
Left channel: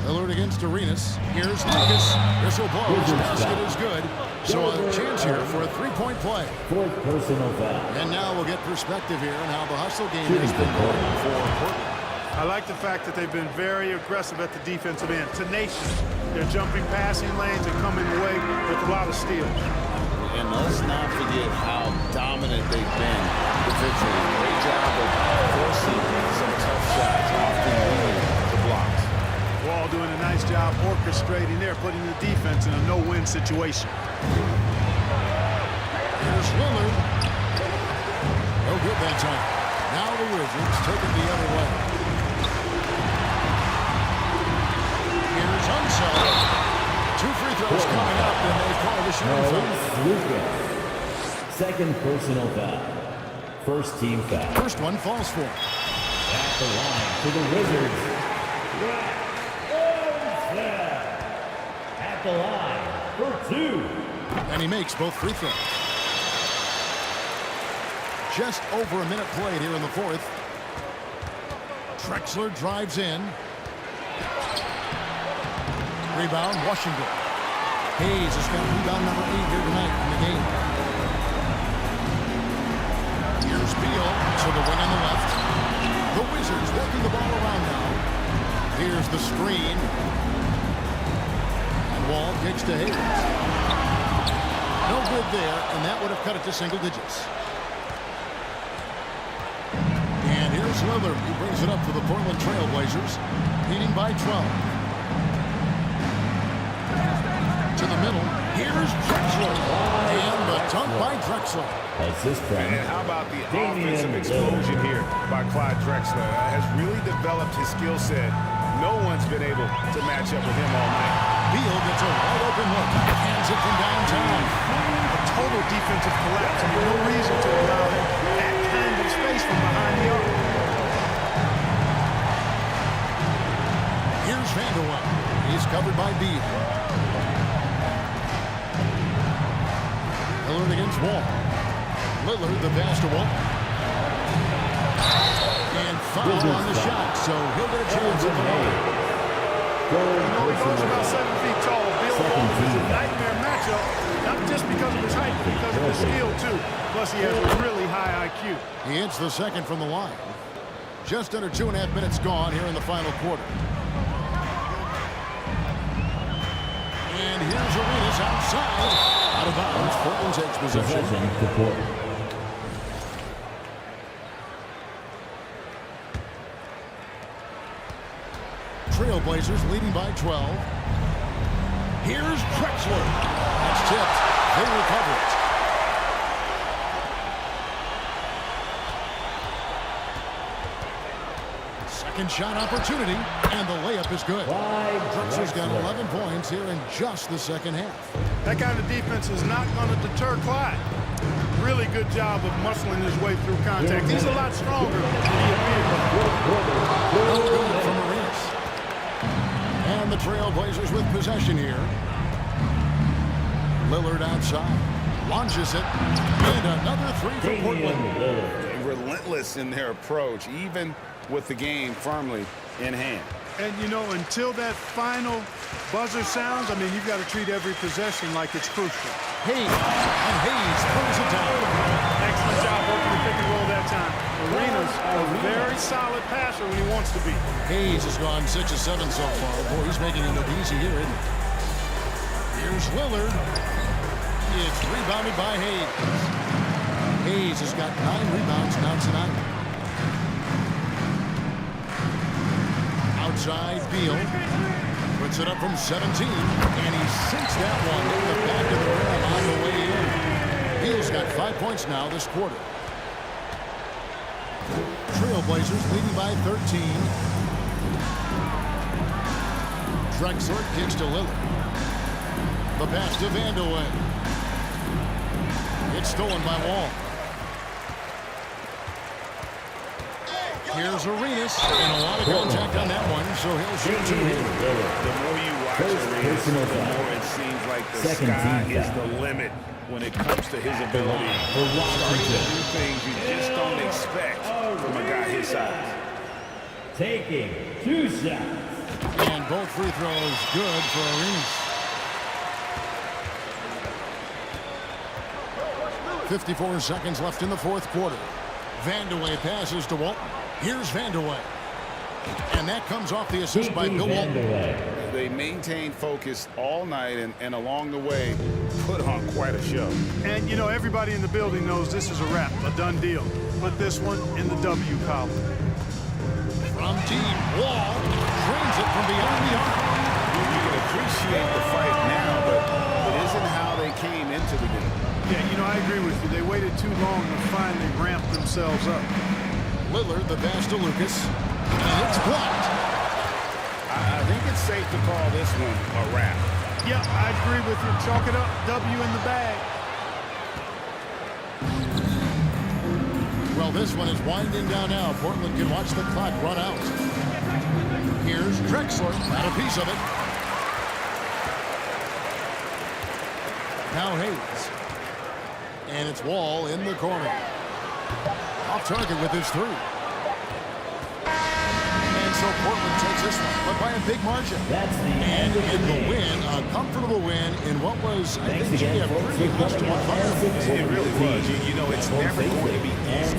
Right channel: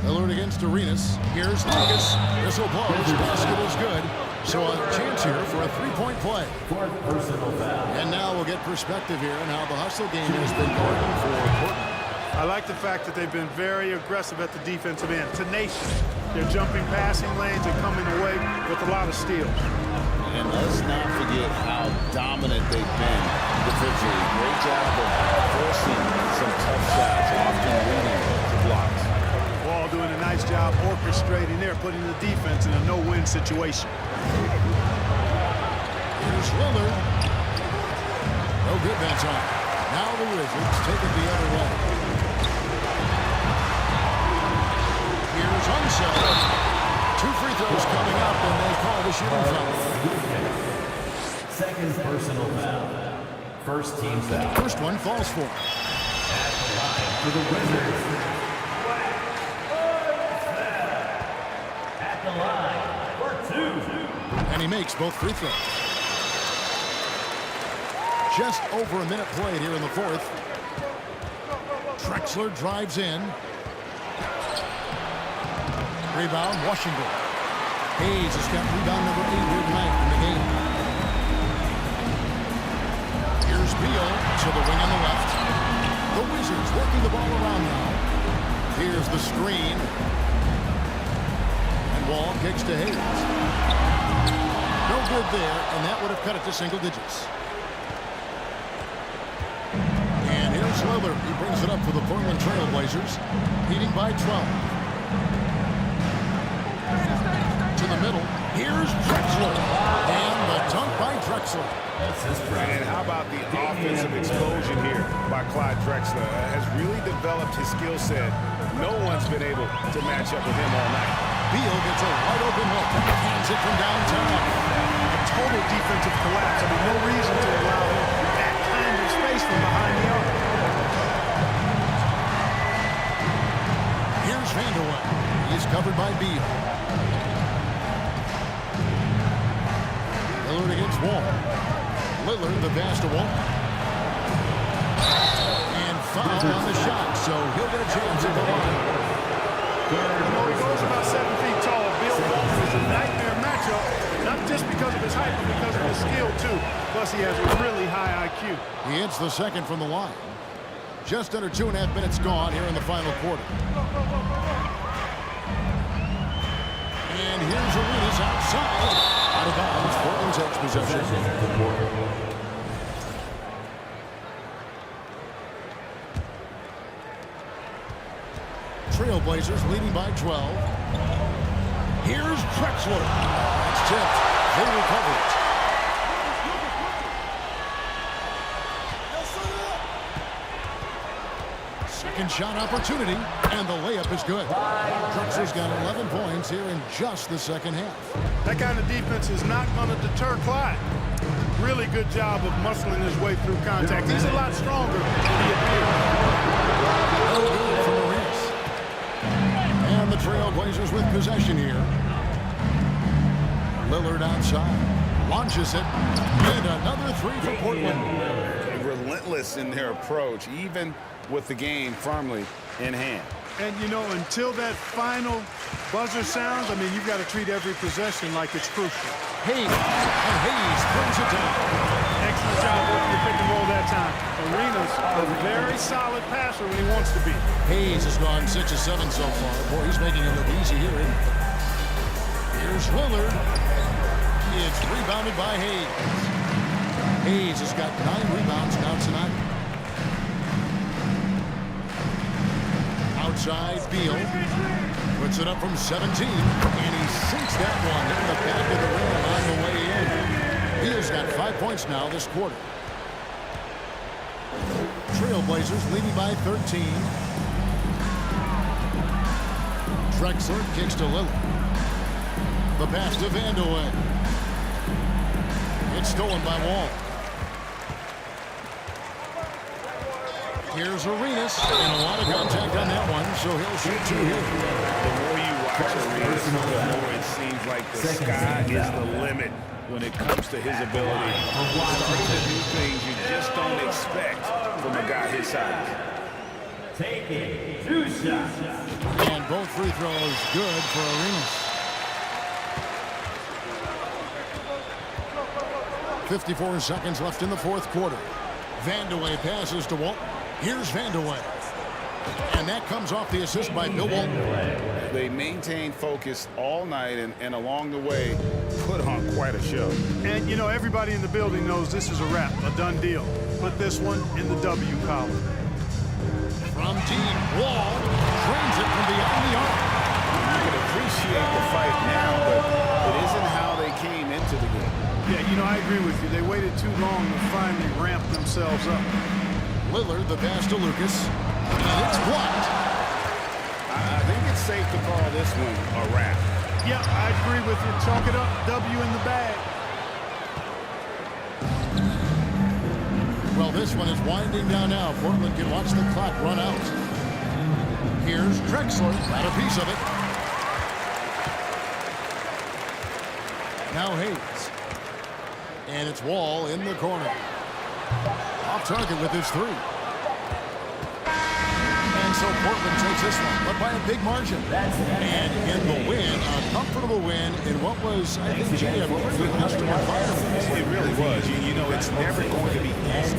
Lillard against Arenas. Here's Lucas. Whistle blows. Basket is good. So a chance here for a 3-point play. Fourth personal foul. And now we'll get perspective here on how the hustle game has been going for Portland. I like the fact that they've been very aggressive at the defensive end. Tenacious. They're jumping passing lanes and coming away with a lot of steals. And let's not forget how dominant they've been defensively. Great job of forcing some tough shots, often leading to blocks. Wall doing a nice job orchestrating there, putting the defense in a no-win situation. Here's Lillard. No good that time. Now the Wizards take it the other way. Here's Unseld. 2 free throws coming up, and they call the shooting foul. Second personal foul. First team foul. First one falls for him. At the line for the Wizards. At the line for 2. And he makes both free throws. Just over a minute played here in the fourth. Drexler drives in. Rebound, Washington. Hayes has got rebound number 8 here tonight in the game. Here's Beal to the wing on the left. The Wizards working the ball around now. Here's the screen. And Wall kicks to Hayes. No good there, and that would have cut it to single digits. And here's Lillard. He brings it up for the Portland Trail Blazers, leading by 12. To the middle. Here's Drexler. And the dunk by Drexler. And how about the offensive explosion here by Clyde Drexler? Has really developed his skill set. No one's been able to match up with him all night. Beal gets a wide open look. Hands it from downtown. A total defensive collapse. I mean, no reason to allow him that kind of space from behind the arc. Here's Vandeweghe. He's covered by Beal. Lillard against Wall. Lillard the pass to Wall. And foul on the shot, so he'll get a chance at the line. You know, he goes about 7 feet tall. Bill Walton is a nightmare matchup, not just because of his height, but because of his skill, too. Plus, he has a really high IQ. He hits the second from the line. Just under 2.5 minutes gone here in the final quarter. And here's Arenas outside. Out of bounds. Portland takes possession. Trailblazers leading by 12. Here's Drexler. That's tipped. They recover it. Second shot opportunity, and the layup is good. Drexler's got 11 points here in just the second half. That kind of defense is not going to deter Clyde. Really good job of muscling his way through contact. He's a lot stronger than he appears. No good from Arenas. And the Trailblazers with possession here. Lillard outside. Launches it. And another 3 for Portland. Relentless in their approach, even with the game firmly in hand. And, you know, until that final buzzer sounds, I mean, you've got to treat every possession like it's crucial. Hayes, and Hayes throws it down. Excellent job working the pick and roll that time. Arenas a very solid passer when he wants to be. Hayes has gone 6 of 7 so far. Boy, he's making it look easy here, isn't he? Here's Lillard. It's rebounded by Hayes. Hayes has got 9 rebounds now tonight. Outside, Beal puts it up from 17, and he sinks that one in the back of the rim on the way in. Beal's got 5 points now this quarter. Trailblazers leading by 13. Drexler kicks to Lillard. The pass to Vandeweghe. It's stolen by Wall. Here's Arenas, and a lot of contact on that one, so he'll shoot 2 here. The more you watch Arenas, the more it seems like the sky is the limit when it comes to his ability. Starting to do things you just don't expect from a guy his size. Taking 2 shots. And both free throws good for Arenas. 54 seconds left in the fourth quarter. Vandeweghe passes to Walton. Here's Vandeweghe. And that comes off the assist by Bill Walton. They maintained focus all night and along the way put on quite a show. And, you know, everybody in the building knows this is a wrap, a done deal. Put this one in the W column. From deep, Wall drains it from beyond the arc. You can appreciate the fight now, but it isn't how they came into the game. Yeah, you know, I agree with you. They waited too long to finally ramp themselves up. Lillard, the pass to Lucas, and it's blocked. I think it's safe to call this one a wrap. Yeah, I agree with you. Chalk it up, W in the bag. Well, this one is winding down now. Portland can watch the clock run out. Here's Drexler, got a piece of it. Now Hayes. And it's Wall in the corner. Off target with his 3. And so Portland takes this one, but by a big margin. And in the win, a comfortable win in what was, I think, Jay, a pretty hostile environment. It really was. You know, it's never going to be easy.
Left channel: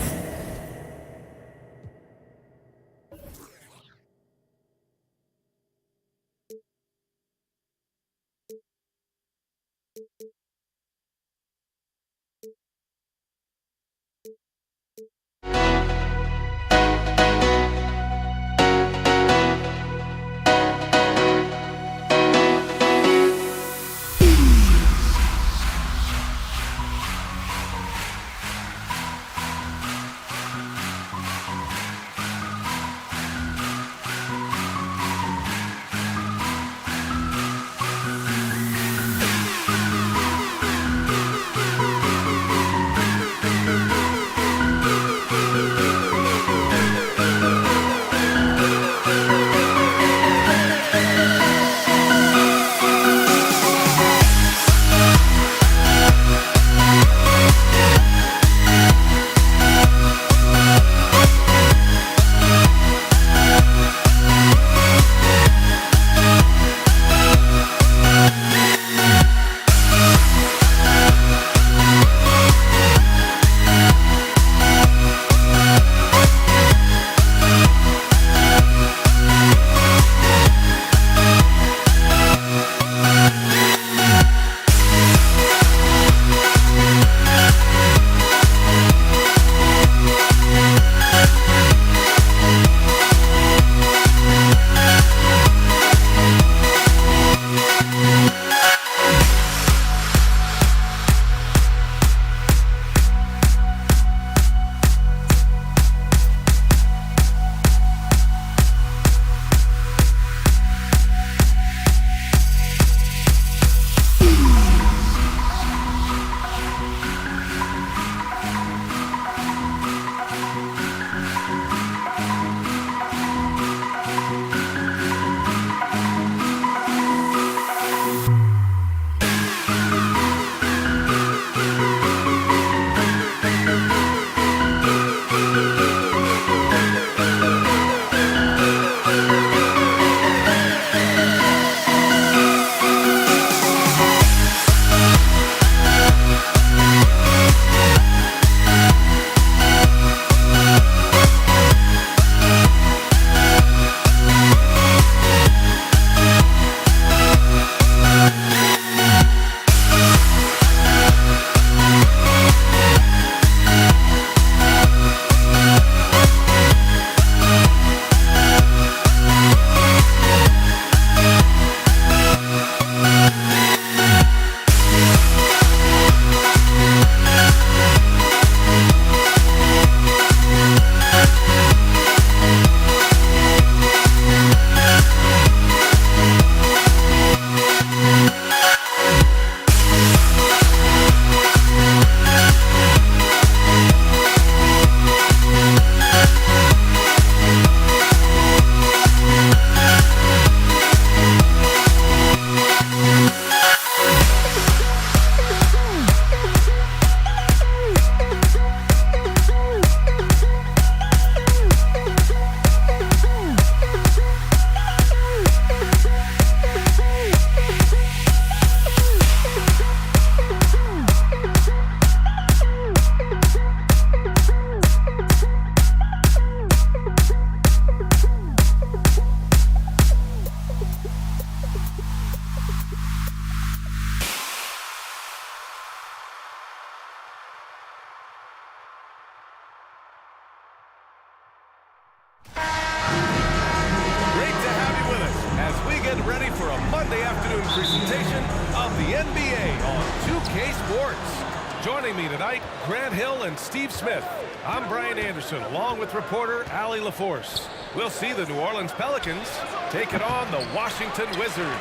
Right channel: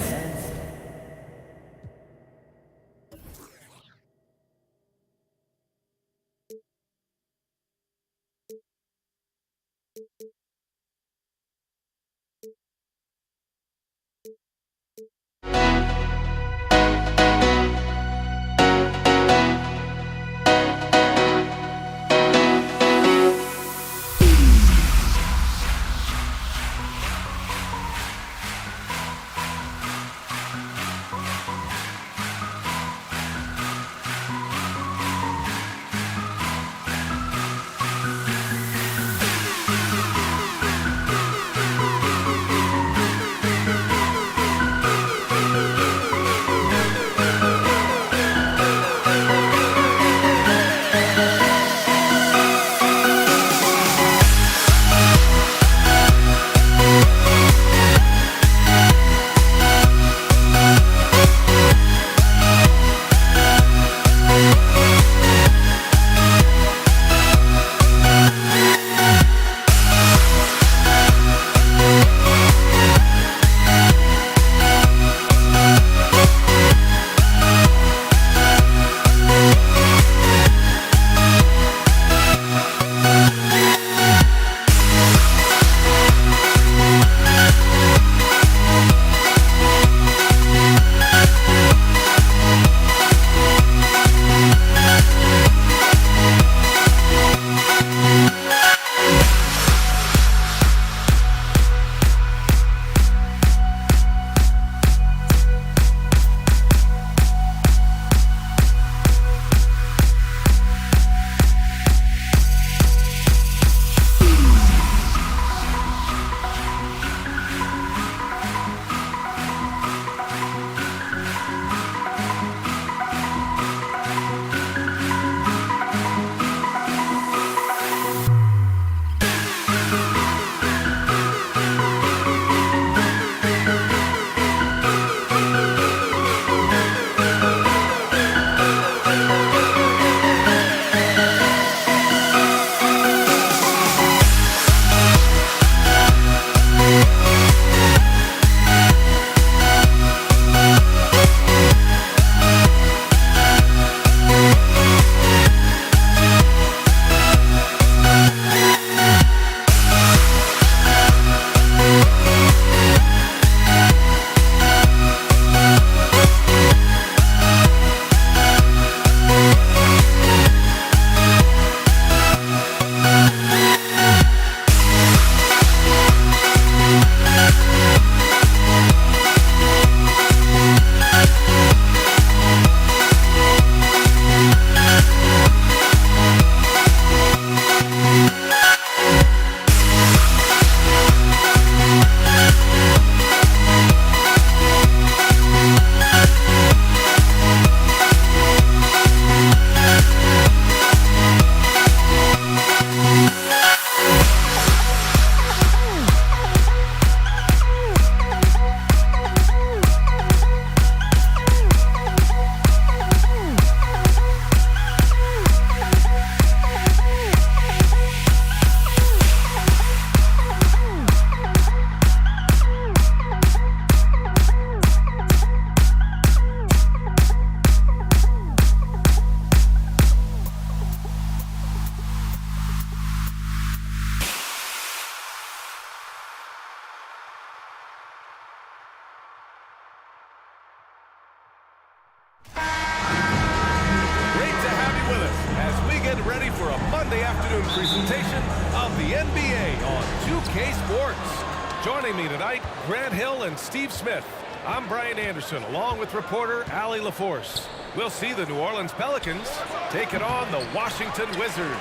as we get ready for a Monday afternoon presentation of the NBA on 2K Sports. Joining me tonight, Grant Hill and Steve Smith. I'm Brian Anderson, along with reporter Allie LaForce. We'll see the New Orleans Pelicans taking on the Washington Wizards.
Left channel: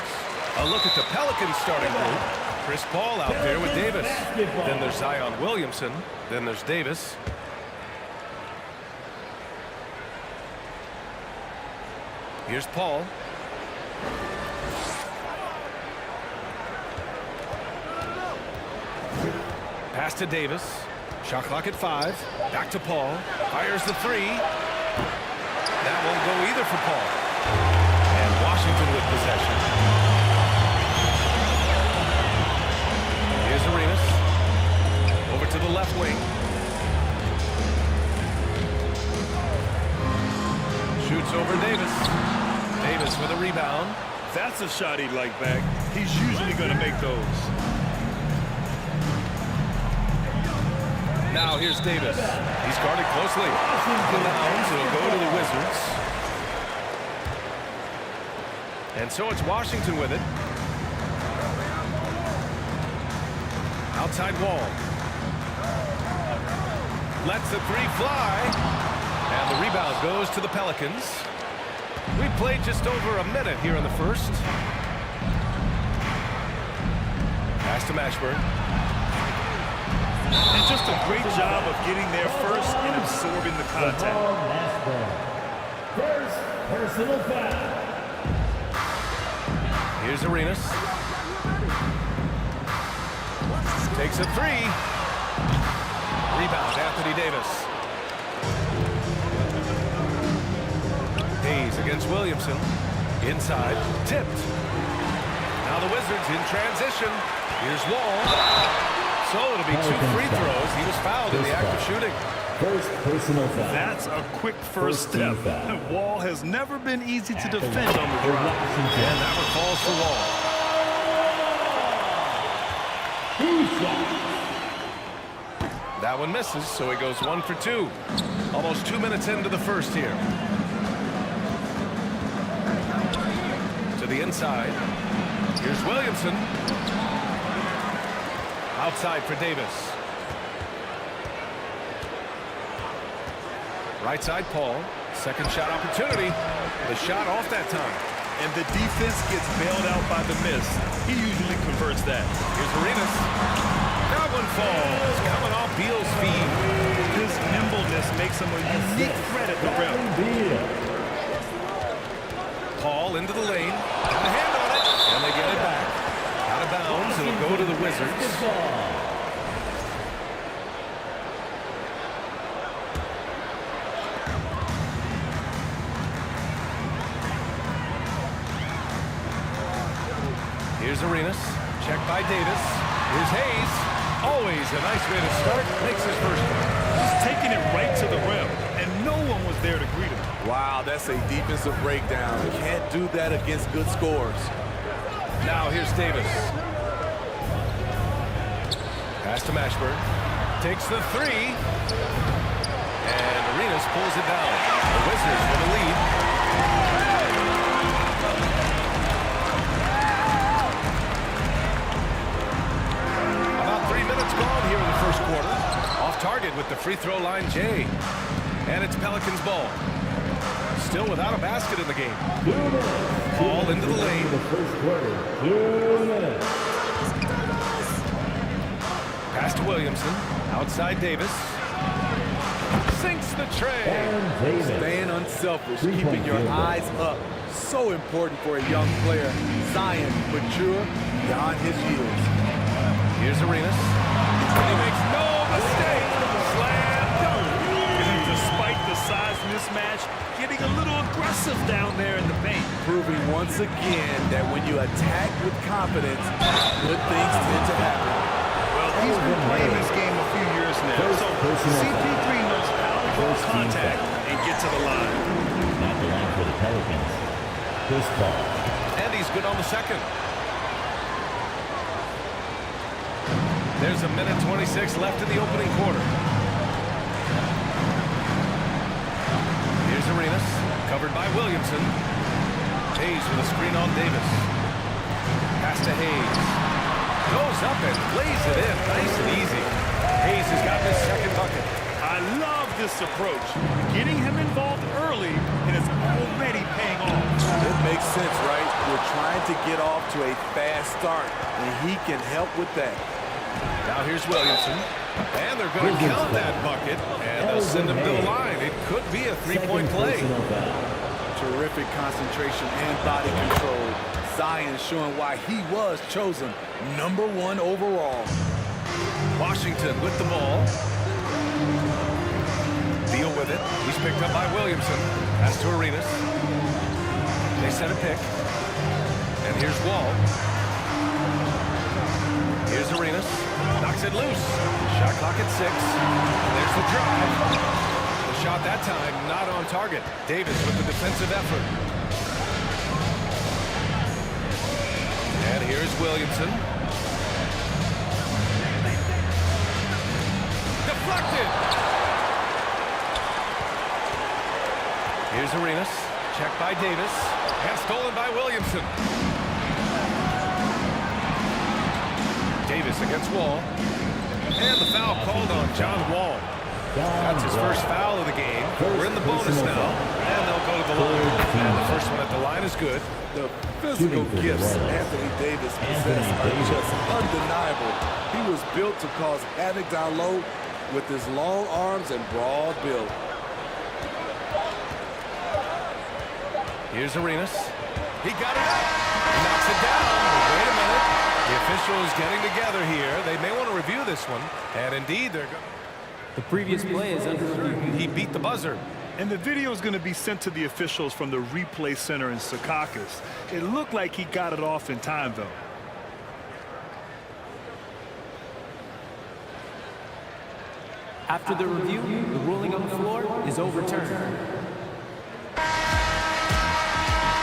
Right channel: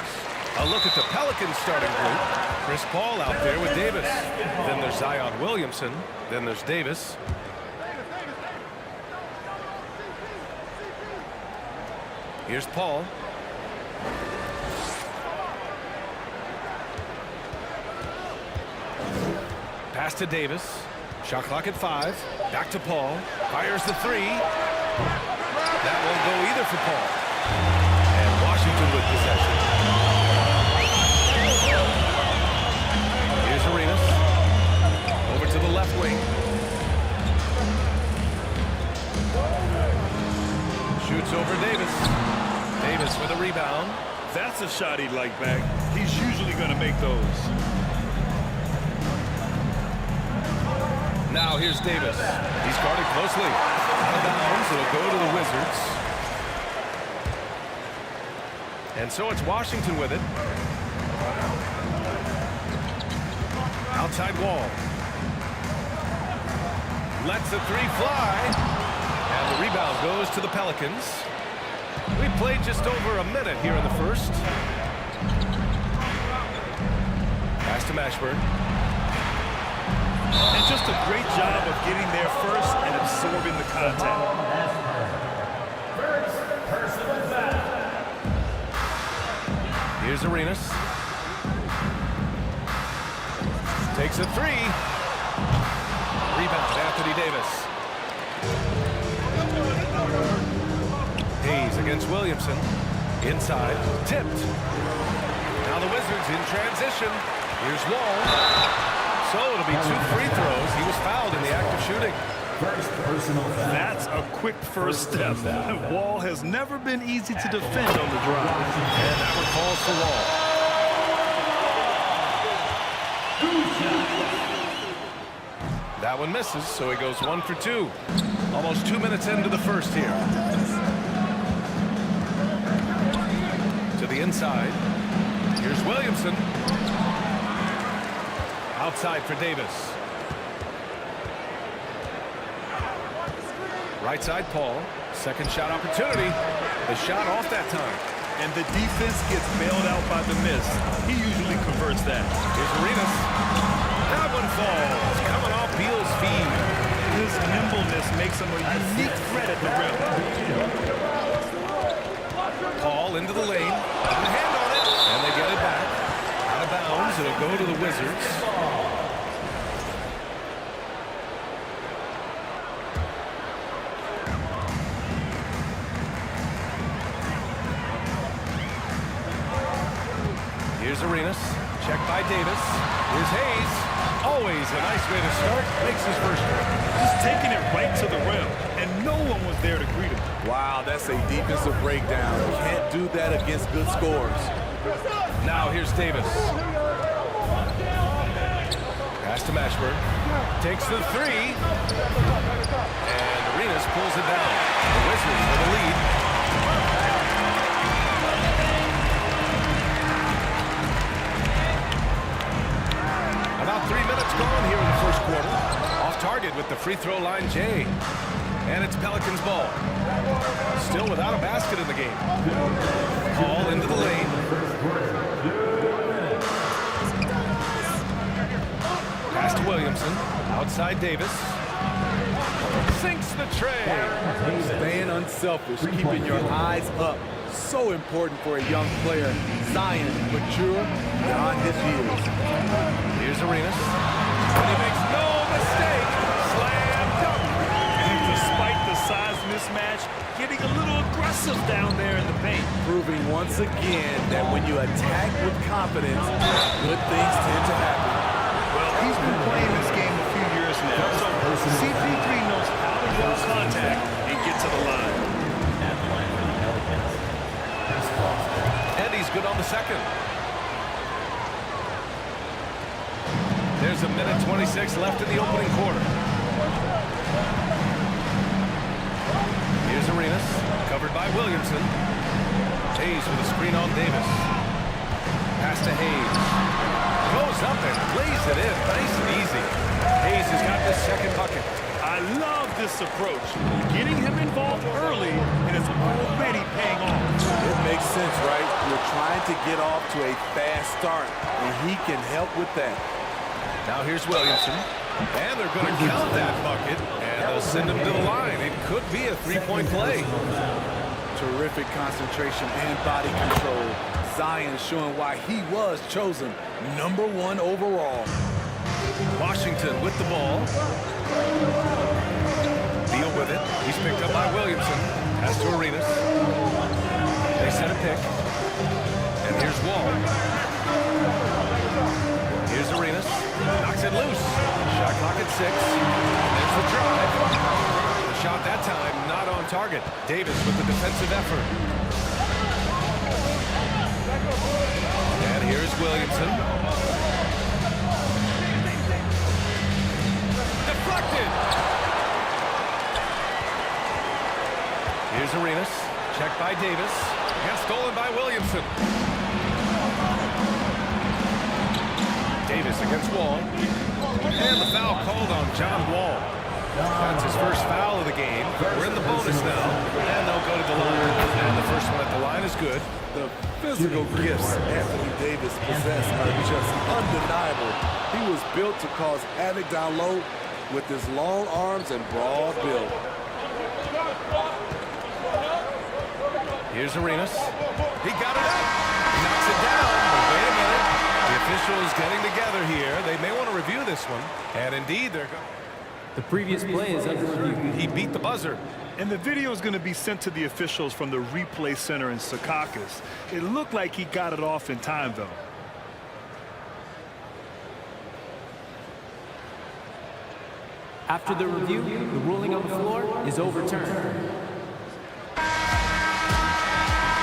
A look at the Pelicans starting group. Chris Paul out there with Davis. Then there's Zion Williamson. Then there's Davis. Here's Paul. Pass to Davis. Shot clock at 5. Back to Paul. Fires the 3. That won't go either for Paul. And Washington with possession. Here's Arenas. Over to the left wing. Shoots over Davis. Davis with a rebound. That's a shot he'd like back. He's usually going to make those. Now here's Davis. He's guarded closely. Out of bounds. It'll go to the Wizards. And so it's Washington with it. Outside Wall. Lets the 3 fly. And the rebound goes to the Pelicans. We played just over a minute here in the first. Pass to Mashburn. And just a great job of getting there first and absorbing the contact. First personal foul. Here's Arenas. Takes a 3. Rebound, Anthony Davis. Hayes against Williamson. Inside, tipped. Now the Wizards in transition. Here's Wall. So it'll be 2 free throws. He was fouled in the act of shooting. First personal foul. That's a quick first step. Wall has never been easy to defend on the drive. And that one calls for Wall. That one misses, so he goes 1 for 2. Almost 2 minutes into the first here. To the inside. Here's Williamson. Outside for Davis. Right side, Paul. Second shot opportunity. The shot off that time. And the defense gets bailed out by the miss. He usually converts that. Here's Arenas. That one falls. Coming off Beal's feed. His nimbleness makes him a unique threat at the rim. Paul into the lane. Got a hand on it. And they get it back. Out of bounds. It'll go to the Wizards. Here's Arenas. Checked by Davis. Here's Hayes. Always a nice way to start. Makes his first one. Just taking it right to the rim. And no one was there to greet him. Wow, that's a defensive breakdown. Can't do that against good scores. Now here's Davis. Pass to Mashburn. Takes the 3. And Arenas pulls it down. The Wizards with a lead. About 3 minutes gone here in the first quarter. Off target with the free throw line, Jay. And it's Pelicans ball. Still without a basket in the game. Paul into the lane. Pass to Williamson. Outside Davis. Sinks the tray. Staying unselfish, keeping your eyes up. So important for a young player. Zion, mature beyond his years. Here's Arenas. And he makes no mistake. Slam dunk. And despite the size mismatch, getting a little aggressive down there in the paint. Proving once again that when you attack with confidence, good things tend to happen. Well, he's been playing this game a few years now, so CP3 knows how to draw contact and get to the line. At the line for the Pelicans, Chris Paul. And he's good on the second. There's a minute 26 left in the opening quarter. Here's Arenas, covered by Williamson. Hayes with a screen on Davis. Pass to Hayes. Goes up and lays it in. Nice and easy. Hayes has got his second bucket. I love this approach. Getting him involved early, and it's already paying off. It makes sense, right? You're trying to get off to a fast start, and he can help with that. Now here's Williamson. And they're going to count that bucket, and they'll send him to the line. It could be a three-point play. Terrific concentration and body control. Zion showing why he was chosen #1 overall. Washington with the ball. Beal with it. He's picked up by Williamson. Pass to Arenas. They set a pick. And here's Wall. Here's Arenas. Knocks it loose. Shot clock at 6. And there's the drive. The shot that time not on target. Davis with the defensive effort. And here's Williamson. Deflected. Here's Arenas. Checked by Davis. And stolen by Williamson. Davis against Wall. And the foul called on John Wall. That's his first foul of the game. We're in the bonus now. And they'll go to the line. And the first one at the line is good. The physical gifts Anthony Davis possesses are just undeniable. He was built to cause havoc down low with his long arms and broad build. Here's Arenas. He got it up. He knocks it down, but wait a minute. The officials getting together here. They may want to review this one. And indeed, they're going. The previous play is under review. He beat the buzzer. And the video is going to be sent to the officials from the replay center in Secaucus. It looked like he got it off in time, though. After the review, the ruling on the floor is overturned.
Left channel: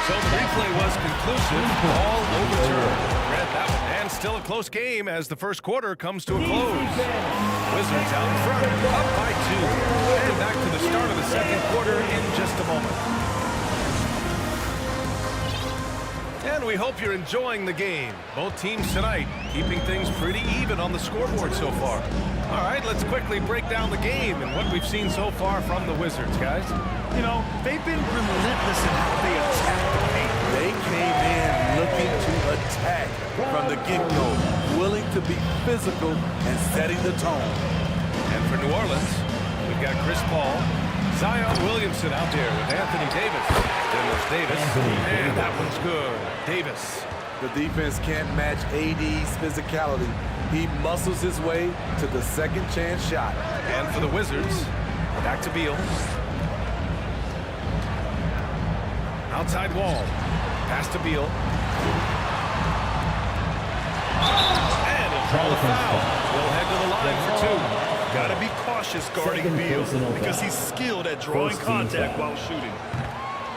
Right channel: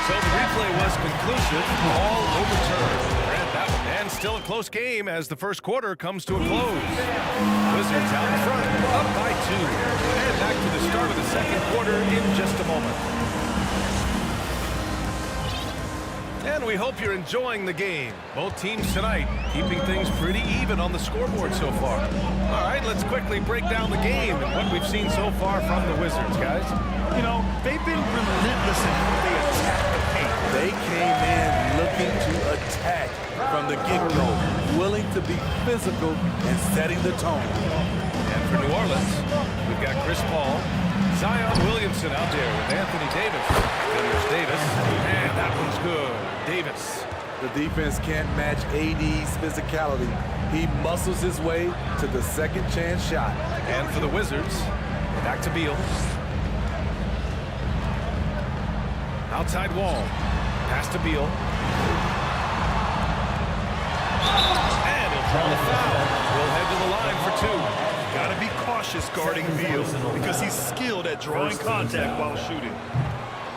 So the replay was conclusive. All overturned. Read that one. And still a close game as the first quarter comes to a close. Wizards out in front, up by 2. And back to the start of the second quarter in just a moment. And we hope you're enjoying the game. Both teams tonight keeping things pretty even on the scoreboard so far. All right, let's quickly break down the game and what we've seen so far from the Wizards, guys. You know, they've been relentless in how they attack the paint. They came in looking to attack from the get-go, willing to be physical and setting the tone. And for New Orleans, we've got Chris Paul, Zion Williamson out there with Anthony Davis. Then there's Davis, and that one's good. Davis. The defense can't match AD's physicality. He muscles his way to the second chance shot. And for the Wizards, back to Beal. Outside Wall. Pass to Beal. And he'll draw the foul. He'll head to the line for 2. Got to be cautious guarding Beal because he's skilled at drawing contact while shooting.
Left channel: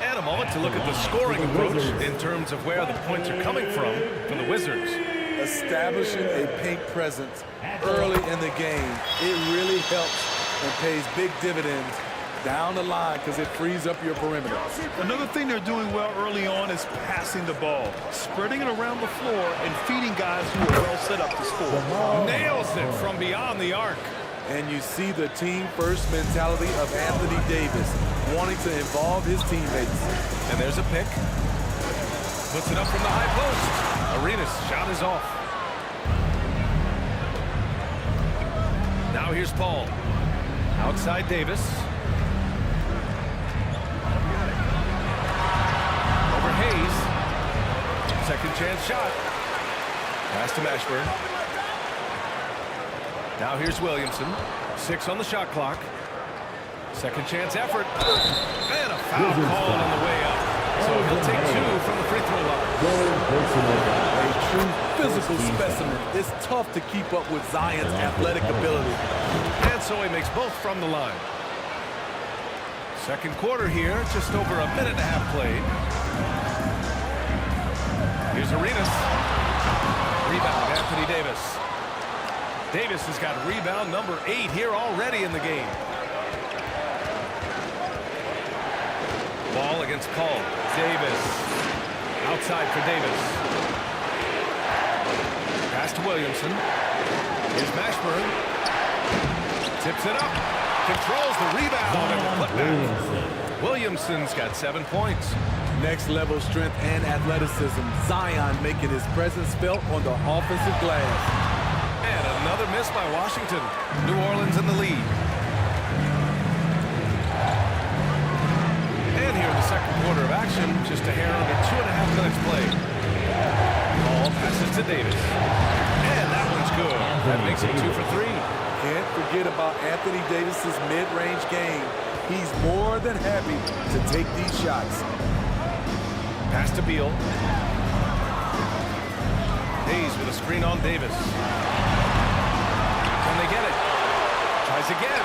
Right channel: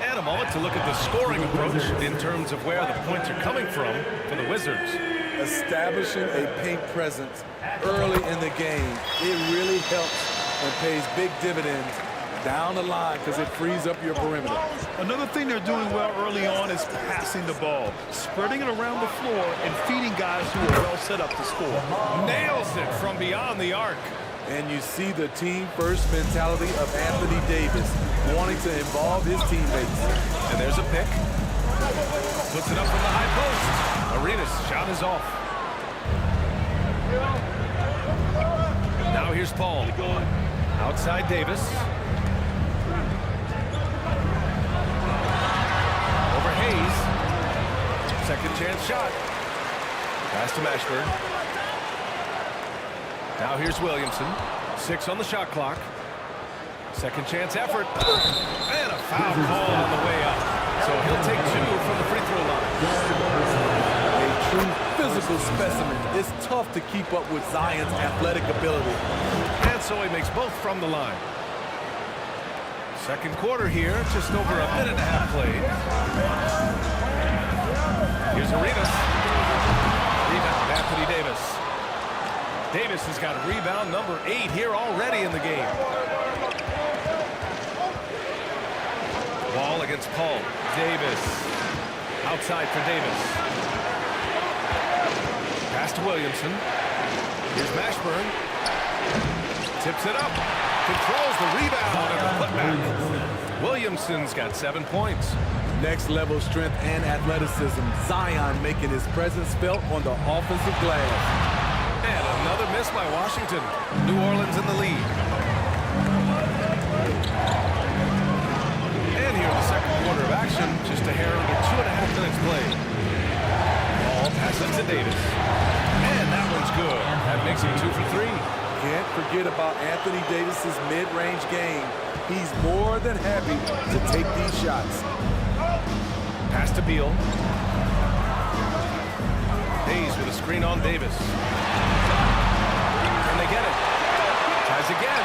And a moment to look at the scoring approach in terms of where the points are coming from for the Wizards. Establishing a paint presence early in the game, it really helps and pays big dividends down the line because it frees up your perimeter. Another thing they're doing well early on is passing the ball, spreading it around the floor and feeding guys who are well set up to score. Nails it from beyond the arc. And you see the team-first mentality of Anthony Davis, wanting to involve his teammates. And there's a pick. Puts it up from the high post. Arenas' shot is off. Now here's Paul. Outside Davis. Over Hayes. Second chance shot. Pass to Mashburn. Now here's Williamson. 6 on the shot clock. Second chance effort. And a foul called on the way up. So he'll take 2 from the free throw line. A true physical specimen. It's tough to keep up with Zion's athletic ability. And so he makes both from the line. Second quarter here, just over a minute and a half played. Here's Arenas. Rebound, Anthony Davis. Davis has got rebound number 8 here already in the game. Ball against Paul. Davis. Outside for Davis. Pass to Williamson. Here's Mashburn. Tips it up. Controls the rebound and the putback. Williamson's got 7 points. Next level strength and athleticism. Zion making his presence felt on the offensive glass. And another miss by Washington. New Orleans in the lead. And here in the second quarter of action, just a hair under 2.5 minutes played. Ball passes to Davis. And that one's good. That makes him 2 for 3. Can't forget about Anthony Davis's mid-range game. He's more than happy to take these shots. Pass to Beal. Hayes with a screen on Davis. Can they get it? Tries again.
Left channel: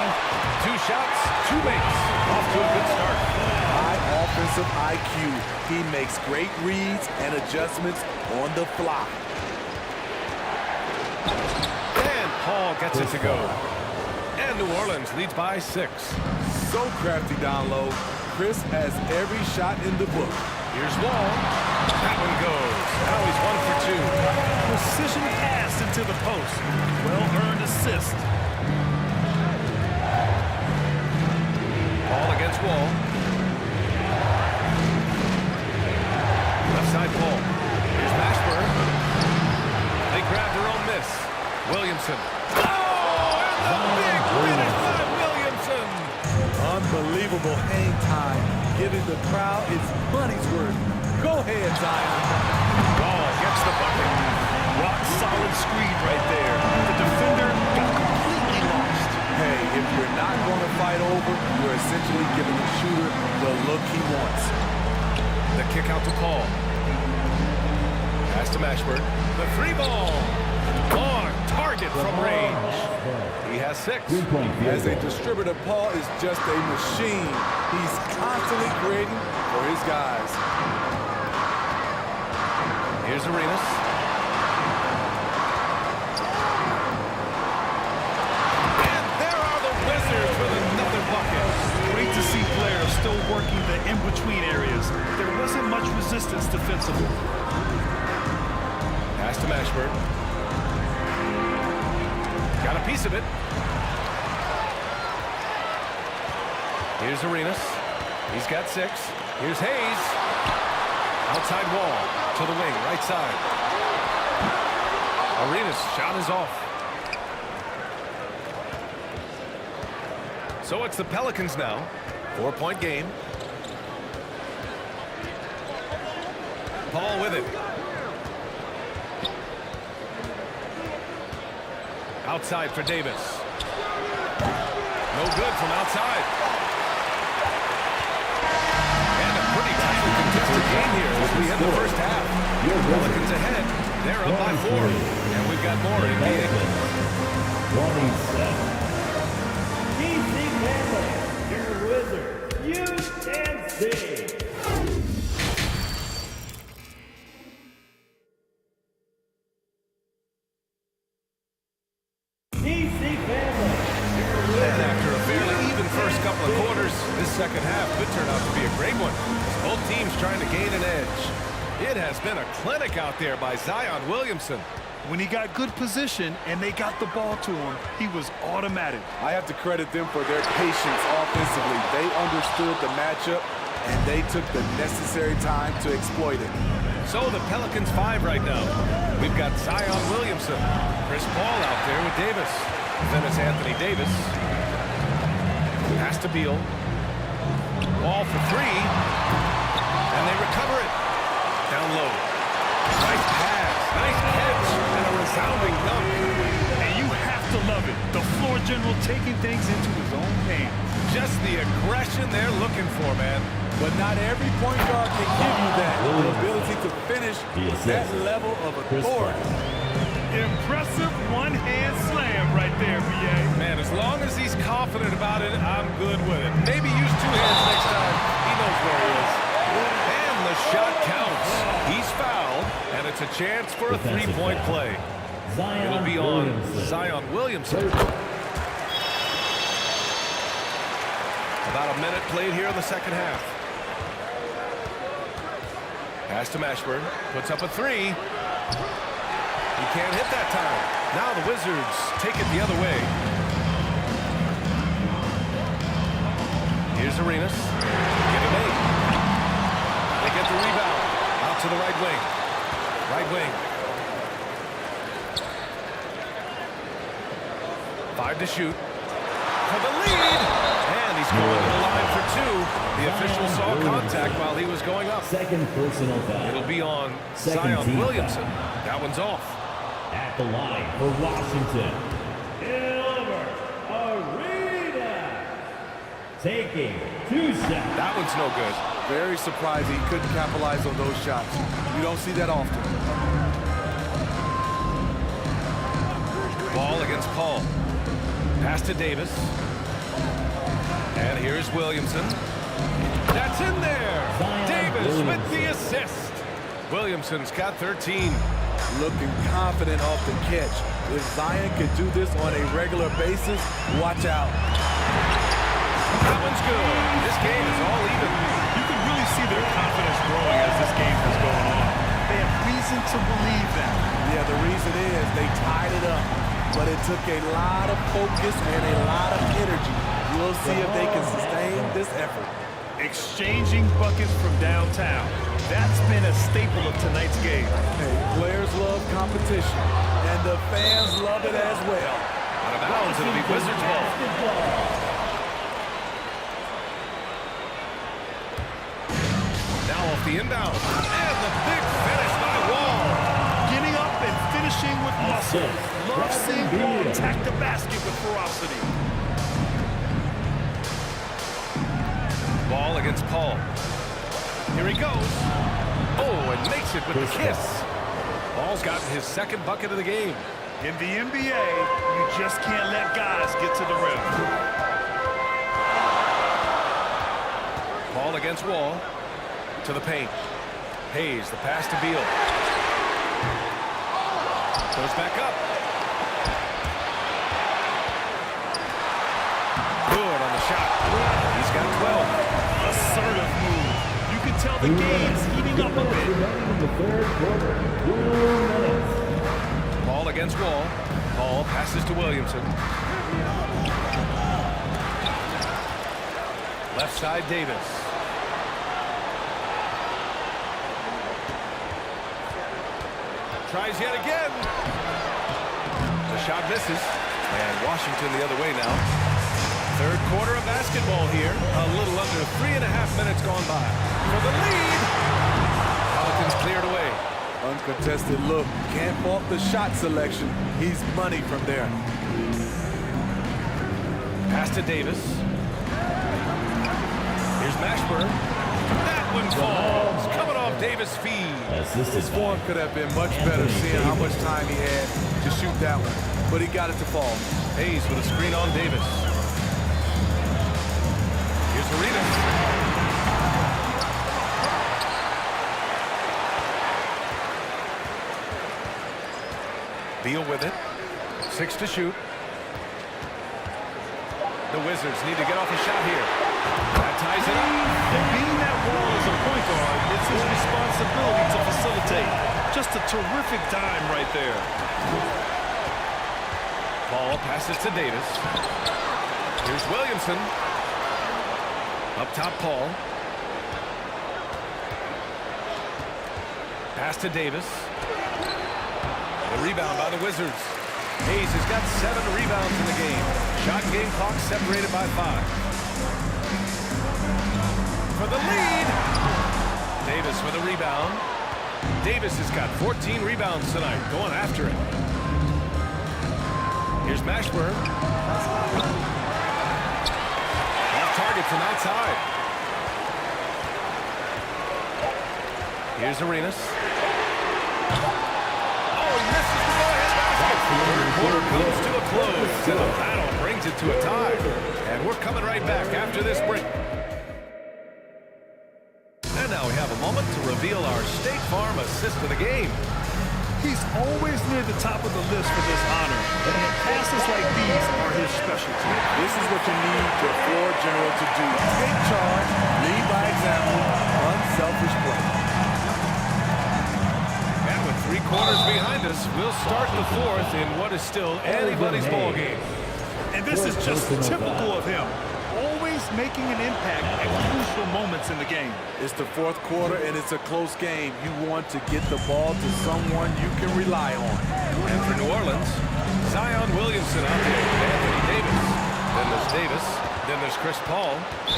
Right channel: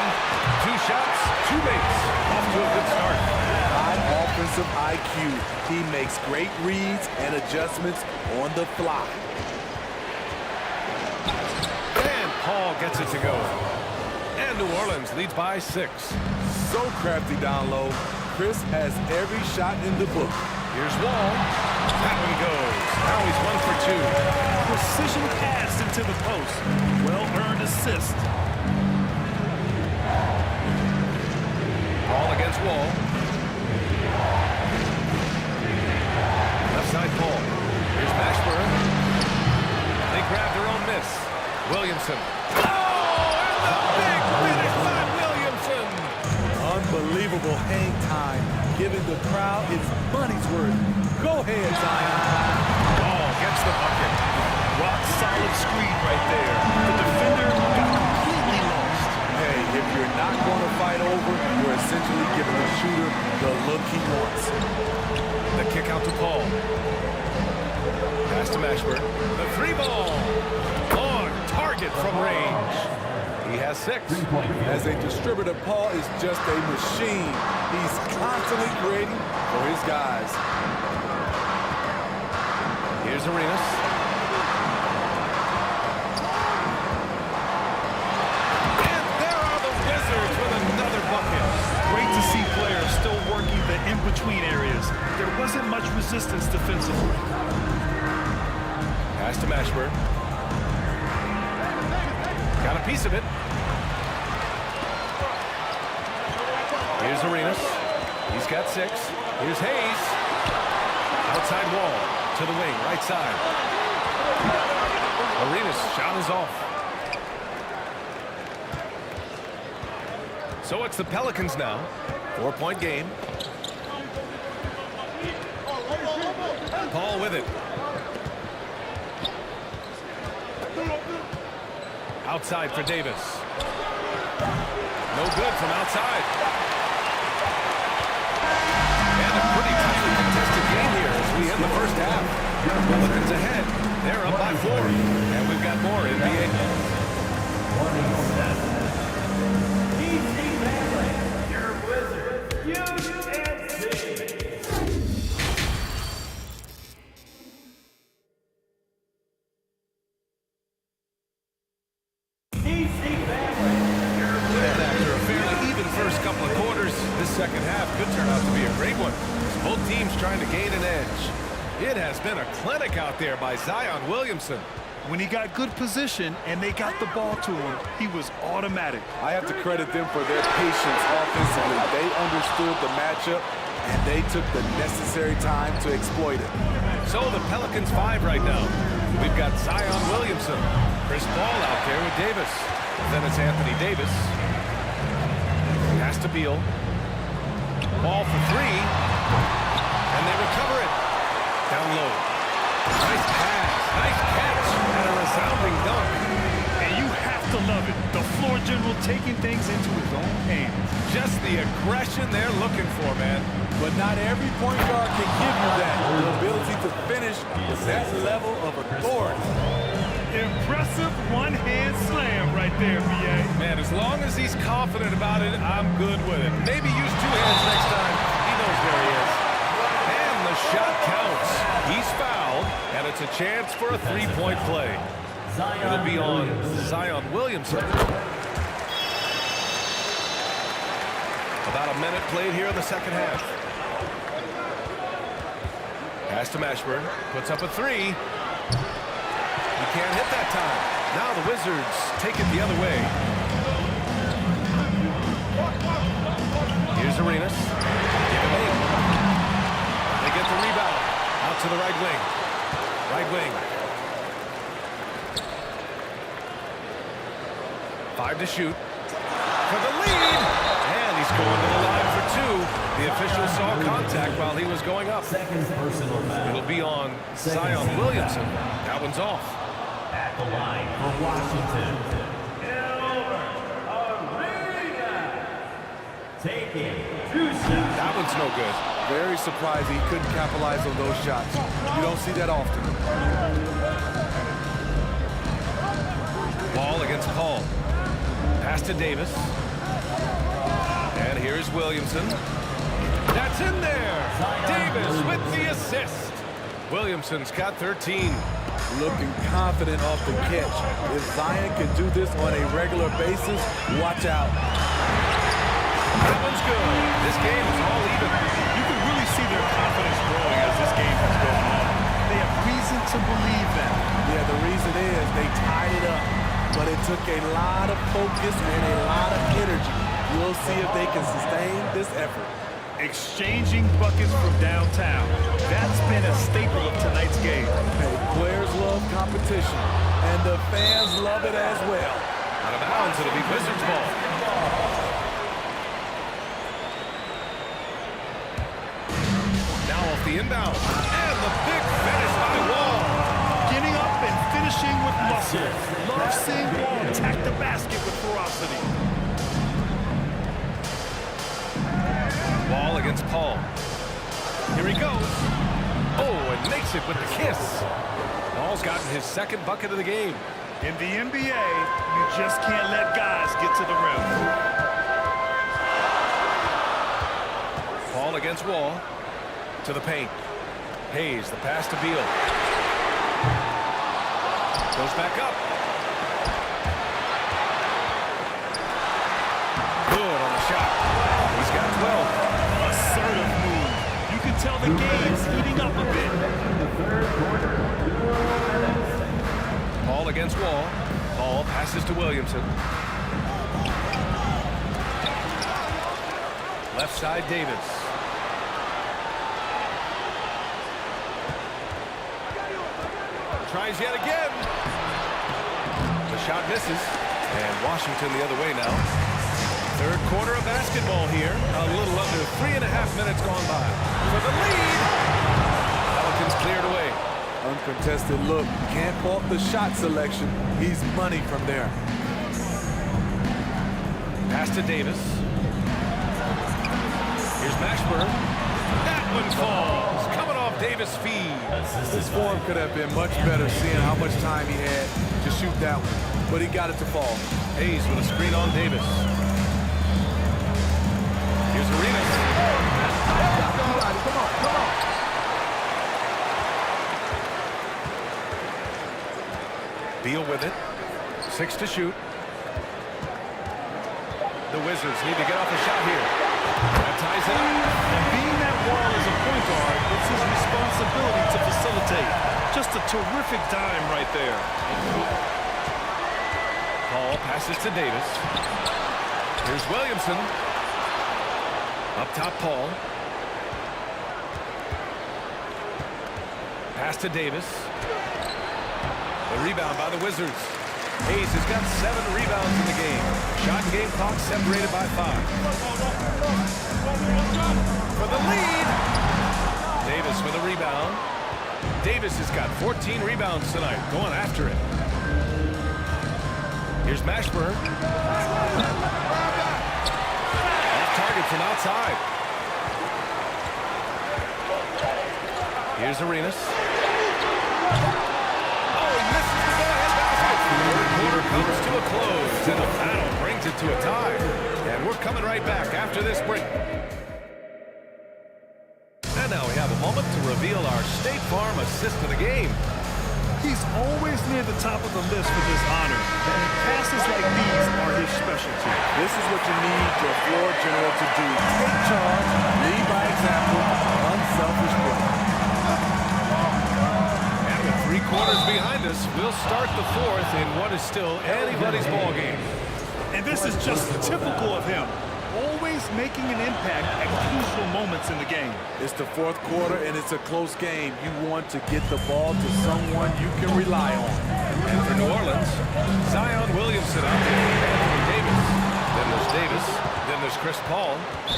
2 shots, 2 makes. Off to a good start. High offensive IQ. He makes great reads and adjustments on the fly. And Paul gets it to go. And New Orleans leads by 6. So crafty down low. Chris has every shot in the book. Here's Wall. That one goes. Now he's 1 for 2. Precision pass into the post. Well-earned assist. Ball against Wall. Left side Paul. Here's Mashburn. They grab their own miss. Williamson. Oh, and the big finish by Williamson. Unbelievable hang time, giving the crowd its money's worth. Go ahead, Zion. Ball gets the bucket. Rock solid screen right there. The defender got completely lost. Hey, if you're not going to fight over, you're essentially giving the shooter the look he wants. The kick out to Paul. Pass to Mashburn. The 3-ball. On target from range. He has 6. As a distributor, Paul is just a machine. He's constantly creating for his guys. Here's Arenas. And there are the Wizards with another bucket. Great to see players still working the in-between areas. There wasn't much resistance defensively. Pass to Mashburn. Got a piece of it. Here's Arenas. He's got 6. Here's Hayes. Outside Wall. To the wing, right side. Arenas' shot is off. So it's the Pelicans now. 4-point game. Paul with it. Outside for Davis. No good from outside. And a pretty tightly contested game here as we end the first half. Pelicans ahead. They're up by 4. And we've got more NBA. 27. PC Family, your Wizard. UNC. And after a fairly even first couple of quarters, this second half could turn out to be a great one. As both teams trying to gain an edge. It has been a clinic out there by Zion Williamson. When he got good position and they got the ball to him, he was automatic. I have to credit them for their patience offensively. They understood the matchup, and they took the necessary time to exploit it. So the Pelicans 5 right now. We've got Zion Williamson. Chris Paul out there with Davis. Then it's Anthony Davis. Pass to Beal. Ball for 3. And they recover it. Down low. Nice pass. Nice catch. And a resounding dunk. And you have to love it. The floor general taking things into his own hands. Just the aggression they're looking for, man. But not every point guard can give you that. The ability to finish with that level of authority. Impressive one-hand slam right there, B.A. Man, as long as he's confident about it, I'm good with it. Maybe use 2 hands next time. He knows where he is. And the shot counts. He's fouled, and it's a chance for a 3-point play. It'll be on Zion Williamson. About a minute played here in the second half. Pass to Mashburn. Puts up a three. He can't hit that time. Now the Wizards take it the other way. Here's Arenas. Give him 8. They get the rebound. Out to the right wing. Right wing. 5 to shoot. For the lead. And he's going to the line for 2. The official saw contact while he was going up. Second personal foul. It'll be on Zion Williamson. That one's off. At the line for Washington. Arena. Taking 2 shots. That one's no good. Very surprised he couldn't capitalize on those shots. You don't see that often. Ball against Paul. Pass to Davis. And here's Williamson. That's in there. Davis with the assist. Williamson's got 13. Looking confident off the catch. If Zion can do this on a regular basis, watch out. That one's good. This game is all even. You can really see their confidence growing as this game has gone on. They have reason to believe that. Yeah, the reason is they tied it up. But it took a lot of focus and a lot of energy. We'll see if they can sustain this effort. Exchanging buckets from downtown. That's been a staple of tonight's game. Hey, players love competition, and the fans love it as well. Out of bounds, it'll be Wizards ball. Now off the inbound. And the big finish by Wall. Getting up and finishing with muscle. Love seeing Wall attack the basket with ferocity. Ball against Paul. Here he goes. Oh, and makes it with the kiss. Paul's gotten his second bucket of the game. In the NBA, you just can't let guys get to the rim. Paul against Wall. To the paint. Hayes, the pass to Beal. Goes back up. Good on the shot. He's got 12. Assertive move. You can tell the game's heating up a bit. The third quarter. 2 minutes. Paul against Wall. Paul passes to Williamson. Left side, Davis. Tries yet again. The shot misses. And Washington the other way now. Third quarter of basketball here. A little under 3.5 minutes gone by. For the lead. Pelicans cleared away. Uncontested look. Can't fault the shot selection. He's money from there. Pass to Davis. Here's Mashburn. That one falls. Coming off Davis' feed. His form could have been much better seeing how much time he had to shoot that one. But he got it to fall. Hayes with a screen on Davis. Here's Arenas. Beal with it. 6 to shoot. The Wizards need to get off a shot here. That ties it up. And being that Wall is a point guard, it's his responsibility to facilitate. Just a terrific dime right there. Paul passes to Davis. Here's Williamson. Up top, Paul. Pass to Davis. The rebound by the Wizards. Hayes has got 7 rebounds in the game. Shot and game clock separated by 5. For the lead. Davis with a rebound. Davis has got 14 rebounds tonight, going after it. Here's Mashburn. Off target from outside. Here's Arenas. Oh, he misses the go-ahead basket. Third quarter comes to a close, and the battle brings it to a tie. And we're coming right back after this break. And now we have a moment to reveal our State Farm assist of the game. He's always near the top of the list for this honor, and passes like these are his specialty. This is what you need your floor general to do. Take charge, lead by example, unselfish play. quarter's behind us. We'll start the fourth in what is still anybody's ball game. And this is just typical of him. Always making an impact at crucial moments in the game. It's the fourth quarter, and it's a close game. You want to get the ball to someone you can rely on. And for New Orleans, Zion Williamson out there with Anthony Davis. Then there's Davis. Then there's Chris Paul.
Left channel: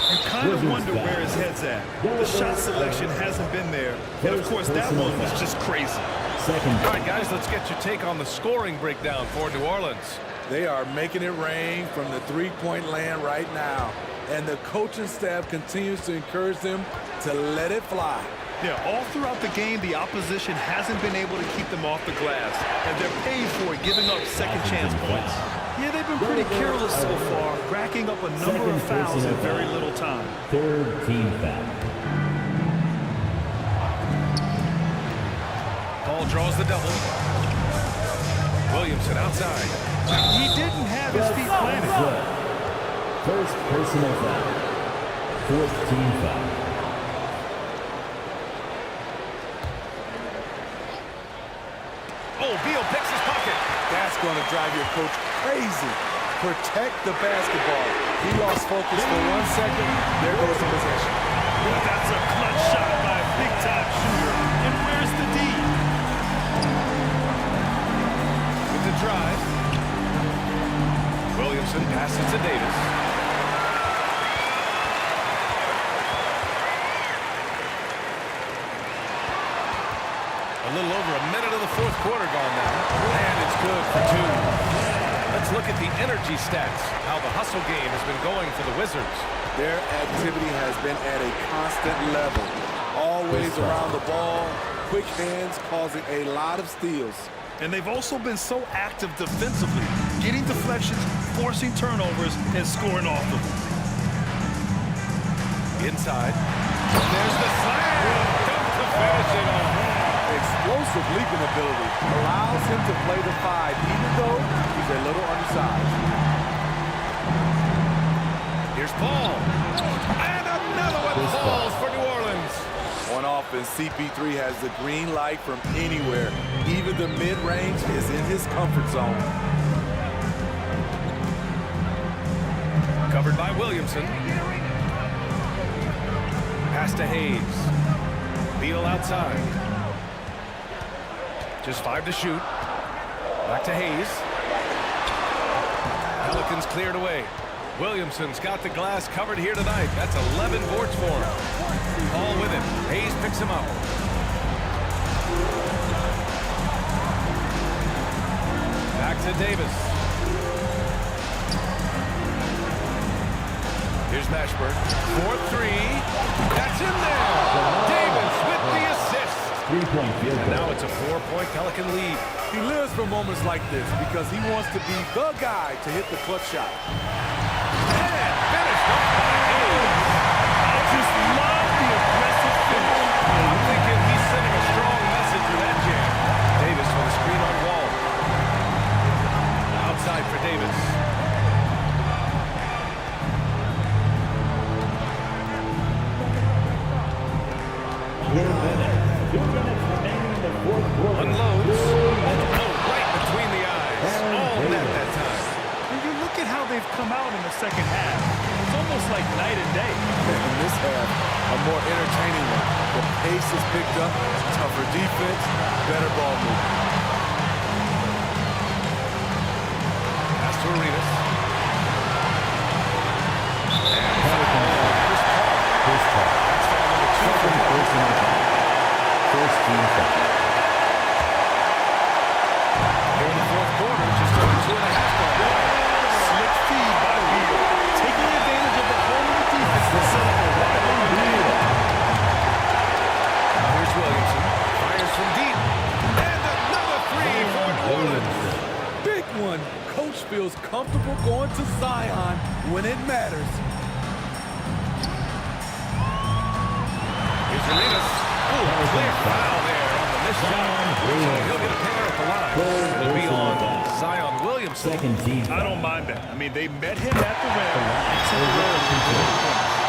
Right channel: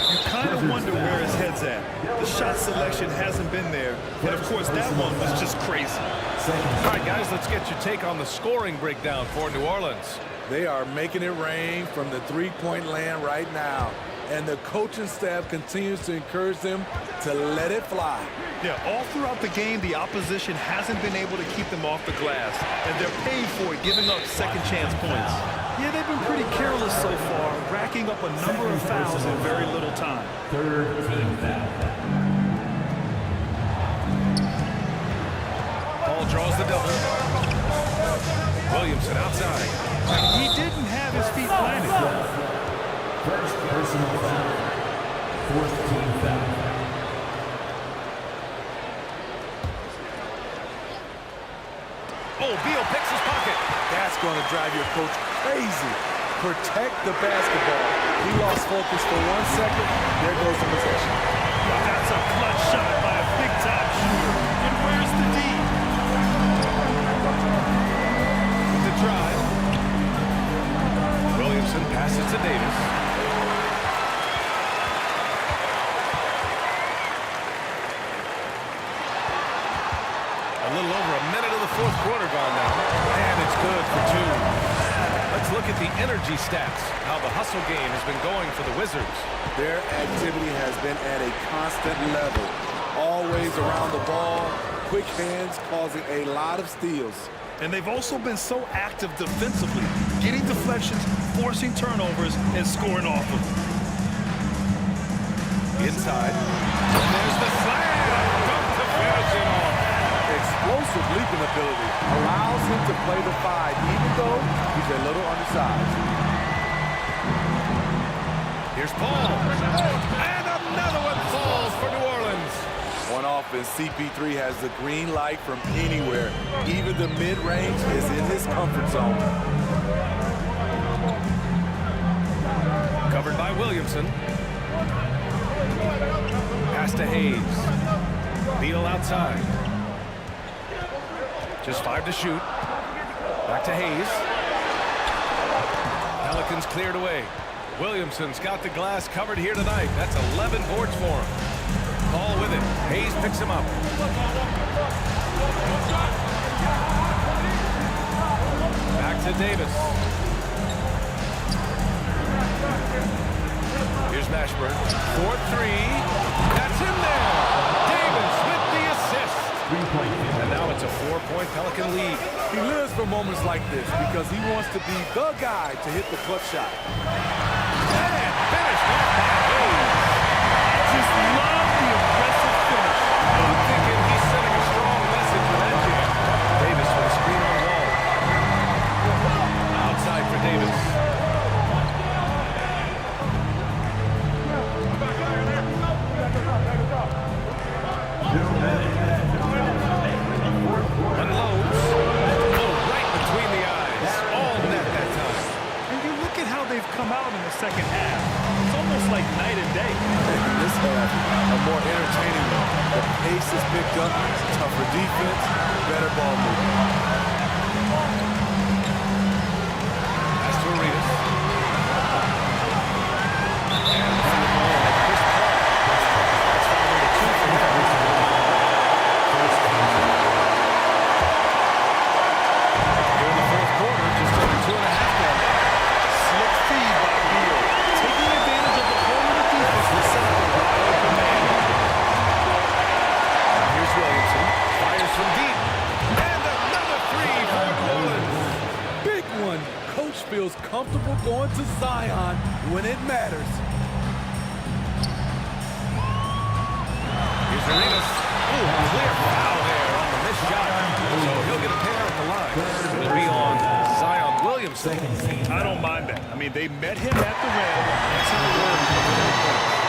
You kind of wonder where his head's at. The shot selection hasn't been there. And, of course, that one was just crazy. All right, guys, let's get your take on the scoring breakdown for New Orleans. They are making it rain from the three-point land right now. And the coaching staff continues to encourage them to let it fly. Yeah, all throughout the game, the opposition hasn't been able to keep them off the glass. And they're paid for it, giving up second chance points. Yeah, they've been pretty careless so far, racking up a number of fouls in very little time. Third team foul. Paul draws the double. Williamson outside. He didn't have his feet planted. First personal foul. Fourth team foul. Oh, Beal picks his pocket. That's going to drive your coach crazy. Protect the basketball. He lost focus for 1 second. There goes the possession. Well, that's a clutch shot by a big-time shooter. And where's the D? With the drive. Williamson passes to Davis. A little over a minute of the fourth quarter gone now. And it's good for two. Let's look at the energy stats, how the hustle game has been going for the Wizards. Their activity has been at a constant level. Always around the ball, quick hands causing a lot of steals. And they've also been so active defensively, getting deflections, forcing turnovers, and scoring off of them. Inside. And there's the slam. Dunk to finish it off. Explosive leaping ability allows him to play the five, even though he's a little undersized. Here's Paul. And another one falls for New Orleans. On offense, CP3 has the green light from anywhere. Even the mid-range is in his comfort zone. Covered by Williamson. Pass to Hayes. Beal outside. Just 5 to shoot. Back to Hayes. Pelicans cleared away. Williamson's got the glass covered here tonight. That's 11 boards for him. Paul with it. Hayes picks him up. Back to Davis. Here's Mashburn. 4-3. That's in there. Davis with the assist. And now it's a 4-point Pelican lead. He lives for moments like this because he wants to be the guy to hit the clutch shot. And finished off by Hayes. I just love the aggressive finish. I'm thinking he's sending a strong message with that jam. Davis with a screen on Wall. Outside for Davis. Unloads. Oh, right between the eyes. All net that time. And you look at how they've come out in the second half. It's almost like night and day. In this half, a more entertaining one. The pace is picked up, tougher defense, better ball movement. Pass to Arenas. And the foul ball on Chris Paul. That's foul number 2 for him. First team foul. Here in the fourth quarter, just over 2.5 gone by. Slick feed by Beal, taking advantage of the hole in the defense to set up a wide open man. Now here's Williamson. Fires from deep. And another 3 for New Orleans. Big one. Coach feels comfortable going to Zion when it matters. Here's Arenas. Ooh, clear foul there on the missed shot. So he'll get a pair at the line. It'll be on Zion Williamson. I don't mind that. I mean, they met him at the rim and temporarily prevented the points.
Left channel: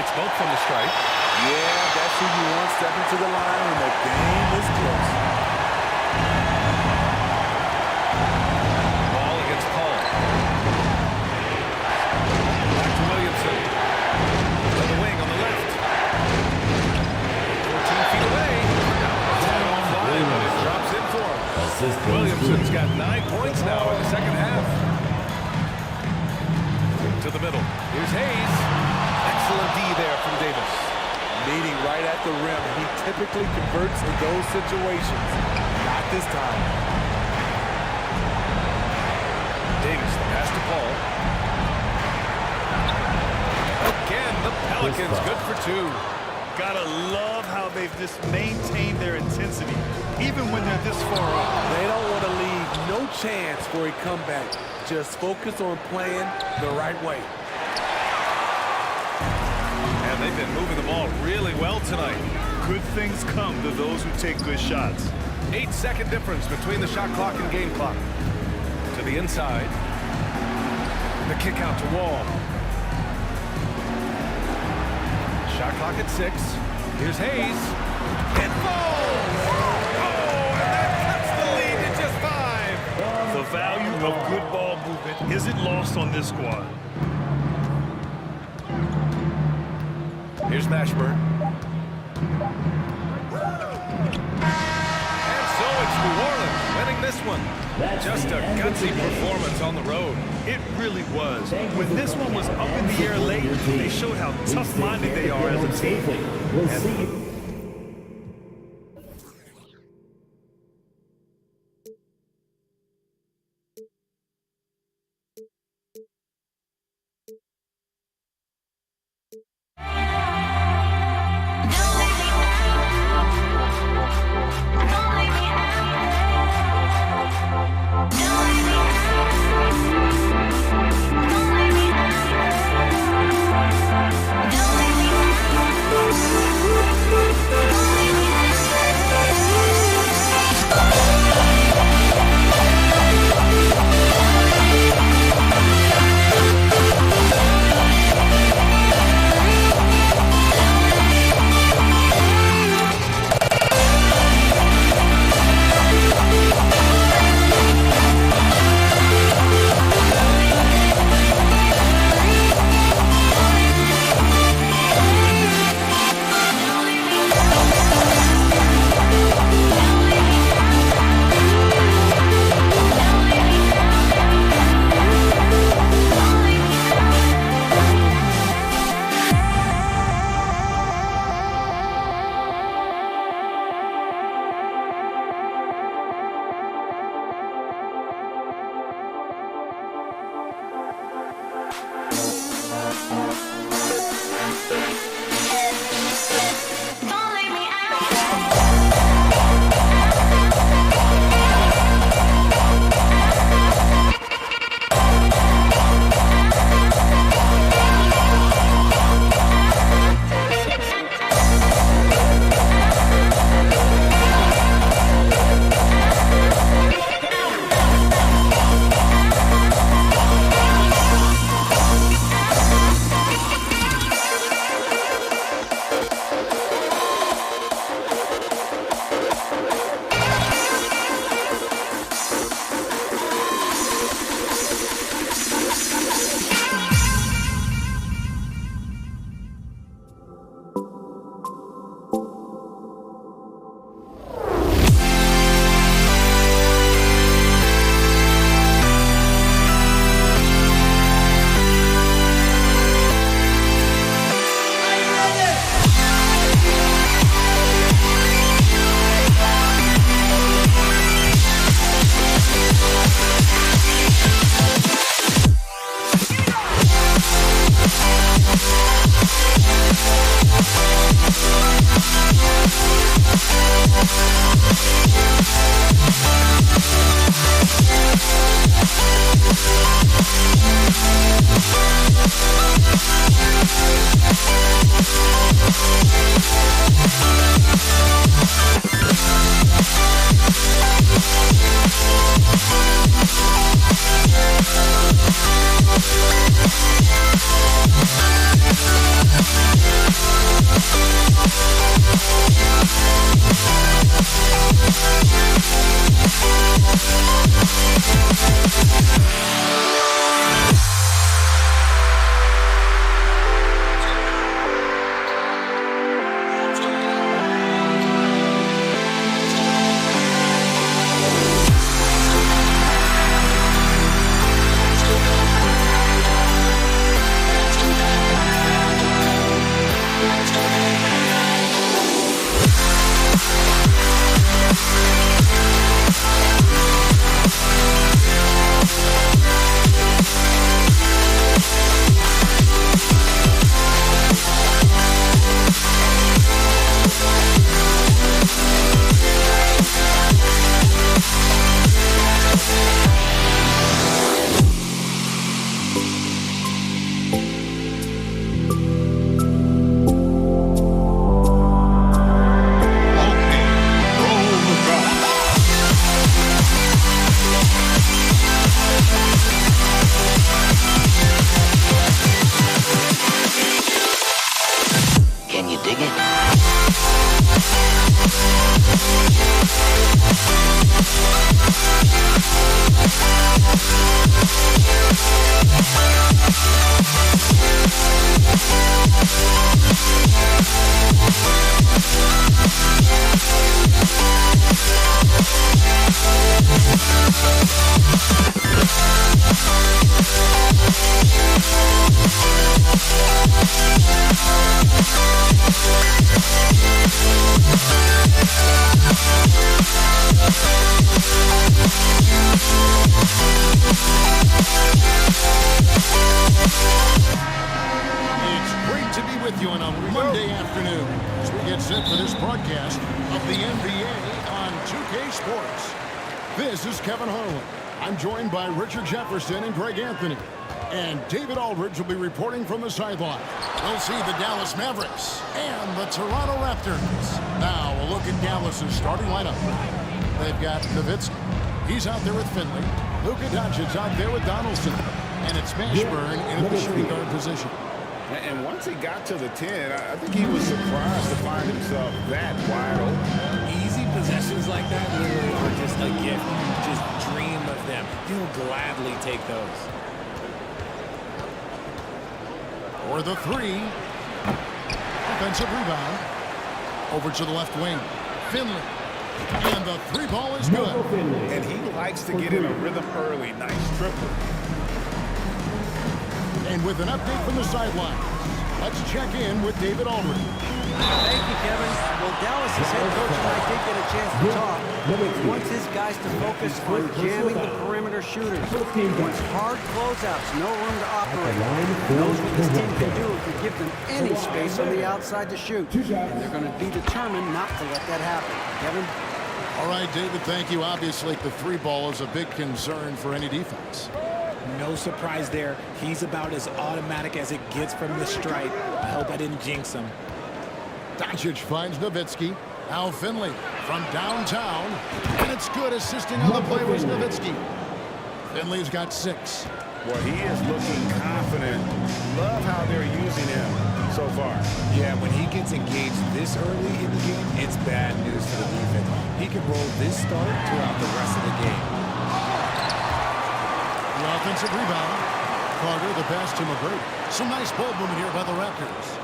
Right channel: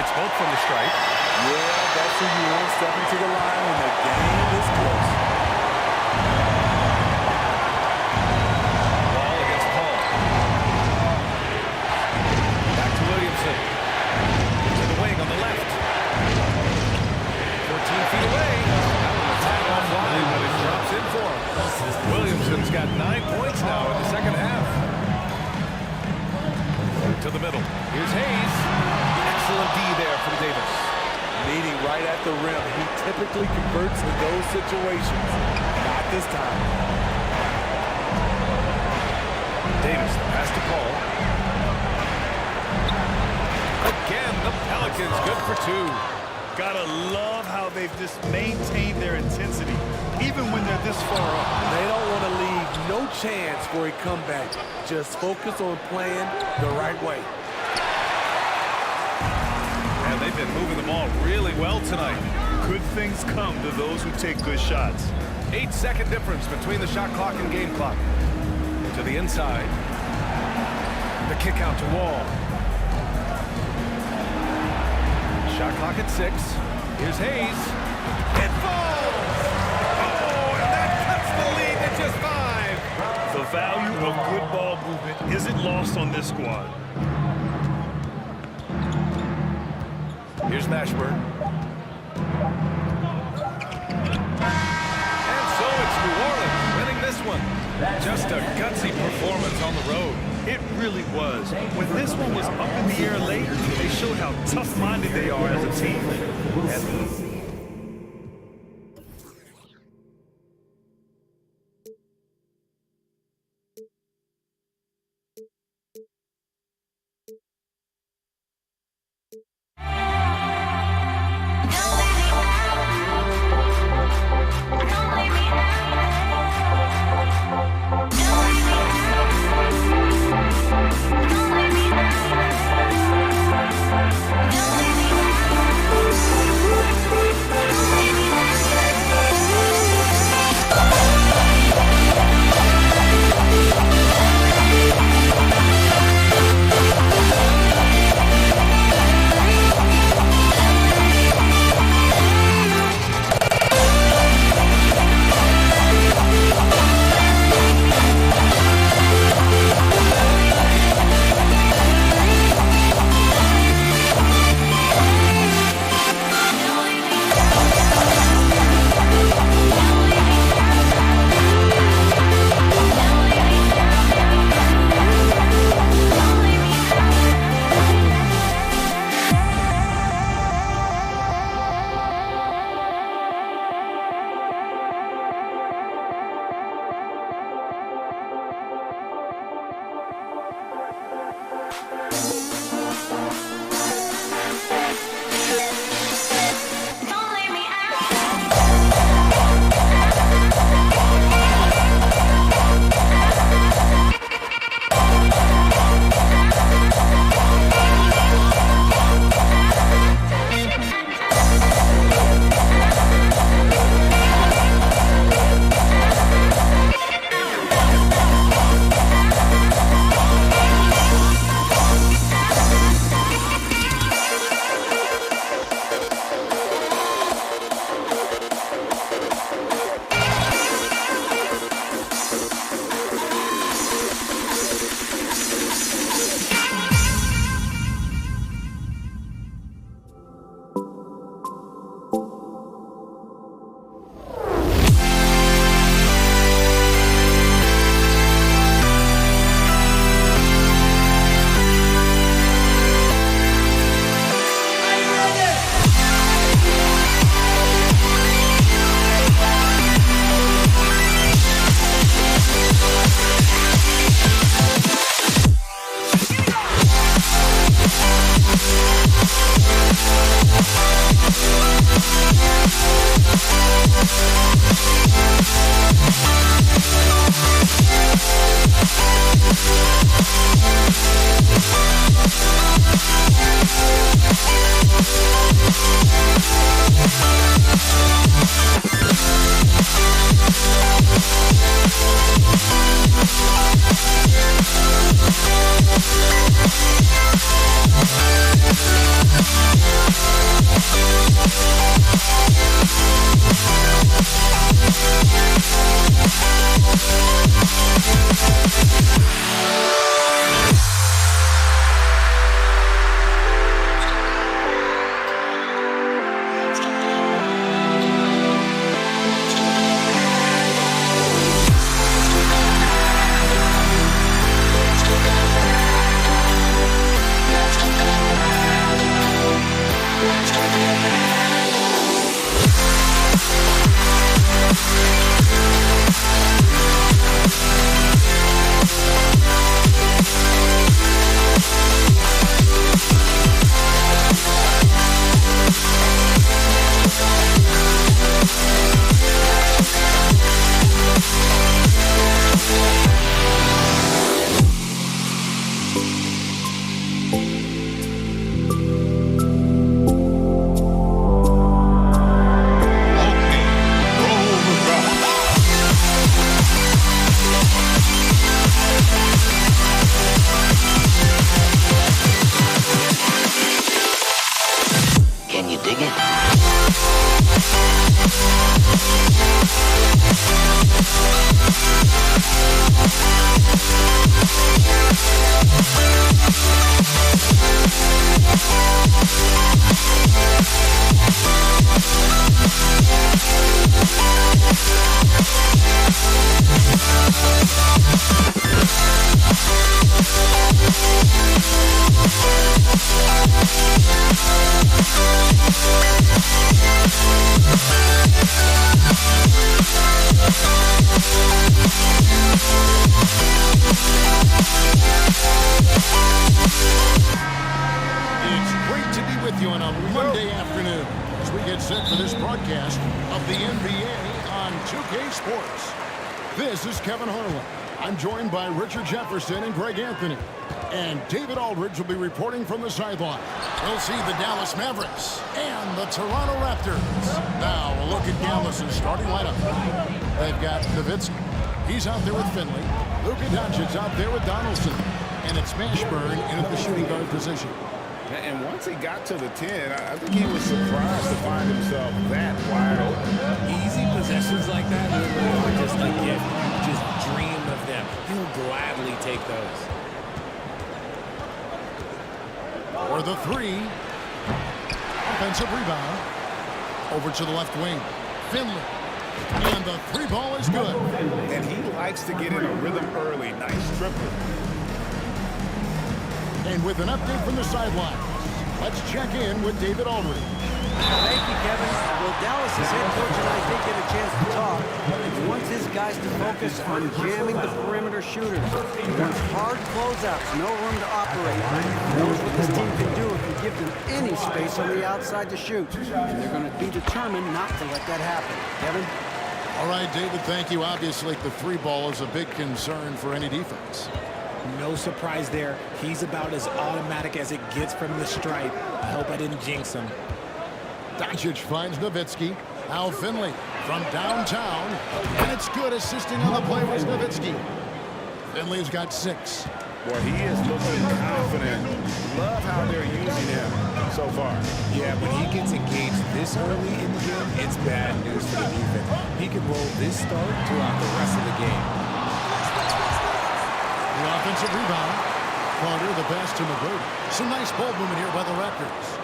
Hits both from the stripe. Yeah, that's who you want stepping to the line when the game is close. Wall against Paul. Back to Williamson. To the wing on the left. 14 feet away. That one a tad offline, but it drops in for him. Williamson's got 9 points now in the second half. To the middle. Here's Hayes. Excellent D there from Davis. Meeting right at the rim. He typically converts in those situations. Not this time. Davis, the pass to Paul. Again, the Pelicans good for 2. Gotta love how they've just maintained their intensity, even when they're this far up. They don't want to leave no chance for a comeback. Just focus on playing the right way. And they've been moving the ball really well tonight. Good things come to those who take good shots. 8-second difference between the shot clock and game clock. To the inside. The kick out to Wall. Shot clock at 6. Here's Hayes. It falls! Oh, and that cuts the lead to just 5. The value of good ball movement isn't lost on this squad. Here's Mashburn. And so it's New Orleans winning this one. Just a gutsy performance on the road. It really was. When this one was up in the air late, they showed how tough-minded they are as a team. afternoon as we get set for this broadcast of the NBA on 2K Sports. This is Kevin Harlan. I'm joined by Richard Jefferson and Greg Anthony. And David Aldridge will be reporting from the sideline. We'll see the Dallas Mavericks and the Toronto Raptors. Now a look at Dallas's starting lineup. They've got Nowitzki. He's out there with Finley. Luka Doncic out there with Donaldson. And it's Mashburn in at the shooting guard position. And once he got to the 10, I think he was surprised to find himself that wide open. Easy possessions like that literally are just a gift. You just dream of them. He'll gladly take those. For the 3. Offensive rebound. Over to the left wing. Finley. And the 3 ball is good. And he likes to get in a rhythm early. Nice triple. And with an update from the sidelines, let's check in with David Aldridge. Thank you, Kevin. Well, Dallas's head coach and I did get a chance to talk. He wants his guys to focus on jamming the perimeter shooters. He wants hard closeouts, no room to operate. He knows what this team can do if you give them any space on the outside to shoot. And they're going to be determined not to let that happen. Kevin? All right, David, thank you. Obviously, the 3 ball is a big concern for any defense. No surprise there. He's about as automatic as it gets from the stripe. I hope I didn't jinx him. Doncic finds Nowitzki. Now Finley from downtown. And it's good. Assisting on the play was Nowitzki. Finley's got 6. Boy, he is looking confident. Love how they're using him so far. Yeah, when he gets engaged this early in the game, it's bad news for the defense. He could roll this start throughout the rest of the game. The offensive rebound. Carter, the pass to McGrady. Some nice ball movement here by the Raptors.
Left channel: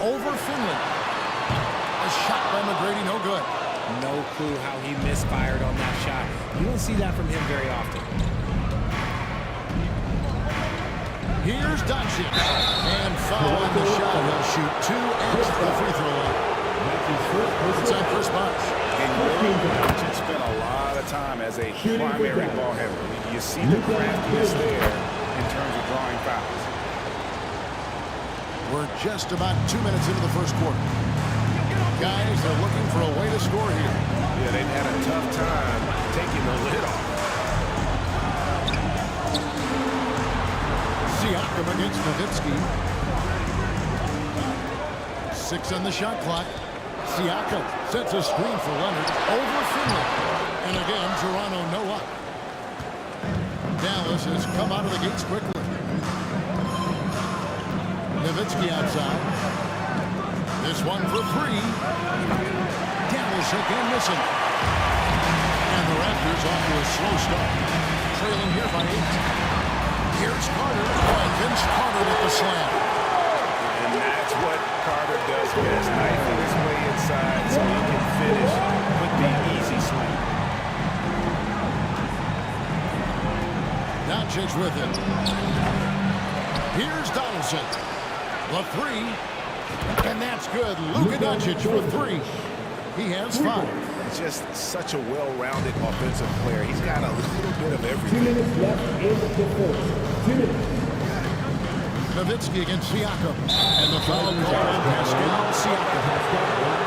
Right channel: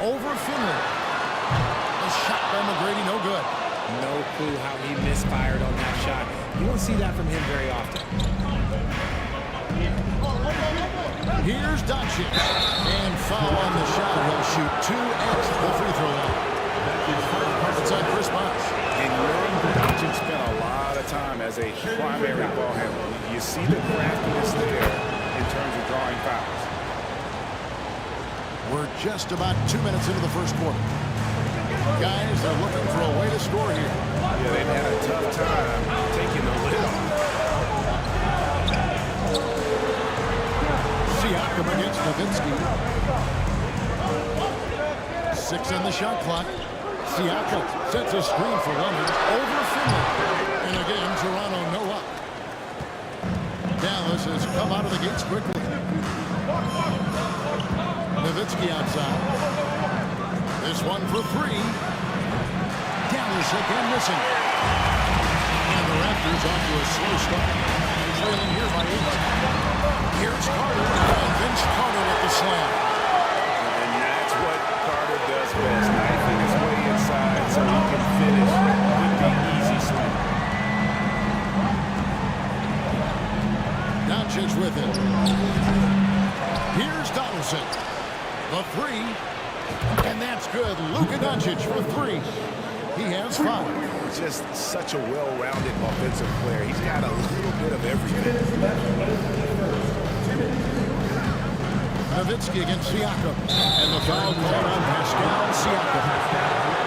Over Finley. A shot by McGrady, no good. No clue how he misfired on that shot. You don't see that from him very often. Here's Doncic. And foul on the shot. He'll shoot 2 at the free throw line. It's on Chris Bosh. And Doncic spent a lot of time as a primary ball handler. You see the craftiness there in terms of drawing fouls. We're just about 2 minutes into the first quarter. Guys, they're looking for a way to score here. Yeah, they've had a tough time taking the lid off. Siakam against Nowitzki. 6 on the shot clock. Siakam sets a screen for Leonard over Finley. And again, Toronto no up. Dallas has come out of the gates quickly. Nowitzki outside. This one for 3. Dallas again missing. And the Raptors off to a slow start. Trailing here by 8. Here's Carter. And Vince Carter with the slam. And that's what Carter does best, knifing his way inside so he can finish with the easy slam. Doncic with it. Here's Donaldson. The 3. And that's good. Luka Doncic for 3. He has 5. Just such a well-rounded offensive player. He's got a little bit of everything. Nowitzki against Siakam. And the foul called on Pascal Siakam.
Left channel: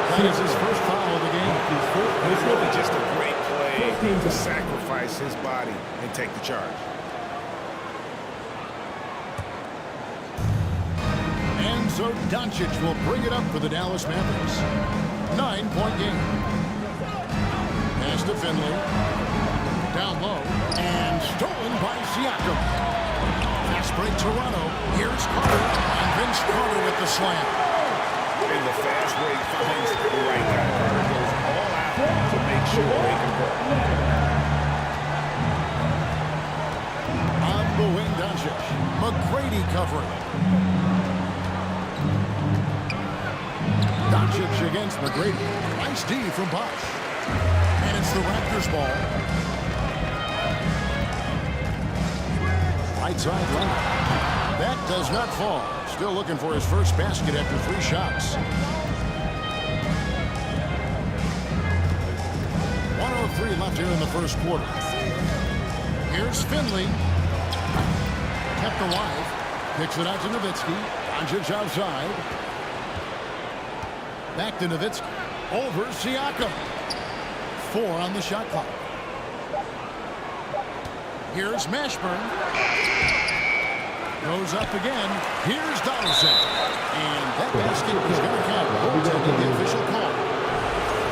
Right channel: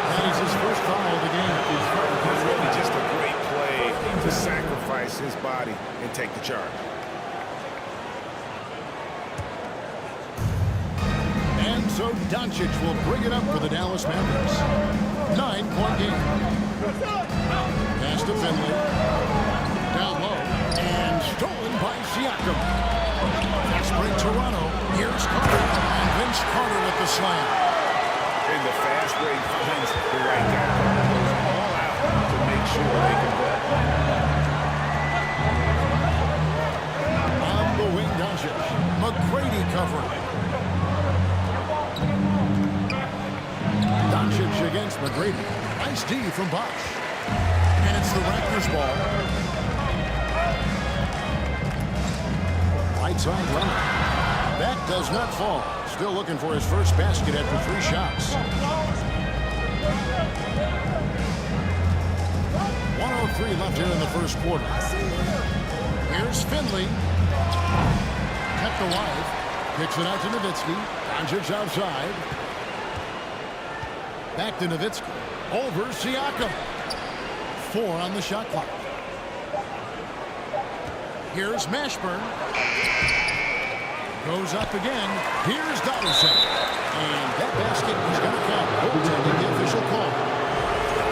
That is his first foul of the game. It's really just a great play to sacrifice his body and take the charge. And so Doncic will bring it up for the Dallas Mavericks. 9-point game. Pass to Finley. Down low. And stolen by Siakam. Fast break Toronto. Here's Carter. And Vince Carter with the slam. And the fast break finds the right guy. Carter goes all out to make sure they convert. On the wing, Doncic. McGrady covering. Doncic against McGrady. Nice D from Bosh. And it's the Raptors ball. Right side Leonard. That does not fall. Still looking for his first basket after 3 shots. 1:03 left here in the first quarter. Here's Finley. Kept alive. Kicks it out to Nowitzki. Doncic outside. Back to Nowitzki. Over Siakam. 4 on the shot clock. Here's Mashburn. Goes up again. Here's Donaldson. And that basket is going to count. Goaltending, the official call.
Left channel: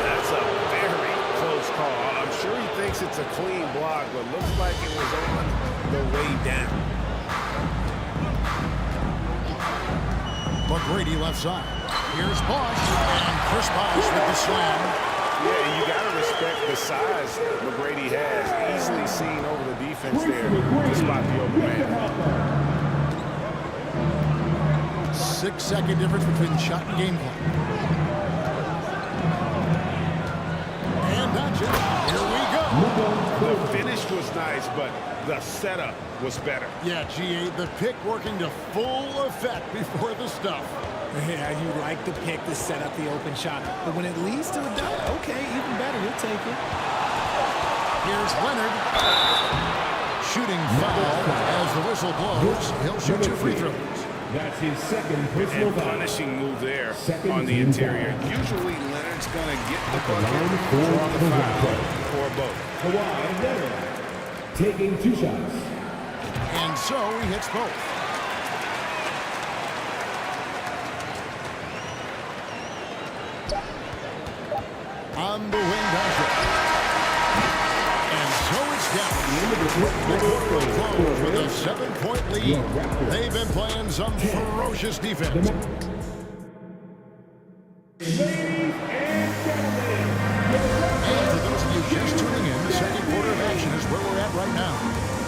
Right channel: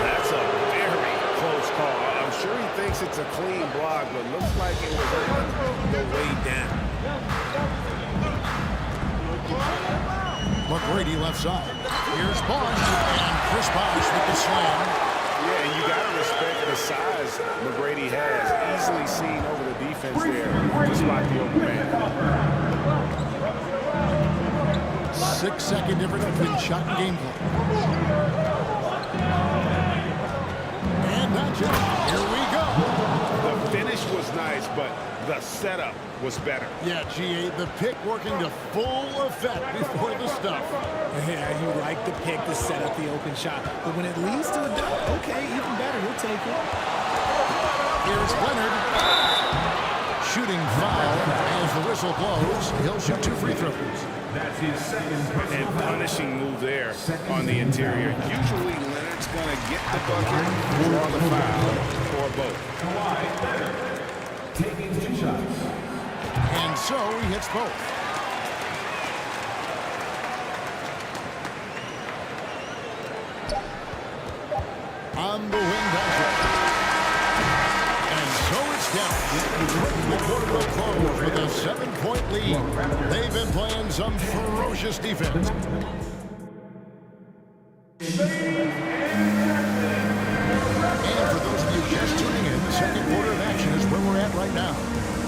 That's a very close call. I'm sure he thinks it's a clean block, but looks like it was on the way down. McGrady left side. Here's Bosch, and Chris Bosch with the slam. Yeah, and you got to respect the size McGrady has. Easily seen over the defense there to spot the open man. 6-second difference between shot and game clock. And Doncic, here we go. The finish was nice, but the setup was better. Yeah, GA, the pick working to full effect before the stuff. Yeah, you like the pick to set up the open shot. But when it leads to a dunk, okay, even better. You'll take it. Here's Leonard. Shooting foul as the whistle blows. He'll shoot 2 free throws. That's his second personal and punishing move there on the interior. Usually Leonard's going to get the bucket, draw the foul, or both. Kawhi Leonard taking 2 shots. And so he hits both. On the wing, Doncic. And so it's down. The quarter will close with a 7-point lead. They've been playing some ferocious defense. And for those of you just tuning in, the second quarter of action is where we're at right now.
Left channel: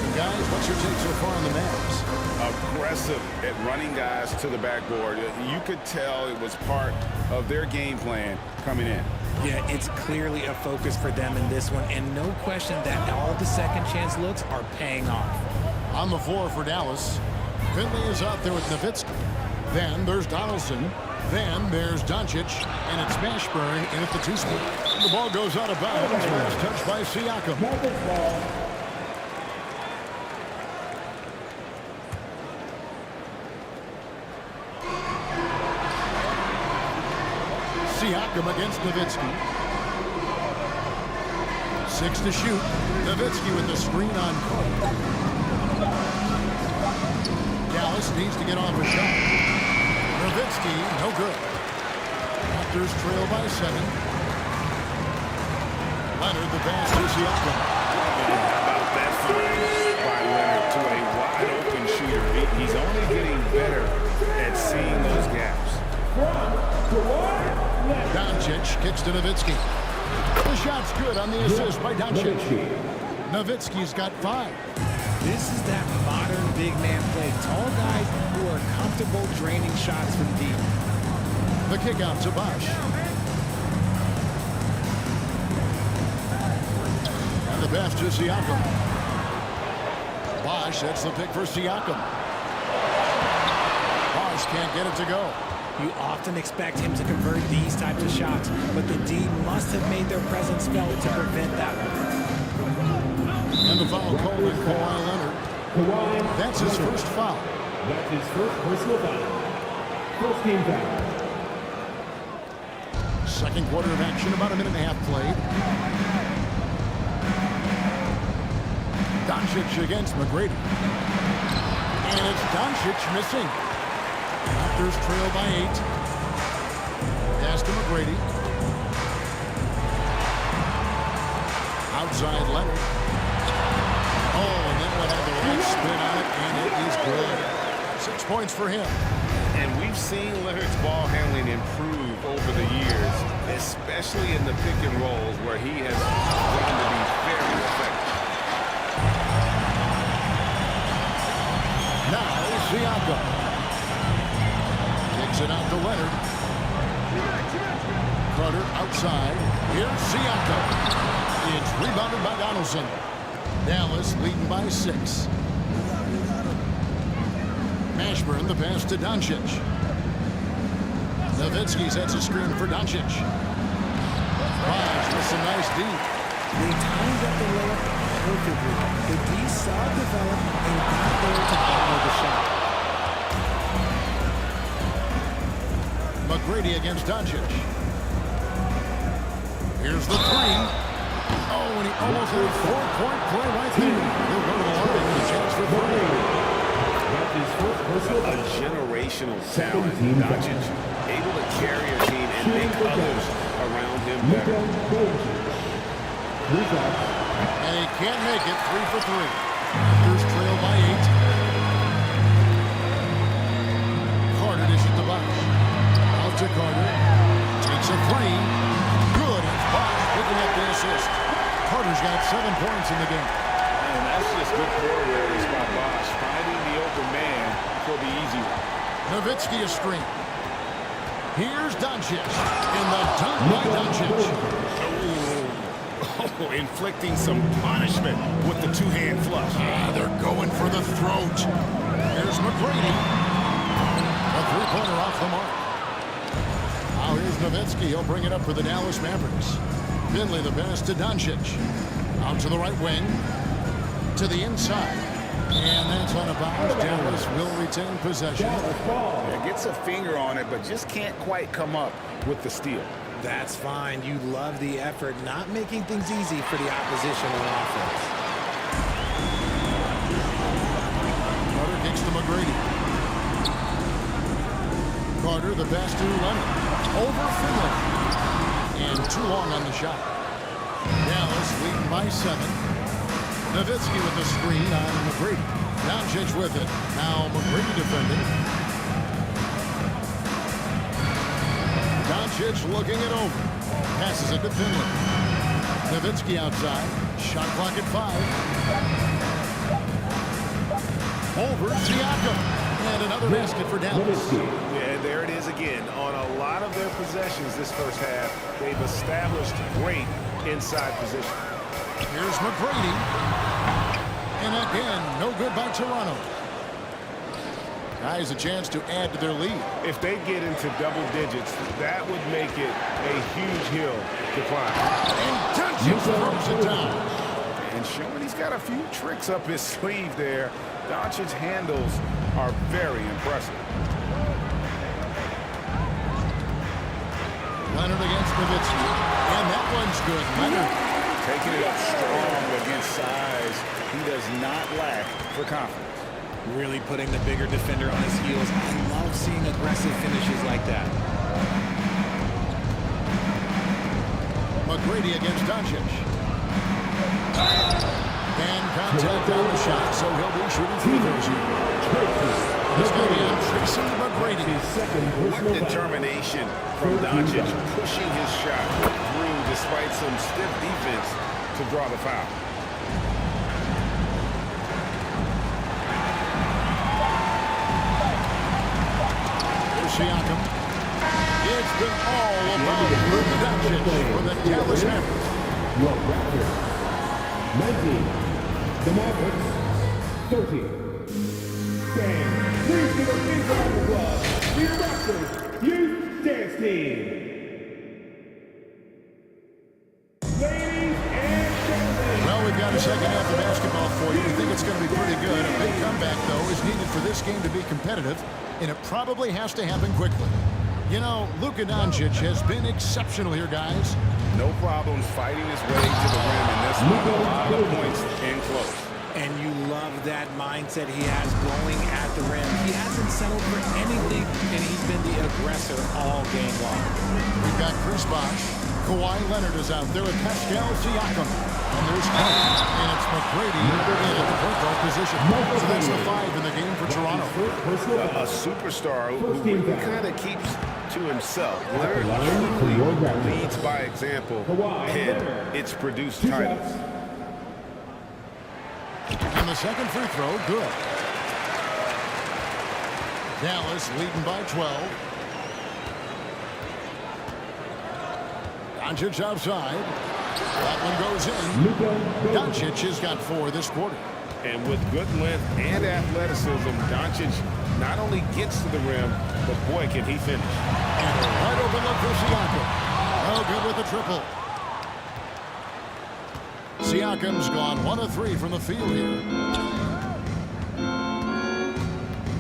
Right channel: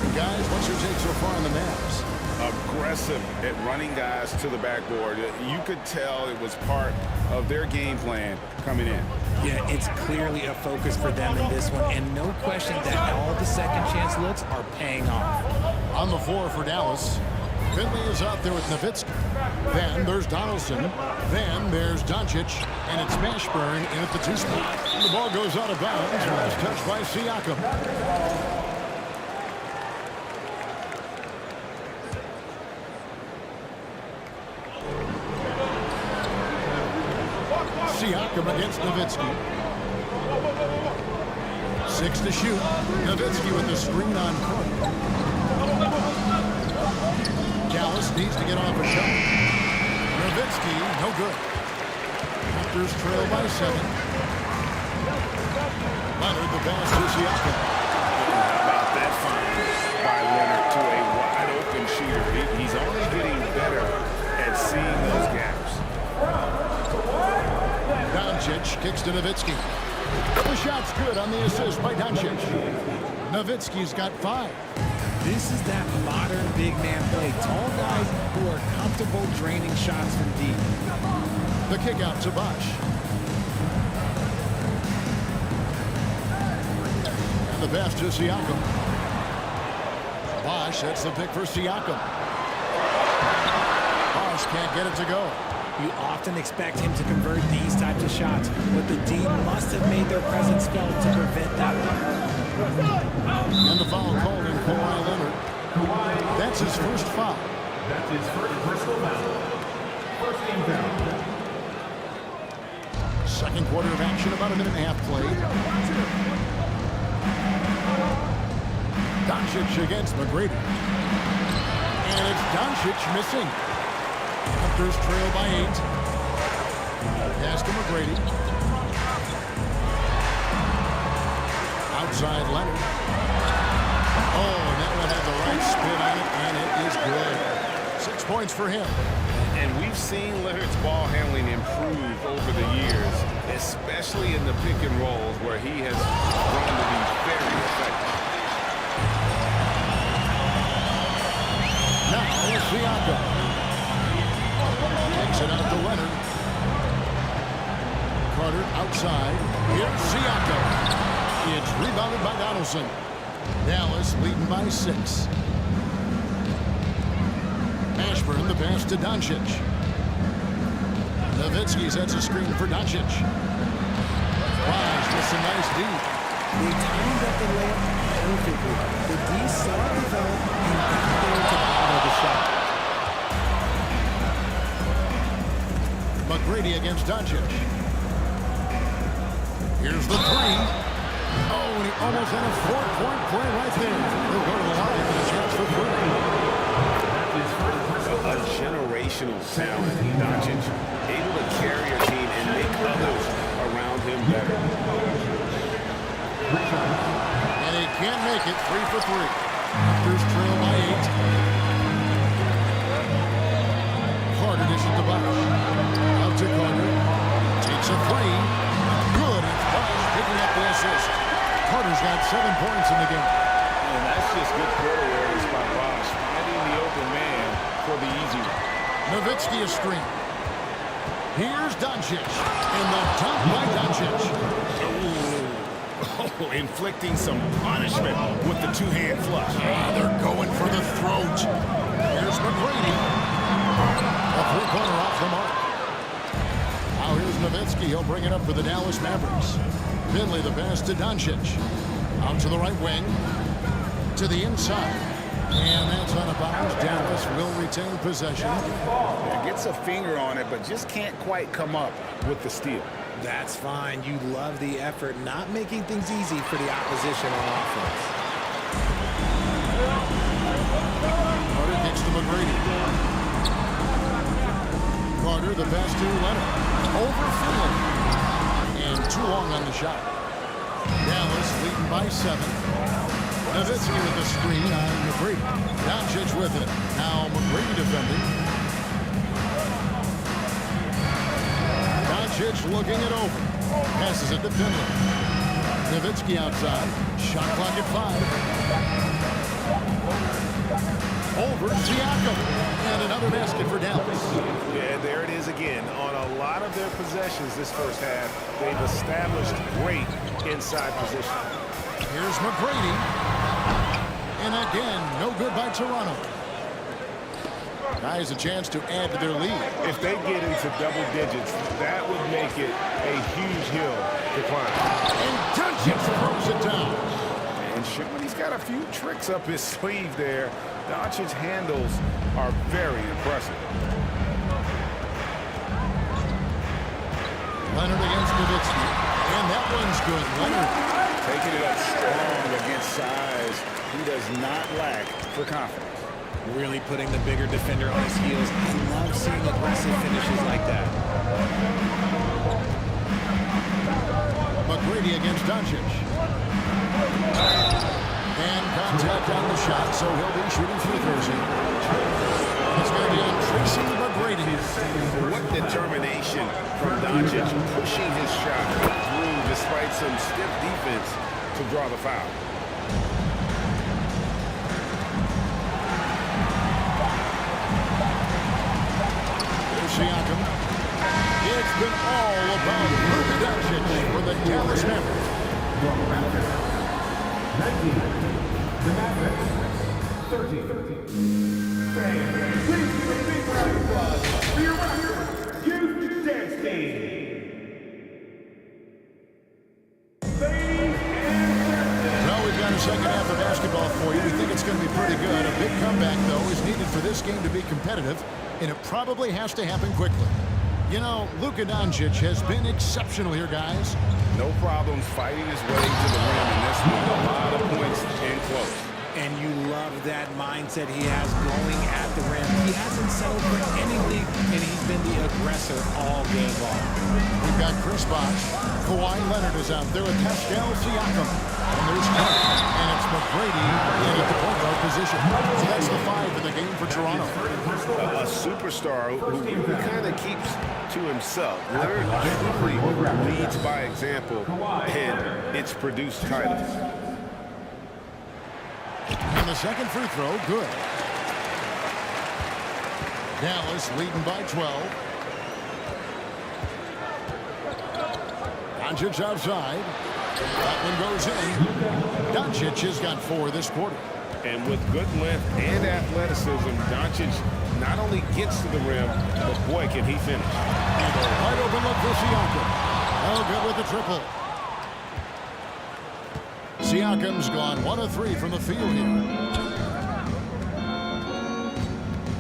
And guys, what's your take so far on the Mavs? Aggressive at running guys to the backboard. You could tell it was part of their game plan coming in. Yeah, it's clearly a focus for them in this one, and no question that all the second chance looks are paying off. On the floor for Dallas, Finley is out there with Nowitzki. Then there's Donaldson. Then there's Doncic, and it's Mashburn in at the 2 spot. The ball goes out of bounds. Last touch by Siakam. Siakam against Nowitzki. 6 to shoot. Nowitzki with the screen on court. Dallas needs to get off a shot. Nowitzki, no good. Raptors trail by 7. Leonard, the pass to Siakam. And how about that find by Leonard to a wide-open shooter? He's only getting better at seeing those gaps. Doncic kicks to Nowitzki. The shot's good on the assist by Doncic. Nowitzki's got 5. This is that modern big man play. Tall guys who are comfortable draining shots from deep. The kick out to Bosch. And the pass to Siakam. Bosch, that's the pick for Siakam. Bosch can't get it to go. You often expect him to convert these types of shots, but the D must have made their presence felt to prevent that one. And the foul called on Kawhi Leonard. That's his first foul. That's his first personal foul. First team foul. Second quarter of action, about 1.5 minutes played. Doncic against McGrady. And it's Doncic missing. Raptors trail by 8. Pass to McGrady. Outside Leonard. Oh, and that one had the right spin on it, and it is good. 6 points for him. And we've seen Leonard's ball handling improve over the years, especially in the pick and rolls where he has grown to be very effective. Now Siakam. Kicks it out to Leonard. Carter outside. Here's Siakam. It's rebounded by Donaldson. Dallas leading by 6. Mashburn, the pass to Doncic. Nowitzki sets a screen for Doncic. Bosch with some nice D. They timed up the layup perfectly. The D saw it develop and got there to bottle the shot. McGrady against Doncic. Here's the three. Oh, and he almost had a 4-point play right there. He'll go to the line with a chance for three. A generational talent. Doncic able to carry a team and make others around him better. And he can't make it. 3 for 3. Raptors trail by 8. Carter dishes to Bosh. Out to Carter. Takes a three. Good. It's Bosh picking up the assist. Carter's got 7 points in the game. And that's just good court awareness by Bosh, finding the open man for the easy one. Nowitzki a screen. Here's Doncic. And the dunk by Doncic. Oh, inflicting some punishment with the two-hand flush. They're going for the throat. Here's McGrady. A three-pointer off the mark. Now here's Nowitzki. He'll bring it up for the Dallas Mavericks. Finley the pass to Doncic. Out to the right wing. To the inside. And that's out of bounds. Dallas will retain possession. Yeah, gets a finger on it, but just can't quite come up with the steal. That's fine. You love the effort, not making things easy for the opposition on offense. Carter kicks to McGrady. Carter, the pass to Leonard. Over Finley. And too long on the shot. Dallas leading by 7. Nowitzki with the screen on McGrady. Doncic with it. Now McGrady defending. Doncic looking it over. Passes it to Finley. Nowitzki outside. Shot clock at 5. Over Siakam. And another basket for Dallas. Yeah, there it is again. On a lot of their possessions this first half, they've established great inside position. Here's McGrady. And again, no good by Toronto. Guys, a chance to add to their lead. If they get into double digits, that would make it a huge hill to climb. And Doncic throws it down. And showing he's got a few tricks up his sleeve there. Doncic's handles are very impressive. Leonard against Nowitzki. And that one's good. Leonard taking it up strong against size. He does not lack for confidence. Really putting the bigger defender on his heels. I love seeing aggressive finishes like that. McGrady against Doncic. And contact on the shot, so he'll be shooting free throws here. It's going to be on Tracy McGrady. What determination from Doncic, pushing his shot through despite some stiff defense to draw the foul. Siakam. It's been all about Luka Doncic for the Dallas Mavericks. The Raptors 19, the Mavericks 30. Fans, please give a big round of applause for your Raptors Youth Dance Team. Ladies and gentlemen. Well, we've got a second half of basketball for you. We think it's going to be pretty good. A big comeback, though, is needed for this game to be competitive, and it probably has to happen quickly. You know, Luka Doncic has been exceptional here, guys. No problems fighting his way to the rim in this one. A lot of points in close. And you love that mindset he has going at the rim. He hasn't settled for anything, and he's been the aggressor all game long. We've got Chris Bosh. Kawhi Leonard is out there with Pascal Siakam. And there's Carter. And it's McGrady in at the point guard position. So that's the 5 in the game for Toronto. A superstar who kind of keeps to himself. Leonard truly leads by example, and it's produced titles. And the second free throw, good. Dallas leading by 12. Doncic outside. That one goes in. Doncic has got 4 this quarter. And with good length and athleticism, Doncic not only gets to the rim, but boy, can he finish. And a wide open look for Siakam. Oh, good with the triple. Siakam's gone 1 of 3 from the field here.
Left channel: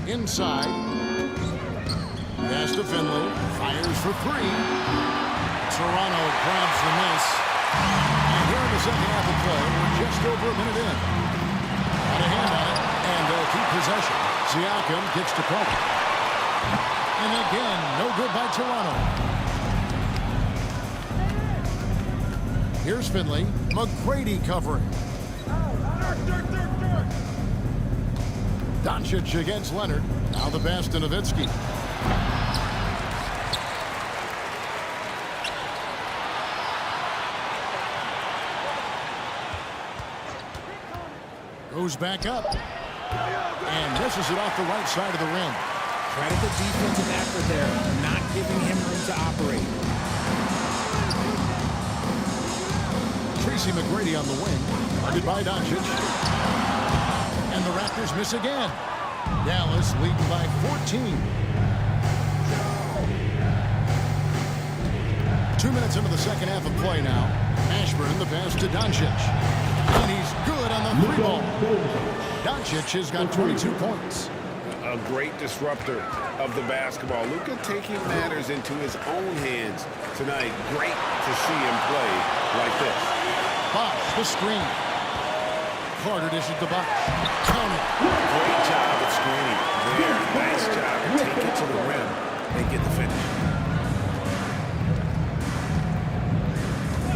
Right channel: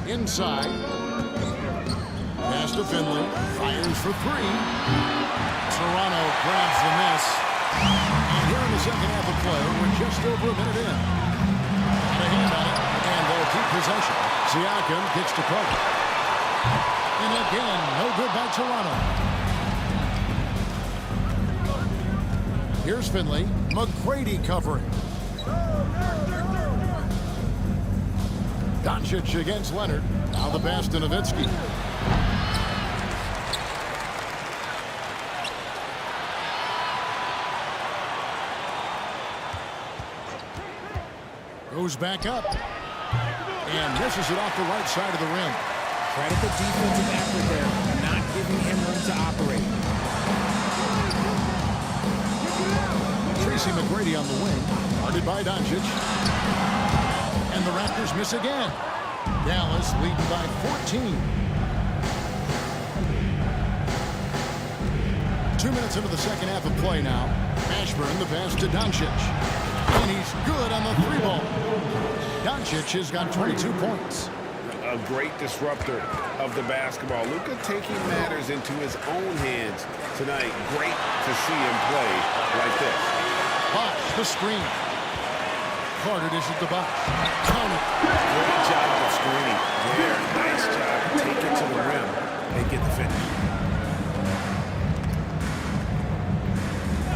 Inside. Pass to Finley. Fires for 3. Serrano grabs the miss. And here in the second half of play, we're just over a minute in. Got a hand on it, and they'll keep possession. Siakam kicks to Carter. And again, no good by Toronto. Here's Finley. McGrady covering. Doncic against Leonard. Now the pass to Nowitzki. Goes back up. And misses it off the right side of the rim. Credit the defensive effort there, not giving him room to operate. Tracy McGrady on the wing. Guarded by Doncic. And the Raptors miss again. Dallas leading by 14. 2 minutes into the second half of play now. Ashburn the pass to Doncic. And he's good on the three ball. Doncic has got 22 points. A great disruptor of the basketball. Luka taking matters into his own hands tonight. Great to see him play like this. Bosh, the screen. Carter dishes to Bosh. Count it. Great job of screening there. Nice job to take it to the rim and get the finish.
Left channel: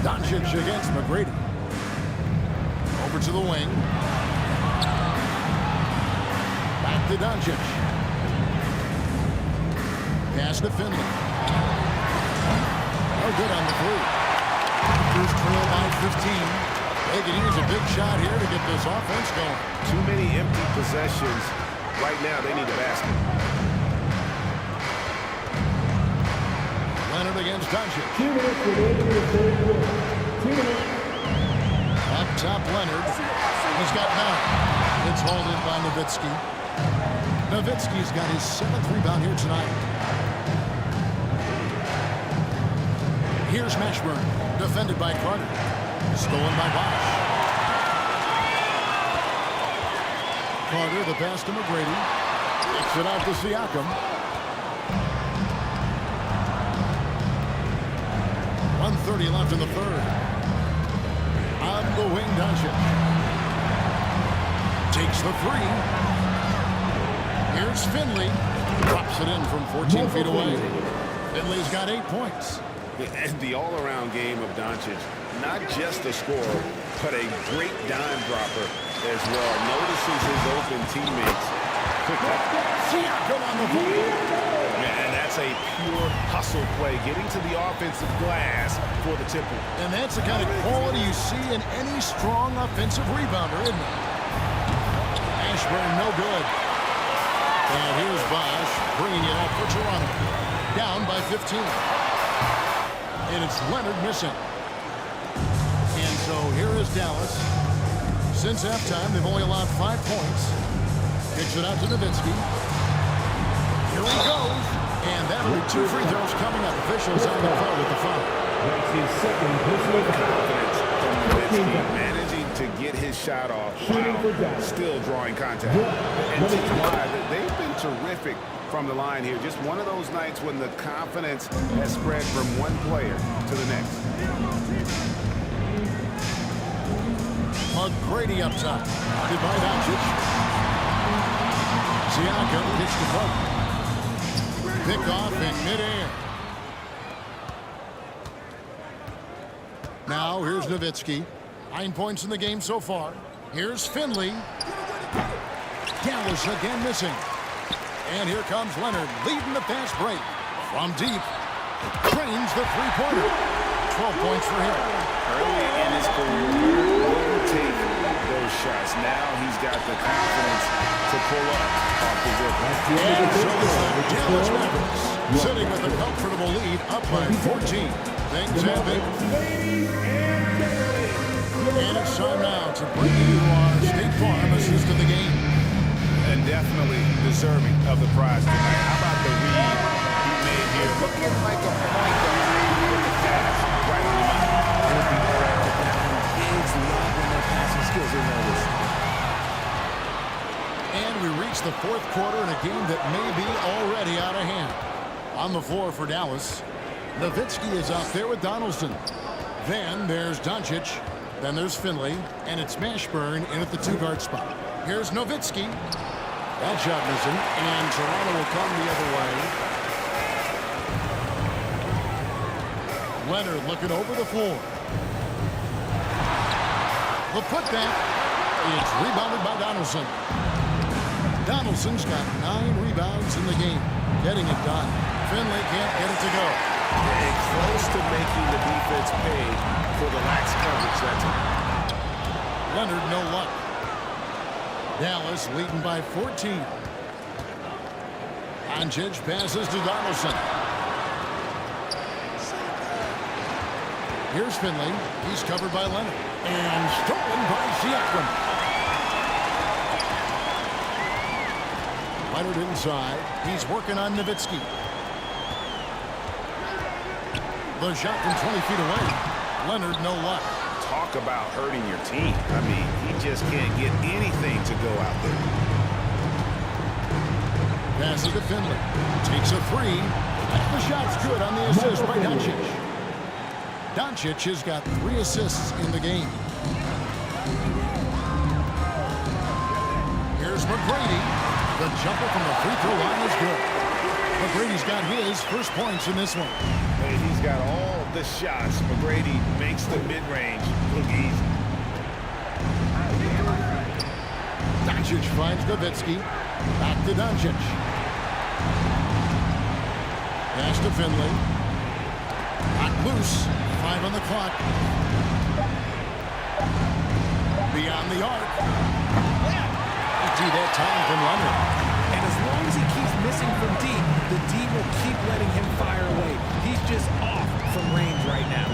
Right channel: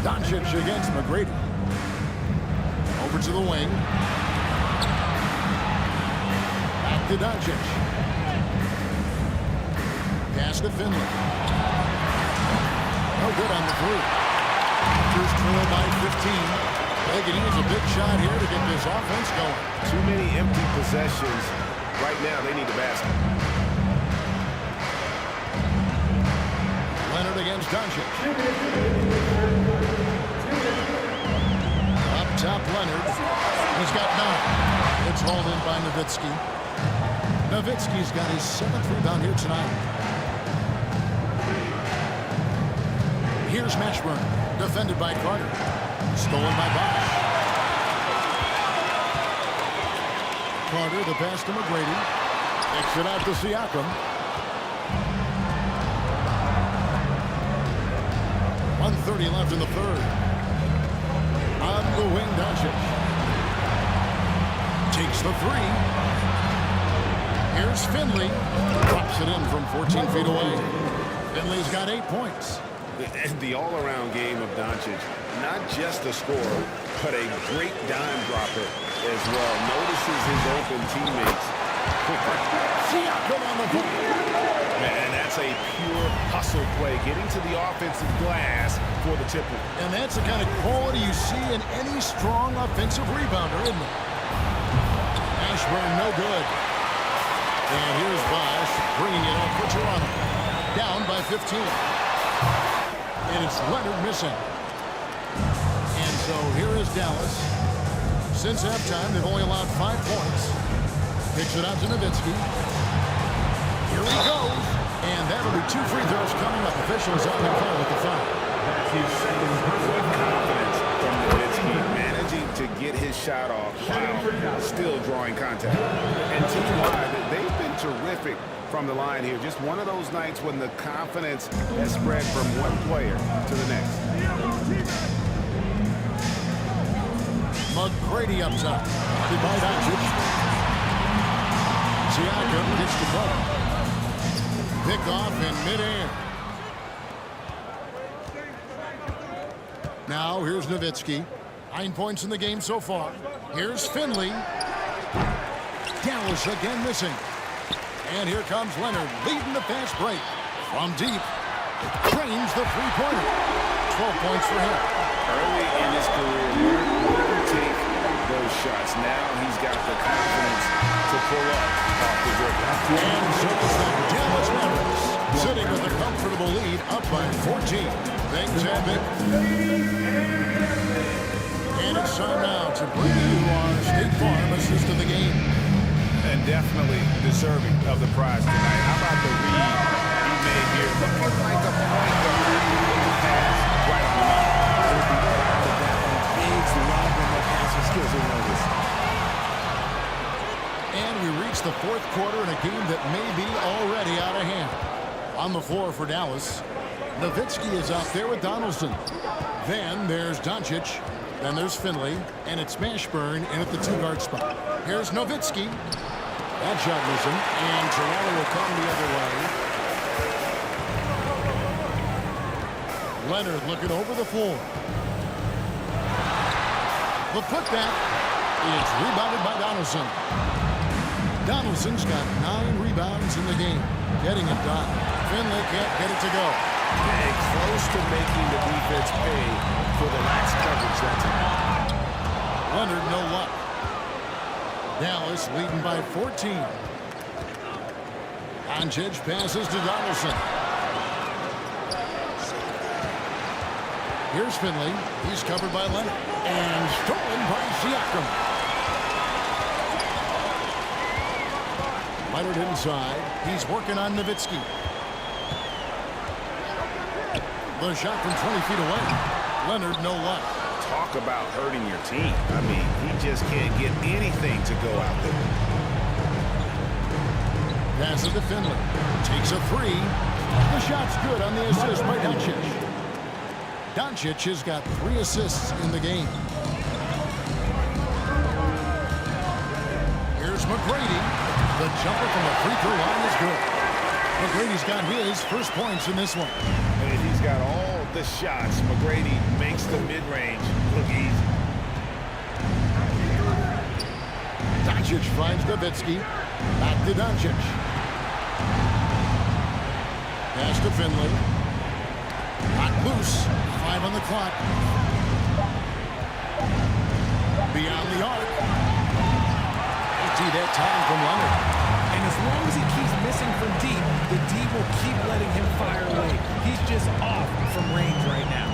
Doncic against McGrady. Over to the wing. Back to Doncic. Pass to Finley. No good on the three. Raptors trail by 15. They can use a big shot here to get this offense going. Too many empty possessions. Right now, they need a basket. Leonard against Doncic. Up top, Leonard. He's got 9. It's hauled in by Nowitzki. Nowitzki's got his 7th rebound here tonight. Here's Mashburn, defended by Carter. Stolen by Bosh. Carter, the pass to McGrady. Takes it out to Siakam. 1:30 left in the third. On the wing, Doncic. Takes the three. Here's Finley. Drops it in from 14 feet away. Finley's got 8 points. And the all-around game of Doncic, not just a scorer, but a great dime dropper as well. Notices his open teammates quickly. Siakam on the ball. And that's a pure hustle play, getting to the offensive glass for the tip. And that's the kind of quality you see in any strong offensive rebounder, isn't it? Ashburn, no good. And here's Bosh bringing it up for Toronto. Down by 15. And it's Leonard missing. And so here is Dallas. Since halftime, they've only allowed 5 points. Kicks it out to Nowitzki. Here he goes. And that'll be 2 free throws coming up. Officials on the call with the foul. That's his second personal confidence from Nowitzki, managing to get his shot off while still drawing contact. And team-wide, they've been terrific from the line here. Just one of those nights when the confidence has spread from one player to the next. McGrady up top. Guarded by Doncic. Siakam kicks to Carter. Pick off in midair. Now here's Nowitzki. 9 points in the game so far. Here's Finley. Dallas again missing. And here comes Leonard leading the fast break. From deep. Drains the three-pointer. 12 points for him. Early in his career, Leonard wouldn't take those shots. Now he's got the confidence to pull up off the dribble. And so it's the Dallas Mavericks sitting with a comfortable lead up by 14. Things have been. And it's time now to bring you our State Farm assist of the game. And definitely deserving of the prize tonight. How about the read he made here? Looking like a point guard with the pass right on the money. He'll be proud of that one. Bigs love when their passing skills are noticed. And we reach the fourth quarter in a game that may be already out of hand. On the floor for Dallas, Nowitzki is out there with Donaldson. Then there's Doncic. Then there's Finley. And it's Mashburn in at the 2-guard spot. Here's Nowitzki. That shot missing. And Toronto will come the other way. Leonard looking over the floor. The putback. It's rebounded by Donaldson. Donaldson's got 9 rebounds in the game. Getting it done. Finley can't get it to go. And close to making the defense pay for the lax coverage that time. Leonard, no luck. Dallas leading by 14. Doncic passes to Donaldson. Here's Finley. He's covered by Leonard. And stolen by Siakam. Leonard inside. He's working on Nowitzki. The shot from 20 feet away. Leonard, no luck. Talk about hurting your team. I mean, he just can't get anything to go out there. Passes to Finley. Takes a 3. The shot's good on the assist by Doncic. Doncic has got 3 assists in the game. Here's McGrady. The jumper from the free throw line is good. McGrady's got his first points in this one. And he's got all the shots. McGrady makes the mid-range look easy. Doncic finds Nowitzki. Back to Doncic. Pass to Finley. Not loose. 5 on the clock. Beyond the arc. Empty that time from Leonard. And as long as he keeps missing from deep, the D will keep letting him fire away. He's just off from range right now.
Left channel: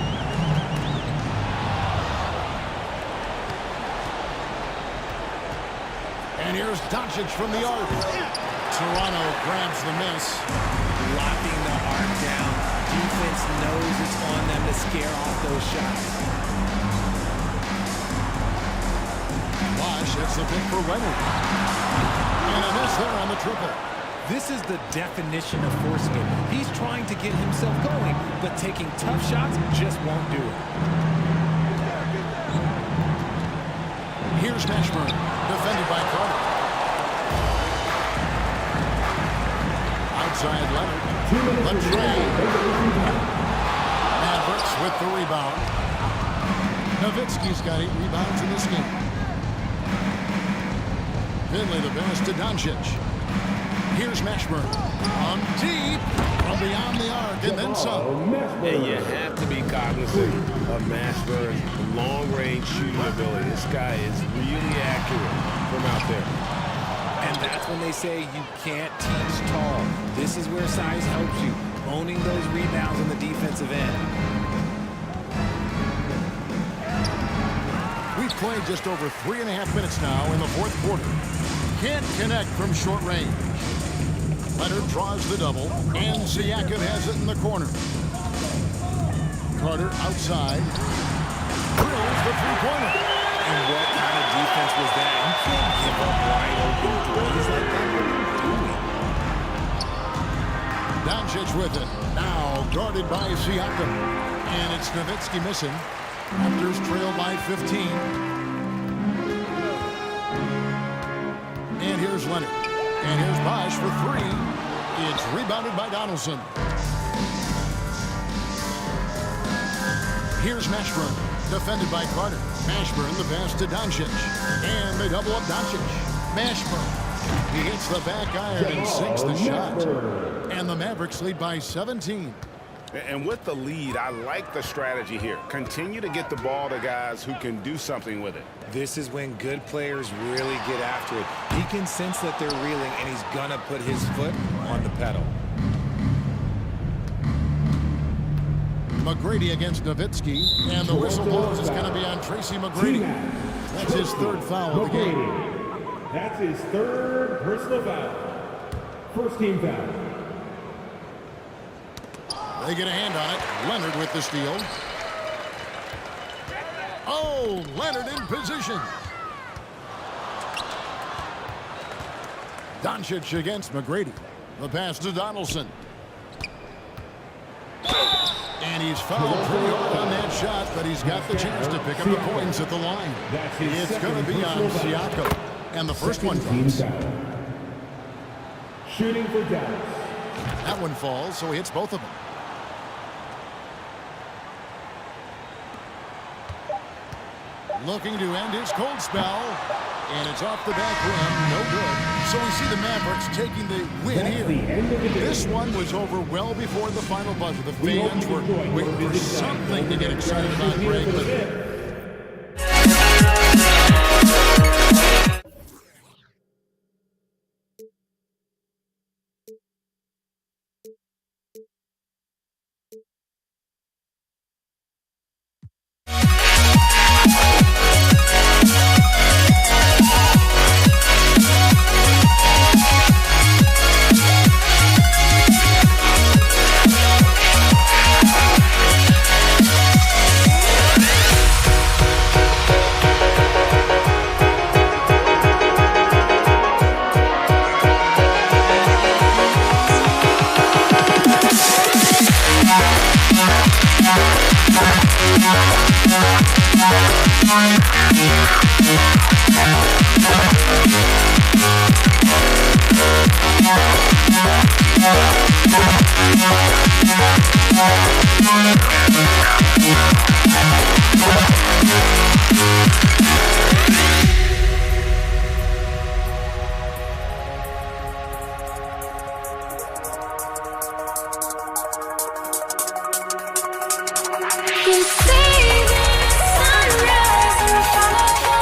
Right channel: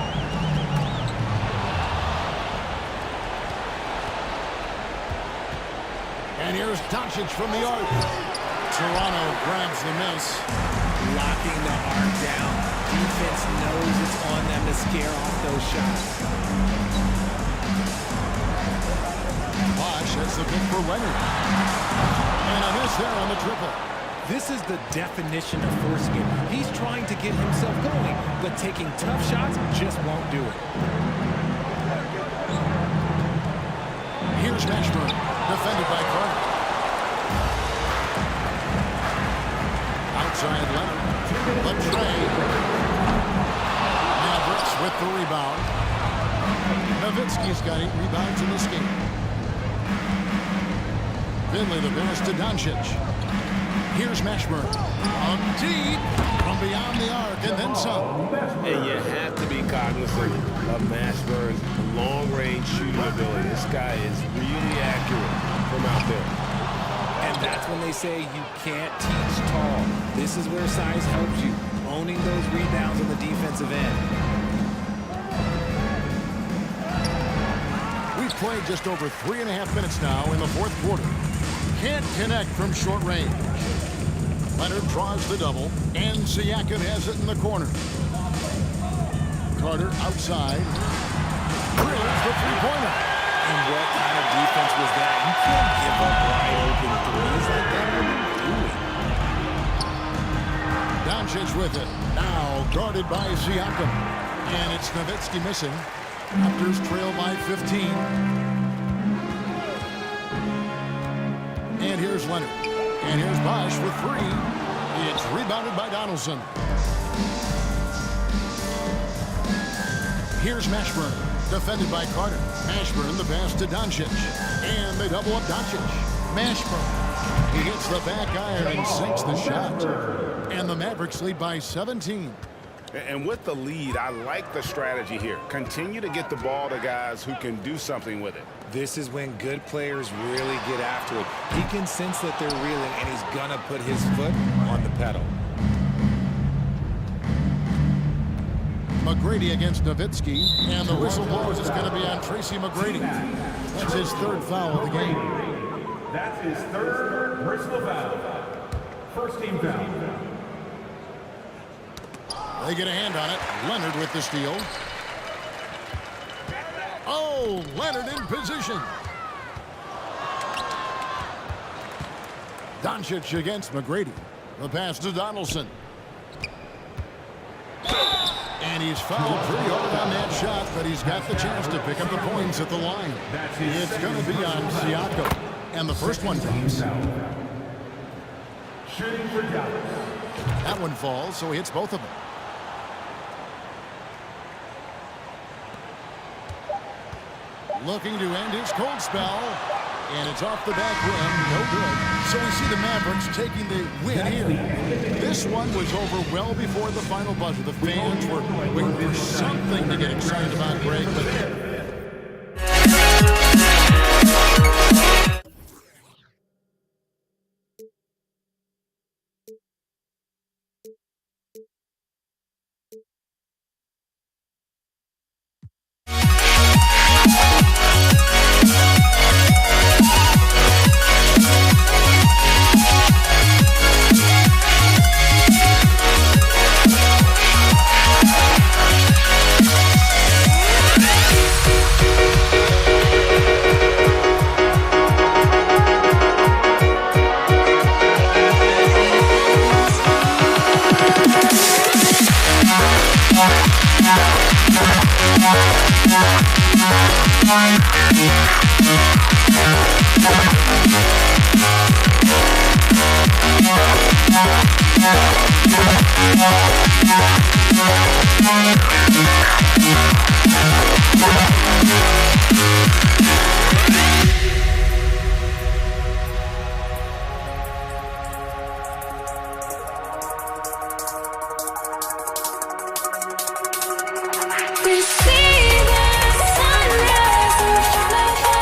And here's Doncic from the arc. Toronto grabs the miss. Locking the arc down. Defense knows it's on them to scare off those shots. Bosh, that's the pick for Leonard. And a miss there on the triple. This is the definition of forcing it. He's trying to get himself going, but taking tough shots just won't do it. Here's Mashburn, defended by Carter. Outside Leonard. Latrey. Mavericks with the rebound. Nowitzki's got 8 rebounds in this game. Finley the pass to Doncic. Here's Mashburn. On deep from beyond the arc and then some. And you have to be cognizant of Mashburn's long-range shooting ability. This guy is really accurate from out there. And that's when they say you can't teach tall. This is where size helps you, owning those rebounds on the defensive end. We've played just over 3.5 minutes now in the 4th quarter. Can't connect from short range. Leonard draws the double, and Siakam has it in the corner. Carter outside. Drills the three-pointer. And what kind of defense was that? You can't give up wide open threes like that. What are you doing? Doncic with it. Now guarded by Siakam. And it's Nowitzki missing. Raptors trail by 15. And here's Leonard. And here's Bosh for 3. It's rebounded by Donaldson. Here's Mashburn. Defended by Carter. Mashburn the pass to Doncic. And they double up Doncic. Mashburn. He hits the back iron and sinks the shot. And the Mavericks lead by 17. And with the lead, I like the strategy here. Continue to get the ball to guys who can do something with it. This is when good players really get after it. He can sense that they're reeling, and he's going to put his foot on the pedal. McGrady against Nowitzki, and the whistle blows. It's going to be on Tracy McGrady. That's his 3rd foul of the game. That's his 3rd personal foul. First team foul. They get a hand on it. Leonard with the steal. Oh, Leonard in position. Doncic against McGrady. The pass to Donaldson. And he's fouled pretty hard on that shot, but he's got the chance to pick up the points at the line. It's going to be on Siakam. And the first one drops. Shooting for Dallas. That one falls, so he hits both of them. Looking to end his cold spell. And it's off the back rim. No good. So we see the Mavericks taking the win here. This one was over well before the final buzzer. The fans were waiting for something to get excited about, Greg, but You see the sunrise in front of you.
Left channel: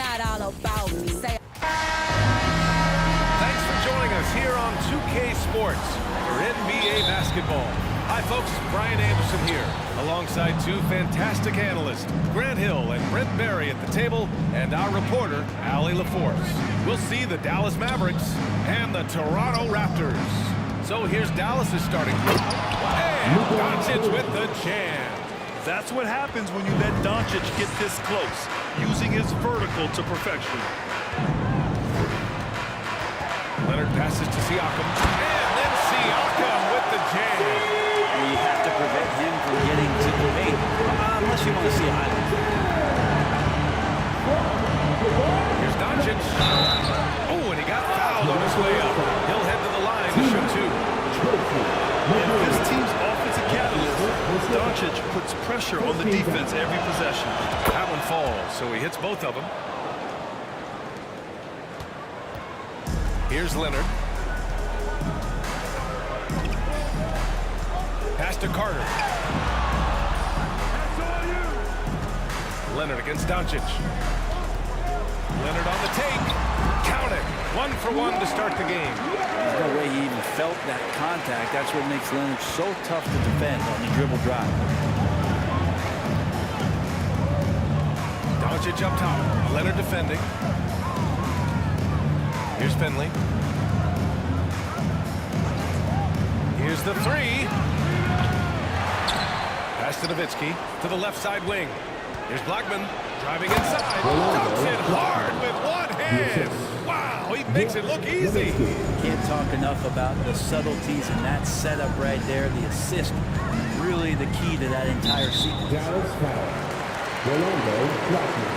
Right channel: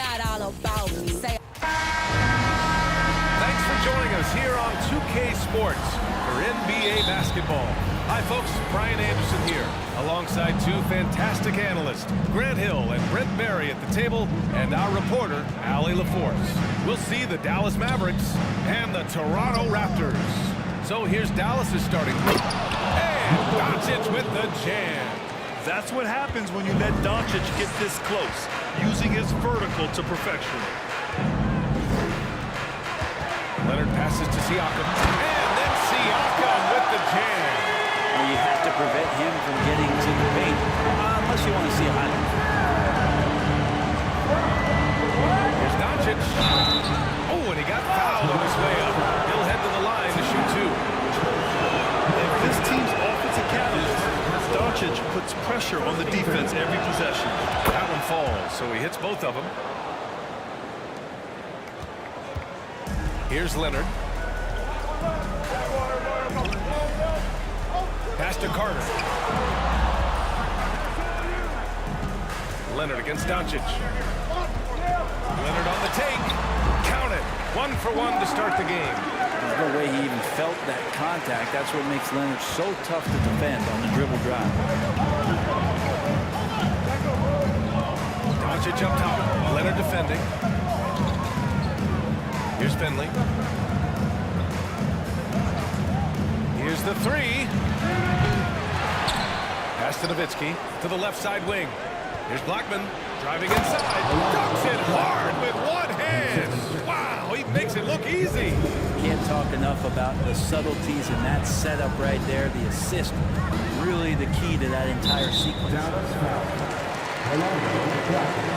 not all about me. Say Thanks for joining us here on 2K Sports for NBA basketball. Hi, folks. Brian Anderson here, alongside two fantastic analysts, Grant Hill and Brent Barry at the table, and our reporter, Allie LaForce. We'll see the Dallas Mavericks and the Toronto Raptors. So here's Dallas's starting group. And Doncic with the jam. That's what happens when you let Doncic get this close, using his vertical to perfection. Leonard passes to Siakam, and then Siakam with the jam. You have to prevent him from getting to the paint, unless you want to see a highlight. Here's Doncic. Oh, and he got fouled on his way up. He'll head to the line to shoot two. If this team's offensive catalyst, Doncic puts pressure on the defense every possession. That one falls, so he hits both of them. Here's Leonard. Pass to Carter. Leonard against Doncic. Leonard on the take. Count it. 1 for 1 to start the game. There's no way he even felt that contact. That's what makes Leonard so tough to defend on the dribble drive. Doncic up top. Leonard defending. Here's Finley. Here's the three. Pass to Nowitzki to the left side wing. Here's Blackman driving inside. Dunks it hard with one hand. Wow, he makes it look easy. Can't talk enough about the subtleties in that setup right there. The assist, really the key to that entire sequence. Dallas foul. Rolando Blackman.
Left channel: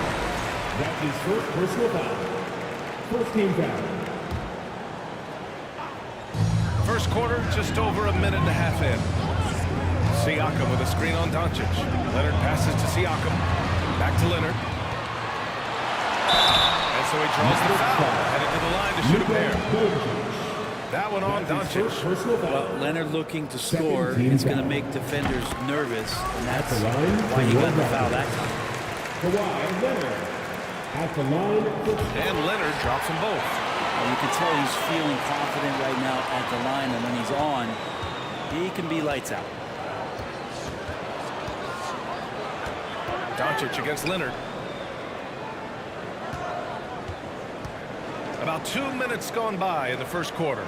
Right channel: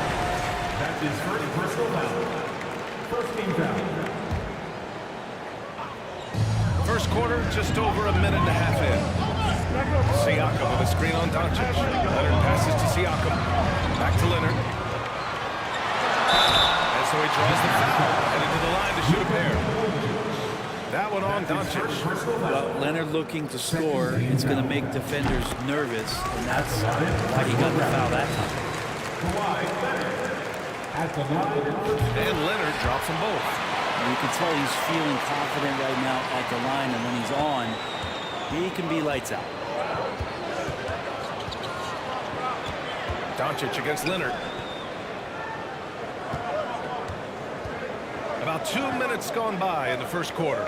That's his first personal foul. First team foul. First quarter, just over a minute and a half in. Siakam with a screen on Doncic. Leonard passes to Siakam. Back to Leonard. And so he draws the foul, headed to the line to shoot a pair. That one on Doncic. Well, Leonard looking to score, it's going to make defenders nervous, and that's why he got the foul that time. At the line. And Leonard drops them both. Well, you can tell he's feeling confident right now at the line, and when he's on, he can be lights out. Doncic against Leonard. About 2 minutes gone by in the first quarter.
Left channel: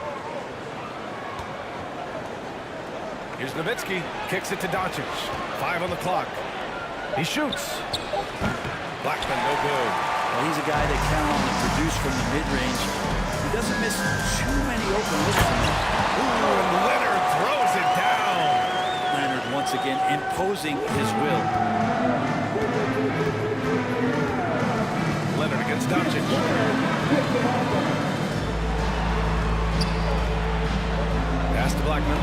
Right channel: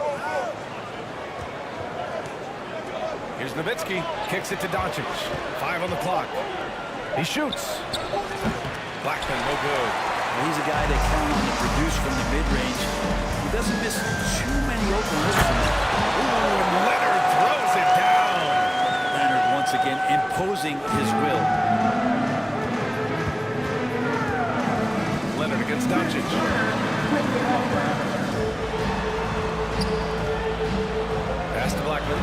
Here's Nowitzki. Kicks it to Doncic. 5 on the clock. He shoots. Blackman, no good. Well, he's a guy that count on to produce from the mid-range. He doesn't miss too many open looks from there. Ooh, and Leonard throws it down. Leonard once again imposing his will. Leonard against Doncic. Pass to Blackman.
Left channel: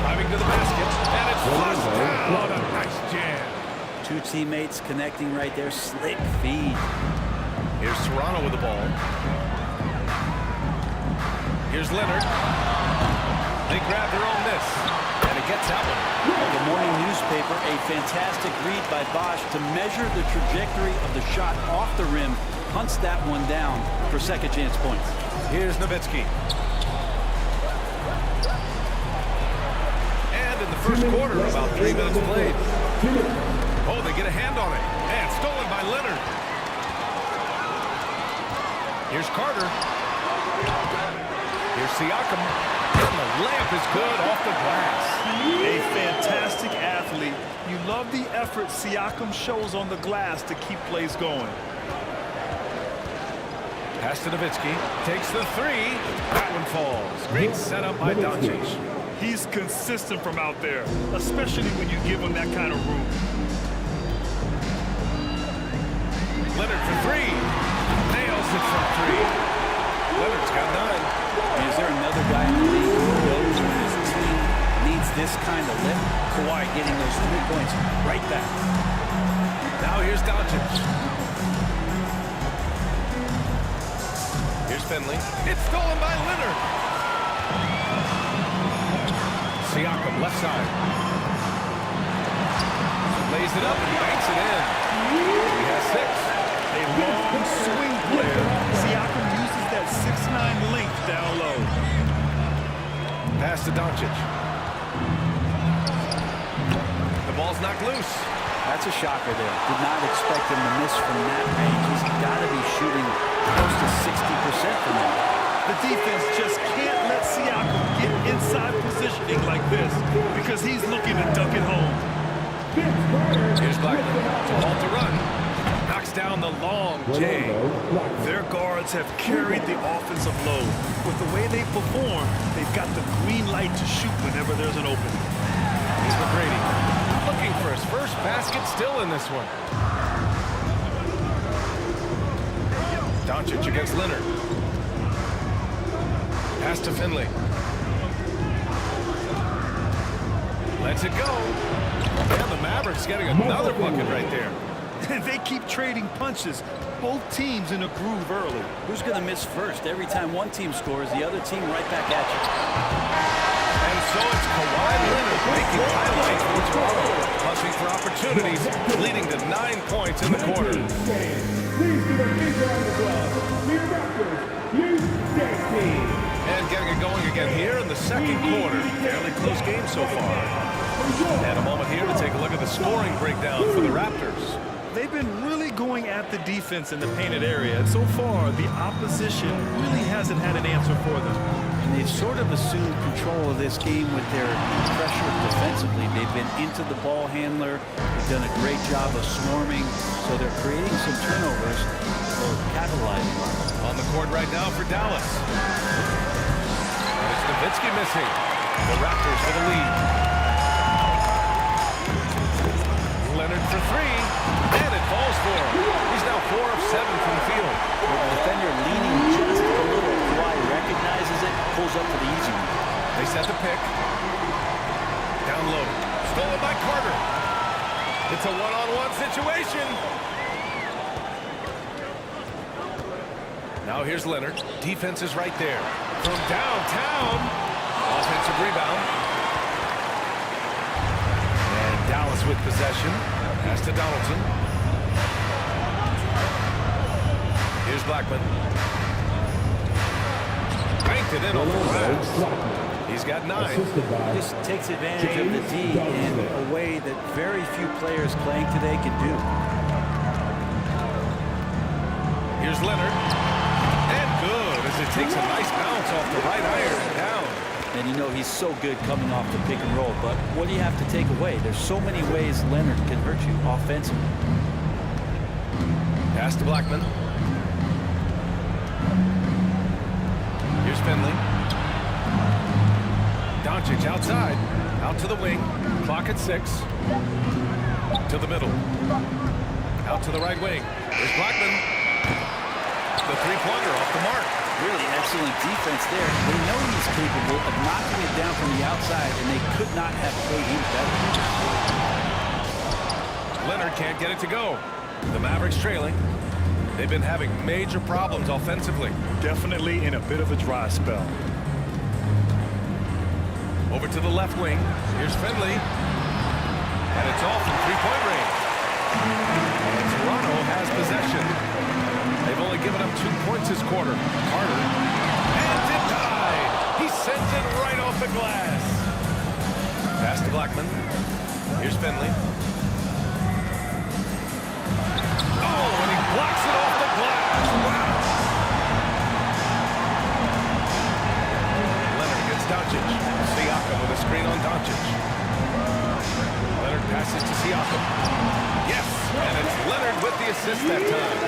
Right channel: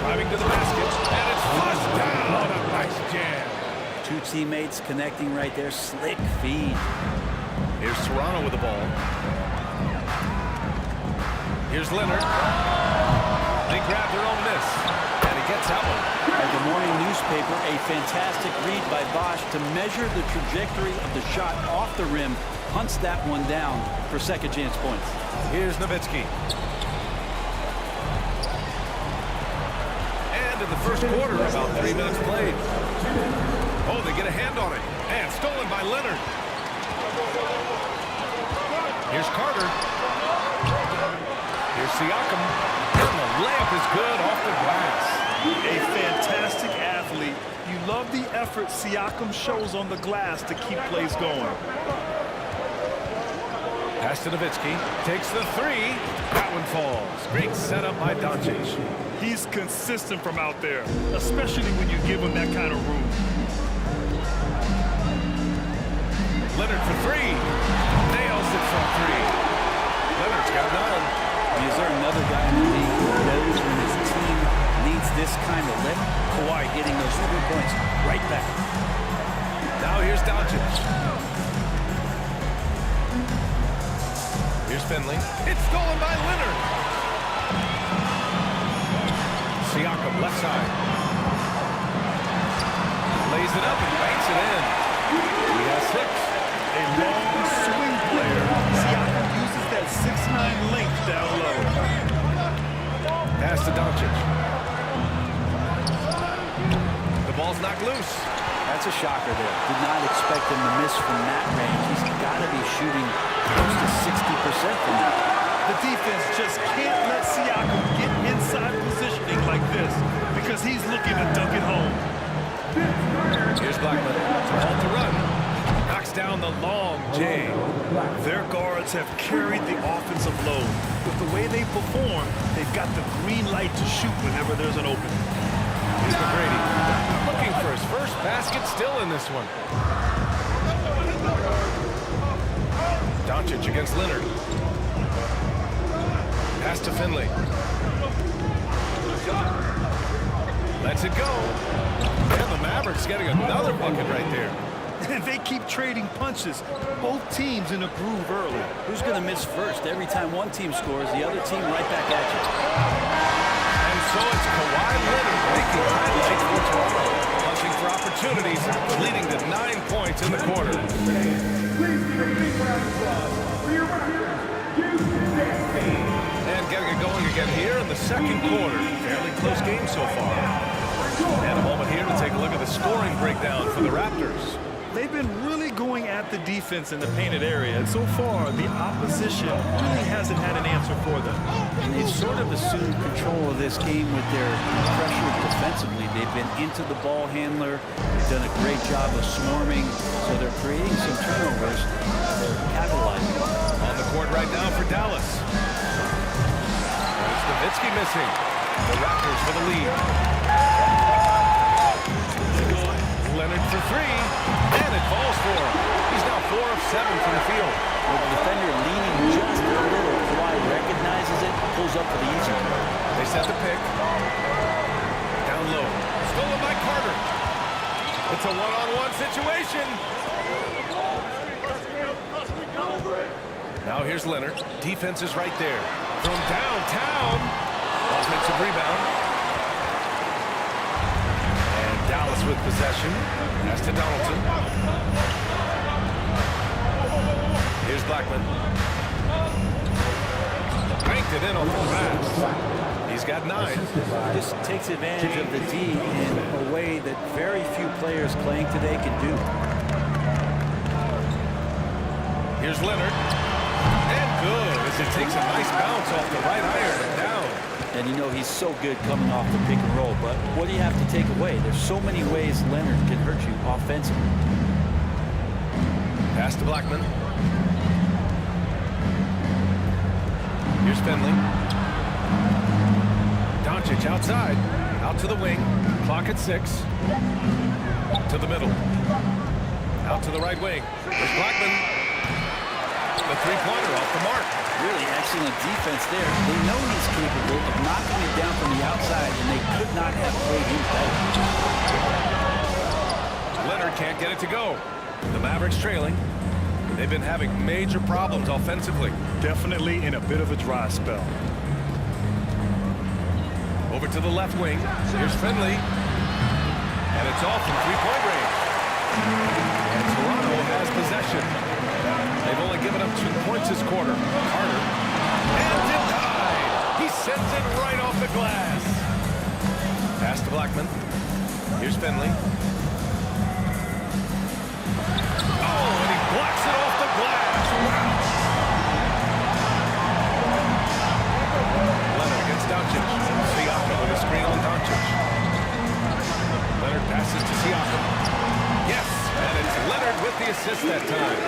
Driving to the basket, and it's flushed down. A nice jam. Two teammates connecting right there. Slick feed. Here's Toronto with the ball. Here's Leonard. They grab their own miss, and he gets that one. Like a morning newspaper, a fantastic read by Bosch to measure the trajectory of the shot off the rim. Hunts that one down for second chance points. Here's Nowitzki. And in the first quarter, about 3 minutes played. Oh, they get a hand on it. And stolen by Leonard. Here's Carter. Here's Siakam. And the layup is good off the glass. A fantastic athlete. You love the effort Siakam shows on the glass to keep plays going. Pass to Nowitzki. Takes the three. That one falls. Great setup by Doncic. He's consistent from out there, especially when you give him that kind of room. Leonard for three. Nails it from three. Leonard's got 9. I mean, is there another guy in the league who knows when his team needs this kind of lift? Kawhi getting those 3 points right back. Now here's Doncic. Here's Finley. It's stolen by Leonard. Siakam, left side. Lays it up and banks it in. He has 6. A long swing player. Siakam uses that 6'9" length down low. Pass to Doncic. The ball's knocked loose. That's a shocker there. Did not expect him to miss from that range. He's got to be shooting close to 60% from that. The defense just can't let Siakam get inside positioning like this because he's looking to dunk it home. Here's Blackman to halt the run. Knocks down the long J. Their guards have carried the offensive load. With the way they perform, they've got the green light to shoot whenever there's an opening. Here's McGrady looking for his first basket, still in this one. Doncic against Leonard. Pass to Finley. Lets it go. And the Mavericks getting another bucket right there. And they keep trading punches. Both teams in a groove early. Who's going to miss first? Every time one team scores, the other team right back at you. And so it's Kawhi Leonard making highlights for Toronto. Punching for opportunities, leading to 9 points in the quarter. Please give a big round of applause for your Raptors, U16. And getting it going again here in the second quarter. Fairly close game so far. And a moment here to take a look at the scoring breakdown for the Raptors. They've been really going at the defense in the painted area, and so far the opposition really hasn't had an answer for them. And they've sort of assumed control of this game with their pressure defensively. They've been into the ball handler. They've done a great job of swarming, so they're creating some turnovers. They're capitalizing. On the court right now for Dallas. And it's Nowitzki missing. The Raptors for the lead. Leonard for three, and it falls for him. He's now 4 of 7 from the field. With the defender leaning just a little, Kawhi recognizes it, pulls up for the easy one. They set the pick. Down low. Stolen by Carter. It's a one-on-one situation. Now here's Leonard. Defense is right there. From downtown. Offensive rebound. Dallas with possession. Pass to Donaldson. Here's Blackman. Banked it in off the glass. He's got 9. He just takes advantage of the D in a way that very few players playing today can do. Here's Leonard. And good as it takes a nice bounce off the right iron and down. And you know he's so good coming off the pick and roll, but what do you have to take away? There's so many ways Leonard can hurt you offensively. Pass to Blackman. Here's Finley. Doncic outside. Out to the wing. Clock at 6. To the middle. Out to the right wing. There's Blackman. The three-pointer off the mark. Really excellent defense there. They know he's capable of knocking it down from the outside, and they could not have played him better. Leonard can't get it to go. The Mavericks trailing. They've been having major problems offensively. Definitely in a bit of a dry spell. Over to the left wing. Here's Finley. And it's off from three-point range. And Toronto has possession. They've only given up 2 points this quarter. Carter. And denied. He sends it right off the glass. Pass to Blackman. Here's Finley. Oh, and he blocks it off the glass. Wow. Leonard against Doncic. Siakam with a screen on Doncic. Leonard passes to Siakam. Yes, and it's Leonard with the assist that time.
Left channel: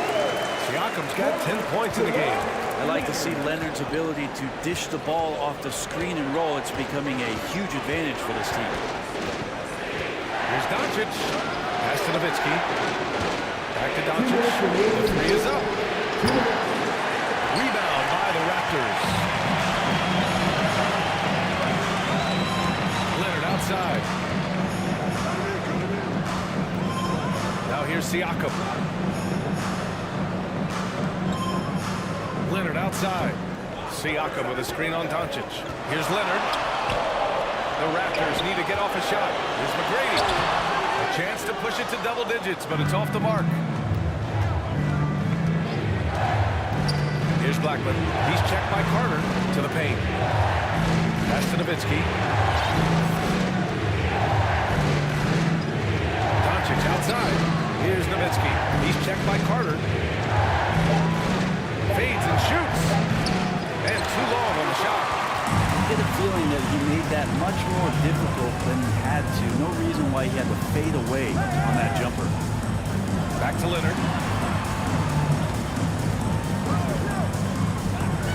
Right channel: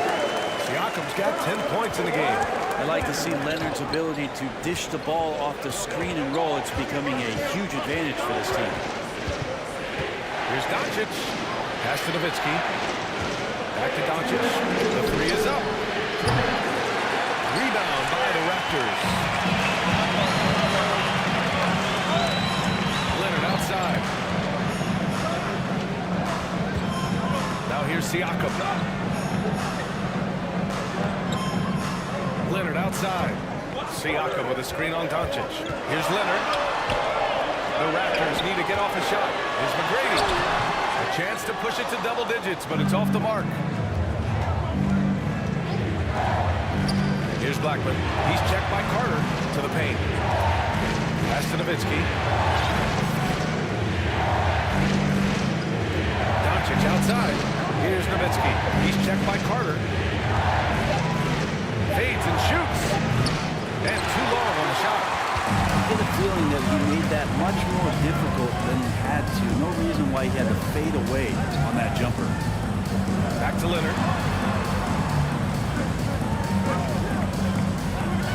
Siakam's got 10 points in the game. I like to see Leonard's ability to dish the ball off the screen and roll. It's becoming a huge advantage for this team. Here's Doncic. Pass to Nowitzki. Back to Doncic. The three is up. Rebound by the Raptors. Leonard outside. Now here's Siakam. Leonard outside. Siakam with a screen on Doncic. Here's Leonard. The Raptors need to get off a shot. Here's McGrady. A chance to push it to double digits, but it's off the mark. Here's Blackman. He's checked by Carter to the paint. Pass to Nowitzki. Doncic outside. Here's Nowitzki. He's checked by Carter. Fades and shoots. And too long on the shot. I get a feeling that he made that much more difficult than he had to. No reason why he had to fade away on that jumper. Back to Leonard.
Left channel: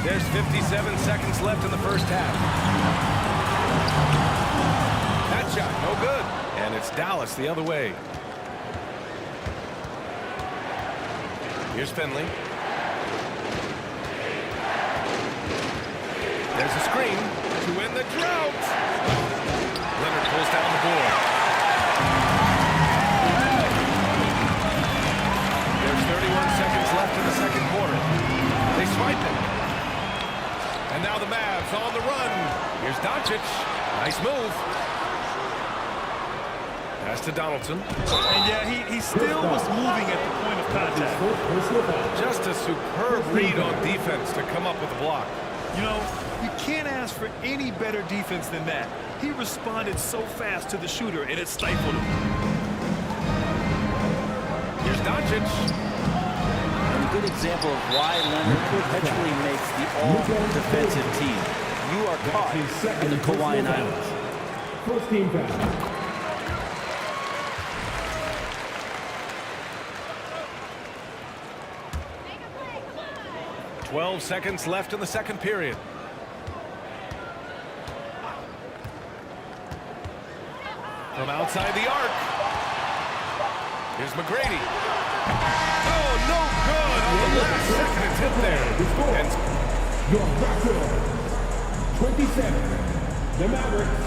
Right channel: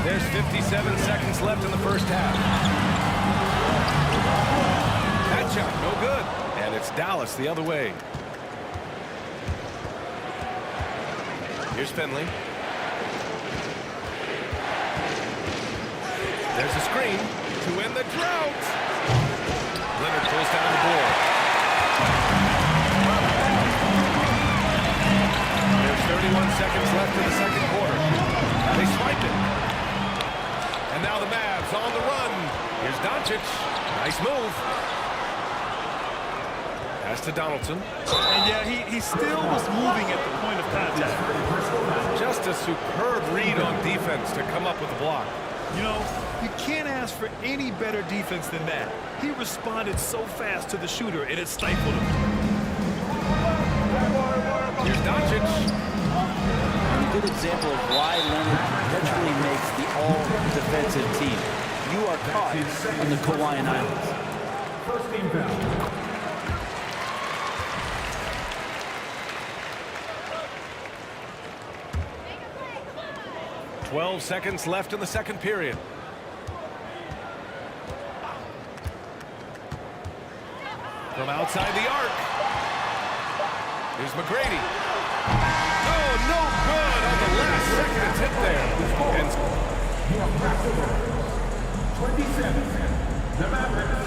There's 57 seconds left in the first half. That shot, no good. And it's Dallas the other way. Here's Finley. There's a screen to end the drought. Leonard pulls down the board. There's 31 seconds left in the second quarter. They swipe it. And now the Mavs on the run. Here's Doncic. Nice move. Pass to Donaldson. And yeah, he still was moving at the point of contact. Just a superb read on defense to come up with a block. You know, you can't ask for any better defense than that. He responded so fast to the shooter, and it stifled him. Here's Doncic. And a good example of why Leonard perpetually makes the all-defensive team. You are caught on the Hawaiian Islands. First team foul. 12 seconds left in the second period. From outside the arc. Here's McGrady. Oh, no good on the last second attempt there. And your record, 27. The Mavericks,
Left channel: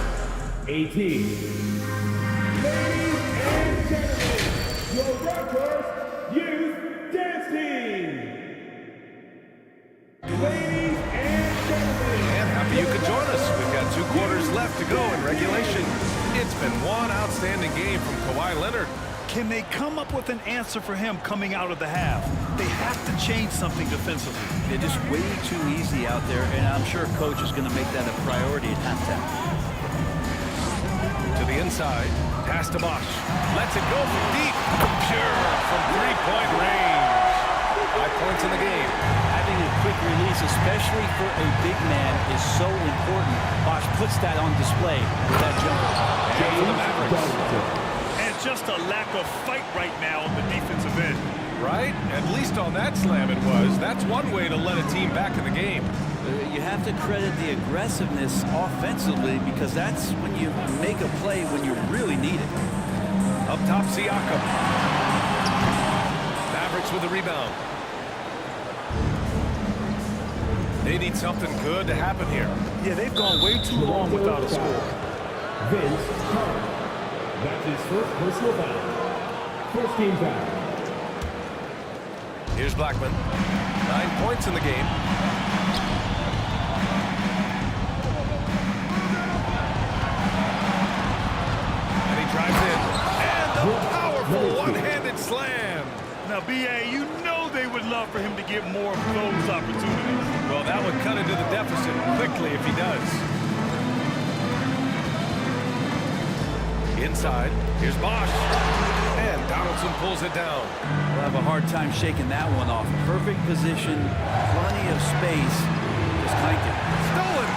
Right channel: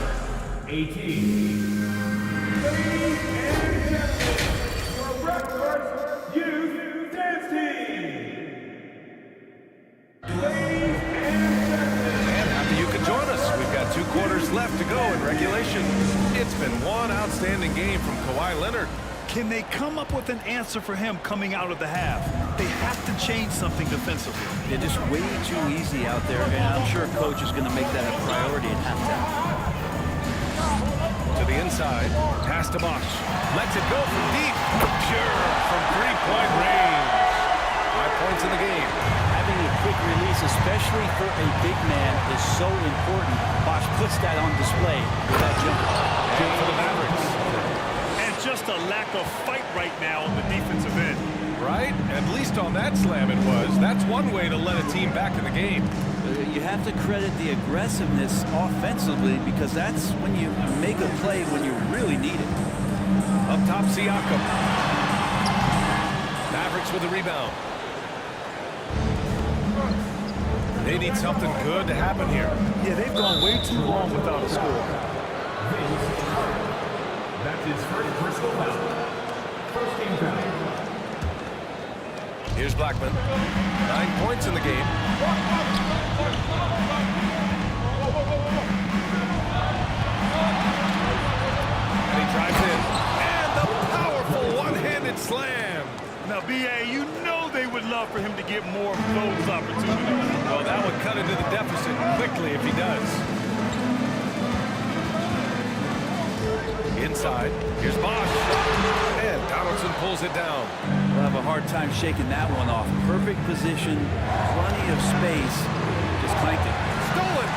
18. Ladies and gentlemen, your Raptors Youth Dance Team. Ladies and gentlemen. And happy you could join us. We've got 2 quarters left to go in regulation. It's been one outstanding game from Kawhi Leonard. Can they come up with an answer for him coming out of the half? They have to change something defensively. They're just way too easy out there, and I'm sure coach is going to make that a priority at halftime. To the inside, pass to Bosch. Lets it go from deep. Pure from three-point range. 5 points in the game. Having a quick release, especially for a big man, is so important. Bosch puts that on display with that jumper. And for the Mavericks. And just a lack of fight right now on the defensive end. Right? At least on that slam it was. That's one way to let a team back in the game. You have to credit the aggressiveness offensively, because that's when you make a play when you really need it. Up top, Siakam. Mavericks with the rebound. They need something good to happen here. Yeah, they've gone way too long without a score. Vince Carter. That's his first personal foul. First team foul. Here's Blackman. 9 points in the game. And he drives in. And the powerful one-handed slam. Now, B.A., you know they would love for him to get more of those opportunities. Well, that would cut into the deficit quickly if he does. Inside, here's Bosch. And Donaldson pulls it down. We'll have a hard time shaking that one off. Perfect position, plenty of space. Just clanked it. Stolen!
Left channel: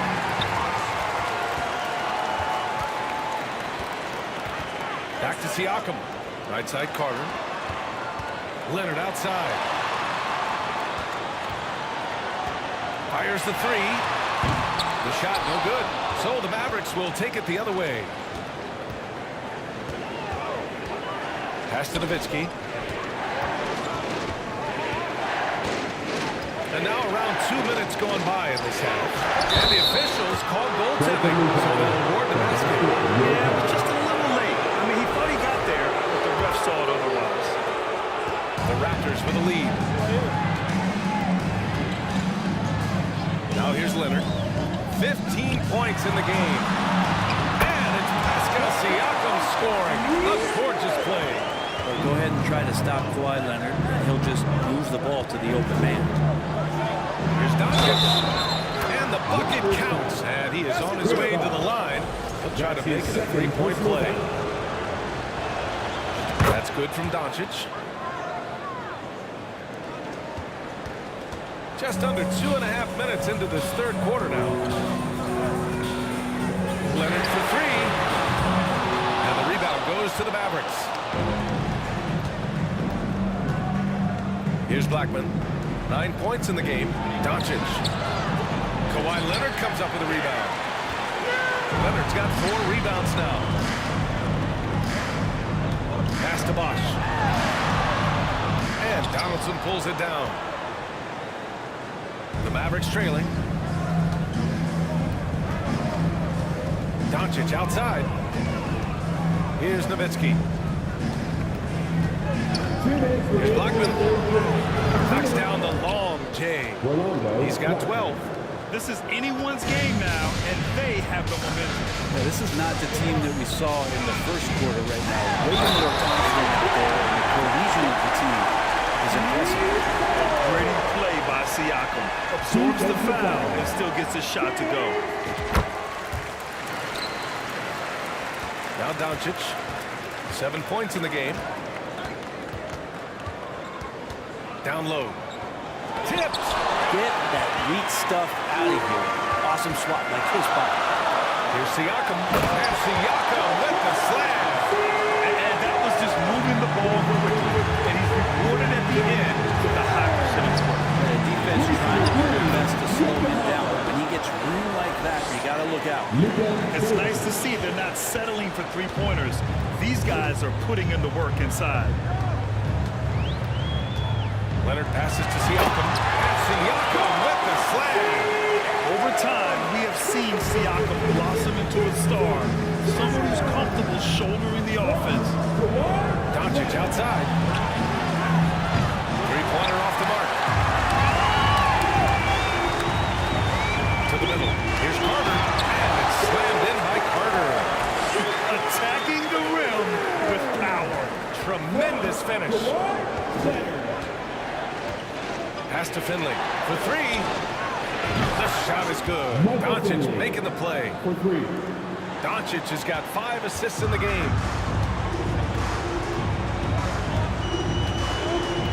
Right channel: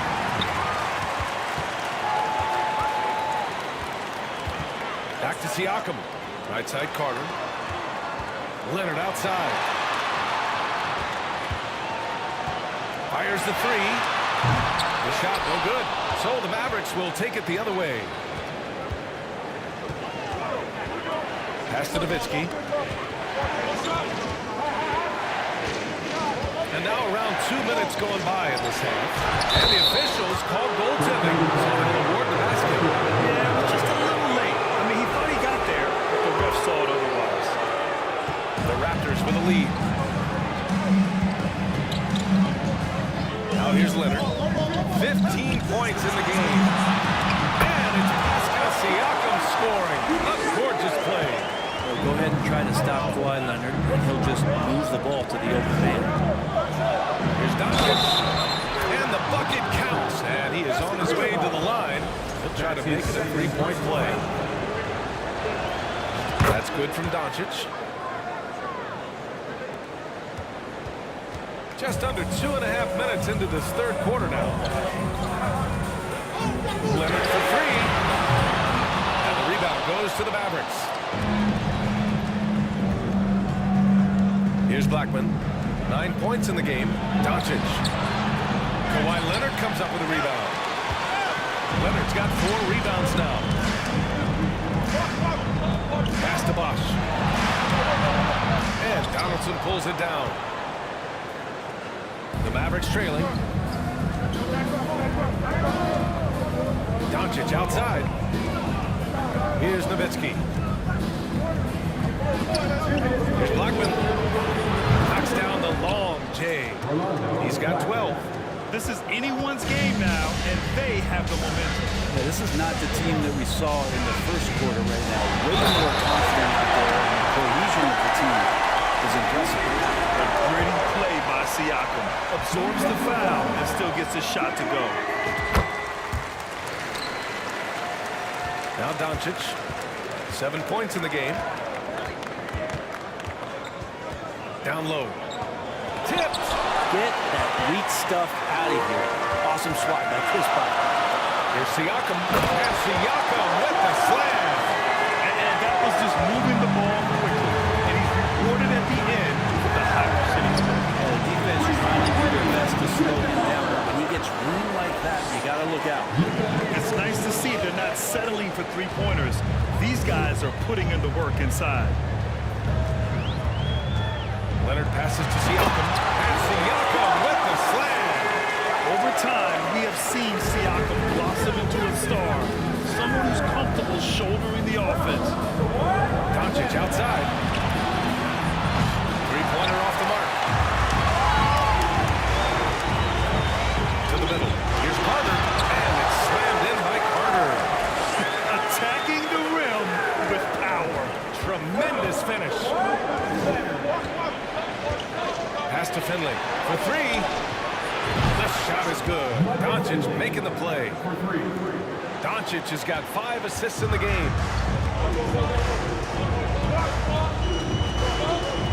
Back to Siakam. Right side, Carter. Leonard outside. Fires the three. The shot no good. So the Mavericks will take it the other way. Pass to Nowitzki. And now around 2 minutes gone by in this half. And the officials called goaltending, so they'll award the basket. Yeah, it was just a little late. I mean, he thought he got there, but the ref saw it otherwise. The Raptors with a lead. Now here's Leonard. 15 points in the game. And it's Pascal Siakam scoring. A gorgeous play. Well, go ahead and try to stop Kawhi Leonard, and he'll just move the ball to the open man. Here's Doncic. And the bucket counts. And he is on his way to the line. He'll try to make it a three-point play. That's good from Doncic. Just under 2.5 minutes into this third quarter now. Leonard for three. And the rebound goes to the Mavericks. Here's Blackman. 9 points in the game. Doncic. Kawhi Leonard comes up with a rebound. Leonard's got 4 rebounds now. Pass to Bosch. And Donaldson pulls it down. The Mavericks trailing. Doncic outside. Here's Nowitzki. Here's Blackman. Knocks down the long J. He's got 12. This is anyone's game now, and they have the momentum. Yeah, this is not the team that we saw in the first quarter right now. Way more confident out there, and the cohesion of the team is impressive. A gritty play by Siakam. Absorbs the foul and still gets his shot to go. Now Doncic. 7 points in the game. Down low. Tipped. Get that weak stuff out of here. Awesome swat by Chris Bosh. Here's Siakam. And Siakam with the slam. And that was just moving the ball quickly. And he's rewarded at the end with a high percentage score. Yeah, the defense trying to do their best to slow him down. But when he gets room like that, you got to look out. It's nice to see they're not settling for three-pointers. These guys are putting in the work inside. Leonard passes to Siakam. And Siakam with the slam. Over time, we have seen Siakam blossom into a star. Someone who's comfortable shouldering the offense. Doncic outside. Three-pointer off the mark. To the middle. Here's Carter. And it's slammed in by Carter. Attacking the rim with power. Tremendous finish. Pass to Finley for three. The shot is good. Doncic making the play. Doncic has got 5 assists in the game.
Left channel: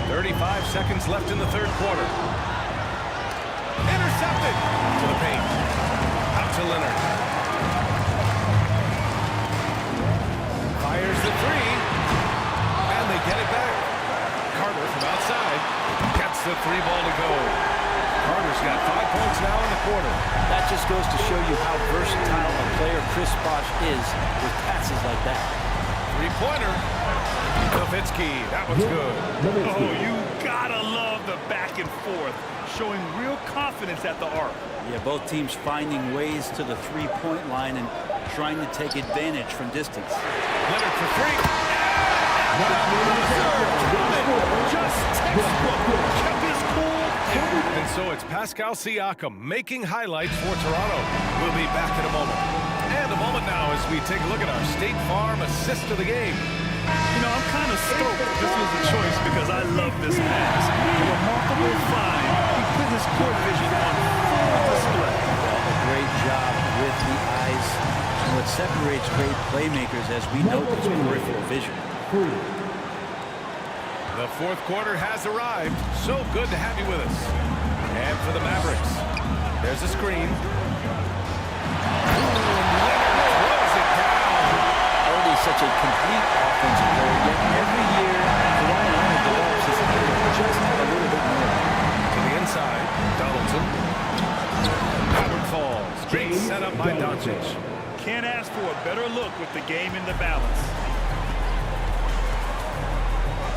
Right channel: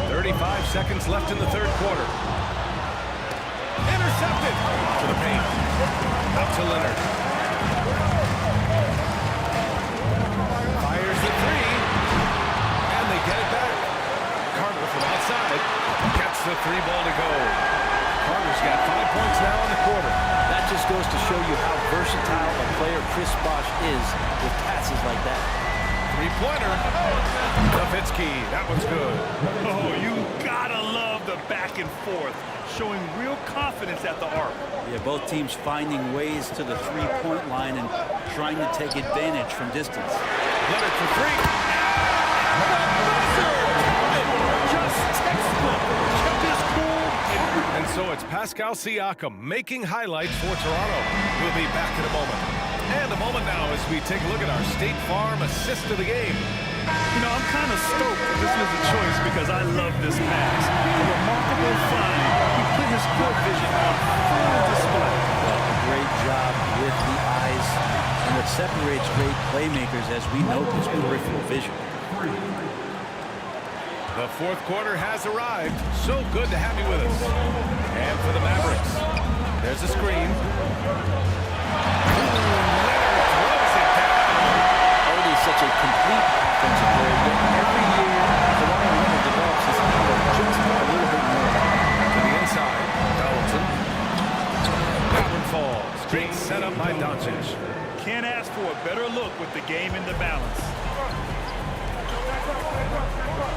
35 seconds left in the third quarter. Intercepted to the paint. Out to Leonard. Fires the three. And they get it back. Carter from outside gets the 3 ball to go. Carter's got 5 points now in the quarter. That just goes to show you how versatile a player Chris Bosh is with passes like that. Three-pointer. Nowitzki. That one's good. Oh, you gotta love the back and forth, showing real confidence at the arc. Yeah, both teams finding ways to the three-point line and trying to take advantage from distance. Leonard for three. And the buzzer! Just textbook. Kept his cool. And so it's Pascal Siakam making highlights for Toronto. We'll be back in a moment. And a moment now as we take a look at our State Farm assist of the game. You know, I'm kind of stoked this was a choice because I love this pass. A remarkable find. He put his court vision on full display. Well, a great job with the eyes. And what separates great playmakers, as we note, is peripheral vision. The fourth quarter has arrived. So good to have you with us. And for the Mavericks, there's a screen. Leonard throws it down. Already such a complete offensive player, yet every year Kawhi Leonard develops his handle just a little bit more. To the inside, Donaldson. Howard falls. Great setup by Doncic. Can't ask for a better look with the game in the balance.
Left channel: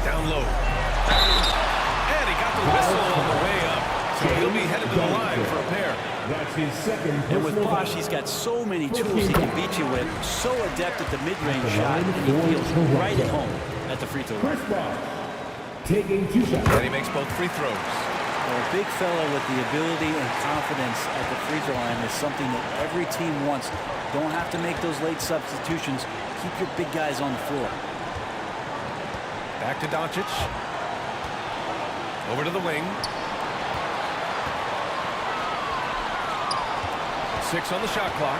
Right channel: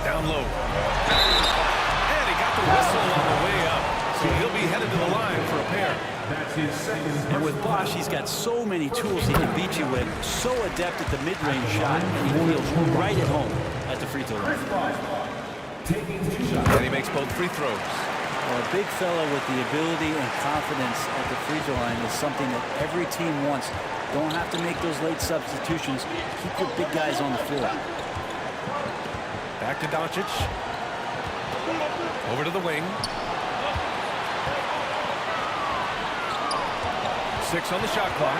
Down low. And he got the whistle on the way up. So he'll be headed to the line for a pair. That's his second. And with Bosh, he's got so many tools he can beat you with. So adept at the mid-range shot, and he feels right at home at the free throw line. Taking 2 shots. And he makes both free throws. Well, a big fella with the ability and confidence at the free throw line is something that every team wants. Don't have to make those late substitutions. Keep your big guys on the floor. Back to Doncic. Over to the wing. 6 on the shot clock.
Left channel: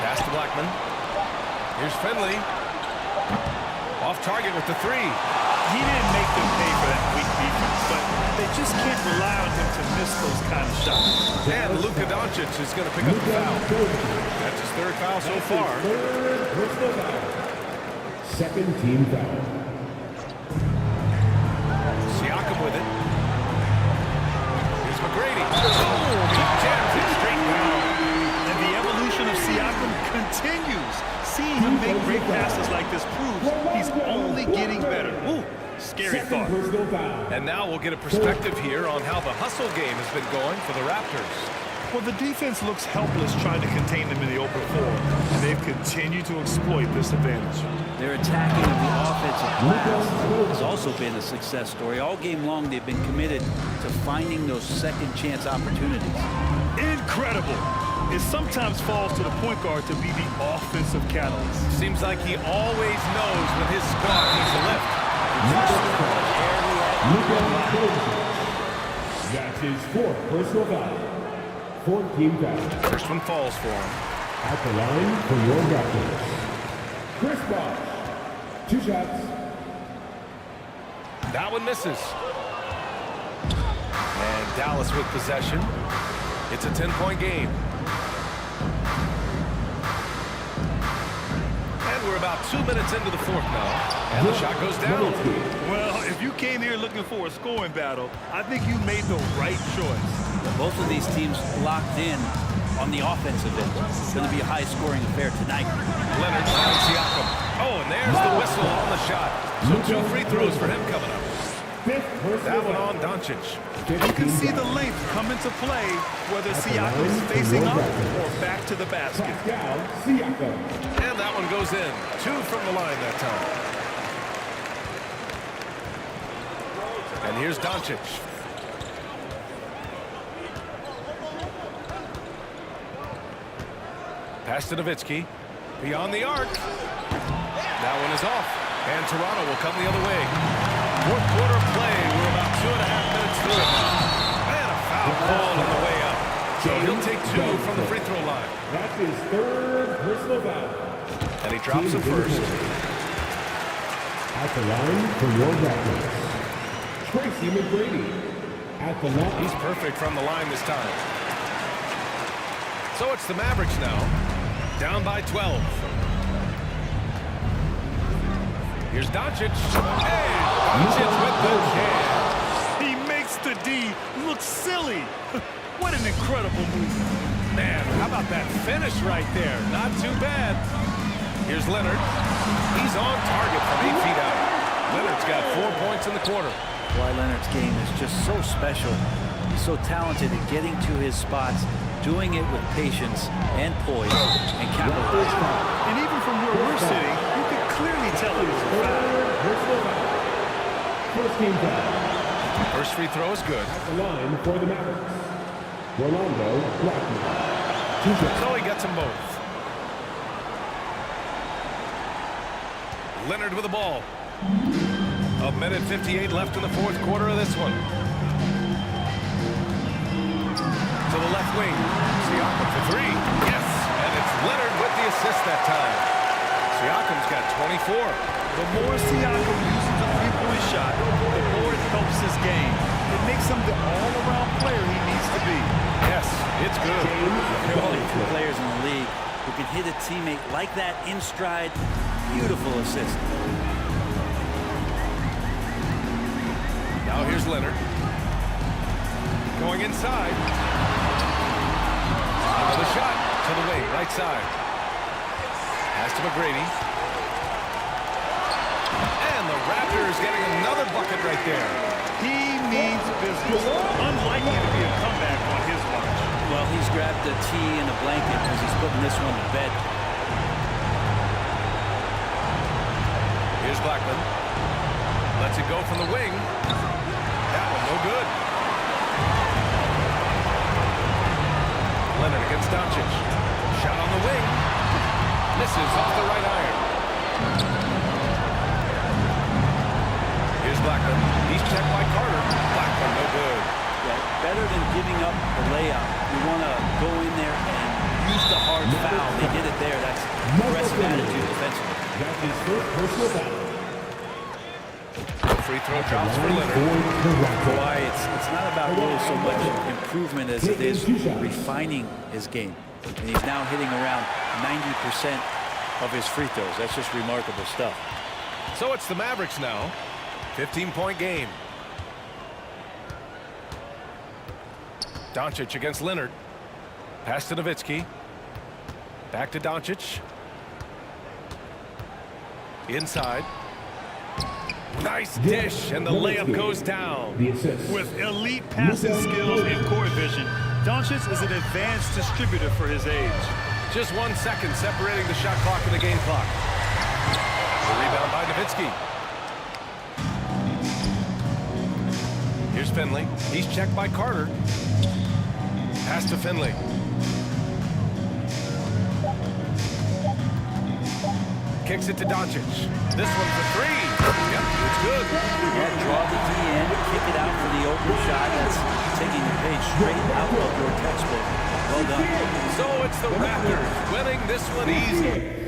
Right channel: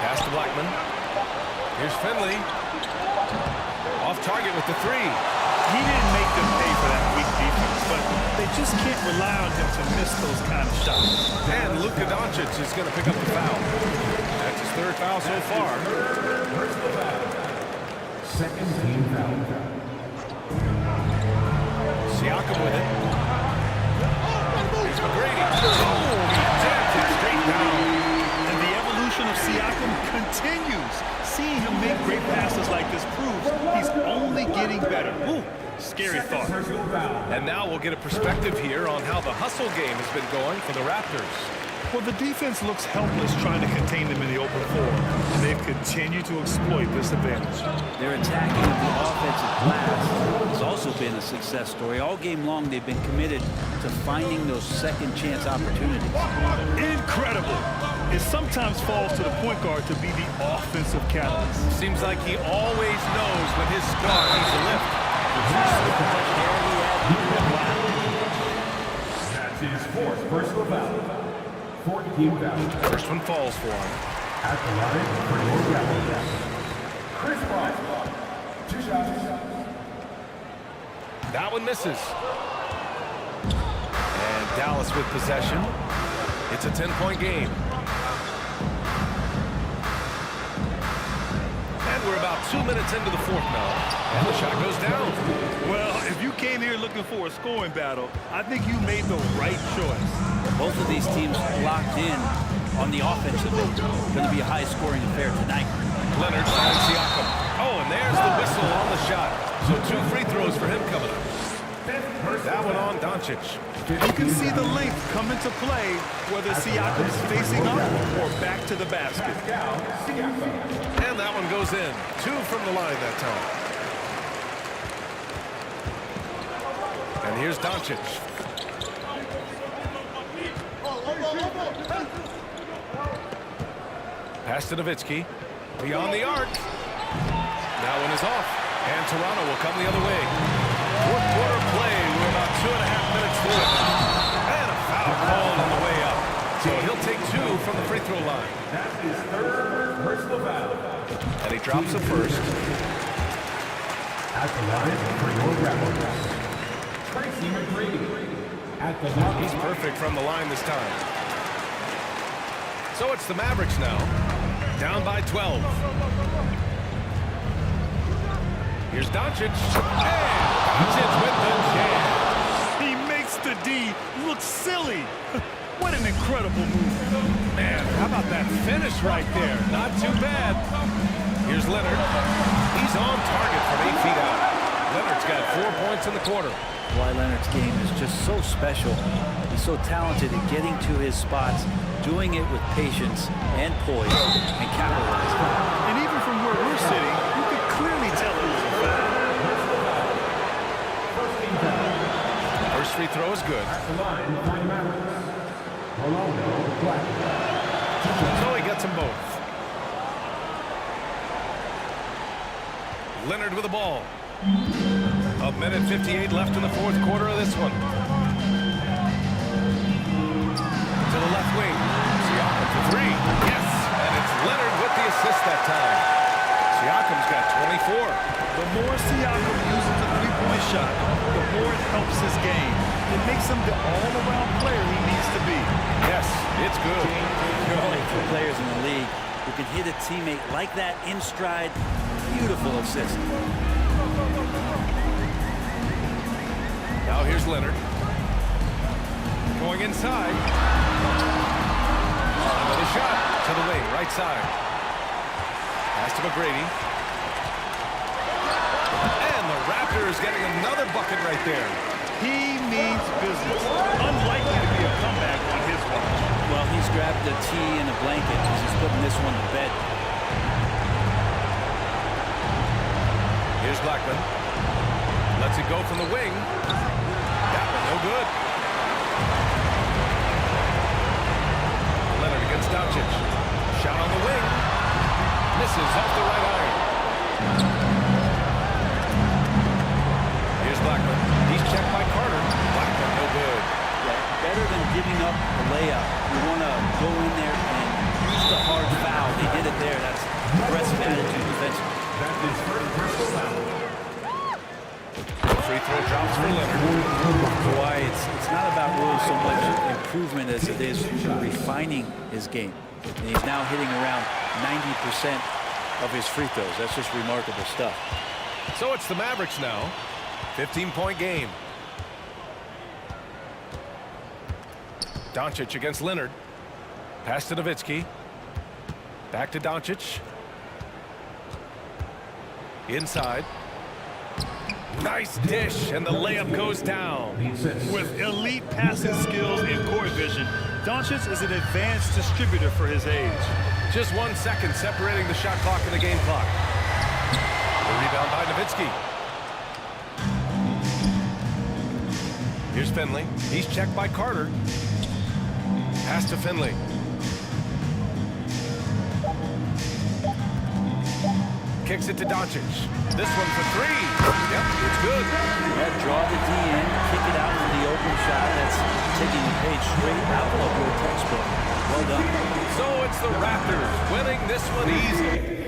Pass to Blackman. Here's Finley. Off target with the 3. He didn't make them pay for that weak defense, but they just can't rely on him to miss those kind of shots. And Luka Doncic is going to pick up the foul. That's his 3rd foul so far. Second team foul. Siakam with it. Here's McGrady. Oh, he jams it straight down. And the evolution of Siakam continues. Seeing him make great passes like this proves he's only getting better. Ooh, scary thought. And now we'll get a perspective here on how the hustle game has been going for the Raptors. Well, the defense looks helpless trying to contain them in the open floor, and they've continued to exploit this advantage. Their attacking of the offensive glass has also been a success story. All game long, they've been committed to finding those second chance opportunities. Incredible. It sometimes falls to the point guard to be the offensive catalyst. Seems like he always knows when his squad needs a lift. Just how much air he had under him last. That's his 4th personal foul. 4th team foul. First one falls for him. At the line for your Raptors, Chris Bosh. 2 shots. That one misses. And Dallas with possession. It's a 10-point game. And we're about 2 minutes into the 4th now. And the shot goes down. Well, if you came here looking for a scoring battle, I think you made the right choice. Well, both of these teams locked in on the offensive end. It's going to be a high-scoring affair tonight. Leonard finds Siakam. Oh, and there's the whistle on the shot. So 2 free throws for him coming up. That one on Doncic. You can see the length come into play, whether Siakam's facing up or back to the basket. And that one goes in. 2 from the line that time. And here's Doncic. Pass to Nowitzki. Beyond the arc. That one is off. And Toronto will come the other way. 4th quarter play. We're about 2.5 minutes through it now. And a foul called on the way up. So he'll take 2 from the free throw line. That's his 3rd personal foul. And he drops it first. At the line for your Raptors, Tracy McGrady. At the line. He's perfect from the line this time. So it's the Mavericks now. Down by 12. Here's Doncic. And Doncic with the jam. He makes the D look silly. What an incredible move. Man, how about that finish right there? Not too bad. Here's Leonard. He's on target from 8 feet out. Leonard's got 4 points in the quarter. Kawhi Leonard's game is just so special. He's so talented at getting to his spots, doing it with patience and poise, and capitalizing. And even from where we're sitting, you could clearly tell it was a foul. First team foul. First free throw is good. At the line for the Mavericks, Rolando Blackman. So he gets them both. Leonard with the ball. 1:58 left in the 4th quarter of this one. To the left wing. Siakam for 3. Yes! And it's Leonard with the assist that time. Siakam's got 24. The more Siakam uses the three-point shot, the more it helps his game. It makes him the all-around player he needs to be. Yes, it's good. There are only 2 players in the league who can hit a teammate like that in stride. Beautiful assist. Now here's Leonard. Going inside. Another shot to the wing, right side. Pass to McGrady. And the Raptors getting another bucket right there. He means business. Unlikely to be a comeback on his watch. Well, he's grabbed the tee and a blanket as he's putting this one to bed. Here's Blackman. Lets it go from the wing. That one no good. Leonard against Doncic. Shot on the wing. Misses off the right iron. Here's Blackman. He's checked by Carter. Blackman no good. Yeah, better than giving up the layup. You want to go in there and use the hard foul. They did it there. That's aggressive attitude defensively. That's his first personal foul. Free throw drops for Leonard. Kawhi, it's not about really so much improvement as it is refining his game. And he's now hitting around 90% of his free throws. That's just remarkable stuff. So it's the Mavericks now. 15-point game. Doncic against Leonard. Pass to Nowitzki. Back to Doncic. Inside. Nice dish, and the layup goes down. With elite passing skills and court vision, Doncic is an advanced distributor for his age. Just 1 second separating the shot clock and the game clock. The rebound by Nowitzki. Here's Finley. He's checked by Carter. Pass to Finley. Kicks it to Doncic. This one for three. Yep, it's good. Yeah, draw the D in, kick it out for the open shot. That's taking the page straight out of your textbook. Well done. So it's the Raptors winning this one easy.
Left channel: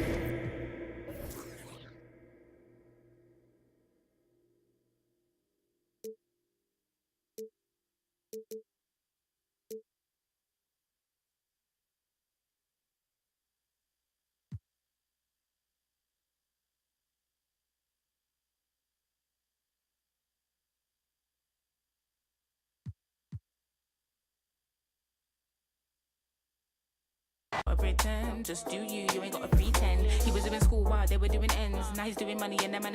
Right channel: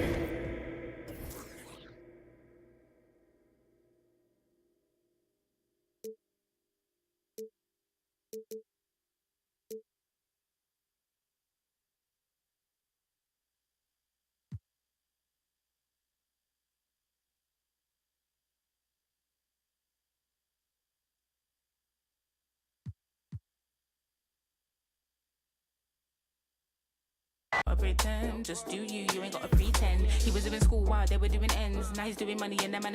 Pretend, just do you ain't gotta pretend. He was doing school while they were doing ends. Now he's doing money and that man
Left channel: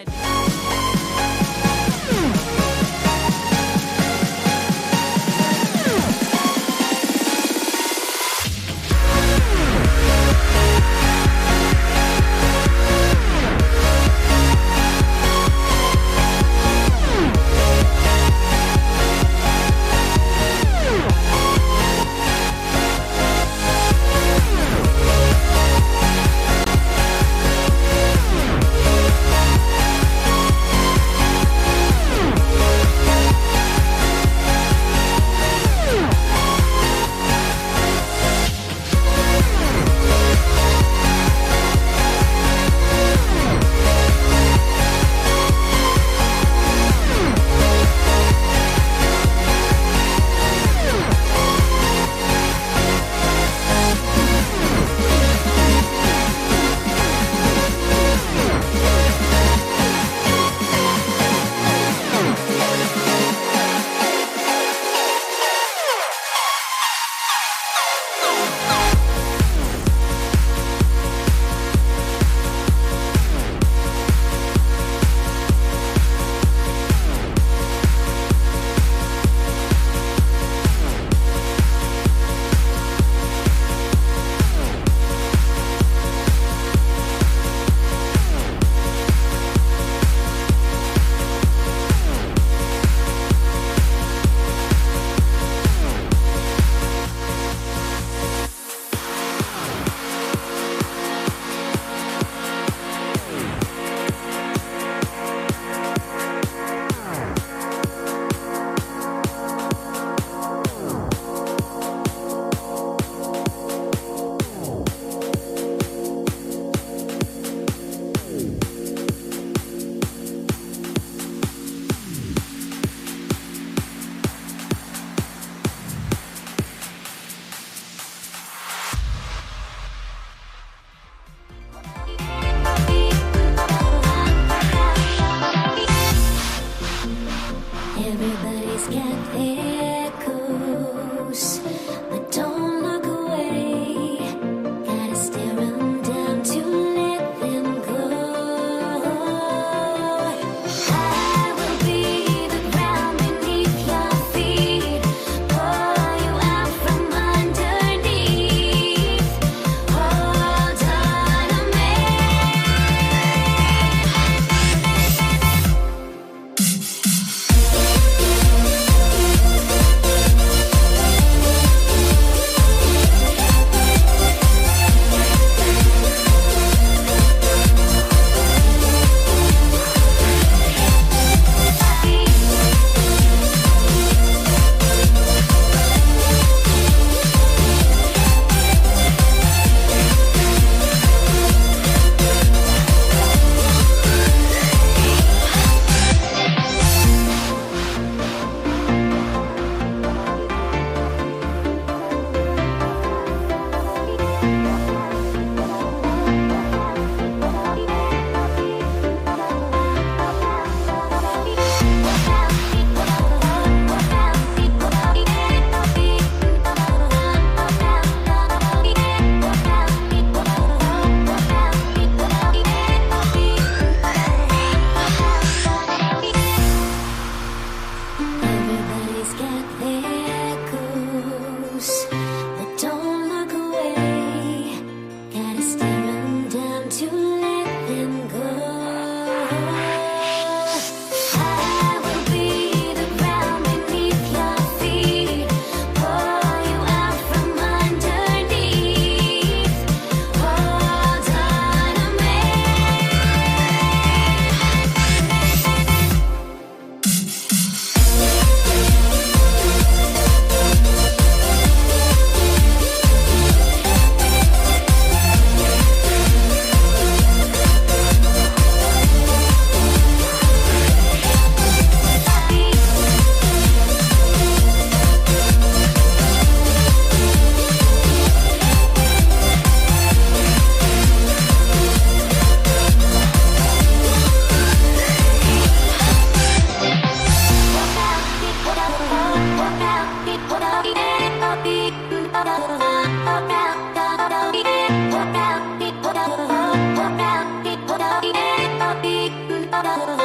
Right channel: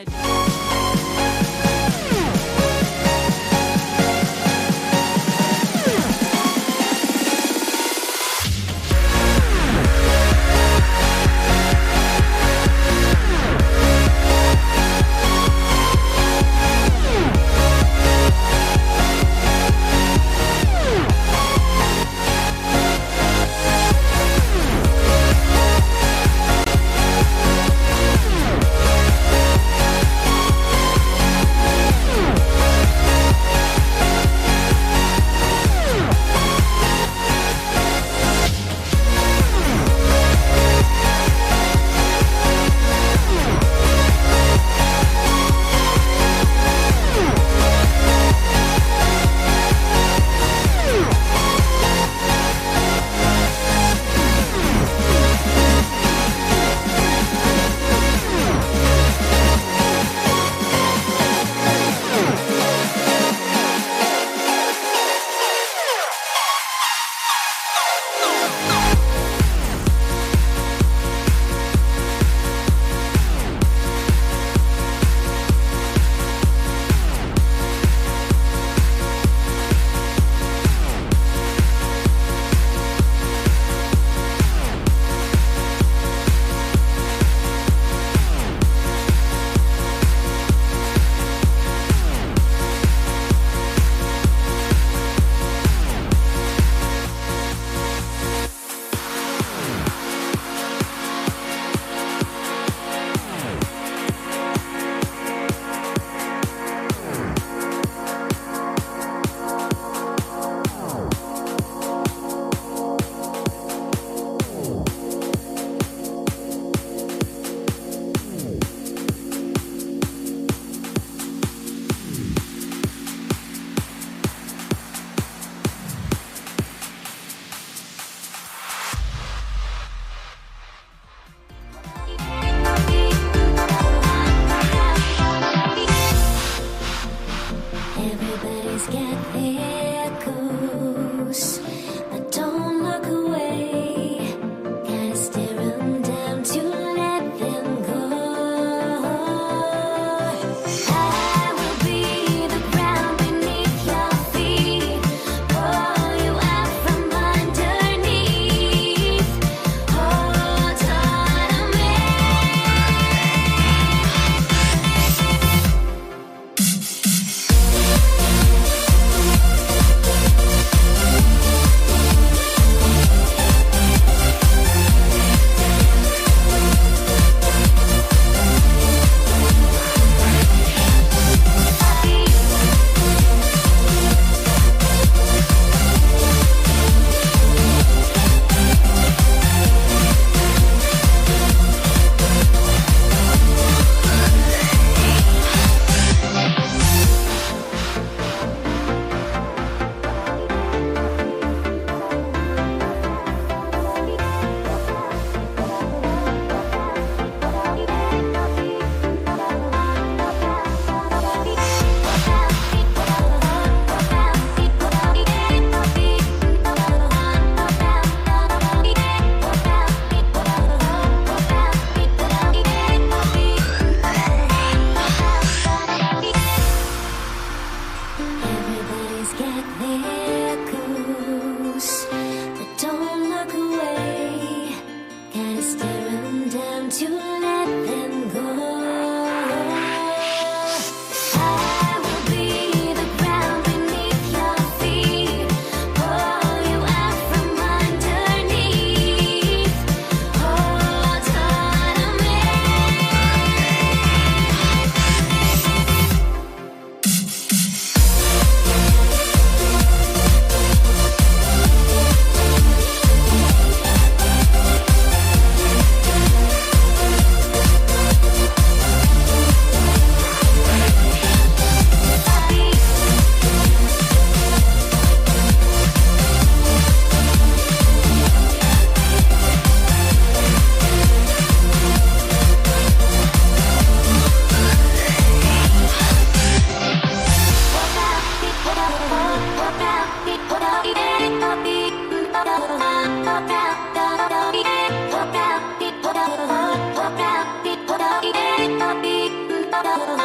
Welcome to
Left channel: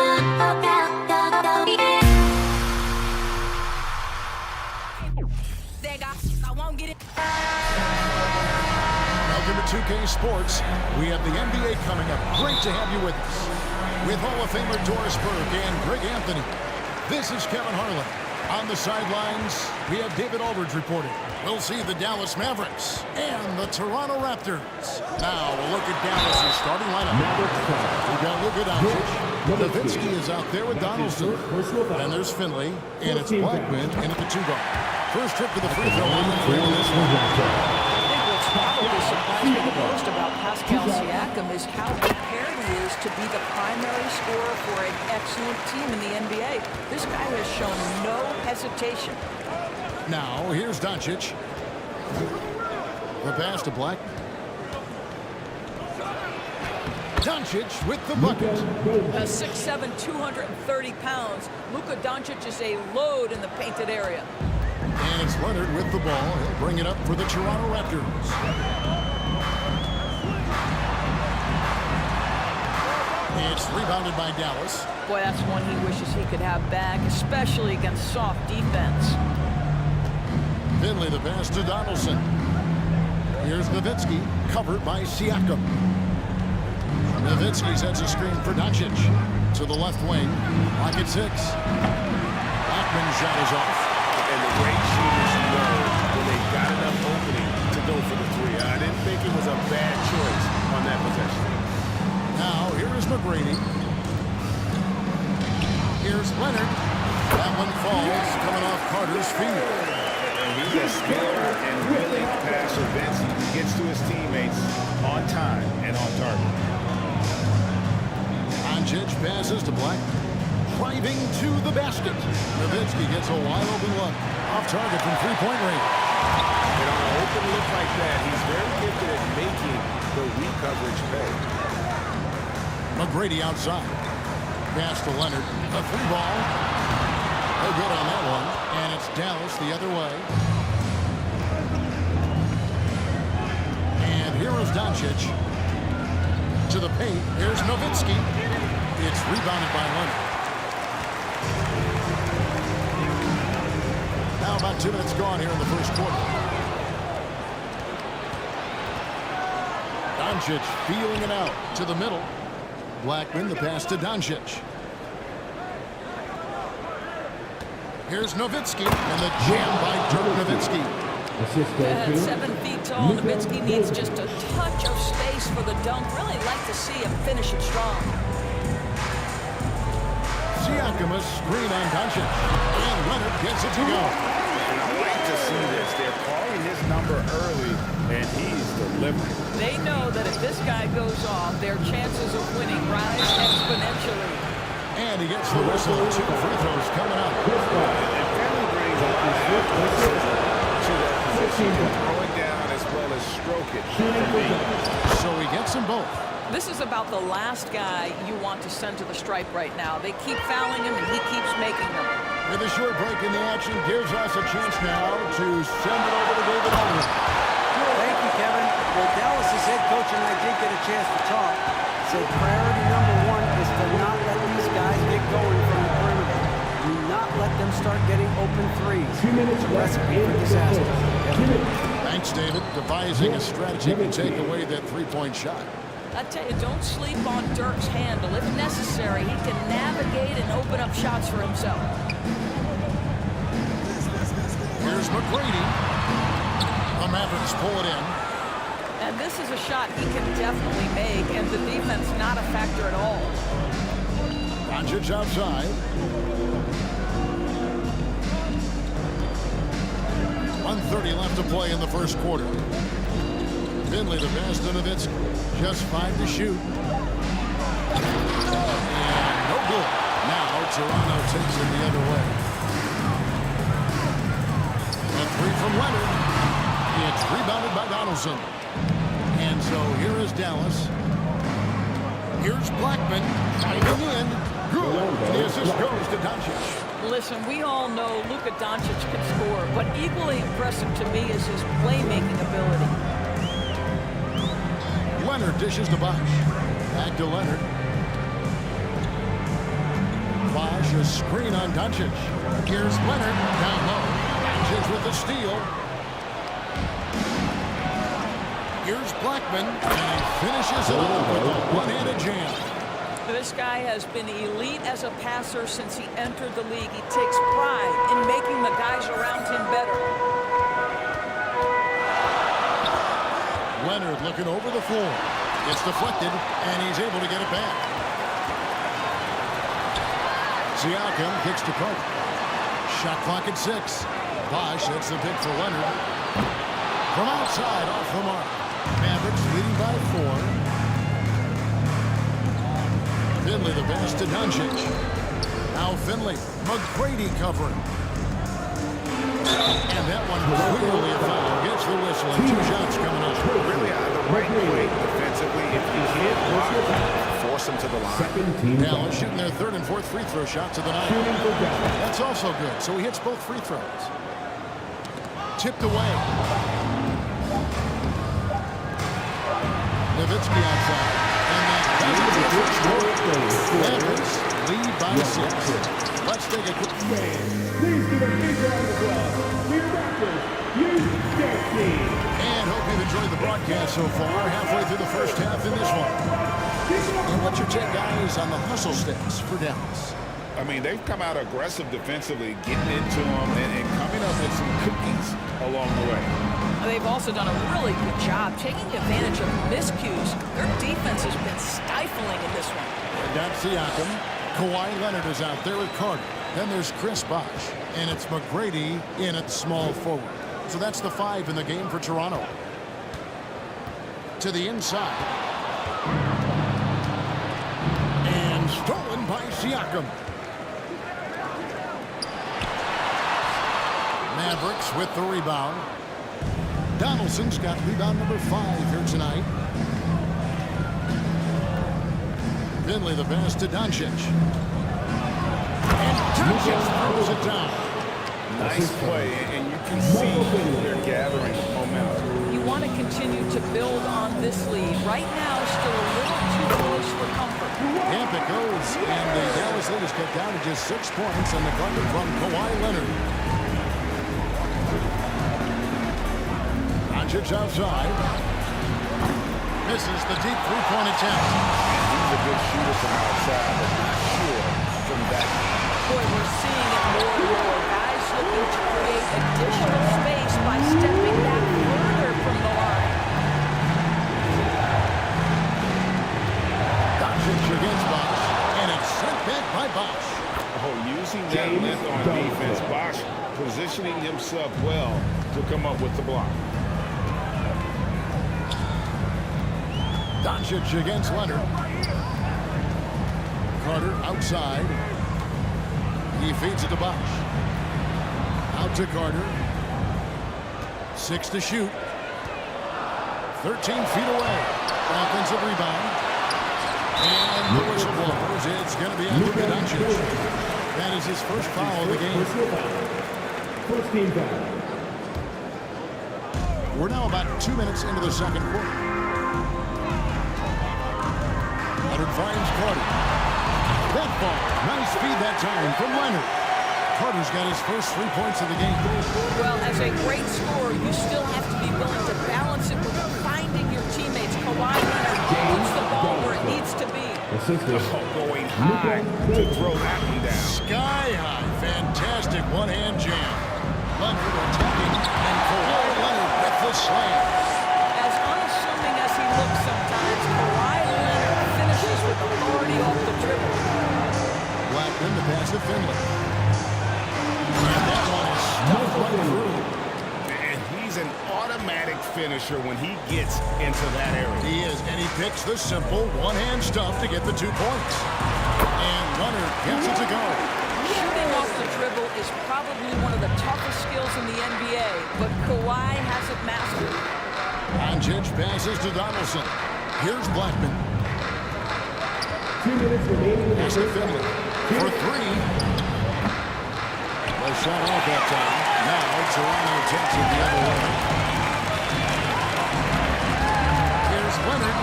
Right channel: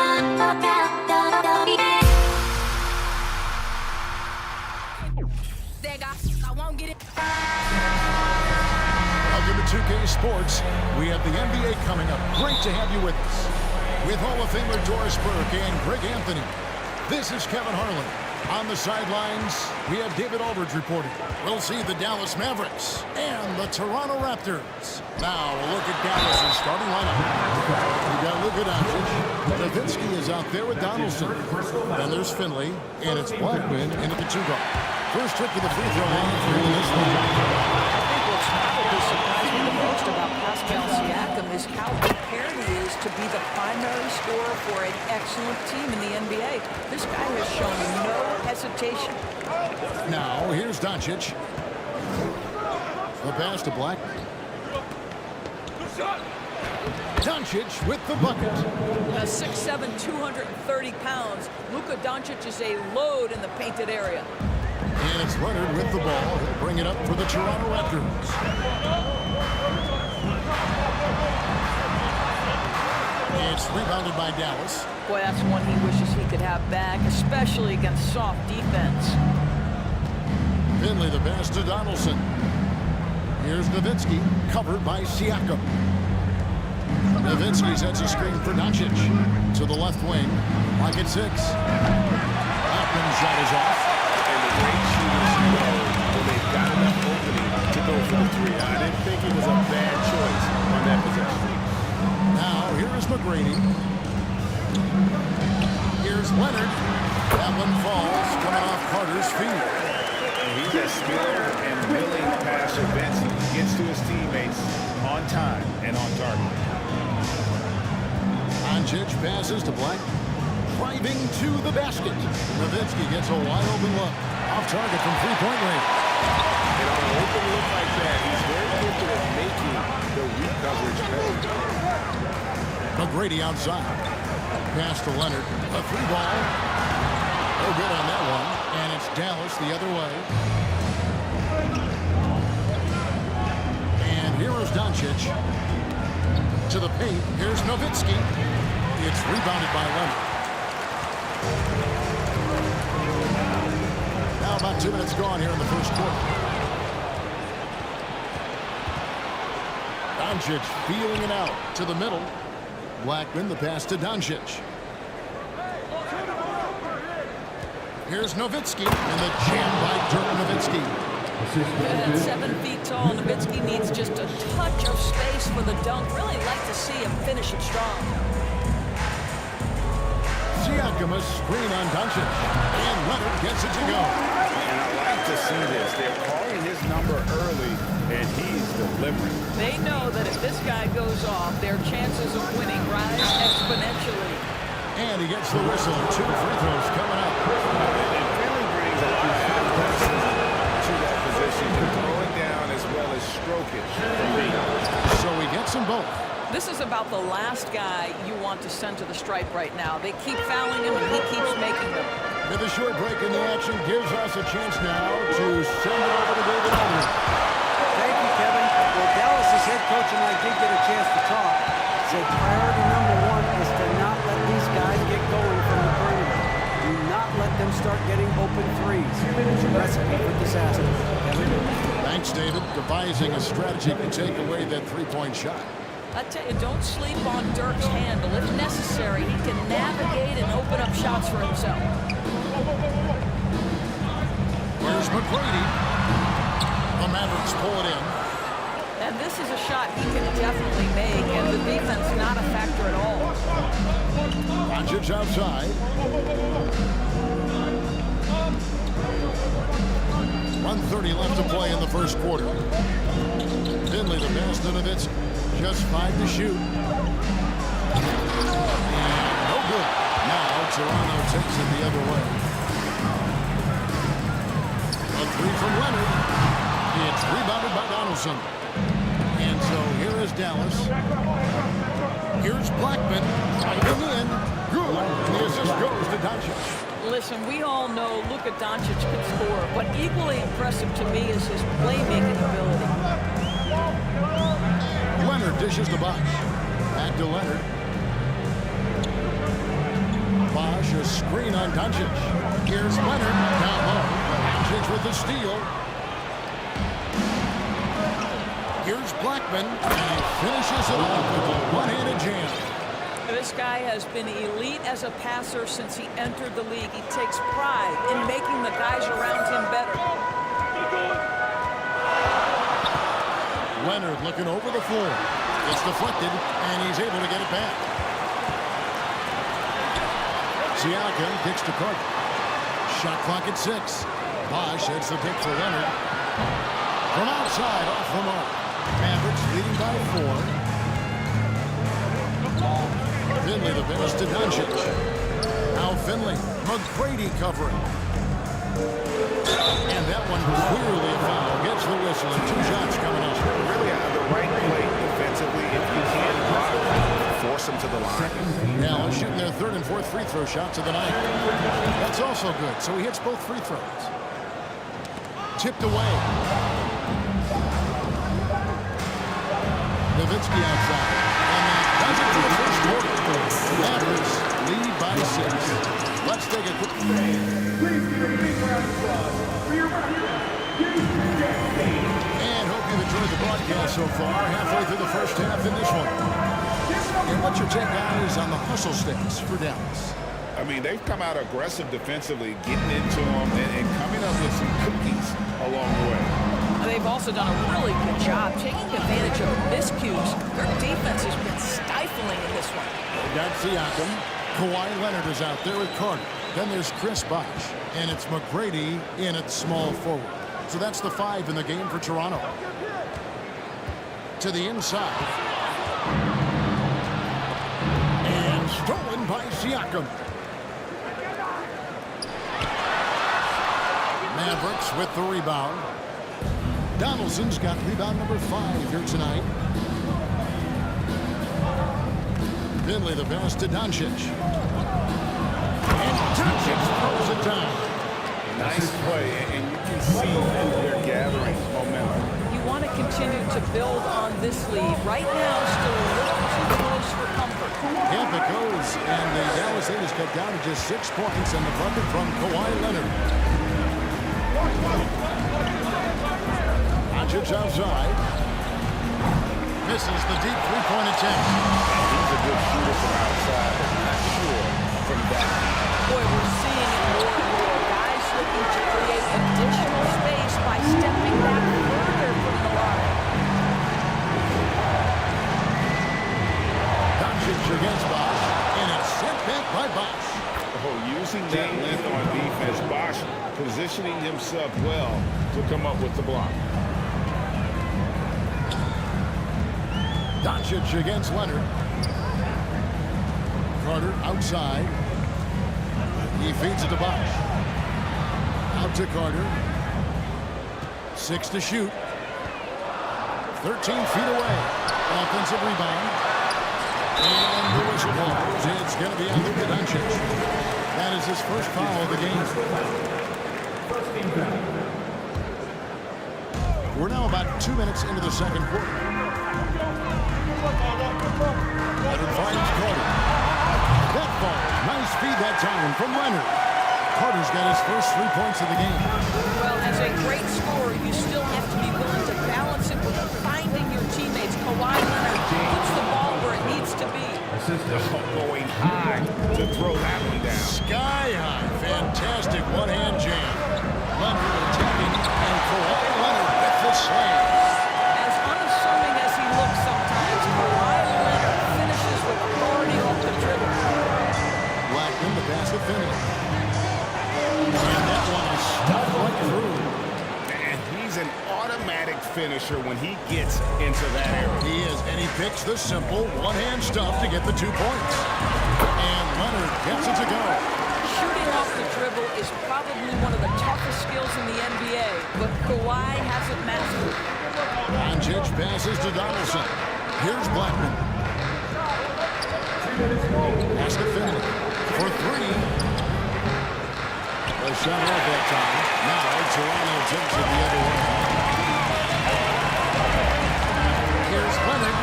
2K Sports. We have the NBA coming up. Great to have you with us. With Hall of Famer Doris Burke and Greg Anthony, this is Kevin Harlan. On the sidelines, we have David Aldridge reporting. We'll see the Dallas Mavericks and the Toronto Raptors. Now, a look at Dallas' starting lineup. We've got Luka Doncic. Nowitzki is out there with Donaldson. Then there's Finley, and it's Blackman in at the 2-guard. First trip to the free throw line for him this week. I think what's probably surprised me the most about Pascal Siakam is how prepared he is to be the primary scorer for an excellent team in the NBA. This guy has shown no hesitation. Now, here's Doncic. The pass to Blackman. Doncic with the bucket. 6'7", 230 pounds. Luka Doncic is a load in the painted area. And it's Leonard with the ball. He'll bring it up for the Toronto Raptors. It's rebounded by Dallas. Boy, that's one he wishes he could have back, especially against soft defense. Finley, the pass to Donaldson. Here's Nowitzki, covered by Siakam. Nowitzki sets a screen for Doncic. To the left wing, like at 6. Blackman's shot is off. And the great shooters know when they've got enough opening to go for the 3. I didn't think it was a bad choice on that possession. Now, here is McGrady. Here's Leonard. That one falls, coming off Carter's feet. And he's a skilled and willing passer. Vince gets to his teammates on time and on target. Doncic passes to Blackman. Driving to the basket. Nowitzki gets a wide open look. Off target from three-point range. And on an open look like that, he's very gifted at making the weak coverage pay. McGrady outside. Pass to Leonard. A 3-ball. No good on that one. And it's Dallas the other way. And here is Doncic. To the paint. Here's Nowitzki. It's rebounded by Leonard. Now about 2 minutes gone here in the first quarter. Doncic feeling it out to the middle. Blackman, the pass to Doncic. Here's Nowitzki, and the jam by Dirk Nowitzki. At 7 feet tall, Nowitzki needs just a touch of space for the dunk. Really like to see him finish it strong. Siakam, a screen on Doncic, and Leonard gets it to go. And I like to see this. They're calling his number early, and he's delivering. They know that if this guy goes off, their chances of winning rise exponentially. And he gets the whistle. 2 free throws coming up. And Finley brings a lot of athleticism to that position. He can throw it down as well as stroke it from deep. So he gets them both. This is about the last guy you want to send to the stripe right now. They keep fouling him, and he keeps making them. With a short break in the action, gives us a chance now to send it over to David Aldridge. Thank you, Kevin. Well, Dallas's head coach and I did get a chance to talk. Said priority number 1 is to not let these guys get going from the perimeter. Do not let them start getting open threes. It's a recipe for disaster. Kevin? Thanks, David. Devising a strategy to take away that 3-point shot. I tell you, don't sleep on Dirk's handle. If necessary, he can navigate and open up shots for himself. Here's McGrady. The Mavericks pull it in. And this is a shot he can definitely make, and the defense not a factor at all. Doncic outside. 1:30 left to play in the first quarter. Finley, the pass to Nowitzki. Just 5 to shoot. And no good. Now Toronto takes it the other way. A 3 from Leonard. It's rebounded by Donaldson. And so here is Dallas. Here's Blackman driving in. Good. And the assist goes to Doncic. Listen, we all know Luka Doncic can score, but equally impressive to me is his playmaking ability. Leonard dishes the box. Back to Leonard. Bosh, a screen on Doncic. Here's Leonard down low. Doncic with the steal. Here's Blackman, and he finishes it off with a one-handed jam. This guy has been elite as a passer since he entered the league. He takes pride in making the guys around him better. Leonard looking over the floor. It's deflected, and he's able to get it back. Siakam kicks to Carter. Shot clock at 6. Bosh hits the pick for Leonard. From outside, off the mark. Mavericks leading by 4. Finley the pass to Doncic. Now Finley. McGrady covering. And that one was clearly a foul. Gets the whistle and 2 shots coming up. Really the right play defensively. If you can't block, force them to the line. Dallas shooting their 3rd and 4th free throw shots of the night. That's also good. So he hits both free throws. Tipped away. Nowitzki outside. And that does it for the first quarter. Mavericks lead by 6. Let's take a quick... Please give a big round of applause for your referee, Hugh Jackson. And hope you've enjoyed the broadcast so far. Halfway through the first half in this one. And what's your take, guys, on the hustle stats for Dallas? I mean, they've come out aggressive defensively, getting into them, and coming up with some cookies along the way. They've also done a really good job taking advantage of miscues. Their defense has been stifling in this one. That's Siakam. Kawhi Leonard is out there with Carter. Then there's Chris Bosh. And it's McGrady in at small forward. So that's the 5 in the game for Toronto. To the inside. And stolen by Siakam. Mavericks with the rebound. Donaldson's got rebound number 5 here tonight. Finley the pass to Doncic. And Doncic throws it down. Nice play, and you can see they're gathering momentum. You want to continue to build on this lead. Right now, still a little too close for comfort. Yep, it goes. And the Dallas lead is cut down to just 6 points and the bucket from Kawhi Leonard. Doncic outside. Misses the deep 3-point attempt. And he's a good shooter from outside, but not sure from that deep. Boy, we're seeing it more and more. Guys looking to create additional space by stepping back further from the line. Doncic against Bosh, and it's sent back by Bosh. Oh, using that length on defense, Bosh positioning himself well to come up with the block. Doncic against Leonard. Carter outside. He feeds it to Bosh. Out to Carter. 6 to shoot. 13 feet away. An offensive rebound. And the whistle blows. It's going to be on Luka Doncic. That is his first foul of the game. First team foul. We're now about 2 minutes into the second quarter. Leonard finds Carter. That ball. Nice feed that time from Leonard. Carter's got his first 3 points of the game. Well, as a great scorer, you still have to be willing to balance it with finding your teammates. Kawhi Leonard puts the ball where it needs to be. Going high to throw that one down. Sky high. Fantastic one-hand jam. Leonard attacking, and Kawhi Leonard with the slam. As unassuming as he looks sometimes, Kawhi Leonard finishes with authority off the dribble. Blackman the pass to Finley. And that one is stuffed right through. And he's an automatic finisher when he gets into that area. He is, and he picks the simple one-hand stuff to get the 2 points. And Leonard gets it to go. Shooting off the dribble is probably one of the toughest skills in the NBA, but Kawhi has it mastered. Doncic passes to Donaldson. Here's Blackman. Pass to Finley. For 3. A shot off that time. Now Toronto takes it the other way. Here's Leonard.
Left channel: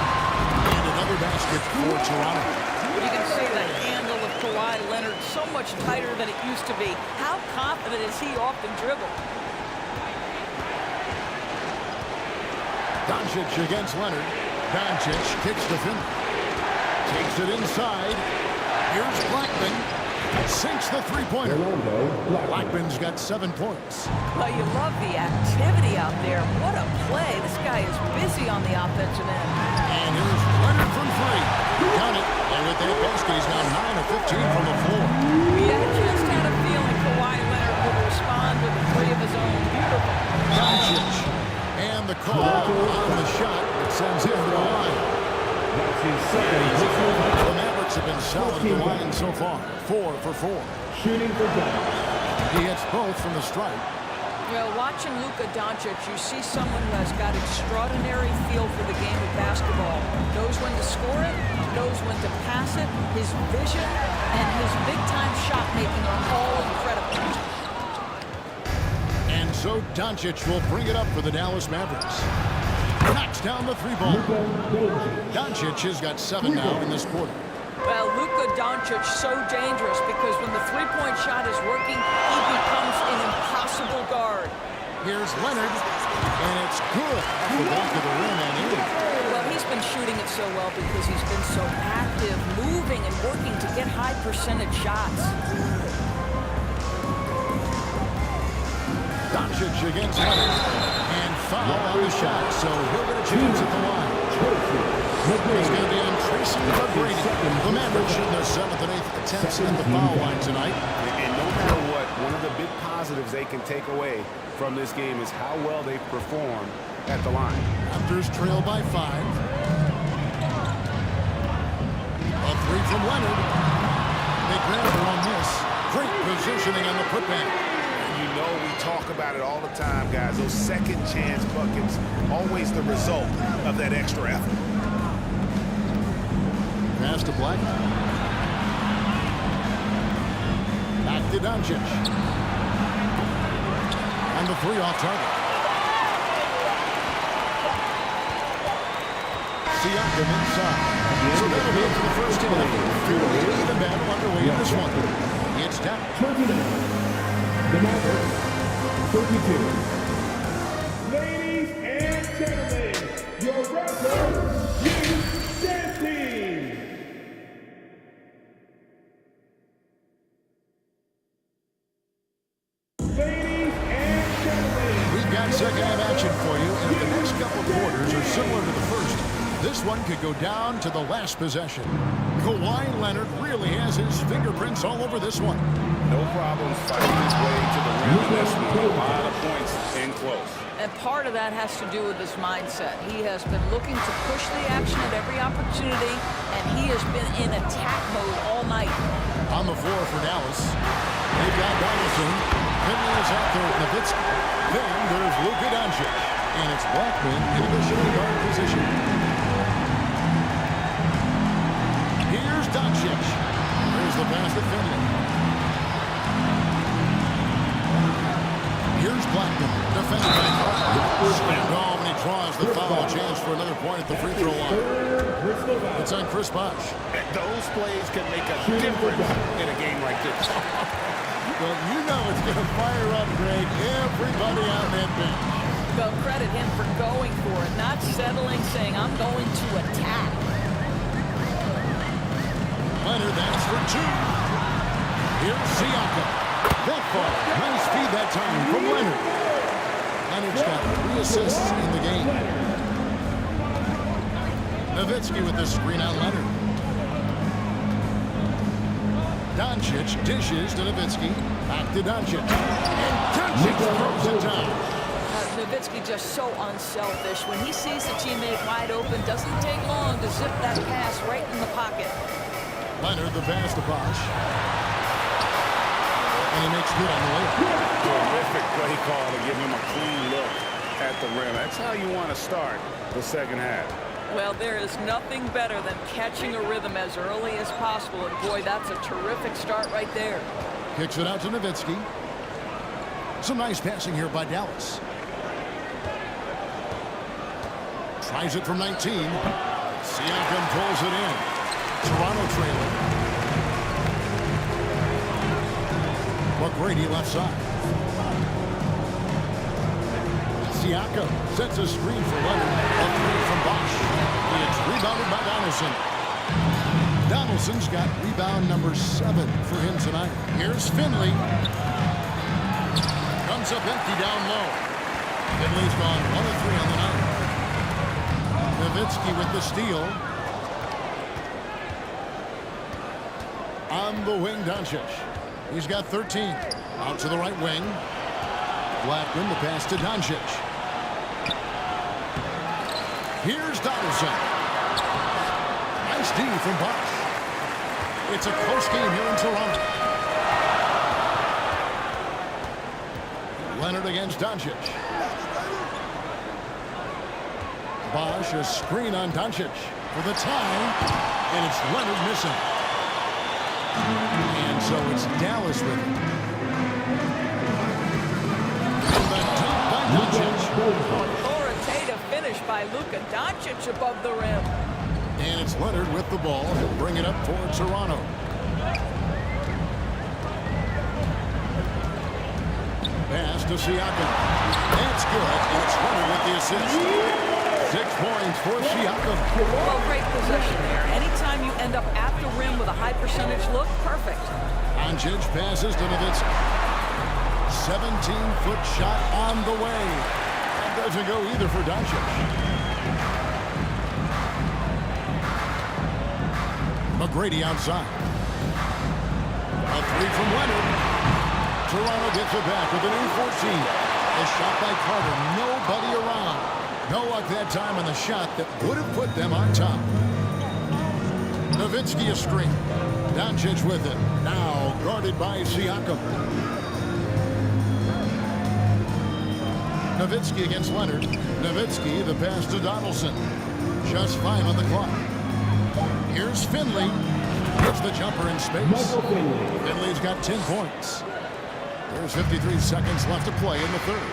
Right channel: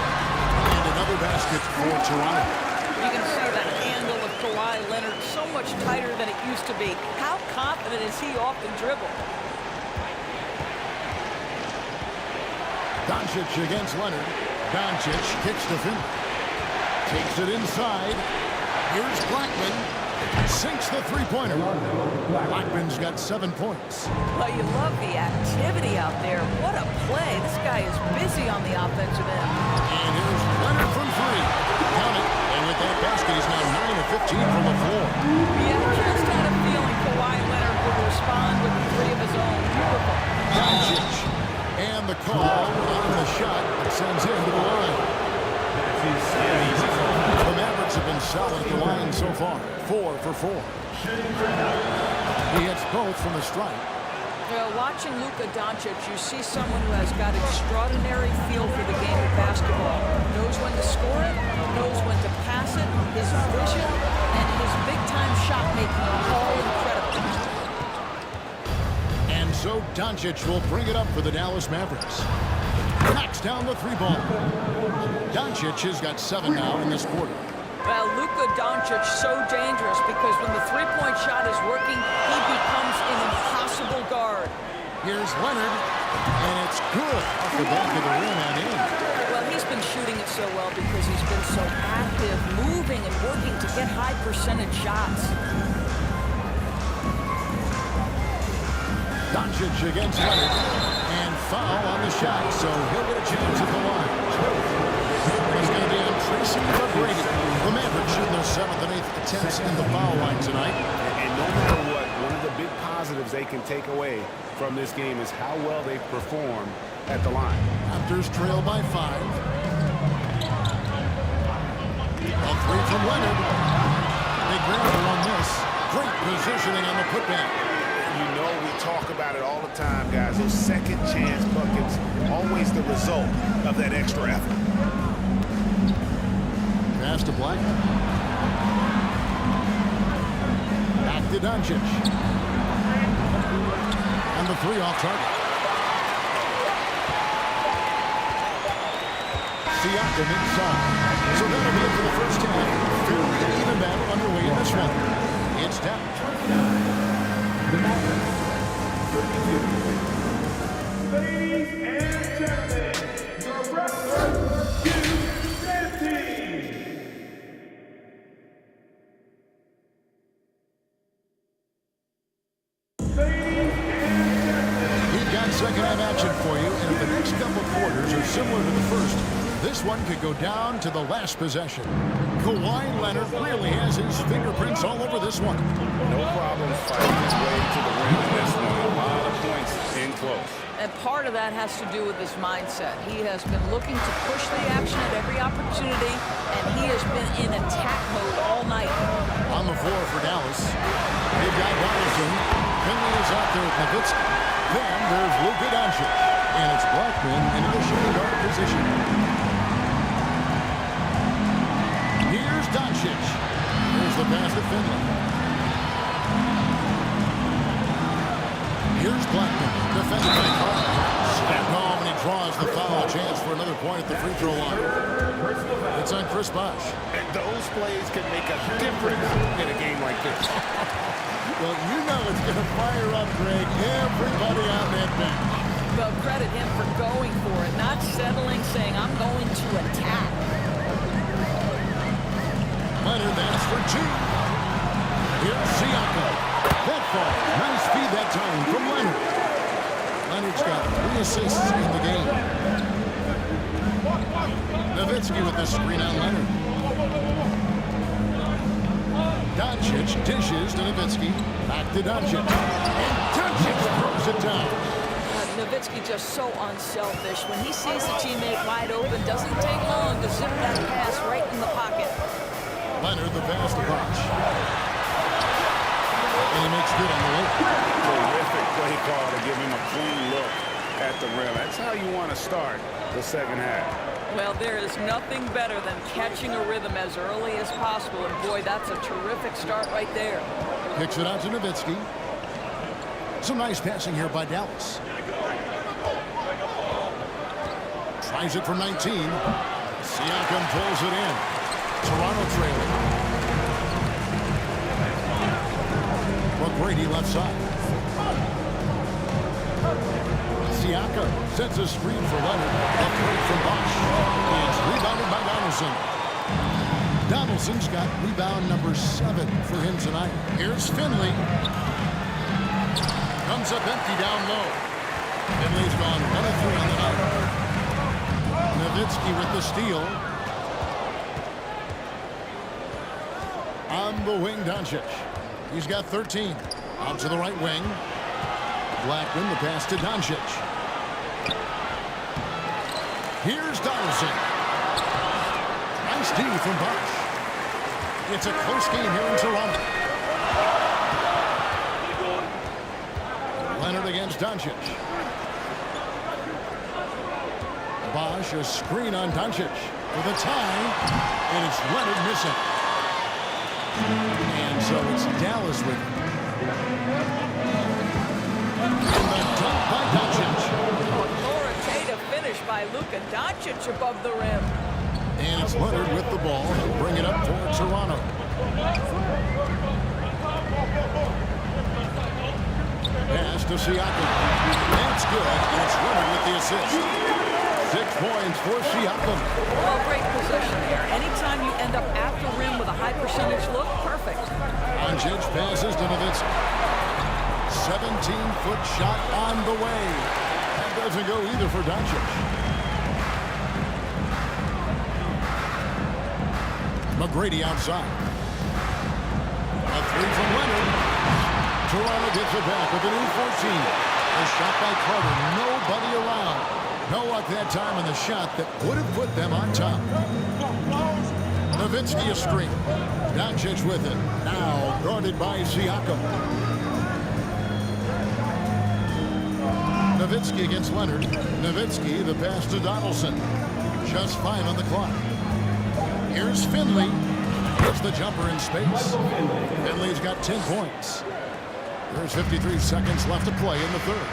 And another basket for Toronto. You can see the handle of Kawhi Leonard so much tighter than it used to be. How confident is he off the dribble? Doncic against Leonard. Doncic kicks to Finley. Takes it inside. Here's Blackman. Sinks the three-pointer. Blackman's got 7 points. Well, you love the activity out there. What a play. This guy is busy on the offensive end. And here's Leonard from 3. Count it. And with that basket, he's now 9 of 15 from the floor. Yeah, just had a feeling Kawhi Leonard would respond with a 3 of his own. Beautiful. Doncic. And the call on the shot that sends him to the line. The Mavericks have been solid at the line so far. 4 for 4. He hits both from the stripe. Well, watching Luka Doncic, you see someone who has got extraordinary feel for the game of basketball. Knows when to score it, knows when to pass it. His vision and his big-time shot making are all incredible. And so Doncic will bring it up for the Dallas Mavericks. Knocks down the 3-ball. Doncic has got 7 now in this quarter. Well, Luka Doncic so dangerous because when the three-point shot is working, he becomes an impossible guard. Here's Leonard, and it's good off the back of the rim and in. Well, he's been shooting it so well because he's been so active, moving and working to get high percentage shots. Doncic against Leonard, and foul on the shot, so he'll get a chance at the line. It's going to be on Tracy McGrady. The Mavericks shooting their 7th and 8th attempts in the foul line tonight. And no matter what, one of the big positives they can take away from this game is how well they perform at the line. Raptors trail by 5. A 3 from Leonard. They grab her on this. Great positioning on the putback. You know we talk about it all the time, guys. Those second chance buckets, always the result of that extra effort. Pass to Blackman. Back to Doncic. And the 3 off target. Siakam inside. So that'll be it for the first half. Fairly even battle underway in this one. It's down. 29. The Mavericks, 32. Ladies and gentlemen, your record, you dancing. Ladies and gentlemen. We've got second half action for you, and if the next couple quarters are similar to the first, this one could go down to the last possession. Kawhi Leonard really has his fingerprints all over this one. No problems fighting his way to the rim in this one. A lot of points in close. And part of that has to do with his mindset. He has been looking to push the action at every opportunity, and he has been in attack mode all night. On the floor for Dallas, they've got Donaldson. Finley is out there with Nowitzki. Then there's Luka Doncic, and it's Blackman into the shooting guard position. Here's Doncic. Here's the pass to Finley. Here's Blackman, defended by Carter. Slammed home, and he draws the foul. Chance for another point at the free throw line. It's on Chris Bosh. Those plays can make a difference in a game like this. Well, you know it's going to fire up, Greg, everybody on that bench. Well, credit him for going for it, not settling, saying, I'm going to attack. Leonard, that's for 2. Here's Siakam. That falls. Nice feed that time from Leonard. Leonard's got 3 assists in the game. Nowitzki with the screen on Leonard. Doncic dishes to Nowitzki. Back to Doncic. And Doncic throws it down. Nowitzki just so unselfish. When he sees the teammate wide open, doesn't take long to zip that pass right in the pocket. Leonard, the pass to Bosh. And he makes good on the layup. Terrific play call to give him a clean look at the rim. That's how you want to start the second half. Well, there is nothing better than catching a rhythm as early as possible. And, boy, that's a terrific start right there. Kicks it out to Nowitzki. Some nice passing here by Dallas. Tries it from 19. Siakam pulls it in. Toronto trailing. McGrady left side. Siakam sets a screen for Leonard. A three from Bosch. It's rebounded by Donaldson. Donaldson's got rebound number 7 for him tonight. Here's Finley. Comes up empty down low. Finley's gone 1 of 3 on the night. Nowitzki with the steal. On the wing, Doncic. He's got 13. Out to the right wing. Blackman, the pass to Doncic. Here's Donaldson. Nice D from Bosch. It's a close game here in Toronto. Leonard against Doncic. Bosch, a screen on Doncic for the tie, and it's Leonard missing. And so it's Dallas with him. And the dunk by Doncic. Authoritative finish by Luka Doncic above the rim. And it's Leonard with the ball. He'll bring it up toward Toronto. Pass to Siakam. That's good, and it's Leonard with the assist. 6 points for Siakam. Well, great possession there. Anytime you end up at the rim with a high percentage look, perfect. Doncic passes to Nowitzki. 17-foot shot on the way. That doesn't go either for Doncic. McGrady outside. A 3 from Leonard. Toronto gets it back with a new 14. A shot by Carter. Nobody around. No luck that time on the shot that would have put them on top. Nowitzki a screen. Doncic with it. Now guarded by Siakam. Nowitzki against Leonard. Nowitzki, the pass to Donaldson. Just 5 on the clock. Here's Finley. Hits the jumper in space. Finley's got 10 points. There's 53 seconds left to play in the third.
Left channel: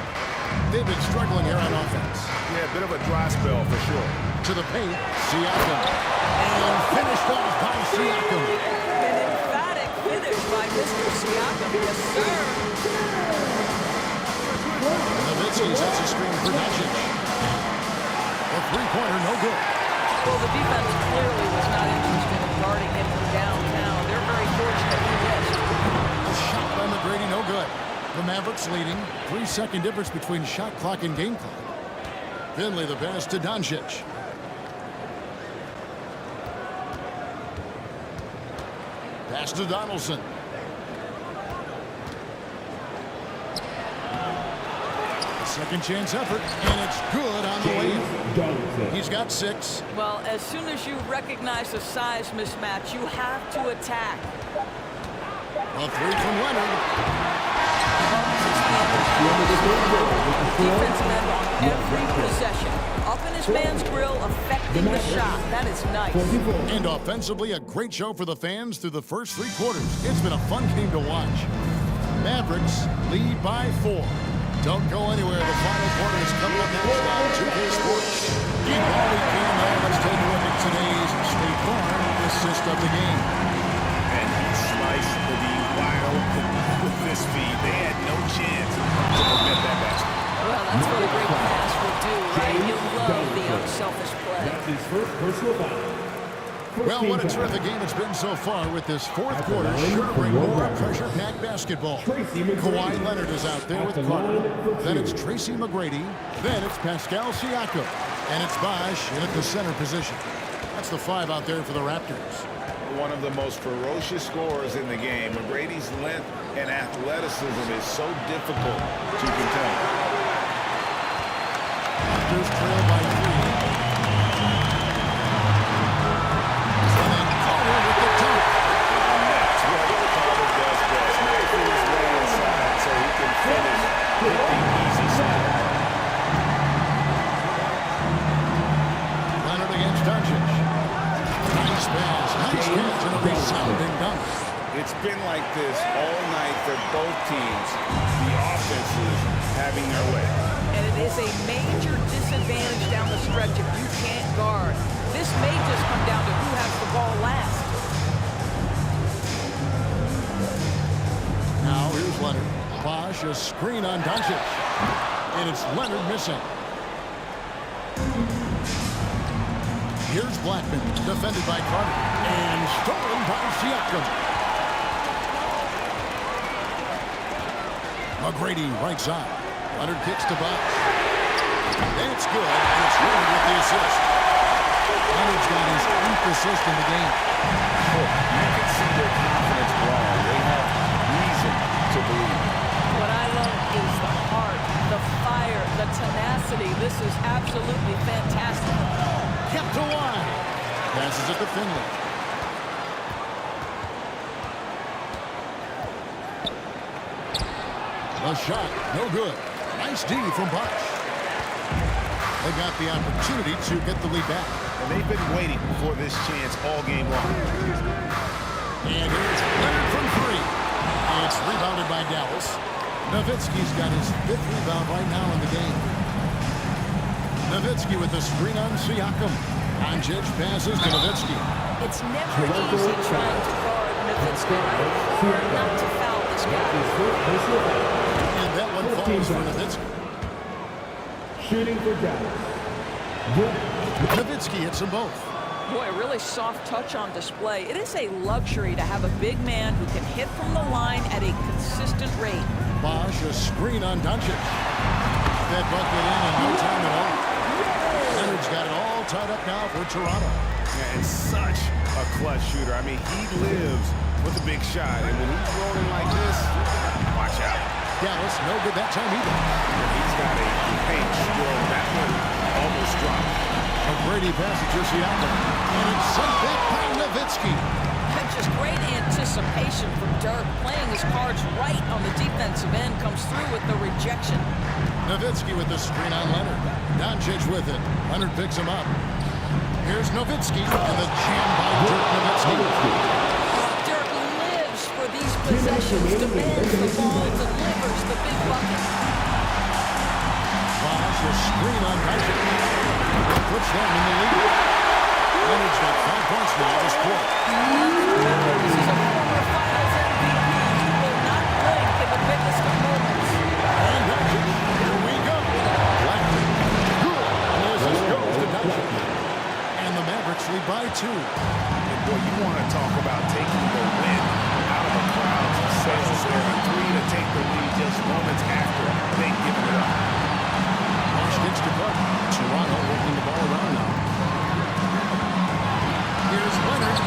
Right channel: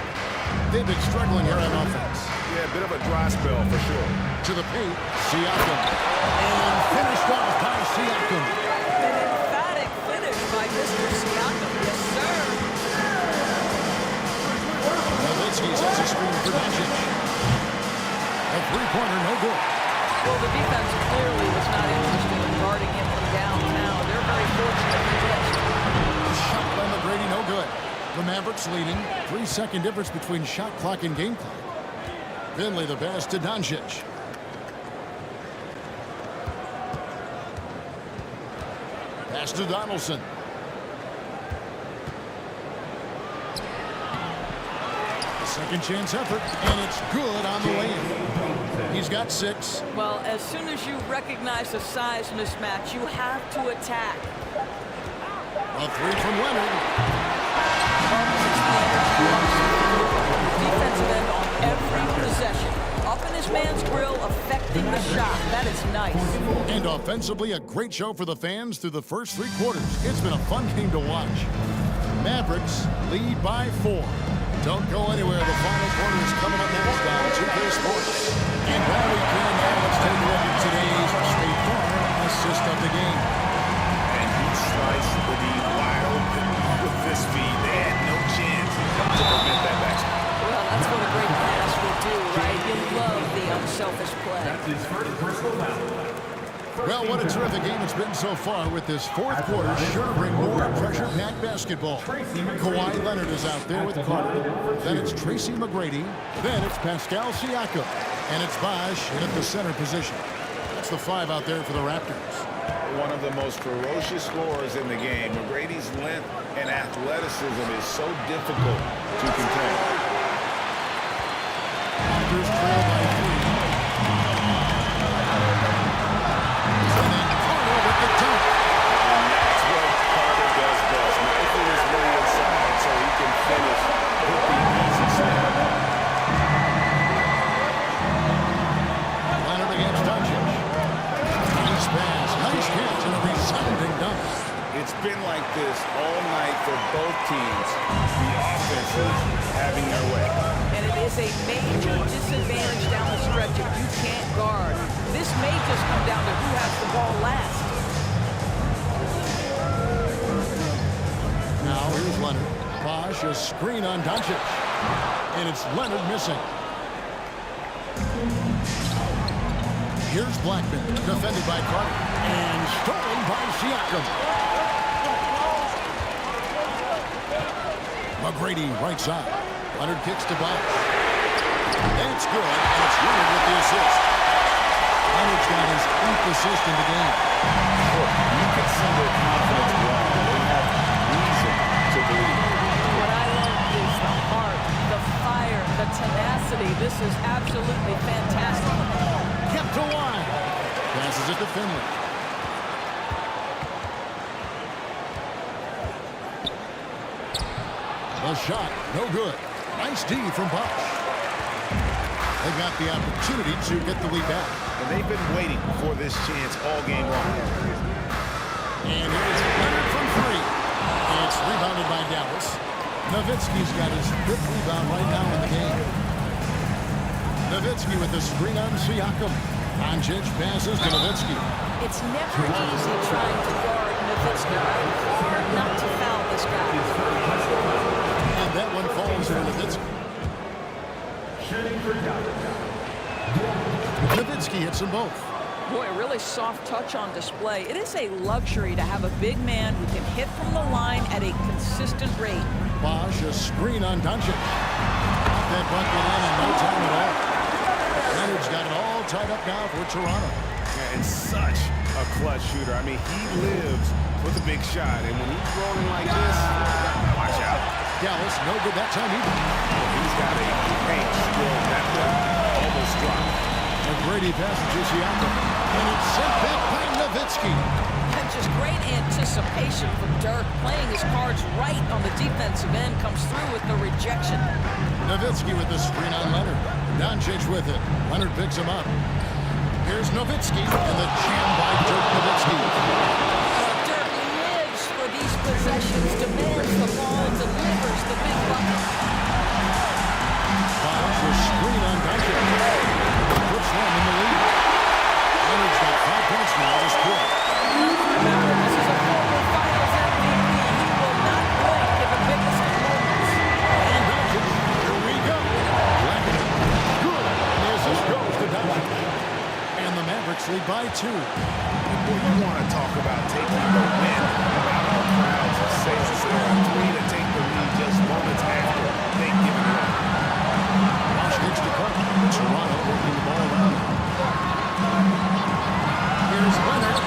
They've been struggling here on offense. Yeah, a bit of a dry spell for sure. To the paint, Siakam. And finished off by Siakam. An emphatic finish by Mr. Siakam. Yes, sir. Nowitzki sets a screen for Doncic. A three-pointer, no good. Well, the defense clearly was not interested in guarding him from downtown. They're very fortunate he missed. A shot by McGrady, no good. The Mavericks leading. 3-second difference between shot clock and game clock. Finley the pass to Doncic. Pass to Donaldson. A second chance effort, and it's good on the way in. He's got 6. Well, as soon as you recognize the size mismatch, you have to attack. A 3 from Leonard. Defensive end on every possession. Up in his man's grill, affecting the shot. That is nice. And offensively, a great show for the fans through the first 3 quarters. It's been a fun game to watch. Mavericks lead by 4. Don't go anywhere. The final quarter is coming up next on 2K Sports. And while we can now, let's take a look at today's State Farm assist of the game. And he sliced the D wide open with this feed. They had no chance to prevent that basket. Well, that's what a great pass will do, right? You love the unselfish play. That's his first personal foul. Well, what a terrific game it's been so far with this fourth quarter. Sure to bring more pressure-packed basketball. Kawhi Leonard is out there with Carter. Then it's Tracy McGrady. Then it's Pascal Siakam. And it's Bosch in at the center position. That's the 5 out there for the Raptors. One of the most ferocious scorers in the game. McGrady's length and athleticism is so difficult to contain. Raptors trail by 3. And then Carter with the dunk. And that's what Carter does best. Knifing his way inside so he can finish with the easy slam. Leonard against Doncic. Nice pass, nice catch, and a resounding dunk. It's been like this all night for both teams. The offenses having their way. And it is a major disadvantage down the stretch if you can't guard. This may just come down to who has the ball last. Now here's Leonard. Bosch, a screen on Doncic. And it's Leonard missing. Here's Blackman, defended by Carter. And stolen by Siakam. McGrady right side. Leonard kicks to Bosch. That's good, and it's Leonard with the assist. Leonard's got his 8th assist in the game. Look, you can see their confidence growing. They have reason to believe. What I love is the heart, the fire, the tenacity. This is absolutely fantastic. Kept to line. Passes it to Finley. The shot, no good. Nice D from Bosch. They got the opportunity to get the lead back. And they've been waiting for this chance all game long. And here's Leonard from 3. It's rebounded by Dallas. Nowitzki's got his 5th rebound right now in the game. Nowitzki with the screen on Siakam. Doncic passes to Nowitzki. It's never easy trying to guard Nowitzki, right? Hard not to foul this guy. And that one falls for Nowitzki. Shooting for Dallas. Nowitzki hits them both. Boy, a really soft touch on display. It is a luxury to have a big man who can hit from the line at a consistent rate. Bosch, a screen on Doncic. That bucket in no time at all. Leonard's got it all tied up now for Toronto. Yeah, and such a clutch shooter. I mean, he lives with a big shot. And when he's rolling like this, watch out. Dallas, no good that time either. Well, he's got a paint stroke. That one almost dropped. McGrady passes to Siakam. And it's sent back by Nowitzki. Just great anticipation from Dirk. Playing his cards right on the defensive end. Comes through with the rejection. Nowitzki with the screen on Leonard. Doncic with it. Leonard picks him up. Here's Nowitzki. And the jam by Dirk Nowitzki. Dirk lives for these possessions. Demands the ball. Delivers the big bucket. Bosch, a screen on Doncic. That puts them in the lead. Leonard's got 5 points now this quarter. Let's remember, this is a former Finals MVP. He will not blink in the biggest of moments. And Doncic, here we go. Blackman, good. And the assist goes to Doncic. And the Mavericks lead by 2. And boy, you want to talk about taking the wind out of a crowd's sails there. A 3 to take the lead just moments after they've given it up. Bosch kicks to Clark. Toronto working the ball around now. Here's Leonard.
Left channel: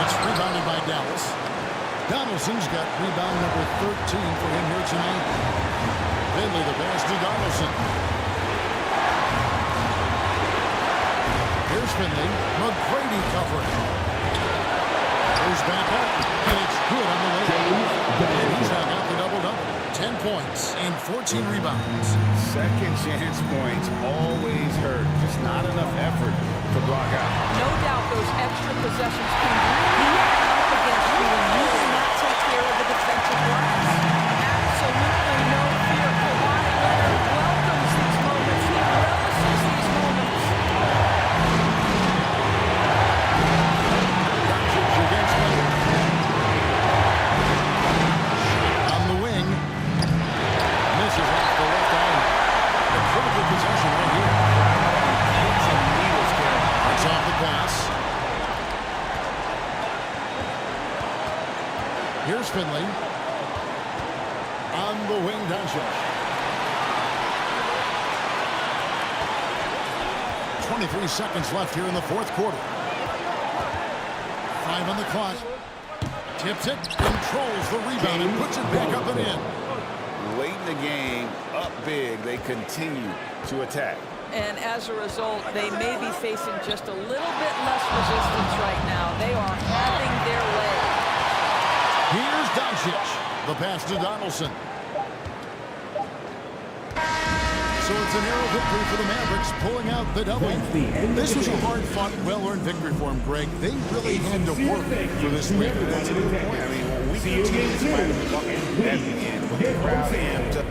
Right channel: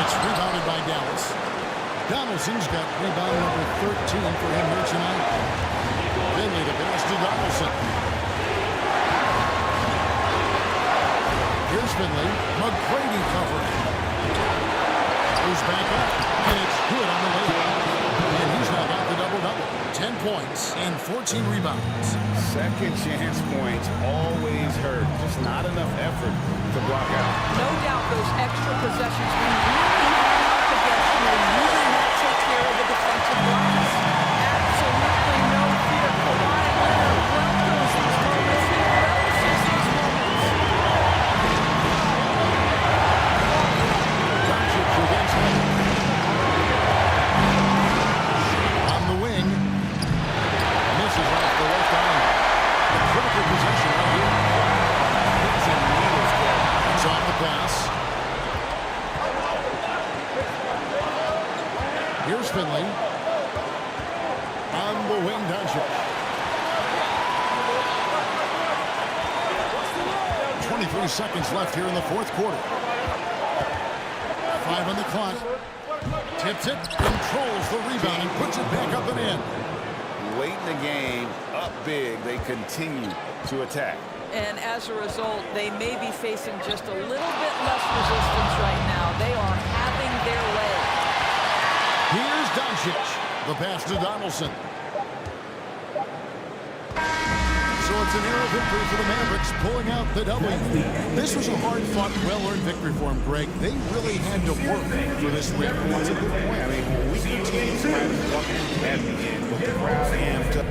It's rebounded by Dallas. Donaldson's got rebound number 13 for him here tonight. Finley the pass to Donaldson. Here's Finley. McGrady covering. Goes back up. And it's good on the way. And he's now got the double-double. 10 points and 14 rebounds. Second chance points always hurt. Just not enough effort to block out. No doubt those extra possessions can really add up against you when you do not take care of the defensive glass. Absolutely no fear. Kawhi Leonard welcomes these moments. He relishes these moments. Doncic against Leonard. On the wing. Misses off the left eye. The critical possession right here. Crowd on pins and needles, Garrett. That's off the pass. Here's Finley. On the wing, Doncic. 23 seconds left here in the fourth quarter. 5 on the clock. Tips it, controls the rebound, and puts it back up and in. Late in the game, up big, they continue to attack. And as a result, they may be facing just a little bit less resistance right now. They are having their way. Here's Doncic. The pass to Donaldson. So it's a narrow victory for the Mavericks, pulling out the W. This was a hard-fought, well-earned victory for them, Greg. They really had to work for this win. That's a good point. I mean, weaker teams might have buckled at the end, but the crowd amped up.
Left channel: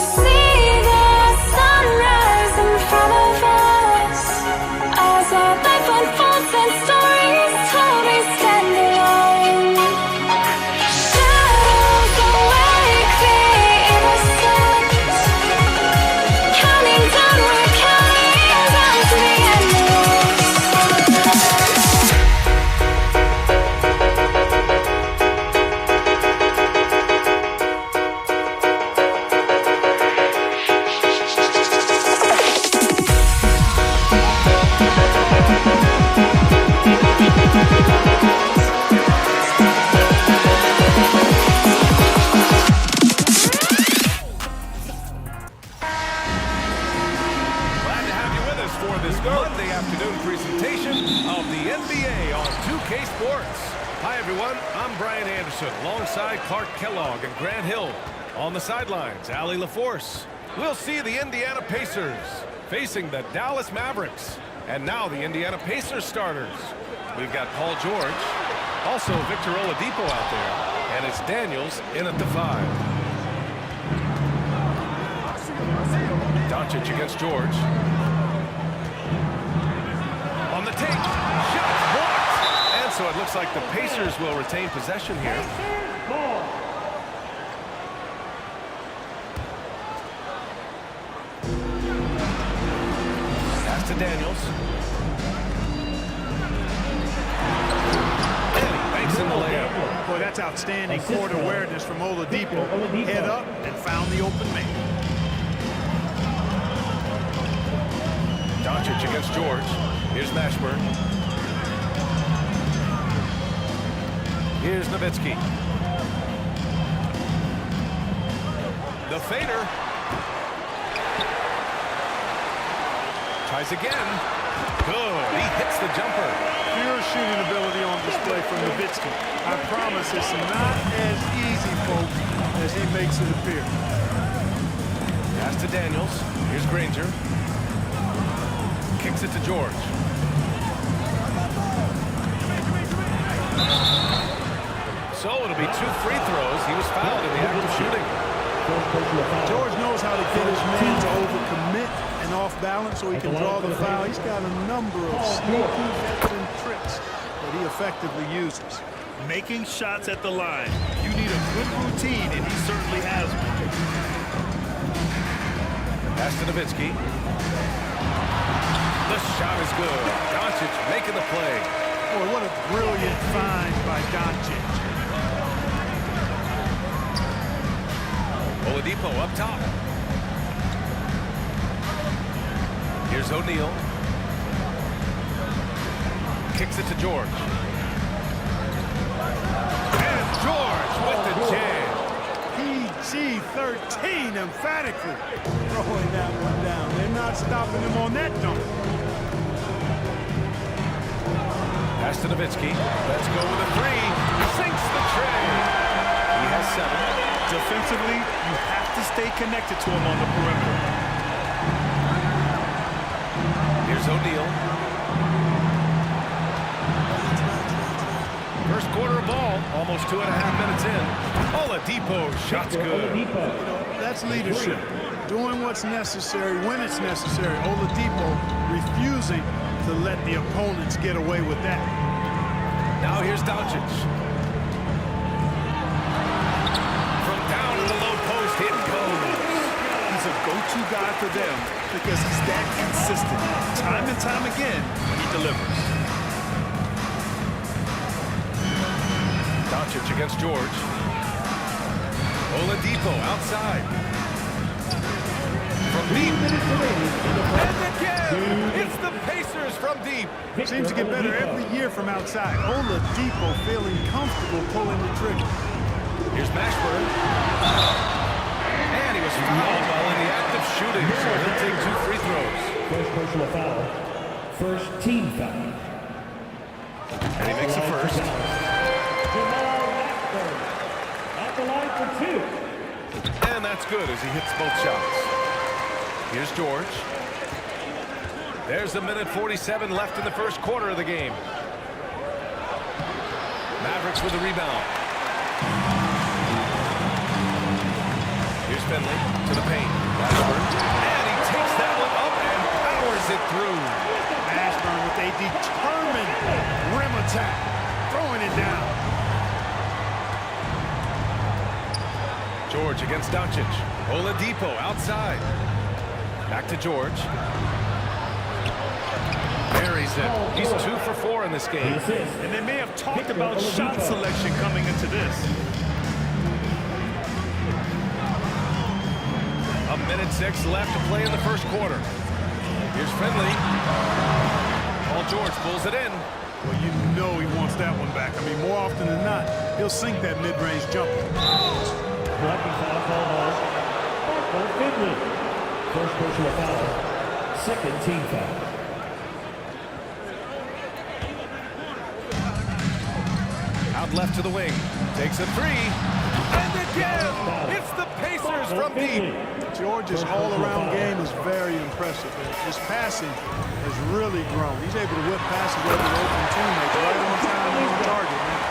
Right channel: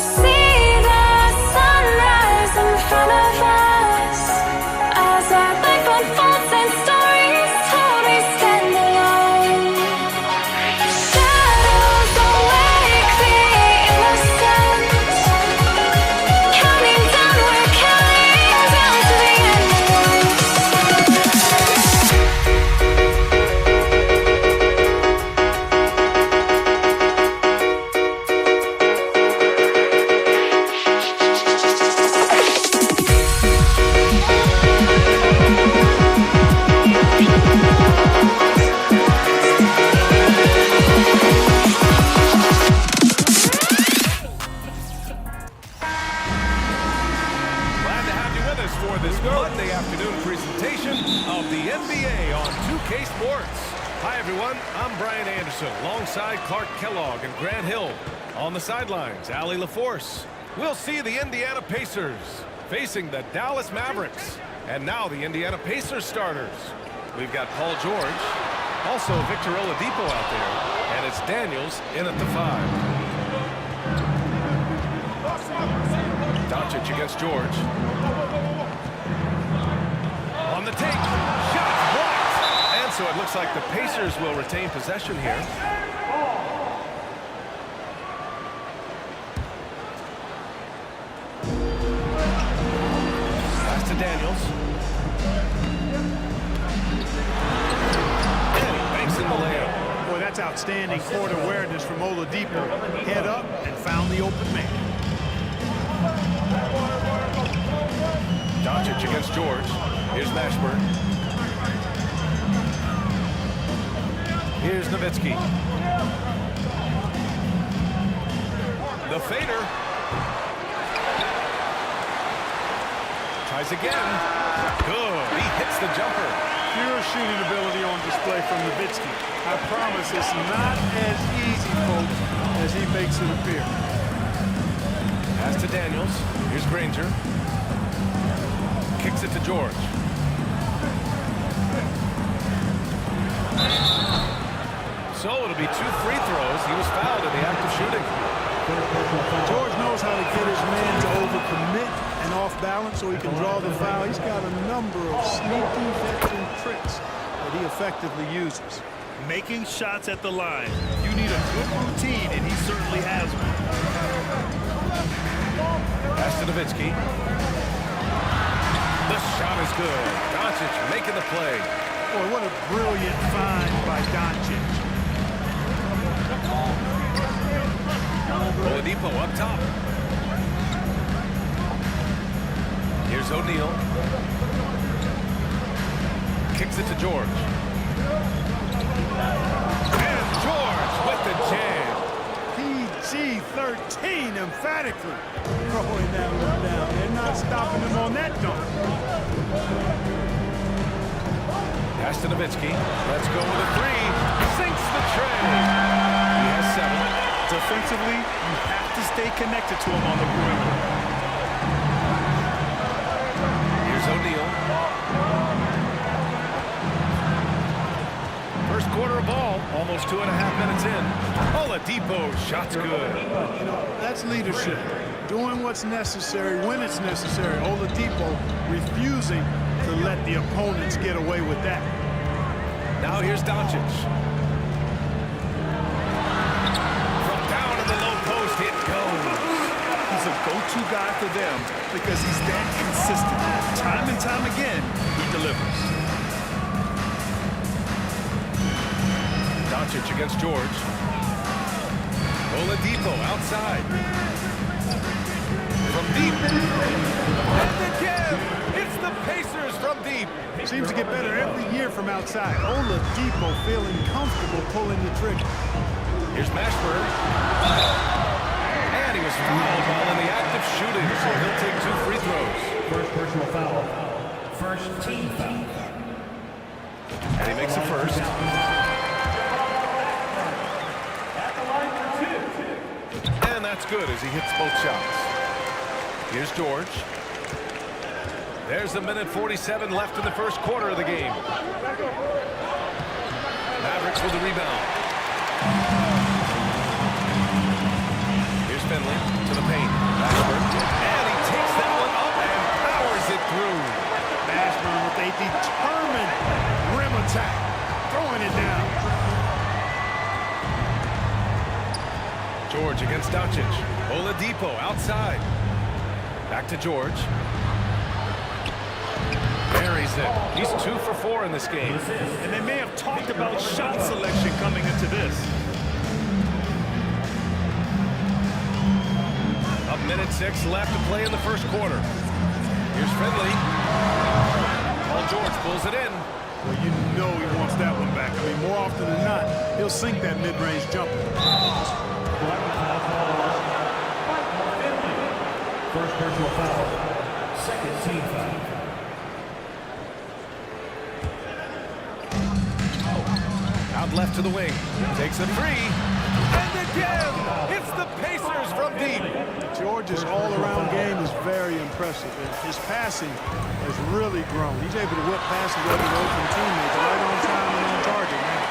see the sunrise in front of us as our life unfolds and stories told we stand alone. Shadows awake the innocent, counting down to the endless. Glad to have you with us for this Monday afternoon presentation of the NBA on 2K Sports. Hi, everyone. I'm Brian Anderson, alongside Clark Kellogg and Grant Hill. On the sidelines, Allie LaForce. We'll see the Indiana Pacers facing the Dallas Mavericks. And now the Indiana Pacers starters. We've got Paul George, also Victor Oladipo out there, and it's Daniels in at the 5. Doncic against George. On the take, shot blocked. And so it looks like the Pacers will retain possession here. Pass to Daniels. And he banks in the layup. Boy, that's outstanding court awareness from Oladipo. Head up and found the open man. Doncic against George. Here's Mashburn. Here's Nowitzki. The fader. Tries again. Good. He hits the jumper. Pure shooting ability on display from Nowitzki. I promise it's not as easy, folks, as he makes it appear. Pass to Daniels. Here's Granger. Kicks it to George. So it'll be 2 free throws. He was fouled in the act of shooting. George knows how to get his man to overcommit and off balance so he can draw the foul. He's got a number of sneaky veteran tricks that he effectively uses. Making shots at the line. You need a good routine, and he certainly has one. Pass to Nowitzki. The shot is good. Doncic making the play. Boy, what a brilliant find by Doncic. Oladipo up top. Here's O'Neal. Kicks it to George. And George with the jam. PG-13 emphatically throwing that one down. They're not stopping him on that dunk. Pass to Nowitzki. Let's go with a 3. Sinks the tray. He has 7. Defensively, you have to stay connected to him on the perimeter. Here's O'Neal. First quarter of ball, almost 2.5 minutes in. Oladipo, shot's good. You know, that's leadership. Doing what's necessary when it's necessary. Oladipo refusing to let the opponents get away with that. Now here's Doncic. From down in the low post, it goes. He's a go-to guy for them because he's that consistent. Time and time again, he delivers. Doncic against George. Oladipo outside. From deep. And again, it's the Pacers from deep. Seems to get better every year from outside. Oladipo feeling comfortable pulling the trigger. Here's Mashburn. And he was fouled while in the act of shooting, so he'll take 2 free throws. First personal foul. First team foul. And he makes the first. At the line for 2. And that's good as he hits both shots. Here's George. There's 1:47 left in the first quarter of the game. Mavericks with the rebound. Here's Finley to the paint. Mashburn. And he takes that one up and powers it through. Mashburn with a determined rim attack. Throwing it down. George against Doncic. Oladipo outside. Back to George. Buries it. He's 2 for 4 in this game. And they may have talked about shot selection coming into this. A minute 6 left to play in the first quarter. Here's Finley. Paul George pulls it in. Well, you know he wants that one back. I mean, more often than not, he'll sink that mid-range jumper. Finley. First personal foul. Second team foul. Out left to the wing. Takes a 3. And again! It's the Pacers from deep. George's all-around game is very impressive. And his passing has really grown. He's able to whip passes over to open teammates right on time and on target now.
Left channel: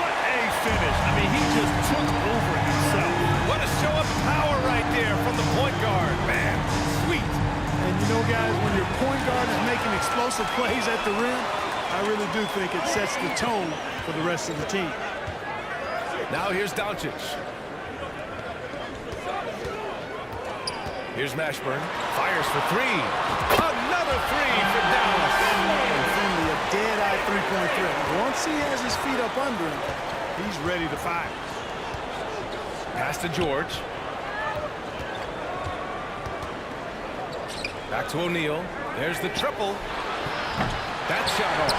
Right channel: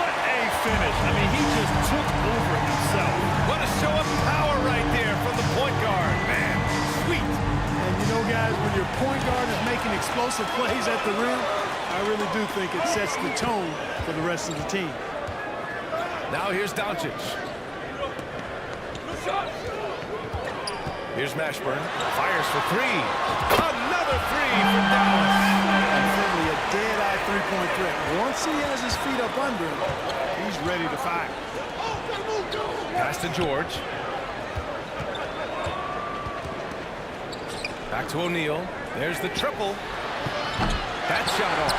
What a finish. I mean, he just took over himself. What a show of power right there from the point guard. Man, sweet. And you know, guys, when your point guard is making explosive plays at the rim, I really do think it sets the tone for the rest of the team. Now here's Doncic. Here's Mashburn. Fires for 3. Another 3 for Dallas. And Finley, a dead-eye three-point threat. Once he has his feet up under him, he's ready to fire. Pass to George. Back to O'Neal. There's the triple. That shot off.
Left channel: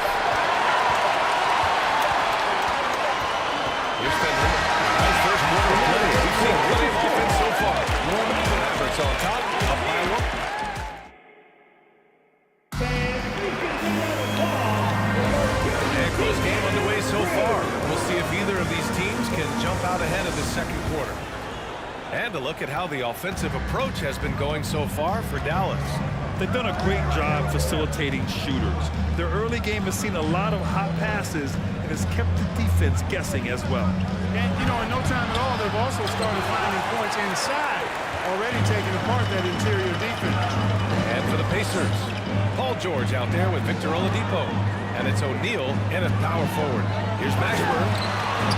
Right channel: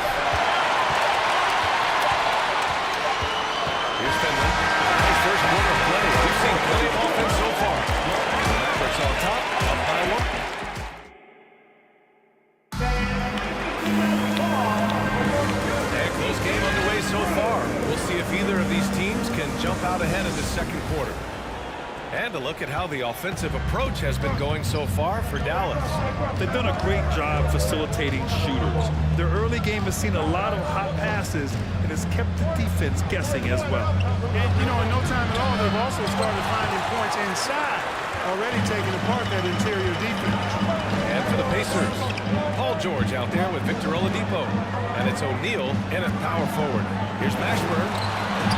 Here's Finley. Nice first quarter of play. We've seen plenty of offense so far. The Mavericks on top, up by 1. And close game underway so far. We'll see if either of these teams can jump out ahead of the second quarter. And a look at how the offensive approach has been going so far for Dallas. They've done a great job facilitating shooters. Their early game has seen a lot of hot passes and has kept the defense guessing as well. And, you know, in no time at all, they've also started finding points inside, already taking apart that interior defense. And for the Pacers, Paul George out there with Victor Oladipo. And it's O'Neal in at power forward. Here's Mashburn.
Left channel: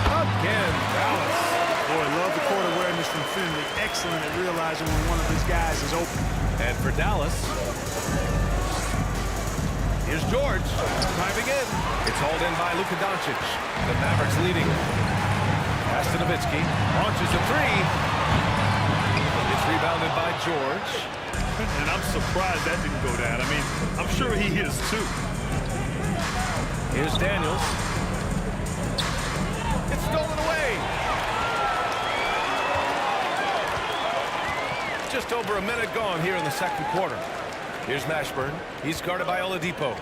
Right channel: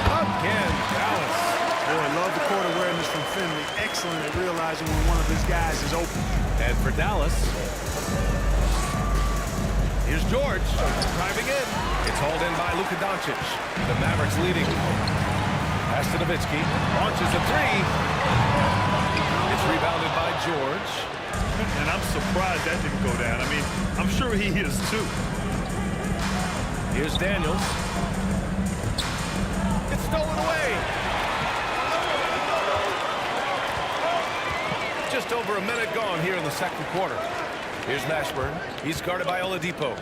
Again, Dallas. Boy, love the court awareness from Finley. Excellent at realizing when one of his guys is open. And for Dallas, here's George driving in. It's hauled in by Luka Doncic. The Mavericks leading. Pass to Nowitzki. Launches a 3. It's rebounded by George. And I'm surprised that didn't go down. I mean, I'm sure he is too. Here's Daniels. It's stolen away. Just over a minute gone here in the second quarter. Here's Mashburn. He's guarded by Oladipo.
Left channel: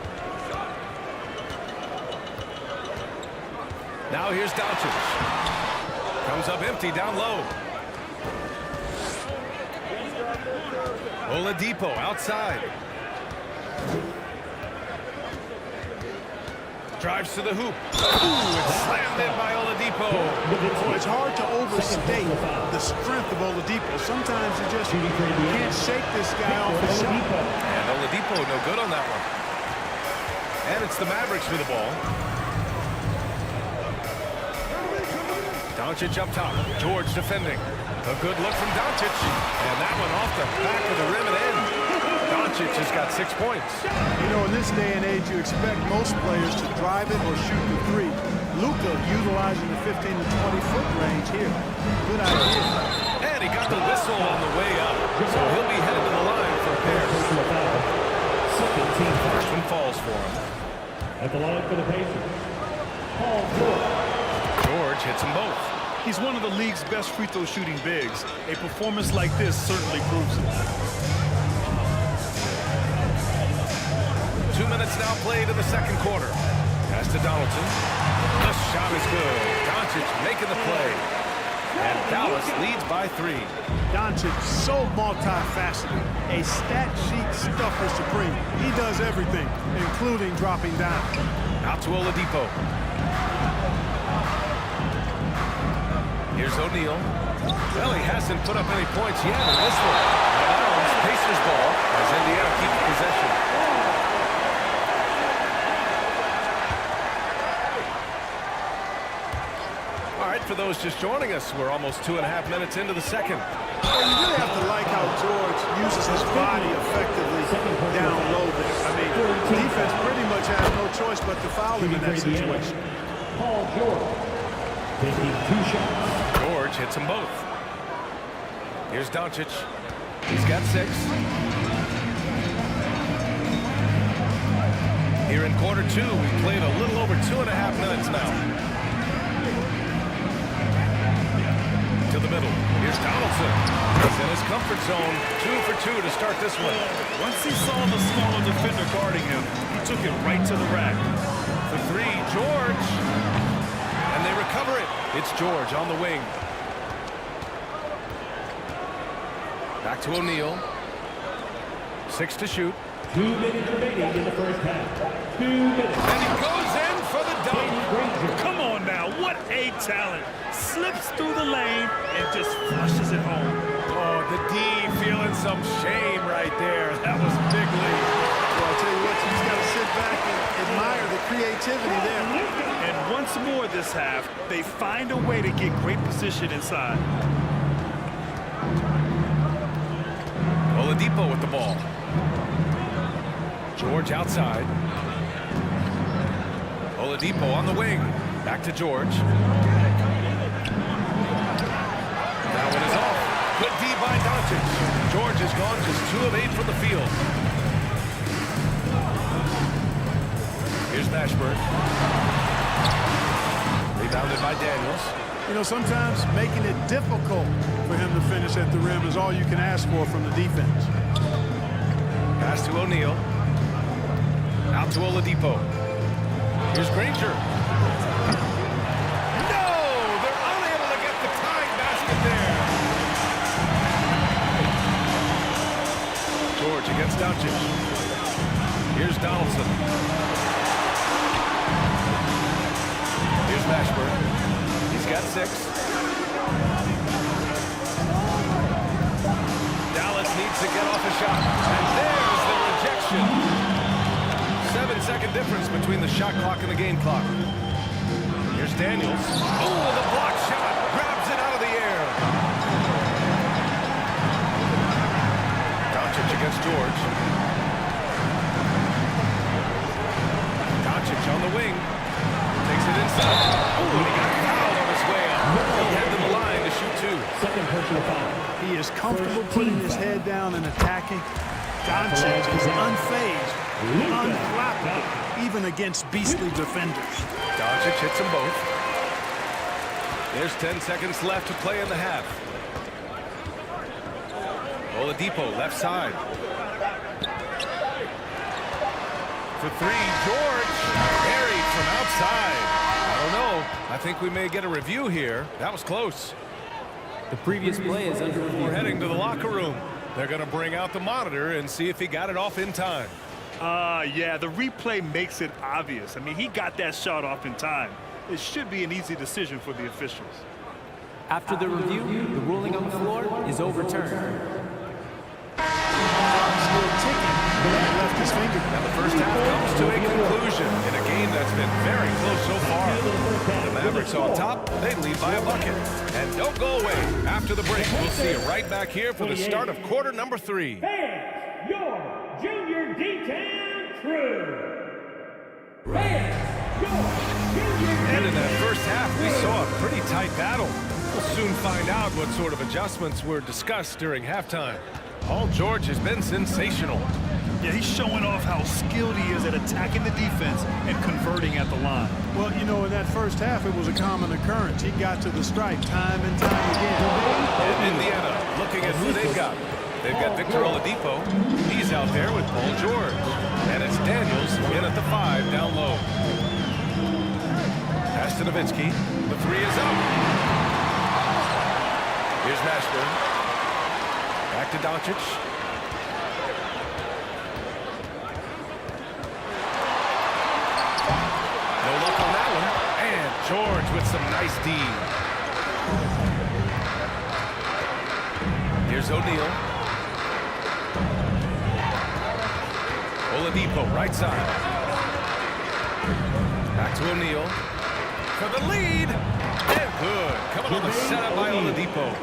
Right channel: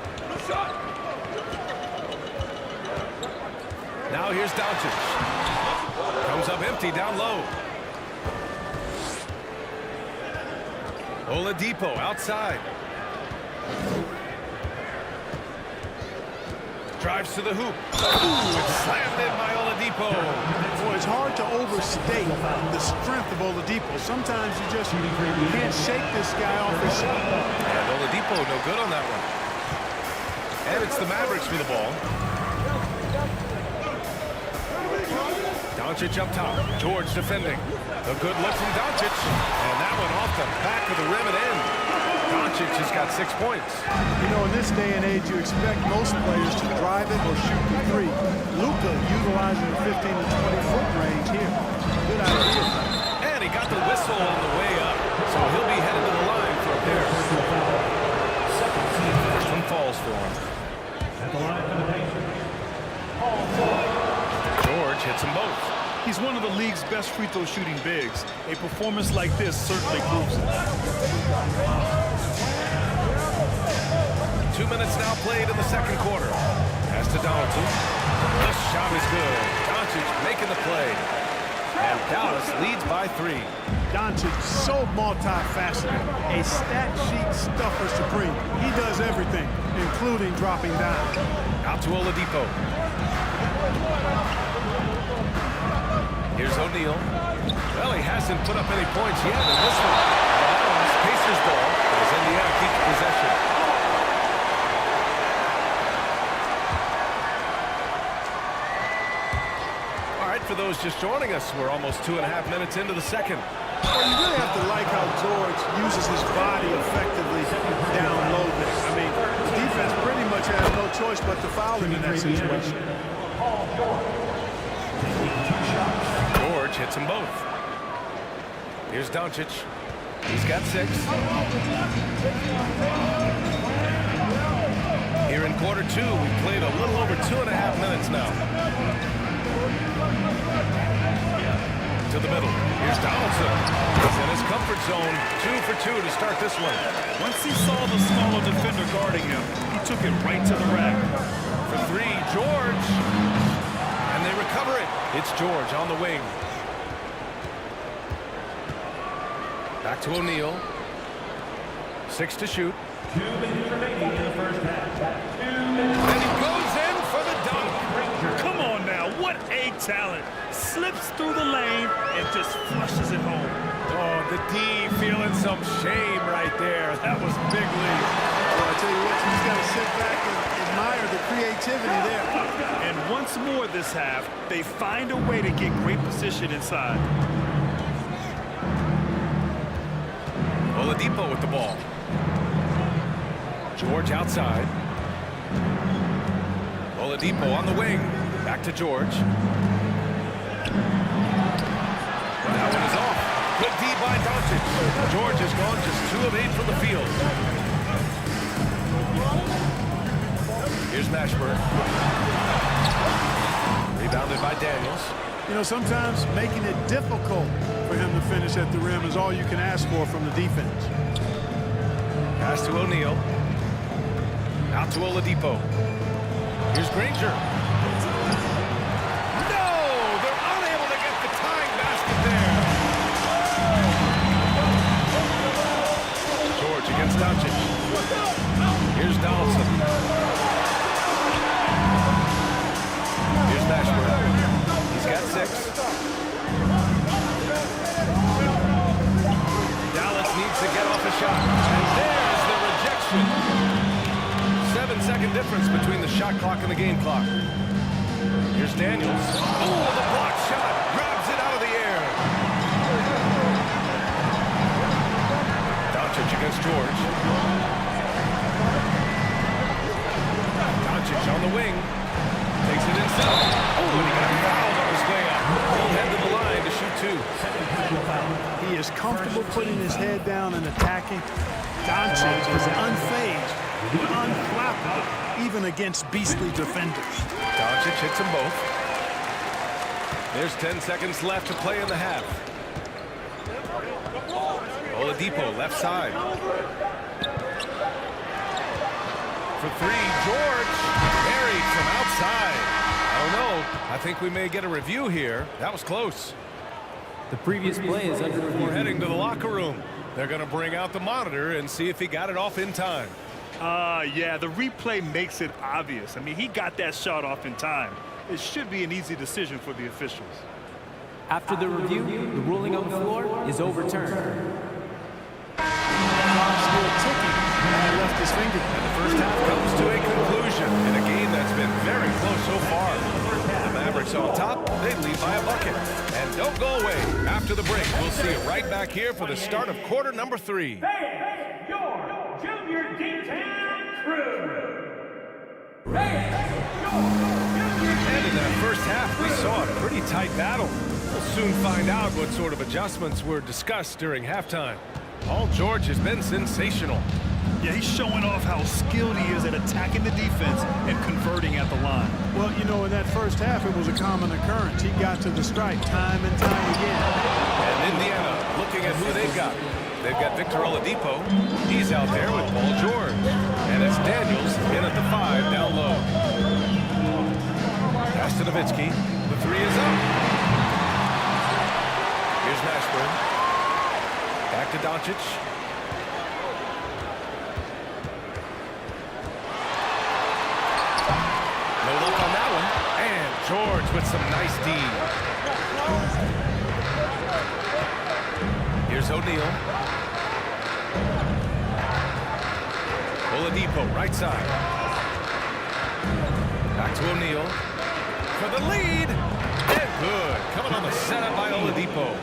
Now here's Doncic. Comes up empty down low. Oladipo outside. Drives to the hoop. Ooh, it's slammed in by Oladipo. Boy, it's hard to overstate the strength of Oladipo. Sometimes you just can't shake this guy off his shot. And Oladipo no good on that one. And it's the Mavericks with the ball. Doncic up top. George defending. A good look from Doncic. And that one off the back of the rim and in. Doncic has got 6 points. You know, in this day and age, you expect most players to drive it or shoot the 3. Luka utilizing the 15 to 20-foot range here. Good idea. And he got the whistle on the way up. So he'll be headed to the line for a pair. First one falls for him. At the line for the Pacers, Paul George. George hits them both. He's one of the league's best free throw shooting bigs. A performance like this certainly proves it. 2 minutes now played in the second quarter. Pass to Donaldson. The shot is good. Doncic making the play. And Dallas leads by 3. Doncic, so multifaceted. A stat sheet stuffer supreme. He does everything, including dropping down. Out to Oladipo. Here's O'Neal. Well, he hasn't put up any points yet in this one. Out of bounds, Pacers ball as Indiana keeps possession. All right, for those just joining us, we're almost 2.5 minutes into the second. Well, you really have to like how George uses his body effectively down low there. I mean, the defense pretty much has no choice but to foul him in that situation. Paul George taking 2 shots. George hits them both. Here's Doncic. He's got 6. Here in quarter 2, we played a little over 2.5 minutes now. To the middle. Here's Donaldson. He's in his comfort zone. 2 for 2 to start this one. Once he saw the smaller defender guarding him, he took it right to the rack. For 3, George. And they recover it. It's George on the wing. Back to O'Neal. 6 to shoot. 2 minutes remaining in the first half. 2 minutes. And he goes in for the dunk. Come on now, what a talent. Slips through the lane and just flushes it home. Oh, the D feeling some shame right there. That was big league. Well, I tell you what, you just got to sit back and admire the creativity there. And once more this half, they find a way to get great position inside. Oladipo with the ball. George outside. Oladipo on the wing. Back to George. That one is off. Good D by Doncic. George has gone just 2 of 8 from the field. Here's Mashburn. Rebounded by Daniels. You know, sometimes making it difficult for him to finish at the rim is all you can ask for from the defense. Pass to O'Neal. Out to Oladipo. Here's Granger. No! They're unable to get the tying basket there. George against Doncic. Here's Donaldson. Here's Mashburn. He's got 6. Dallas needs to get off a shot. And there's the rejection. 7-second difference between the shot clock and the game clock. Here's Daniels. Oh, the block shot. Grabs it out of the air. Doncic against George. Doncic on the wing. Takes it inside. Oh, and he got fouled on his way up. He'll head to the line to shoot 2. Second personal foul. He is comfortable putting his head down and attacking. Doncic is unfazed, unflappable, even against beastly defenders. Doncic hits them both. There's 10 seconds left to play in the half. Oladipo, left side. For 3, George. Buried from outside. I don't know. I think we may get a review here. That was close. The previous play is under review. We're heading to the locker room. They're going to bring out the monitor and see if he got it off in time. Yeah, the replay makes it obvious. I mean, he got that shot off in time. It should be an easy decision for the officials. After the review, the ruling on the floor is overturned. Clock's still ticking when he left his finger. Now the first half comes to a conclusion in a game that's been very close so far. The Mavericks on top, they lead by a bucket. And don't go away. After the break, we'll see you right back here for the start of quarter number 3. Fans, your Junior D-Town crew. And in that first half, we saw a pretty tight battle. We'll soon find out what sort of adjustments were discussed during halftime. Paul George has been sensational. Yeah, he's showing off how skilled he is at attacking the defense and converting at the line. Well, you know, in that first half, it was a common occurrence. He got to the stripe time and time again. And Indiana looking at who they've got. They've got Victor Oladipo. He's out there with Paul George. And it's Daniels in at the 5 down low. Pass to Nowitzki. The 3 is up. Here's Mashburn. Back to Doncic. No luck on that one. And George with some nice D. Here's O'Neal. Oladipo, right side. Back to O'Neal. For the lead. And good. Coming on the setup by Oladipo.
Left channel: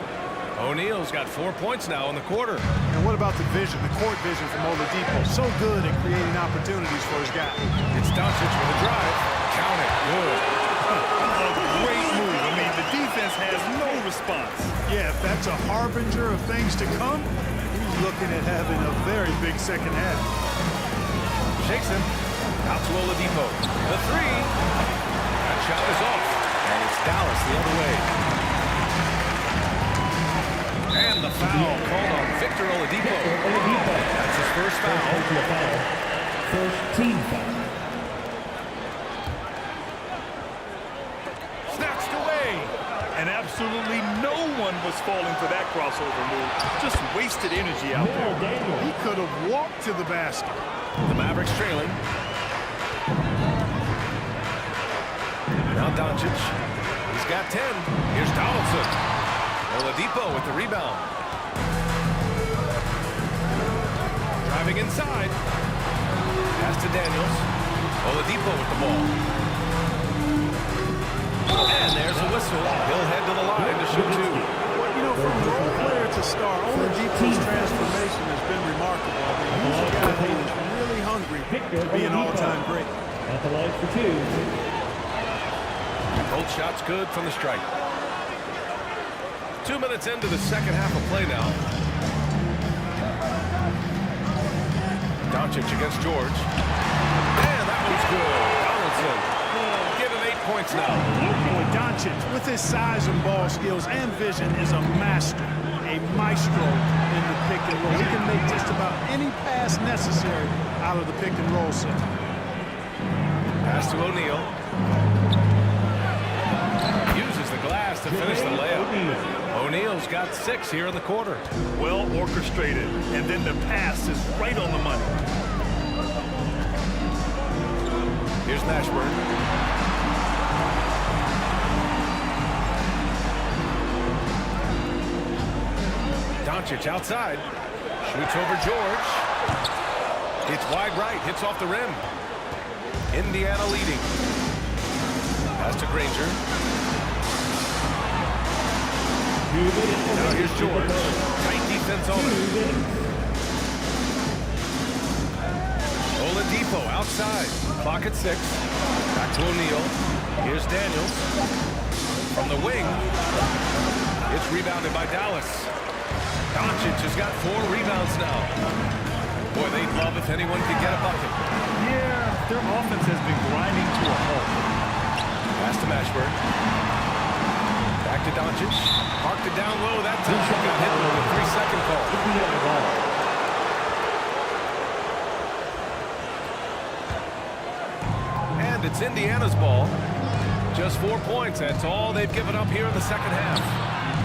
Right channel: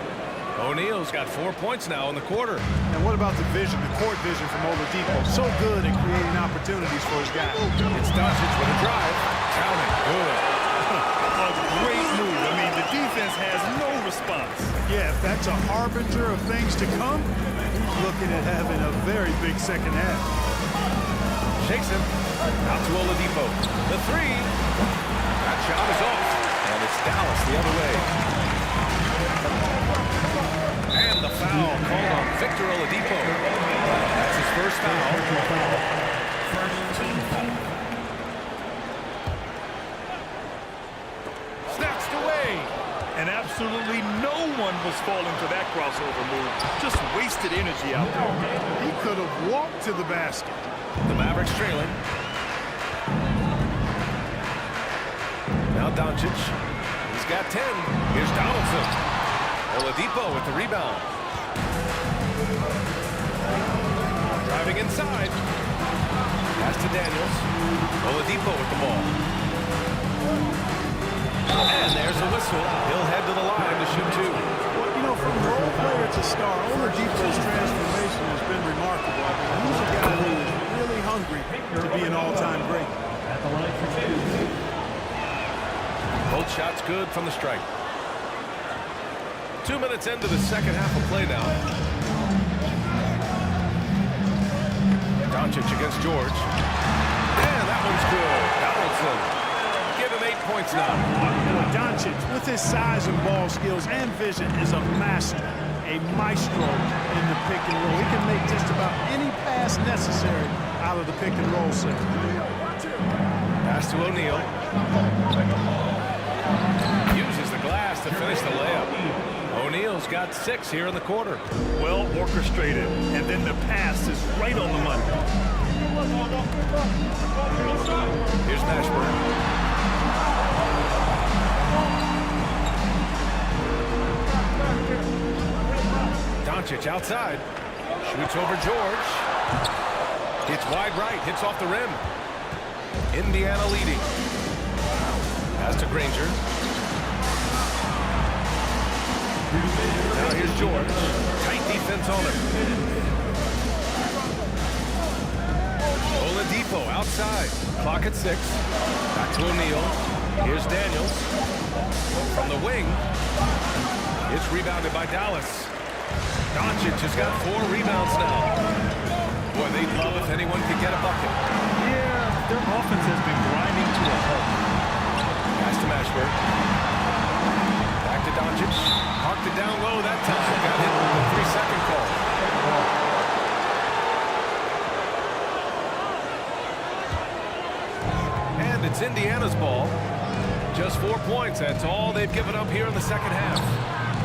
O'Neal's got 4 points now in the quarter. And what about the vision, the court vision from Oladipo? So good at creating opportunities for his guy. It's Doncic with a drive. Count it. Good. A great move. I mean, the defense has no response. Yeah, if that's a harbinger of things to come, he's looking at having a very big second half. Shakes him. Out to Oladipo. The three. That shot is off. And it's Dallas the other way. And the foul called on Victor Oladipo. That's his first foul. First team foul. Snatched away. And absolutely no one was falling for that crossover move. Just wasted energy out there. He could have walked to the basket. The Mavericks trailing. Now Doncic. He's got 10. Here's Donaldson. Oladipo with the rebound. Driving inside. Pass to Daniels. Oladipo with the ball. And there's a whistle. He'll head to the line to shoot two. Well, you know, from role player to star, Oladipo's transformation has been remarkable. I mean, he's a guy who is really hungry to be an all-time great. At the line for two. Both shots good from the stripe. 2 minutes into the second half of play now. Doncic against George. And that one's good. Donaldson. Give him 8 points now. Boy, Doncic, with his size and ball skills and vision, is a master, a maestro in the pick and roll. He can make just about any pass necessary out of the pick and roll set. Pass to O'Neal. Uses the glass to finish the layup. O'Neal's got 6 here in the quarter. Well orchestrated, and then the pass is right on the money. Here's Mashburn. Doncic outside. Shoots over George. Hits wide right. Hits off the rim. Indiana leading. Pass to Granger. Now here's George. Tight defense on him. Oladipo outside. Clock at 6. Back to O'Neal. Here's Daniels. From the wing. It's rebounded by Dallas. Doncic has got 4 rebounds now. Boy, they'd love if anyone could get a bucket. Yeah, their offense has been grinding to a halt. Pass to Mashburn. Back to Doncic. Parked it down low that time. Got hit with the 3-second call. And it's Indiana's ball. Just 4 points. That's all they've given up here in the second half.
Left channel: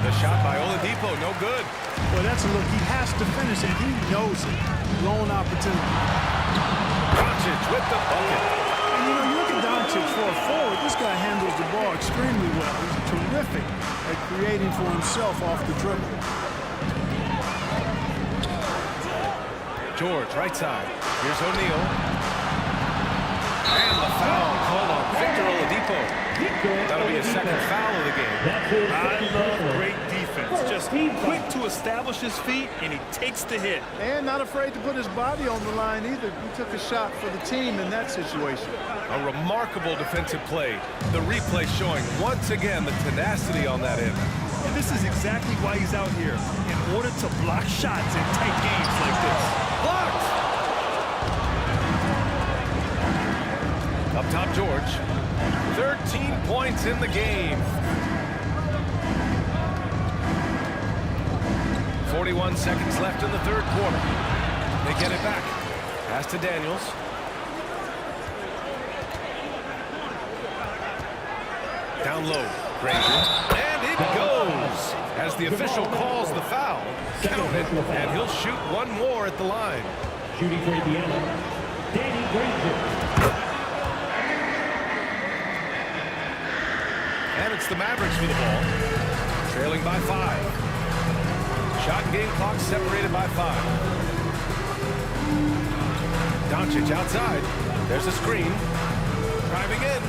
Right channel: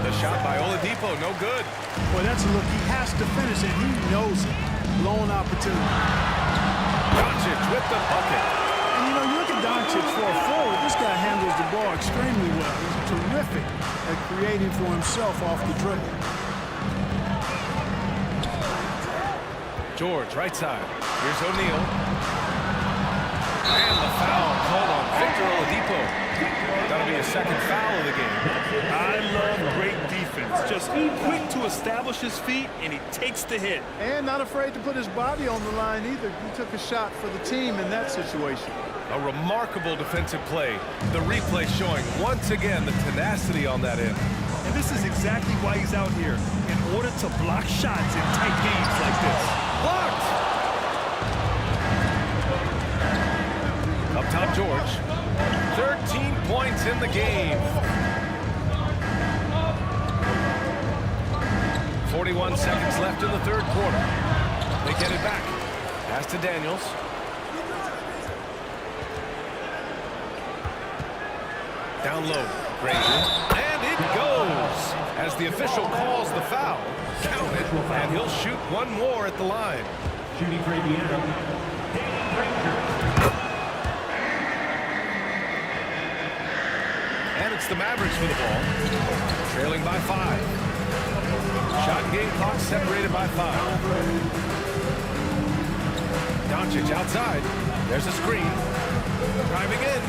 The shot by Oladipo, no good. Boy, that's a look. He has to finish, and he knows it. Lone opportunity. Doncic with the bucket. And, you know, you look at Doncic for a forward. This guy handles the ball extremely well. He's terrific at creating for himself off the dribble. George, right side. Here's O'Neal. And the foul called on Victor Oladipo. That'll be a second foul of the game. I love great defense. Just quick to establish his feet, and he takes the hit. And not afraid to put his body on the line either. He took a shot for the team in that situation. A remarkable defensive play. The replay showing once again the tenacity on that end. And this is exactly why he's out here, in order to block shots in tight games like this. Blocked! Up top, George. 13 points in the game. 41 seconds left in the third quarter. They get it back. Pass to Daniels. Down low, Granger. And it goes! As the official calls the foul, count it, and he'll shoot one more at the line. Shooting for Indiana, Danny Granger. And it's the Mavericks for the ball, trailing by 5. Shot and game clock separated by 5. Doncic outside. There's a screen. Driving in.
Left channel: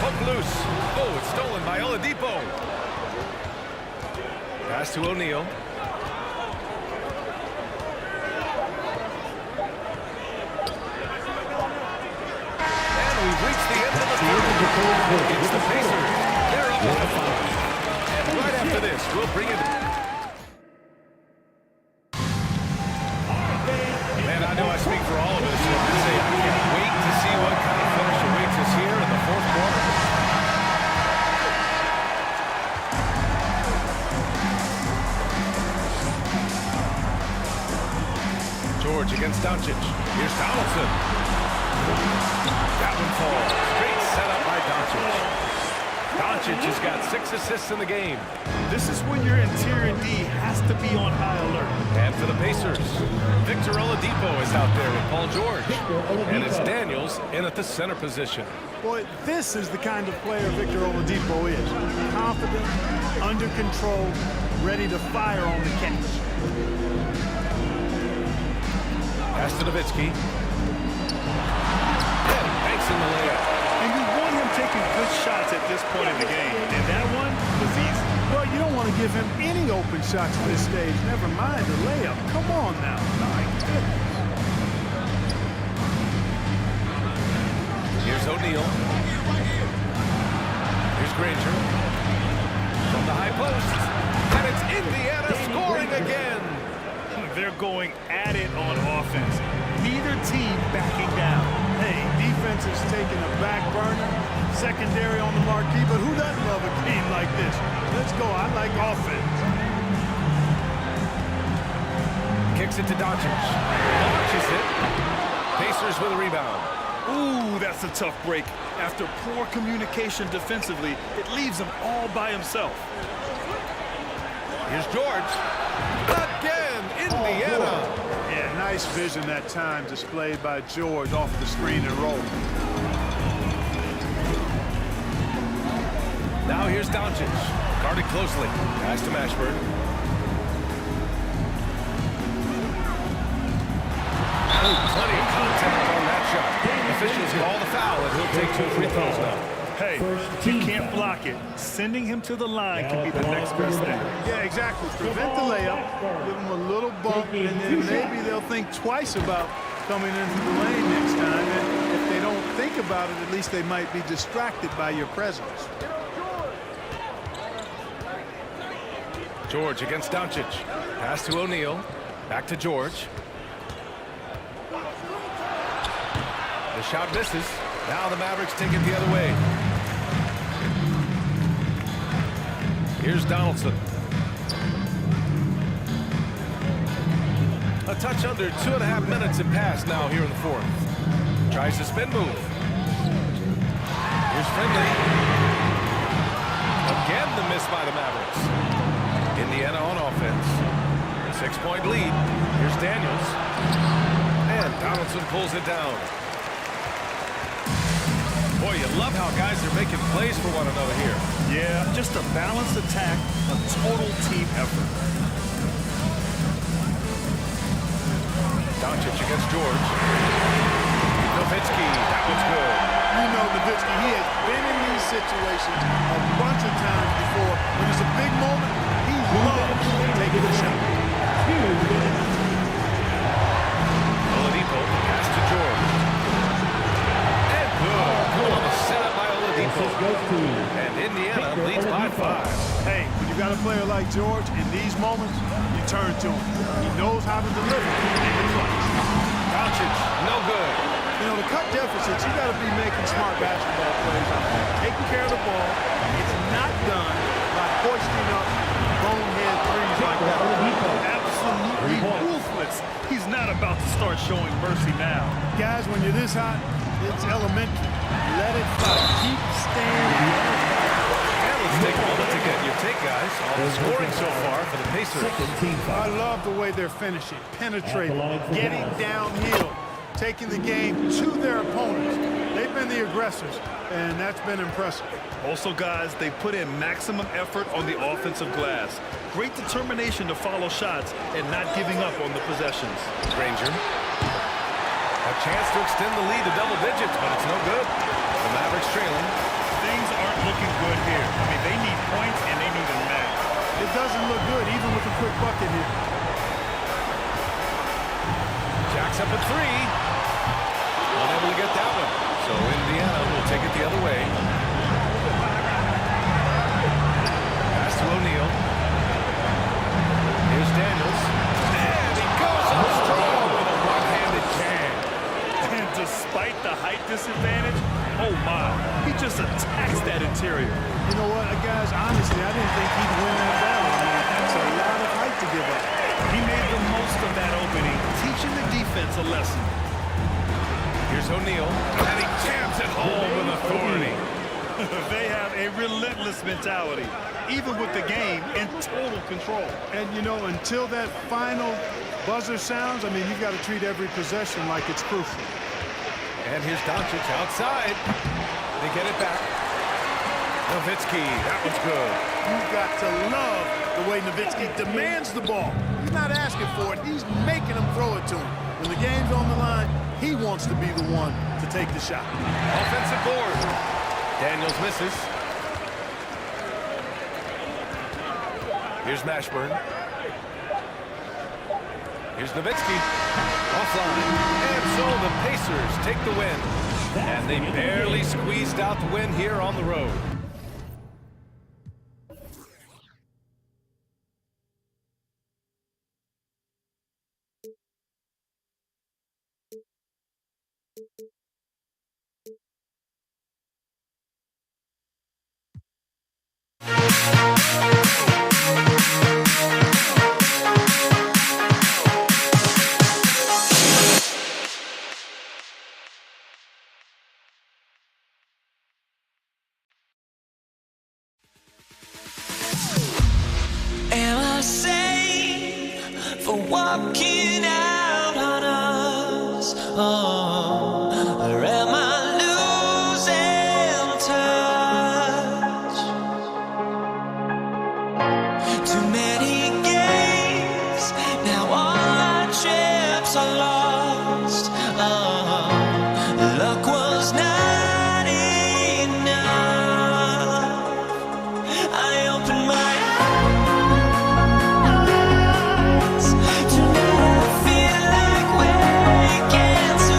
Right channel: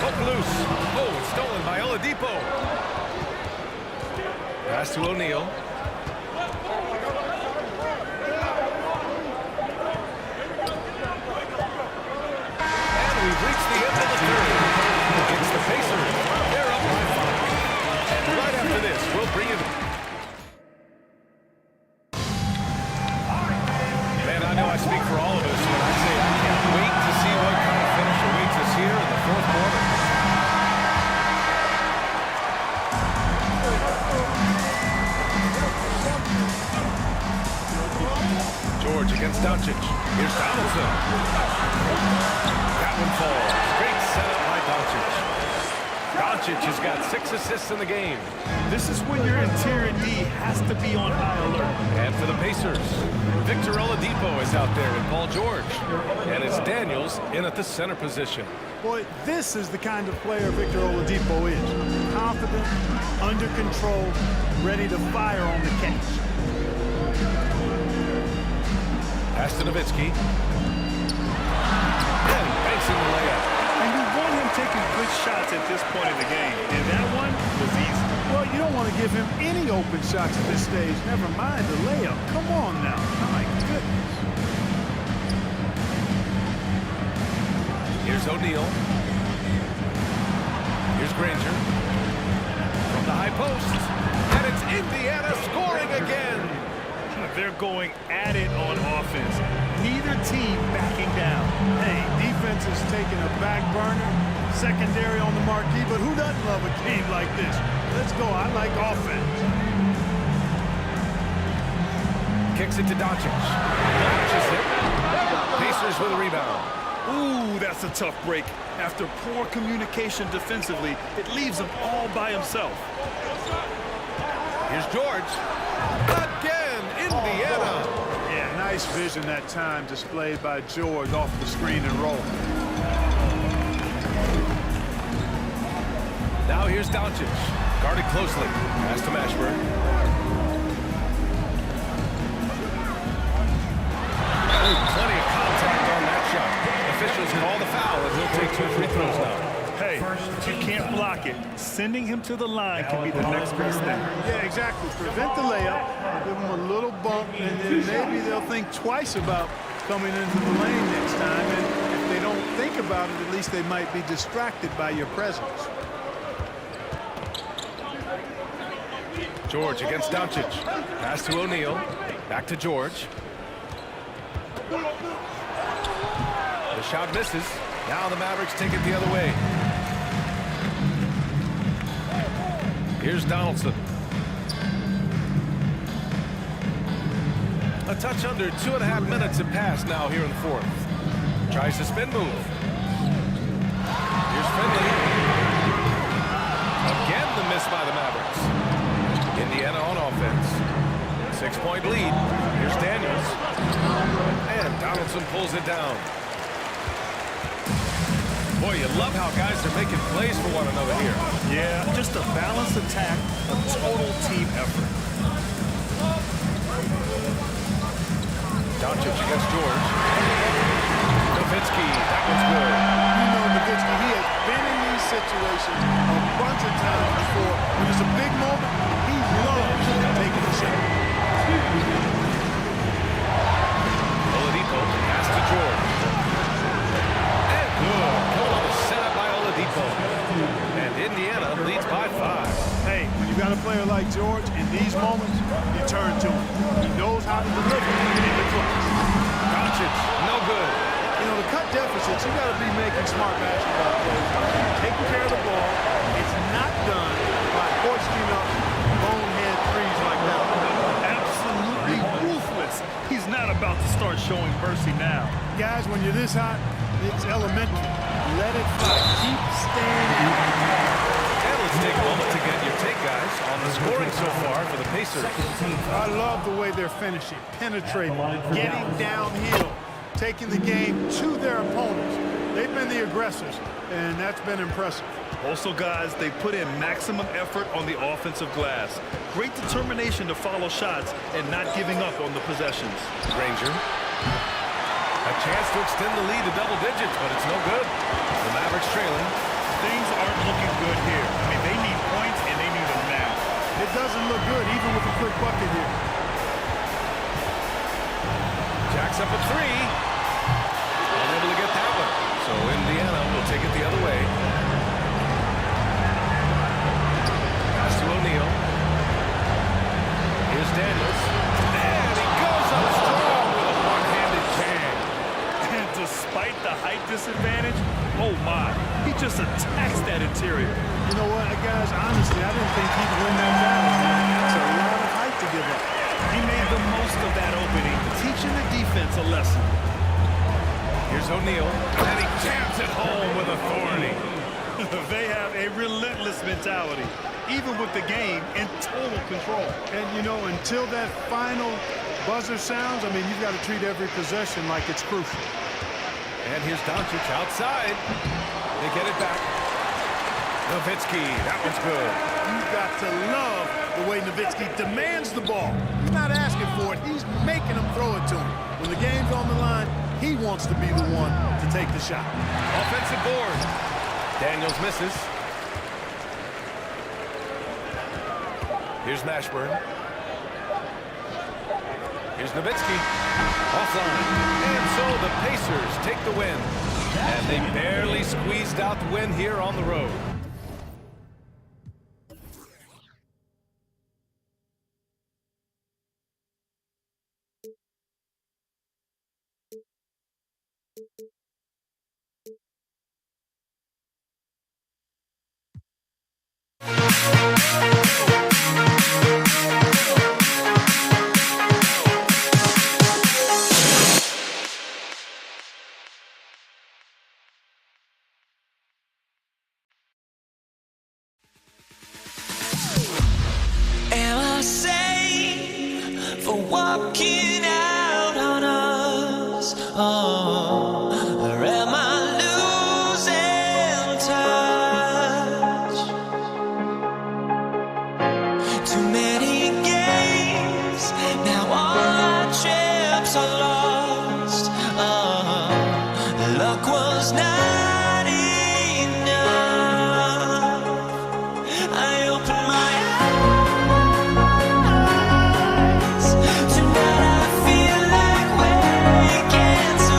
Poke loose. Oh, it's stolen by Oladipo. Pass to O'Neal. And we've reached the end of the third. It's the Pacers. They're up by 5. And right after this, we'll bring you... Man, I know I speak for all of us when I say I can't wait to see what kind of finish awaits us here in the fourth quarter. George against Doncic. Here's Donaldson. That one falls. Great setup by Doncic. Doncic has got 6 assists in the game. This is when your interior D has to be on high alert. And for the Pacers, Victor Oladipo is out there with Paul George. And it's Daniels in at the center position. Boy, this is the kind of player Victor Oladipo is. Confident, under control, ready to fire on the catch. Pass to Nowitzki. And he banks in the layup. And you want him taking good shots at this point in the game. And that one was easy. Well, you don't want to give him any open shots at this stage. Never mind the layup. Come on now. My goodness. Here's O'Neal. Here's Granger. From the high post. And it's Indiana scoring again. They're going at it on offense. Neither team backing down. Hey, defense is taking a back burner, secondary on the marquee, but who doesn't love a game like this? Let's go. I like offense. Kicks it to Doncic. Launches it. Pacers with a rebound. Ooh, that's a tough break. After poor communication defensively, it leaves him all by himself. Here's George. Again, Indiana. Yeah, nice vision that time displayed by George off the screen and roll. Now here's Doncic. Guarded closely. Pass to Mashburn. Oh, plenty of contact on that shot. Officials call the foul, and he'll take 2 free throws now. Hey, if you can't block it, sending him to the line can be the next best thing. Yeah, exactly. Prevent the layup, give him a little bump, and then maybe they'll think twice about coming into the lane next time. And if they don't think about it, at least they might be distracted by your presence. George against Doncic. Pass to O'Neal. Back to George. The shot misses. Now the Mavericks take it the other way. Here's Donaldson. A touch under 2.5 minutes have passed now here in the fourth. Tries the spin move. Here's Finley. Again the miss by the Mavericks. Indiana on offense. 6-point lead. Here's Daniels. And Donaldson pulls it down. Boy, you love how guys are making plays for one another here. Yeah, just a balanced attack, a total team effort. Doncic against George. Nowitzki, that one's good. You know Nowitzki, he has been in these situations a bunch of times before. When it's a big moment, he loves taking the shot. Oladipo, pass to George. And good. Coming on the setup by Oladipo. And Indiana leads by 5. Hey, when you got a player like George, in these moments, you turn to him. He knows how to deliver in the clutch. Doncic, no good. You know, to cut deficits, you got to be making smart basketball plays out there. Taking care of the ball. It's not done by hoisting up bonehead threes like that. Absolutely ruthless. He's not about to start showing mercy now. Guys, when you're this hot, it's elementary. Let it fly. Keep staying at it. And let's take a moment to get your take, guys, on the scoring so far for the Pacers. I love the way they're finishing, penetrating, getting downhill, taking the game to their opponents. They've been the aggressors, and that's been impressive. Also, guys, they put in maximum effort on the offensive glass. Great determination to follow shots and not giving up on the possessions. Granger. A chance to extend the lead to double digits, but it's no good. The Mavericks trailing. Things aren't looking good here. I mean, they need points, and they need them now. It doesn't look good, even with a quick bucket here. Jacks up a three. Unable to get that one. So Indiana will take it the other way. Pass to O'Neal. Here's Daniels. And he goes up strong with a one-handed jam. And despite the height disadvantage, oh my, he just attacks that interior. You know what, guys, honestly, I didn't think he'd win that battle. I mean, that's a lot of height to give up. He made the most of that opening, teaching the defense a lesson. Here's O'Neal, and he jams it home with authority. They have a relentless mentality, even with the game in total control. And, you know, until that final buzzer sounds, I mean, you've got to treat every possession like it's crucial. And here's Doncic outside. They get it back. Nowitzki, that one's good. You've got to love the way Nowitzki demands the ball. He's not asking for it. He's making him throw it to him. When the game's on the line, he wants to be the one to take the shot. Offensive board. Daniels misses. Here's Mashburn. Here's Nowitzki. Offline. And so the Pacers take the win. And they barely squeezed out the win here on the road. Am I sane for walking out on us? Oh, or am I losing touch? Too many games, now all our chips are lost. Oh, luck was not enough. I opened my eyes. Tonight I feel like waking to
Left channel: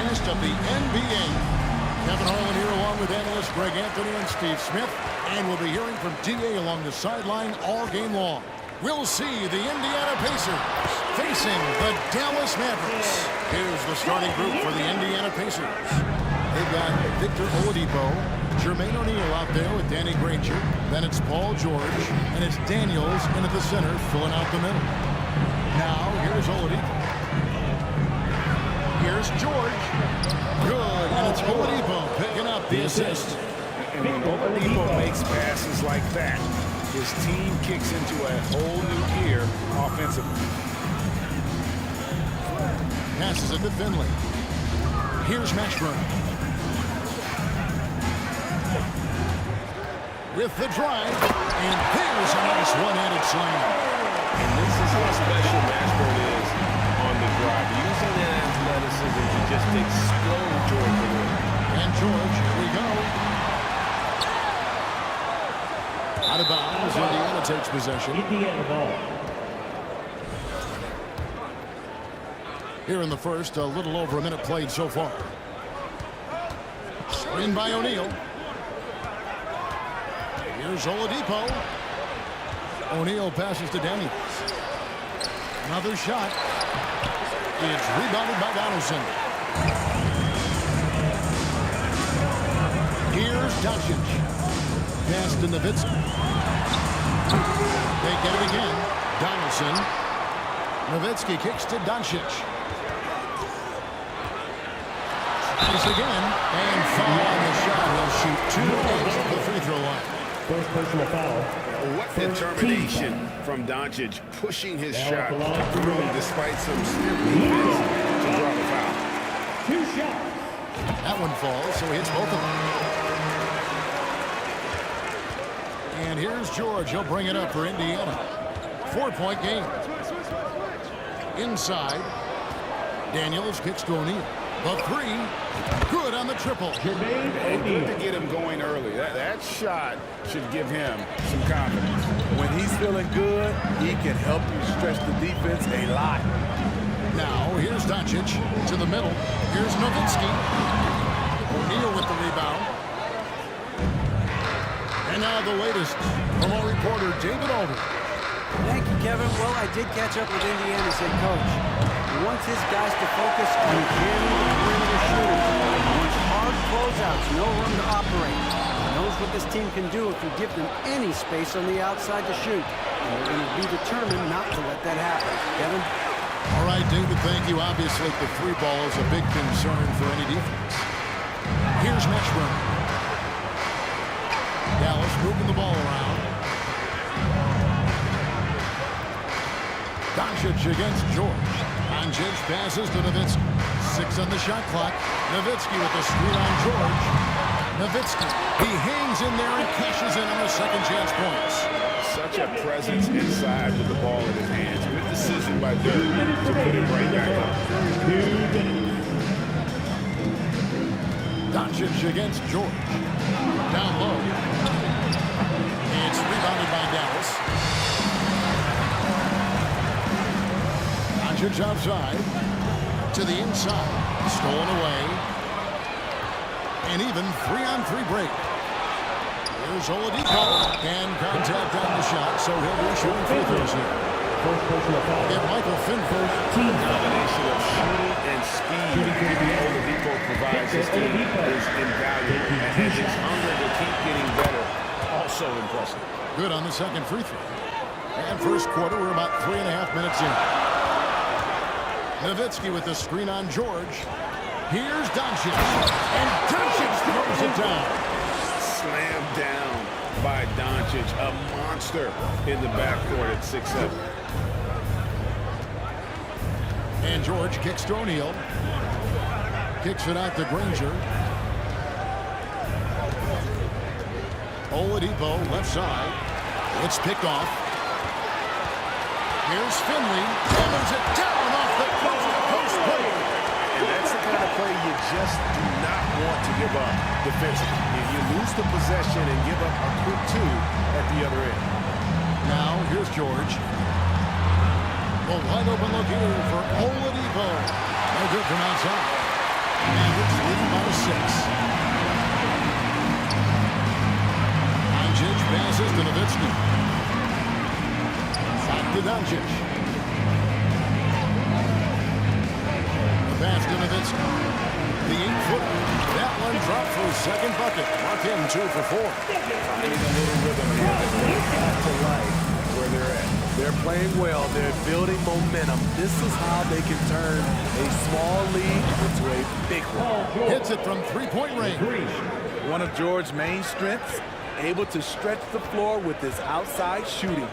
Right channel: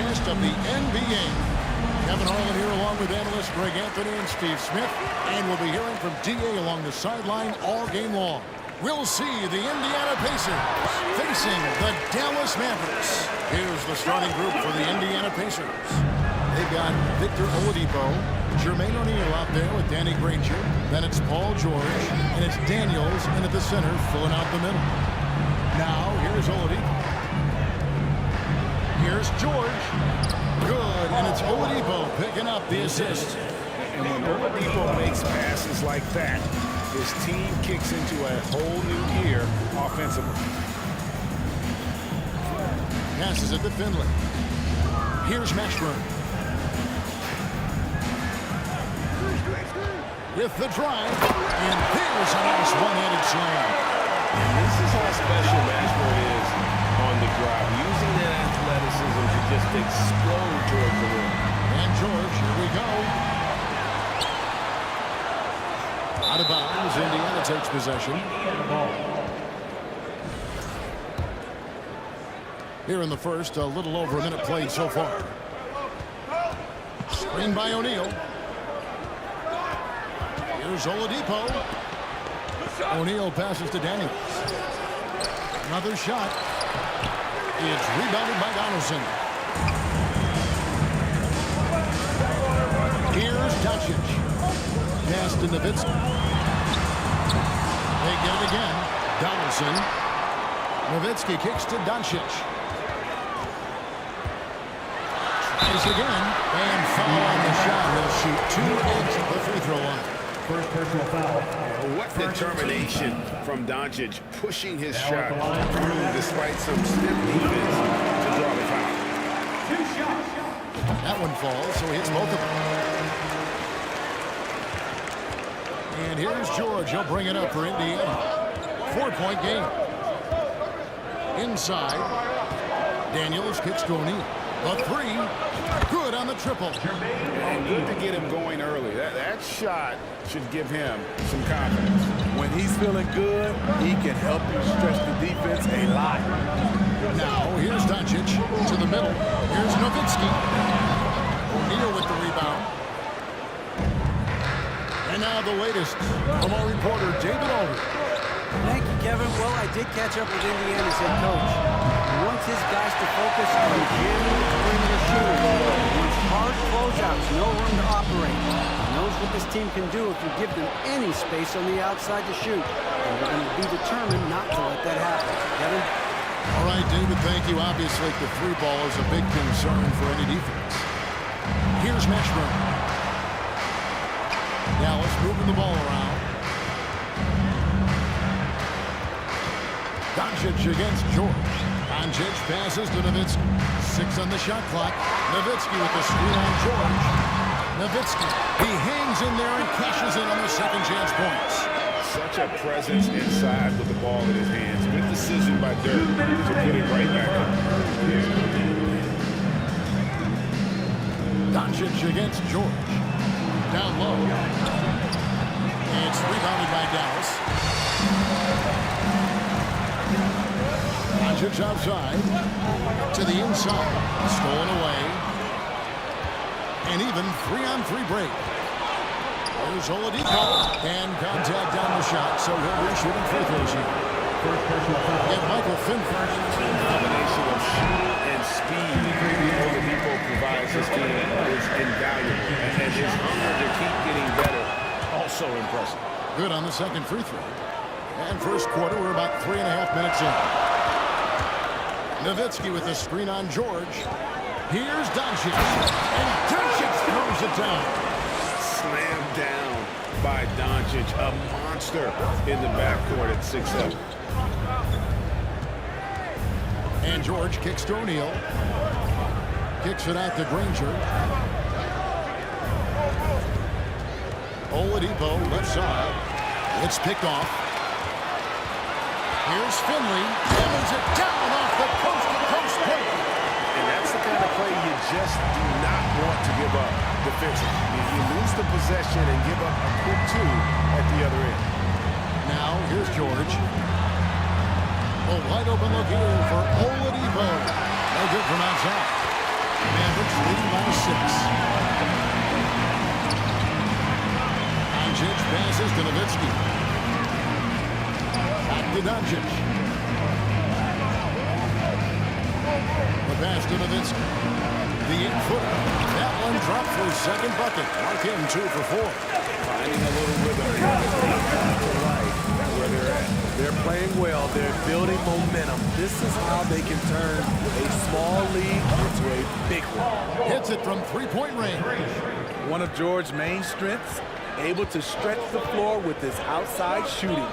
broadcast of the NBA. Kevin Harlan here along with analysts Greg Anthony and Steve Smith. And we'll be hearing from DA along the sideline all game long. We'll see the Indiana Pacers facing the Dallas Mavericks. Here's the starting group for the Indiana Pacers. They've got Victor Oladipo, Jermaine O'Neal out there with Danny Granger. Then it's Paul George, and it's Daniels in at the center, filling out the middle. Now, here's Oladipo. Here's George. Good, and it's Oladipo picking up the assist. And when Oladipo makes passes like that, his team kicks into a whole new gear offensively. Passes it to Finley. Here's Mashburn. With the drive, and there's a nice one-handed slam. And this is how special Mashburn is on the drive, using that athleticism to just explode towards the rim. And George, here we go. Out of bounds, Indiana takes possession. Indiana ball. Here in the first, a little over a minute played so far. Screen by O'Neal. Here's Oladipo. O'Neal passes to Daniels. Another shot. It's rebounded by Donaldson. Here's Doncic. Pass to Nowitzki. They get it again. Donaldson. Nowitzki kicks to Doncic. Tries again. And foul on the shot. He'll shoot two at the free throw line. First personal foul. What determination from Doncic, pushing his shot through despite some stiff defense to draw the foul. Two shots. That one falls, so he hits both of them. And here's George. He'll bring it up for Indiana. 4-point game. Inside. Daniels kicks to O'Neal. The three. Good on the triple. And good to get him going early. That shot should give him some confidence. When he's feeling good, he can help you stretch the defense a lot. Now, here's Doncic to the middle. Here's Nowitzki. O'Neal with the rebound. And now the latest from our reporter, David Aldridge. Thank you, Kevin. Well, I did catch up with Indiana's head coach. He wants his guys to focus on jamming the perimeter shooters. He wants hard closeouts, no room to operate. He knows what this team can do if you give them any space on the outside to shoot. And they're going to be determined not to let that happen. Kevin? All right, David, thank you. Obviously, the three ball is a big concern for any defense. Here's Mashburn. Dallas moving the ball around. Doncic against George. Doncic passes to Nowitzki. 6 on the shot clock. Nowitzki with the screen on George. Nowitzki. He hangs in there and cashes in on the second chance points. Such a presence inside with the ball in his hands. Good decision by Dirk to put it right back up. Doncic against George. Down low. It's rebounded by Dallas. Doncic outside. To the inside. Stolen away. And even 3-on-3 break. Here's Oladipo. And contact on the shot, so he'll be shooting free throws here. Get Michael Finley. Combination of shooting and speed Oladipo provides his team is invaluable. And his hunger to keep getting better, also impressive. Good on the second free throw. And first quarter, we're about 3.5 minutes in. Nowitzki with the screen on George. Here's Doncic. And Doncic throws it down. Slammed down by Doncic, a monster in the backcourt at 6'7". And George kicks to O'Neal. Kicks it out to Granger. Oladipo left side. It's picked off. Here's Finley. Hammers it down off the post break. And that's the kind of play you just do not want to give up defensively. You lose the possession and give up a quick two at the other end. Now, here's George. A wide open look here for Oladipo. No good from outside. Mavericks leading by 6. Doncic passes to Nowitzki. Back to Doncic. The pass to Nowitzki. The 8-footer. That one dropped for his second bucket. Mark him 2 for 4. Finding a little rhythm here that they have to like where they're at. They're playing well. They're building momentum. This is how they can turn a small lead into a big one. Hits it from three-point range. One of George's main strengths, able to stretch the floor with his outside shooting.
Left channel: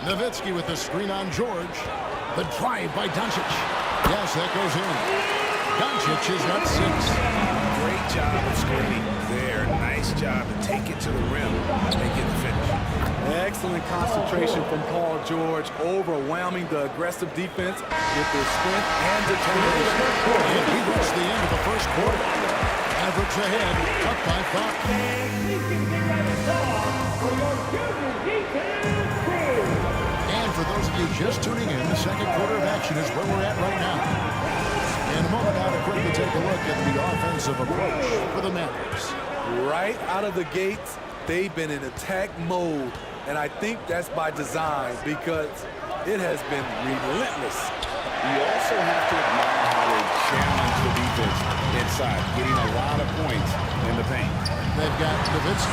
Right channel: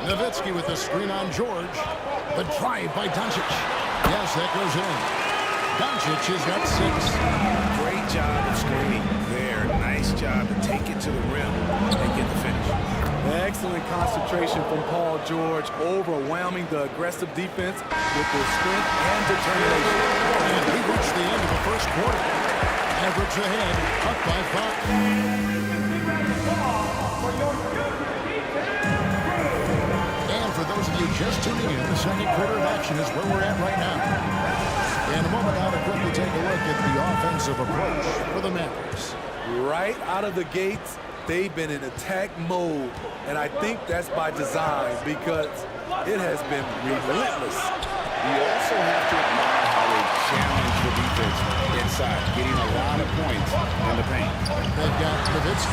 Nowitzki with the screen on George. The drive by Doncic. Yes, that goes in. Doncic has got 6. Great job of screening there. Nice job to take it to the rim and get the finish. Excellent concentration from Paul George, overwhelming the aggressive defense with his strength and determination. And we reached the end of the first quarter. Mavericks ahead, up by 5. And for those of you just tuning in, the second quarter of action is where we're at right now. In a moment now to quickly take a look at the offensive approach for the Mavericks. Right out of the gates, they've been in attack mode. And I think that's by design because it has been relentless. You also have to admire how they challenge the defense inside, getting a lot of points in the paint. They've got Nowitzki.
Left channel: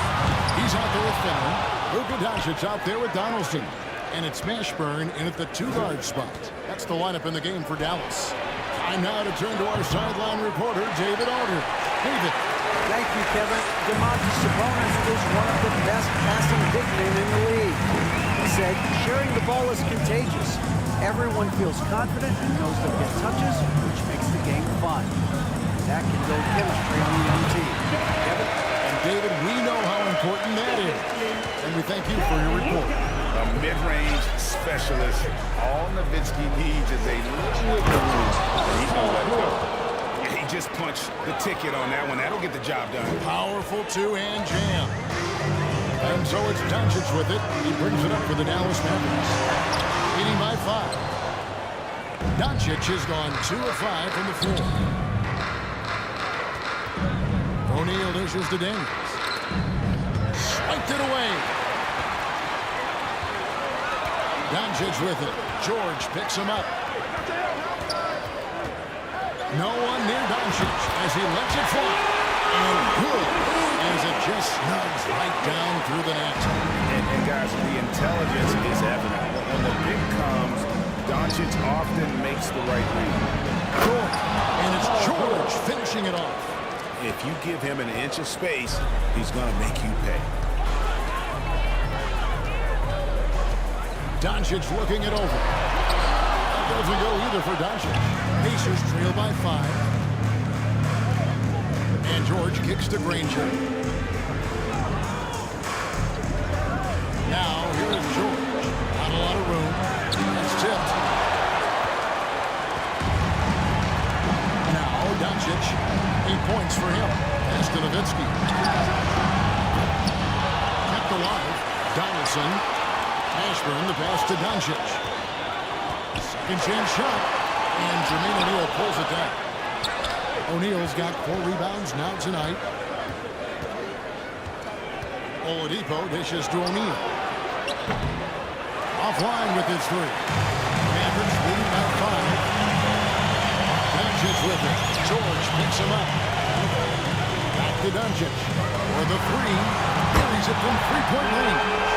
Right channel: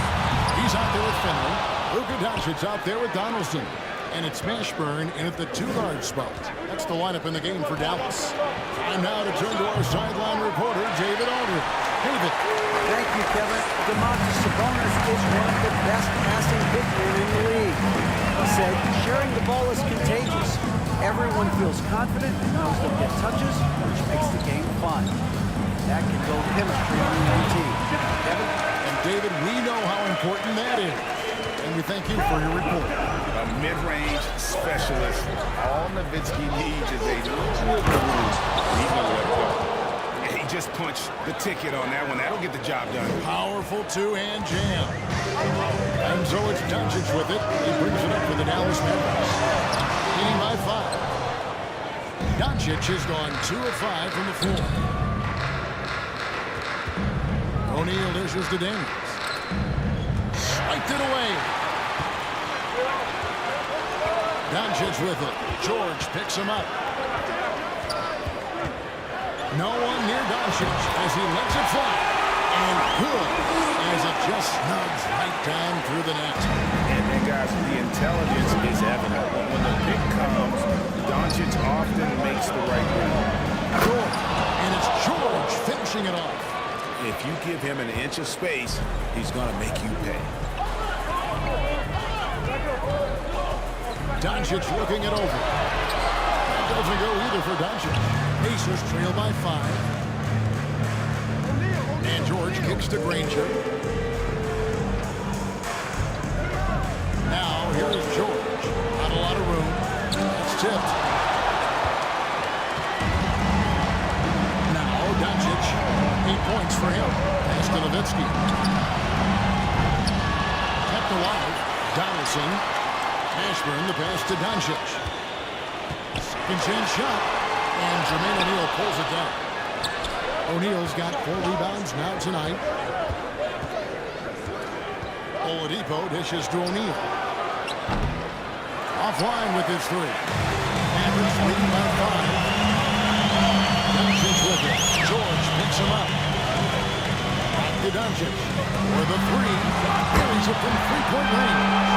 He's out there with Finley. Luka Doncic out there with Donaldson. And it's Mashburn in at the 2-guard spot. That's the lineup in the game for Dallas. Time now to turn to our sideline reporter, David Aldridge. David. Thank you, Kevin. Domantas Sabonis is one of the best passing big men in the league. He said, sharing the ball is contagious. Everyone feels confident and knows they'll get touches, which makes the game fun. That can build chemistry on a young team. Kevin? And David, we know how important that is. And we thank you for your report. A mid-range specialist. All Nowitzki needs is a little wiggle room, and he's going to let it go. He just punched the ticket on that one. That'll get the job done. Powerful two-hand jam. And so it's Doncic with it. He brings it up for the Dallas Mavericks. Leading by 5. Doncic has gone 2 of 5 from the floor. O'Neal dishes to Daniels. Swiped it away. Doncic with it. George picks him up. No one near Doncic as he lets it fly. And good as it just snugs right down through the net. And guys, the intelligence is evident. When the pick comes, Doncic often makes the right read. George. And it's George finishing it off. If you give him an inch of space, he's going to make you pay. Doncic looking it over. That doesn't go either for Doncic. Pacers trail by 5. And George kicks to Granger. Now, here is George. Not a lot of room. That's tipped. Now, Doncic. 8 points for him. Pass to Nowitzki. Kept alive. Donaldson. Mashburn, the pass to Doncic. Second chance shot. And Jermaine O'Neal pulls it down. O'Neal's got 4 rebounds now tonight. Oladipo dishes to O'Neal. Offline with his 3. Mavericks leading by 5. Doncic with it. George picks him up. Back to Doncic. For the 3. Carries it from 3-point range.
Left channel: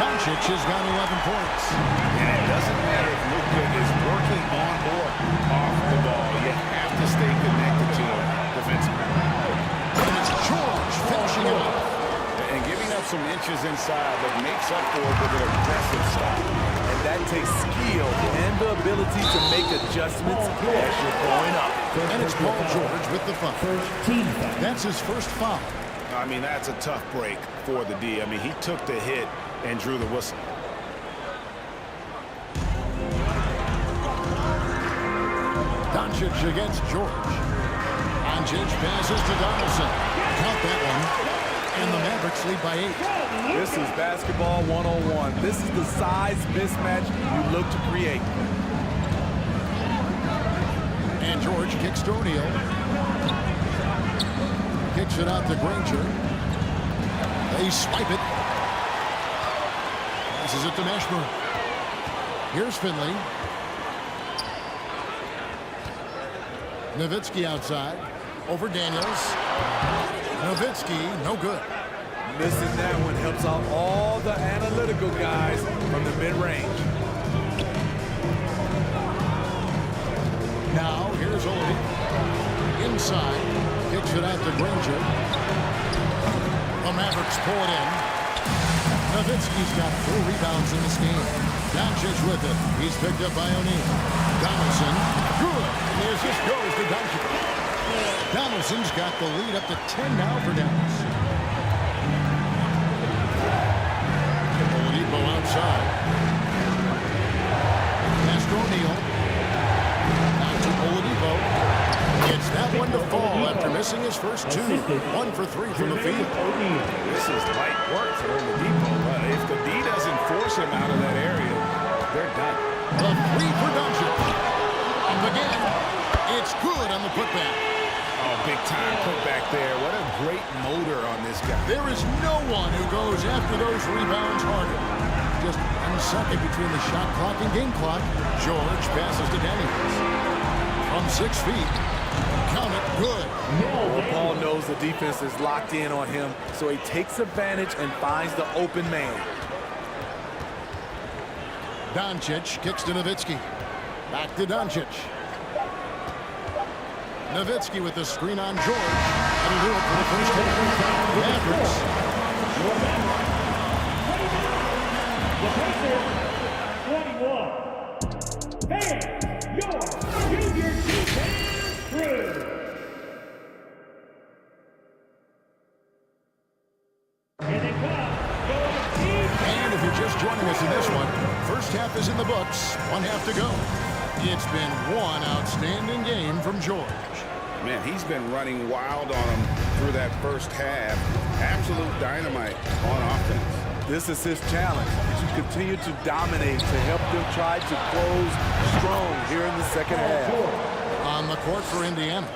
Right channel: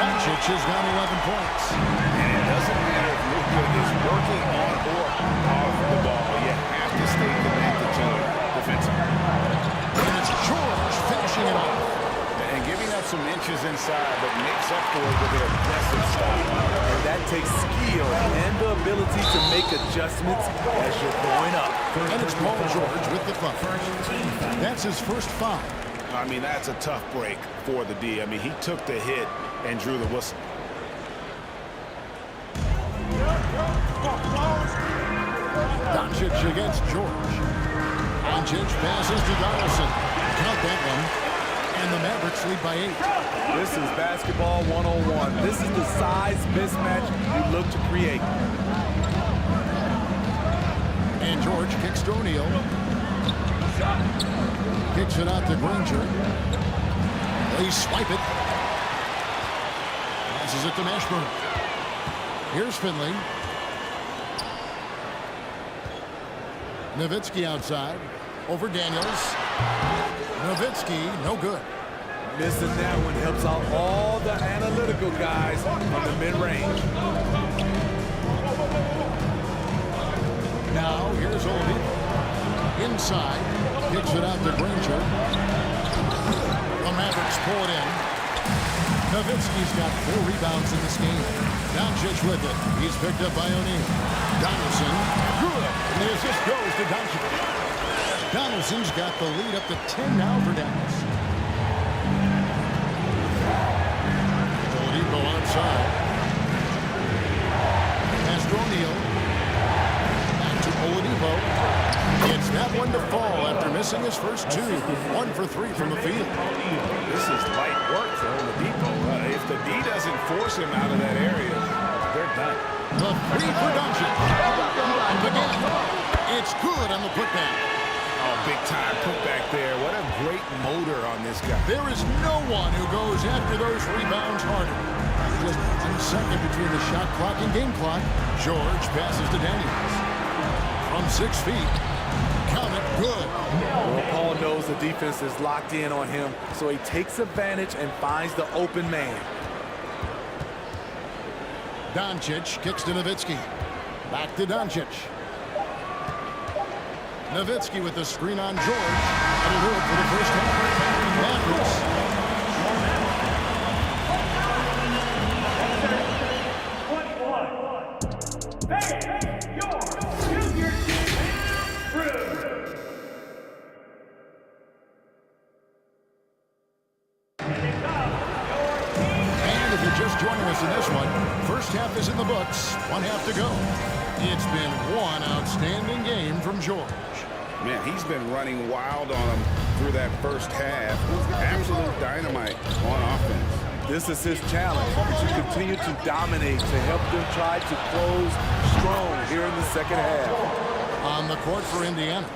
Doncic has got 11 points. And it doesn't matter if Luka is working on or off the ball. You have to stay connected to him defensively. And it's George finishing it off. And giving up some inches inside, but makes up for it with an aggressive style. And that takes skill and the ability to make adjustments as you're going up. And it's Paul George with the foul. That's his first foul. I mean, that's a tough break for the D. I mean, he took the hit and drew the whistle. Doncic against George. Doncic passes to Donaldson. Count that one. And the Mavericks lead by 8. This is basketball 101. This is the size mismatch you look to create. And George kicks to O'Neal. Kicks it out to Granger. They swipe it. Passes it to Mashburn. Here's Finley. Nowitzki outside. Over Daniels. Nowitzki, no good. Missing that one helps out all the analytical guys from the mid-range. Now, here's Oladipo. Inside. Kicks it out to Granger. The Mavericks pull it in. Nowitzki's got 4 rebounds in this game. Doncic with it. He's picked up by O'Neal. Donaldson, good. And the assist goes to Doncic. Donaldson's got the lead up to 10 now for Dallas. Oladipo outside. Pass to O'Neal. Back to Oladipo. It's that one to fall after missing his first 2. 1 for 3 from the field. This is light work for Oladipo. If the D doesn't force him out of that area, they're done. The 3 for Doncic. Up again. It's good on the putback. Oh, big time putback there. What a great motor on this guy. There is no one who goes after those rebounds harder. Just 1 second between the shot clock and game clock. George passes to Daniels. From 6 feet. Count it, good. Well, Paul knows the defense is locked in on him, so he takes advantage and finds the open man. Doncic kicks to Nowitzki. Back to Doncic. Nowitzki with the screen on George. That'll do it for the first half. Mavericks. And if you're just joining us in this one, first half is in the books. 1 half to go. It's been one outstanding game from George. Man, he's been running wild on him through that first half. Absolute dynamite on offense. This is his challenge, to continue to dominate, to help them try to close strong here in the second half. On the court for Indiana,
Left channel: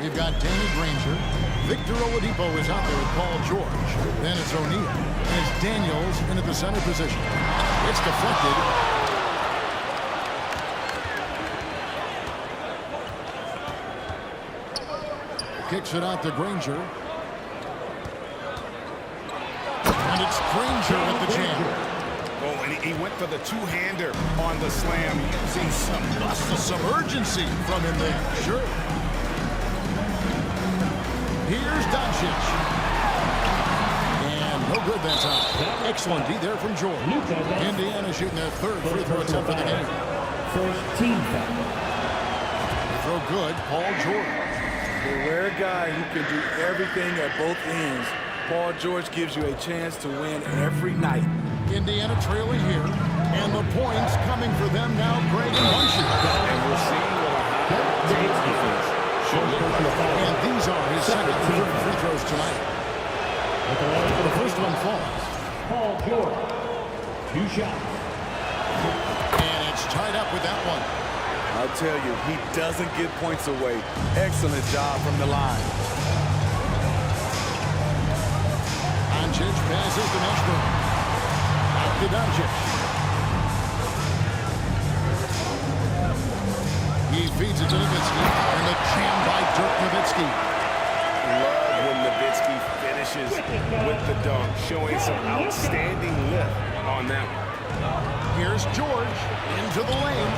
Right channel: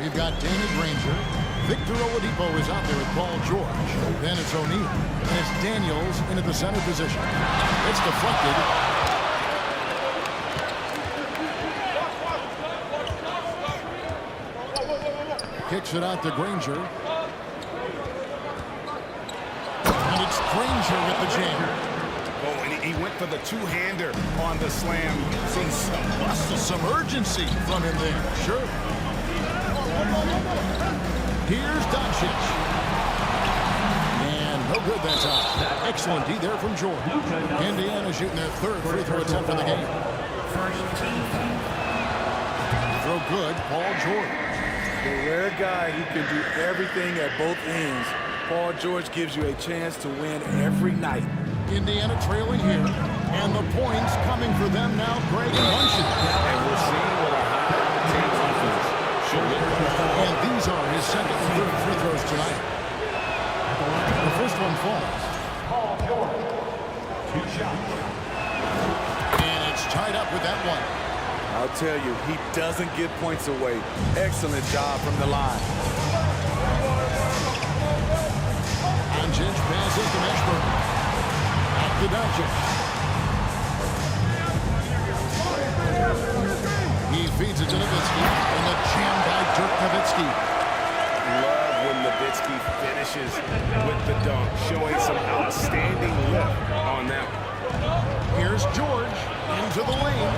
we've got Danny Granger. Victor Oladipo is out there with Paul George. Then it's O'Neal. And it's Daniels into the center position. It's deflected. Kicks it out to Granger. And it's Granger with the jam. Oh, and he went for the two-hander on the slam, using some muscle. Some urgency from him there. Sure. Here's Doncic. And no good that time. Excellent D there from George. Indiana shooting their 3rd free throw attempt of the game. First team foul. The throw good, Paul George. The rare guy who can do everything at both ends. Paul George gives you a chance to win every night. Indiana trailing here, and the points coming for them now, Greg and Bunchen. And we're seeing what a high-octane offense should look like. And these are his 2nd and 3rd free throws tonight. The first one falls. Paul George, 2 shots. And it's tied up with that one. I'll tell you, he doesn't give points away. Excellent job from the line. Doncic passes to Mashburn. Back to Doncic. He feeds it to Nowitzki. And the jam by Dirk Nowitzki. Love when Nowitzki finishes with the dunk, showing some outstanding lift on that one. Here's George into the lane.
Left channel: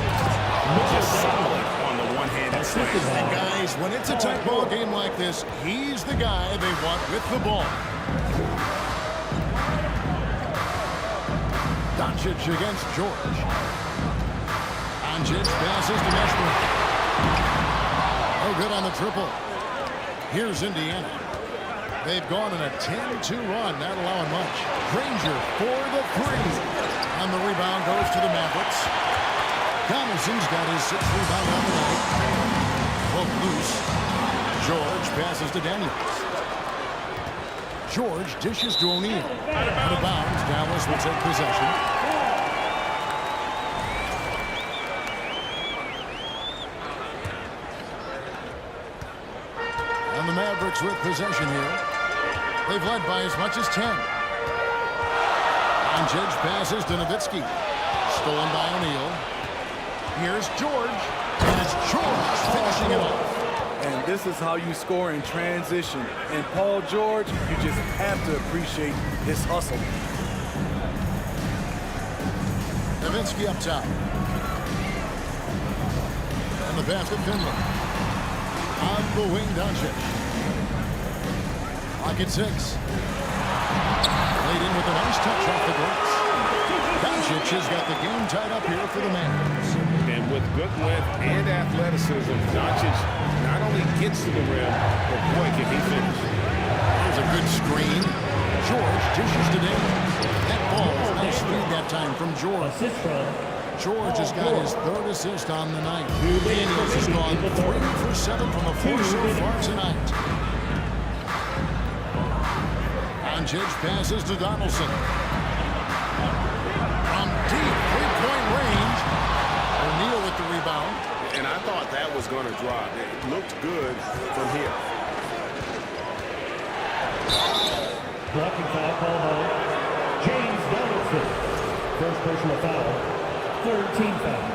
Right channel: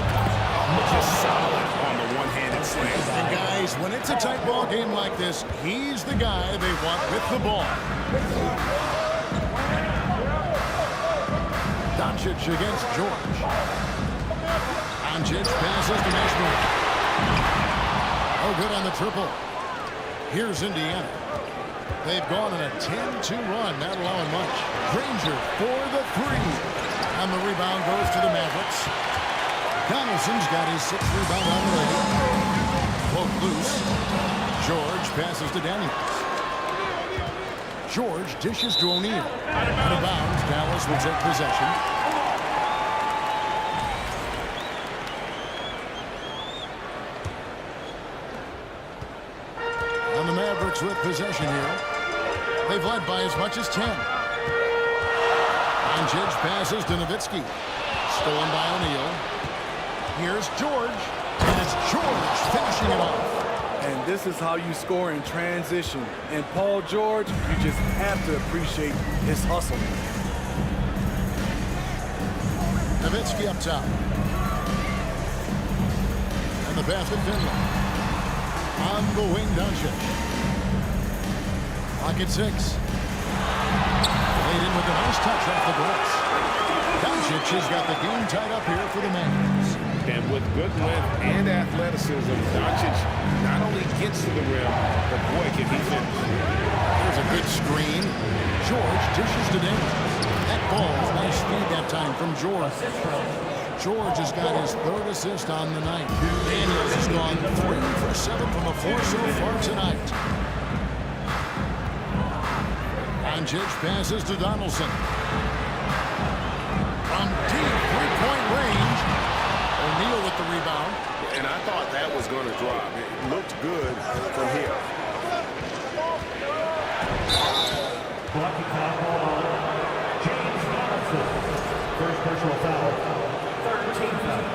Just solid on the one-handed slam. And guys, when it's a tight ball game like this, he's the guy they want with the ball. Doncic against George. Doncic passes to Mashburn. No good on the triple. Here's Indiana. They've gone on a 10-2 run, not allowing much. Granger for the 3. And the rebound goes to the Mavericks. Donaldson's got his 6th rebound on the leg. Poke loose. George passes to Daniels. George dishes to O'Neal. Out of bounds. Dallas will take possession. And And the Mavericks with possession here. They've led by as much as 10. Doncic passes to Nowitzki. Stolen by O'Neal. Here's George. And it's George finishing it off. And this is how you score in transition. And Paul George, you just have to appreciate his hustle. Nowitzki up top. And the pass to Finley. On the wing, Doncic. Clock at 6. Played in with a nice touch off the glass. Doncic has got the game tied up here for the Mavs. And with good length and athleticism, Doncic not only gets to the rim, but boy, can he finish. There's a good screen. George dishes to Daniels. That ball, nice feed that time from George. George has got his 3rd assist on the night. Daniels has gone 3 for 7 from the floor so far tonight. Doncic passes to Donaldson. From deep three-point range. O'Neal with the rebound. And I thought that was going to drop. It looked good from here. Blocking foul call on James Donaldson. First personal foul. 3rd team foul.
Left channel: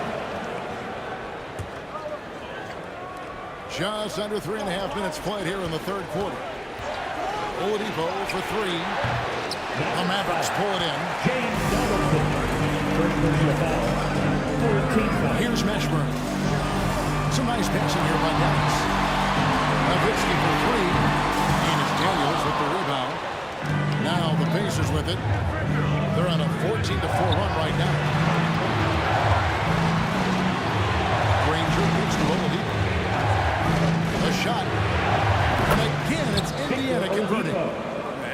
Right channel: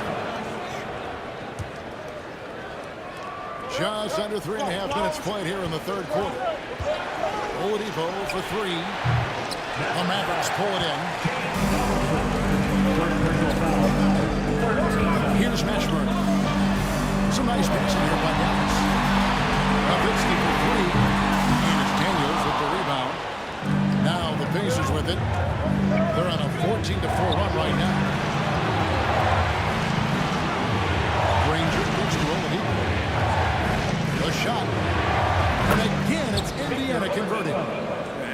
Just under 3.5 minutes played here in the 3rd quarter. Oladipo for 3. The Mavericks pull it in. Here's Mashburn. Some nice passing here by Dallas. Nowitzki for 3. And it's Daniels with the rebound. Now the Pacers with it. They're on a 14-4 run right now. Granger kicks to Oladipo. The shot. And again, it's Indiana converting.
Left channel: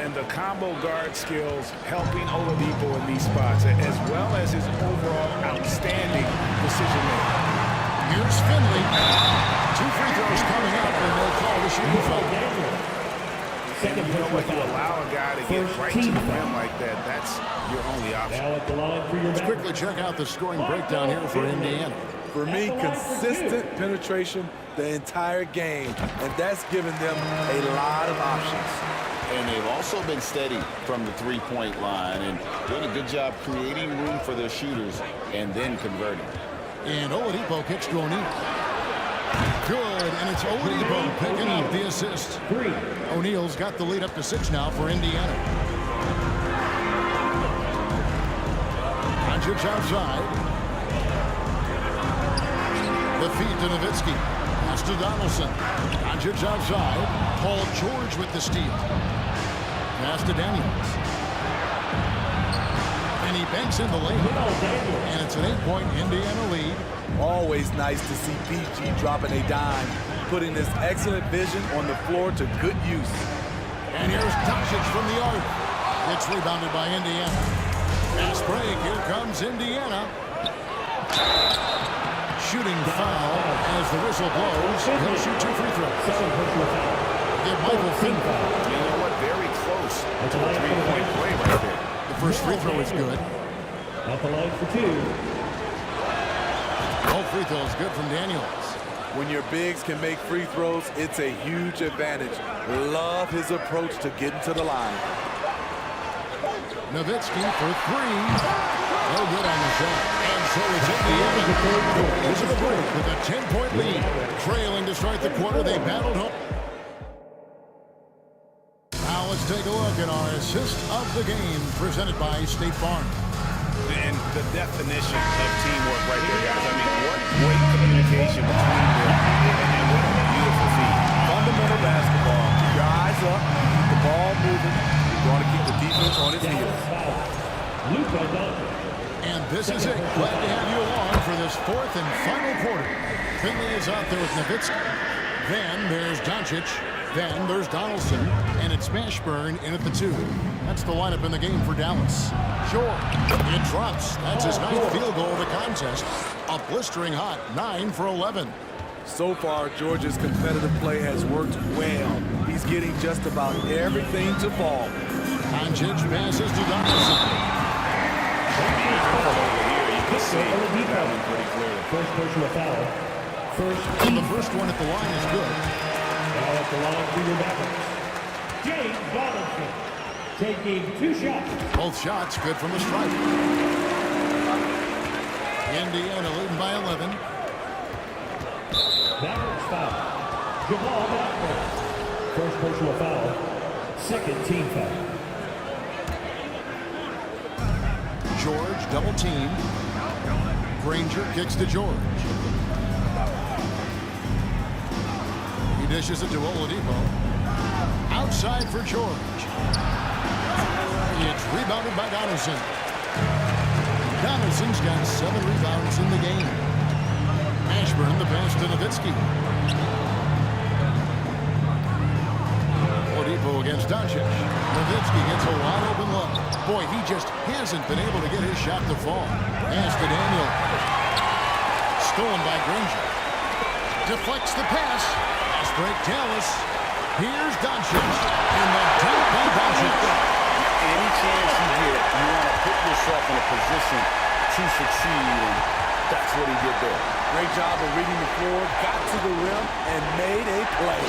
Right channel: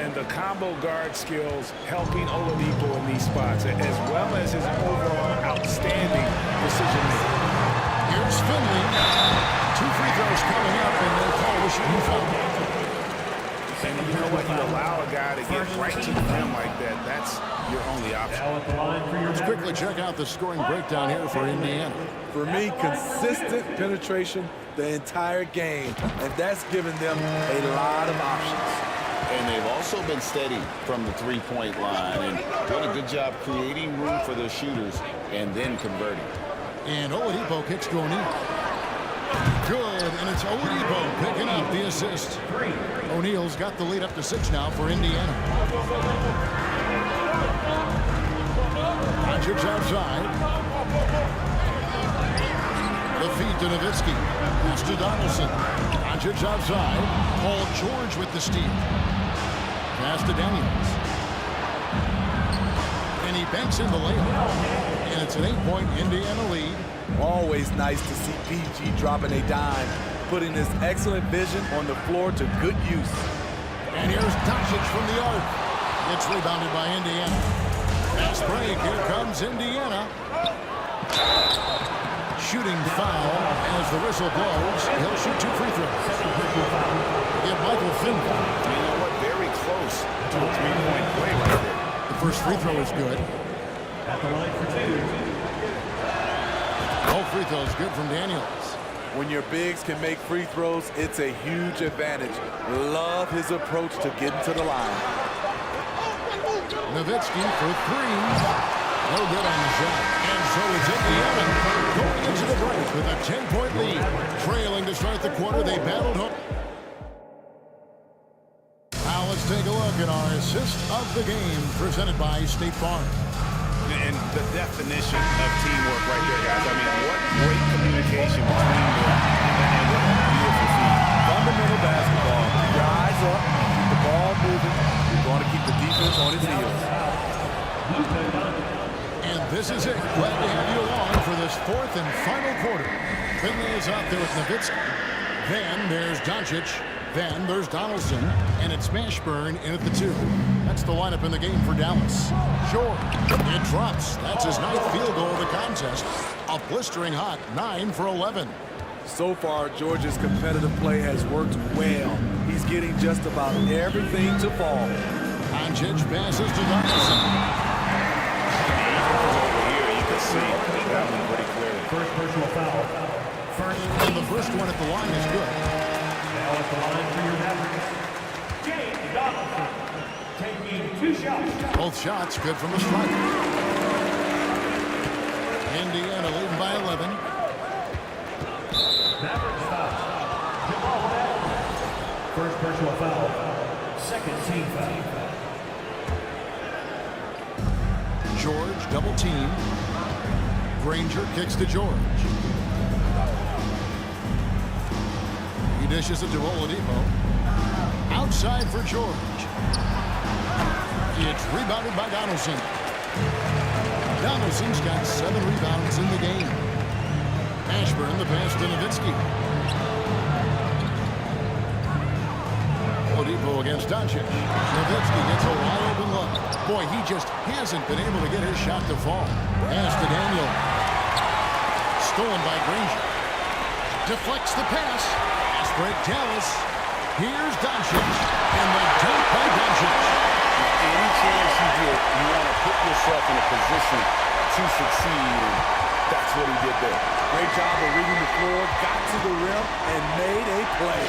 And the combo guard skills helping Oladipo in these spots, as well as his overall outstanding decision-making. Here's Finley. 2 free throws coming up, and they call the shooting foul. And you know what? You allow a guy to get right to the rim like that. That's your only option. Now at the line for your Let's quickly check out the scoring breakdown here for Indiana. For me, consistent penetration the entire game, and that's given them a lot of options. And they've also been steady from the three-point line and doing a good job creating room for their shooters and then converting. And Oladipo kicks to O'Neal. Good, and it's Oladipo picking up the assist. O'Neal's got the lead up to 6 now for Indiana. Doncic outside. The feed to Nowitzki. Pass to Donaldson. Doncic outside. Paul George with the steal. Pass to Daniels. And he banks in the layup. And it's an 8-point Indiana lead. Always nice to see PG dropping a dime, putting his excellent vision on the floor to good use. And here's Doncic from the arc. It's rebounded by Indiana. Fast break. Here comes Indiana. Shooting foul as the whistle blows. He'll shoot 2 free throws. Give Michael Finley. You know what? Very close to a 3-point play right there. The first free throw is good. At the line for 2. All free throws good from Daniels. When your bigs can make free throws, it's a huge advantage. Love his approach to getting to the line. Nowitzki for 3. No good on the shot. And so it's Indiana going into the break with a 10-point lead. Trailing to start the quarter, they battled home. Now let's take a look at our assist of the game presented by State Farm. And the definition of teamwork right there, guys. I mean, what great communication between them, and what a beautiful feed. Fundamental basketball. Keep your eyes up, keep the ball moving. You're going to keep the defense on its heels. And this is it. Glad to have you along for this 4th and final quarter. Finley is out there with Nowitzki. Then there's Doncic. Then there's Donaldson. And it's Mashburn in at the 2. That's the lineup in the game for Dallas. George, it drops. That's his 9th field goal of the contest. A blistering hot 9 for 11. So far, George's competitive play has worked well. He's getting just about everything to fall. Doncic passes to Donaldson. Even from over here, you can see that one pretty clearly. First personal foul. And the first one at the line is good. Now at the line for your Mavericks, James Donaldson, taking 2 shots. Both shots good from the stripe. Indiana leading by 11. Mavericks foul. Jamal Mcgee. First personal foul. Second team foul. George double team. Granger kicks to George. He dishes it to Oladipo. Outside for George. It's rebounded by Donaldson. Donaldson's got 7 rebounds in the game. Ashburn the pass to Nowitzki. Oladipo against Doncic. Nowitzki gets a wide open look. Boy, he just hasn't been able to get his shot to fall. Pass to Daniel. Stolen by Granger. Deflects the pass. Fast break Dallas. Here's Doncic. And the dunk by Doncic. Any chance you get, you want to put yourself in a position to succeed, and that's what he did there. Great job of reading the floor, got to the rim, and made a play.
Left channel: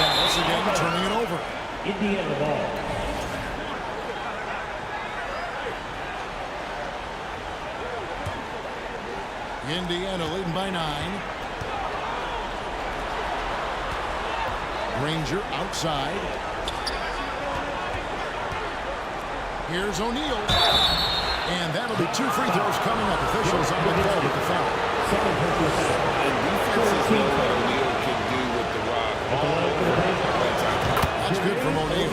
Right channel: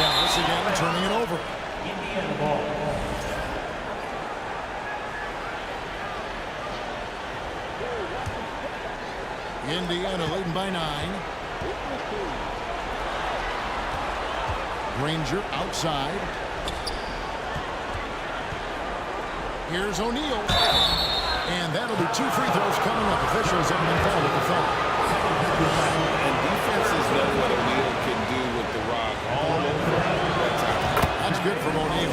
Dallas again turning it over. Indiana ball. Indiana leading by 9. Granger outside. Here's O'Neal. And that'll be 2 free throws coming up. Officials on the call with the foul. And defenses know what O'Neal can do with the rock all over that time. That's good from O'Neal.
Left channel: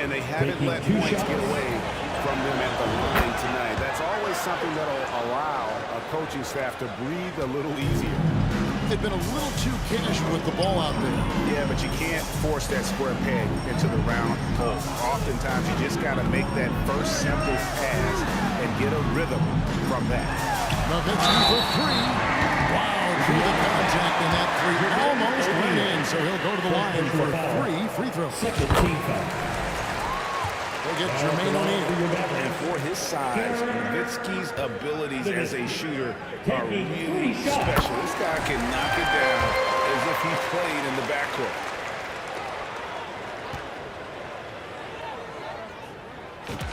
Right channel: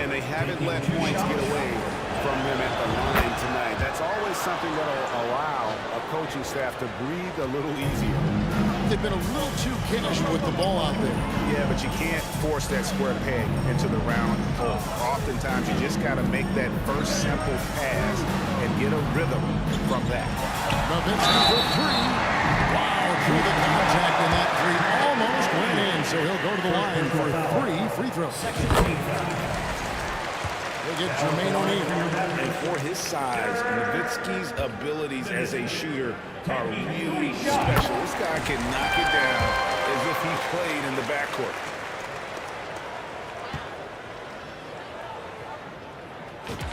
And they haven't let points get away from them at the line tonight. That's always something that'll allow a coaching staff to breathe a little easier. They've been a little too casual with the ball out there. Yeah, but you can't force that square peg into the round hole. Oftentimes, you just got to make that first simple pass and get a rhythm from that. Nowitzki for 3. Wow, through the contact, and that 3 almost went in, so he'll go to the line for 3 free throws. Second team foul. They get Jermaine O'Neal. And for his size, Nowitzki's abilities as a shooter are really special. This guy can knock it down as if he played in the backcourt.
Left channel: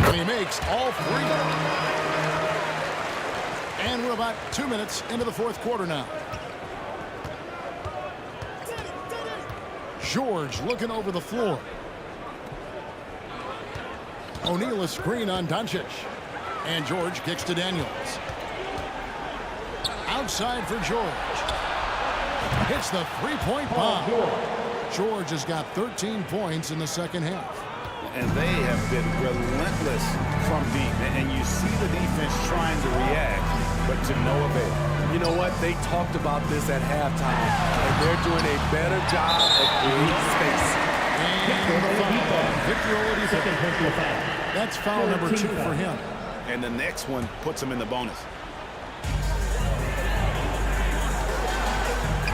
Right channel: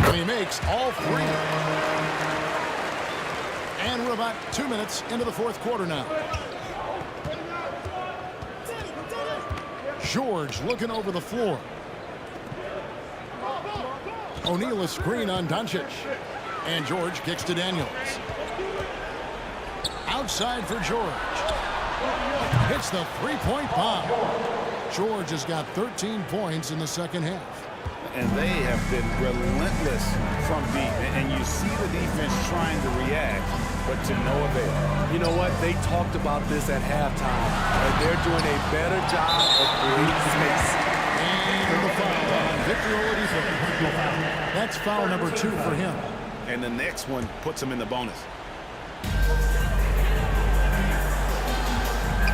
And he makes all 3. And we're about 2 minutes into the 4th quarter now. George looking over the floor. O'Neal a screen on Doncic. And George kicks to Daniels. Outside for George. Hits the 3-point bomb. George has got 13 points in the second half. And they have been relentless from deep. And you see the defense trying to react, but to no avail. You know what? They talked about this at halftime, and they're doing a better job of creating space. And the foul on Victor Oladipo. That's foul number 2 for him. And the next one puts him in the bonus.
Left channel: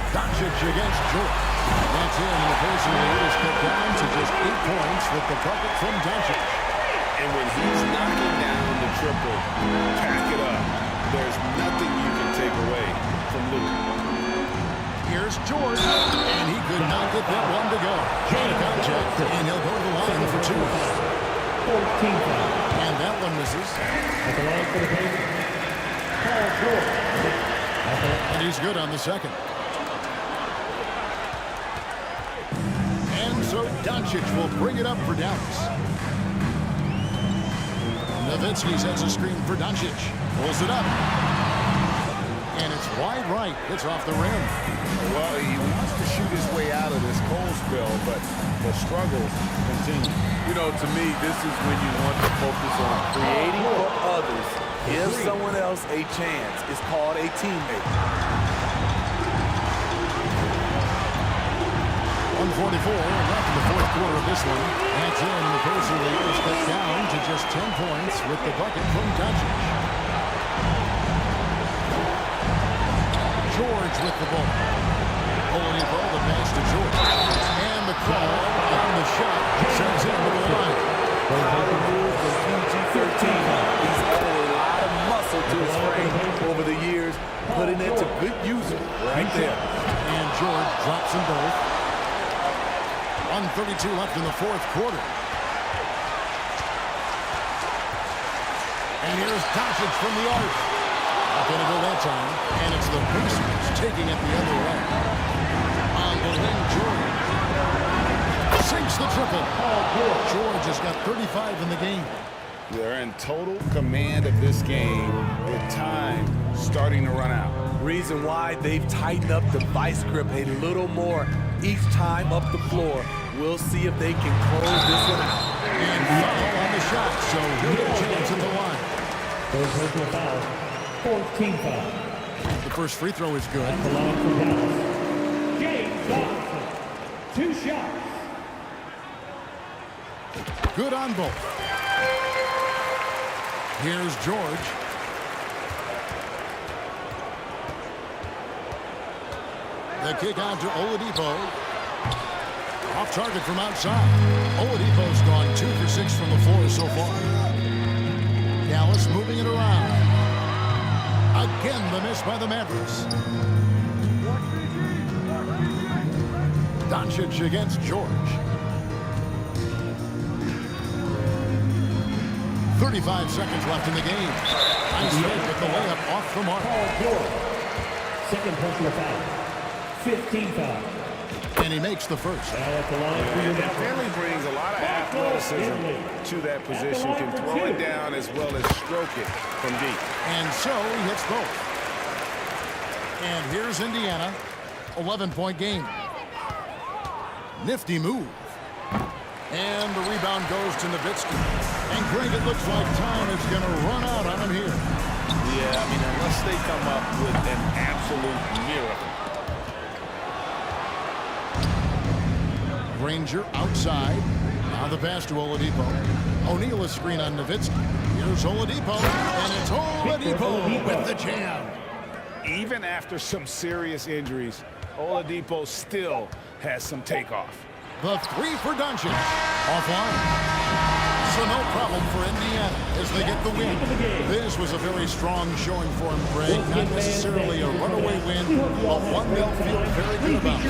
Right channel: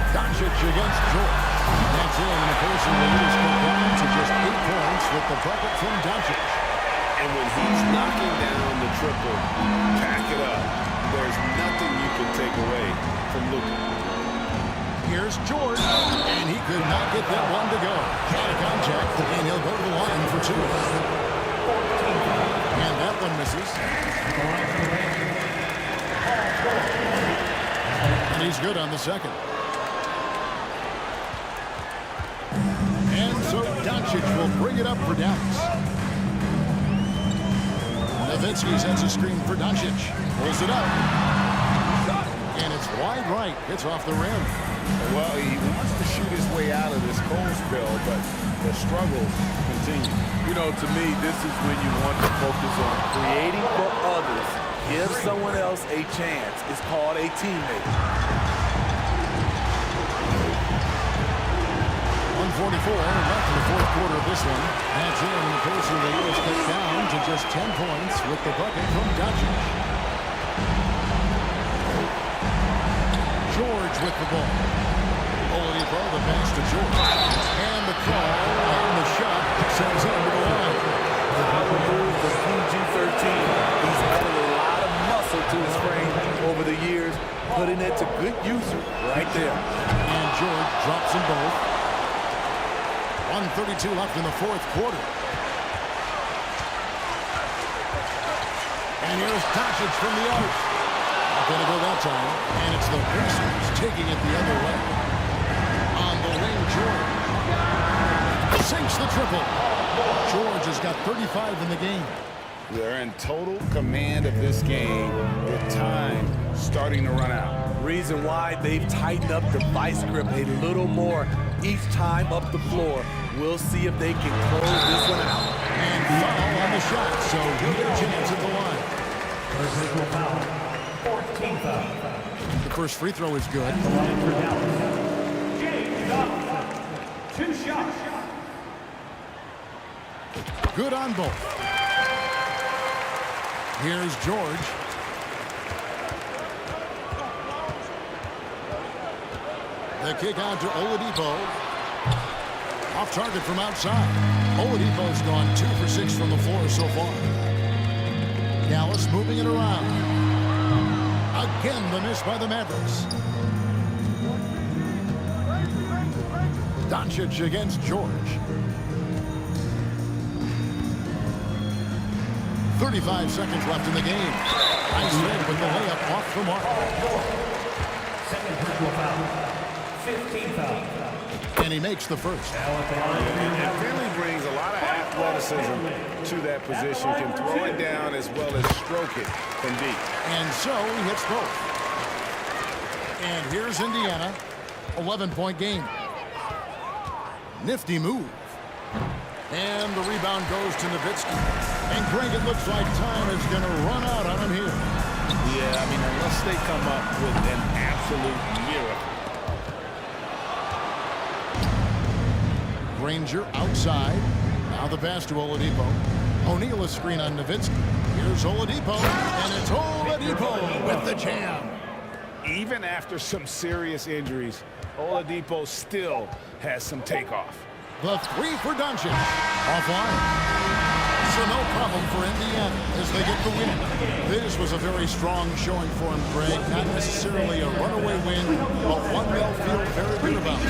Doncic against George. That's in, and the Pacers lead is cut down to just 8 points with the bucket from Doncic. And when he's knocking down the triple, pack it up. There's nothing you can take away from Luka. Here's George, and he could not get that one to go. Out of contact, and he'll go to the line for 2. And that one misses. And he's good on the second. And so Doncic will bring it up for Dallas. Nowitzki sends a screen for Doncic. Pulls it up. And it's wide right. It's off the rim. Well, he wants to shoot his way out of this cold spell, but the struggles continue. You know, to me, this is when you want to focus on creating for others. Give someone else a chance. It's called a teammate. 1:44 left in the 4th quarter of this one. That's in, and the Pacers lead is cut down to just 10 points with the bucket from Doncic. George with the ball. Oladipo, the pass to George. And the call on the shot sends him to the line. Power move from PG-13. He's added a lot of muscle muscle to his frame over the years, putting it to good use right there. And George drops them both. 1:32 left in the fourth quarter. And here's Doncic from the arc. Not going to go that time. And it's the Pacers taking it the other way. On the wing, George sinks the triple. George has got 35 in the game. They're in total command of this game with time starting to run out. Reason why they've tightened up the vice grip a little more each time up the floor. We'll see if they can close this one out. And foul on the shot, so he'll get a chance at the line. Personal foul. 14 foul. The first free throw is good. The line for Dallas. James Donaldson. 2 shots. Good on both. Here's George. The kick out to Oladipo. Off target from outside. Oladipo's gone 2 for 6 from the floor so far. Dallas moving it around. Again, the miss by the Mavericks. Doncic against George. 35 seconds left in the game. Nice fake with the layup off the mark. Second personal foul. 15 foul. And he makes the first. And Finley brings a lot of athleticism to that position. Can throw it down as well as stroke it from deep. And so he hits both. And here's Indiana. 11-point game. Nifty move. And the rebound goes to Nowitzki. And Greg, it looks like time is going to run out on him here. Yeah, I mean, unless they come up with an absolute miracle. Granger outside. Now the pass to Oladipo. O'Neal a screen on Nowitzki. Here's Oladipo. And it's Oladipo with the jam. Even after some serious injuries, Oladipo still has some takeoff. The three for Doncic. Offline. So no problem for Indiana as they get the win. This was a very strong showing for him, Greg. Not necessarily a runaway win, but one they'll feel very good about.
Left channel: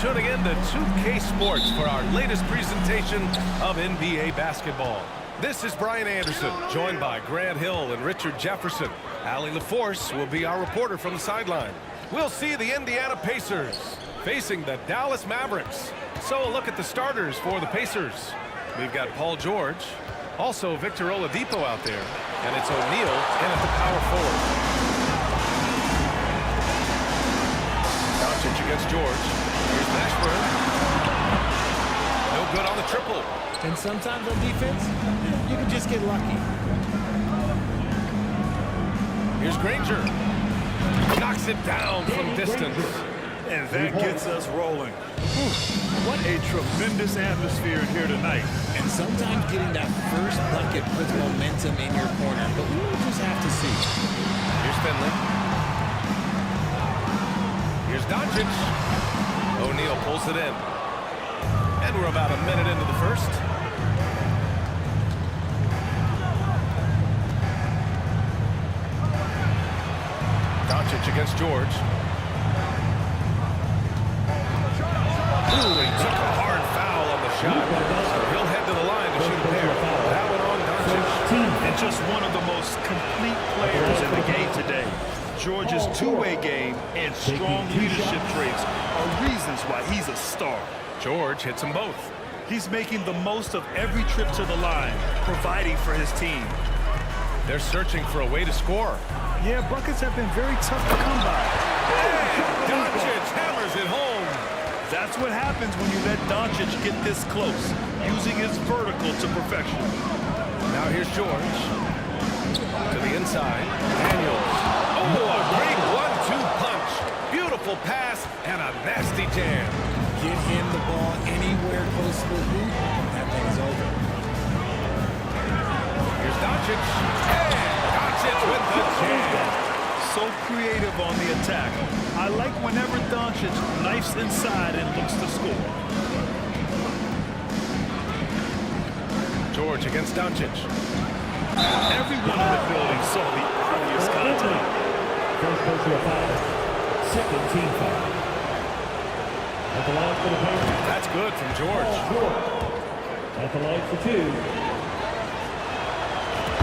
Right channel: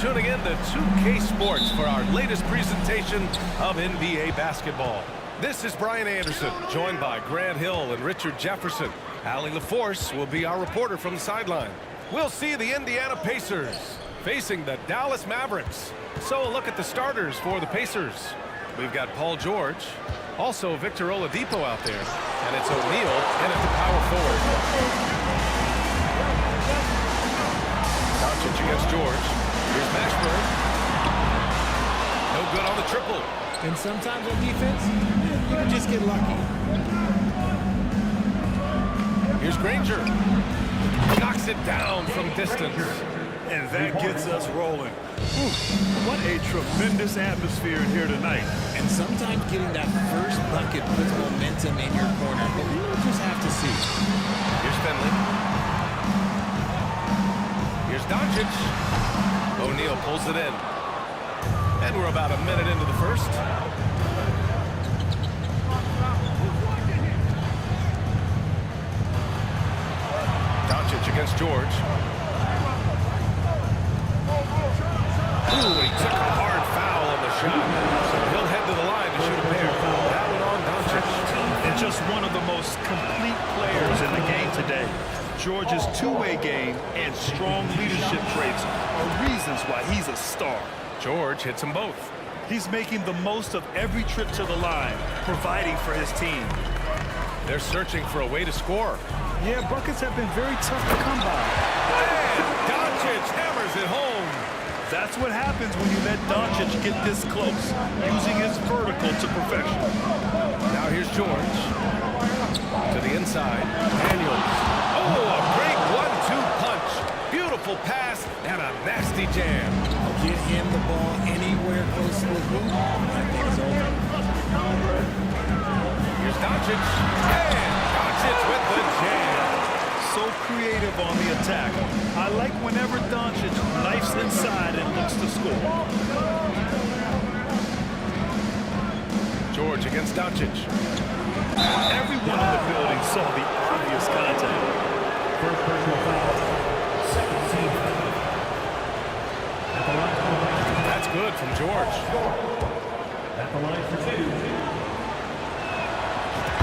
tuning in to 2K Sports for our latest presentation of NBA basketball. This is Brian Anderson, joined by Grant Hill and Richard Jefferson. Allie LaForce will be our reporter from the sideline. We'll see the Indiana Pacers facing the Dallas Mavericks. So a look at the starters for the Pacers. We've got Paul George, also Victor Oladipo out there, and it's O'Neal in at the power forward. Doncic against George. Here's Mashburn. No good on the triple. And sometimes on defense, you can just get lucky. Here's Granger. Knocks it down from distance. And that gets us rolling. What a tremendous atmosphere in here tonight. And sometimes getting that first bucket puts momentum in your corner, but we will just have to see. Here's Finley. Here's Doncic. O'Neal pulls it in. And we're about a minute into the first. Doncic against George. Ooh, he took a hard foul on the shot. So he'll head to the line to shoot a pair. That one on Doncic. And just one of the most complete players in the game today. George's two-way game and strong leadership traits are reasons why he's a star. George hits them both. He's making the most of every trip to the line, providing for his team. They're searching for a way to score. Yeah, buckets have been very tough to come by. And Doncic hammers it home. That's what happens when you let Doncic get this close, using his vertical to perfection. Now here's George. To the inside. Daniels. Oh, a great 1-2 punch. Beautiful pass and a nasty jam. Get him the ball anywhere close to the hoop, that thing's over. Here's Doncic. And Doncic with the jam. So creative on the attack. I like whenever Doncic knifes inside and looks to score. George against Doncic. Everyone in the building saw the obvious contact. First personal foul. Second team foul. At the line for the That's good from George. At the line for two.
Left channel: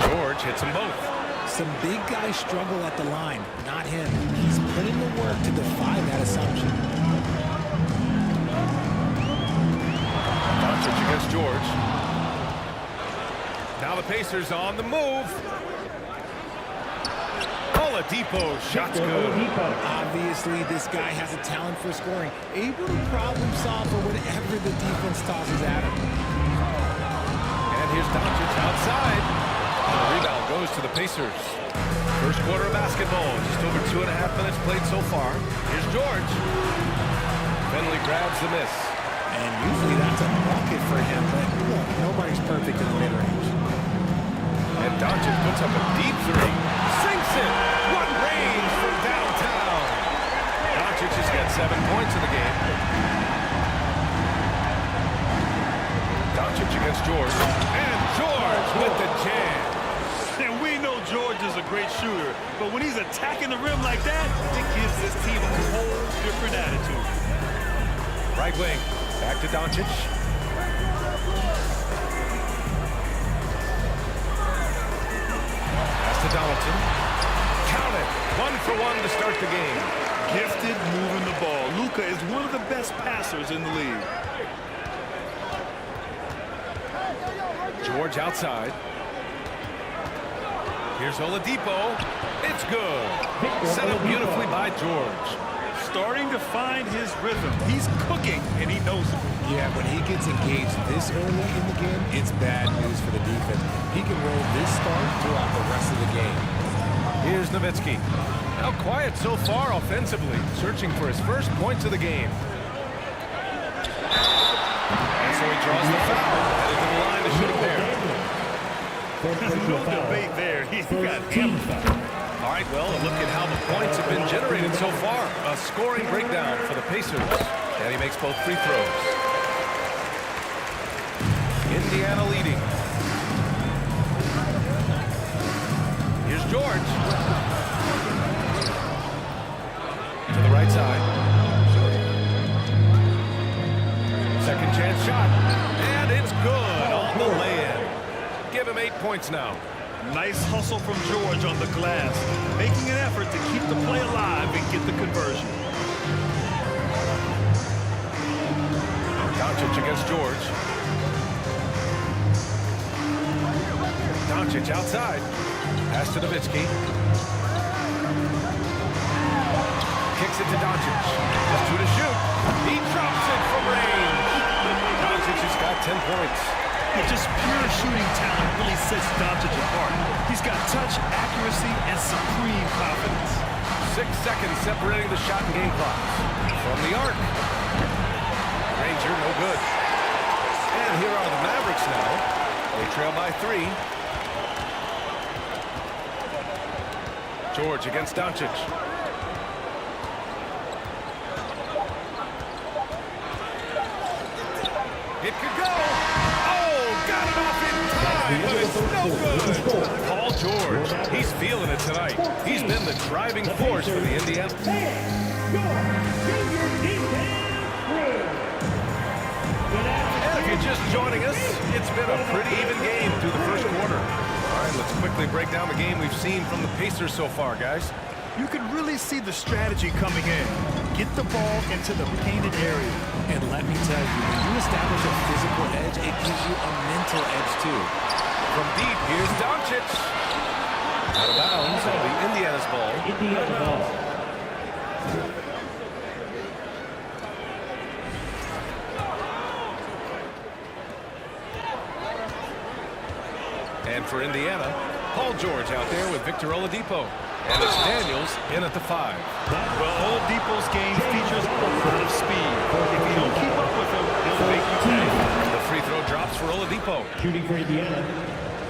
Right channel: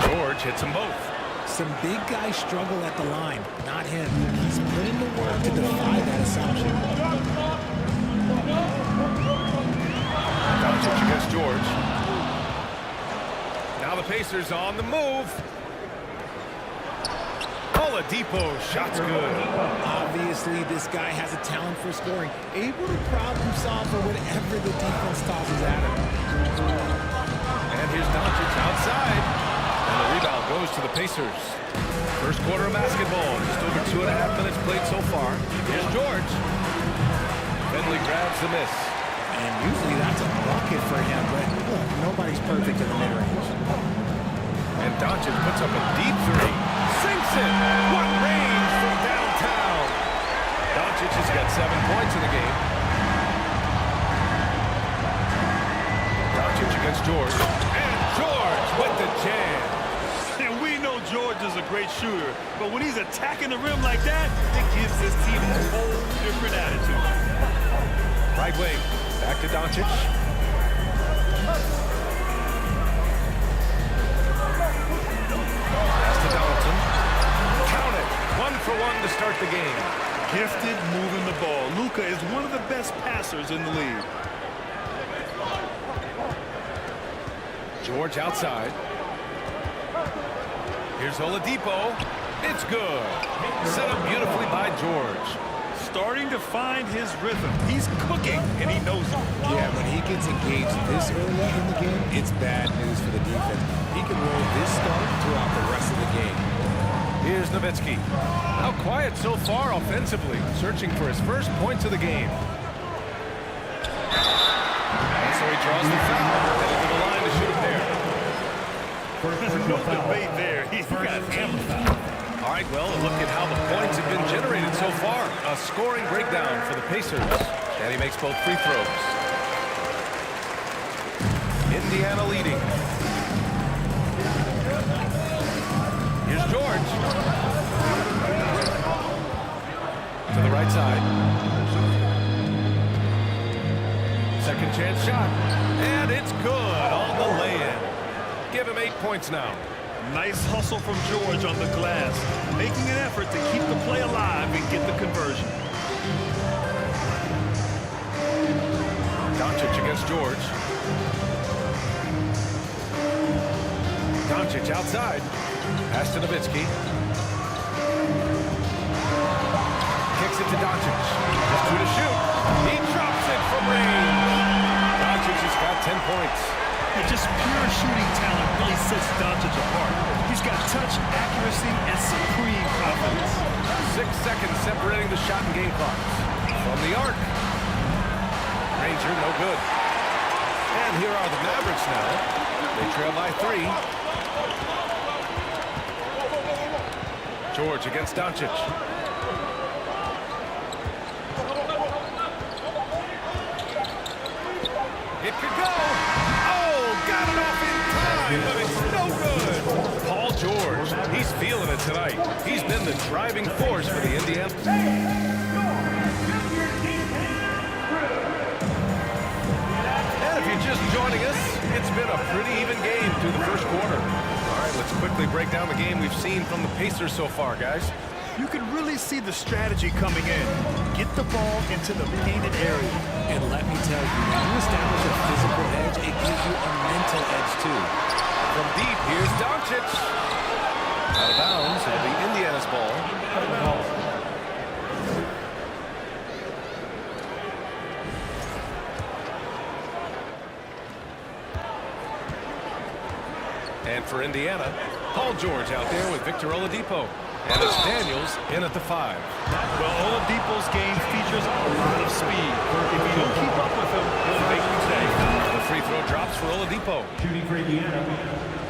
George hits them both. Some big guys struggle at the line, not him. He's put in the work to defy that assumption. Doncic against George. Now the Pacers on the move. Oladipo, shot's good. Obviously, this guy has a talent for scoring, able to problem solve for whatever the defense tosses at him. And here's Doncic outside. And the rebound goes to the Pacers. First quarter of basketball, just over 2.5 minutes played so far. Here's George. Finley grabs the miss. And usually that's a bucket for him, but look, nobody's perfect in the mid-range. And Doncic puts up a deep three. Sinks it. What range from downtown. Doncic has got 7 points in the game. Doncic against George. And George with the jam. And we know George is a great shooter, but when he's attacking the rim like that, it gives this team a whole different attitude. Right wing. Back to Doncic. Pass to Donaldson. Count it. 1 for 1 to start the game. Gifted moving the ball. Luka is one of the best passers in the league. George outside. Here's Oladipo. It's good. Set up beautifully by George. Starting to find his rhythm. He's cooking, and he knows it. Yeah, when he gets engaged this early in the game, it's bad news for the defense. He can roll this start throughout the rest of the game. Here's Nowitzki. Now quiet so far offensively, searching for his first points of the game. And so he draws the foul, headed to the line to shoot a pair. No debate there. He got hammered. All right, well, a look at how the points have been generated so far. A scoring breakdown for the Pacers. And he makes both free throws. Indiana leading. Here's George. To the right side. Second chance shot. And it's good on the lay-in. Give him 8 points now. Nice hustle from George on the glass, making an effort to keep the play alive and get the conversion. Doncic against George. Doncic outside. Pass to Nowitzki. Kicks it to Doncic. Just 2 to shoot. He drops it from range. Doncic has got 10 points. Just pure shooting talent really sets Doncic apart. He's got touch, accuracy, and supreme confidence. 6 seconds separating the shot and game clocks. From the arc. Ranger, no good. And here are the Mavericks now. They trail by 3. George against Doncic. It could go. Oh, got it off in time, but it's no good. Paul George, he's feeling it tonight. He's been the driving force for the Indiana. And if you're just joining us, it's been a pretty even game through the first quarter. All right, let's quickly break down the game we've seen from the Pacers so far, guys. You can really see the strategy coming in. Get the ball into the painted area. And let me tell you, when you establish a physical edge, it gives you a mental edge too. From deep, here's Doncic. Out of bounds, it'll be Indiana's ball. And for Indiana, Paul George out there with Victor Oladipo. And it's Daniels in at the 5. Well, Oladipo's game features a lot of speed. If you don't keep up with him, he'll make you pay. The free throw drops for Oladipo. Shooting for Indiana,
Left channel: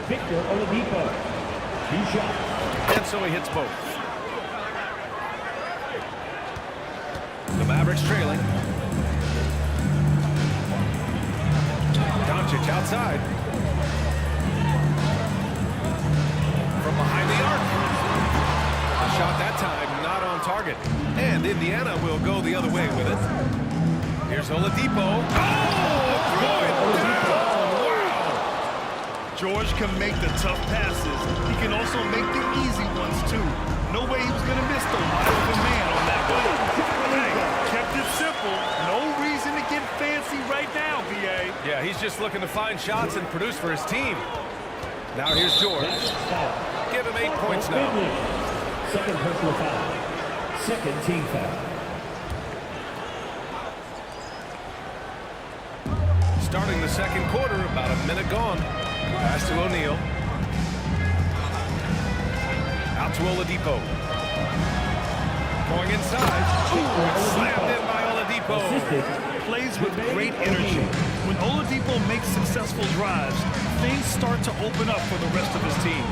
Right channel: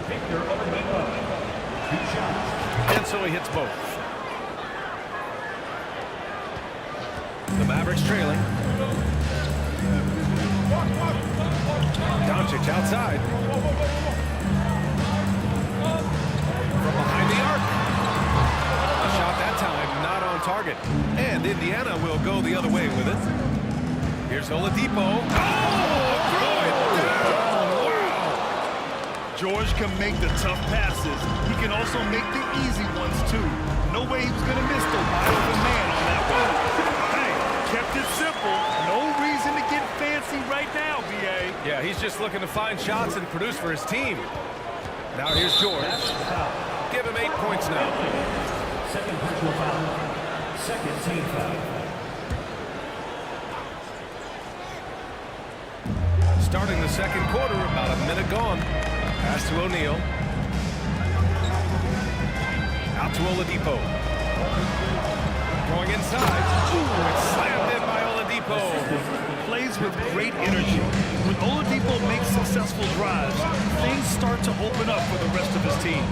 Victor Oladipo. 2 shots. And so he hits both. The Mavericks trailing. Doncic outside. From behind the arc. A shot that time not on target. And Indiana will go the other way with it. Here's Oladipo. Oh, throw it down. Wow. George can make the tough passes. He can also make the easy ones, too. No way he was going to miss the wide open man on that one. Hey, kept it simple. No reason to get fancy right now, B.A. Yeah, he's just looking to find shots and produce for his team. Now here's George. Give him 8 points now. Second personal foul. Second team foul. Starting the second quarter, about a minute gone. Pass to O'Neal. Out to Oladipo. Going inside. Ooh, it's slammed in by Oladipo. Plays with great energy. When Oladipo makes successful drives, things start to open up for the rest of his team.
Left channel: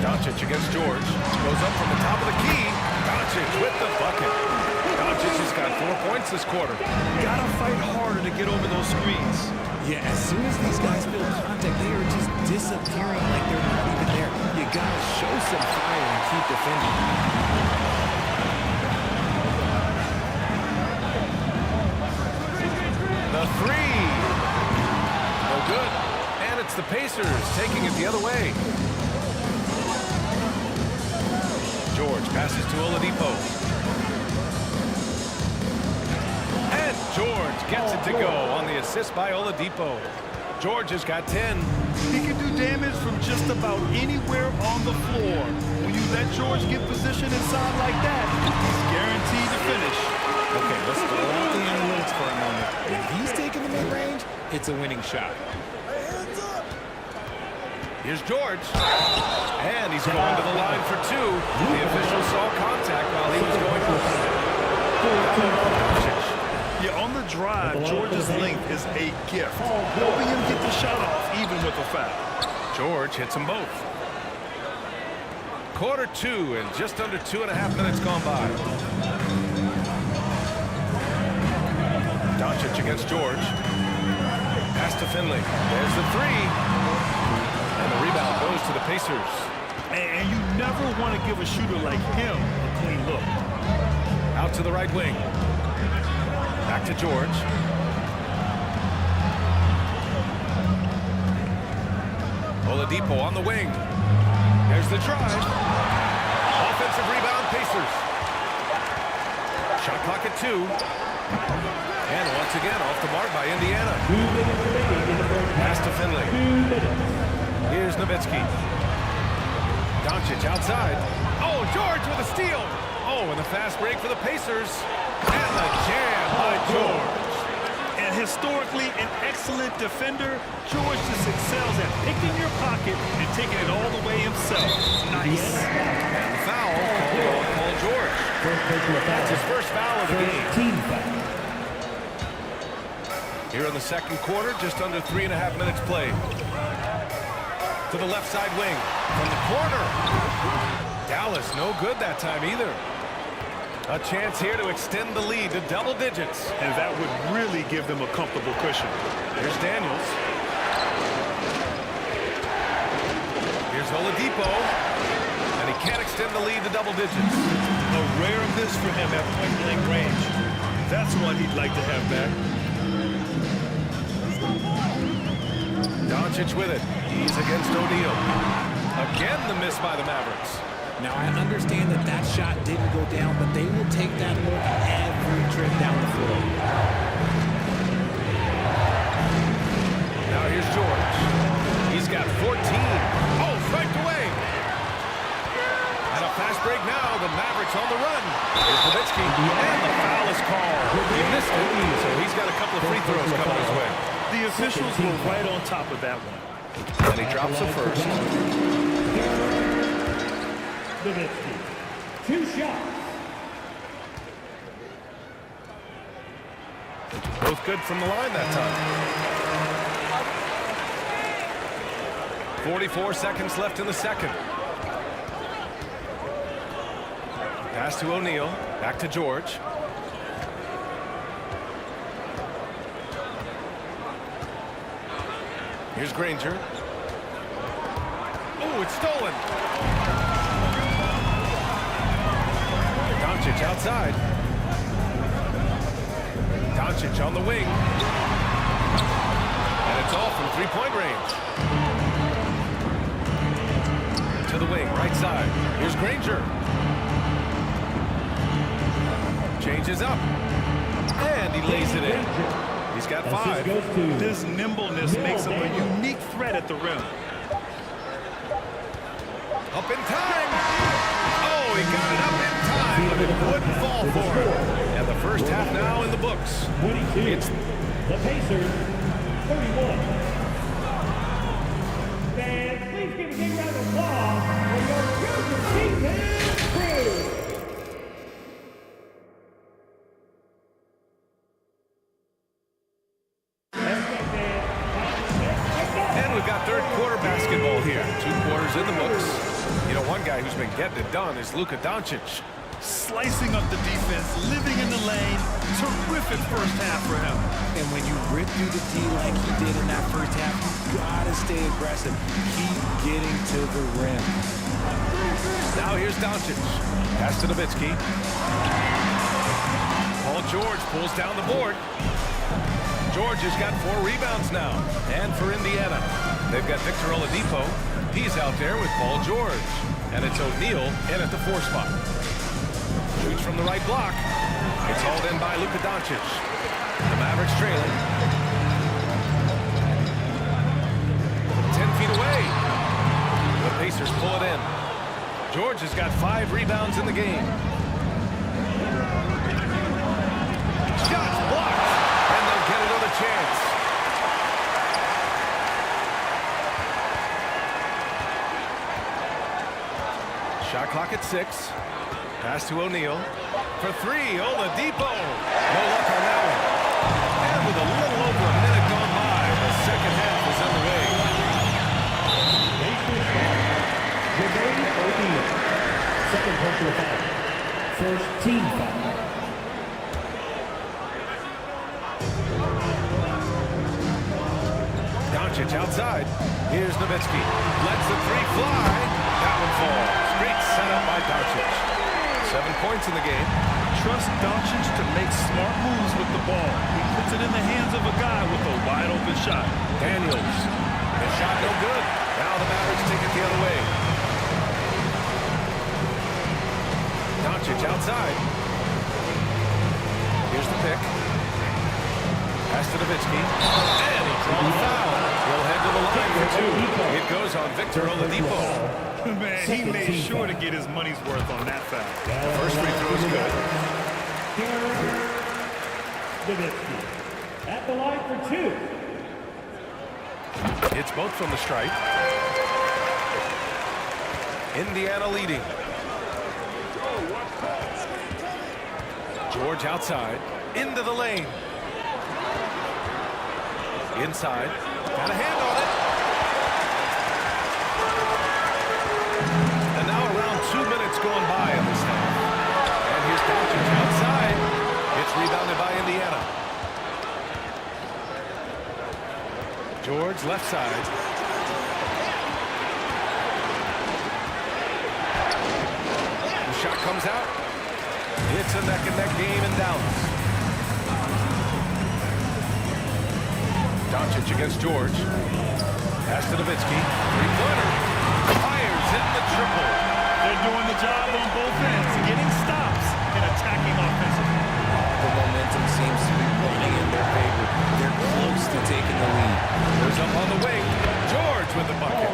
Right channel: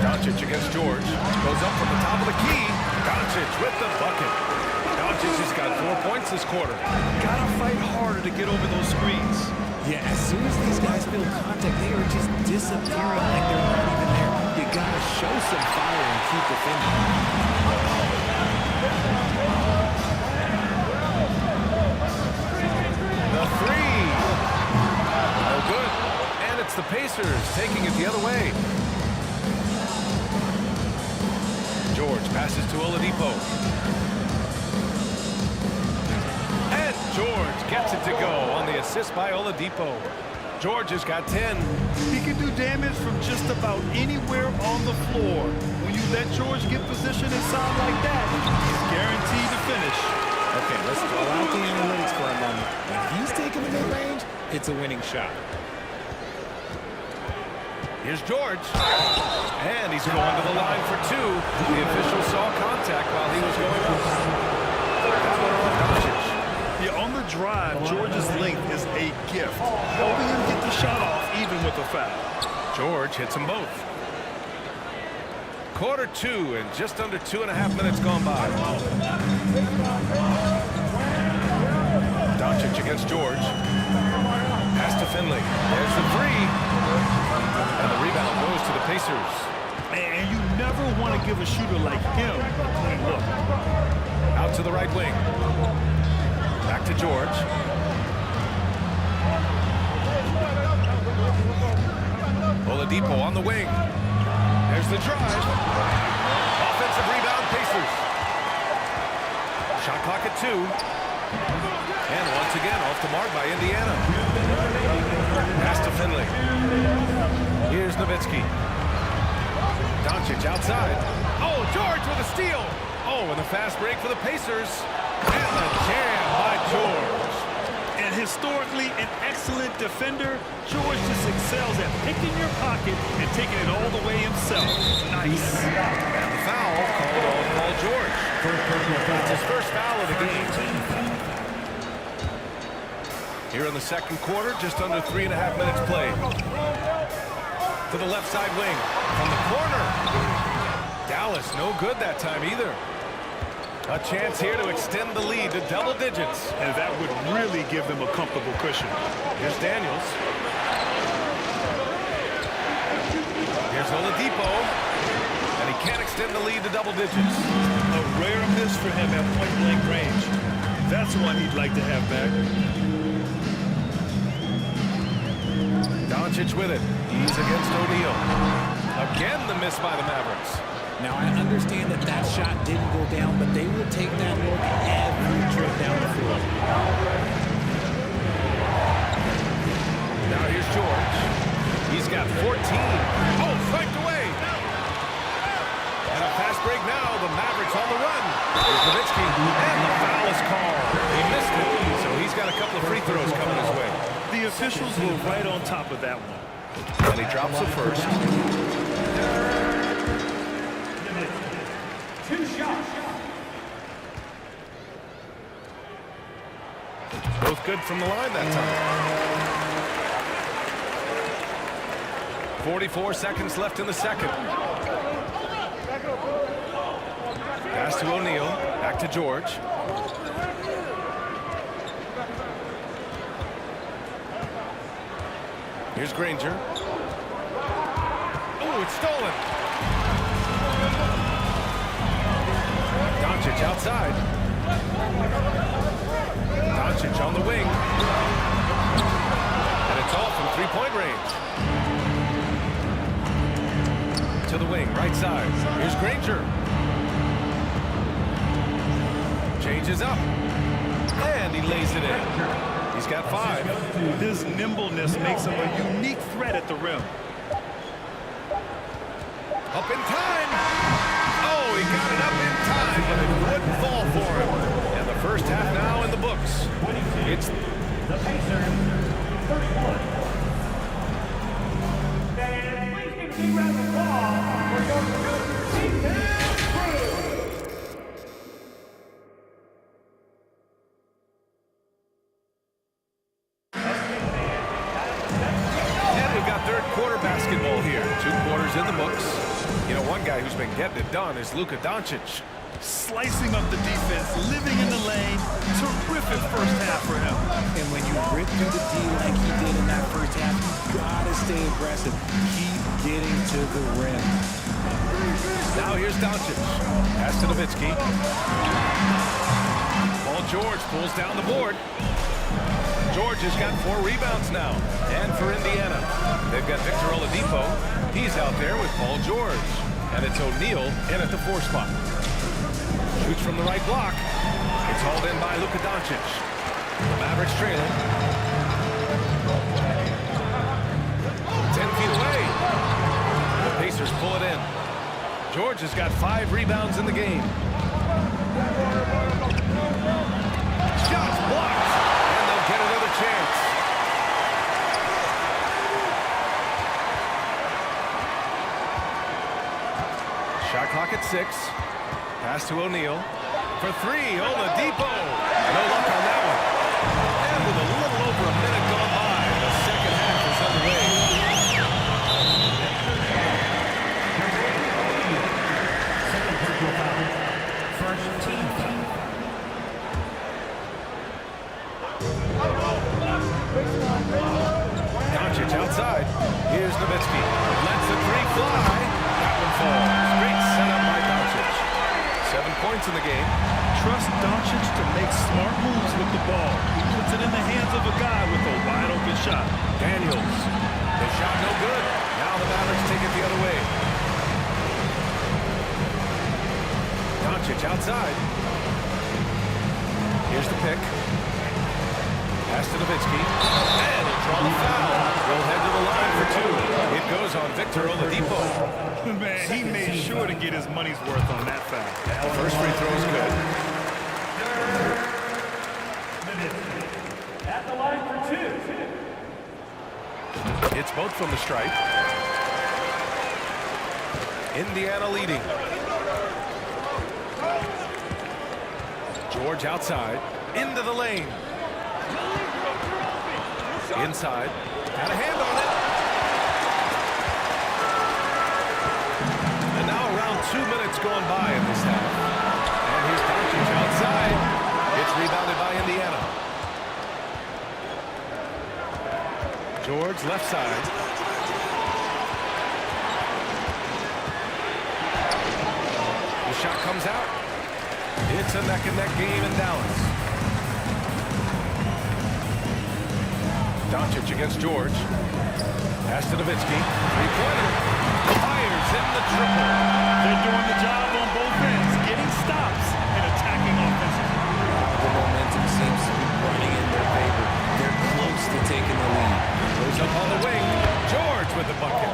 Doncic against George. Goes up from the top of the key. Doncic with the bucket. Doncic has got 4 points this quarter. Gotta fight harder to get over those screens. Yeah, as soon as these guys feel contact, they are just disappearing like they're not even there. You gotta show some fire and keep defending. The 3. No good. And it's the Pacers taking it the other way. George passes to Oladipo. And George gets it to go on the assist by Oladipo. George has got 10. He can do damage from just about anywhere on the floor. When you let George get position inside like that, he's guaranteed to finish. Okay, let's throw out the analytics for a moment. If he's taking the mid-range, it's a winning shot. Here's George. And he's going to the line for 2. The official saw contact while he was going up. That one on Doncic. Yeah, on the drive, George's length is a gift, helping him get the shot off even with a foul. George hits them both. Quarter 2 and just under 2.5 minutes gone by. Doncic against George. Pass to Finley. There's the 3. And the rebound goes to the Pacers. And you never want to give a shooter like him a clean look. Out to the right wing. Back to George. Oladipo on the wing. There's the drive. Offensive rebound, Pacers. Shot clock at 2. And once again, off the mark by Indiana. Pass to Finley. Here's Nowitzki. Doncic outside. Oh, George with a steal. Oh, and a fast break for the Pacers. And the jam by George. And historically an excellent defender, George just excels at picking your pocket and taking it all the way himself. Nice. And the foul called on Paul George. That's his first foul of the game. Here in the second quarter, just under 3.5 minutes played. To the left side wing. From the corner. Dallas no good that time either. A chance here to extend the lead to double digits. And that would really give them a comfortable cushion. Here's Daniels. Here's Oladipo. And he can't extend the lead to double digits. A rare miss for him at point-blank range. That's one he'd like to have back. Doncic with it. He's against O'Neal. Again, the miss by the Mavericks. Now, I understand that that shot didn't go down, but they will take that look every trip down the floor. Now here's George. He's got 14. Oh, striked away. And a fast break now. The Mavericks on the run. Here's Nowitzki. And the foul is called. He missed it, so he's got a couple of free throws coming his way. The officials were right on top of that one. And he drops the first. 2 shots. Both good from the line that time. 44 seconds left in the second. Pass to O'Neal. Back to George. Here's Granger. Oh, it's stolen. Doncic outside. Doncic on the wing. And it's off from three-point range. To the wing, right side. Here's Granger. Changes up. And he lays it in. He's got 5. This nimbleness makes him a unique threat at the rim. Up in time. Oh, he got it up in time, but it wouldn't fall for him. And the first half now in the books. It's the Pacers, 31. And please give a big round of applause for your Junior Season crew. And we've got third quarter basketball here. 2 quarters in the books. You know, one guy who's been getting it done is Luka Doncic. Slicing up the defense, living in the lane. Terrific first half for him. And when you rip through the D like he did in that first half, you gotta stay aggressive. Keep getting to the rim. Now here's Doncic. Pass to Nowitzki. Paul George pulls down the board. George has got 4 rebounds now. And for Indiana, they've got Victor Oladipo. He's out there with Paul George. And it's O'Neal in at the 4 spot. Shoots from the right block. It's hauled in by Luka Doncic. The Mavericks trailing. 10 feet away. The Pacers pull it in. George has got 5 rebounds in the game. Shots blocked. And they'll get another chance. Shot clock at 6. Pass to O'Neal. For 3, Oladipo. No luck on that one. And with a little over a minute gone by, the second half is underway. Second personal foul. First team foul. Doncic outside. Here's Nowitzki. Lets the 3 fly. That one falls. Great setup by Doncic. 7 points in the game. trust Doncic to make smart moves with the ball. He puts it in the hands of a guy with a wide-open shot. Daniels. The shot no good. Now the Mavericks take it the other way. Doncic outside. Here's the pick. Pass to Nowitzki. And he'll draw the foul. He'll head to the line for two. It goes on Victor Oladipo. Man, he made sure to get his money's worth on that foul. The first free throw is good. Nowitzki at the line for two. It's both from the stripe. Indiana leading. George outside. Into the lane. Inside. Got a hand on it. And now around 2 minutes going by in this half. And here's Doncic outside. It's rebounded by Indiana. George left side. The shot comes out. It's a neck-and-neck game in Dallas. Doncic against George. Pass to Nowitzki. Three-pointer. Fires in the triple. They're doing the job on both ends, getting stops and attacking offensively. The momentum seems to be running in their favor. They're close to taking the lead. Goes up on the wing. George with the bucket.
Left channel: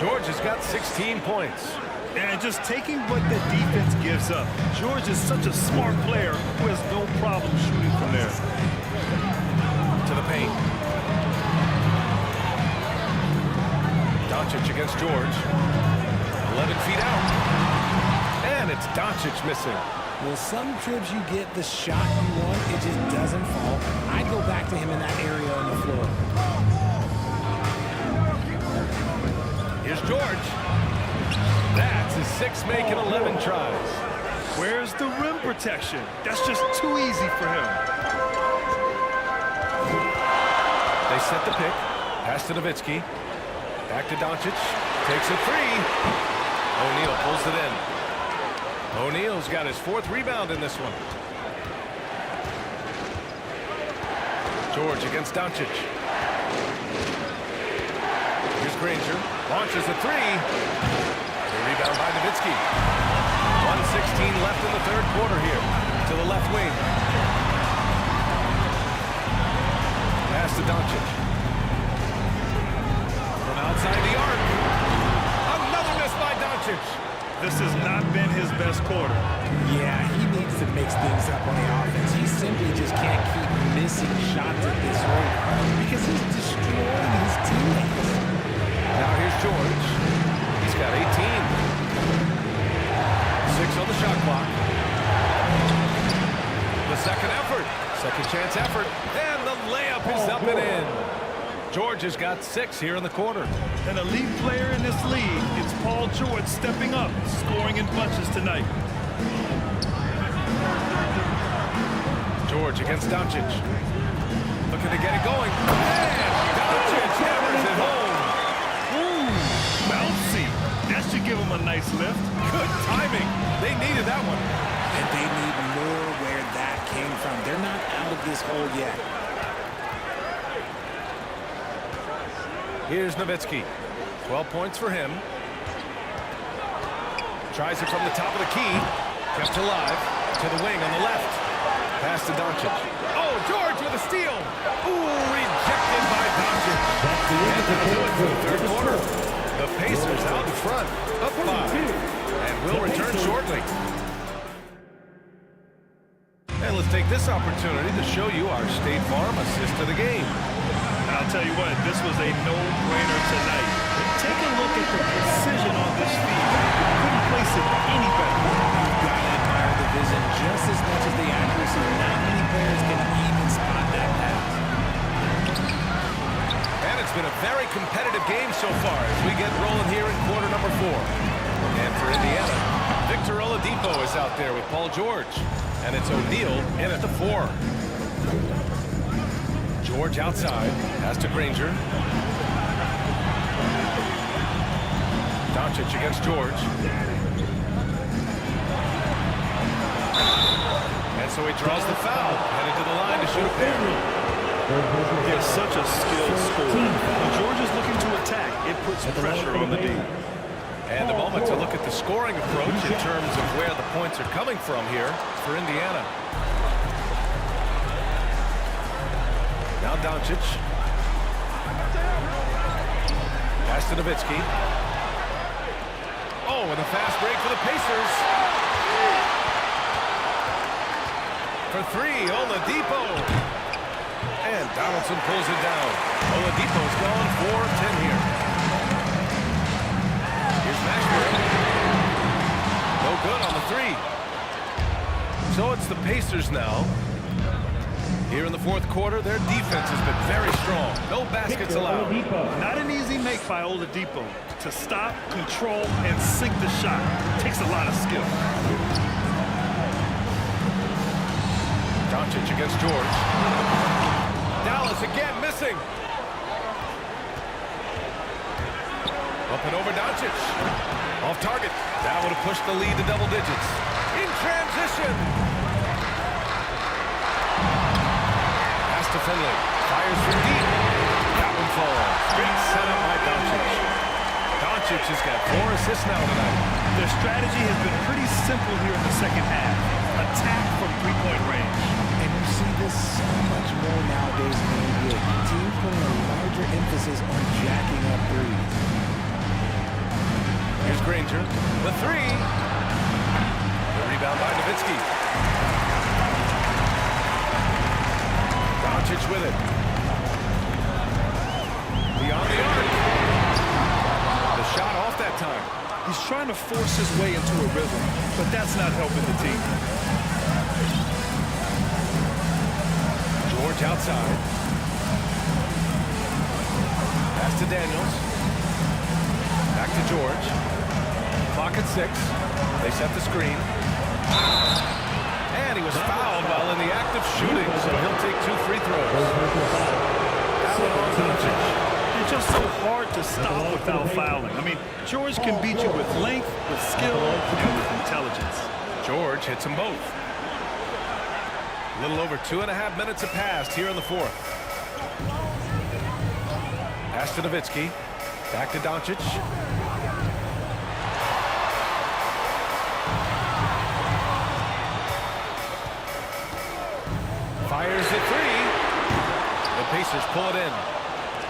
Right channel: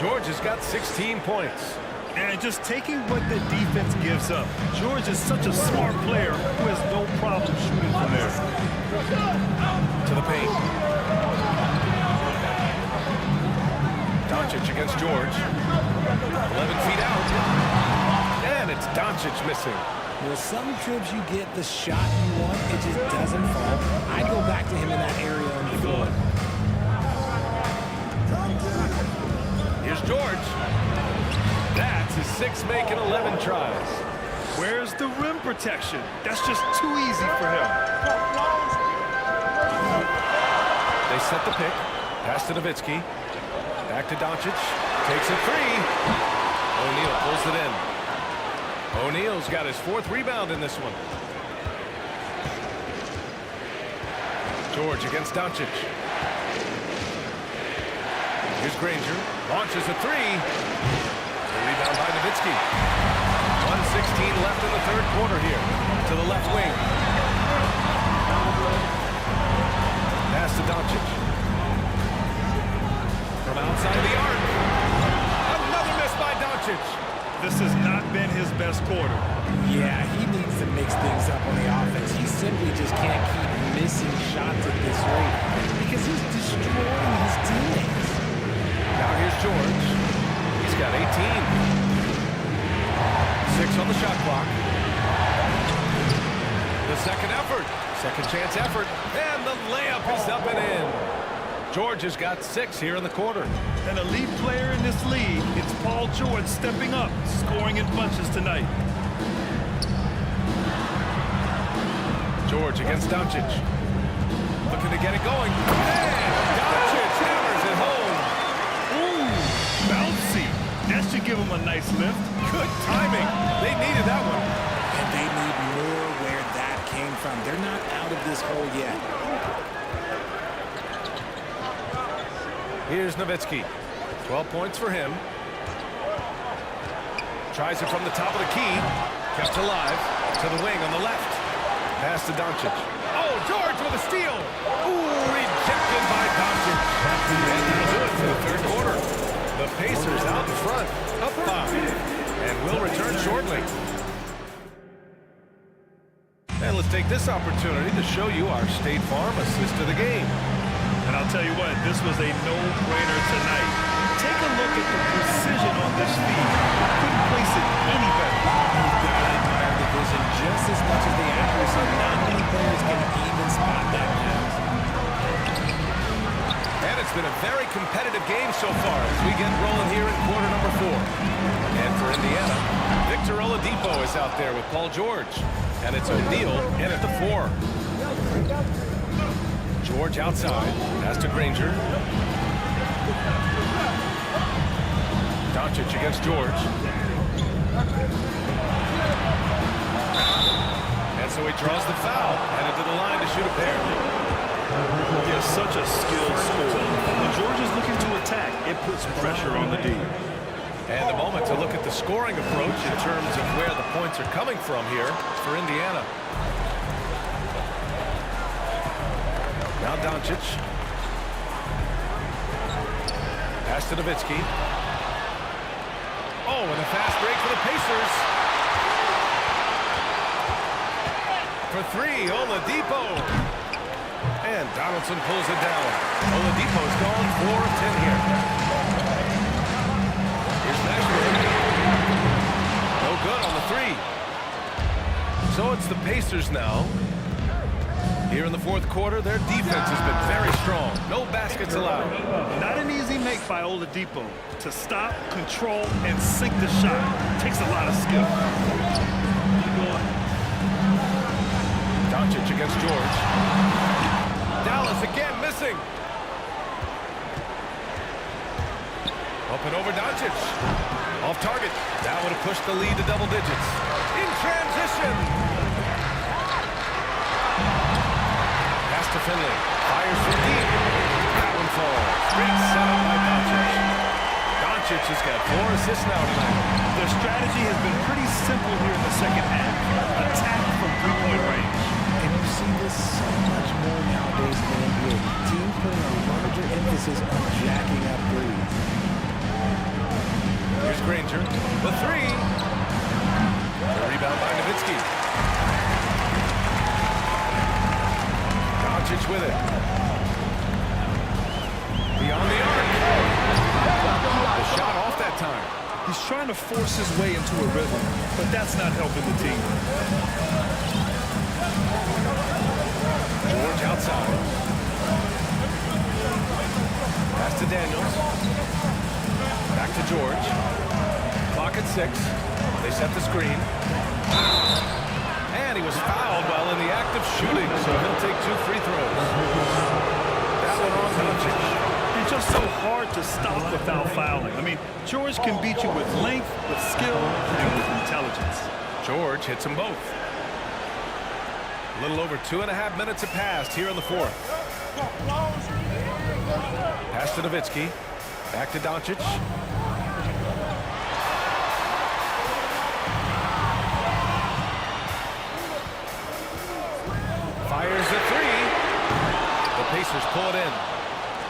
George has got 16 points. And just taking what the defense gives up. George is such a smart player who has no problem shooting from there. To the paint. Doncic against George. 11 feet out. And it's Doncic missing. Well, some trips you get the shot you want, it just doesn't fall. I'd go back to him in that area on the floor. Here's George. That's his 6 make and 11 tries. Where's the rim protection? That's just too easy for him. They set the pick. Pass to Nowitzki. Back to Doncic. Takes a three. O'Neal pulls it in. O'Neal's got his 4th rebound in this one. George against Doncic. Here's Granger. Launches a three. The rebound by Nowitzki. 1:16 left in the 3rd quarter here. To the left wing. Pass to Doncic. From outside the arc. Another miss by Doncic. This has not been his best quarter. Yeah, he needs to mix things up on the offense. He simply just can't keep missing shots at this rate because he's destroying his teammates. Now here's George. He's got 18. 6 on the shot clock. The second effort. Second chance effort. And the layup is up and in. George has got 6 here in the quarter. An elite player in this league, it's Paul George stepping up, scoring in bunches tonight. George against Doncic. Looking to get it going. And Doncic hammers it home. Ooh, bouncy. That should give him a nice lift. Good timing. They needed that one. And they need more where that came from. They're not out of this hole yet. Here's Nowitzki. 12 points for him. Tries it from the top of the key. Kept alive. To the wing on the left. Pass to Doncic. Oh, George with a steal. Ooh, rejected by Doncic. And that'll do it for the 3rd quarter. The Pacers out in front. Up 5. And we'll return shortly. And let's take this opportunity to show you our State Farm assist to the game. And I'll tell you what, this was a no-brainer tonight. Take a look at the precision on this feed. Couldn't place it any better. You've got to admire the vision just as much as the accuracy. Not many players can even spot that pass. And it's been a very competitive game so far as we get rolling here in quarter number 4. And for Indiana, Victor Oladipo is out there with Paul George. And it's O'Neal in at the 4. George outside. Pass to Granger. Doncic against George. And so he draws the foul, headed to the line to shoot a pair. They're such a skilled scorer. When Georgia's looking to attack, it puts pressure on the D. And a moment to look at the scoring approach in terms of where the points are coming from here for Indiana. Now Doncic. Pass to Nowitzki. Oh, and a fast break for the Pacers. For three, Oladipo. And Donaldson pulls it down. Oladipo's gone 4 of 10 here. Here's Mashburn. No good on the three. So it's the Pacers now. Here in the fourth quarter, their defense has been very strong. No baskets allowed. Not an easy make by Oladipo to stop, control, and sink the shot. Takes a lot of skill. Doncic against George. Dallas again missing. Up and over Doncic. Off target. That would have pushed the lead to double digits. In transition. Pass to Finley. Fires from deep. That one falls. Great setup by Doncic. Doncic has got 4 assists now tonight. Their strategy has been pretty simple here in the second half. Attack from three-point range. And you see this so much more nowadays in the NBA. Teams putting a larger emphasis on jacking up threes. Here's Granger. The three. The rebound by Nowitzki. Doncic with it. Beyond the arc. The shot off that time. He's trying to force his way into a rhythm, but that's not helping the team. George outside. Pass to Daniels. Back to George. Clock at 6. They set the screen. And he was fouled while in the act of shooting, so he'll take 2 free throws. That one on Doncic. It's just so hard to stop without fouling. I mean, George can beat you with length, with skill, and with intelligence. George hits them both. A little over 2.5 minutes have passed here in the fourth. Pass to Nowitzki. Back to Doncic. Fires the three. The Pacers pull it in.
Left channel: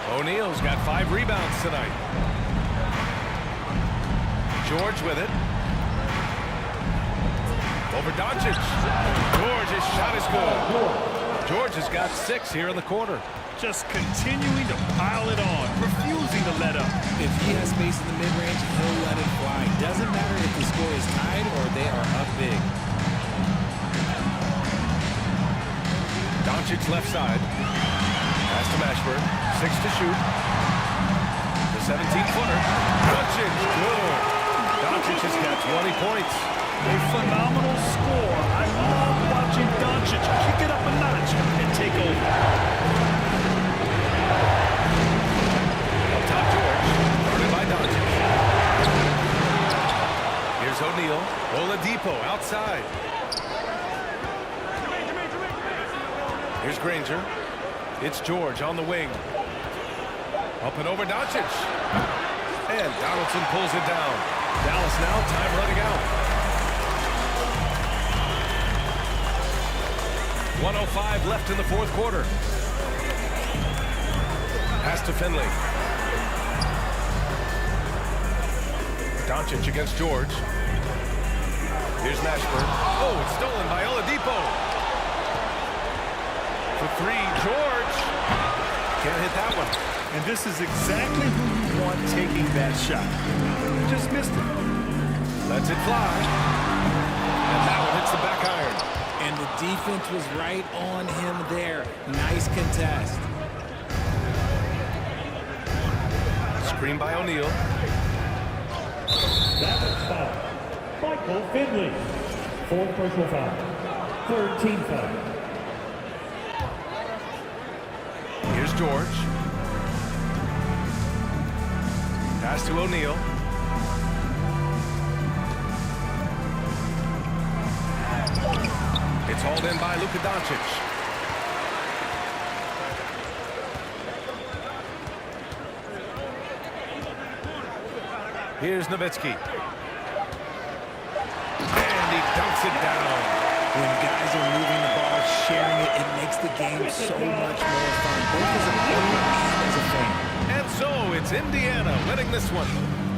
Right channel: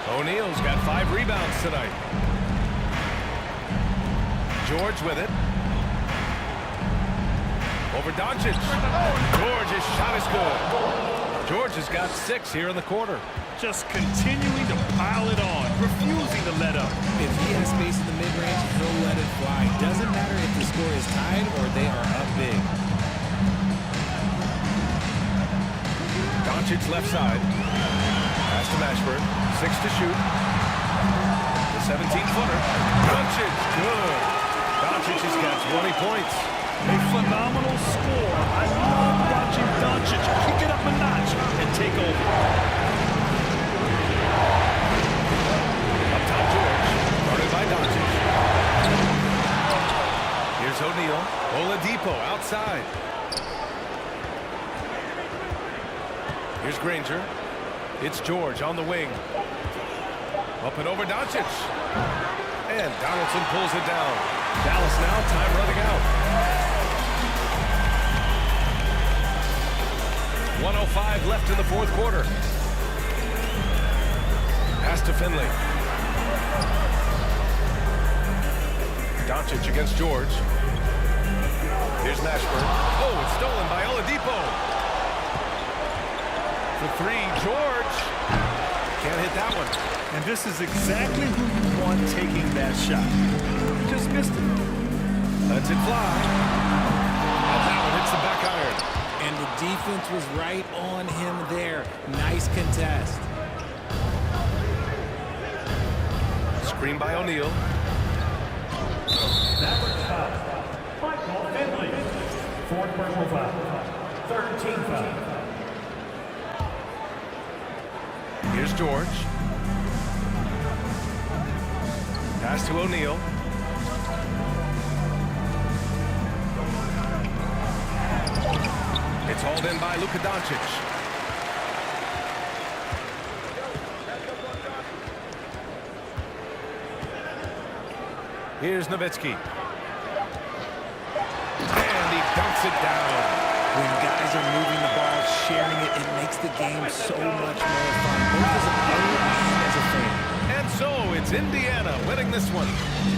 O'Neal's got 5 rebounds tonight. George with it. Over Doncic. George's shot is good. George has got 6 here in the quarter. Just continuing to pile it on, refusing to let up. If he has space in the mid-range, he'll let it fly. Doesn't matter if the score is tied or they are up big. Doncic left side. Pass to Mashburn. 6 to shoot. The 17-footer. Doncic, good. Doncic has got 20 points. A phenomenal score. I love watching Doncic kick it up a notch and take over. Up top, George. Guarded by Doncic. Here's O'Neal. Oladipo outside. Here's Granger. It's George on the wing. Up and over Doncic. And Donaldson pulls it down. Dallas now, time running out. 1:05 left in the fourth quarter. Pass to Finley. Doncic against George. Here's Mashburn. Oh, it's stolen by Oladipo. For 3, George. Can't hit that one. And this is exactly who you want taking that shot. He just missed it. Lets it fly. And that one hits the back iron. And the defense was right on him there. Nice contest. Screen by O'Neal. That's foul. Michael Finley. 4th personal foul. 3rd team foul. Here's George. Pass to O'Neal. It's hauled in by Luka Doncic. Here's Nowitzki. And he dunks it down. When guys are moving the ball, sharing it, it makes the game so much more fun, both as a player and as a fan. And so it's Indiana winning this one.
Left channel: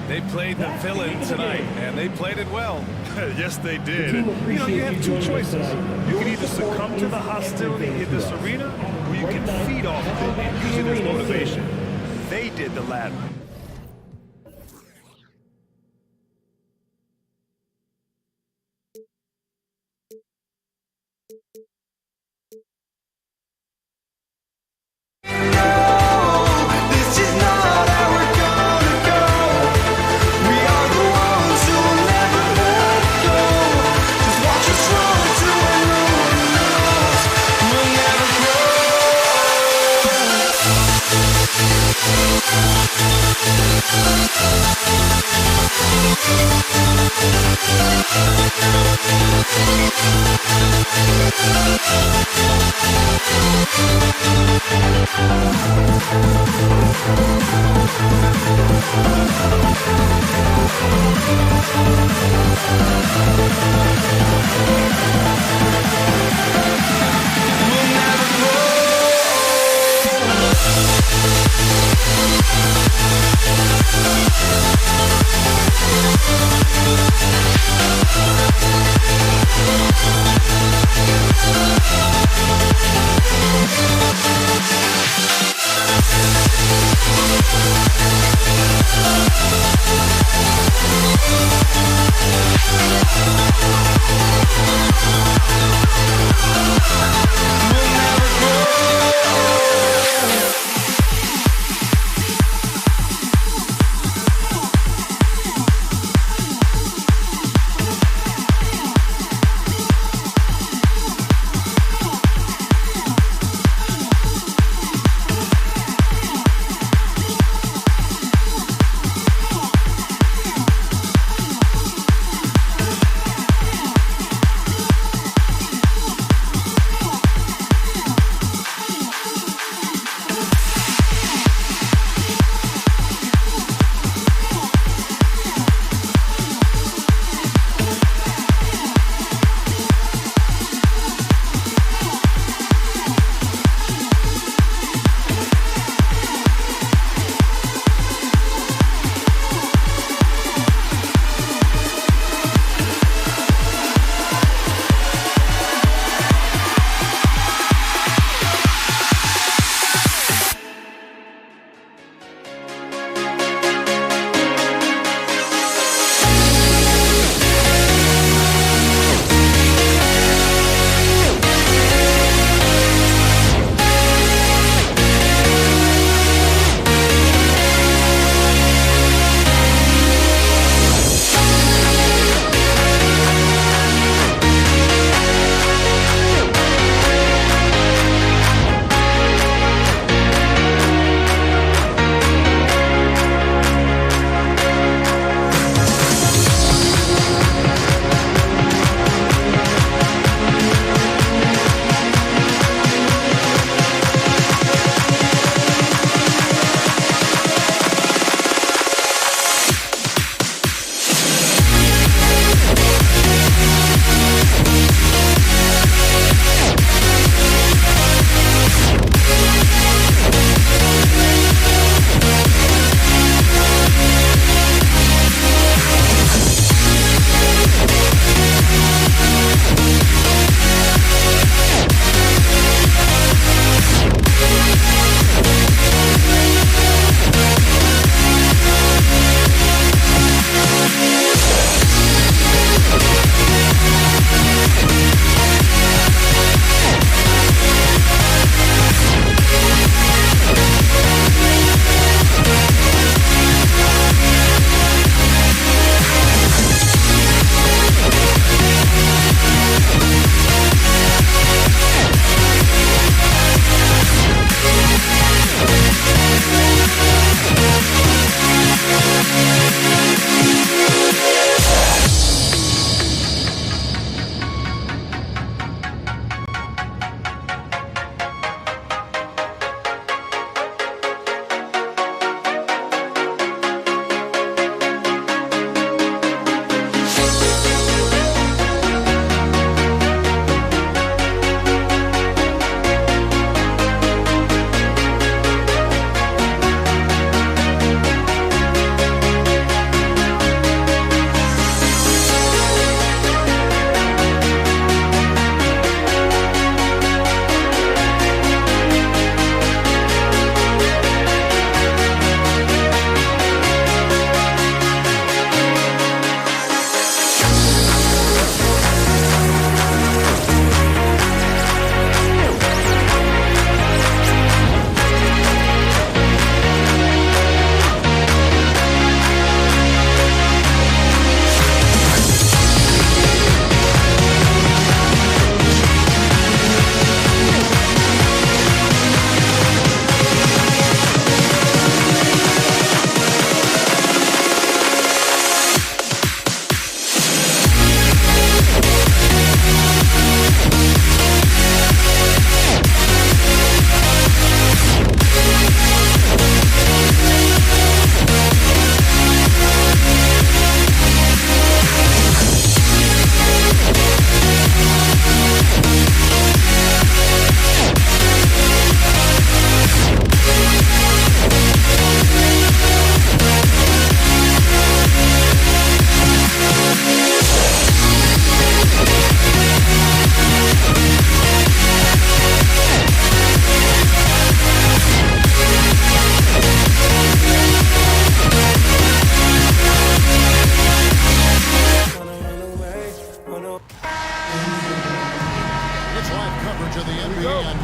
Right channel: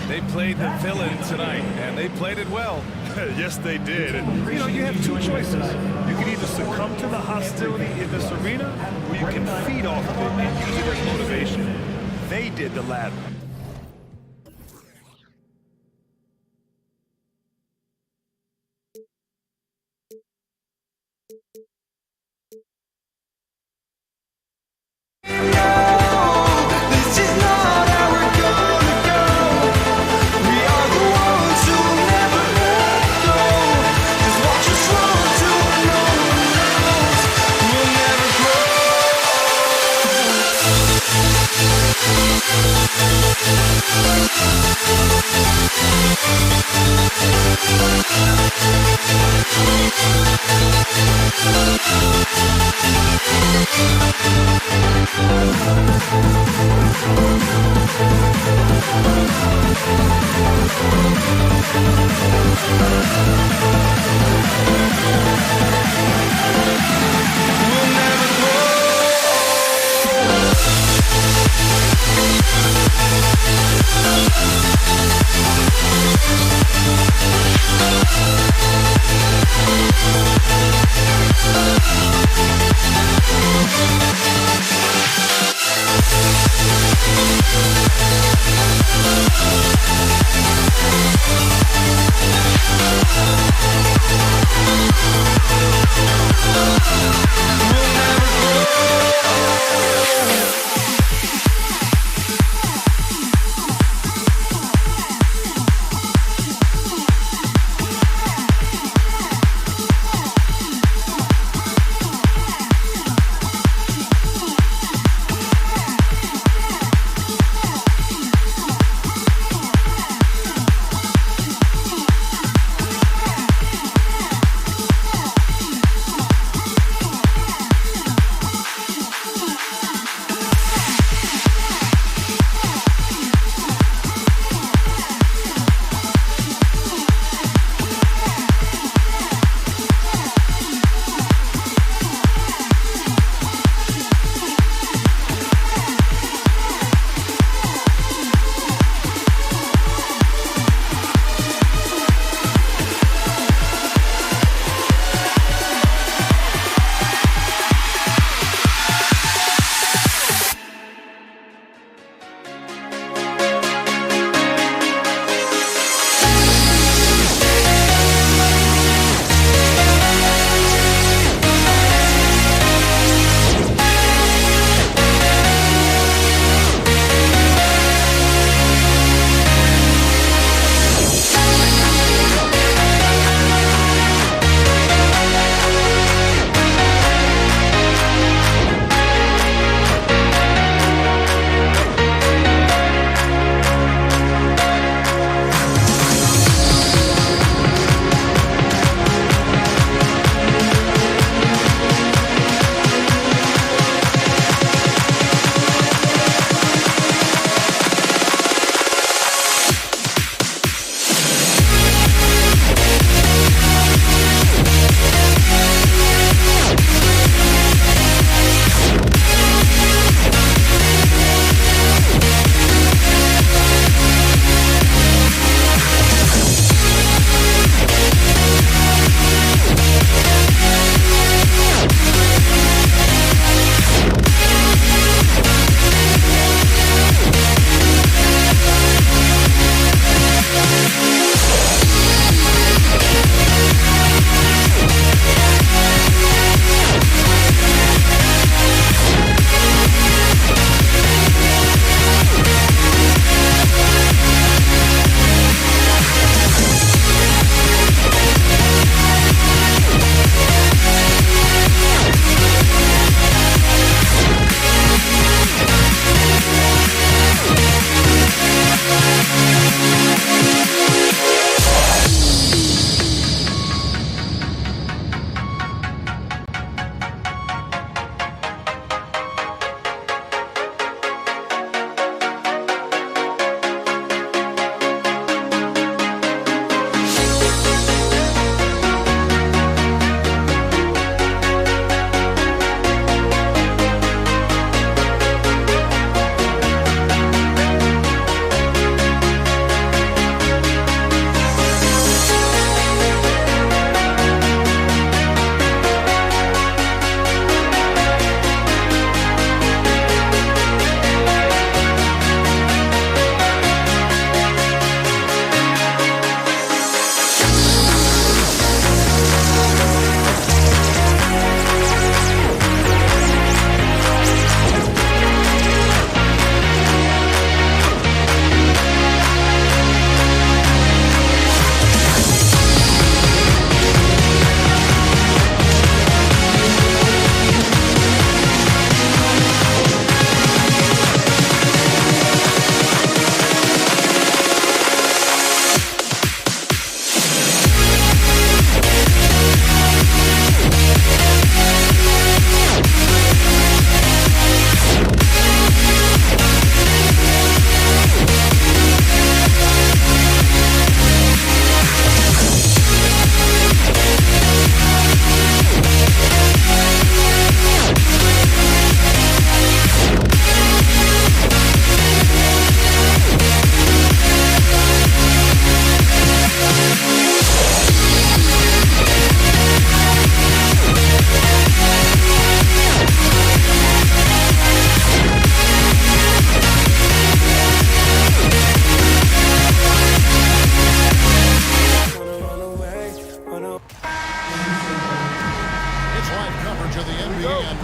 They played the villain tonight, and they played it well. Yes, they did. And, you know, you have two choices. You can either succumb to the hostility in this arena, or you can feed off of it and use it as motivation. They did the latter. We'll never grow.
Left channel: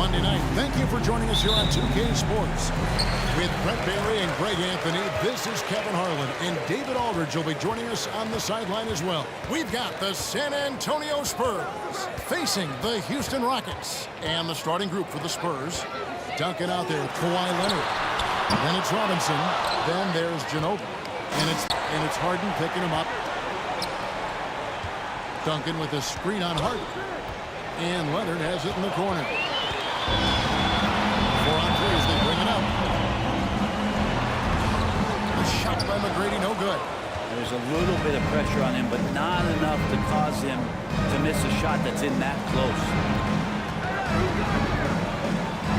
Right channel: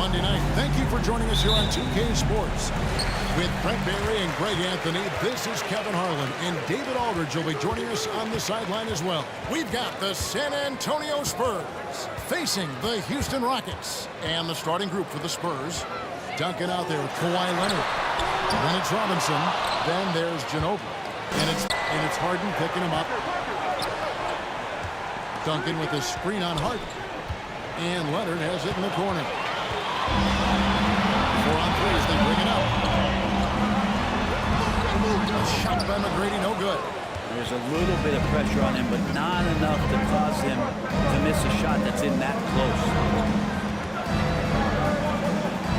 Monday night. Thank you for joining us here on 2K Sports. With Brent Barry and Greg Anthony, this is Kevin Harlan, and David Aldridge will be joining us on the sideline as well. We've got the San Antonio Spurs facing the Houston Rockets. And the starting group for the Spurs, Duncan out there with Kawhi Leonard. Then it's Robinson. Then there's Ginobili. And it's Harden picking him up. Duncan with a screen on Harden. And Leonard has it in the corner. 4 on 3 as they bring it up. A shot by McGrady, no good. And there's a little bit of pressure on him, but not enough to cause him to miss a shot that's in that close.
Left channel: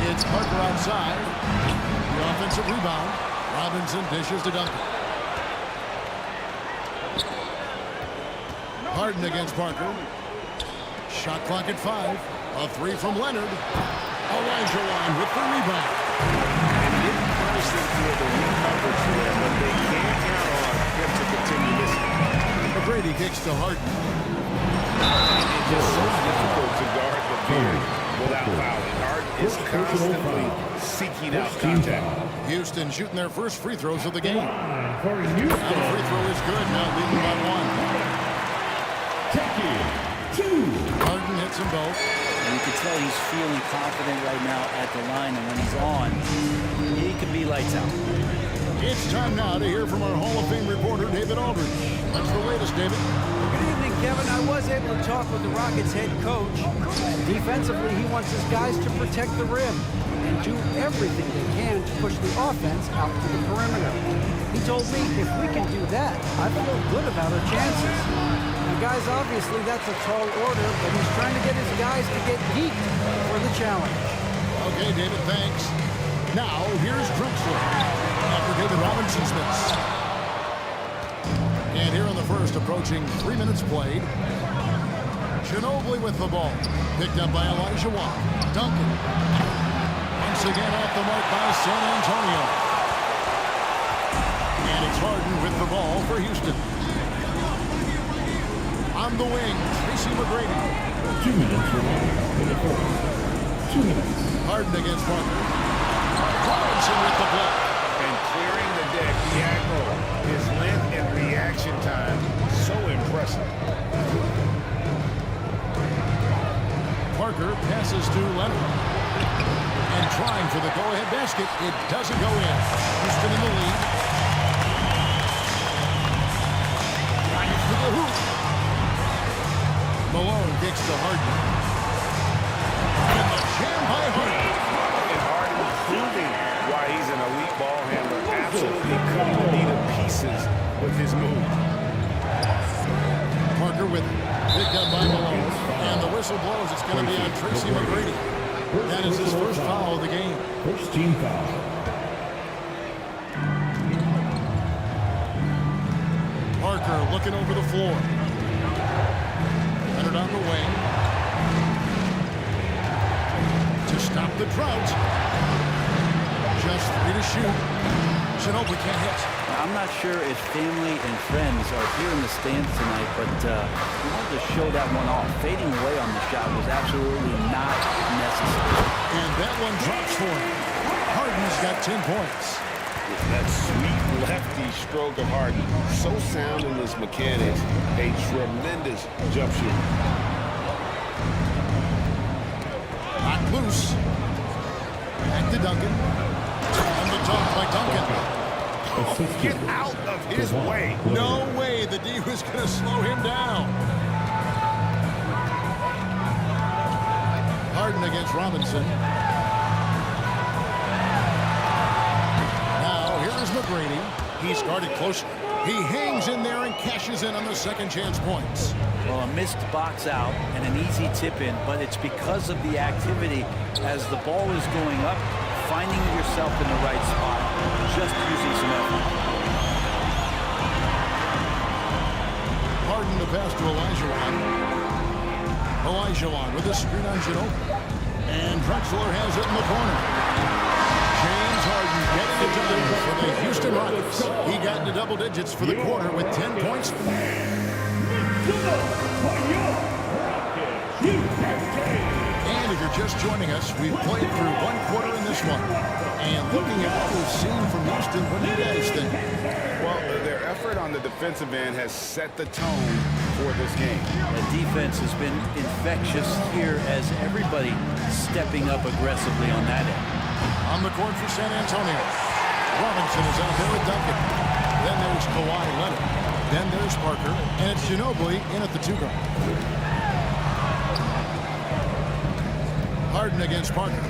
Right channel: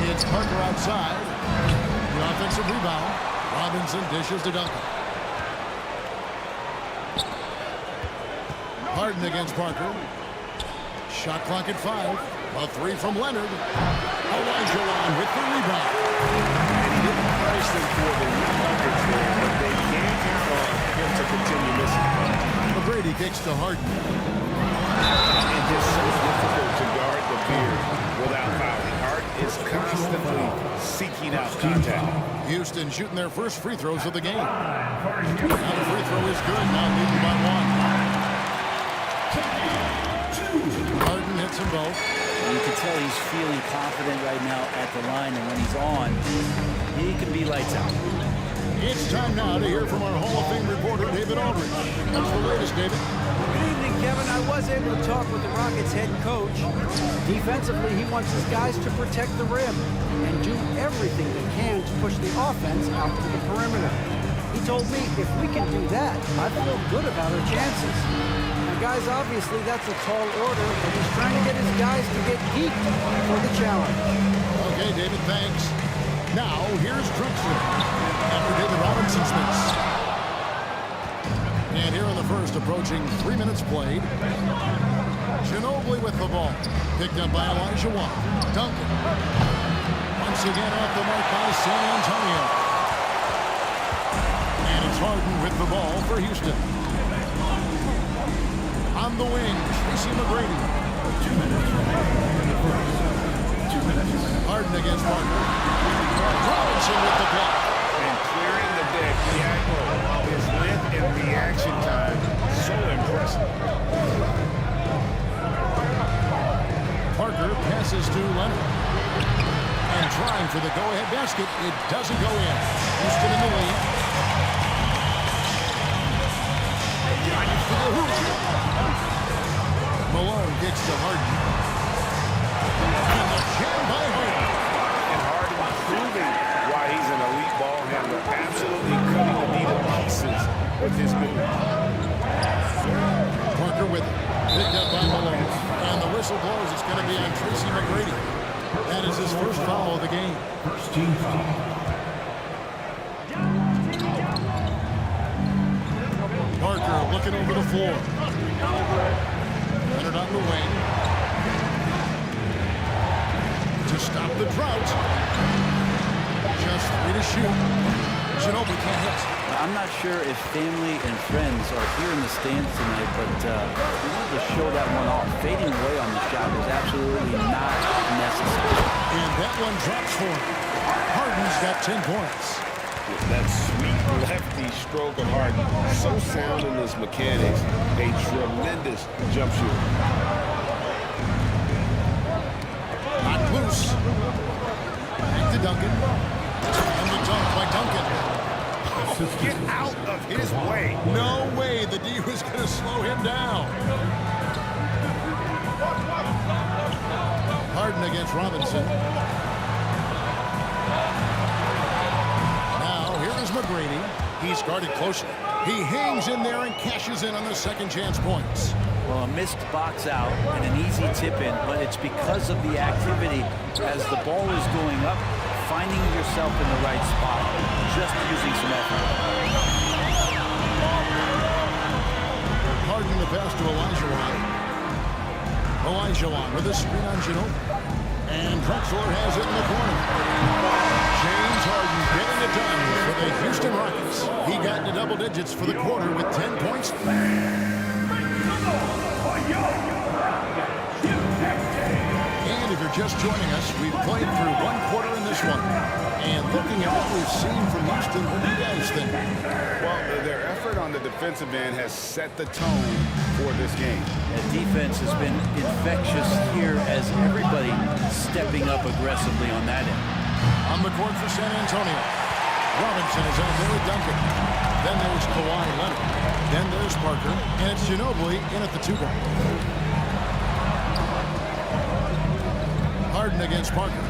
It's Parker outside. The offensive rebound. Robinson dishes to Duncan. Harden against Parker. Shot clock at 5. A 3 from Leonard. Olajuwon with the rebound. And he didn't punish them for the weak coverage there, but they can't count on him to continue missing. McGrady kicks to Harden. It's just so difficult to guard the beard without fouling. Harden is constantly seeking out contact. Houston shooting their first free throws of the game. Now the free throw is good. Now leading by 1. Harden hits them both. And you can tell he's feeling confident right now at the line, and when he's on, he can be lights out. It's time now to hear from our Hall of Fame reporter, David Aldridge. What's the latest, David? Good evening, Kevin. I was able to talk with the Rockets head coach. Defensively, he wants his guys to protect the rim and do everything they can to push the offense out to the perimeter. He told me if we can do that, I feel good about our chances. Now, guys, obviously that's a tall order, but he's trying to get his guys to get geeked for the challenge. Okay, David, thanks. Now, here's Drexler after David Robinson's miss. And here in the first, approaching 3 minutes played. Ginobili with the ball. Picked up by Olajuwon. Duncan. Once again off the mark by San Antonio. And it's Harden with the ball for Houston. On the wing, Tracy McGrady. 2 minutes remaining in the first. 2 minutes. Harden against Parker. Robinson with the block. And clearing the deck, the aggro, his length and reaction time, so impressive. Parker passes to Leonard. And trying for the go-ahead basket. It doesn't go in. Houston in the lead. Drives to the hoop. Malone kicks to Harden. And the jam by Harden. And Harden proving why he's an elite ball handler, absolutely cutting the knee to pieces with his move. Parker with it. Picked up by Malone. And the whistle blows. It's going to be on Tracy McGrady. That is his first foul of the game. First team foul. Parker looking over the floor. Leonard on the wing. To stop the drought. Just 3 to shoot. Ginobili can't hit. I'm not sure if family and friends are here in the stands tonight, but we wanted to show that one off. Fading away on the shot was absolutely not necessary. And that one drops for him. Harden's got 10 points. That sweet lefty stroke of Harden, so sound in his mechanics, a tremendous jump shooter. Knocked loose. Back to Duncan. And the dunk by Duncan. Oh, get out of his way. No way the D was going to slow him down. Harden against Robinson. Now, here is McGrady. He's guarded closely. He hangs in there and cashes in on the second chance points. Well, a missed box out and an easy tip in, but it's because of the activity as the ball is going up, finding yourself in the right spot, just using some effort. Harden the pass to Olajuwon. Olajuwon with a screen on Ginobili. And Drexler has it in the corner. James Harden getting it done for the Houston Rockets. He got into double digits for the quarter with 10 points. And if you're just joining us, we've played through one quarter in this one. And looking at what we've seen from Houston, what do you guys think? Well, their effort on the defensive end has set the tone for this game. The defense has been infectious here as everybody stepping up aggressively on that end. On the court for San Antonio, Robinson is out there with Duncan. Then there's Kawhi Leonard. Then there's Parker. And it's Ginobili in at the 2-guard. Harden against Parker.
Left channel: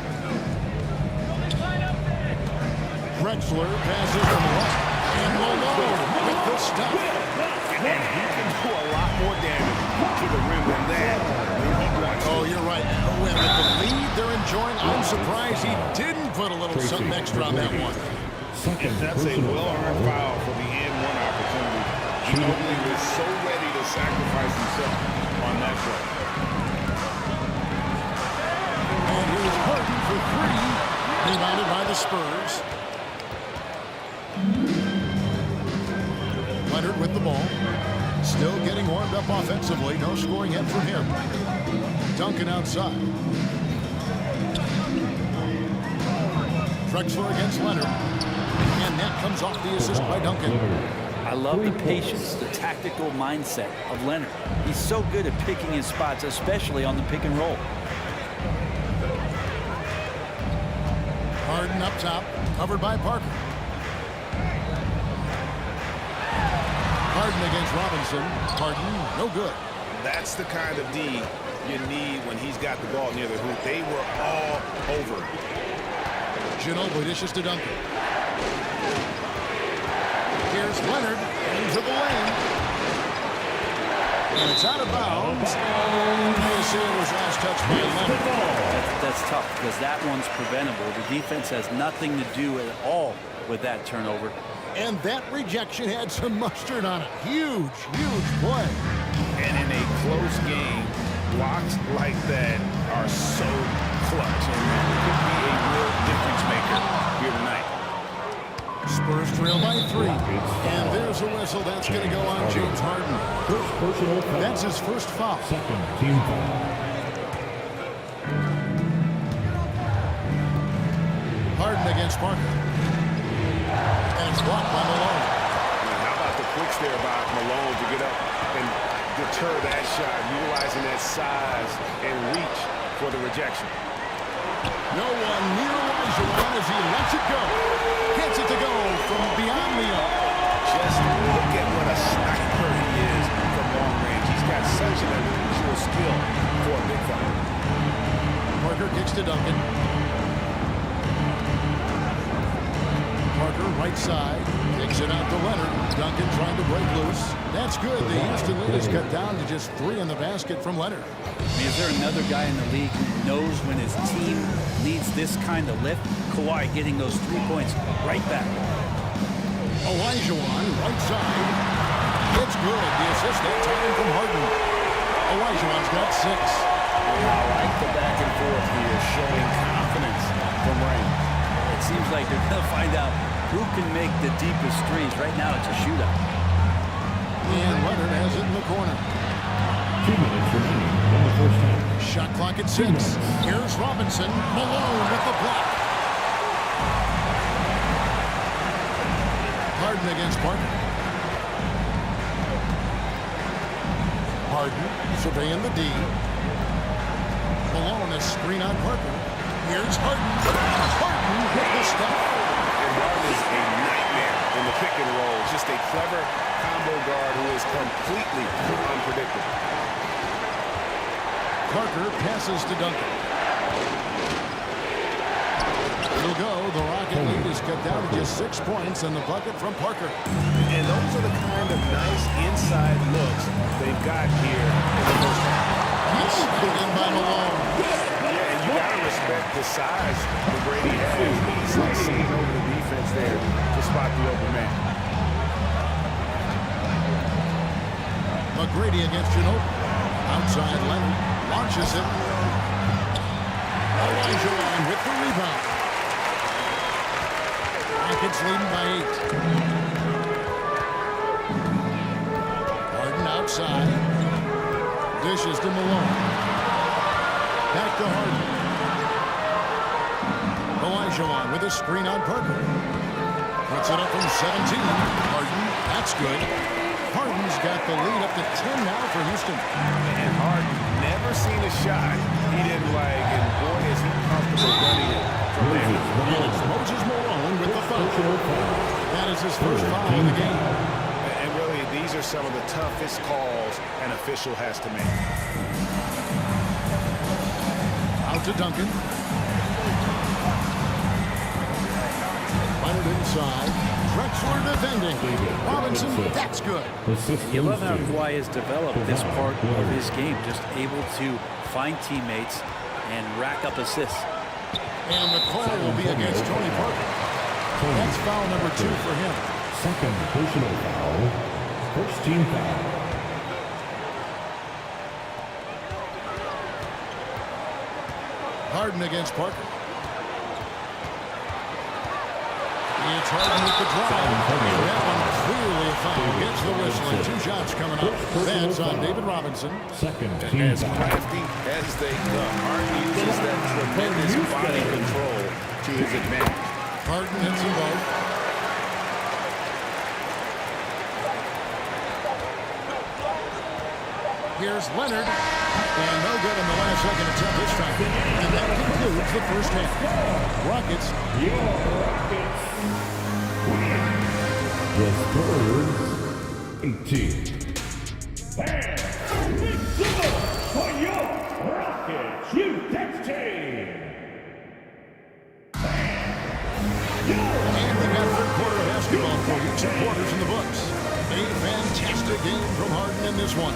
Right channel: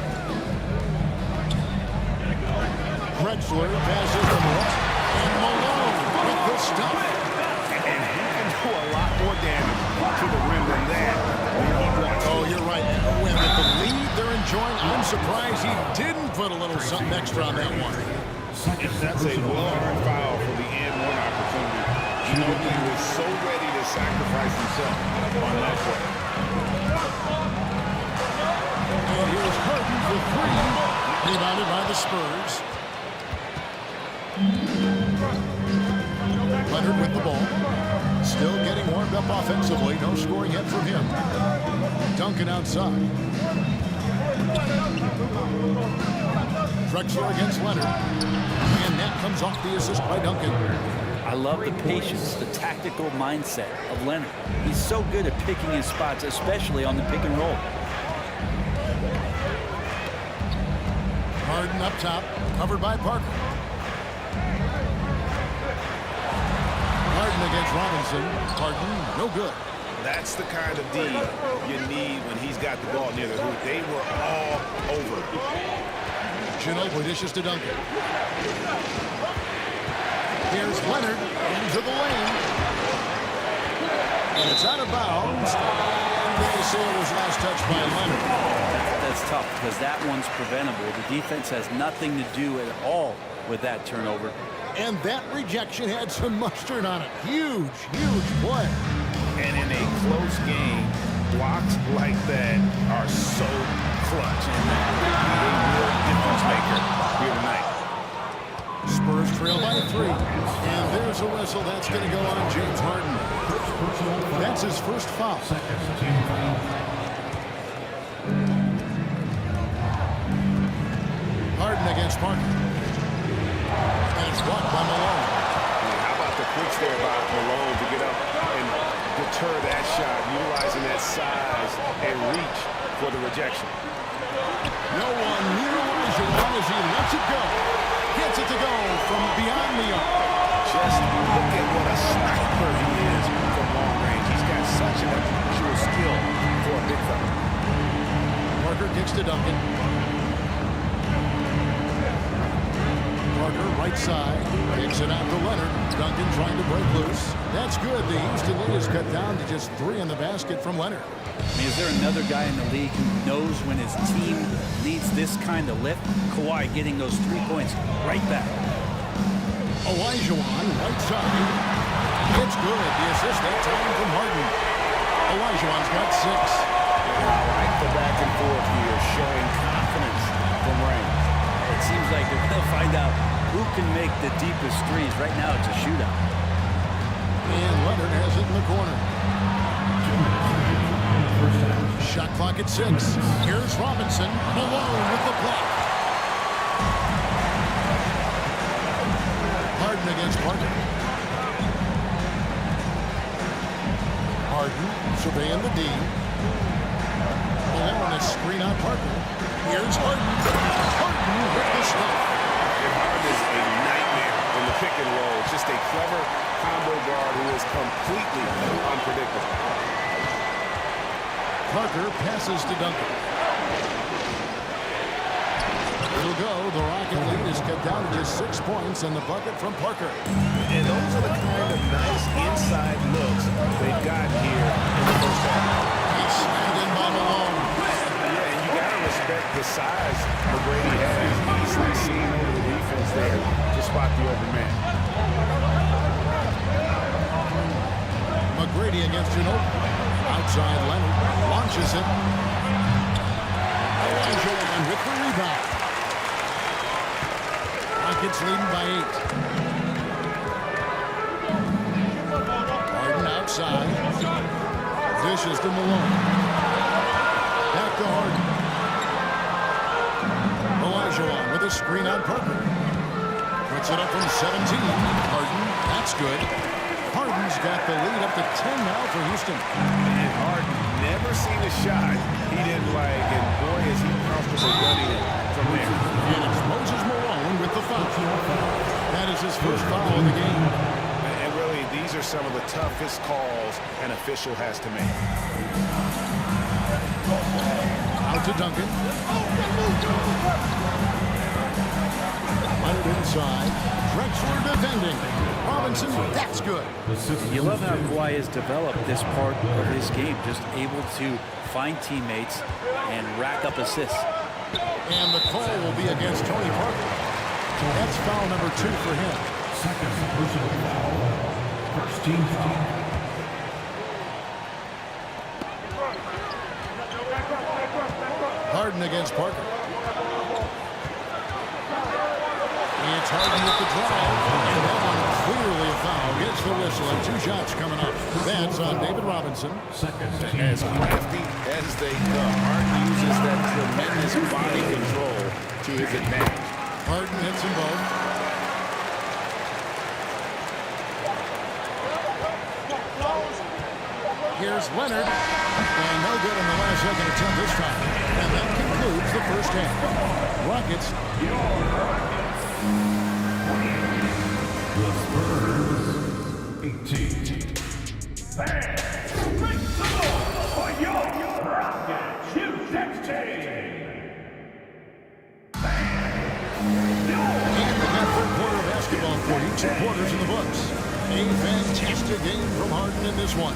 Drexler passes to Malone. And Malone with the stuff. And he can do a lot more damage to the rim than that when he wants to. Oh, you're right. With the lead they're enjoying, I'm surprised he didn't put a little something extra on that one. If that's a well-earned foul for the and-one opportunity, Ginobili was so ready to sacrifice himself on that play. And here's Harden for 3. Rebounded by the Spurs. Leonard with the ball. Still getting warmed up offensively. No scoring yet from him. Duncan outside. Drexler against Leonard. And that comes off the assist by Duncan. I love the patience, the tactical mindset of Leonard. He's so good at picking his spots, especially on the pick and roll. Harden up top, covered by Parker. Harden against Robinson. Harden, no good. That's the kind of D you need when he's got the ball near the hoop. They were all over. Ginobili dishes to Duncan. Here's Leonard into the lane. And it's out of bounds. And they say it was last touched by Leonard. That's tough because that one's preventable. The defense has nothing to do at all with that turnover. And that rejection had some mustard on it. Huge, huge play. And in a close game, blocks like that are so clutch. And that could be a real difference maker here tonight. Spurs trail by 3. And there's a whistle. That's going to go on James Harden. That's his first foul. Second team foul. Harden against Parker. And it's blocked by Malone. I mean, how about the quicks there by Malone to get up and deter that shot, utilizing that size and reach for the rejection. No one near Olajuwon as he lets it go. Gets it to go from beyond the arc. Just look at what a sniper he is from long range. He's got such an unusual skill for a big fella. Parker kicks to Duncan. Parker, right side, kicks it out to Leonard. Duncan trying to break loose. That's good. The Houston lead is cut down to just 3 in the basket from Leonard. I mean, is there another guy in the league who knows when his team needs this kind of lift? Kawhi getting those 3 points right back. Olajuwon, right side. It's good. The assist that time from Harden. Olajuwon's got 6. And I like the back and forth here, showing confidence from Reigns. It seems like they're going to find out who can make the deepest threes. Right now, it's a shootout. And Leonard has it in the corner. 2 minutes remaining in the first half. Shot clock at 6. Here's Robinson. Malone with the block. Harden against Parker. Harden surveying the D. Malone is screen on Parker. Here's Harden. Harden with the stuff. And Harden is a nightmare in the pick and roll. Just a clever combo guard who is completely unpredictable. Parker passes to Duncan. It'll go. The Rocket lead is cut down to just 6 points and the bucket from Parker. And those are the kind of nice inside looks they've got here in the first half. He's slammed in by Malone. Yeah, and you got to respect the size McGrady has. Easily seen over the defense there to spot the open man. McGrady against Ginobili. Outside Leonard. Launches it. Olajuwon with the rebound. Rockets leading by 8. Harden outside. Dishes to Malone. Back to Harden. Olajuwon with a screen on Parker. Puts it up from 17. Harden, that's good. Harden's got the lead up to 10 now for Houston. And Harden never seen a shot he didn't like, and boy, is he comfortable gunning it from there. And it's Moses Malone with the foul. That is his first foul of the game. And really, these are some of the toughest calls an official has to make. Out to Duncan. Leonard inside. Drexler defending. Robinson, that's good. And you love how Kawhi has developed this part of his game, just able to find teammates and rack up assists. And the call will be against Tony Parker. That's foul number 2 for him. Second personal foul. First team foul. Harden against Parker. It's Harden with the drive, and that one clearly a foul. Gets the whistle, and 2 shots coming up. That's on David Robinson. As crafty as they come, Harden uses that tremendous body control to his advantage. Harden hits them both. Here's Leonard, and no good in the last second attempt this time. And that concludes the first half. Rockets. The Spurs 18. Fans, big support for your Rockets U16. And we got third quarter of basketball for you. 2 quarters in the books. A fantastic game from Harden in this one.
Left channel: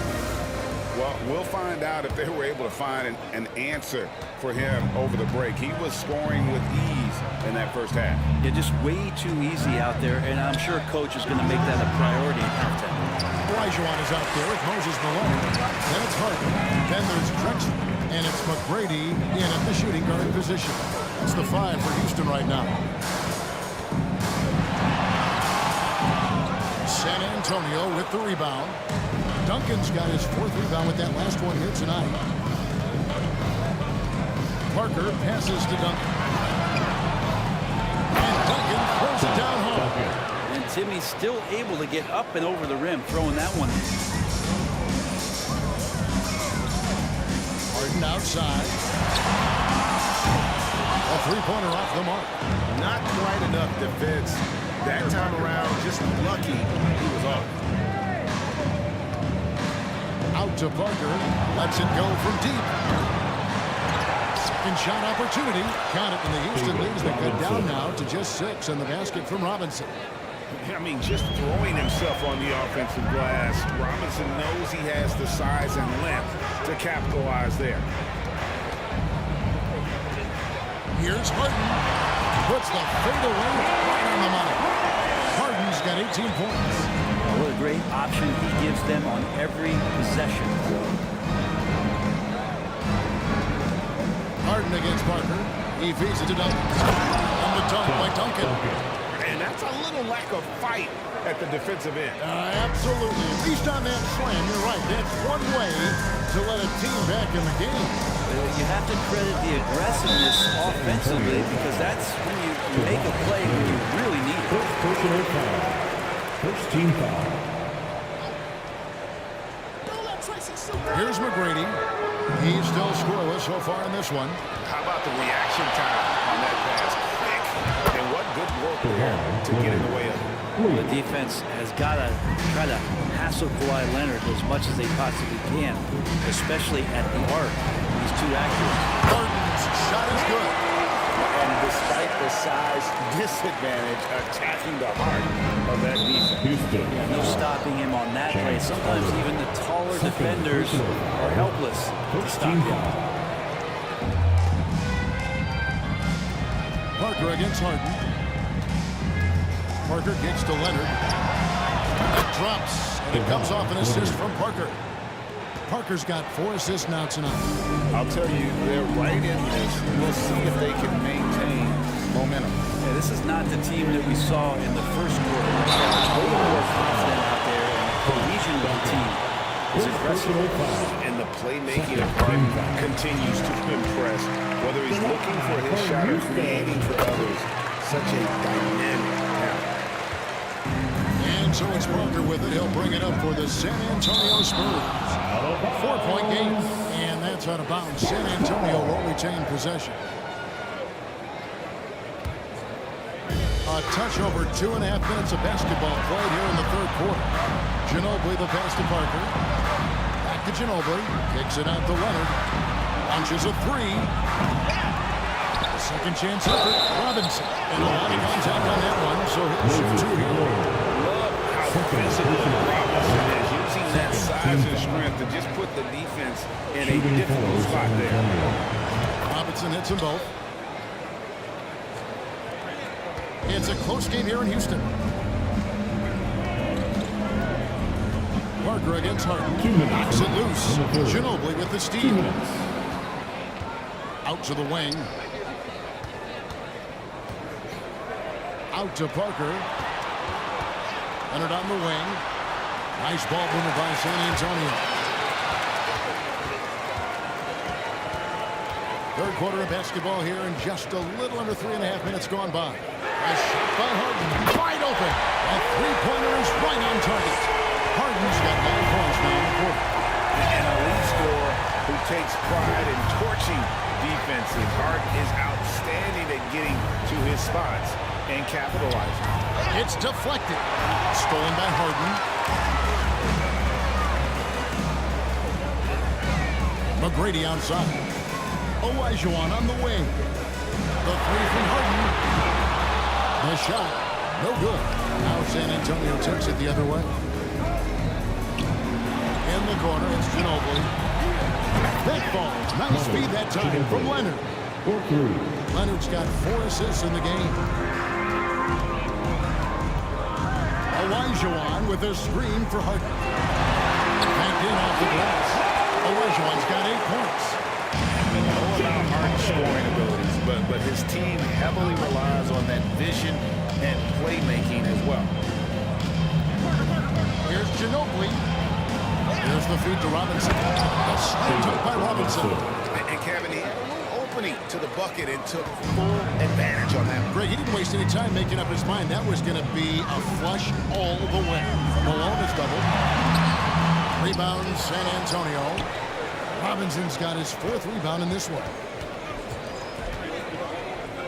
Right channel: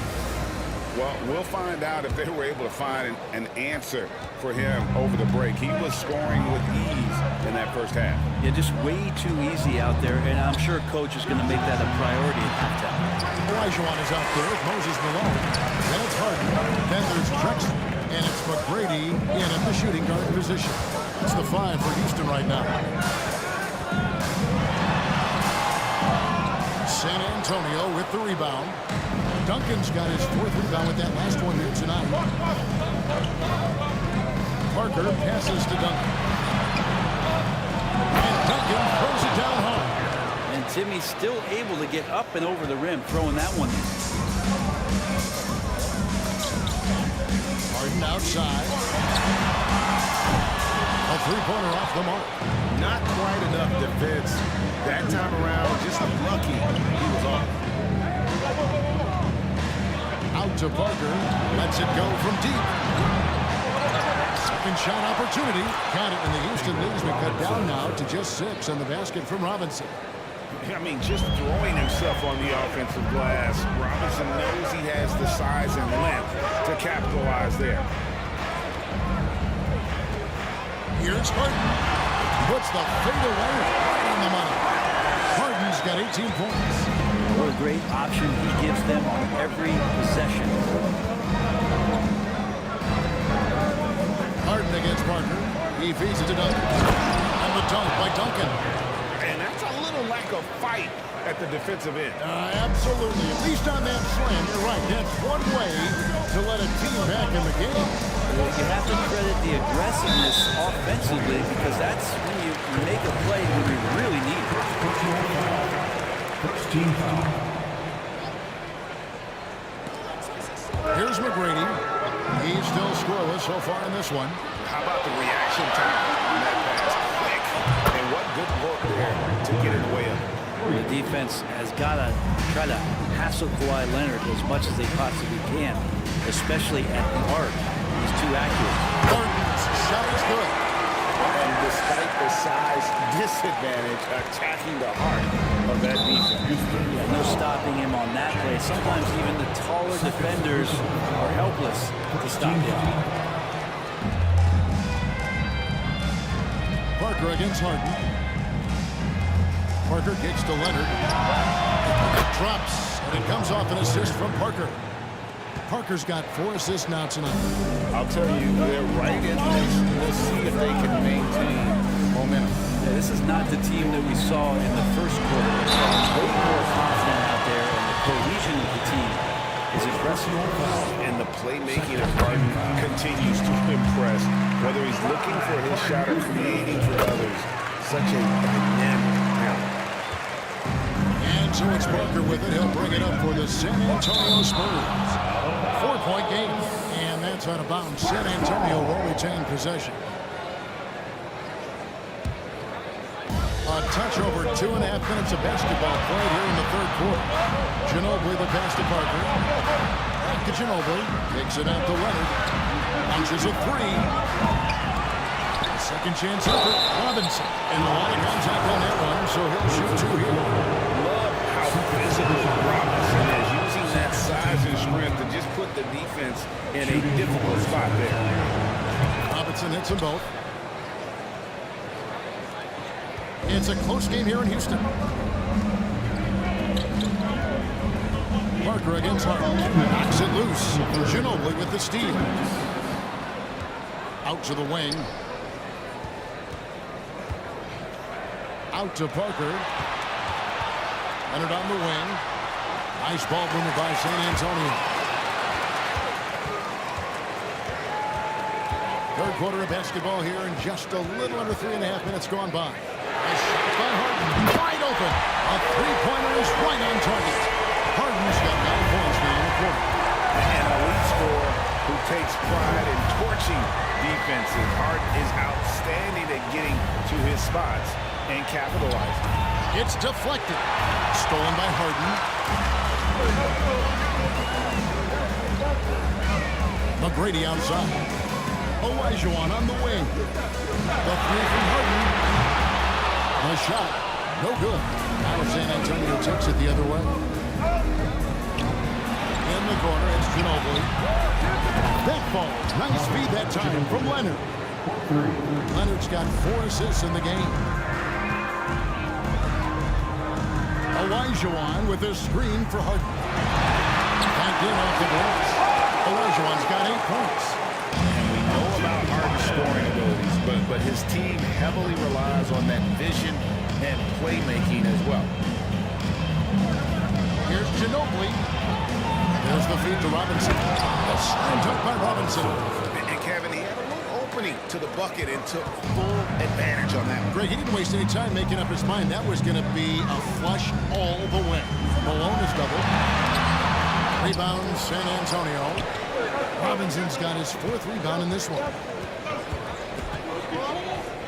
Well, we'll find out if they were able to find an answer for him over the break. He was scoring with ease in that first half. Yeah, just way too easy out there, and I'm sure coach is going to make that a priority at halftime. Olajuwon is out there with Moses Malone. Then it's Harden. Then there's Drexler. And it's McGrady in at the shooting guard position. That's the 5 for Houston right now. San Antonio with the rebound. Duncan's got his 4th rebound with that last one here tonight. Parker passes to Duncan. And Duncan throws it down hard. And Timmy's still able to get up and over the rim, throwing that one. Harden outside. A 3-pointer off the mark. Not quite enough defense. That time around, just lucky he was off. Out to Parker. Lets it go from deep. Second shot opportunity. Got it, and the Houston lead has been cut down now to just 6 on the basket from Robinson. I mean, just throwing himself on the offensive glass. Robinson knows he has the size and length to capitalize there. Here's Harden. Puts the fadeaway right on the money. Harden's got 18 points. What a great option he gives them on every possession. Harden against Parker. He feeds it to Duncan. And the dunk by Duncan. And that's a little lack of fight at the defensive end. Absolutely. At least on that slam, you're right. That's one way to let a team back in the game. You have to credit the aggressiveness offensively, because that's when you make a play when you really need it. First personal foul. First team foul. Here's McGrady. He's still scoreless so far in this one. How about the reaction time on that pass? Quick. And what good work there to get in the way of it. The defense has got to try to hassle Kawhi Leonard as much as they possibly can, especially at the arc. He's too accurate. Harden's shot is good. And despite the size disadvantage, attacking the heart of that defense. Yeah, no stopping him on that play. Sometimes even the taller defenders are helpless to stop him. Parker against Harden. Parker kicks to Leonard. It drops, and it comes off an assist from Parker. Parker's got 4 assists now tonight. I'll tell you, they're right in this. We'll see if they can maintain momentum. Yeah, this is not the team that we saw in the first quarter. Way more confident out there, and the cohesion of the team is impressive. And the playmaking of Harden continues to impress. Whether he's looking for his shot or creating for others, such a dynamic talent. And so it's Parker with it. He'll bring it up for the San Antonio Spurs. 4-point game. And that's out of bounds. San Antonio will retain possession. A touch over 2.5 minutes of basketball played here in the third quarter. Ginobili the pass to Parker. Back to Ginobili. Kicks it out to Leonard. Launches a three. A second chance effort. Robinson. And a lot of contact on that one, so he'll shoot two here. Love how physical Robinson is, using that size and strength to just put the defense in a difficult spot there. Robinson hits them both. It's a close game here in Houston. Parker against Harden. Knocks it loose. Ginobili with the steal. Out to the wing. Out to Parker. Leonard on the wing. Nice ball mover by San Antonio. Third quarter of basketball here, and just a little under 3.5 minutes gone by. A shot by Harden, wide open. A three-pointer is right on target. Harden's got 9 points now in the quarter. An elite scorer who takes pride in torching defenses. Harden is outstanding at getting to his spots and capitalizing. It's deflected. Stolen by Harden. McGrady outside. Olajuwon on the wing. The three from Harden. The shot, no good. Now San Antonio takes it the other way. In the corner, it's Ginobili. That falls. Nice feed that time from Leonard. Leonard's got 4 assists in the game. Olajuwon with a screen for Harden. Backed in off the glass. Olajuwon's got 8 points. And we know about Harden's scoring abilities, but his team heavily relies on that vision and playmaking as well. Here's Ginobili. There's the feed to Robinson. A slam dunk by Robinson. And Kevin, he had a little opening to the bucket and took full advantage on that one. Greg, he didn't waste any time making up his mind. That was going to be a flush all the way. Malone is doubled. Rebound, San Antonio. Robinson's got his 4th rebound in this one.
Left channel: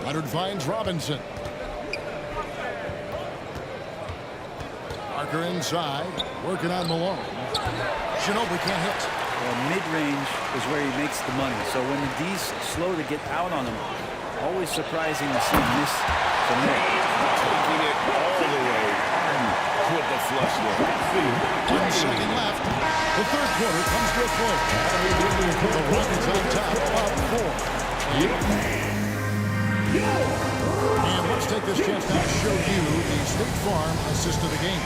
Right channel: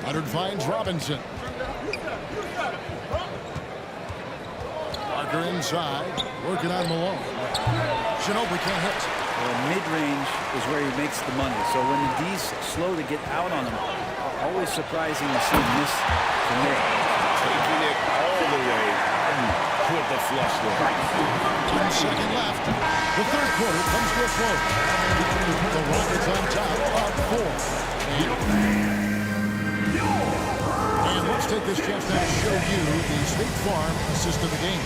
Leonard finds Robinson. Parker inside, working on Malone. Ginobili can't hit. Well, mid-range is where he makes the money. So when the D's slow to get out on him, always surprising to see him miss from there. Taking it all the way. Harden with the flush there. 1 second left. The third quarter comes to a close. The Rockets on top, up 4. And let's take this chance now to show you the State Farm assist of the game.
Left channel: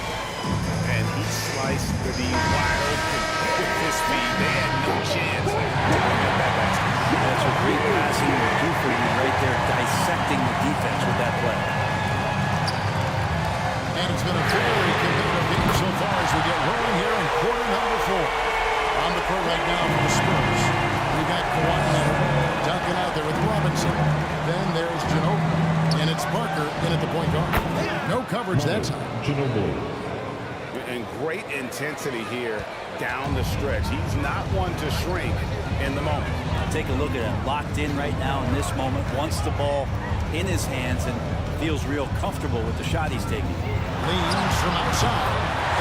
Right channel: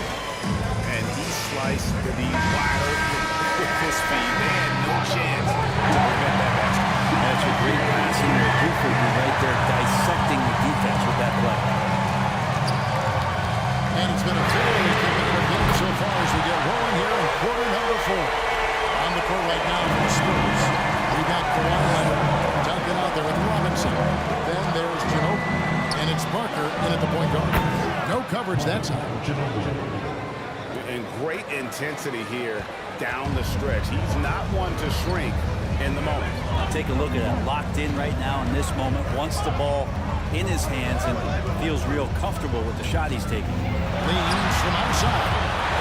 And he sliced the D wide open with his speed. They had no chance to prevent that basket. That's what great passing will do for you right there, dissecting the defense with that play. And it's been a very competitive game so far as we get rolling here in quarter number 4. On the court right now for the Spurs. We've got Kawhi Leonard dunking out there with Robinson. Then there's Ginobili. And it's Parker in at the point guard. No coverage that time. Ginobili. And great intensity here down the stretch. He's not one to shrink in the moment. Take a look at that. Locked in right now in this moment. Wants the ball in his hands and feels real comfortable with the shot he's taking. Leans from outside.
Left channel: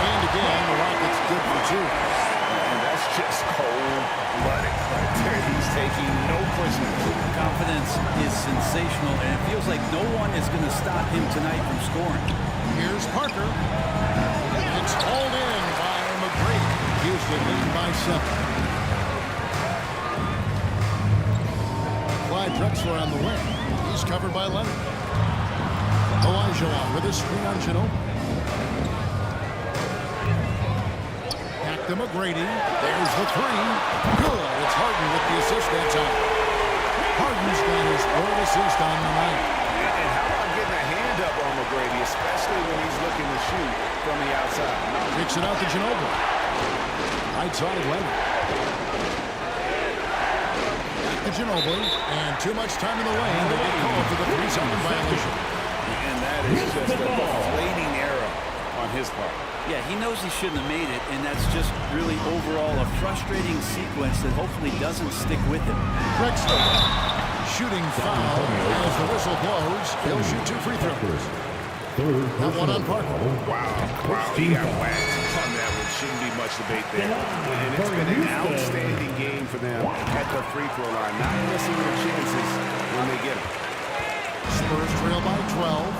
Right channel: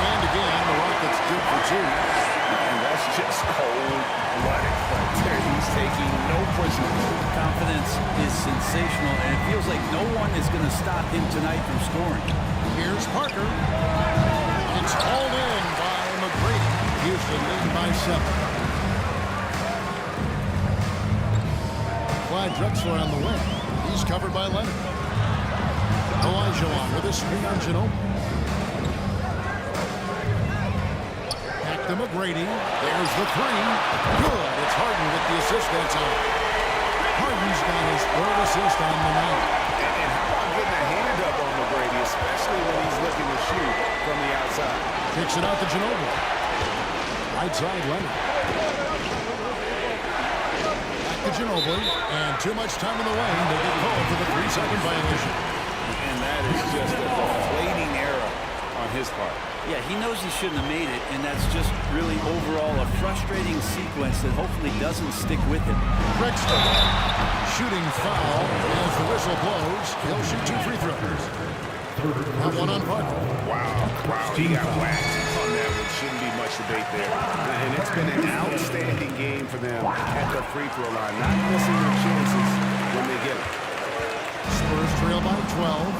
And again, the Rockets good for 2. And that's just cold-blooded right there. He's taking no prisoners. Confidence is sensational, and it feels like no one is going to stop him tonight from scoring. Here's Parker. It's hauled in by McGrady. Houston lead by 7. Clyde Drexler on the wing. He's covered by Leonard. Olajuwon with a screen on Ginobili. Back to McGrady. There's the 3. Good. It's Harden with the assist that time. Harden's got his 3rd assist on the night. And how about getting a hand up on McGrady, especially when he's looking to shoot from the outside. Kicks it out to Ginobili. Right side, Leonard. Back to Ginobili. And too much time in the lane. They get called for the 3-second violation. And that is just a deflating error on his part. Yeah, he knows he shouldn't have made it, and that's just really overall a frustrating sequence that hopefully doesn't stick with him. Drexler, shooting foul as the whistle blows. He'll shoot 2 free throws. That one on Parker. Wow, he got whacked on that one. Shouldn't be much debate there. And it's been an outstanding game for them at the free throw line, not missing their chances when they get them. Spurs trail by 12.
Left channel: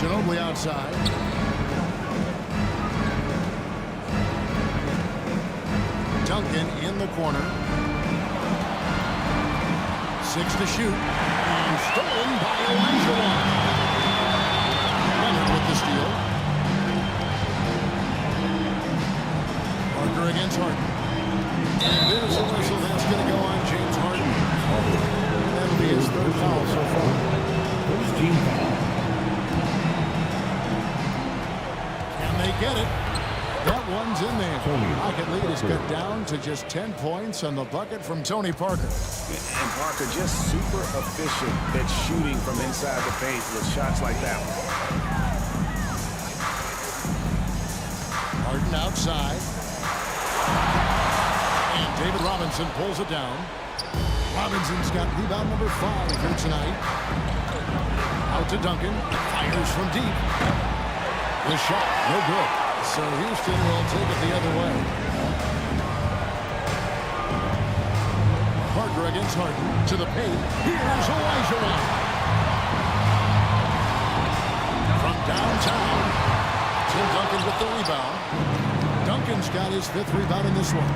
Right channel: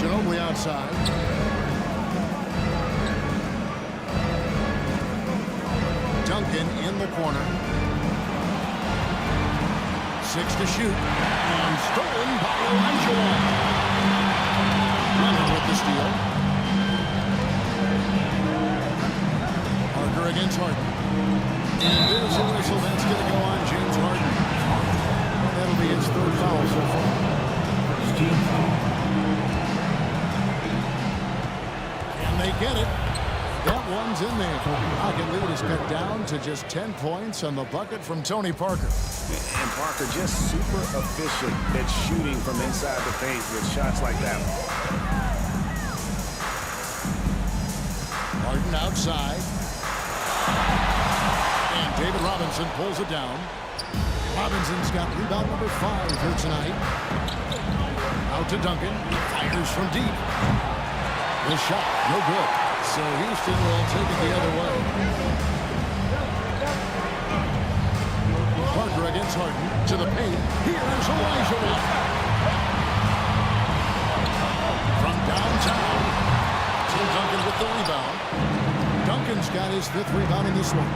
Ginobili outside. Duncan in the corner. 6 to shoot. And stolen by Olajuwon. Leonard with the steal. Parker against Harden. And there's a whistle. That's going to go on James Harden. And that'll be his 3rd foul so far. First team foul. Can they get it? That one's in there. Rocket lead is cut down to just 10 points on the bucket from Tony Parker. And Parker just super efficient at shooting from inside the paint with shots like that one. Harden outside. And David Robinson pulls it down. Robinson's got rebound number 5 here tonight. Out to Duncan. Fires from deep. The shot, no good. So Houston will take it the other way. Parker against Harden to the paint. Here's Olajuwon. From downtown, Tim Duncan with the rebound. Duncan's got his 5th rebound in this one.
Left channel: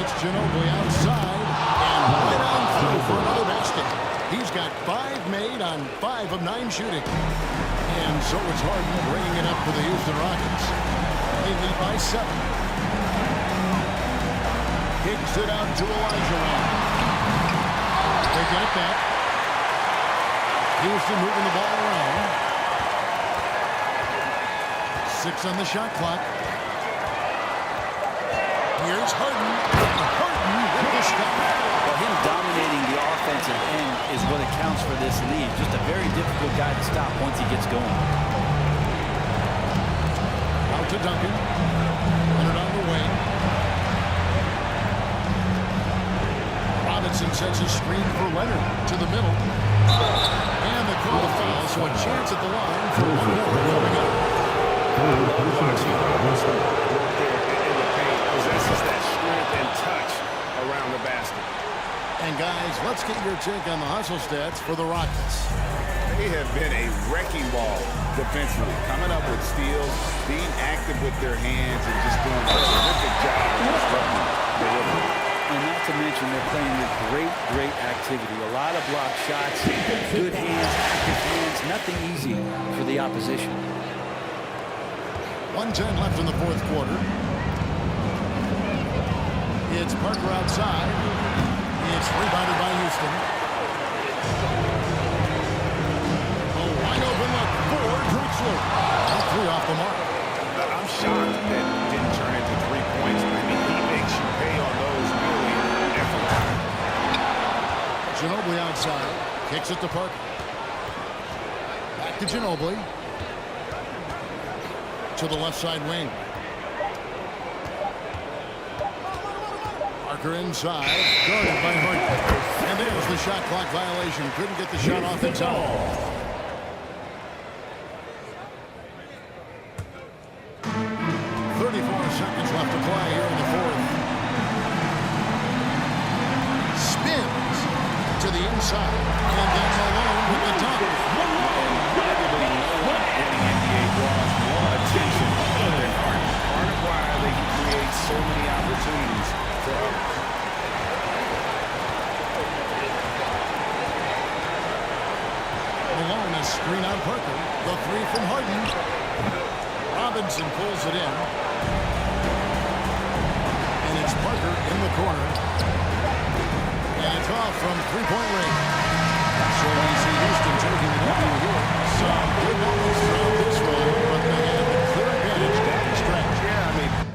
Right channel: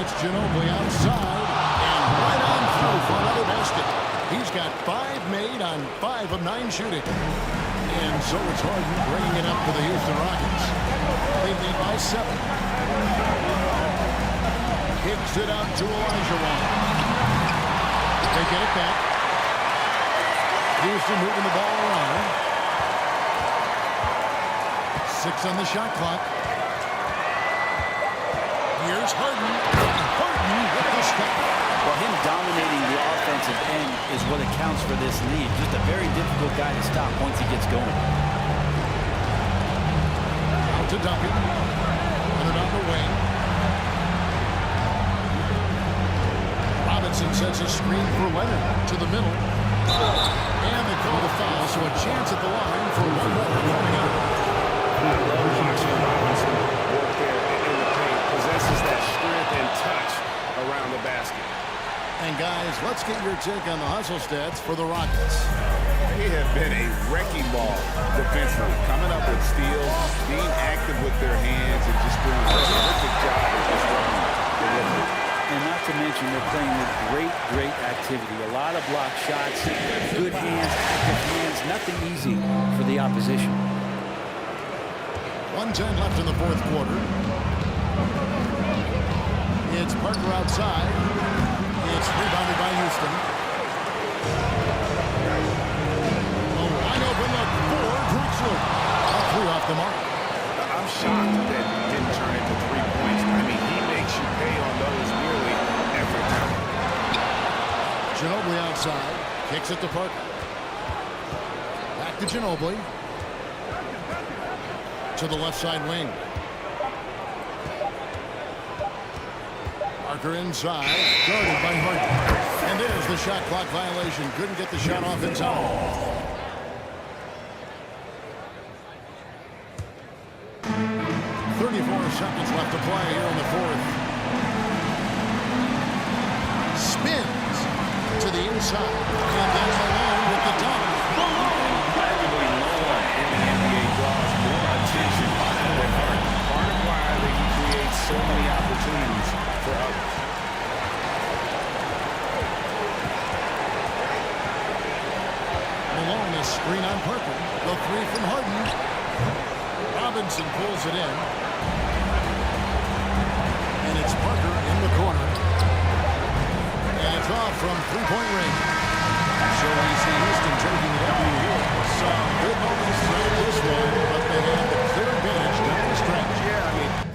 It's Ginobili outside and right on through for another basket. He's got 5 made on 5 of 9 shooting. And so it's Harden bringing it up for the Houston Rockets. They lead by 7. Kicks it out to Olajuwon. They get it back. Houston moving the ball around. 6 on the shot clock. Here's Harden. Harden with the step. Well, him dominating the offensive end is what accounts for this lead. Just a very difficult guy to stop once he gets going. Out to Duncan. Leonard on the wing. Robinson sets a screen for Leonard to the middle. And they call the foul, so a chance at the line for one more coming up. I love watching Robinson work there in the paint. Possesses that strength and touch around the basket. And guys, let's get your take on the hustle stats for the Rockets. They have been a wrecking ball defensively, coming up with steals, being active with their hands, and just doing a terrific job of disrupting the rhythm. And not to mention, they're playing with great activity. A lot of block shots, good hands, active hands, nothing easy for the opposition. 1:10 left in the 4th quarter. It's Parker outside. It's rebounded by Houston. A wide open look for Drexler. A 3 off the mark. I'm shocked that didn't turn into 3 points. I mean, he makes you pay on those nearly every time. Ginobili outside. Kicks it to Parker. Back to Ginobili. To the left side wing. Parker inside, guarded by Harden. And there's the shot clock violation. Couldn't get the shot off in time. Seconds left to play here in the 4th. Spins to the inside. And then Malone with the dunk. And arguably no one in the NBA draws more attention than Harden. Part of why he creates so many opportunities for others. Malone is screen on Parker. The 3 from Harden. Robinson pulls it in. And it's Parker in the corner. And it's off from 3-point range. So we see Houston taking the W here. Some good moments throughout this one, but they had the clear advantage down the I mean,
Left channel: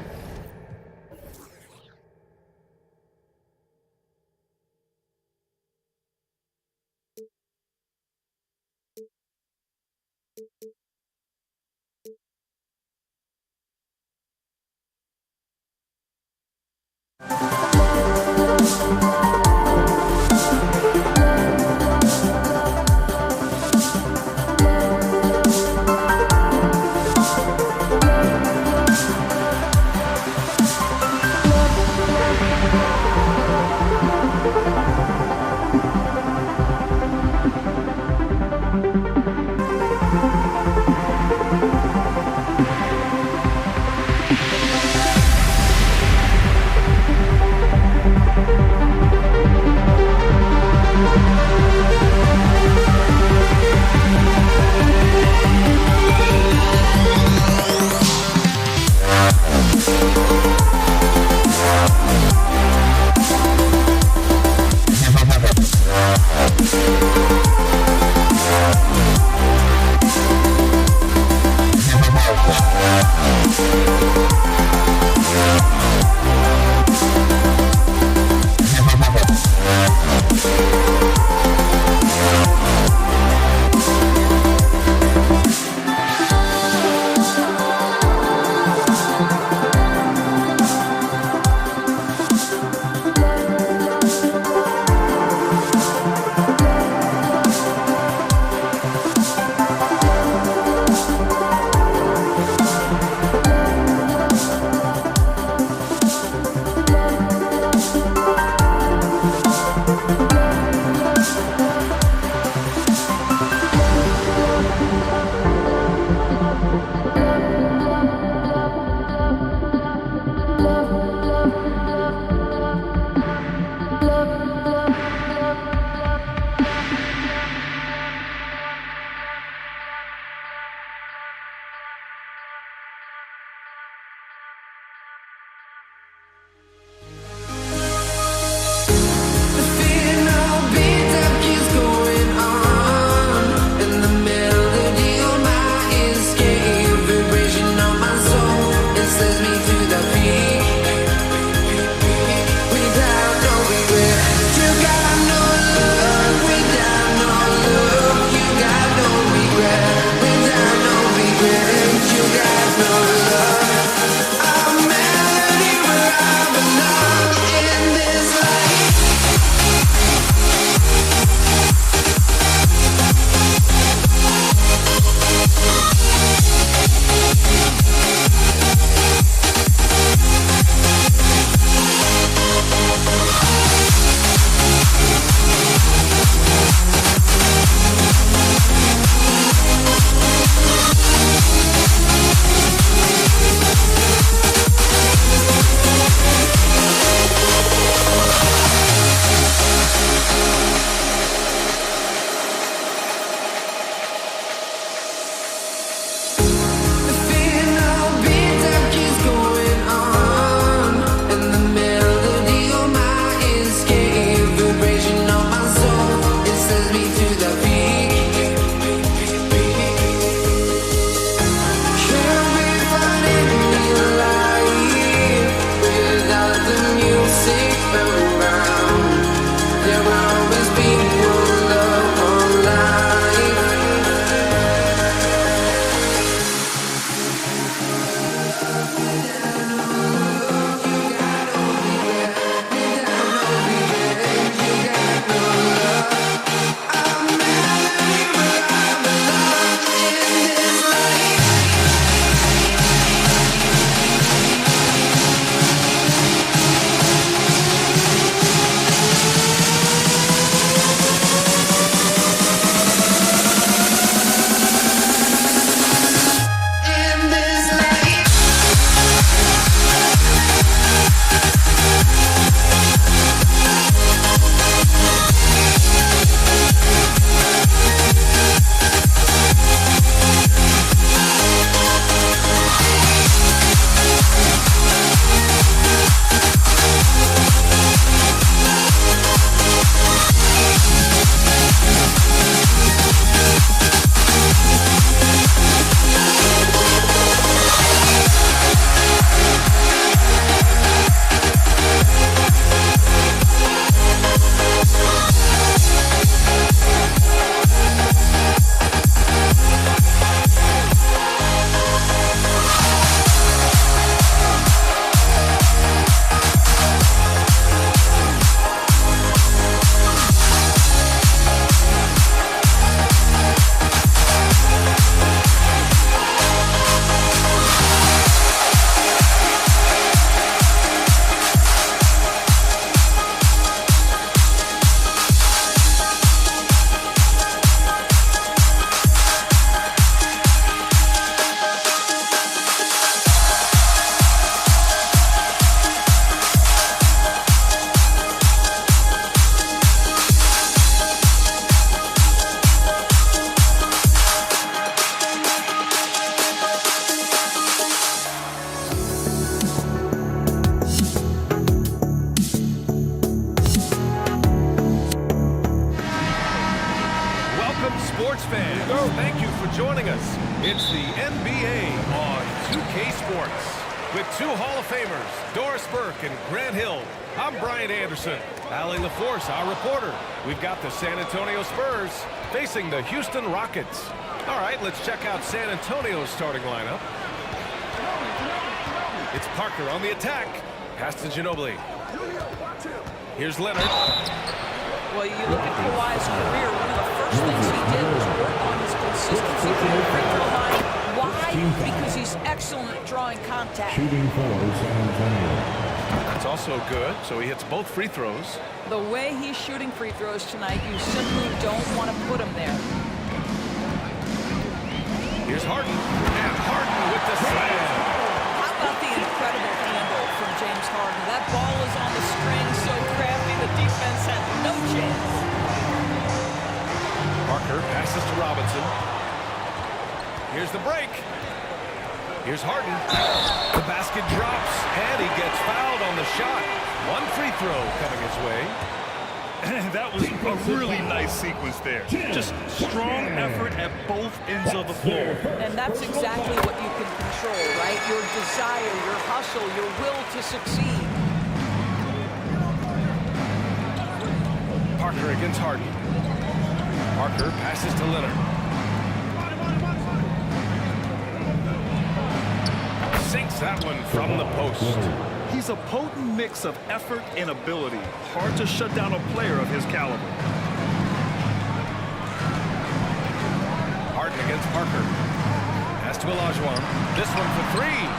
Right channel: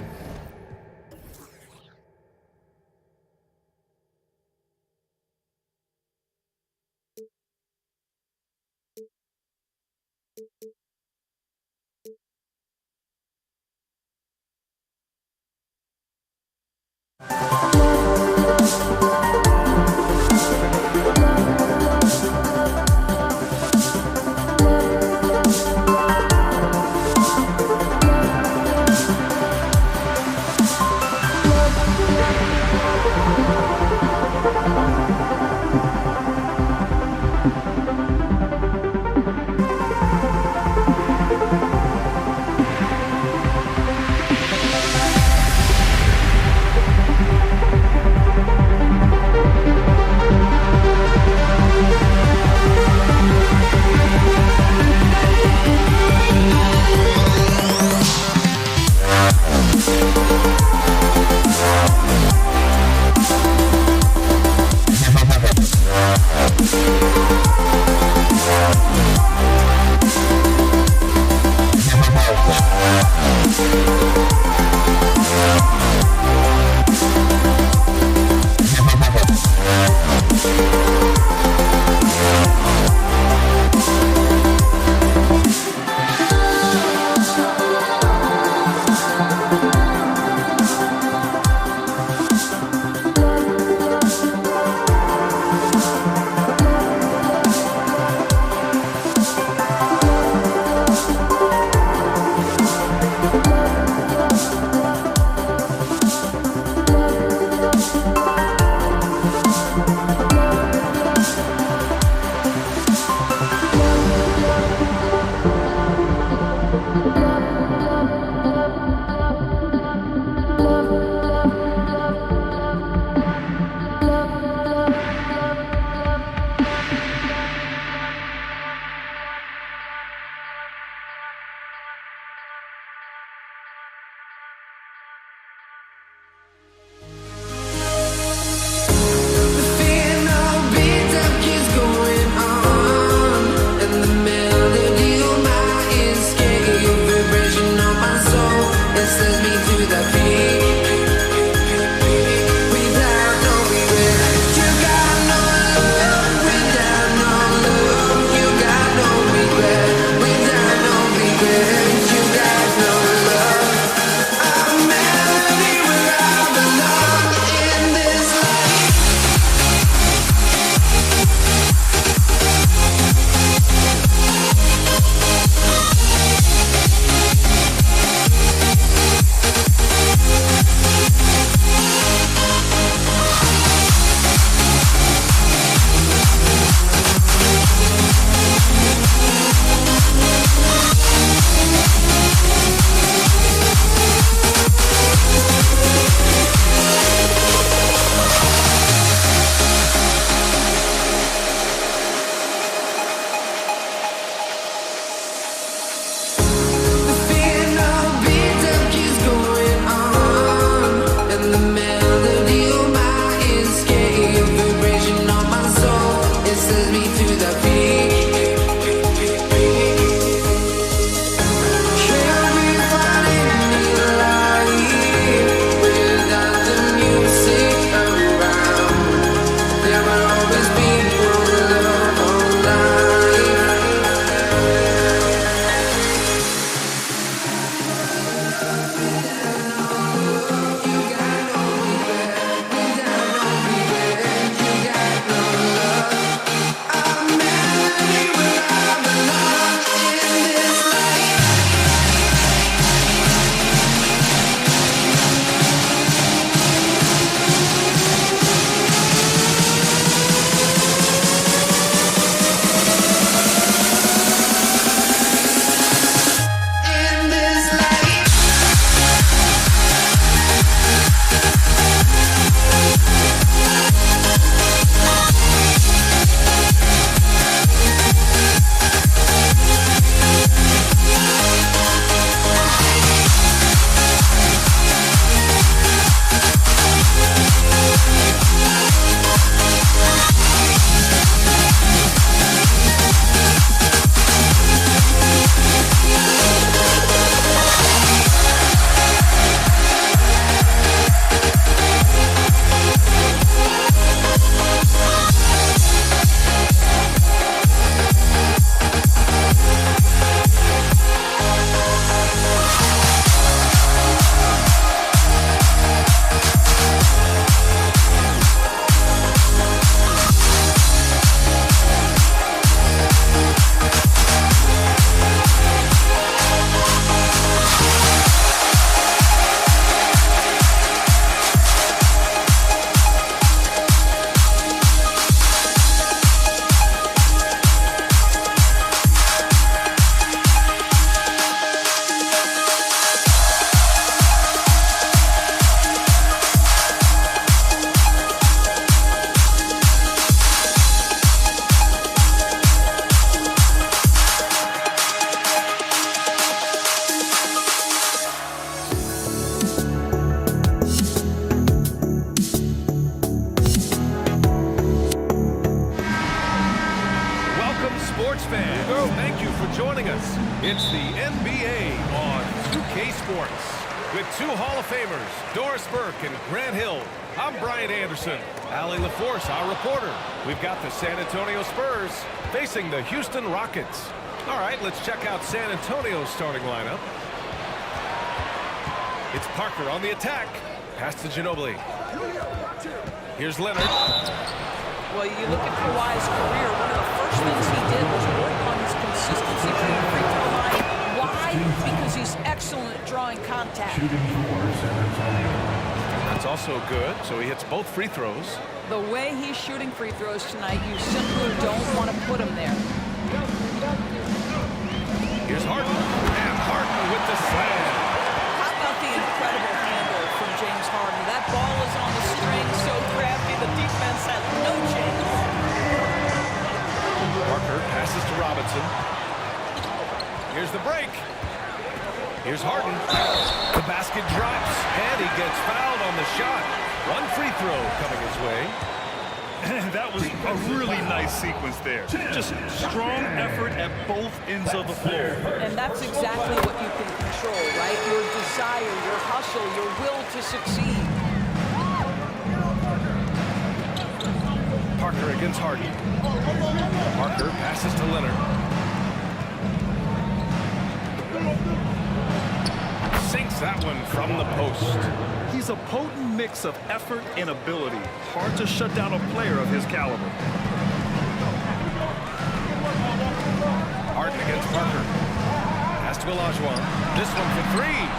Sends me to the peak without no regret. You got no love without no love. You got no regret without no regret. You got no love. A melody where I belong in this life. joining us. It's the NBA on 2K Sports. With two Hall of Famers, Doris Burke and Grant Hill. I'm Brian Anderson. Allie LaForce, our reporter. We've got the San Antonio Spurs facing the Houston Rockets. All right, let's check out San Antonio's starting lineup. It's Parker on the attack. Pass to Ginobili. Here's Leonard. Well, you look at Kawhi's career, one of the first things he did was work on his consistency from the free throw line. Why? Because he's excellent at drawing contact. Shooting for San Antonio. That's also good, so he hits both free throws. The way he's shooting free throws tonight, you simply don't want to put him there. Here's Harden, and Harden with the slam. How about the incredible handle from James Harden? That ball is on the string, so crafty, the defense has no chance. Parker passes to Robinson. Here's the break. Here's Harden. The basket drops, and he gets fouled on the shot. One free throw coming his way. That was a really nice sequence there. Just strong effort at both ends of the floor. And that's exactly what you can control, right? Your desire, your hustle, your will to succeed. Parker against Harden. Parker passes to Leonard. Sinks that one from the post. He's a potent mix of effort and ability. Hard to shut down a player of his caliber. Harden against Parker. Pass to Olajuwon. This one for three.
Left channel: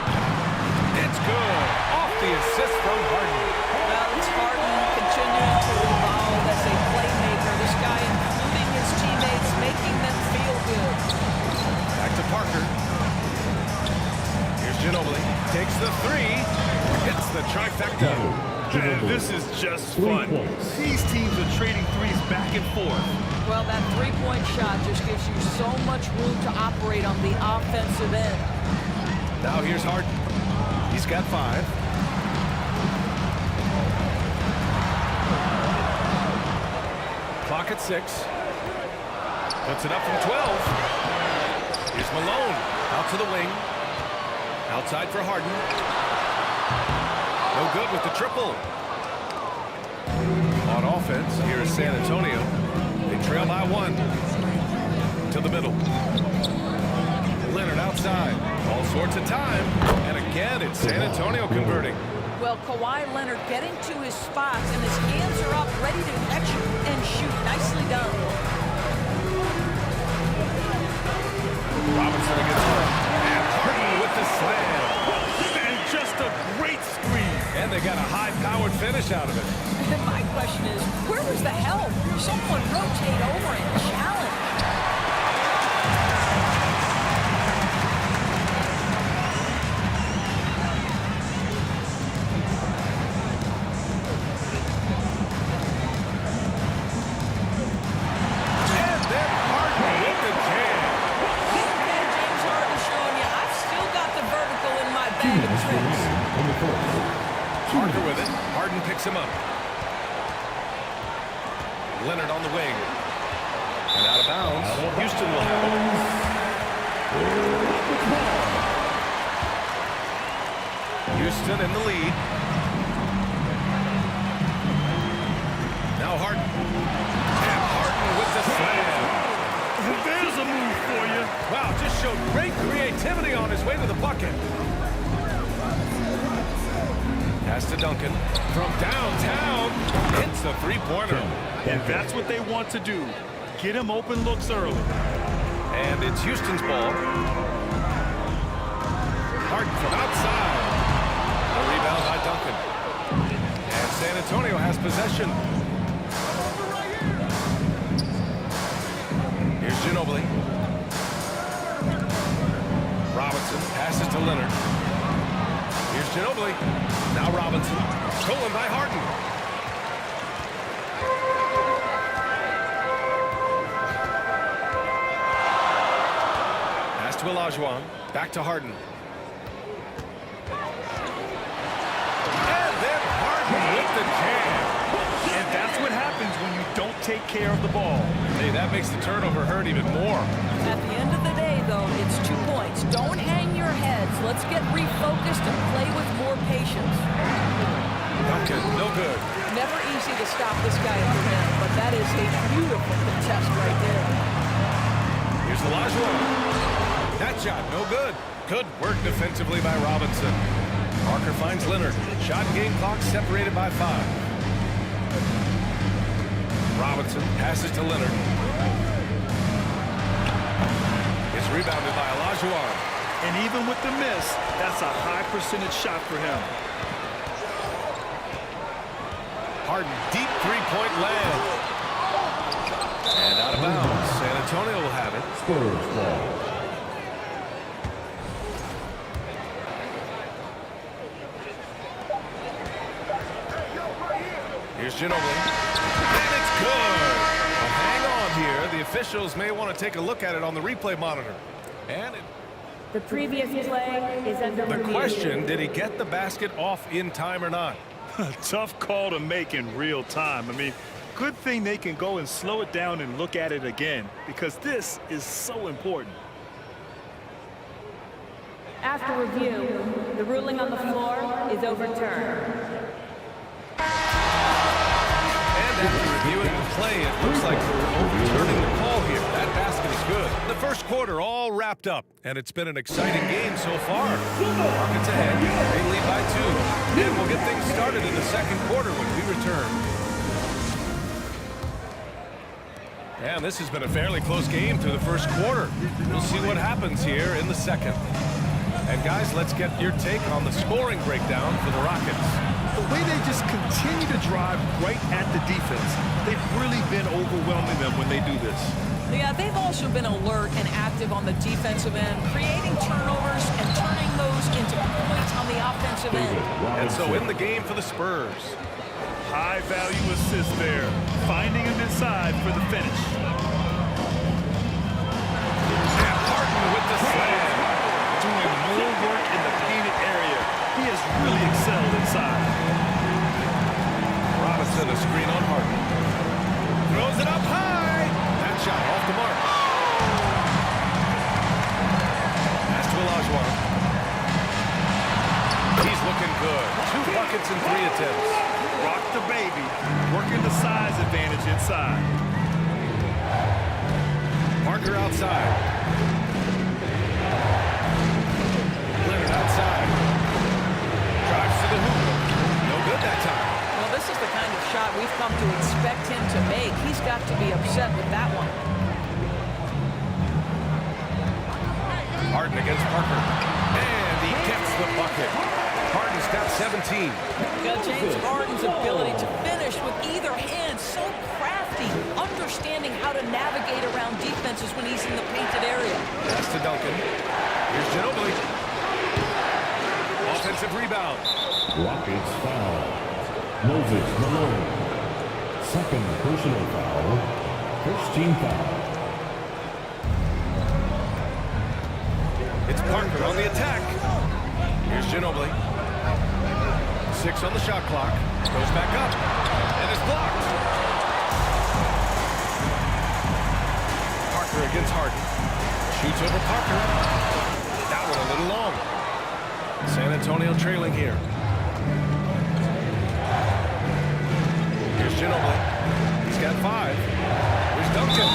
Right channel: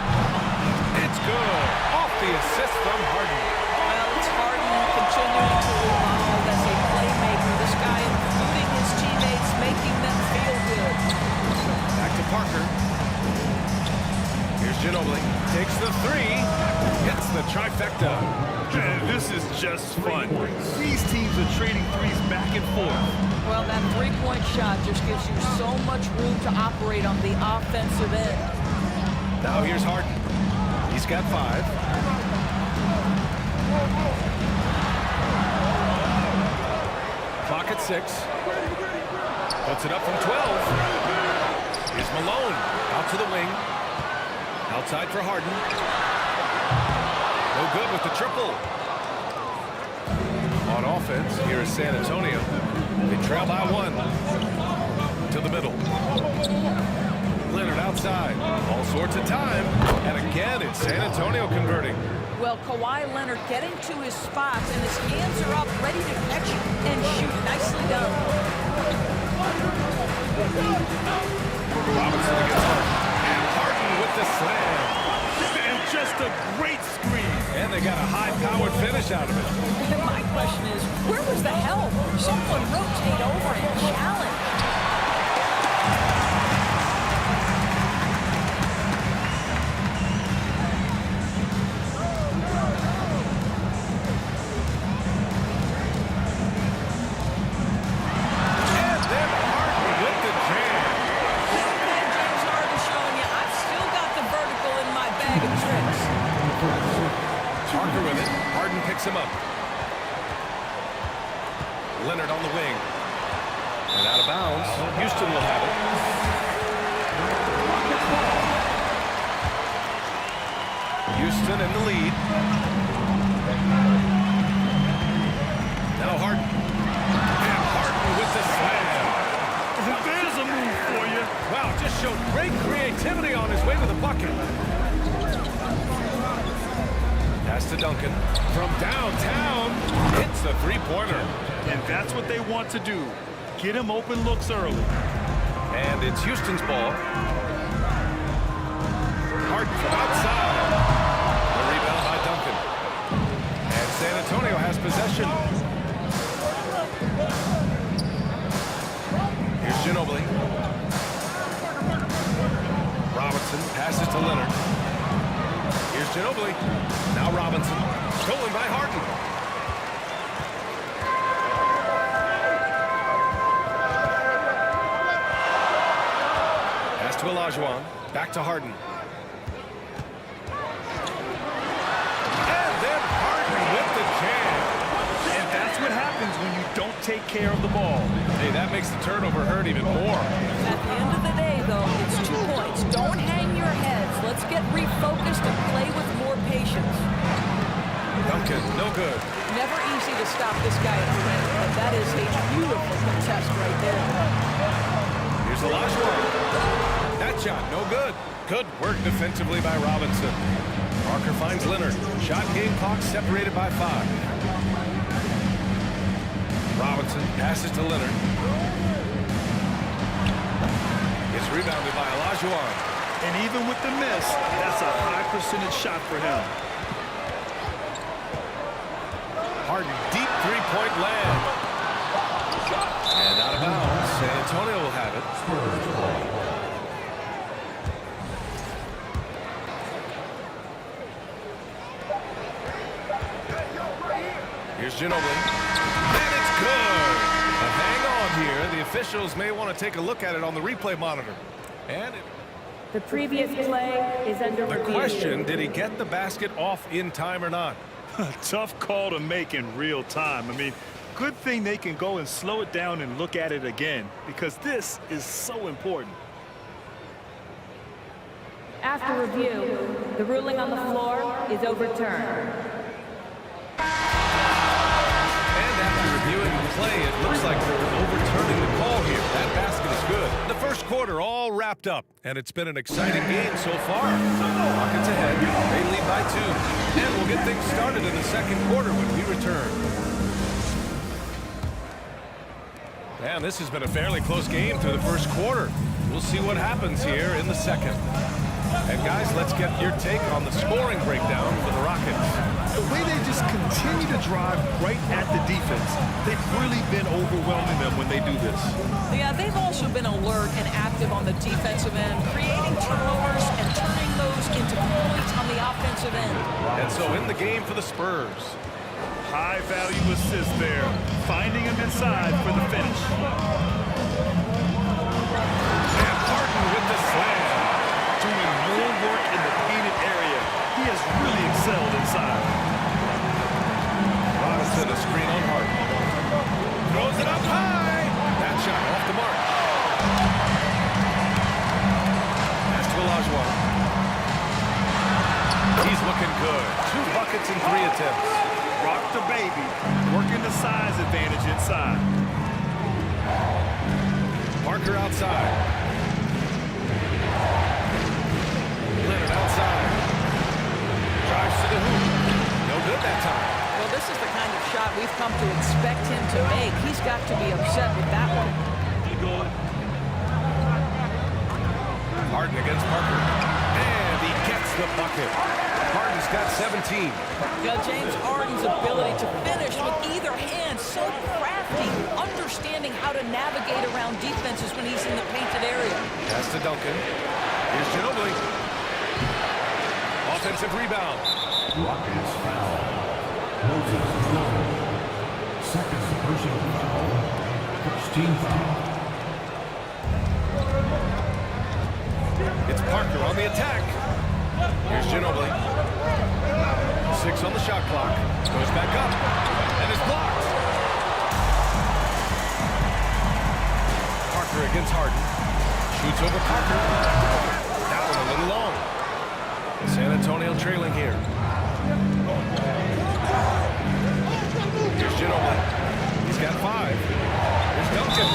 It's good. Off the assist from Harden. Well, it's Harden continuing to evolve as a playmaker. This guy including his teammates, making them feel good. Back to Parker. Here's Ginobili. Takes the three. Hits the trifecta. Man, this is just fun. These teams are trading threes back and forth. Well, that three-point shot just gives you so much room to operate on the offensive end. Now here's Harden. He's got 5. Clock at 6. Puts it up from 12. Here's Malone. Out to the wing. Outside for Harden. No good with the triple. On offense, here is San Antonio. They trail by 1. To the middle. Leonard outside. All sorts of time. And again, it's San Antonio converting. Well, Kawhi Leonard getting to his spots, and his hands are up, ready to catch and shoot. Nicely done. Robinson against Harden. And Harden with the slam. And just a great screen. And they got a high-powered finish out of it. And my question is, where was the help? Someone rotate over and challenge. And then Harden with the jam. Okay, James Harden showing you, I've still got the vertical in my bag of tricks. Parker with it. Harden picks him up. Leonard on the wing. And out of bounds. Houston will have it. Houston in the lead. Now Harden. And Harden with the slam. There's a move for you. Wow, just showed great creativity on his way to the bucket. Pass to Duncan. From downtown, hits the three-pointer. And that's what they want to do. Get him open looks early. And it's Houston's ball. Harden from outside. The rebound by Duncan. And San Antonio has possession. Here's Ginobili. Robinson passes to Leonard. Here's Ginobili. Now Robinson. Stolen by Harden. Pass to Olajuwon. Back to Harden. And then Harden with the jam. And that's what happens when you don't take care of the ball. Hey, that makes the turnover hurt even more. At the end of the day, though, it's 2 points. Don't hang your heads. Let's get refocused and play with more patience. Duncan, no good. Never easy to stop this guy at the rim, but that is a beautiful contest right there. Here's Olajuwon. That shot, no good. Good work defensively by Robinson. Parker finds Leonard. Shot and game clock separated by 5. Robinson passes to Leonard. It's rebounded by Olajuwon. And even with the miss, that's a high percentage shot for him. Harden, deep three-point land. And out of bounds. San Antonio will have it. Spurs ball. Here's Ginobili. And it's good. But hang on here. The officials may want to take a look at it on the replay monitor. And the previous play is under review. The question, did he get the basket off in time or not? Tough call to make in real time. I mean, good thing they can go and slow it down and look at it again, because this is so important. After review, the ruling on the floor is overturned. And after reviewing the play, it looks like they're overturning the call here. That basket is good. The first quarter all wrapped up, and it's been an exciting game so far. Rockets ahead. They lead by 2. And we'll get things started in the second quarter when we return. And this has been a fairly close game through the first quarter. We'll see what happens here in the second. And guys, let's get your take on the scoring breakdown for the Rockets. The way they just continue to drive right at the defense, they've really been overwhelming them when they do this. Yeah, they've also been alert and active on the defensive end, creating turnovers and turning those into points on the offensive end. And so in the game for the Spurs. High value assist there, finding him inside for the finish. And Harden with the slam. Doing more work in the painted area. He has really excelled inside. Robinson, a screen on Harden. Throws it up high. That shot off the mark. Pass to Olajuwon. He's looking good. 2 buckets in 3 attempts. Rock the baby. Working the size advantage inside. Parker outside. Leonard outside. Drives to the hoop. No good that time. Well, this is the kind of shot we've come to expect him to make. He's got to be upset with that one. Harden against Parker. And he gets the bucket. Harden's got 17. Yeah, James Harden's ability to finish with either hand, so crafty, understanding how to navigate around defenses when he's in the painted area. Pass to Duncan. Here's Ginobili. Offensive rebound. Rockets foul. Moses Malone. Second personal foul. First team foul. It's Parker on the attack. Here's Ginobili. 6 on the shot clock. Goes back up. And is blocked. Parker against Harden. Shoots over Parker. That one a little long. San Antonio trailing here. Here's Ginobili. He's got 5. Here's Duncan.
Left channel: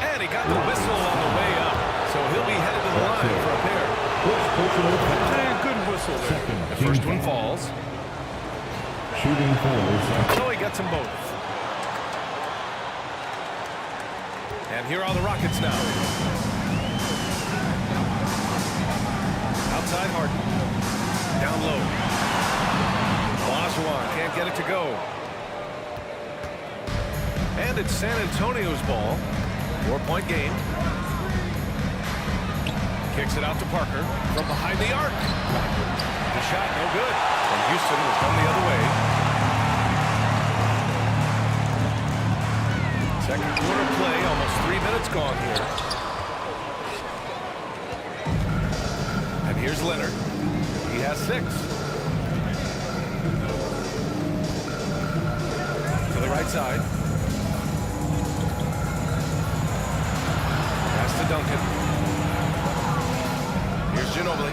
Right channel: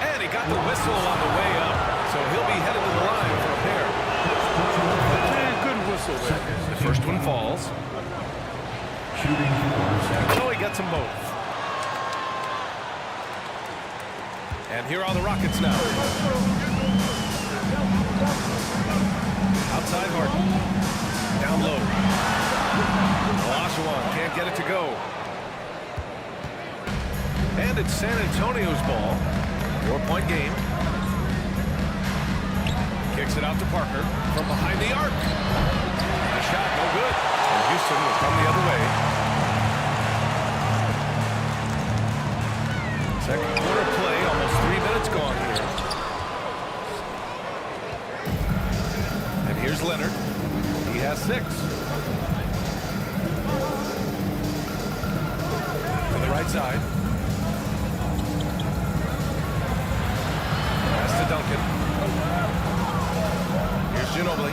And he got the whistle on the way up. So he'll be headed to the line for a pair. And good whistle there. The first one falls. Shooting forward. So he gets them both. And here are the Rockets now. Outside Harden. Down low. Olajuwon can't get it to go. And it's San Antonio's ball. 4-point game. Kicks it out to Parker from behind the arc. The shot no good. And Houston will come the other way. Second quarter play, almost 3 minutes gone here. And here's Leonard. He has 6. right side. Pass to Duncan. Here's Ginobili.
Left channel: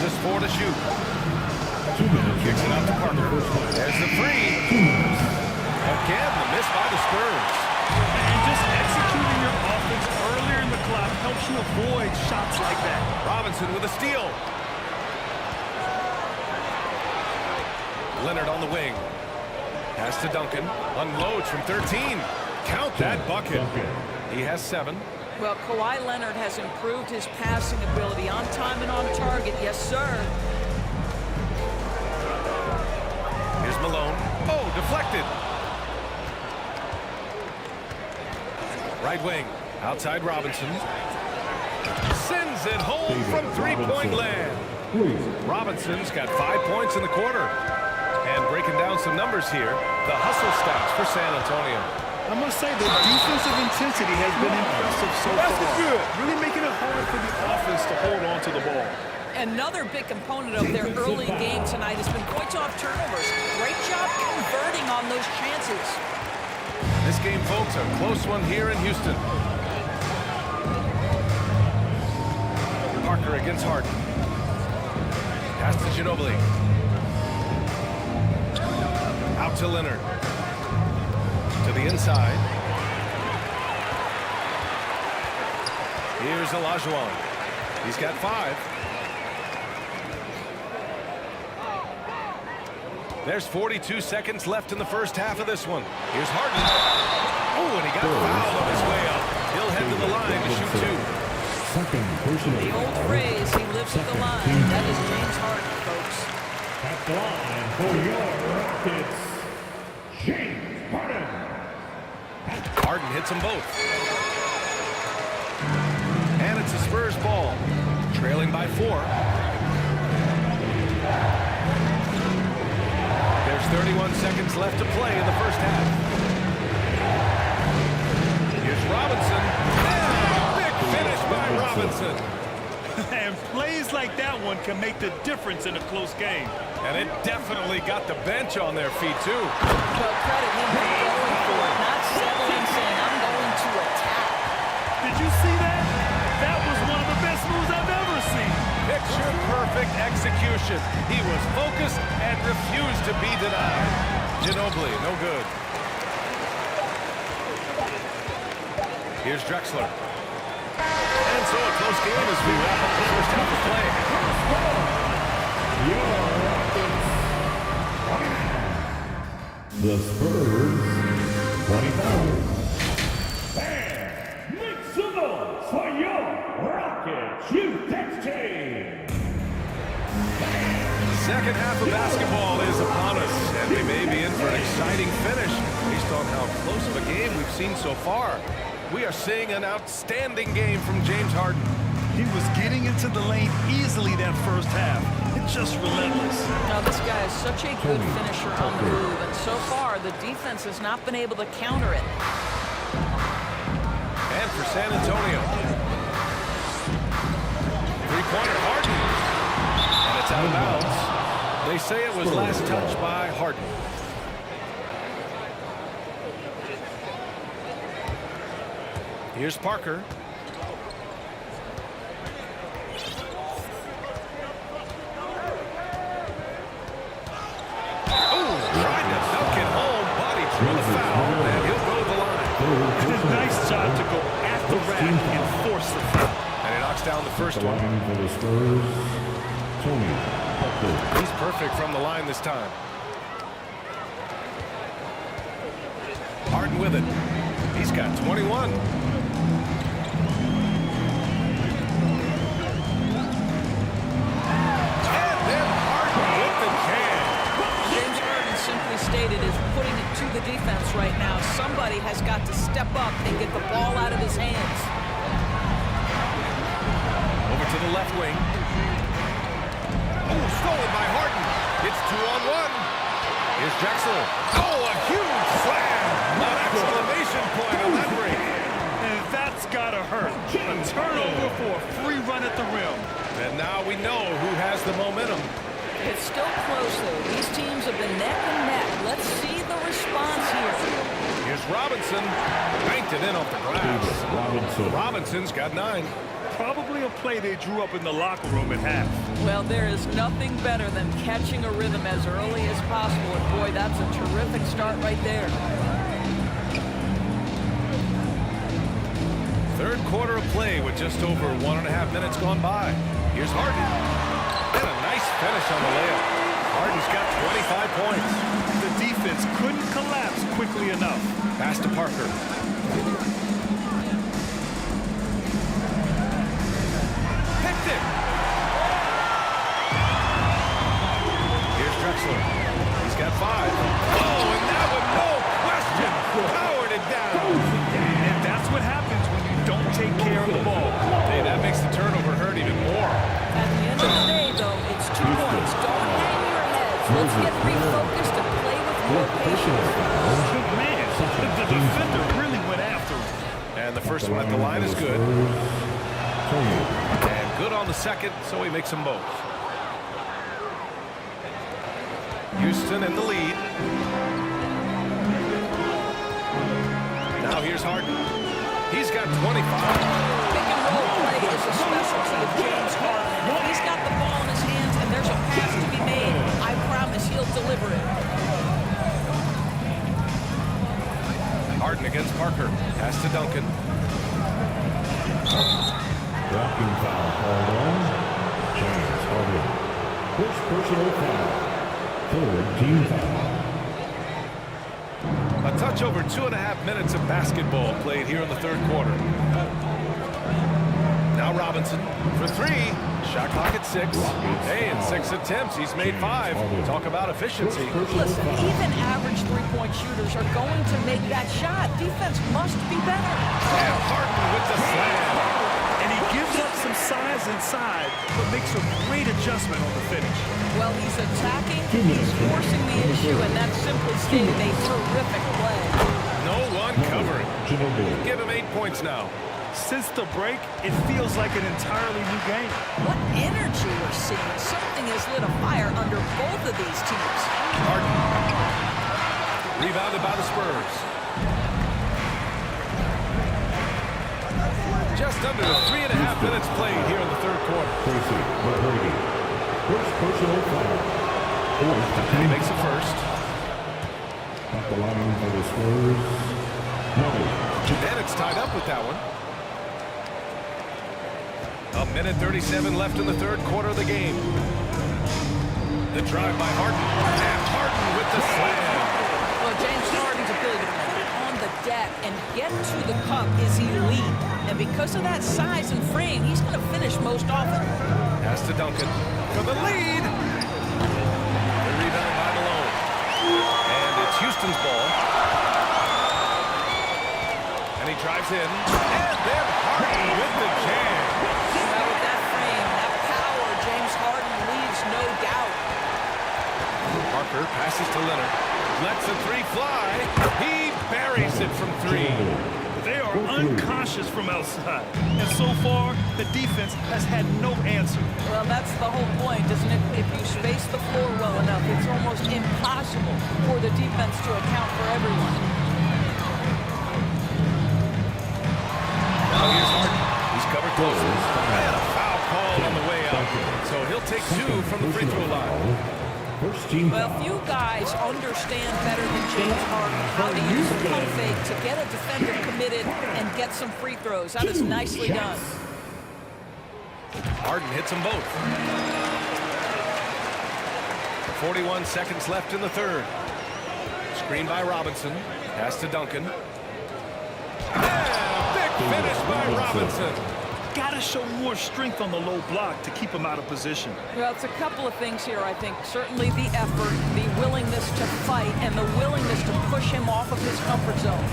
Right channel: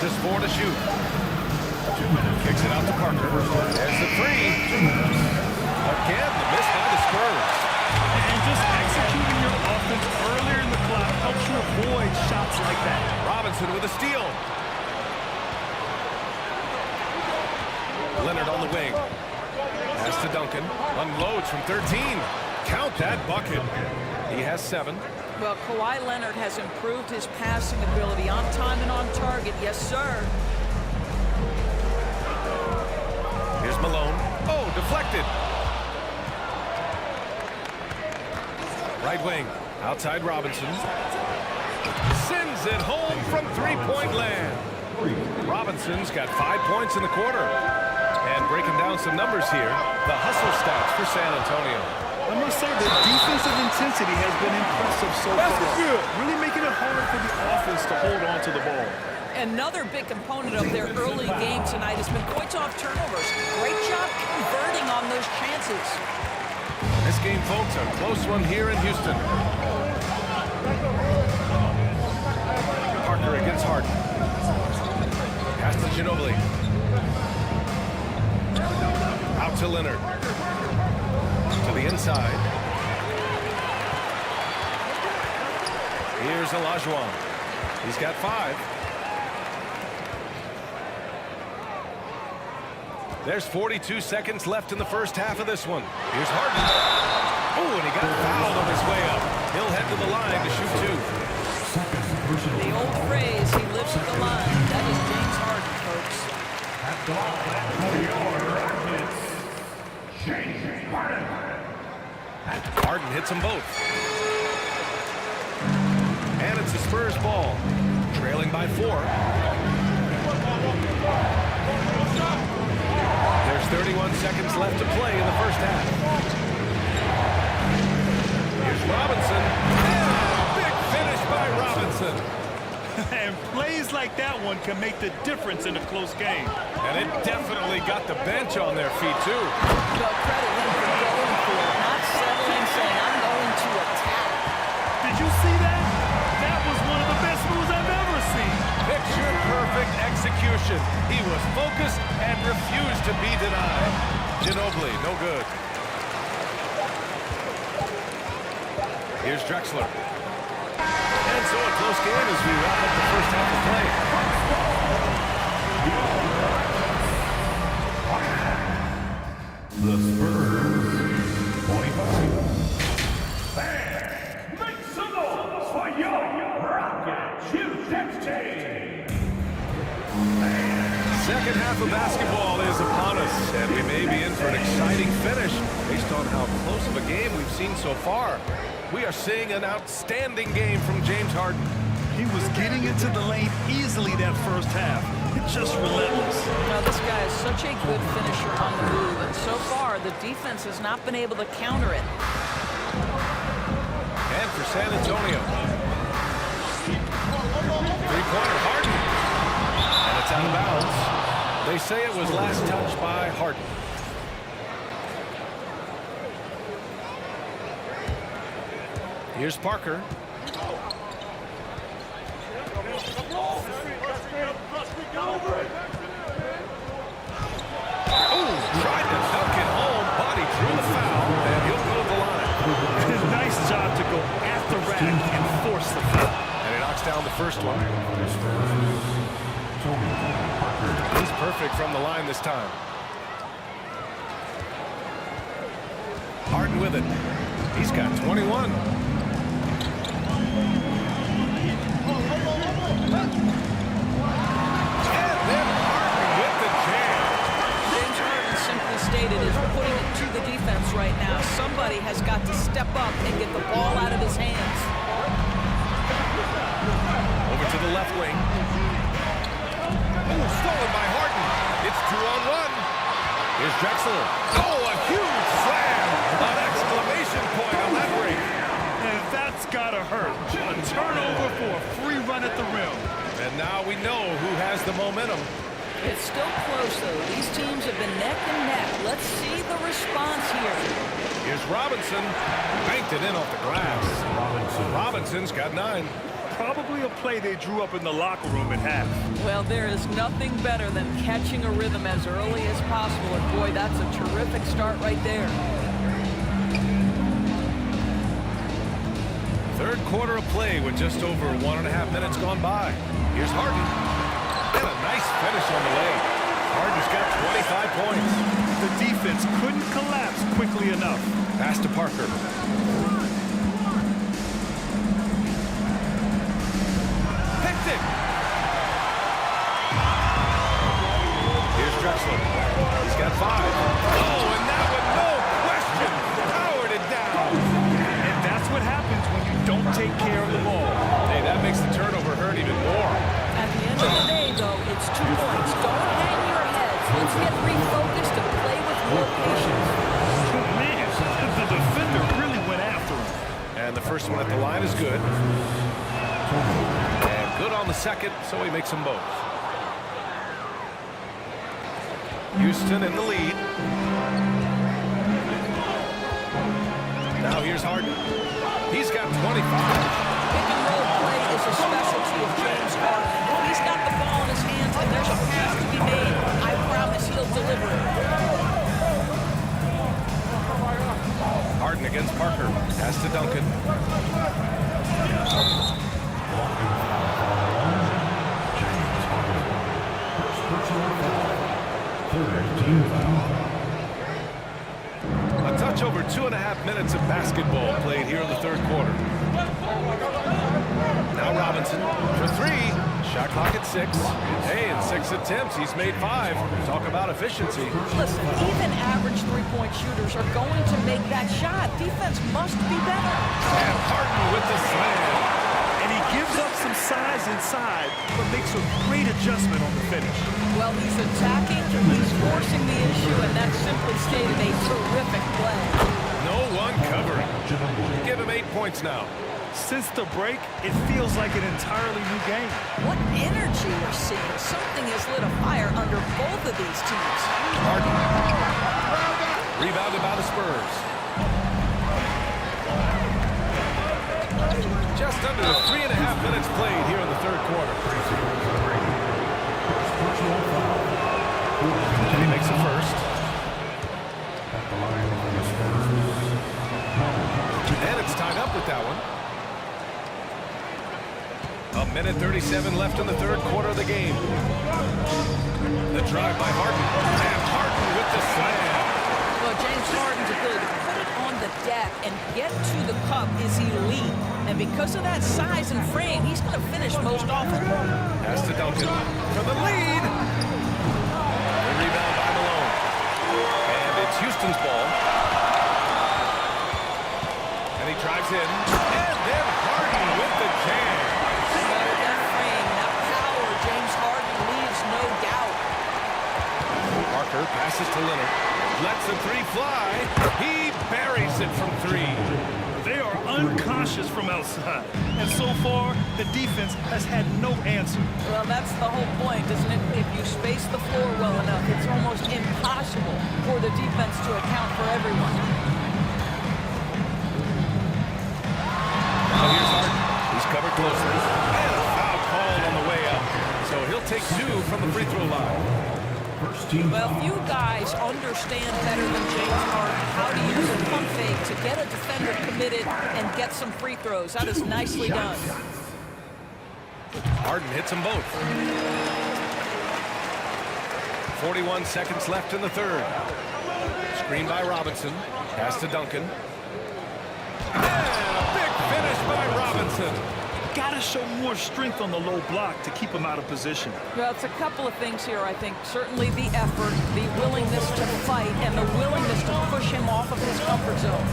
Just 4 to shoot. Kicks it out to Parker. There's the three. Again, the miss by the Spurs. And just executing your offense earlier in the clock helps you avoid shots like that. Robinson with a steal. Leonard on the wing. Pass to Duncan. Unloads from 13. Count that bucket. He has 7. Well, Kawhi Leonard has improved his passing ability on time and on target. Yes, sir. Here's Malone. Oh, deflected. Right wing. Outside Robinson. Sends it home from three-point land. Robinson's got 5 points in the quarter. And breaking down some numbers here, the hustle stats for San Antonio. I must say the defensive intensity has been impressive so far. Good. Really making it hard for the offense to hold on to the ball. Another big component of their early game tonight has been points off turnovers. Great job converting on those chances. And this game, folks, a close one here in Houston. Parker against Harden. Pass to Ginobili. Out to Leonard. To the inside. Here's Olajuwon. He's got 5. There's 42 seconds left in the first half of this one. Here's Harden. Oh, and he got fouled on his way up. He'll head to the line to shoot 2. The old phrase, he lives at the line. That is James Harden, folks. At the line for your Rockets, James Harden. Harden hits them both. And it's the Spurs ball. Trailing by 4. There's 31 seconds left to play in the first half. Here's Robinson. Yeah, big finish by Robinson. And plays like that one can make the difference in a close game. And it definitely got the bench on their feet, too. Well, credit him for going for it, not settling, saying, I'm going to attack. Did you see that? That was one of the best moves I've ever seen. Picture-perfect execution. He was focused and refused to be denied. Ginobili, no good. Here's Drexler. And so a close game as we wrap up the first half of play. The Spurs, 25. Fans, make some noise for your Rockets Houston team. Second half of basketball is upon us, and we may be in for an exciting finish based on how close of a game we've seen so far. We are seeing an outstanding game from James Harden. He was getting into the lane easily that first half. It's just relentless. Now, this guy is such a good finisher on the move, and so far, the defense has not been able to counter it. And for San Antonio. Three-pointer, Harden. And it's out of bounds. They say it was last touched by Harden. Here's Parker. Oh, tried to dunk it home, but he drew the foul, and he'll go to the line. Nice job to go at the rack and force the foul. And he knocks down the first one. He's perfect from the line this time. Harden with it. He's got 21. The jam. James Harden simply stated is putting it to the defense right now. Somebody has got to step up and get the ball out of his hands. Over to the left wing. Oh, stolen by Harden. It's 2-on-1. Here's Drexler. Oh, a huge slam. An exclamation point on that break. And that's gotta hurt. A turnover for a free run at the rim. And now we know who has the momentum. It's still close, though. These teams have been neck and neck. Let's see the response here. Here's Robinson. Banked it in off the glass. Robinson's got 9. Probably a play they drew up in the locker room at half. Well, there is nothing better than catching a rhythm as early as possible. And, boy, that's a terrific start right there. Third quarter of play with just over 1.5 minutes gone by. Here's Harden. And a nice finish on the layup. Harden's got 25 points. The defense couldn't collapse quickly enough. Pass to Parker. Picked it. Here's Drexler. He's got 5. Oh, and that one, no question, powered it down. And that's what happens when you don't take care of the ball. Hey, that makes the turnover hurt even more. At the end of the day, though, it's 2 points. Don't hang your heads. Let's get refocused and play with more patience. Man, the defender really went after him. And the first one at the line is good. And good on the second, so he makes them both. Houston in the lead. Now here's Harden. He's got 25. Pick and roll play is a specialty of James Harden. And if he's got the ball in his hands and there's a pass to be made, I promise he'll deliver it. Harden against Parker. Pass to Duncan. Walking foul called on James Harden. First personal foul. Third team foul. A touch over 2.5 minutes of basketball played here in the third quarter. Now Robinson for 3. Shot clock at 6. Hey, in 6 attempts, he's made 5. Talk about efficiency. Listen, even average three-point shooters are going to make that shot. Defense must be better. And Harden with the slam. And he gives up some size inside, but makes a great adjustment on the finish. Well, he's attacking, he's forcing the issue, and that's simply stated a terrific play. No one covering. Give him 8 points now. Since the break, it feels like an entirely new game. What energy we're seeing. Something has lit a fire under both of these teams. Harden. Rebounded by the Spurs. Just under 3.5 minutes played here in the third quarter. First personal foul. And he makes the first. At the line for the Spurs. And it's tied up with that one. 1:37 left in the third quarter of the game. The drive by Harden. And Harden with the slam. Well, James Harden's ability to put it on the deck and get to the cup is elite. And because of that size and frame, he's going to finish most often. Pass to Duncan for the lead. The rebound by Malone. And it's Houston's ball. And he drives in. And then Harden with the jam. Well, with that frame, that power, James Harden leaves no doubt. Parker passes to Leonard. Lets the 3 fly. He buries it from 3. They are unconscious from outside. And so far, the defense has had no answer. Well, that's the whole point, isn't it? If you space the floor well enough, it's almost impossible for the defense to account for everyone. Now here's Harden. He's covered closely. And a foul called on the way up. So he'll take 2 from the free throw line. Well, few guys understand better than James Harden how to use a pump fake to get a defender committed and get some free throws. That is nicely done. Harden hits them both. 41 seconds left in the third. Screen by Robinson. Pass to Duncan. And a big finish by Robinson. Got to show more strength on the low block to keep him out of position. Well, it's a couple of things here, I think. Certainly the effort, the willingness to fight, and the willingness to push him off of his comfort zone.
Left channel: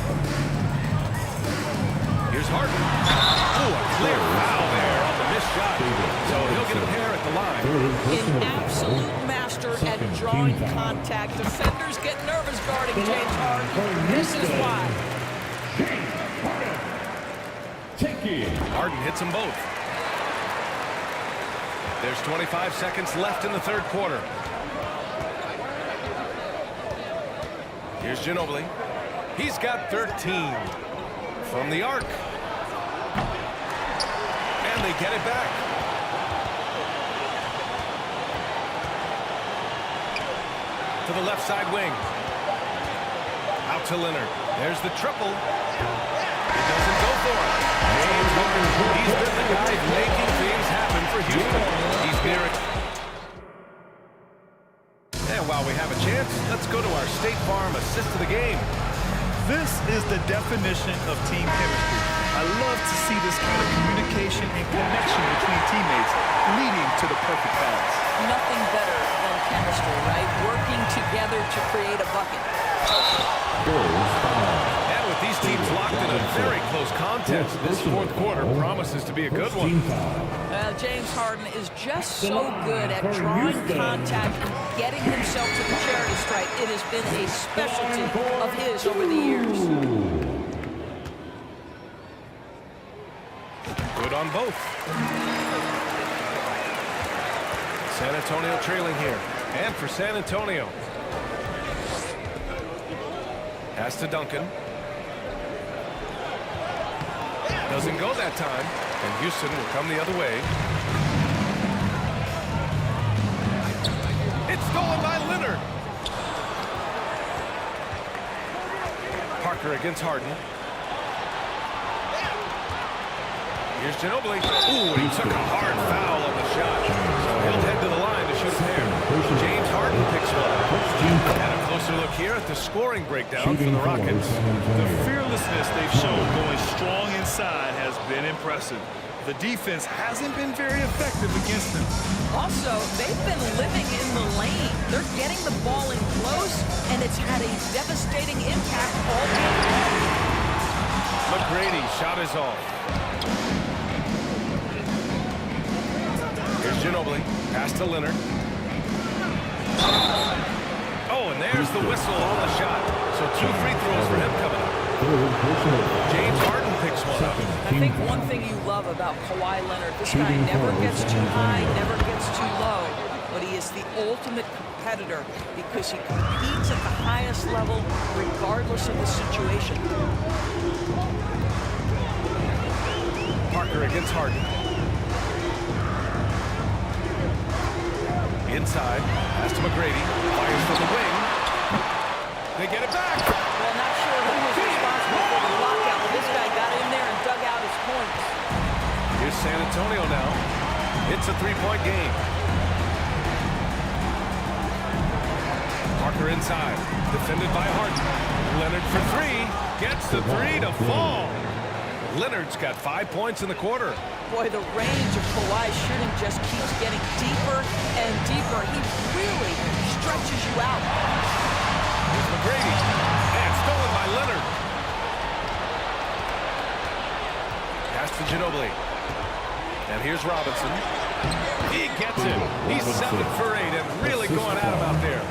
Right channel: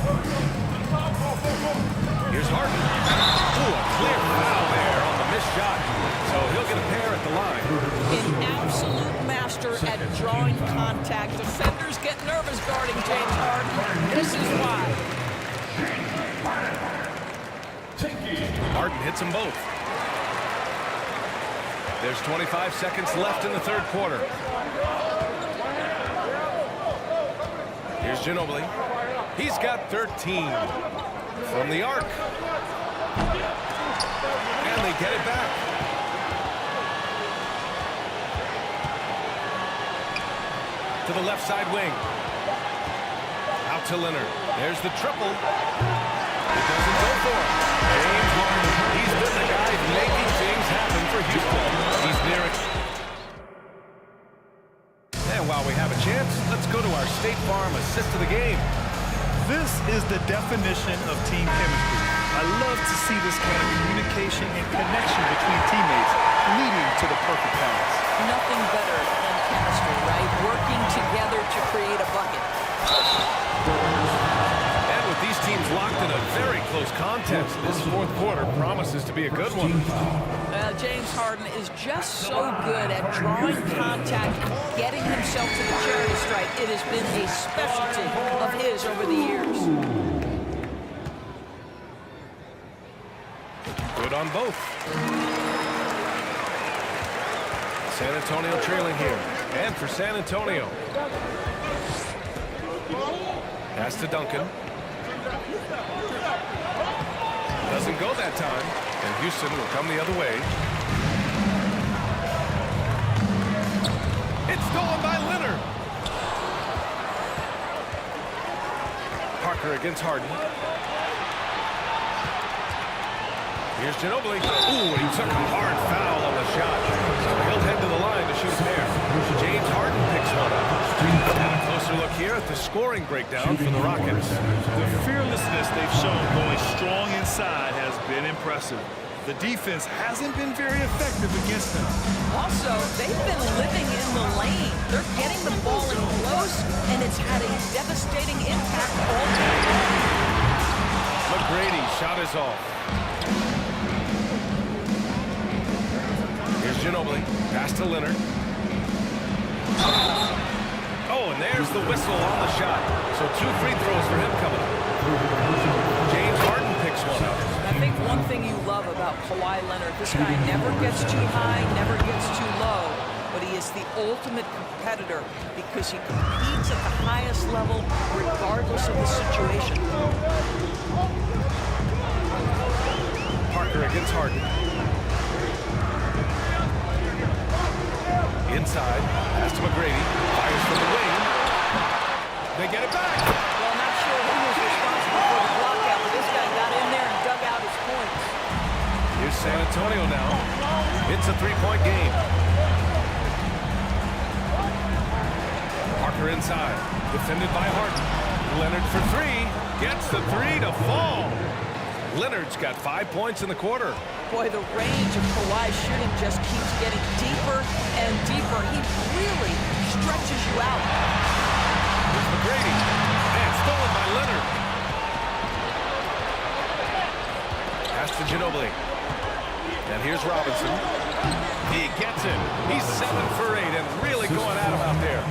Here's Harden. Ooh, a clear foul there on the missed shot. So he'll get a pair at the line. An absolute master at drawing contact. Defenders get nervous guarding James Harden. This is why. Harden hits them both. There's 25 seconds left in the third quarter. Here's Ginobili. He's got 13 from the arc. And they get it back. To the left side wing. Out to Leonard. There's the triple. It doesn't go for him. James Harden. He's been the guy making things happen for Houston. He's near it. And while we have a chance, let's go to our State Farm assist of the game. This is the definition of team chemistry. I love to see this kind of communication and connection between teammates leading to the perfect pass. Nothing better than chemistry, right? Working together to create a bucket. And with these teams locked in a very close contest, this fourth quarter promises to be a good one. Well, James Harden is just so good at drawing contact and getting himself to the charity stripe. It has been a specialty of his over the years. Good on both. San Antonio trailing here. And for San Antonio. Pass to Duncan. Doesn't go that time. And Houston will come the other way. It's stolen by Leonard. Parker against Harden. Here's Ginobili. Ooh, and he took a hard foul on the shot. So he'll head to the line to shoot a pair. James Harden picks one up. And a closer look here at the scoring breakdown for the Rockets. The fearlessness they've shown going strong inside has been impressive. The defense hasn't been very effective against them. Also, they've been living in the lane. They're getting the ball in close, and it's had a devastating impact all game long. McGrady shot is off. Here's Ginobili. Pass to Leonard. Oh, and there's the whistle on the shot. So 2 free throws for him coming up. James Harden picks one up. I think one thing you love about Kawhi Leonard, this guy never gets too high, never gets too low, but he is the ultimate competitor because he competes at the highest level regardless of the situation. Parker against Harden. Inside, pass to McGrady, fires from the wing. They get it back. Well, not sure who was responsible for the blockout, but this guy got in there and dug out his points. Here's San Antonio now. It's a 3-point game. Parker inside, defended by Harden. Leonard for 3, gets the 3 to fall. Leonard's got 5 points in the quarter. Boy, the range of Kawhi's shooting just keeps getting deeper and deeper. He really stretches you out. Here's McGrady. And stolen by Leonard. Pass to Ginobili. And here's Robinson. He gets it. He's 7 for 8 and really going at him out there.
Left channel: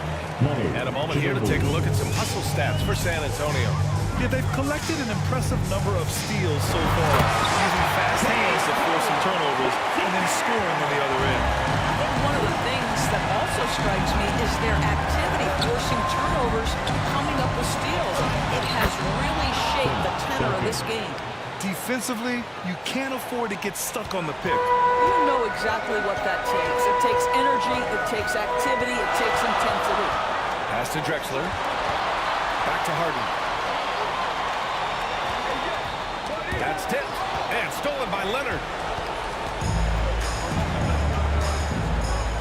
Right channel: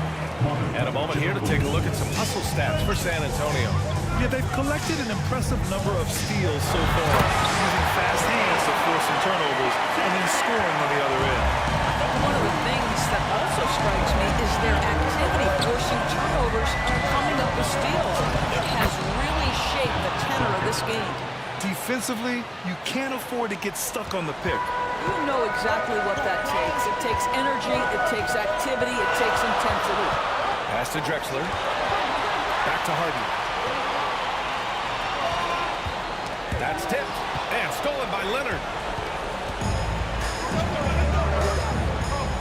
And a moment here to take a look at some hustle stats for San Antonio. Yeah, they've collected an impressive number of steals so far, using fast hands to force some turnovers and then scoring on the other end. I think one of the things that also strikes me is their activity forcing turnovers, coming up with steals. It has really shaped the tenor of this game. Defensively, you can't afford to get stuck on the pick. You know exactly what that takes. It takes energy, it takes activity, it takes intensity. Pass to Drexler. Back to Harden. That's tipped and stolen by Leonard.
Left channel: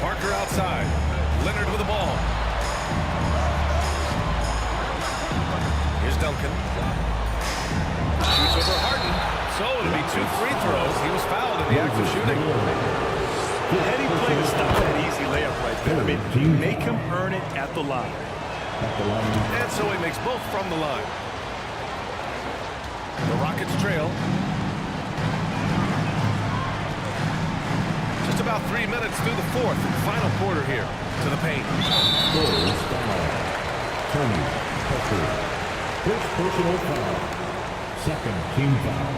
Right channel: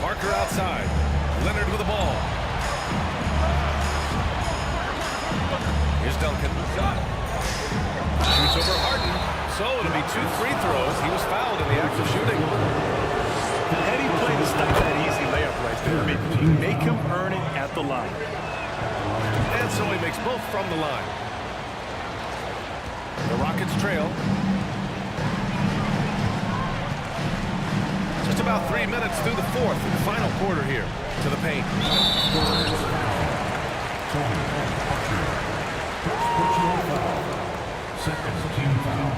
Parker outside. Leonard with the ball. Here's Duncan. Shoots over Harden. So it'll be 2 free throws. He was fouled in the act of shooting. Heady play to stop that easy layup right there. I mean, make him earn it at the line. And so he makes both from the line. The Rockets trail. Just about 3 minutes through the fourth and final quarter here to the paint. Tony Parker. First personal foul. Second team foul.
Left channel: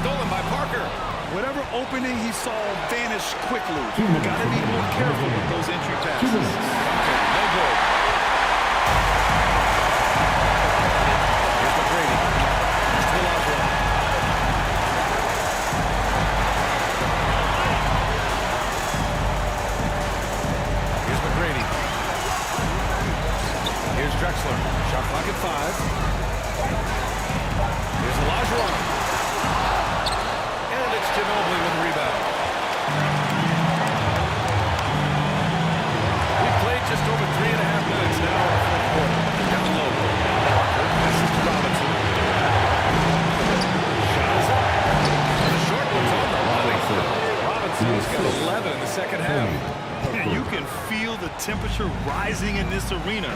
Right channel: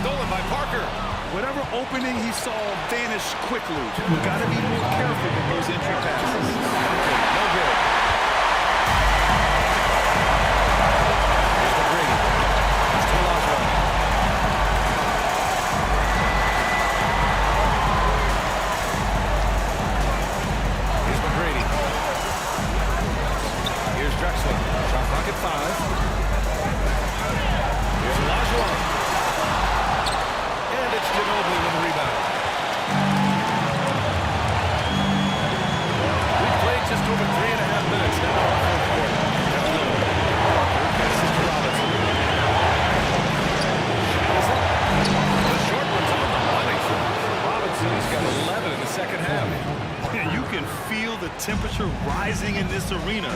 Stolen by Parker. Whatever opening he saw vanished quickly. Got to be more careful with those entry passes. Duncan, no good. Here's McGrady. Pass to Olajuwon. Here's McGrady. Here's Drexler. Shot clock at 5. Here's Olajuwon. And it's Ginobili with the rebound. We've played just over 3.5 minutes now in the fourth quarter. Down low. Parker passes to Robinson. Shot is up. The short one's on the money. Robinson's got 11 in the second half. You can feel the temperature rising in this arena.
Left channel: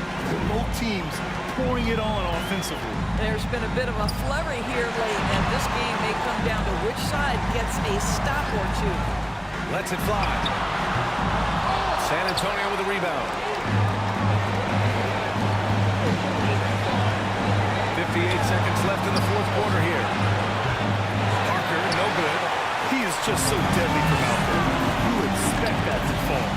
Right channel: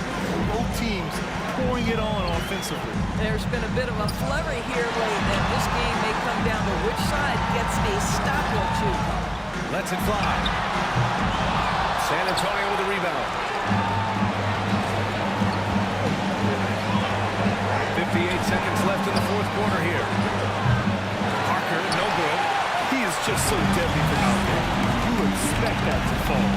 Both teams pouring it on offensively. There's been a bit of a flurry here late, and this game may come down to which side gets a stop or two. Lets it fly. San Antonio with a rebound. 58 seconds left in the fourth quarter here. Parker, no good. He is just so deadly from out there. You expect that to fall.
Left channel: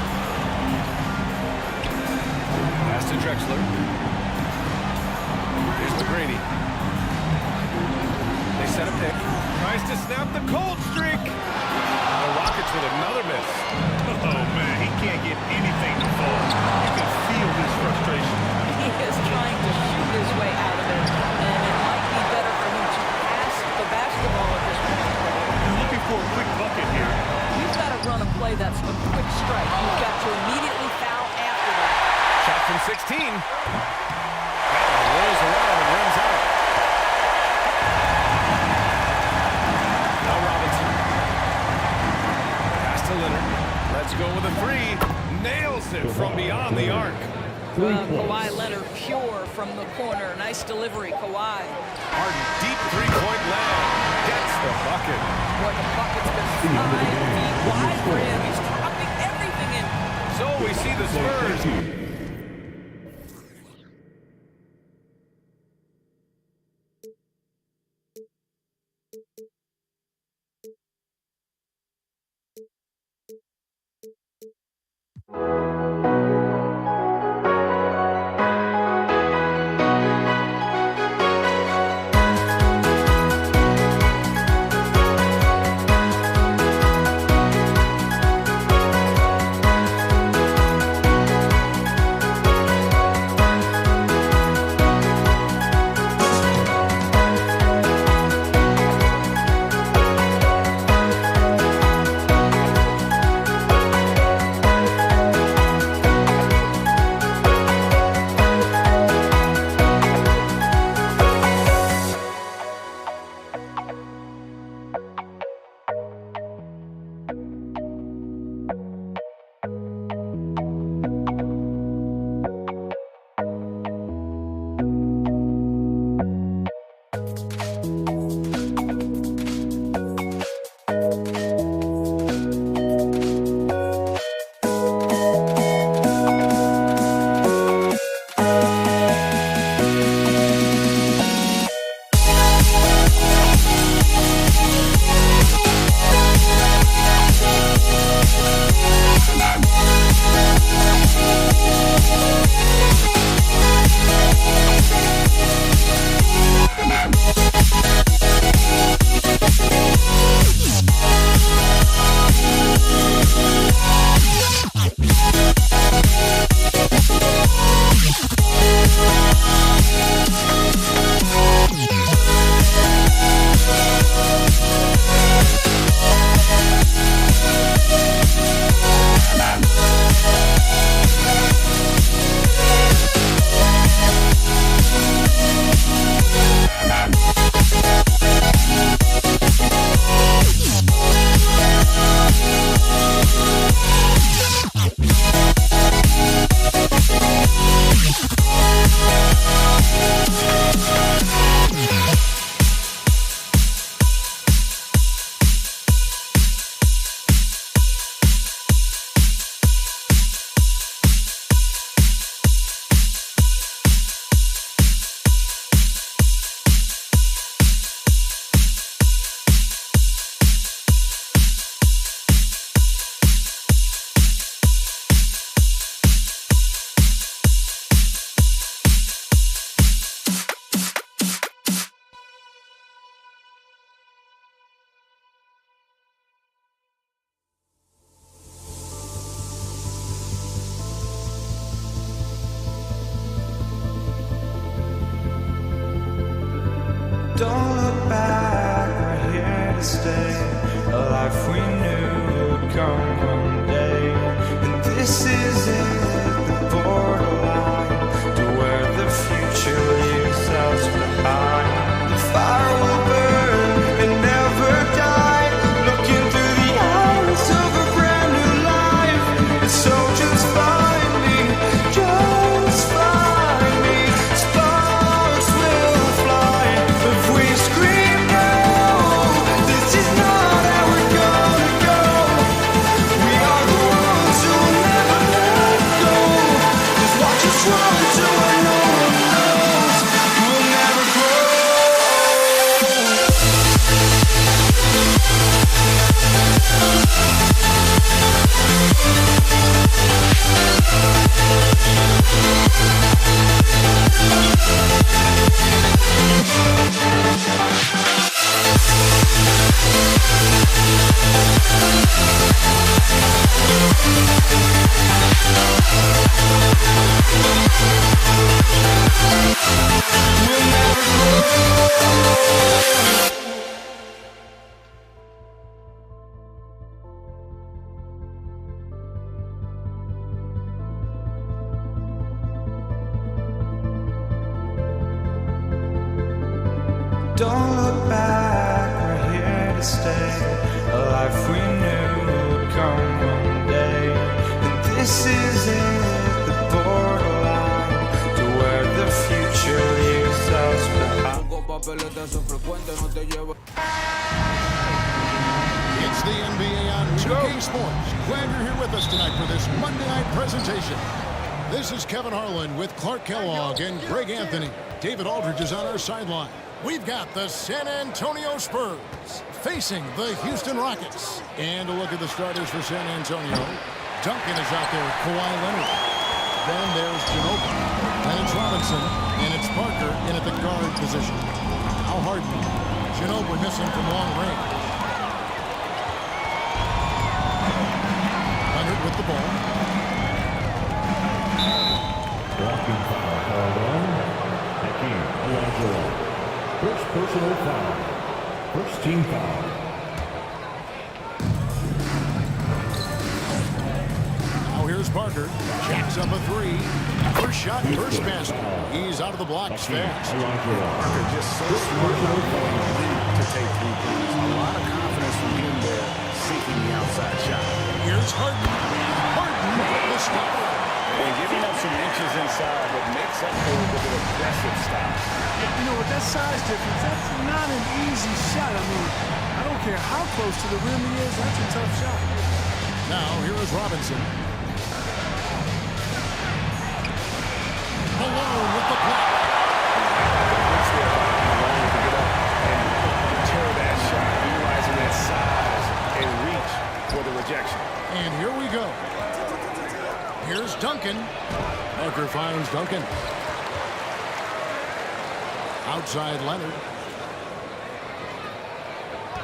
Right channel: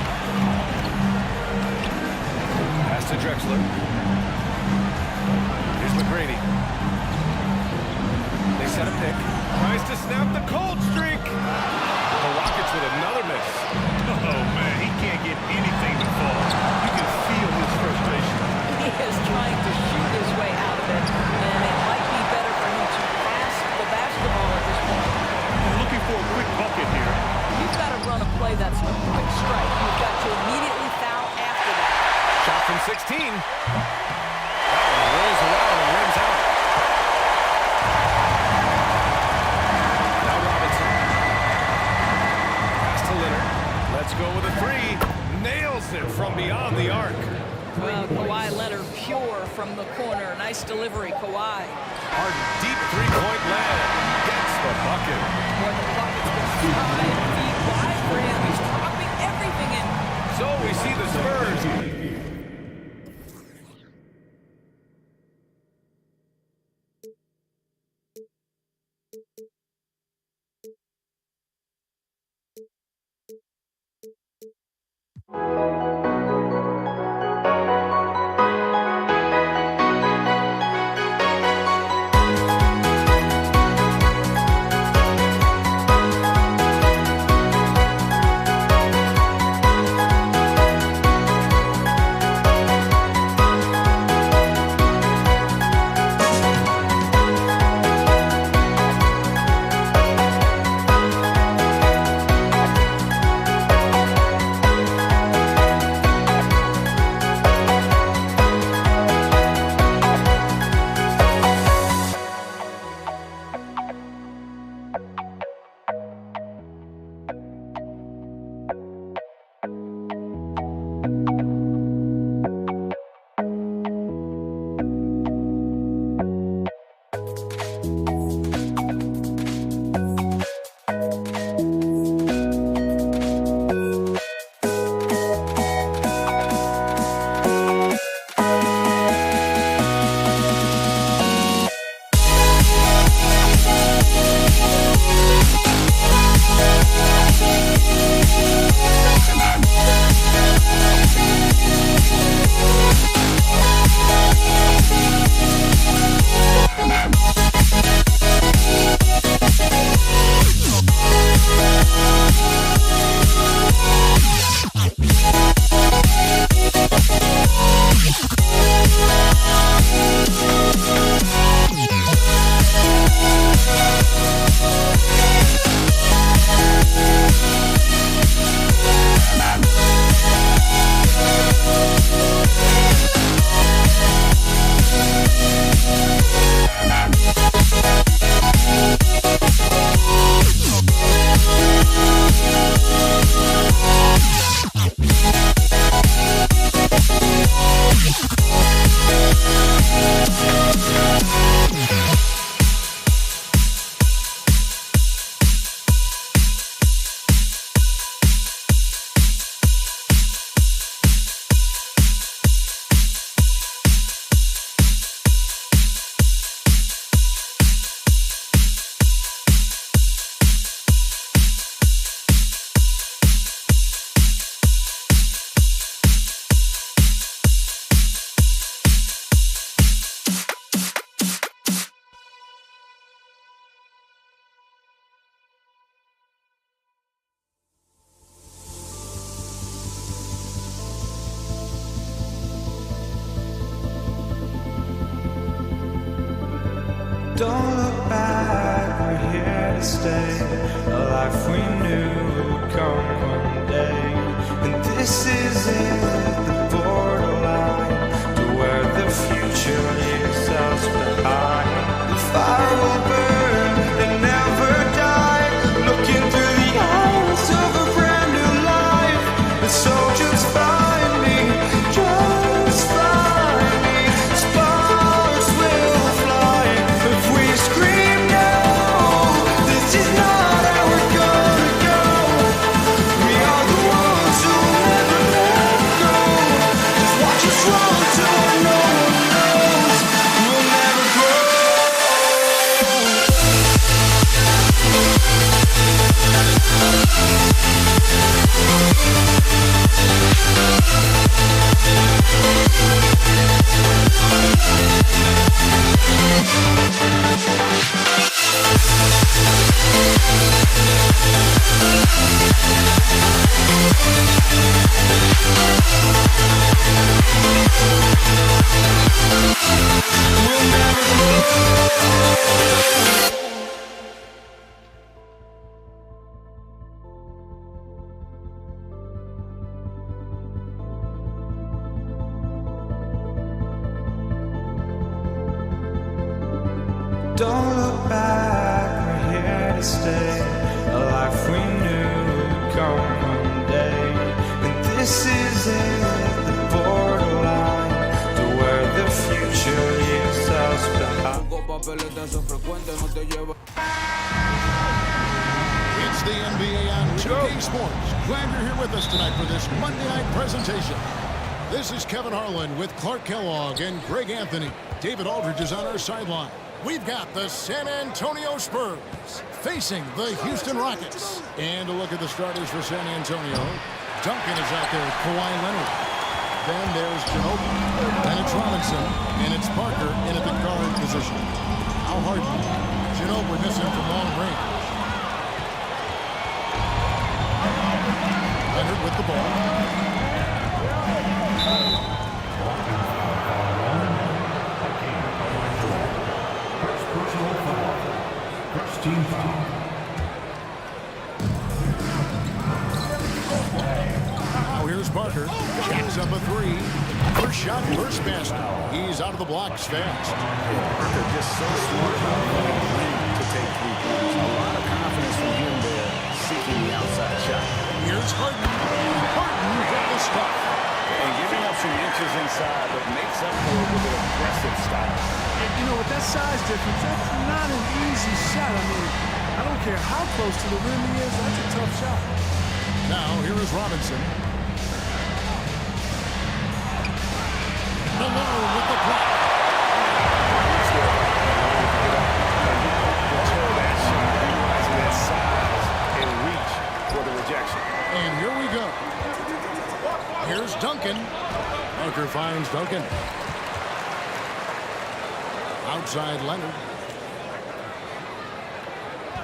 Pass to Drexler. Here's McGrady. They set a pick. Tries to snap the cold streak. The Rockets with another miss. Oh, man, he can't get anything to fall. You can feel his frustration. He is trying to shoot his way out of it, and it might be better for him to pass the basketball at this point. And looking for a quick bucket here. You've got to run a play that's a quick strike. You've got to immediately foul after that. Shot from 16. That one rolls around and rims out. Now Robinson. Pass to Leonard. Let's go with a 3. Nails it from beyond the arc. Well, Kawhi Leonard pure from the corner. Nice delivery, Kawhi. Harden, deep three-point land. Gets the bucket. Boy, the bucket's been 5 feet wide for him. He's dropping everything in. So we see the Spurs. Don't look back, we're here to stay. A life we knew would come one day. And this is it, the borderline to where the future leaves us behind. The fire will burn and never die, looking through the eyes of a brand new life. And so just find me, just find me. Sparks will fly if we scream no. This is not how we're gonna go. We are the ones who will never let go. Just watch us run to where no one knows. We'll never grow. We'll never grow. Don't look back, we're here to stay. A life we knew would come one day. And this is it, the borderline to where the future leaves us behind. It's the NBA on 2K Sports. Glad you're here with us tonight for this Monday night presentation. This is Kevin Harlan with Clark Kellogg and Greg Anthony. David Aldridge is on our sideline. We've got the San Antonio Spurs facing the Houston Rockets. And a look at the starters for San Antonio. Duncan is out there with Kawhi Leonard. Then there's Ginobili. Then it's Robinson. And it's Parker in at the guard position. Al Harden. Ginobili missing from long range. Leonard with the ball. Blocking foul called on Hakeem Olajuwon. First personal foul. First team foul. Now here's Parker. Jacks up a three. First shot, first basket. He's out of the blocks fast. Parker just so smart about knowing when to take 3 points. A lot of confidence from him there, seeking the outside shot. Here's Harden. And Harden with the stuff. And giving up some inches inside, but makes up for it with an aggressive style. You know, with that size difference, that's not an easy shot. I mean, I don't care how close to the rim he is, that's a tough shot. Now, here is Robinson. Malone with the block. Looks there by Malone to get up and deter that shot, utilizing that size and reach for the rejection. And here we go. Here's Duncan. Parker finds Duncan. Outside Leonard.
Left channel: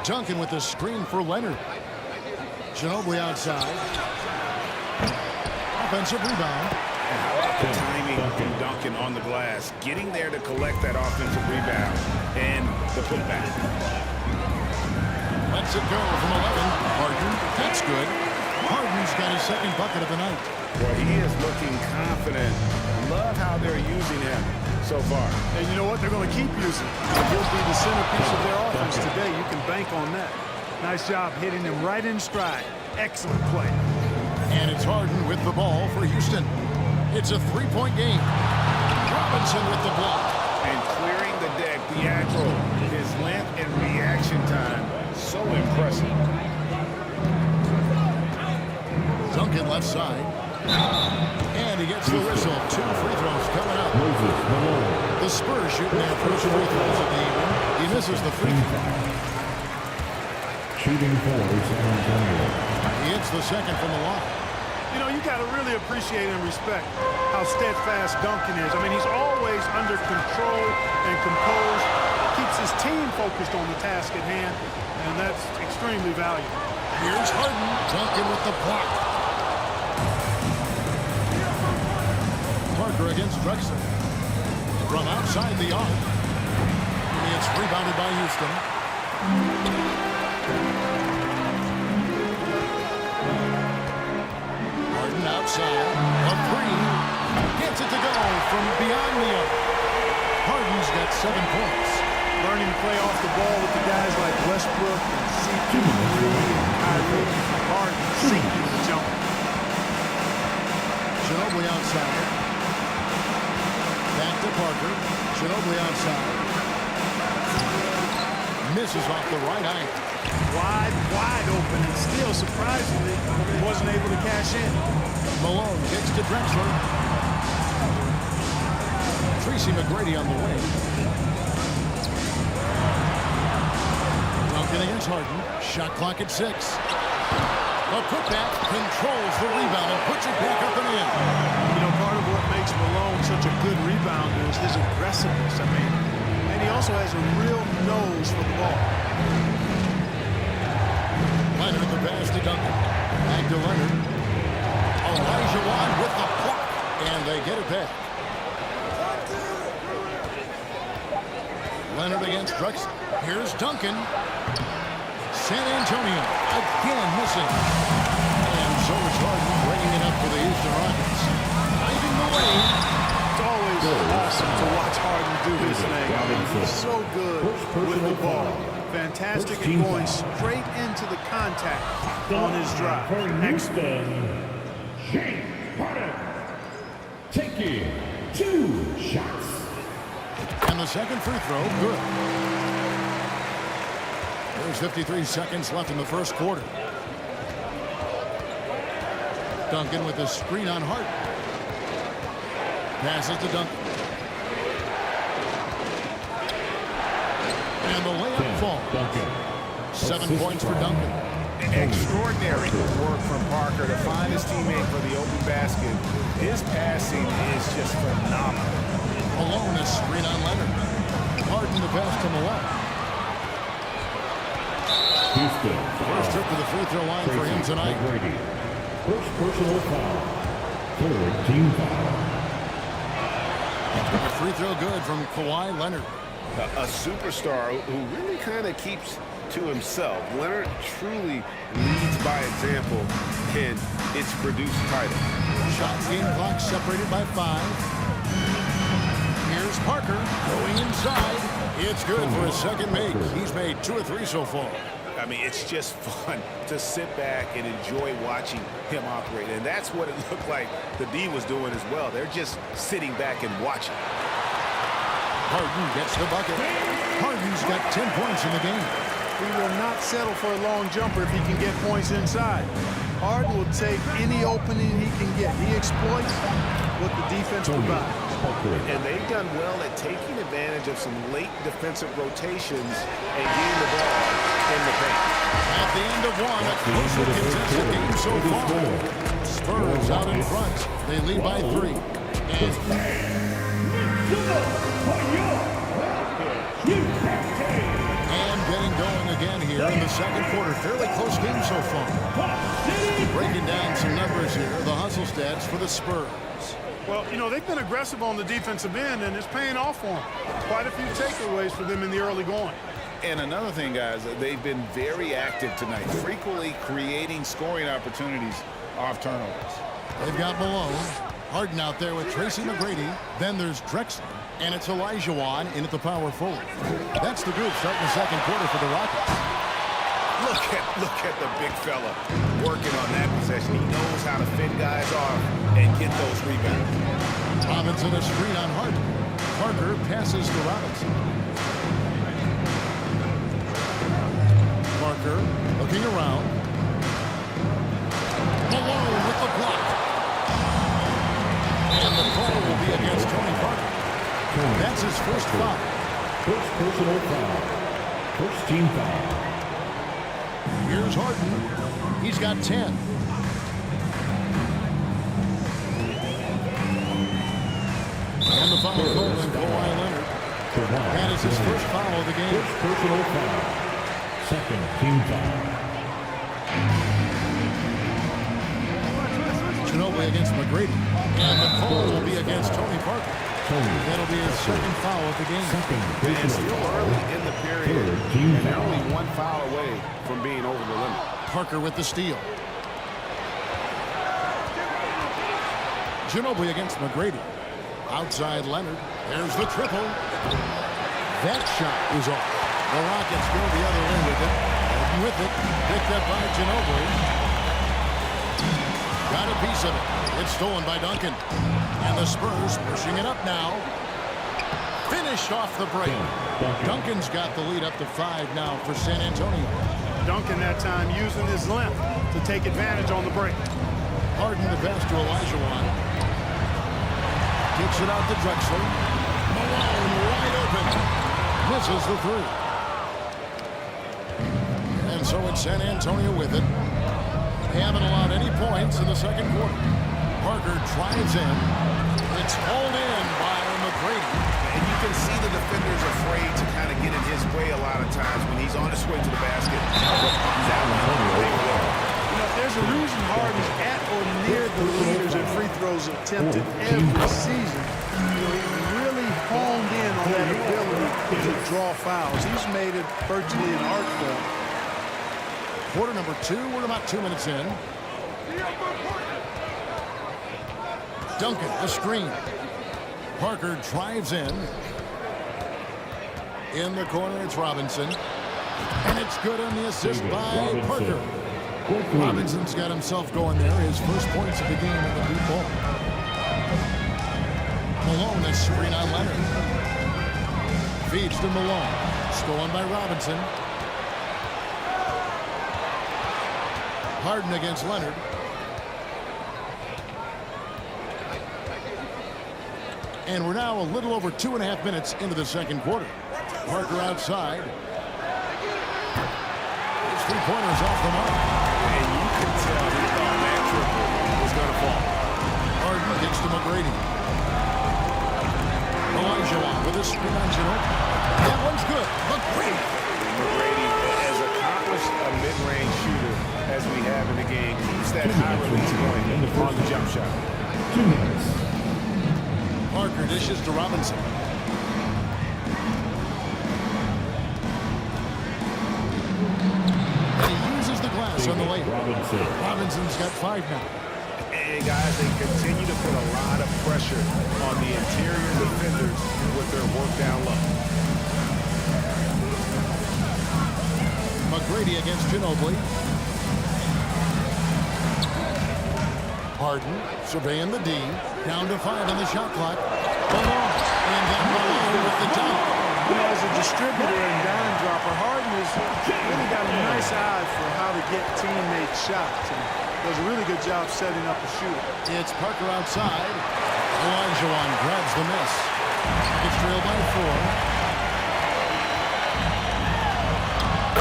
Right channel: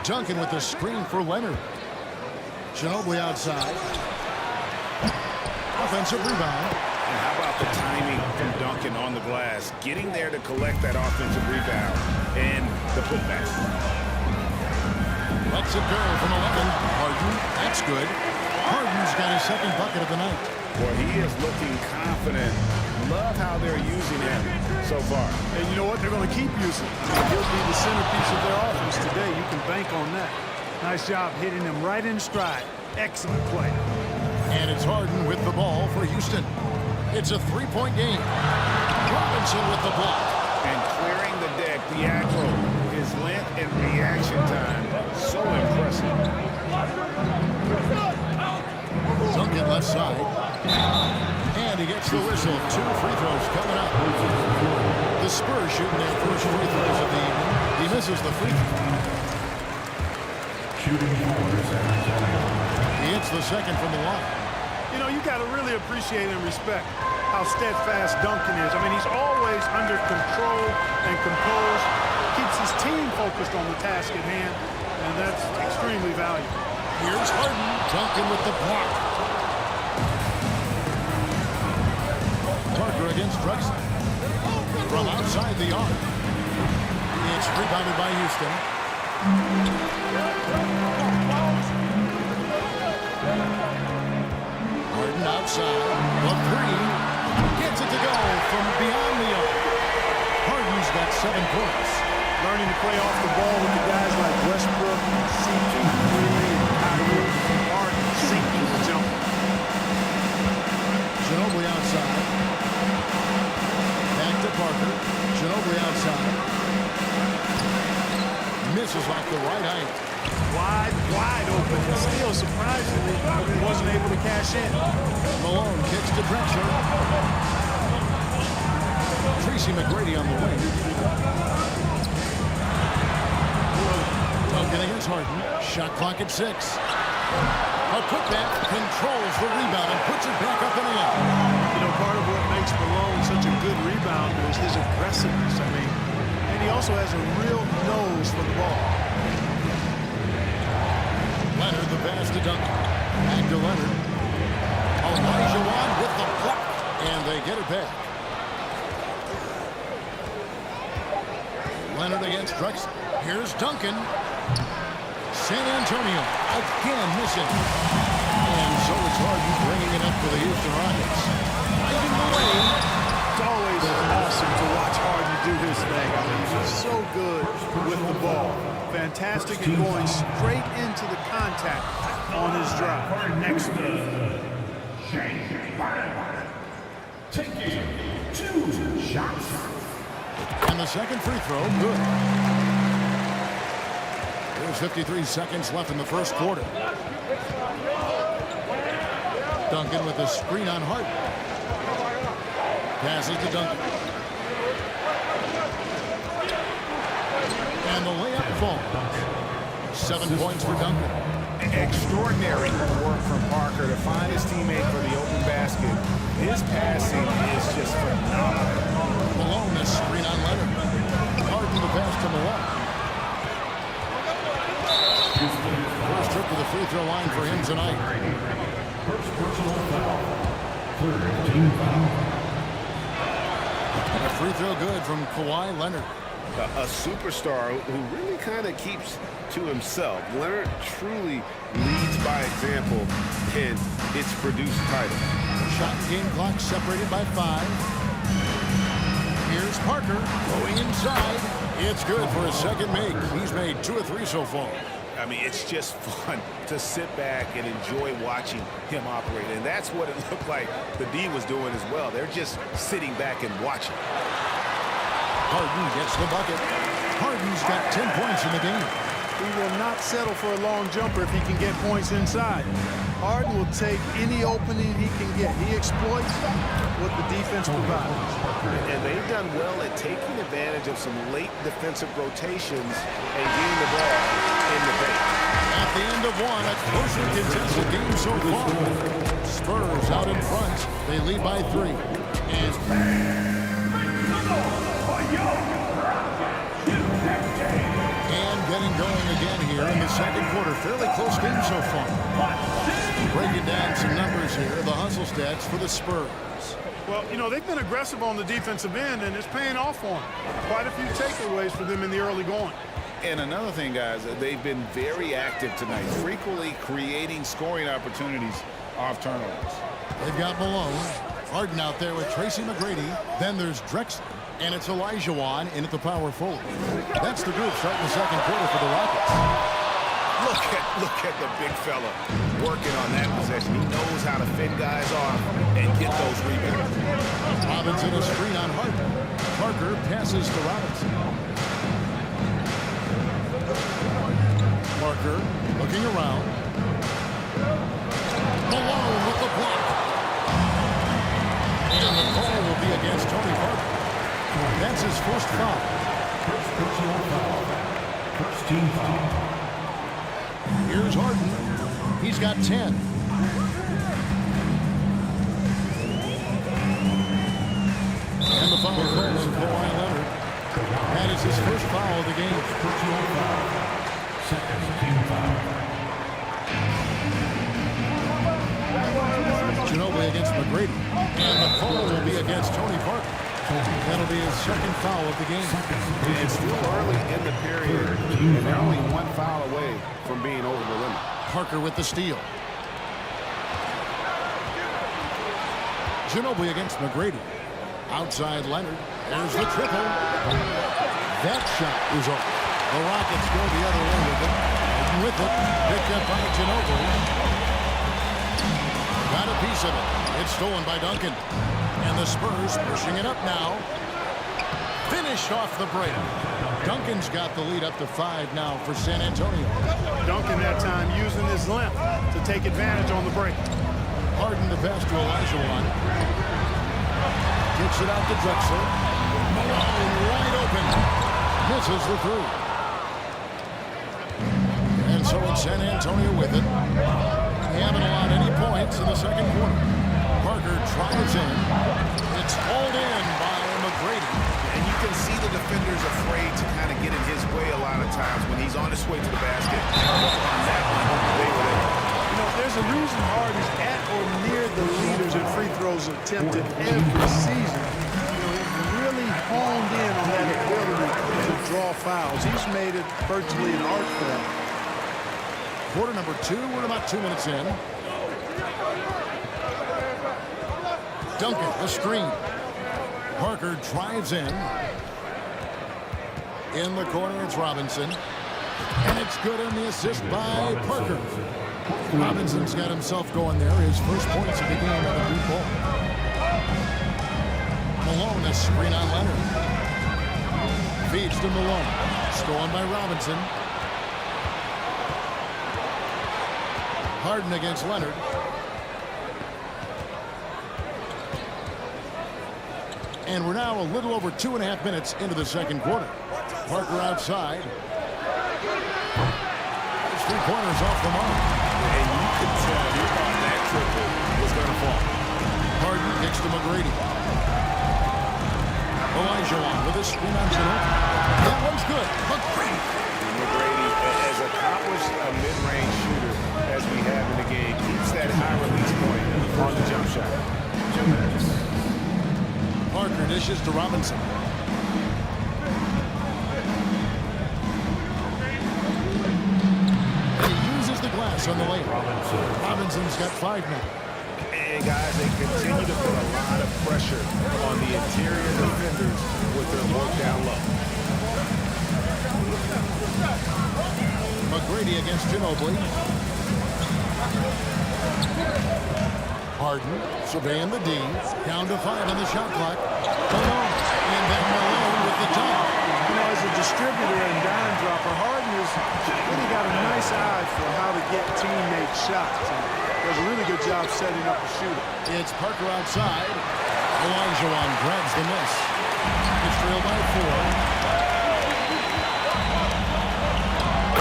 Duncan with the screen for Leonard. Ginobili outside. Offensive rebound. And how about the timing from Duncan on the glass, getting there to collect that offensive rebound and the putback. Lets it go from 11. Harden, that's good. Harden's got his second bucket of the night. Boy, he is looking confident. Love how they're using him so far. And you know what? They're going to keep using him. He'll be the centerpiece of their offense today. You can bank on that. Nice job hitting him right in stride. Excellent play. And it's Harden with the ball for Houston. It's a 3-point game. Robinson with the block. And clearing the deck, the aggro, his length and reaction time, so impressive. Duncan left side. And he gets the whistle. 2 free throws coming up. The Spurs shooting their first free throws of the evening. He misses the free throw. Shooting for San Antonio. He hits the second from the line. You know, you got to really appreciate and respect how steadfast Duncan is. I mean, he's always under control and composed, keeps his team focused on the task at hand, and that's extremely valuable. Here's Harden. Duncan with the block. Parker against Drexler. From outside the arc. It's rebounded by Houston. Harden outside. A three. Gets it to go from beyond the arc. Harden's got 7 points. Learning to play off the ball with the guys like Westbrook and CP3 and Kyrie. Harden sinking the jumper. Ginobili outside. Back to Parker. Ginobili outside. Misses off the right height. Wide open, and still, surprisingly, wasn't able to cash in. Malone kicks to Drexler. Tracy McGrady on the wing. Duncan against Harden. Shot clock at 6. A putback controls the rebound and puts it back up and in. You know, part of what makes Malone such a good rebounder is his aggressiveness. I mean, and he also has a real nose for the ball. Leonard, the pass to Duncan. Back to Leonard. Olajuwon with the block, and they get it back. Leonard against Drexler. Here's Duncan. San Antonio again missing. And so it's Harden bringing it up for the Houston Rockets. Driving the lane. It's always awesome to watch Harden do his thing. I mean, he's so good with the ball. Fantastic at going straight into the contact on his drive. Excellent. James Harden taking 2 shots. And the second free throw, good. There's 53 seconds left in the first quarter. Duncan with a screen on Harden. Passes to Duncan. And the layup falls. 7 points for Duncan. Extraordinary work from Parker to find his teammate for the open basket. His passing is just phenomenal. Malone a screen on Leonard. Harden the pass to Malone. First trip to the free throw line for him tonight. First personal foul. Third team foul. A free throw good from Kawhi Leonard. A superstar who really kind of keeps to himself. Leonard truly leads by example, and it's produced title. Shot and game clock separated by 5. Here's Parker going inside. It's good for his second make. He's made 2 or 3 so far. I mean, it's just fun to sit back and enjoy watching him operate. And that's what it looked like the D was doing as well. They're just sitting back and watching. Harden gets the bucket. Harden's got 10 points in the game. He will not settle for a long jumper if he can get points inside. Harden will take any opening he can get. He exploits what the defense provides. And they've done well at taking advantage of some late defensive rotations and getting the ball in the paint. At the end of one, a closely contested game so far. Spurs out in front. They lead by 3. And getting going again here in the second quarter. Fairly close game so far. Breaking down some numbers here. The hustle stats for the Spurs. Well, you know, they've been aggressive on the defensive end, and it's paying off for them. Quite a few takeaways for them in the early going. And another thing, guys, they've been very active tonight, frequently creating scoring opportunities off turnovers. They've got Malone. Harden out there with Tracy McGrady. Then there's Drexler. And it's Olajuwon in at the power forward. That's the group starting the second quarter for the Rockets. Look at the big fella working on that possession. He knows how to fend guys off and get those rebounds. Robinson a screen on Harden. Parker passes to Robinson. Parker looking around. Malone with the block. And the call will be against Tony Parker. That's his first foul. First personal foul. First team foul. Here's Harden. He's got 10. And the foul call on Kawhi Leonard. That is his first foul of the game. First personal foul. Second team foul. Ginobili against McGrady. And the call will be against Tony Parker. That'll be his second foul of the game. And still early in the period, and they're only one foul away from being over the limit. Parker with the steal. Ginobili against McGrady. Outside Leonard. There's the triple. That shot is off. The Rockets go the other way with it. Open with it. Picked up by Ginobili. Got a piece of it. It's stolen by Duncan. And the Spurs pushing it up now. Finished off the break. Duncan's got the lead up to 5 now for San Antonio. Duncan that time using his length to take advantage on the break. Harden to pass to Olajuwon. Kicks it out to Drexler. Malone wide open. Misses the 3. And so it's San Antonio with it. They haven't allowed any points in the second quarter. Parker drives in. It's hauled in by McGrady. And you can see the defenders afraid to kind of get in his way a lot of times when he's on his way to the basket. But on that one, they were there. You know, there's a reason Harden's at or near the leaders in free throws attempted every season. You know, he's really honed in on that ability to draw fouls. He's made it virtually an art form. Quarter number 2. We're about 2 minutes in. Duncan, a screen. Parker drives in. In the corner, it's Robinson. And it's good on the assist by Parker. Robinson's got himself going there. His first points of the game on the deep ball. Malone, a screen on Leonard. Feeds to Malone. Stolen by Robinson. Harden against Leonard. And we're now a little over 2.5 minutes into the second quarter. Parker outside. His 3-pointers off the mark. And you could tell he thought that triple was going to fall. Harden kicks to McGrady. Olajuwon with a screen on Ginobili. That one's good. McGrady. McGrady, as accomplished a mid-range shooter as we have in the game, keeps that high release point on the jump shot. 2 minutes. Parker dishes to Robinson. And he uses the glass on the layup. Robinson's got 5 now. And guys, they continue to put a lot of pressure on the interior defenders with their work down low. McGrady against Ginobili. Harden surveying the D. Down to 5 on the shot clock. Malone. And then Malone with the dunk. You know, as a distributor and dime dropper, Harden has really got a nice eye for how to get teammate shots. And does a really good job setting up a shooter. It's Parker outside. Olajuwon grabs the miss. It's trailed by 4.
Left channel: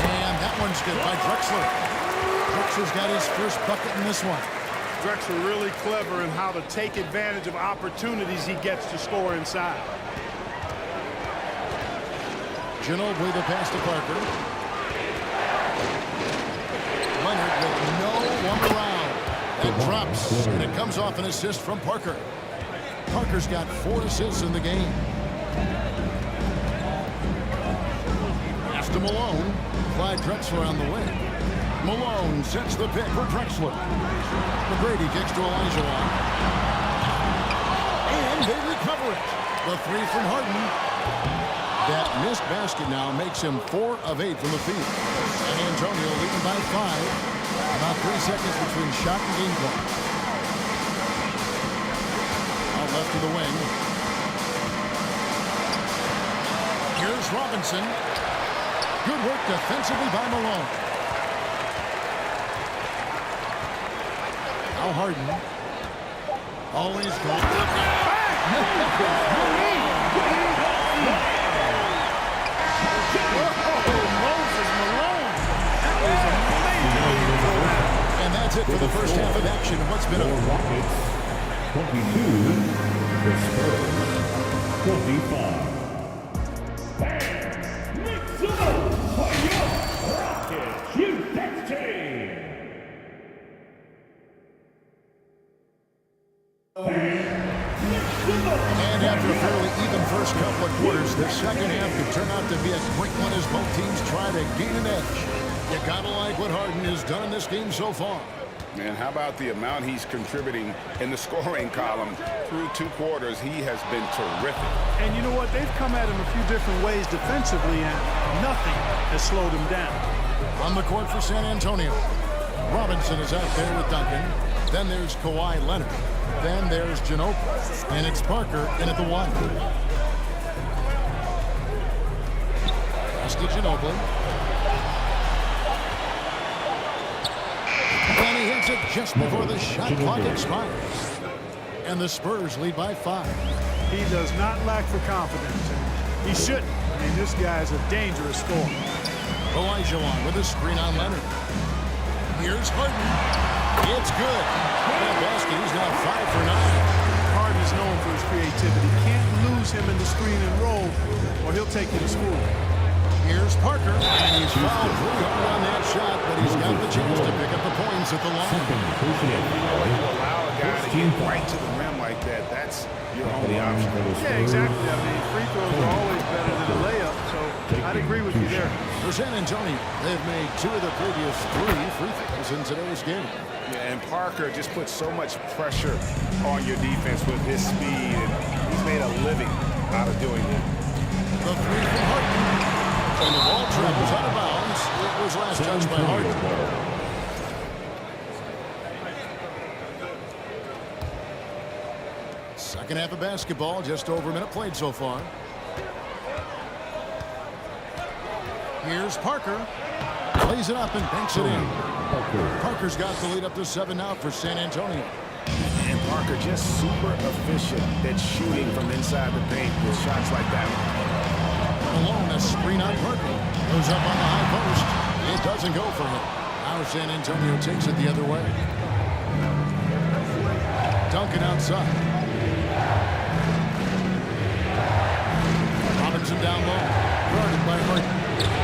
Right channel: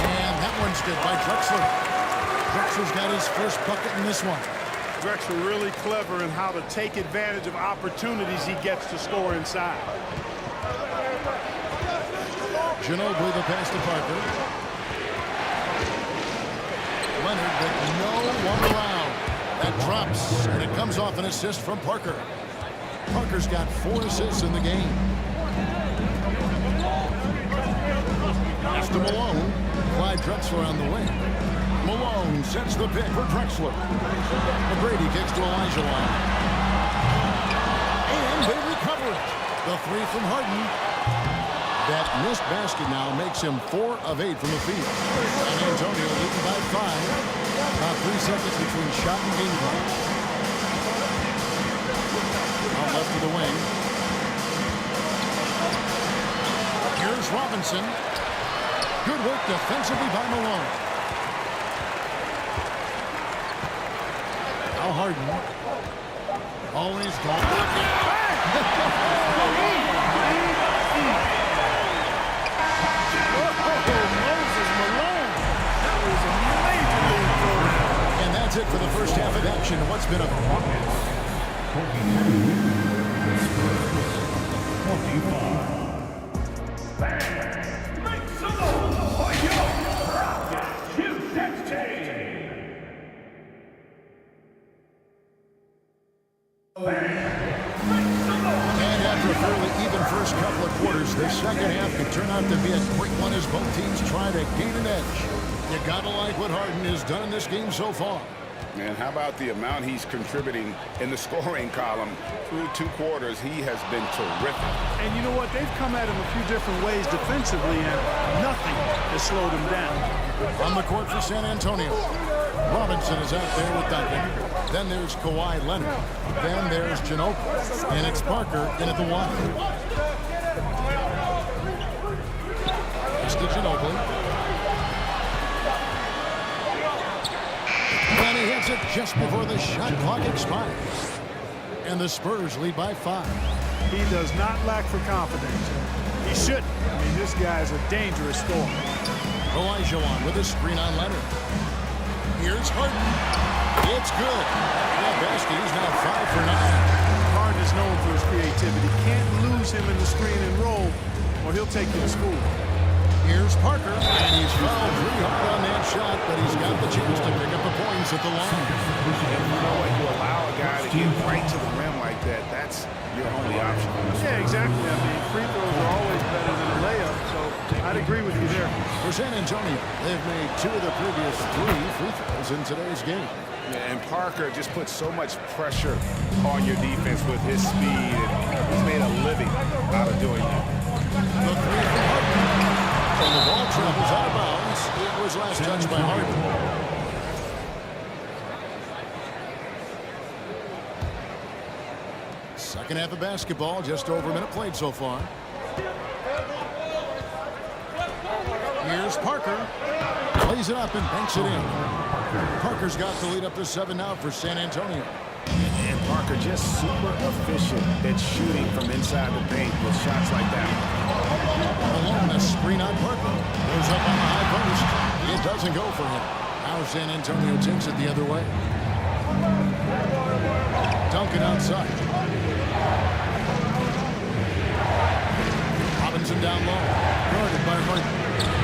And that one's good by Drexler. Drexler's got his first bucket in this one. Drexler really clever in how to take advantage of opportunities he gets to score inside. Ginobili the pass to Parker. Leonard with no one around. That drops, and it comes off an assist from Parker. Parker's got 4 assists in the game. Pass to Malone. Clyde Drexler on the wing. Malone sets the pick for Drexler. McGrady kicks to Olajuwon. And they recover it. The 3 from Harden. That missed basket now makes him 4 of 8 from the field. San Antonio leading by 5. About 3 seconds between shot and game clock. Out left to the wing. Here's Robinson. Good work defensively by Malone. Now Harden. Always going. Moses Malone. That was a major league throwdown. And that's it for the first half of action. What's been a Rockets 22, the Spurs 25. Make some noise for your Rockets Houston team. And after a fairly even first couple of quarters. The second half could turn out to be a quick one as both teams try to gain an edge. You gotta like what Harden has done in this game so far. Man, how about the amount he's contributing in the scoring column? Through 2 quarters, he has been terrific. And you know what? They've come at him a few different ways defensively, and nothing has slowed him down. On the court for San Antonio, Robinson is out there with Duncan. Then there's Kawhi Leonard. Then there's Ginobili. And it's Parker in at the 1. Pass to Ginobili. And he hits it just before the shot clock expires. And the Spurs lead by 5. He does not lack for confidence. And he shouldn't. I mean, this guy is a dangerous scorer. Olajuwon with a screen on Leonard. Here's Harden. It's good. That basket, he's now 5 for 9. Harden is known for his creativity. Can't lose him in the screen and roll, or he'll take you to school. Here's Parker, and he's fouled pretty hard on that shot, but he's got the chance to pick up the points at the line. And you know what? You allow a guy to get right to the rim like that, that's your only option. Yeah, exactly. I mean, free throws are always better than a layup, so I'd agree with you there. For San Antonio, they've made 2 of the previous 3 free throws in today's game. Yeah, and Parker just puts so much pressure on your defense with his speed, and he's made a living out of doing that. The 3 from Harden. And the ball travels out of bounds. It was last touched by Harden. Second half of basketball, just over a minute played so far. Here's Parker. Plays it up and banks it in. Parker's got the lead up to 7 now for San Antonio. And Parker just super efficient at shooting from inside the paint with shots like that. Malone, a screen on Parker. Goes up on the high post. It doesn't go for him. Now San Antonio takes it the other way. Duncan outside. Robinson down low. Guarded by Harden.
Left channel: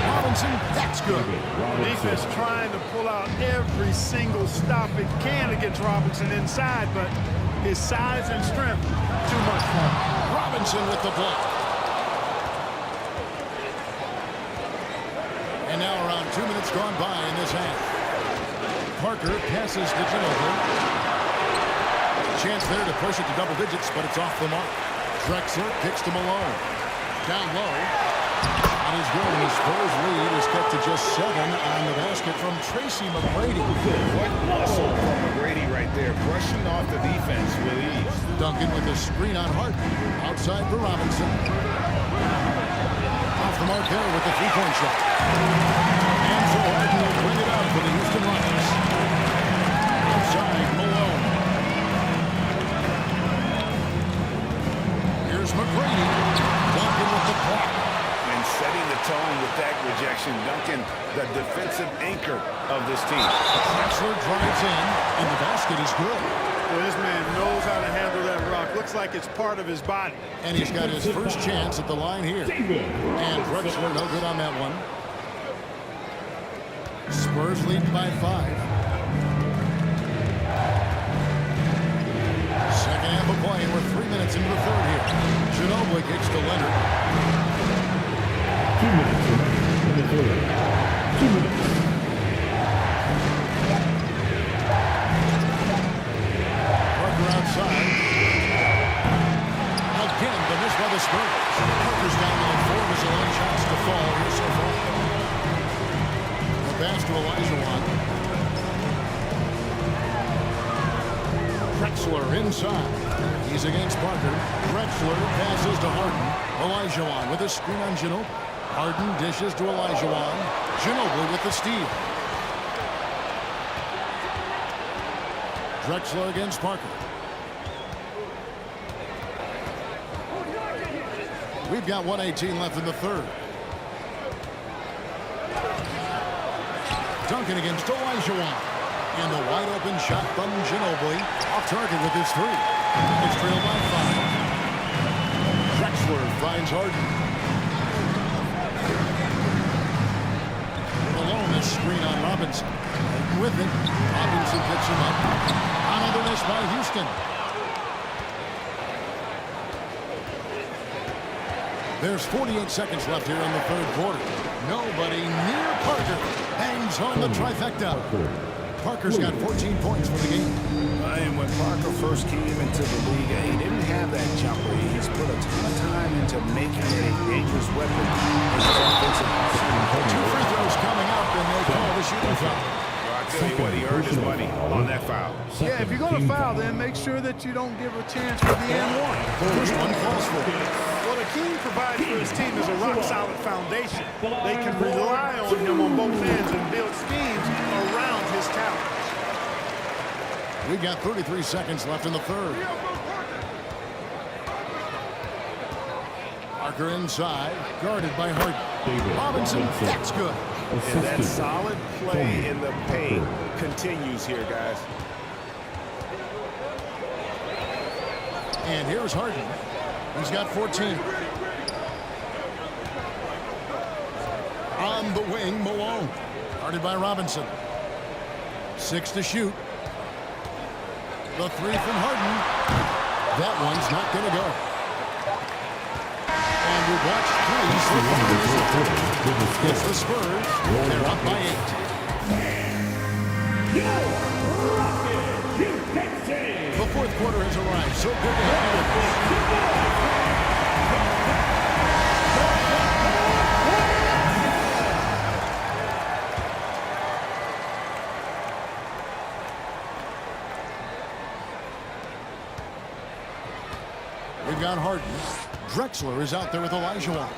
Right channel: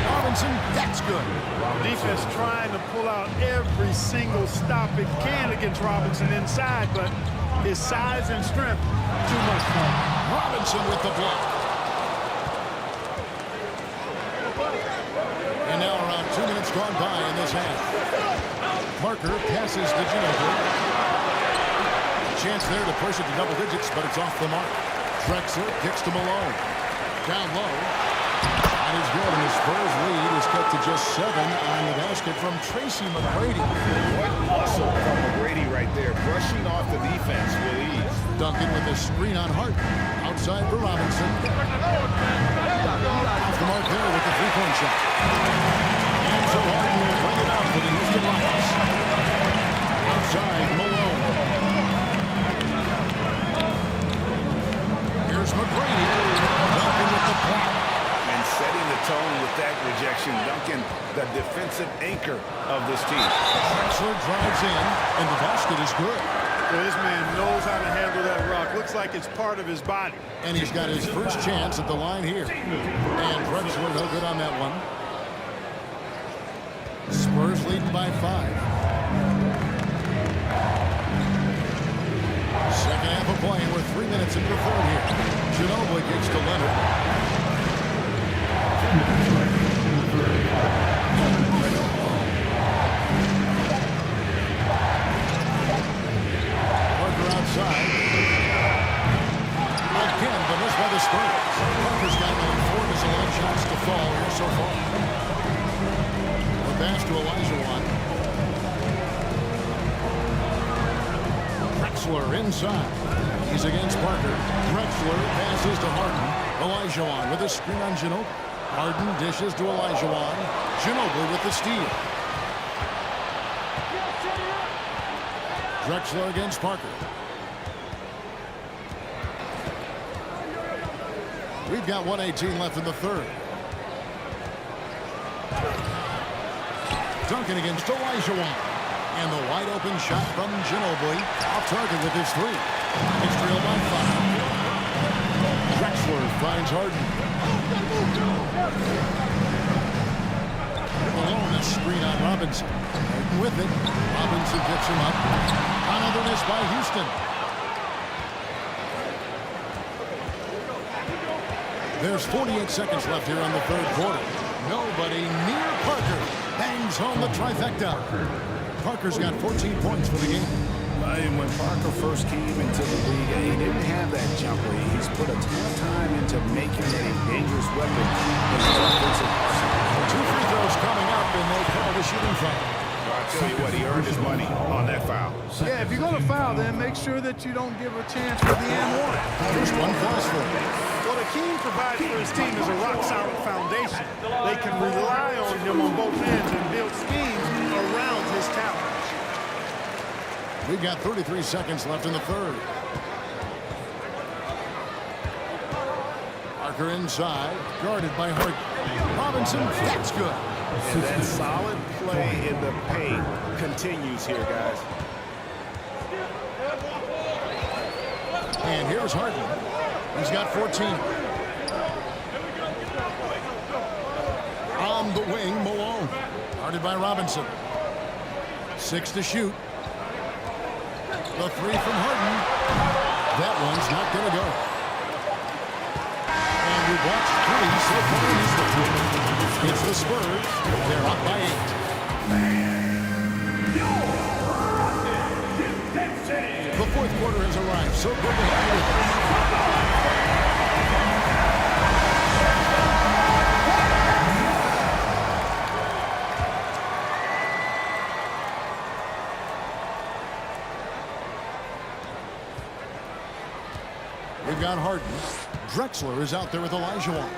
Robinson, that's good. The defense trying to pull out every single stop it can against Robinson inside, but his size and strength, too much for him. Robinson with the block. And now around 2 minutes gone by in this half. Parker passes to Ginobili. Chance there to push it to double digits, but it's off the mark. Drexler kicks to Malone. Down low. Shot is good, and the Spurs lead is cut to just 7 on the basket from Tracy McGrady. What muscle from McGrady right there, brushing off the defense with ease. Duncan with a screen on Harden. Outside for Robinson. Off the mark there with the 3-point shot. And so Harden will bring it up for the Houston Rockets. Outside, Malone. Here's McGrady. Duncan with the block. And setting the tone with that rejection. Duncan, the defensive anchor of this team. Drexler drives in, and the basket is good. Well, this man knows how to handle that rock. Looks like it's part of his body. And he's got his first chance at the line here. And Drexler no good on that one. Spurs leading by 5. Second half of play, and we're 3 minutes into the third here. Ginobili kicks to Leonard. 2 minutes left in the third. 2 minutes. Parker outside. Again, the miss by the Spurs. Parker's gotten only 4 of his 11 shots to fall here so far. The pass to Olajuwon. Drexler inside. He's against Parker. Drexler passes to Harden. Olajuwon with a screen on Ginobili. Harden dishes to Olajuwon. Ginobili with the steal. Drexler against Parker. We've got 1:18 left in the third. Duncan against Olajuwon. And the wide open shot from Ginobili. Off target with his 3. It's trailed by 5. Drexler finds Harden. Malone a screen on Robinson. Harden with it. Robinson picks him up. Another miss by Houston. There's 48 seconds left here in the third quarter. Nobody near Parker. Bangs home the trifecta. Parker's got 14 points for the game. And when Parker first came into the league, he didn't have that jumper. He's put a ton of time into making it a dangerous weapon in his offensive arsenal. 2 free throws coming up, and they call the shooting foul. Well, I tell you what, he earned his money on that foul. Yeah, if you're going to foul, then make sure that you don't give a chance for the and one. First one falls for him. What Akeem provides for his team is a rock-solid foundation. They can rely on him on both ends and build schemes around his talents. We've got 33 seconds left in the third. Parker inside, guarded by Harden. Robinson, that's good. And that solid play in the paint continues here, guys. And here's Harden. He's got 14. On the wing, Malone. Guarded by Robinson. 6 to shoot. The 3 from Harden. That one's not going to go. And we've watched 3 so far in this one. It's the Spurs. They're up by 8. The fourth quarter has arrived. So good to have you with us. We've got Harden. Drexler is out there with Olajuwon.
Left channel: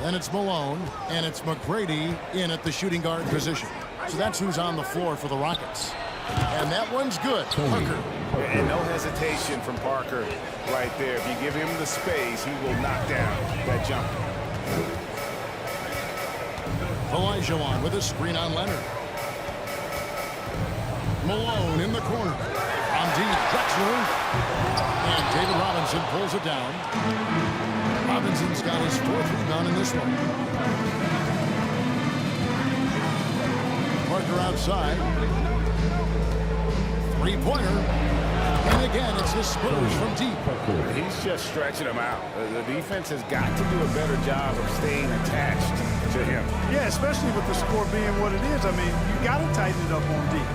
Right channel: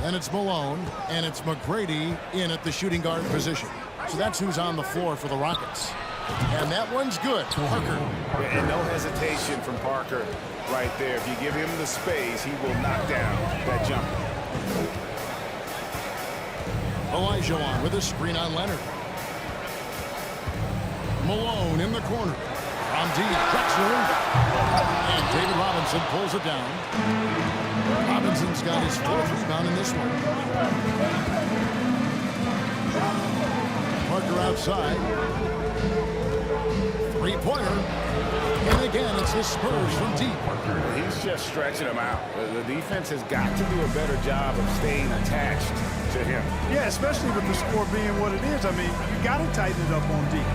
Then it's Malone, and it's McGrady in at the shooting guard position. So that's who's on the floor for the Rockets. And that one's good. Parker. And no hesitation from Parker right there. If you give him the space, he will knock down that jumper. Olajuwon with a screen on Leonard. Malone in the corner. From deep, Drexler. And David Robinson pulls it down. Robinson's got his 4th rebound in this one. Parker outside. 3-pointer. And again, it's the Spurs from deep. He's just stretching them out. The defense has got to do a better job of staying attached to him. Yeah, especially with the score being what it is. I mean, you got to tighten it up on deep.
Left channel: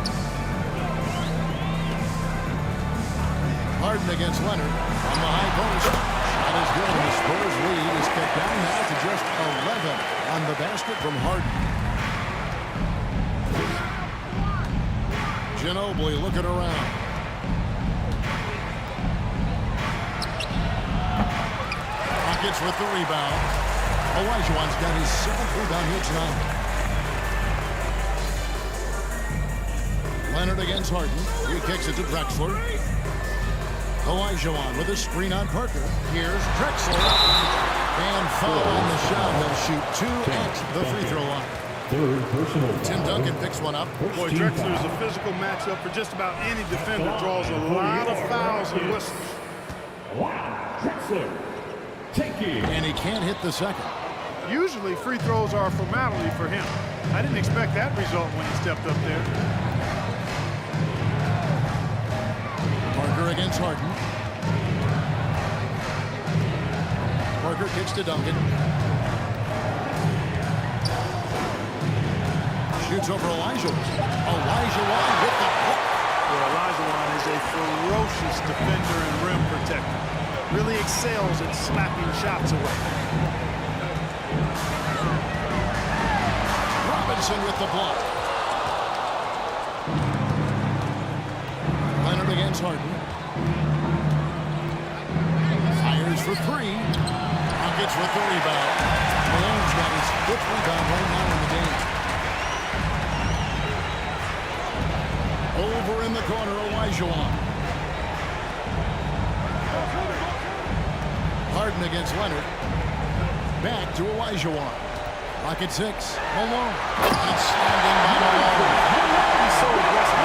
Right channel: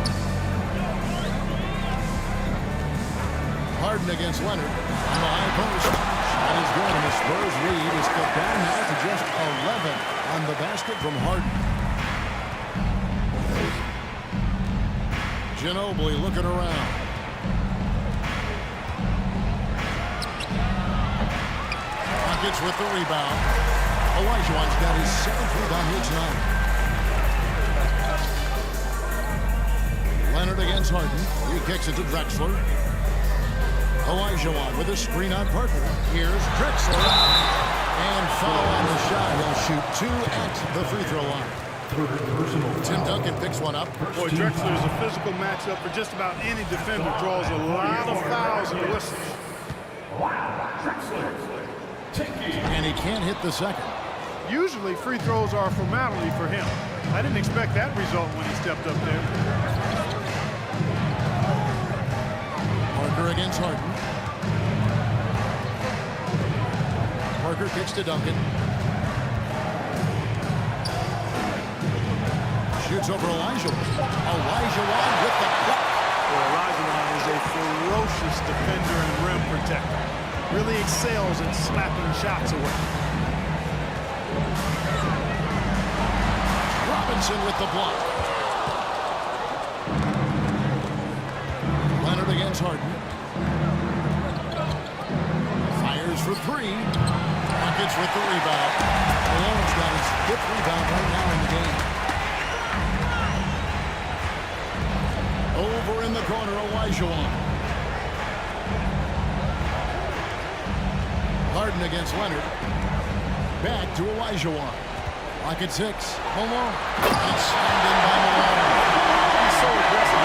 Harden against Leonard on the high post. Shot is good, and the Spurs lead is cut down now to just 11 on the basket from Harden. Ginobili looking around. Rockets with the rebound. Olajuwon's got his 7th rebound here tonight. Leonard against Harden. He kicks it to Drexler. Olajuwon with a screen on Parker. Here's Drexler. And foul on the shot. He'll shoot 2 at the free throw line. Third personal. Tim Duncan picks one up. Boy, Drexler is a physical matchup for just about any defender. Draws a lot of fouls and whistles. Wow, Drexler. Taking. And he can't hit the second. Usually free throws are a formality for him. I didn't expect that result when he stepped up there. Parker against Harden. Parker kicks to Duncan. Shoots over Olajuwon. Olajuwon with the block. Well, Olajuwon is a ferocious defender and rim protector. Really excels at slapping shots away. Robinson with the block. Leonard against Harden. Fires for 3. Rockets with the rebound. Malone's got his 5th rebound right now in the game. Over in the corner, Olajuwon. Harden against Leonard. Back to Olajuwon. Rocket 6. Malone. And slammed in by Malone. He's so aggressive.